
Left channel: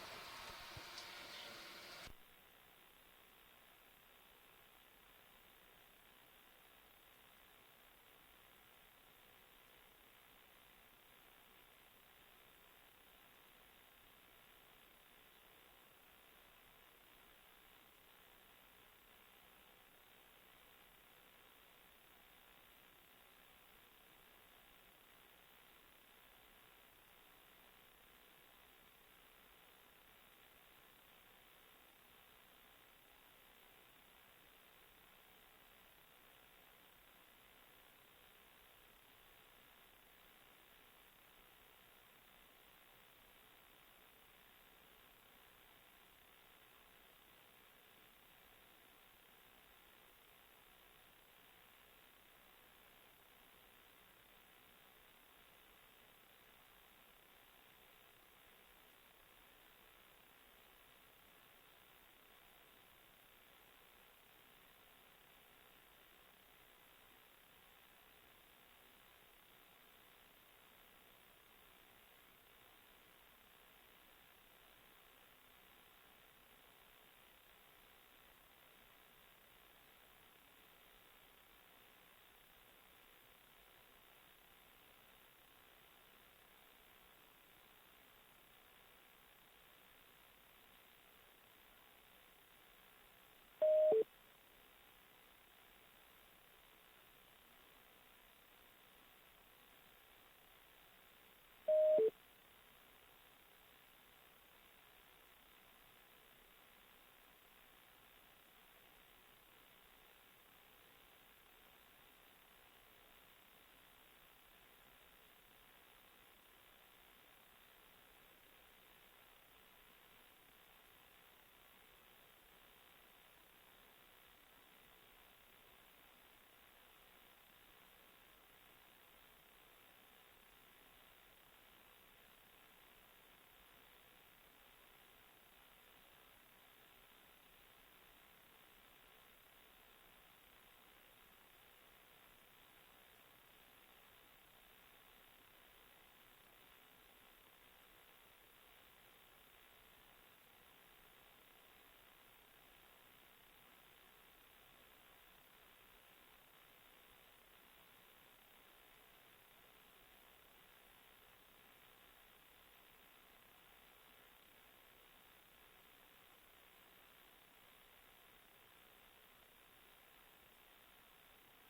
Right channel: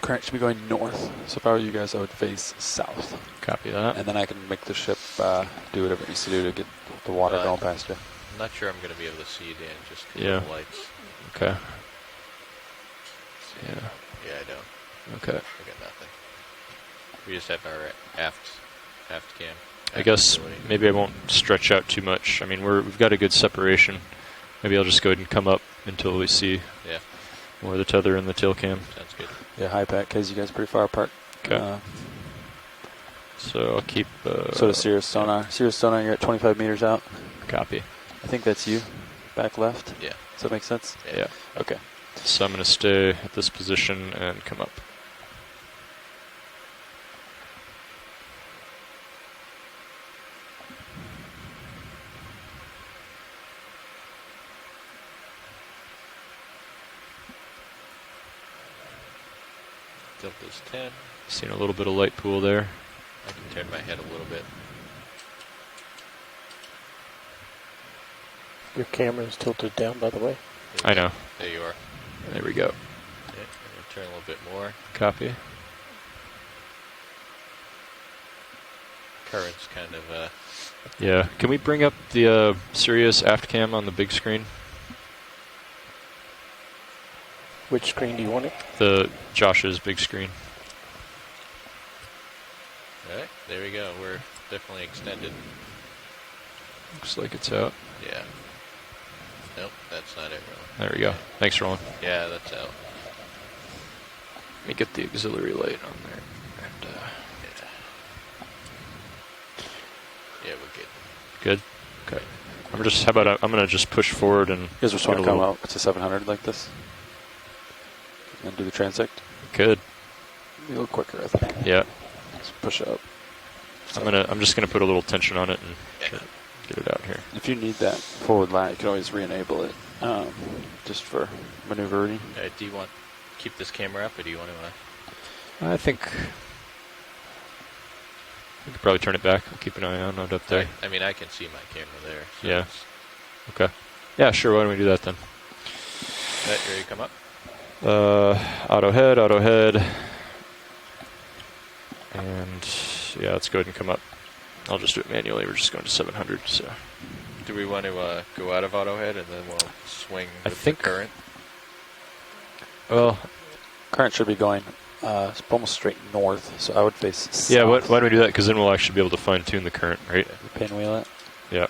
current should be going north. So if I were you guys, I would face south. Copy that. And then I can make the ship do whatever it needs to do to get the water going past you. I'm not sure I'm going to be able to see Dan just because Yeah. of the lights. Okay. Yeah. Yeah, I don't. Okay. I got nothing. We just have our aft cam. I guess maybe I won't stretch out too much. I mean, we've got a good separation. Maybe I'll just go ahead and come up until we see more of the tether and the tail cam. Sounds good. Yeah, high pack, because you guys are pretty far apart. Okay. So I'll keep... so does Sirius Sonar. Sirius Sonar, you're at 25 meters out. Copy. I think that's you, back left. Yeah. Does that make sense? Yeah. Okay. So I'm going to stay at this position and come up. Delta's 10. Seeing a little bit of light pool there. I can turn my head a little bit. Your camera is tilted down, by the way. I know. There you are. There we go. Yeah, I'm going to turn a little bit more. Copy. Current's kind of... Yeah. Can we bring up the Sirius aft cam on the big screen? Which screen do you want it? The Josh's big screen. All right, there we go. We're definitely extended. Looks like it's out. Yeah. Nope, that's not it, Roland. There we go. Thanks, Roland. Yeah, that's out. Let me get the auxiliary light on there. And, yeah, we're good. Good? Okay. How about I'm going to just push forward and... You guys just want to come out to 700 like this? And do the transect? Good. Be a little quicker, I think. Yeah. Let's push up. I'm just gonna put a little tension on it and get it out here. If you need that forward line, you can always re-enable it, just for maneuvering. Do you want to keep this camera up, or do you want to... I think we could probably turn it back. I'll keep an eye on it up there. I mean, I can see my camera there. So Yeah. Okay. Yeah, sure. Why don't we do that then? Right, ready to come up? Auto head. And yeah, let's go ahead and come up. I'll just do it manually. We're just going to 700. So. Do we want to go out of auto head and then we'll swing I with think the current? Well, current should be going almost straight north, so I would face south. Yeah, why don't we do that? Because then we'll actually be able to fine tune the current, right? Pinwheel it. Yeah.